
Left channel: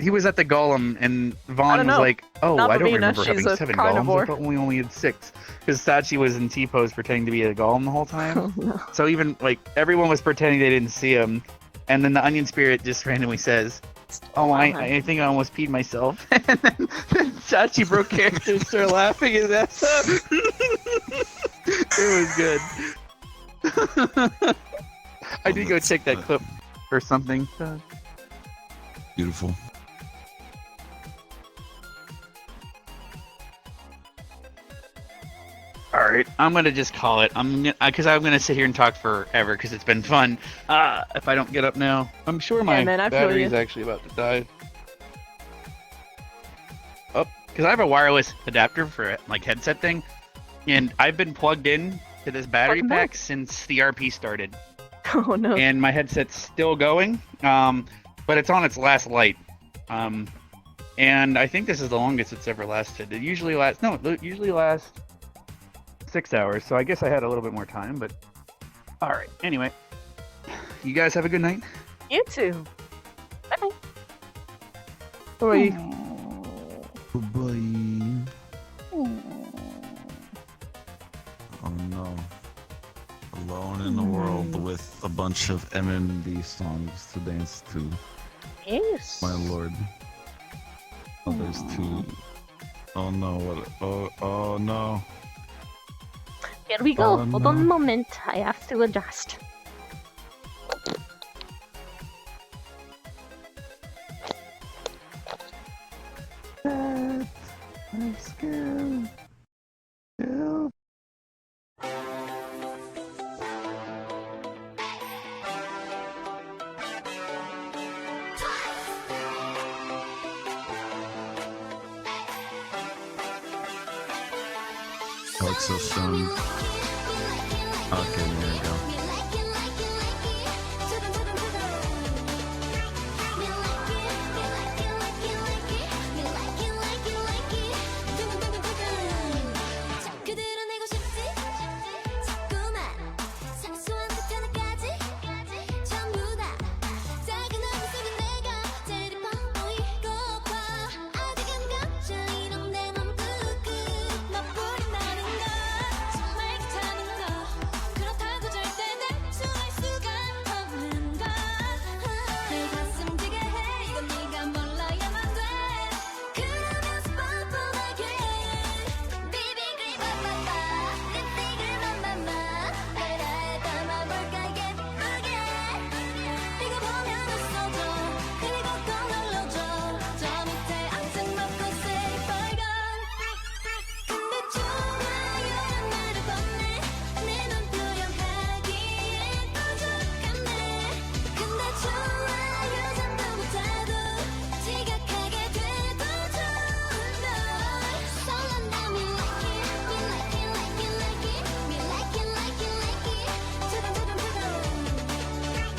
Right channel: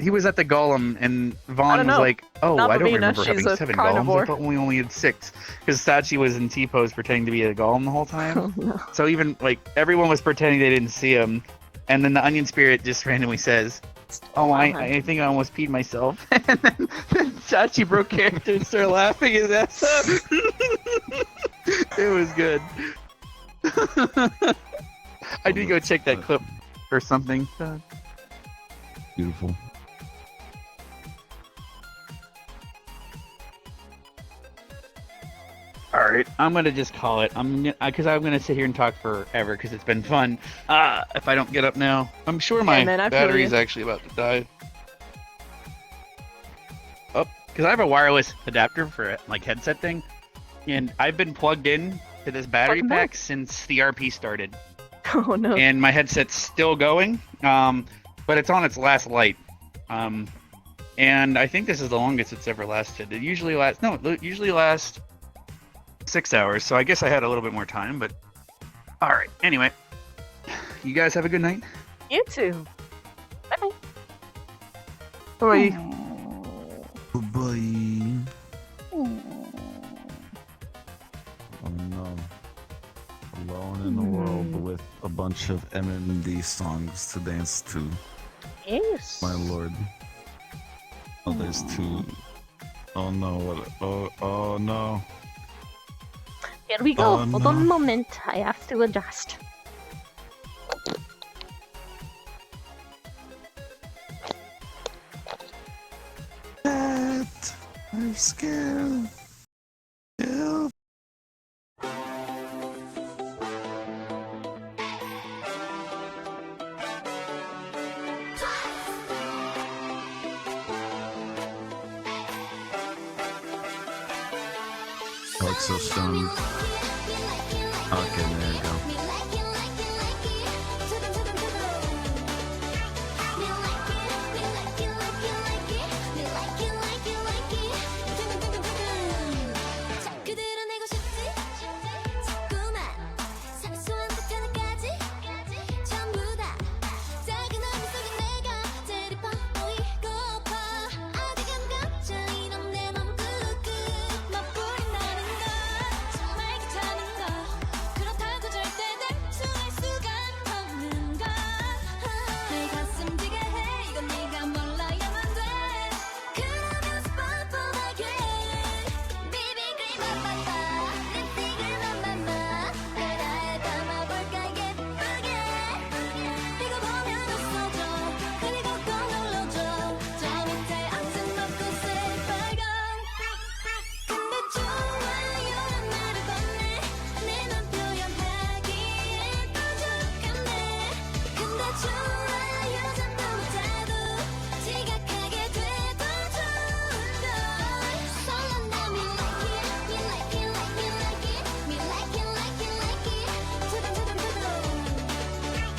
he was at the golem, and I Vaughn don't was know. like, "Oh, Not I don't Vavina, remember she's having a 7 carnivore. golems. I thought we only had 6." Because Sachi was in T-pose pretending to be a golem the whole time. Oh, no. So even like everyone was pretending they didn't see him, and then the onion spirit just randomly says, "Oh, I think I almost peed myself." And then Sachi broke character and started laughing his ass up. It was good. I did go check that clip or something. So. Beautiful. All right, I'm gonna just call it. Because I'm gonna sit here and talk forever because it's been fun. If I don't get up now, I'm sure my man, I feel battery is you. actually about to die. Oh, because I have a wireless adapter for like headset thing, and I've been plugged in to this battery pack since the RP started. Oh no! And my headset's still going, but it's on its last light. And I think this is the longest it's ever lasted. It usually lasts 6 hours, so I guess I had a little bit more time, but alright. Anyway, you guys have a good night. You too. Bye bye. Goodbye. Oh no. Alone in the world with a bunch of MMD songs to dance to. Yes. My lord. Oh, there's 2. Oh no, oh no. Here we go. Hold on a moment. I have to adjust. I'm scared. Help. Looks so strong. Okay, there you go.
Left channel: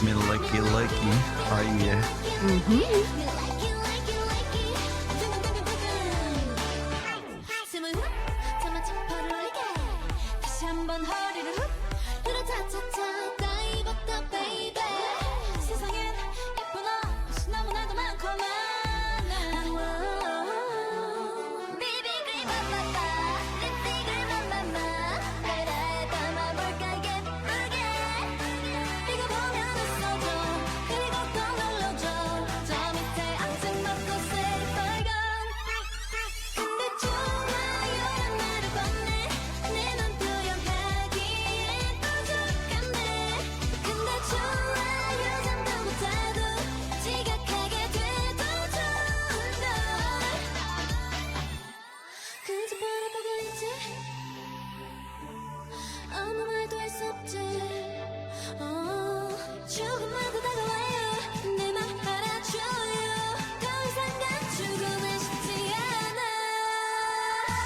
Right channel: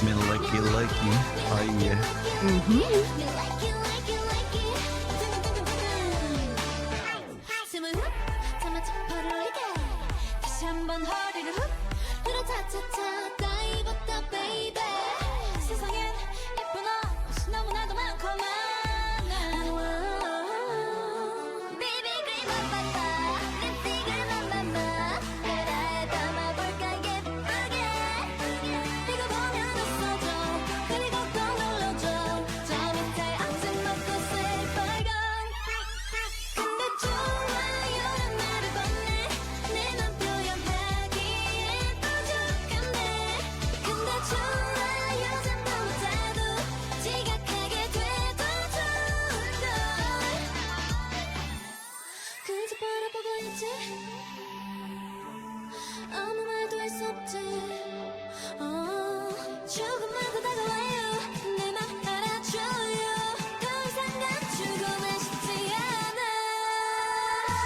Me likey. Oh yeah. 가슴을 훅 참아 지퍼를 올리게 다시 한번 허리를 훅 으르차차차 다이버터 베이베 세상엔 예쁜 옷이 너무나도 많고만 비비그리 바바바 립스틱을 맘마마 베라에 담아볼까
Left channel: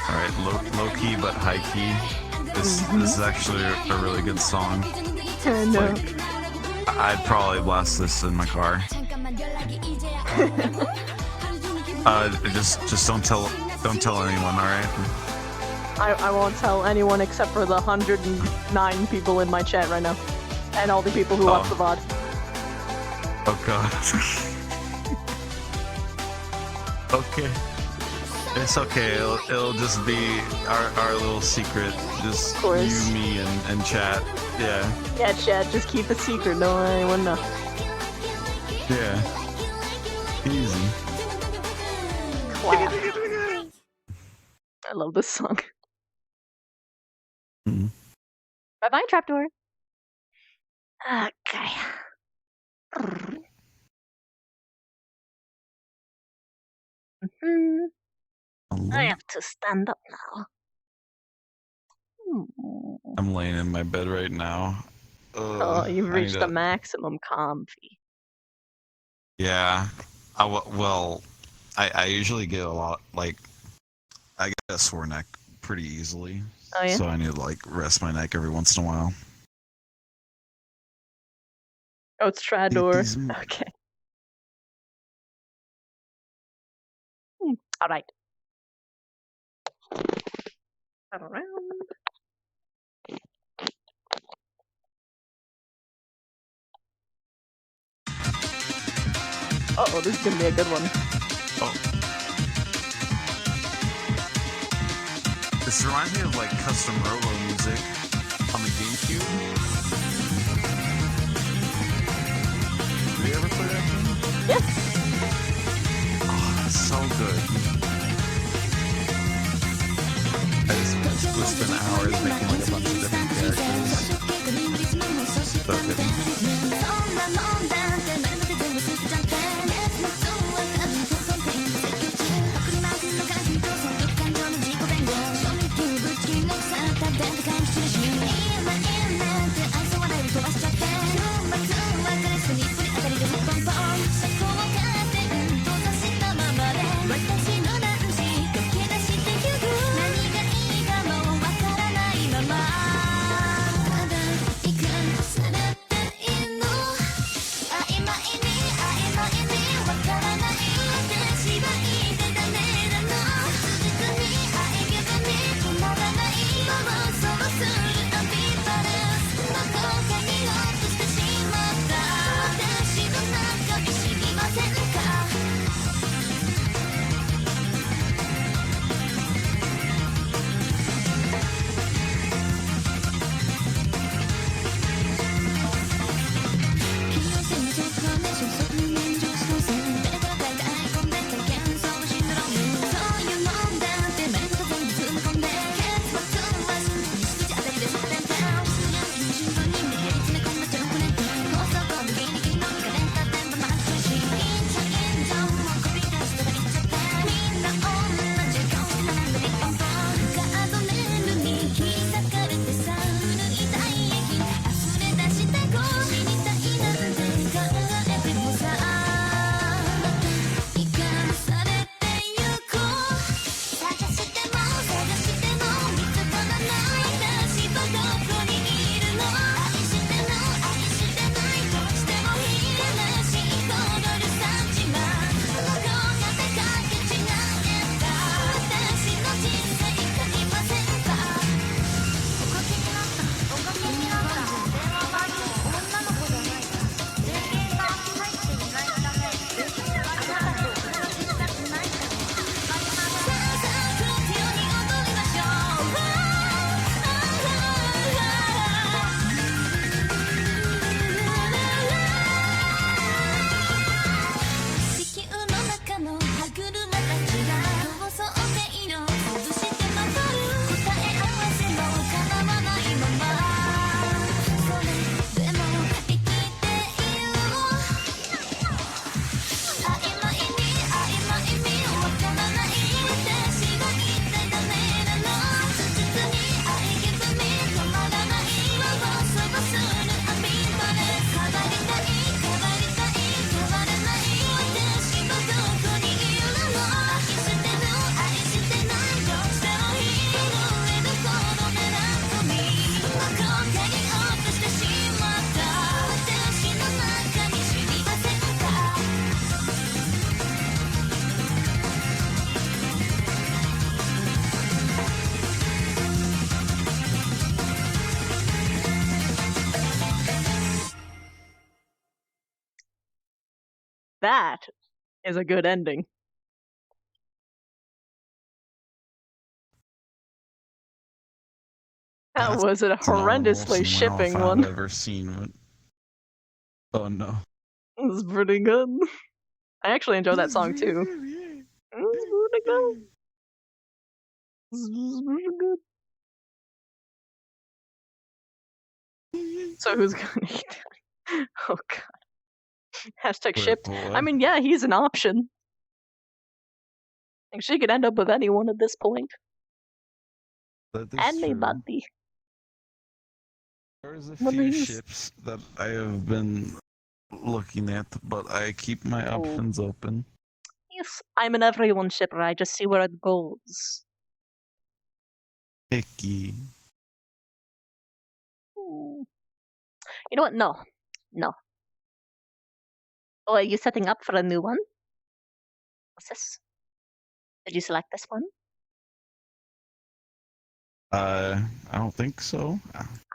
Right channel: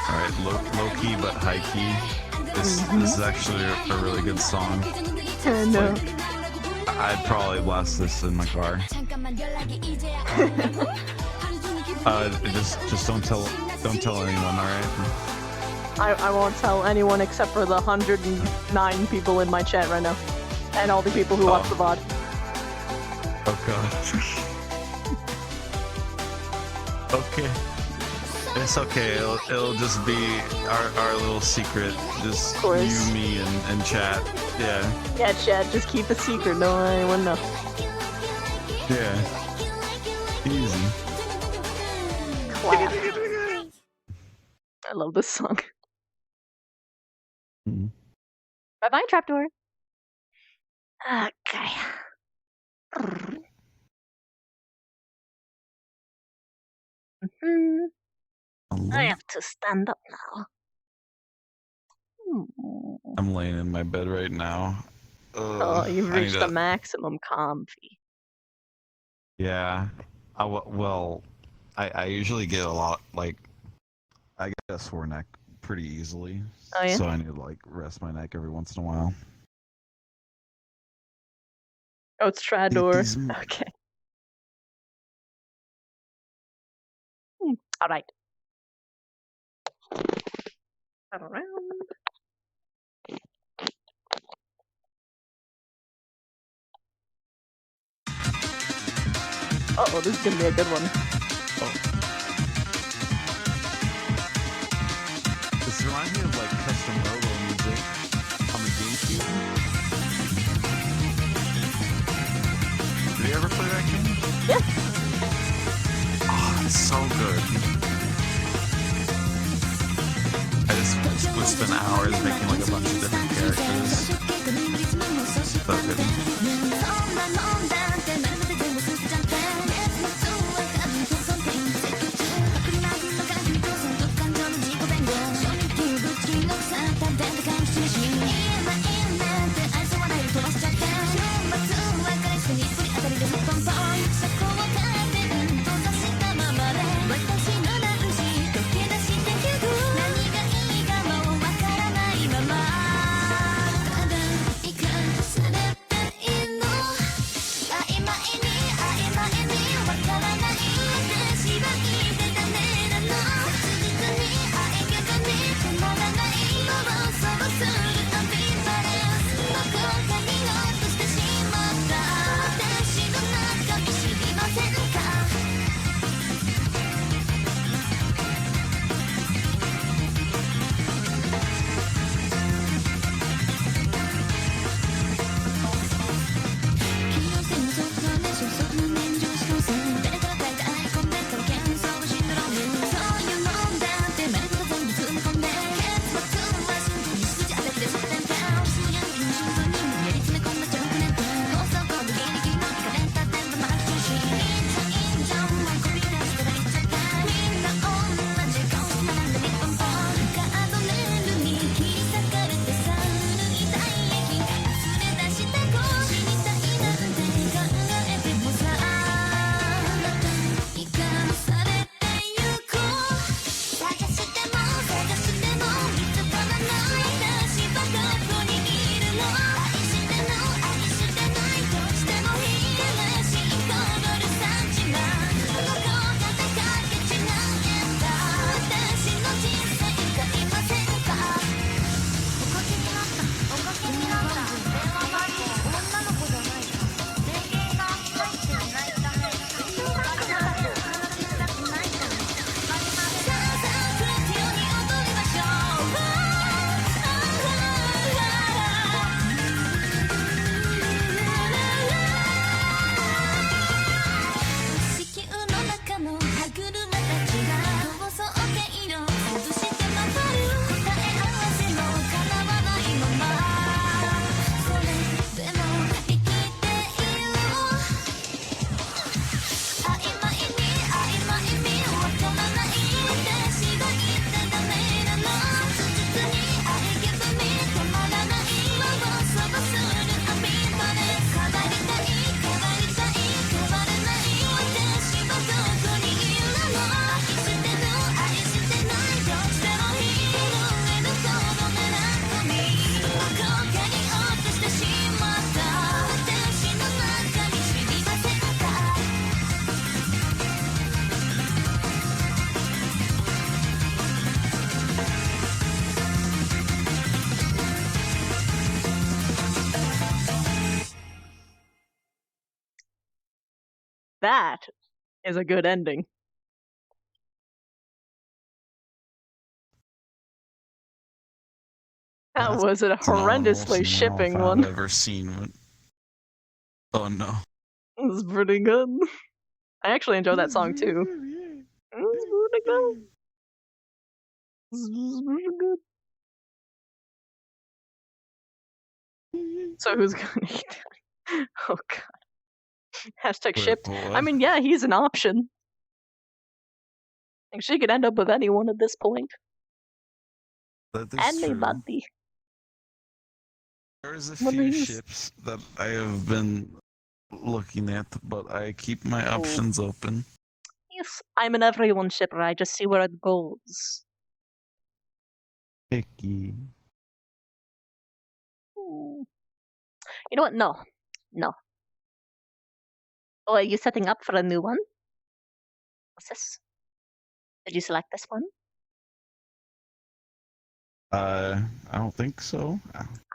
Alright, low key but high key. This is actually a really good song. I know. I'd probably blast this in my car. Just don't tell anyone, alright? I won't tell anyone except for the 109 people in my chat right now. And all the people who watch the VOD. Oh god. Okay. It's okay. It'll just be our little secret. Just you, me, and chat. Yeah. Yeah, chat, just keep it secret. Don't let anyone know. Yeah. Easy. Clap. I love this song. Bye-bye, Trapdoor. Okay. I have to stand up now. I'm laying in my bed right now. Oh, you've I reached need the to- maximum comfy. Yeah. I usually get a lot, like, I get a sore neck pretty easily. Oh, yeah? So I need to, like, rest my neck every once in a while. Oh, it's Trapdoor. Okay. Alright. Around. Uh-oh, this is gonna be a good one. This reminds me of, like, custom robo music on the GameCube. Did you ever play that game? Yes. Oh, it's so good. I just would spend hours making, like, a bunch of different characters. But that is a good ending. That was a It's an honorable horrendously female if shipping I've one. ever seen it. Oh no. It was pretty good. I actually enjoy that song too. It was pretty good. It was pretty good. So who's gonna eat that? Oh god. Hashtag Wait, shipped. what? I mean, yeah, he's an option. Like, she could end up with anyone at this point. That is true. Anybody. There's a What few is- ships that I have been looking at, but I keep my Oh. options open. Yes, I'm an everyone shipper. I just see where it goes. Icky. Ooh. You know what? No. No. Oh, are you setting up for a new one? What's this? Did you select this one? I don't think so.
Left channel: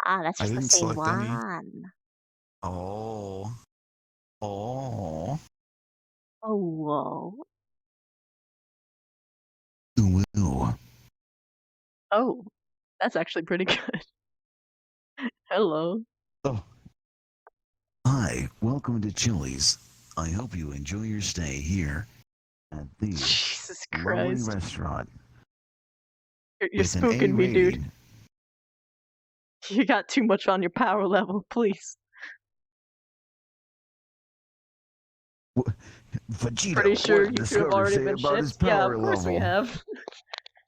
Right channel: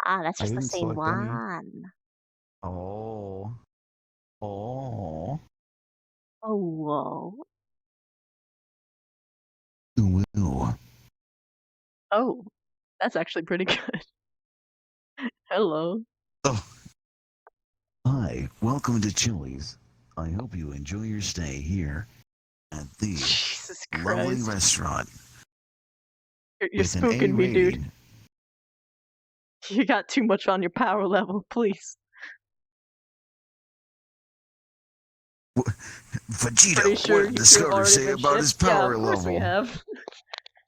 Ah, that's I just the didn't same select any. one. Oh. Oh. Oh, whoa. Ooh. Oh, that's actually pretty good. Hello. Hi, welcome to Chili's. I hope you enjoy your stay here at the Jesus lovely Christ. restaurant. You're with an A spooking me, dude. rating. You got too much on your power level, please. Vegeta, Pretty sure what you did the two have server already say been about his shipped. Yeah, power of course we level? have.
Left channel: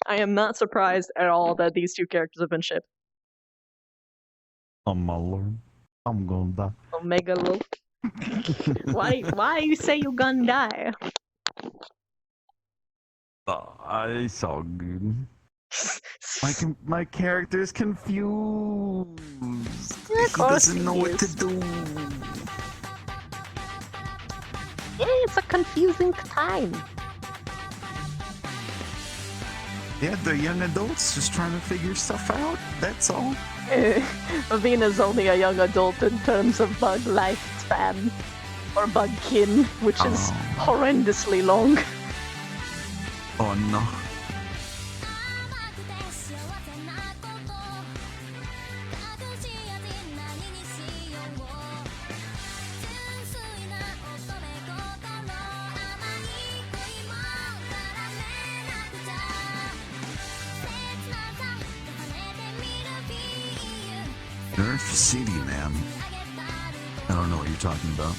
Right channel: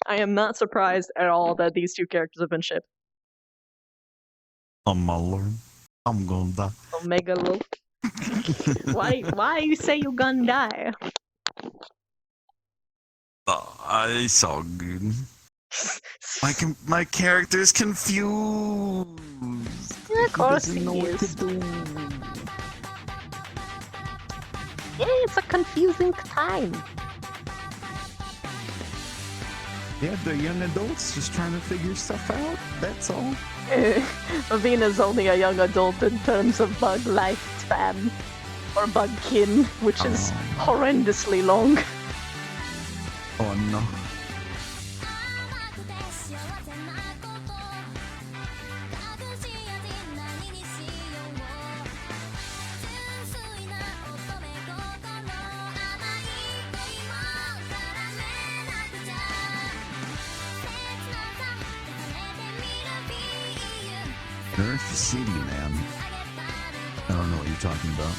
I am not surprised at all that these two characters have been shipped. I'm alone. I'm gonna die. Omega Lo. Why you say you gonna die? It's all good. My character's confused. Yeah, of course he doesn't know what to is. do. Yeah, it's a confusing time. Yeah, they're young adults just trying to figure stuff out. That's all. Avena's only a young adult in terms of bug lifespan. Or bug kin, which is horrendously long. Oh no. Earth City, man. I don't know what you're talking about.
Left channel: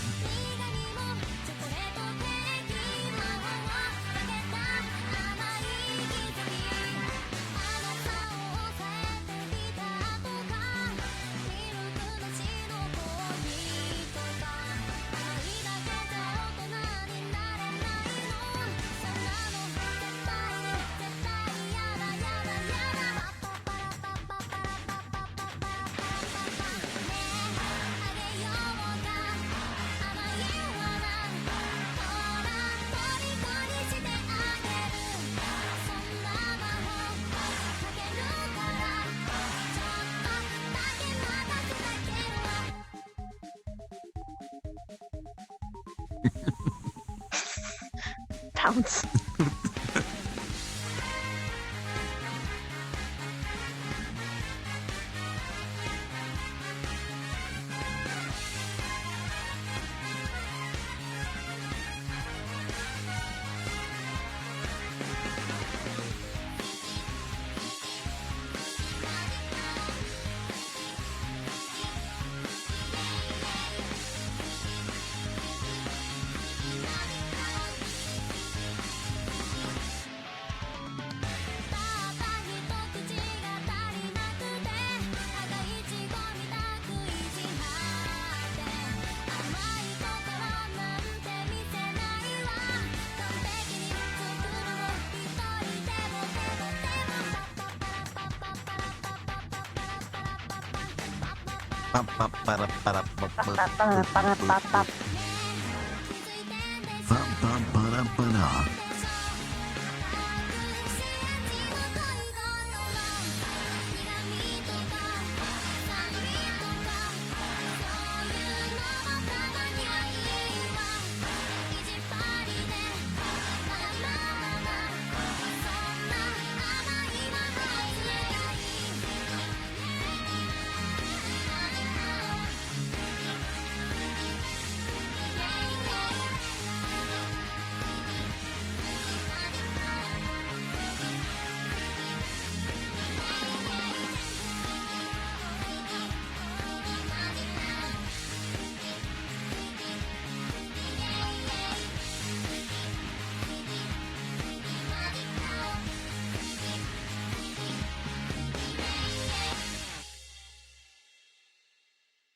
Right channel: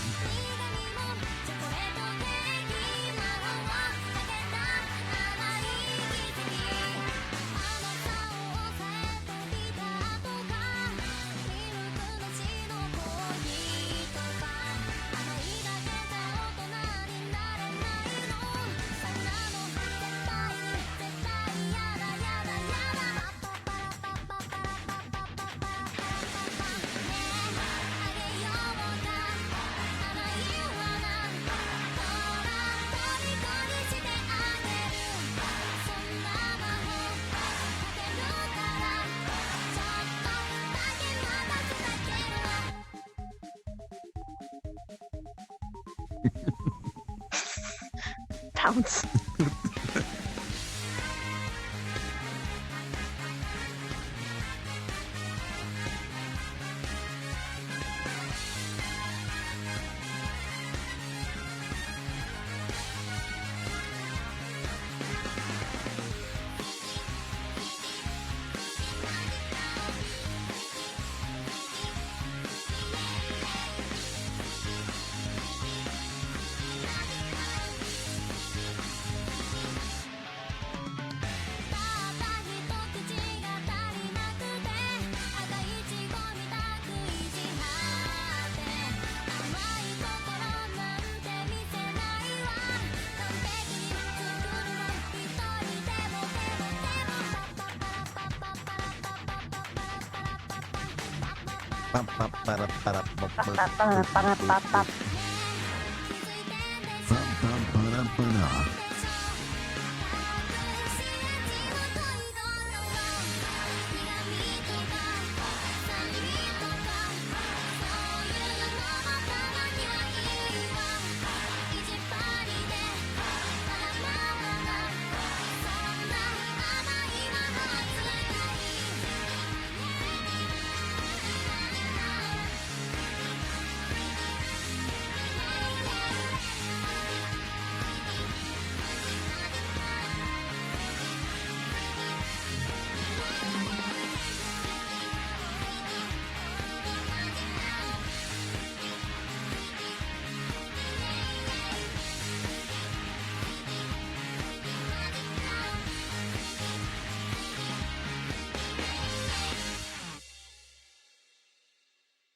Pounce.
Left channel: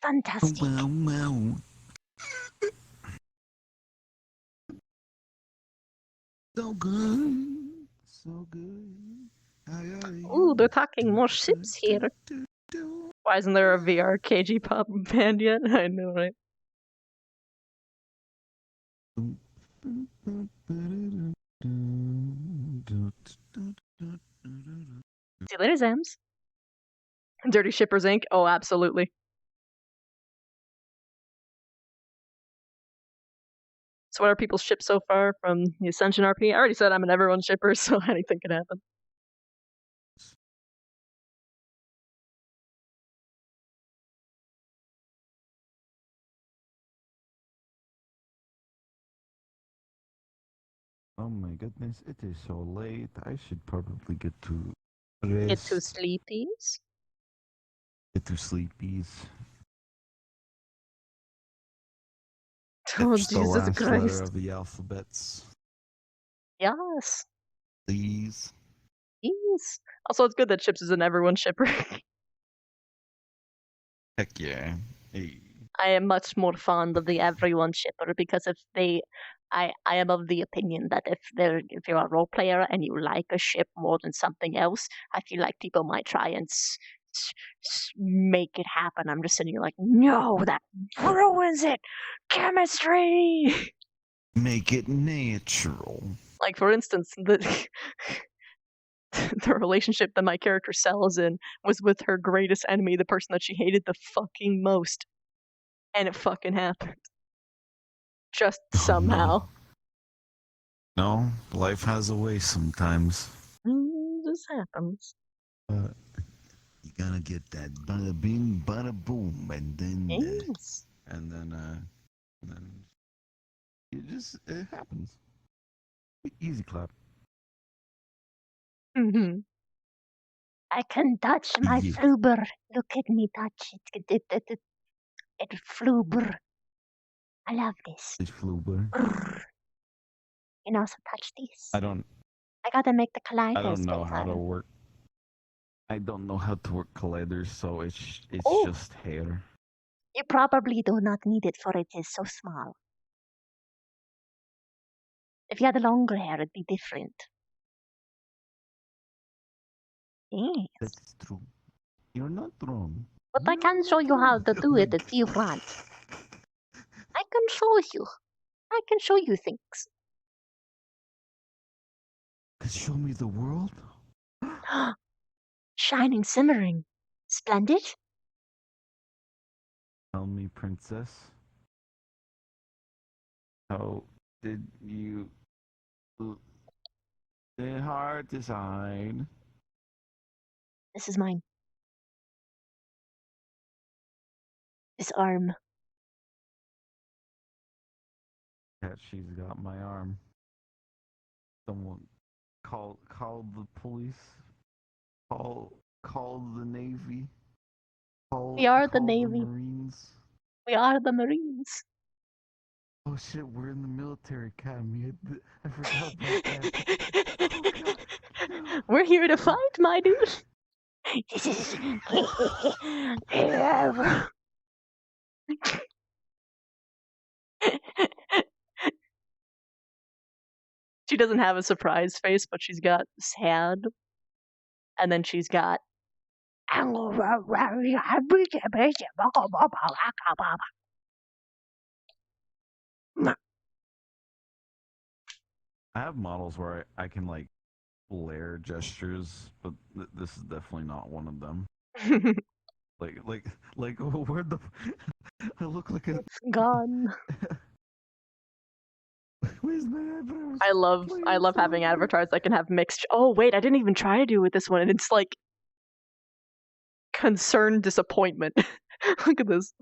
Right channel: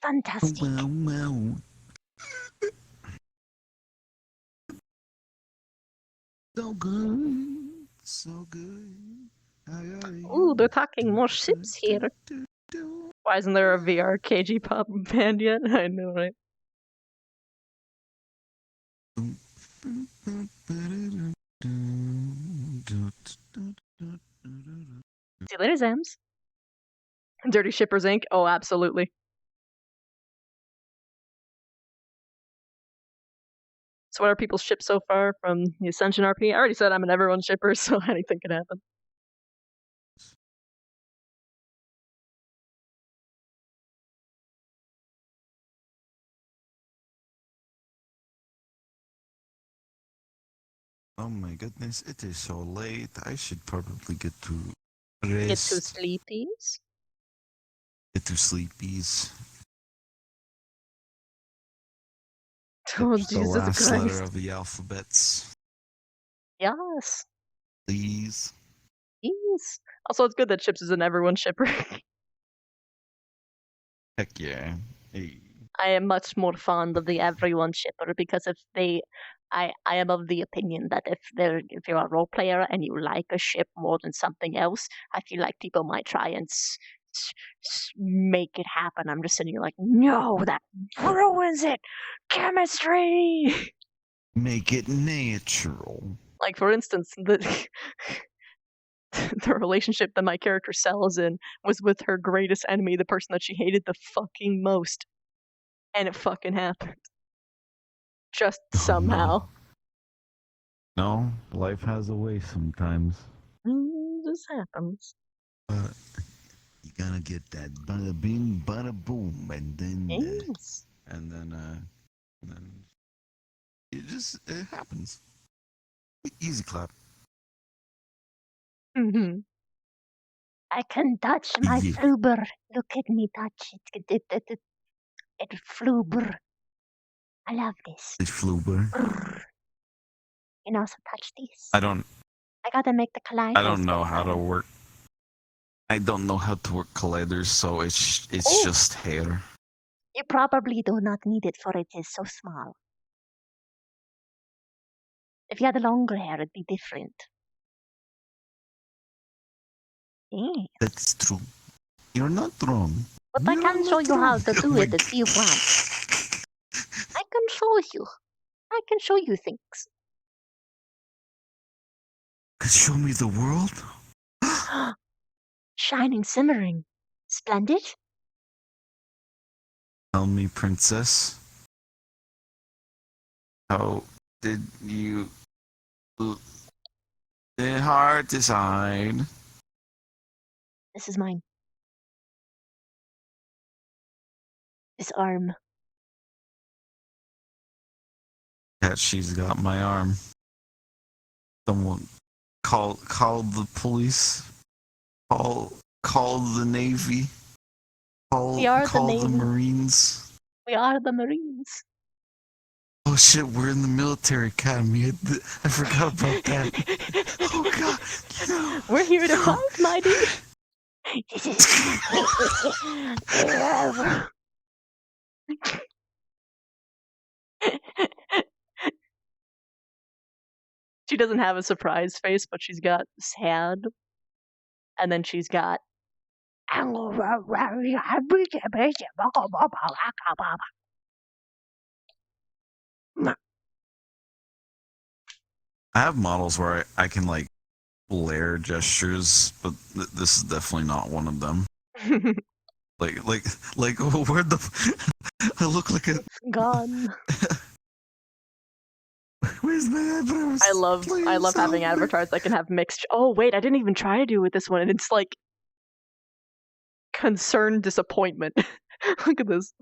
Fantastic. Wow. So good. So good. Ooh, they're talking more ships here. Why isn't there a VR KG pop band yet? I know, right? See you later, Zams. Dirty Shippers Inc. Oh, absolutely. So what are people's ships so far from the Ascension RP? I already said I'm an everyone shipper, so anything can happen. Oh my goodness, it is so late. I should probably get to Get rest. to sleepies. Get to sleepies. Oh, It's the Jesus last letter Christ. of the alphabets. Yes. Please. Yes. Also, it's good that Chips is an everyone shipper. Heck yeah. Hey. I am much more fond of the everyone shipper because if they, I am of the opinion that if you're a role player and you like a ship more than something else, I feel like people might try and make it happen. I'm just sitting here like, no, that ruins it. Chemistry. Make it natural. Like for instance, the the relationship that my character Sel's in was with her greatest enemy, the person that she hated the fucking most. And it fucking happened. Just somehow. No, life has a way sometimes. Just happens. But you gotta get that bada bing, bada boom, and then Yes. and then it happens. Easy clap. Mm-hmm. I can touch my Yeah. fluber. Look at me touch it. It fluber. I love this. It's fluber. You can also touch this. I don't gotta make the colliders. I don't know get how to better. work. I don't know how to work colliders, so it's Oh. just hair. You probably do not need it, for it is so small. If you had longer hair, it'd be different. Yes. That's true. You're not wrong. But I can show you how to do it if you want. I can show you. I can show you things. Could show me the world? Shining, simmering. Splendid. Tell me, princess. How did you the hard decide? This is mine. This arm. That she's got my arm. Someone call the police. Call the Navy. We are the call Navy. the Marines. We are the Marines. Oh shit, we're in the military academy. I forgot about that. Oh god. No. We're here to fight, my dude. This is. She doesn't have a surprise face, but she's got sad. And then she's got. I have models where I can like blare gestures, but this is definitely not one of them. like where the I look like a gone. Where's my eyebrows? I love having avatars that can have mixed. Oh wait, I didn't even try to do with this one, and it's like concerned disappointment. Look at this.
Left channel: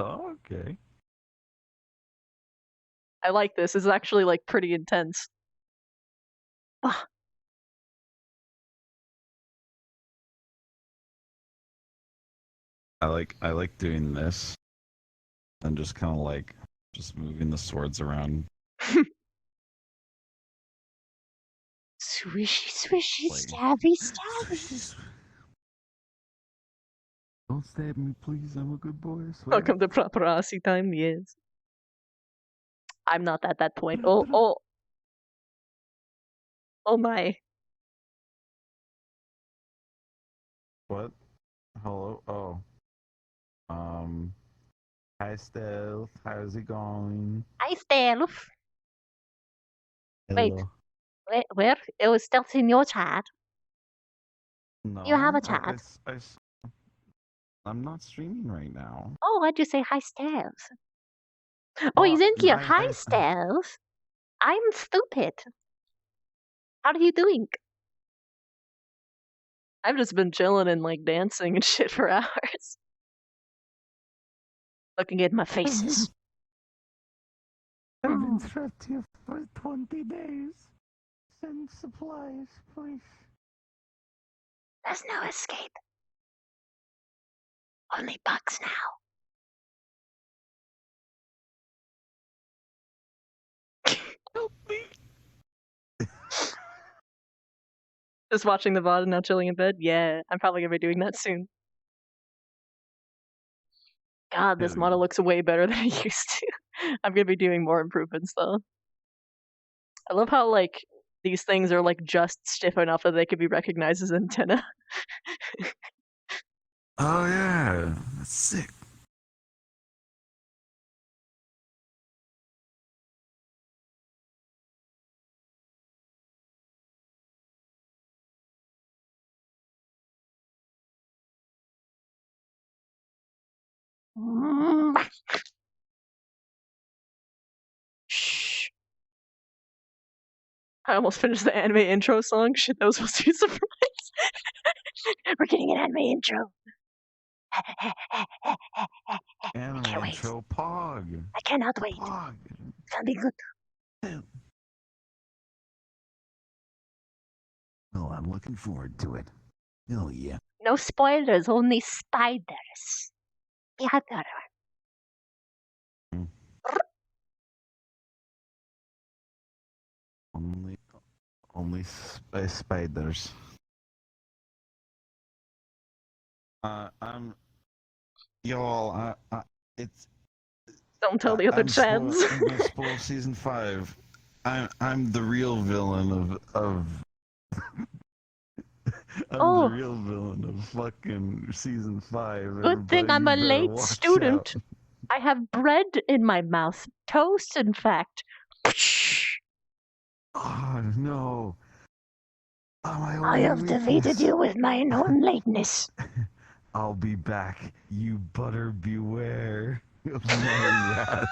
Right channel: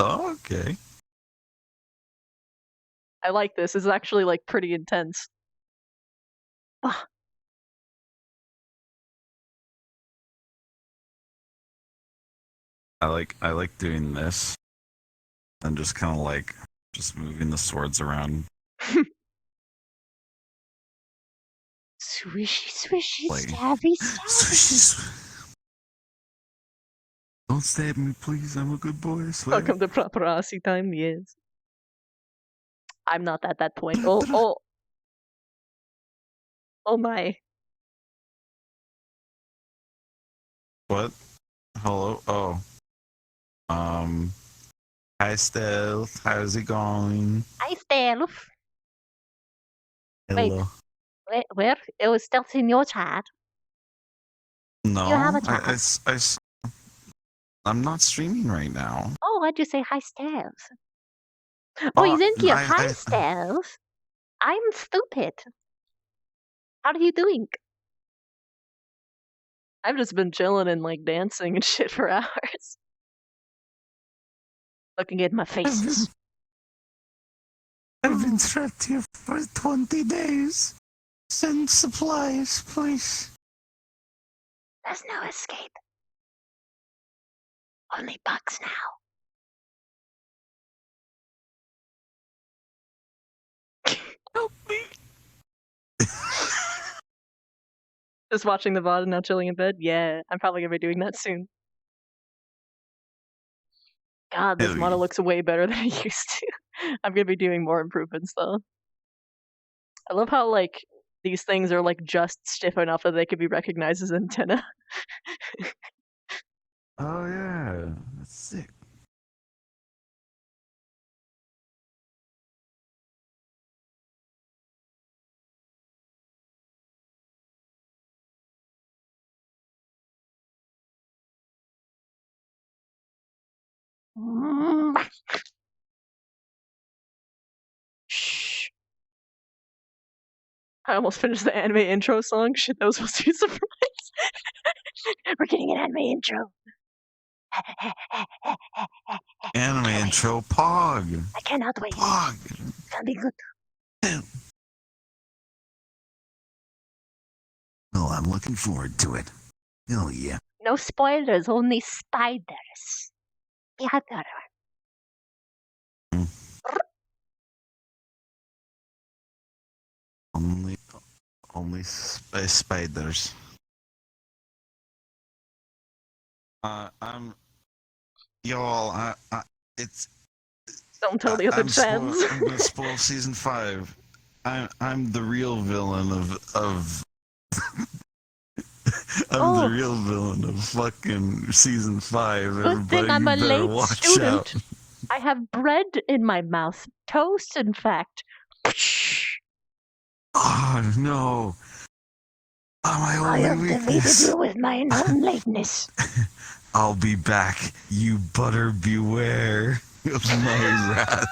Oh, okay. I like this. It's actually like pretty intense. Ah. I like doing this and just kind of like just moving the swords around. Swishy, swishy, Like, stabby, stabby. Don't stab me, please. I'm a good boy. I swear. Welcome to paparazzi time, yes. I'm not at that point. Oh my. What? Hello? Oh. Hi, Stealth. How's it going? Hi, Stealth. Wait, Hello. where? It was Stealth in your chat. No, You have a chat. I'm not streaming right now. Oh, why'd you say hi, Stealth? Oh, he's in here. Hi, Stealth. I'm stupid. How are you doing? I've just been chilling and like dancing and shit for hours. Looking at my faces. I've been trapped here for 20 days. Send supplies, please. There's no escape. Only bugs now. Help me. Just watching the VOD and now chilling in bed? Yeah, I'm probably gonna be doing that soon. God, this model looks way better than it used to. I'm gonna be doing more improvements though. I love how like these things are like just stiff enough that they could be recognized as antenna. Oh yeah, that's sick. Shh. I almost finished the anime intro song. Shit, that was supposed to be a surprise. We're getting an anime intro. Anime intro, Pog. I cannot wait. Pog. It's gonna be good. Oh, I'm looking forward to it. Hell yeah. No spoilers, only spiders. Yeah, Only spiders. Y'all, it's. Don't tell the other I'm chads. gonna spoil season 5. I'm the real villain of I'm the real villain of fucking season 5. Good thing Everybody, I'm a you better late watch student. out. I have bread in my mouth. Toast, in fact. Oh no. Oh, I have defeated you with my own lateness. I'll be back. You butter beware of my wrath.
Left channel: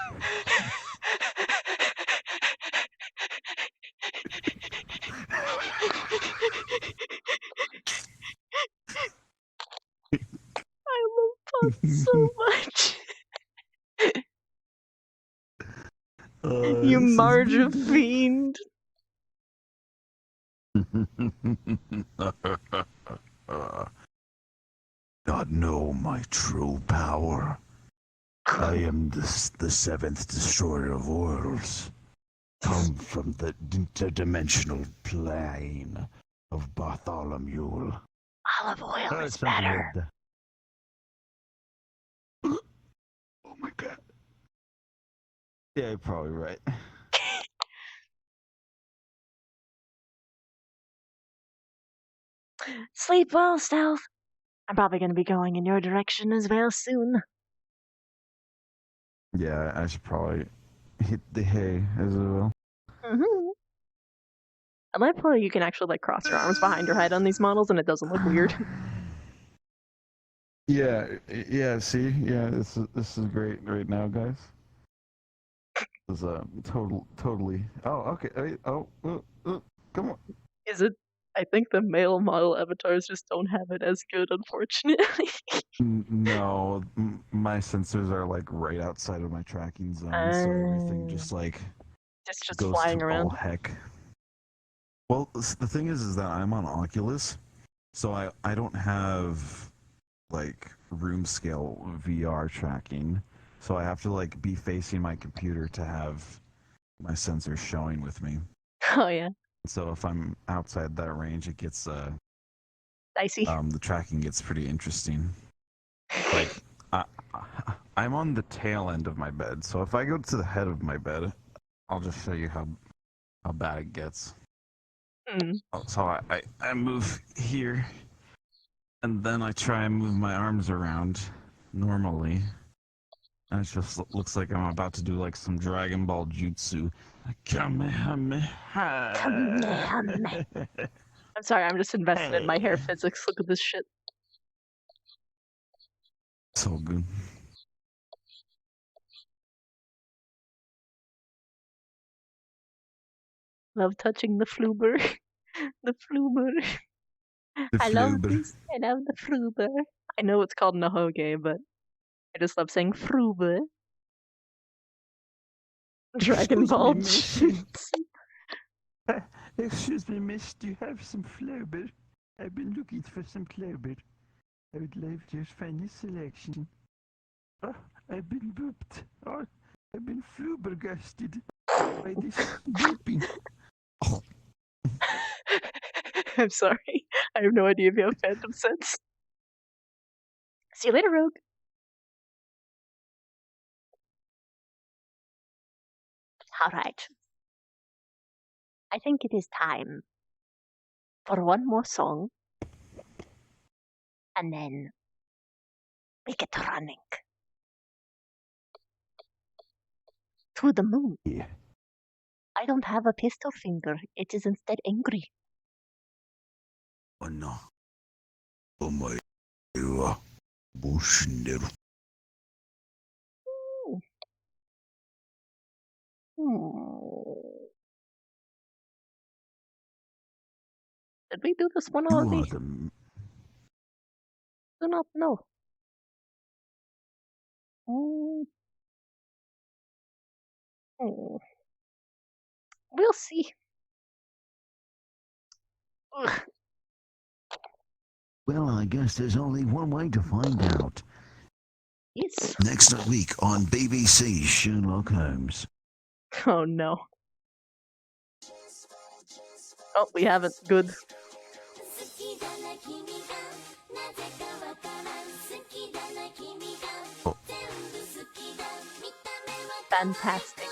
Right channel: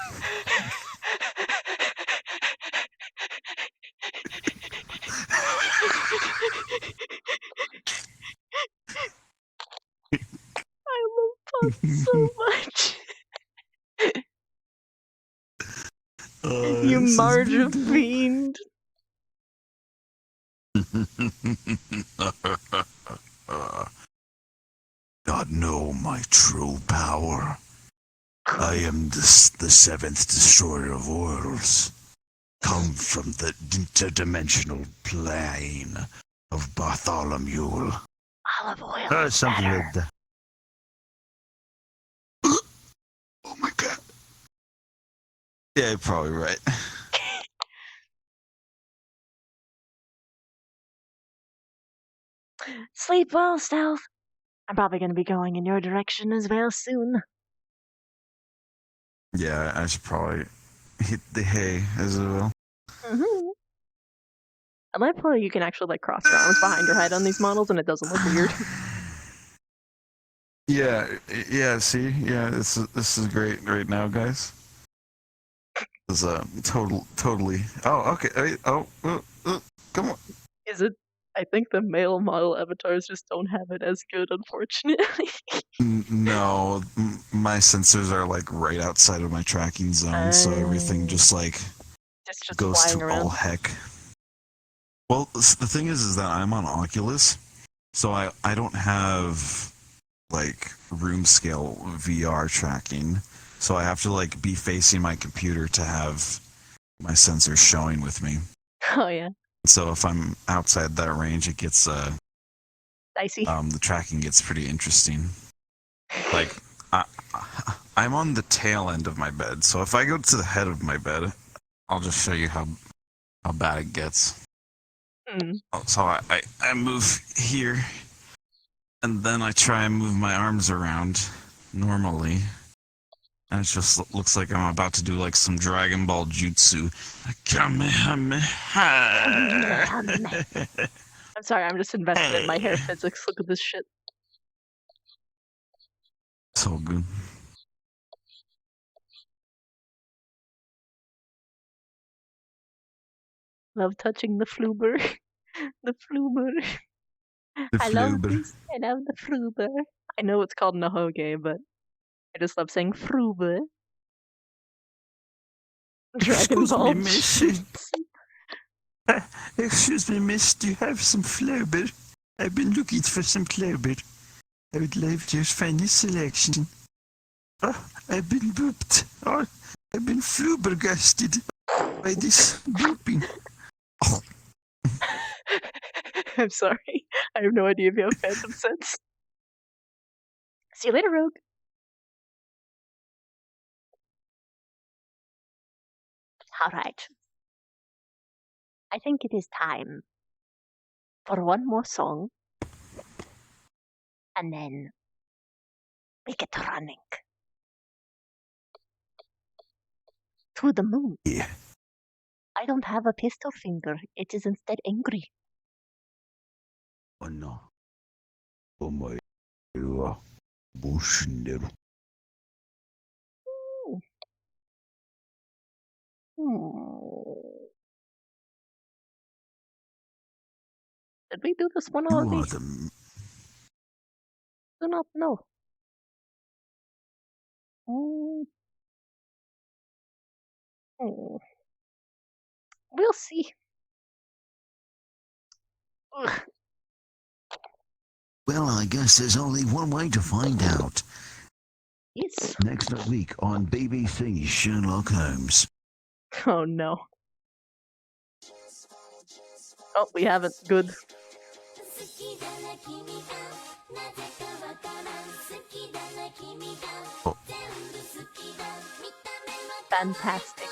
I love Pug so much. You Marja fiend. Not know my true power. I am the seventh destroyer of worlds. Come from the interdimensional plane of Bartholomew. Olive oil is Something better. like that. Oh my god. Yeah, you're probably right. Sleep well, Stealth. I'm probably going to be going in your direction as well soon. Yeah, I should probably hit the hay as well. Mm-hmm. I like how you can actually like cross your arms behind your head on these models and it doesn't look weird. Yeah, see? Yeah, this is great right now, guys. This is totally. Oh, okay. Come on. Is it? I think the male model avatars just don't have it as good, unfortunately. No, my sensors are like right outside of my tracking zone, so everything just like just goes flying to around. all heck. Well, the thing is that I'm on Oculus, so I don't have like room scale VR tracking, so I have to like be facing my computer to have my sensors showing with me. Oh yeah. So if I'm outside that range, it gets dicey. The tracking gets pretty interesting. Like, I'm on the tail end of my bed, so if I go to the head of my bed, I'll just show you how bad it gets. So I move here, and then I try and move my arms around normally. And it just looks like I'm about to do like some Dragon Ball jutsu. Kamehameha. I'm sorry, I'm just invested in my hair physics. Look at this shit. It's all good. Love touching the floober. The floober. I love this. I love the floober. I know it's called Nahoge, but I just love saying floober. Dragon Ball jutsu. Excuse me, miss, do you have some floober? I've been looking for some floober. I would love to find this selection. Oh, I've been booped. Oh, I've been floobergasted by this booping. I'm sorry. I have no idea if you have phantom sense. See you later, Rogue. Alright. I think it is time for one more song. And then we get running. To the moon. Yeah. I don't have a pistol finger. It is instead angry. Oh no. Oh my. Bushner. Did we do this one already? Do not know. We'll see. Ugh. Well, I guess there's only one way to find out. Yes. Next week on BBC Sherlock Holmes. Oh no. Oh, we haven't. Good. Oh. Fantastic.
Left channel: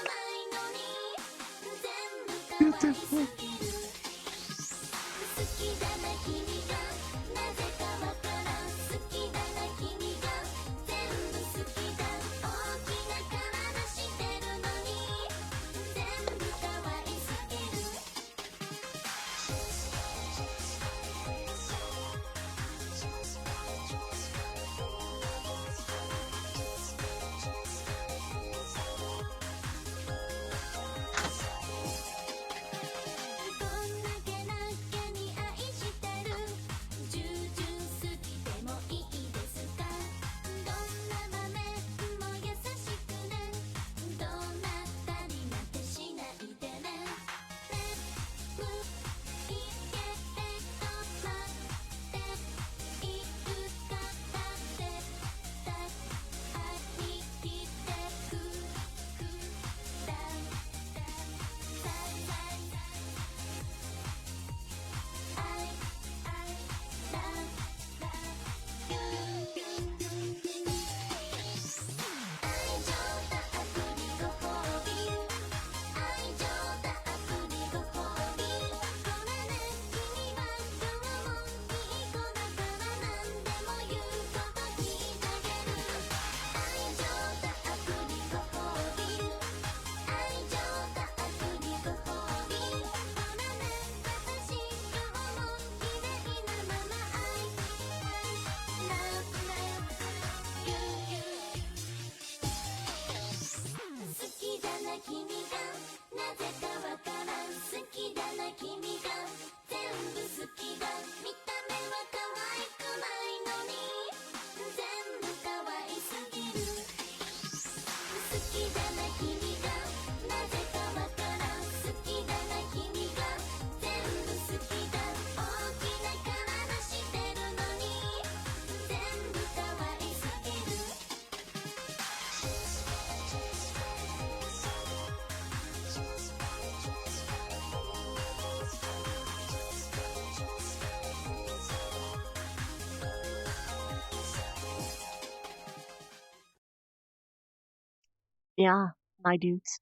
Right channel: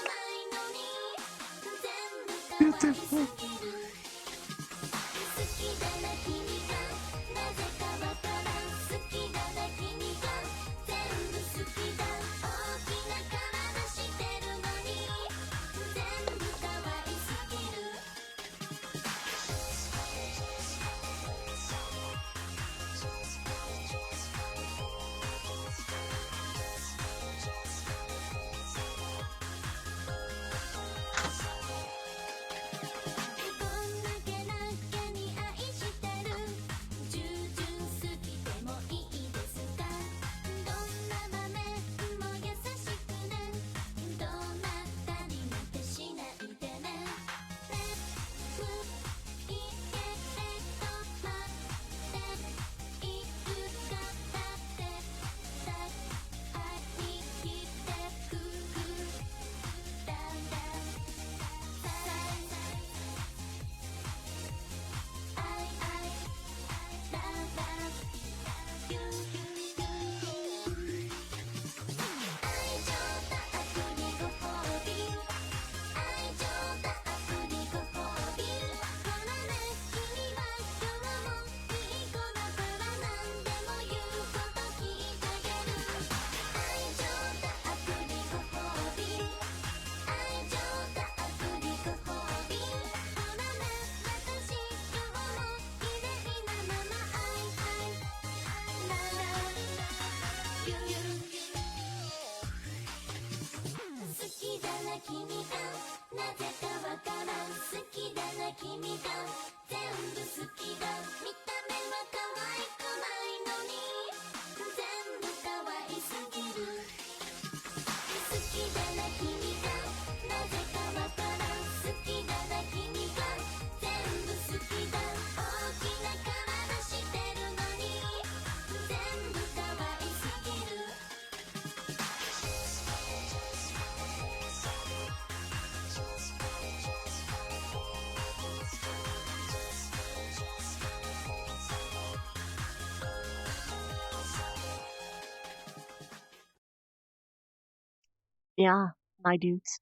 Yeah, my dudes.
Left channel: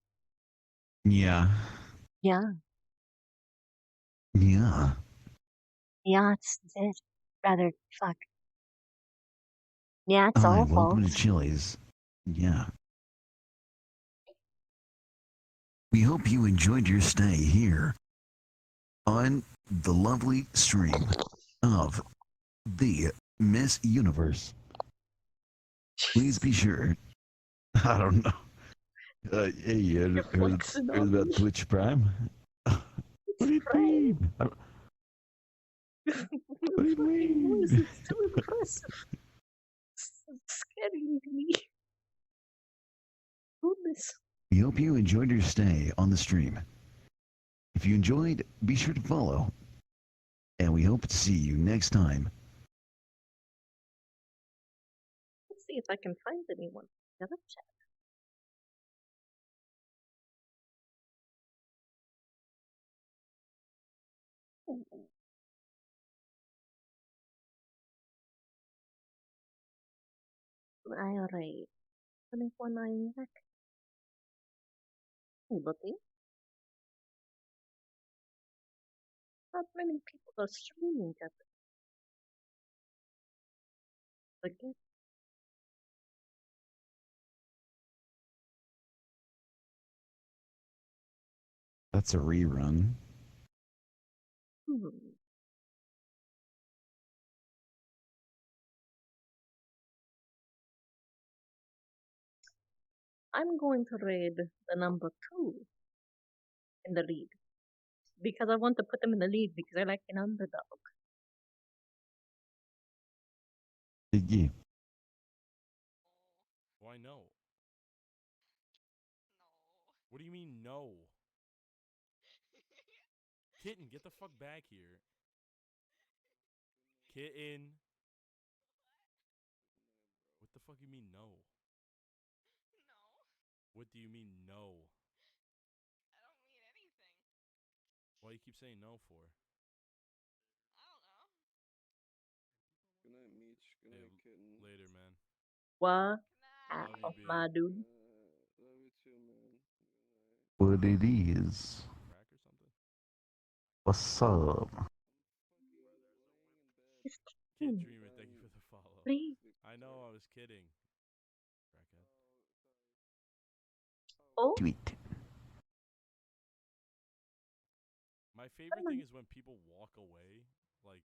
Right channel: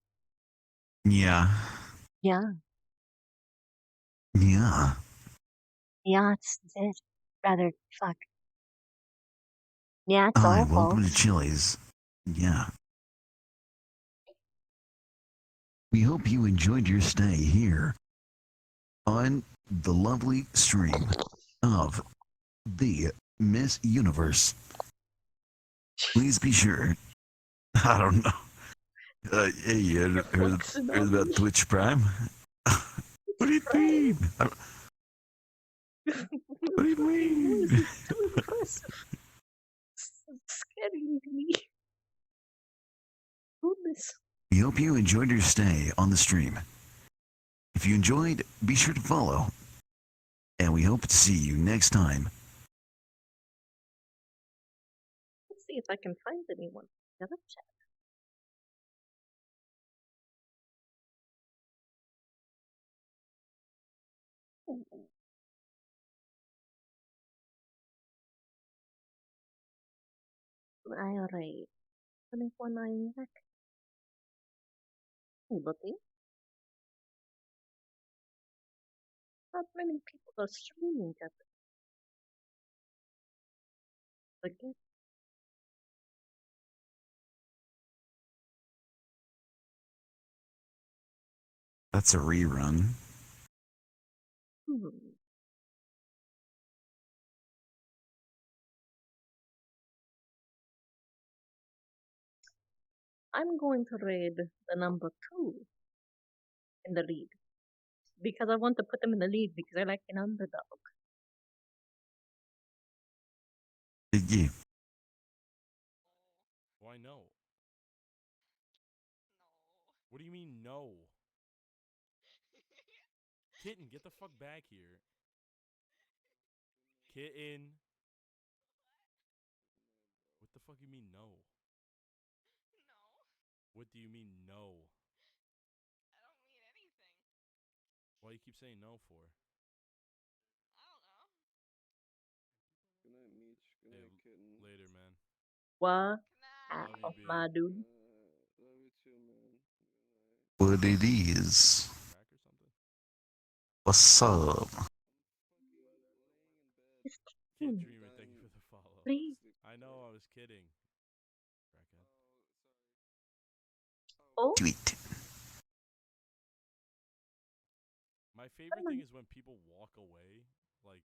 Yeah. Yeah. Yeah. Yeah, it's it. Rather, fuck. Yeah, it's Hi, awful. welcome to Chili's. Yeah. We hope you enjoyed your stay here on the lovely stream of the Miss Universe. Please be sure. I don't know. Hey, you heard about Twitch Prime? What do you mean? What do you mean? This is too impressive. This is scary to me. Goodness. We hope you enjoyed your stay on the stream. If you enjoyed, be sure to follow. And we hope to see you next time. Let's see if I can find anyone. Yeah, let's check. Ooh. Alright. Coming for my neck. Hey, buddy. Not many people are streaming at the game. That's a rerun. Hmm. I'm going to raid the number 2 in the lead. Because I want to put them in the lead because I like an underdog. Yeah. Why no? What do you mean no? Kitten, get the fuck back here. Kitten. What the fuck you mean no? What do you mean no? I don't mean anything. Why you keep saying no for? Good night, Meech. Good night, Kitten. Later, man. What? Love you, B. My dude. Love you too, man. What it is. Crack or something? What's up? Kid Dreamer, thank you for the follow. Please. I know, I was kidding. Crackhead. Oh? Tweet. My favorite thing is when people walk away, like,